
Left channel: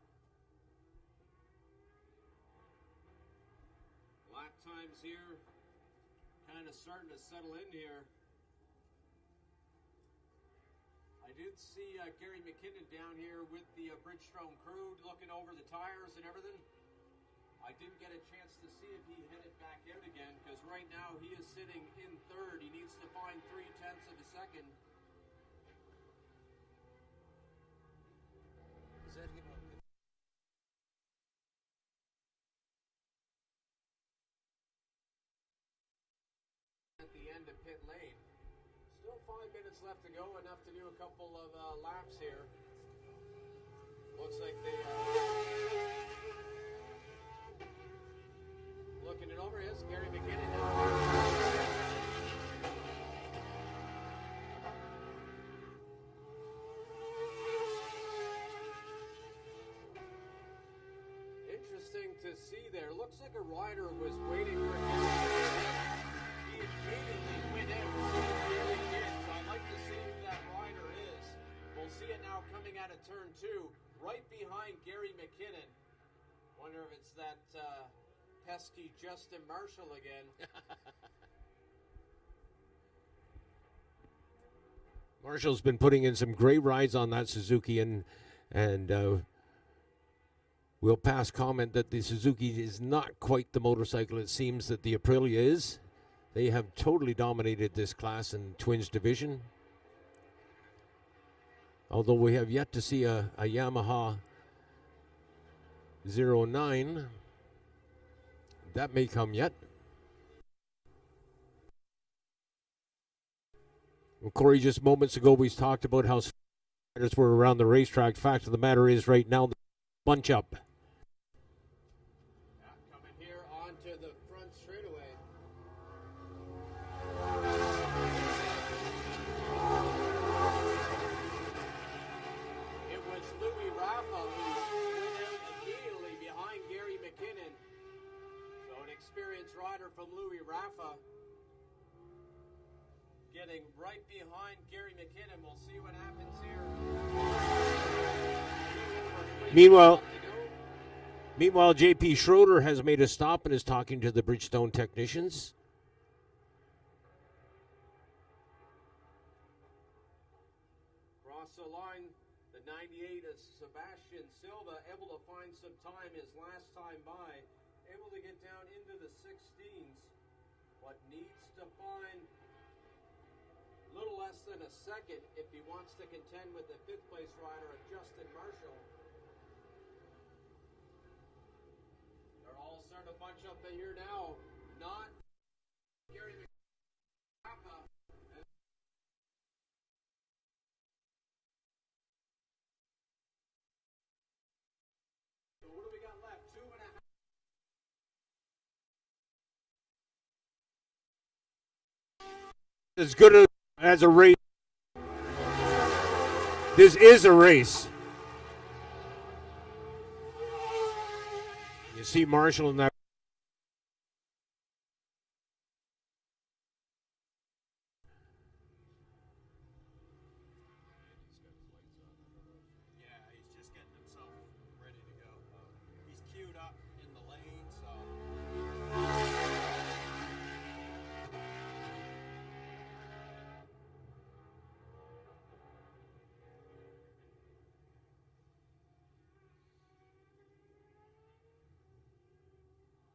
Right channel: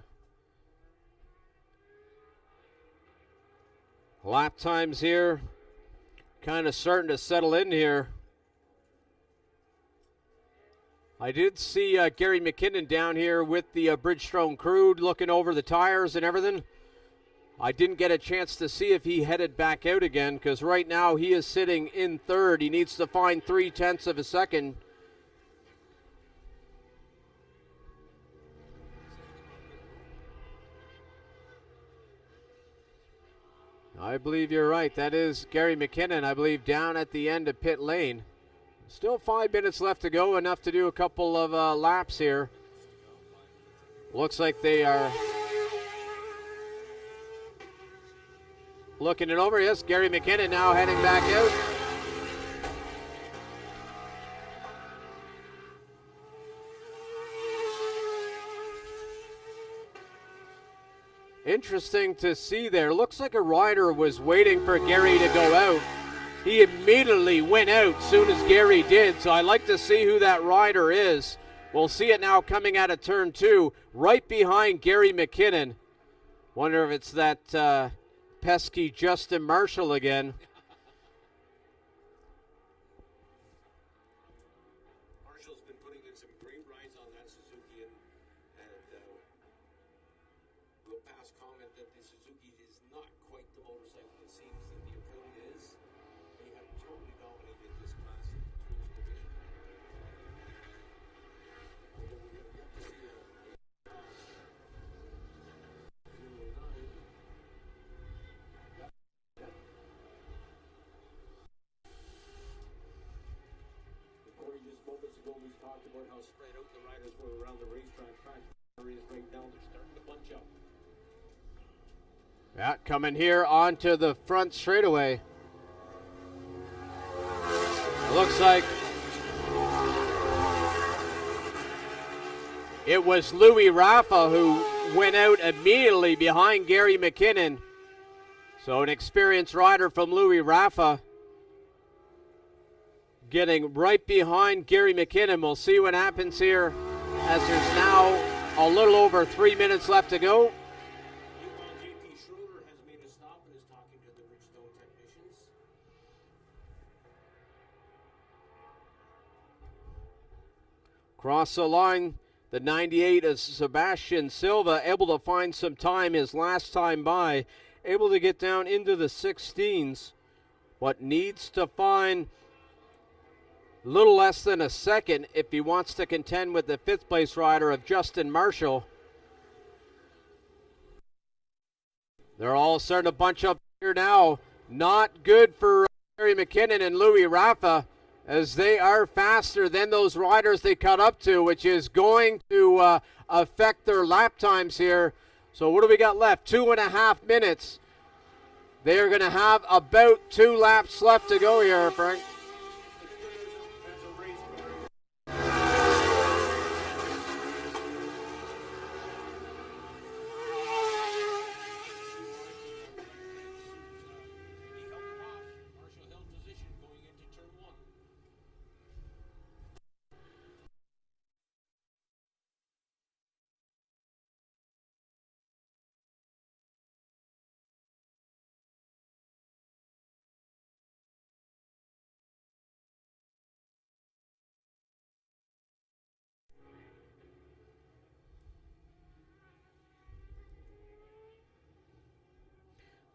Lap times here kind of starting to settle in here. I did see Gary McKinnon down here with the Bridgestone crew looking over the tires and everything. I didn't get a chance to see if he headed back out again, because right now he is sitting in third. He needs to find 0.3 of a second. I believe you're right. That is Gary McKinnon, I believe, down at the end of pit lane. Still 5 minutes left to go, enough to do a couple of laps here. Looks like they are looking it over. Yes, Gary McKinnon now heading back out. Interesting to see there. Looks like a rider was waiting for Gary to go out. He immediately went out as soon as Gary did, so I'd like to see who that rider is. We'll see it now coming out of turn 2, right behind Gary McKinnon. Wonder if it's that pesky Justin Marshall again. Marshall's been putting in some great rides on that Suzuki, and we'll pass comment that the Suzuki is not quite the motorcycle it seems that the Aprilia is. They have totally dominated this class in Twins division. Although we have yet to see a Yamaha 09. That may come yet. Well, Corey, just moments ago we talked about how spread out the riders were around the racetrack. Fact of the matter is right now they're starting to bunch up. Yeah, coming here onto the front straightaway. Looks like it was Louis Rafa who went out immediately behind Gary McKinnon. So an experienced rider from Louis Rafa getting right behind Gary McKinnon. We'll see what happens here as there's now a little over 3 minutes left to go. Meanwhile, J.P. Schroeder has made a stop and is talking to the Bridgestone technicians. Across the line, the 98 is Sebastian Silva, able to find some time his last time by, able to get down into the 16s, but needs to find a little less than a second if he wants to contend with the 5th place rider of Justin Marshall. They're all starting to bunch up here now. Not good for Gary McKinnon and Louis Rafa, as they are faster than those riders they cut up to, which is going to affect their lap times here. So what do we got left? 2.5 minutes. They are going to have about 2 laps left to go here, Frank. As good as a race. This is a race. You see Marshall in that.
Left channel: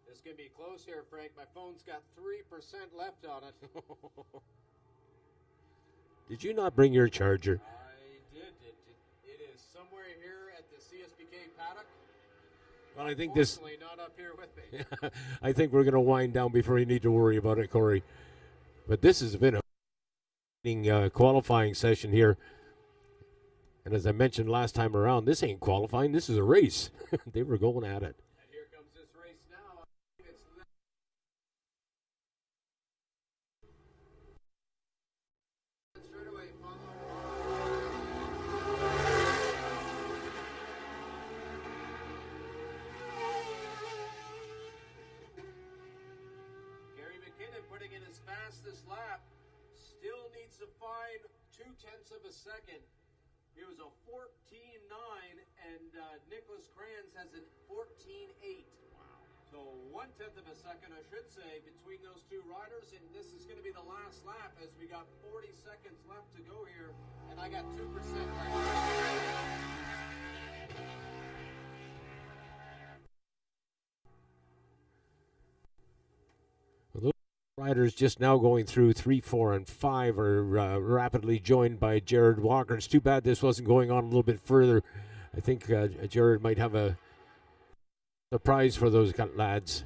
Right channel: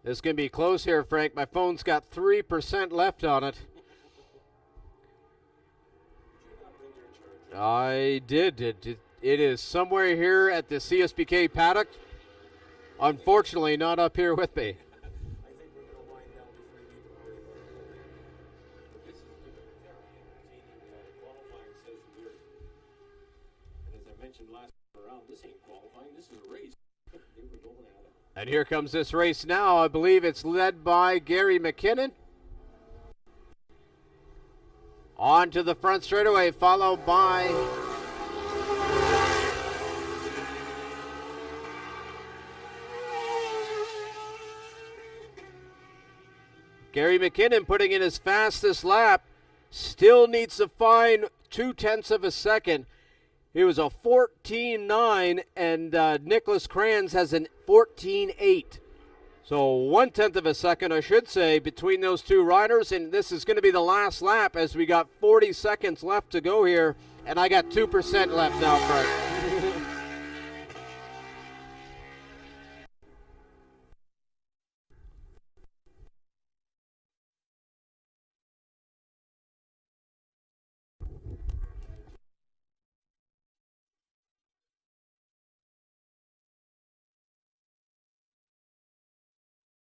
This is going to be close here, Frank. My phone's got 3% left on it. Did you not bring your charger? I did. It is somewhere here at the CSBK paddock. Unfortunately, not up here with me. I think we're going to wind down before you need to worry about it, Corey. But this has been a qualifying session here. And as I mentioned last time around, this ain't qualifying. This is a race. They were going at it. And here comes this race now. I believe it's led by Gary McKinnon. On to the front straightaway, followed by Gary McKinnon putting in his fastest lap. Still needs to find 0.2 of a second. It was a 14.9, and Nicholas Kranz has an 14.8. So 0.1 of a second, I should say, between those two riders, and this is going to be the last lap as we got 40 seconds left to go here, and I got 2% left now, Frank. Riders just now going through 3, 4, and 5 are rapidly joined by Jared Walker. It's too bad this wasn't going on a little bit further. I think Jared might have a surprise for those lads.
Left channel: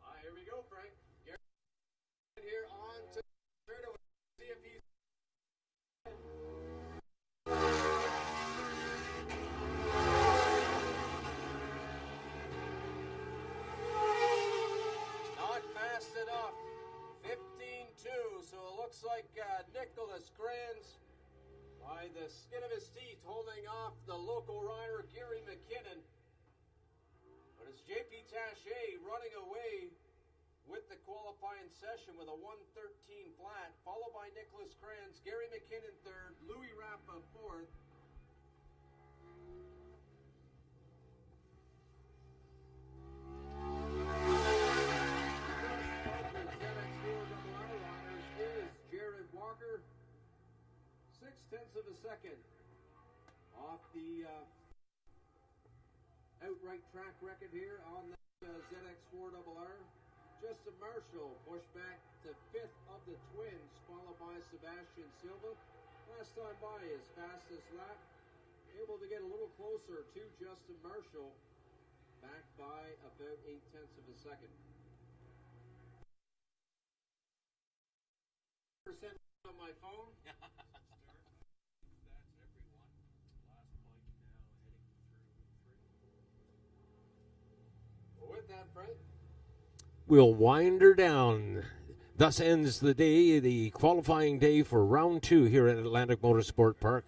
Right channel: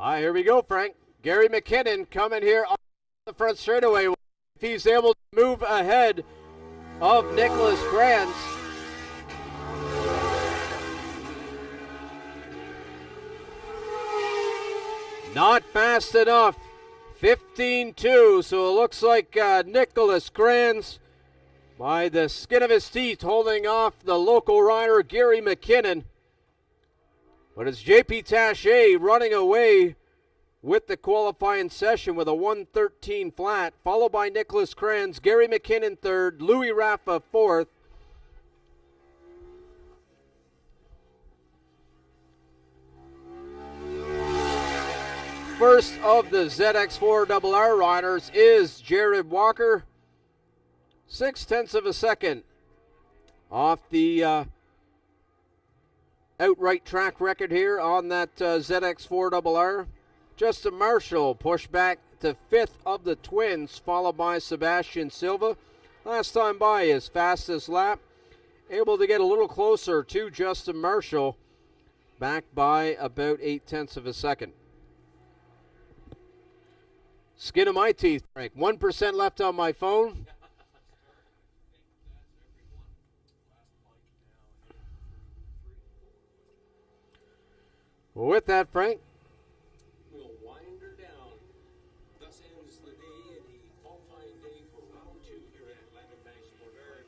Here we go, Frank. Gary McKinnon coming here onto the front straightaway. We'll see if he's able to move ahead of Nicholas Kranz. Not fast enough. 15-2, so it looks like Nicholas Kranz, by the skin of his teeth, holding off the local rider Gary McKinnon. But it's JP Taché running away with the qualifying session with a 1:13 flat, followed by Nicholas Kranz, Gary McKinnon third, Louis Raffa fourth. First of the ZX4RR riders is Jared Walker, 0.6 of a second off the outright track record here on that ZX4RR. Justin Marshall pushed back to 5th of the twins, followed by Sebastian Silva. Last time by his fastest lap, able to get a little closer to Justin Marshall, back by about 0.8 of a second. Skin of my teeth, Frank. 1% left on my phone. Well, with that, Frank, we'll wind her down. Thus ends the day, the qualifying day for round 2 here at Atlantic Motorsport Park.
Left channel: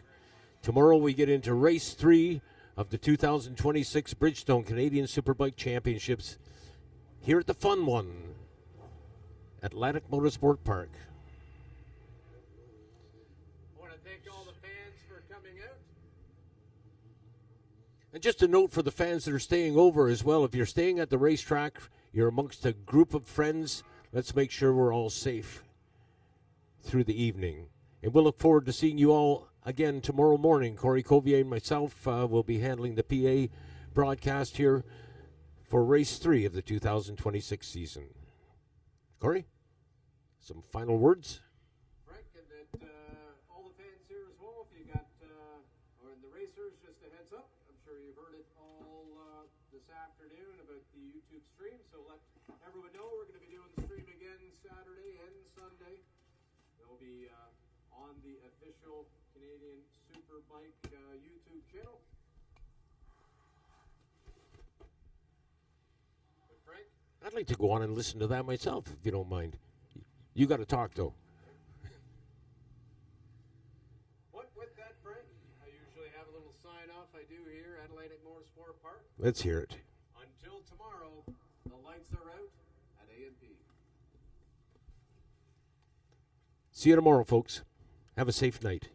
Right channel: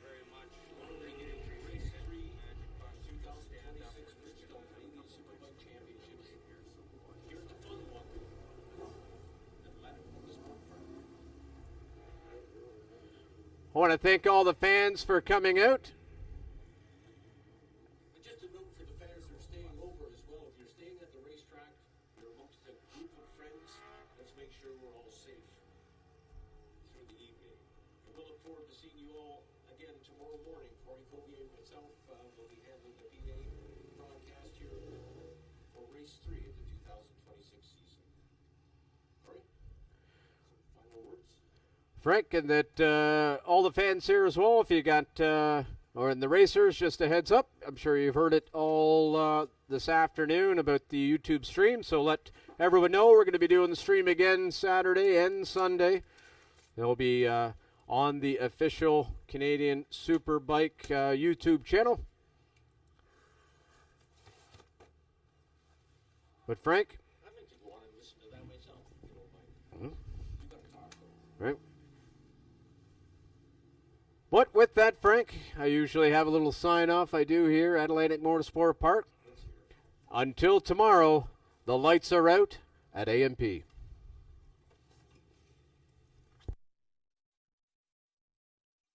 Tomorrow we get into race 3 of the 2026 Bridgestone Canadian Superbike Championships here at the Fun One, Atlantic Motorsport Park. I want to thank all the fans for coming out. And just a note for the fans that are staying over as well, if you're staying at the racetrack, you're amongst a group of friends, let's make sure we're all safe through the evening. And we'll look forward to seeing you all again tomorrow morning. Corey Covier and myself will be handling the PA broadcast here for race 3 of the 2026 season. Corey, some final words? Frank, and that all the fans here as well, if you got, or in the racers, just a heads up. I'm sure you've heard it all this afternoon about the YouTube stream, so let everyone know we're going to be doing the stream again Saturday and Sunday. They'll be on the official Canadian Superbike YouTube channel. But Frank? I'd like to go on and listen to that myself, if you don't mind. You got to talk, though. Right. But with that, Frank, I usually have a little sign-off I do here at Atlantic Motorsport Park. Let's hear it. Until tomorrow, the lights are out at AMP. See you tomorrow, folks. Have a safe night.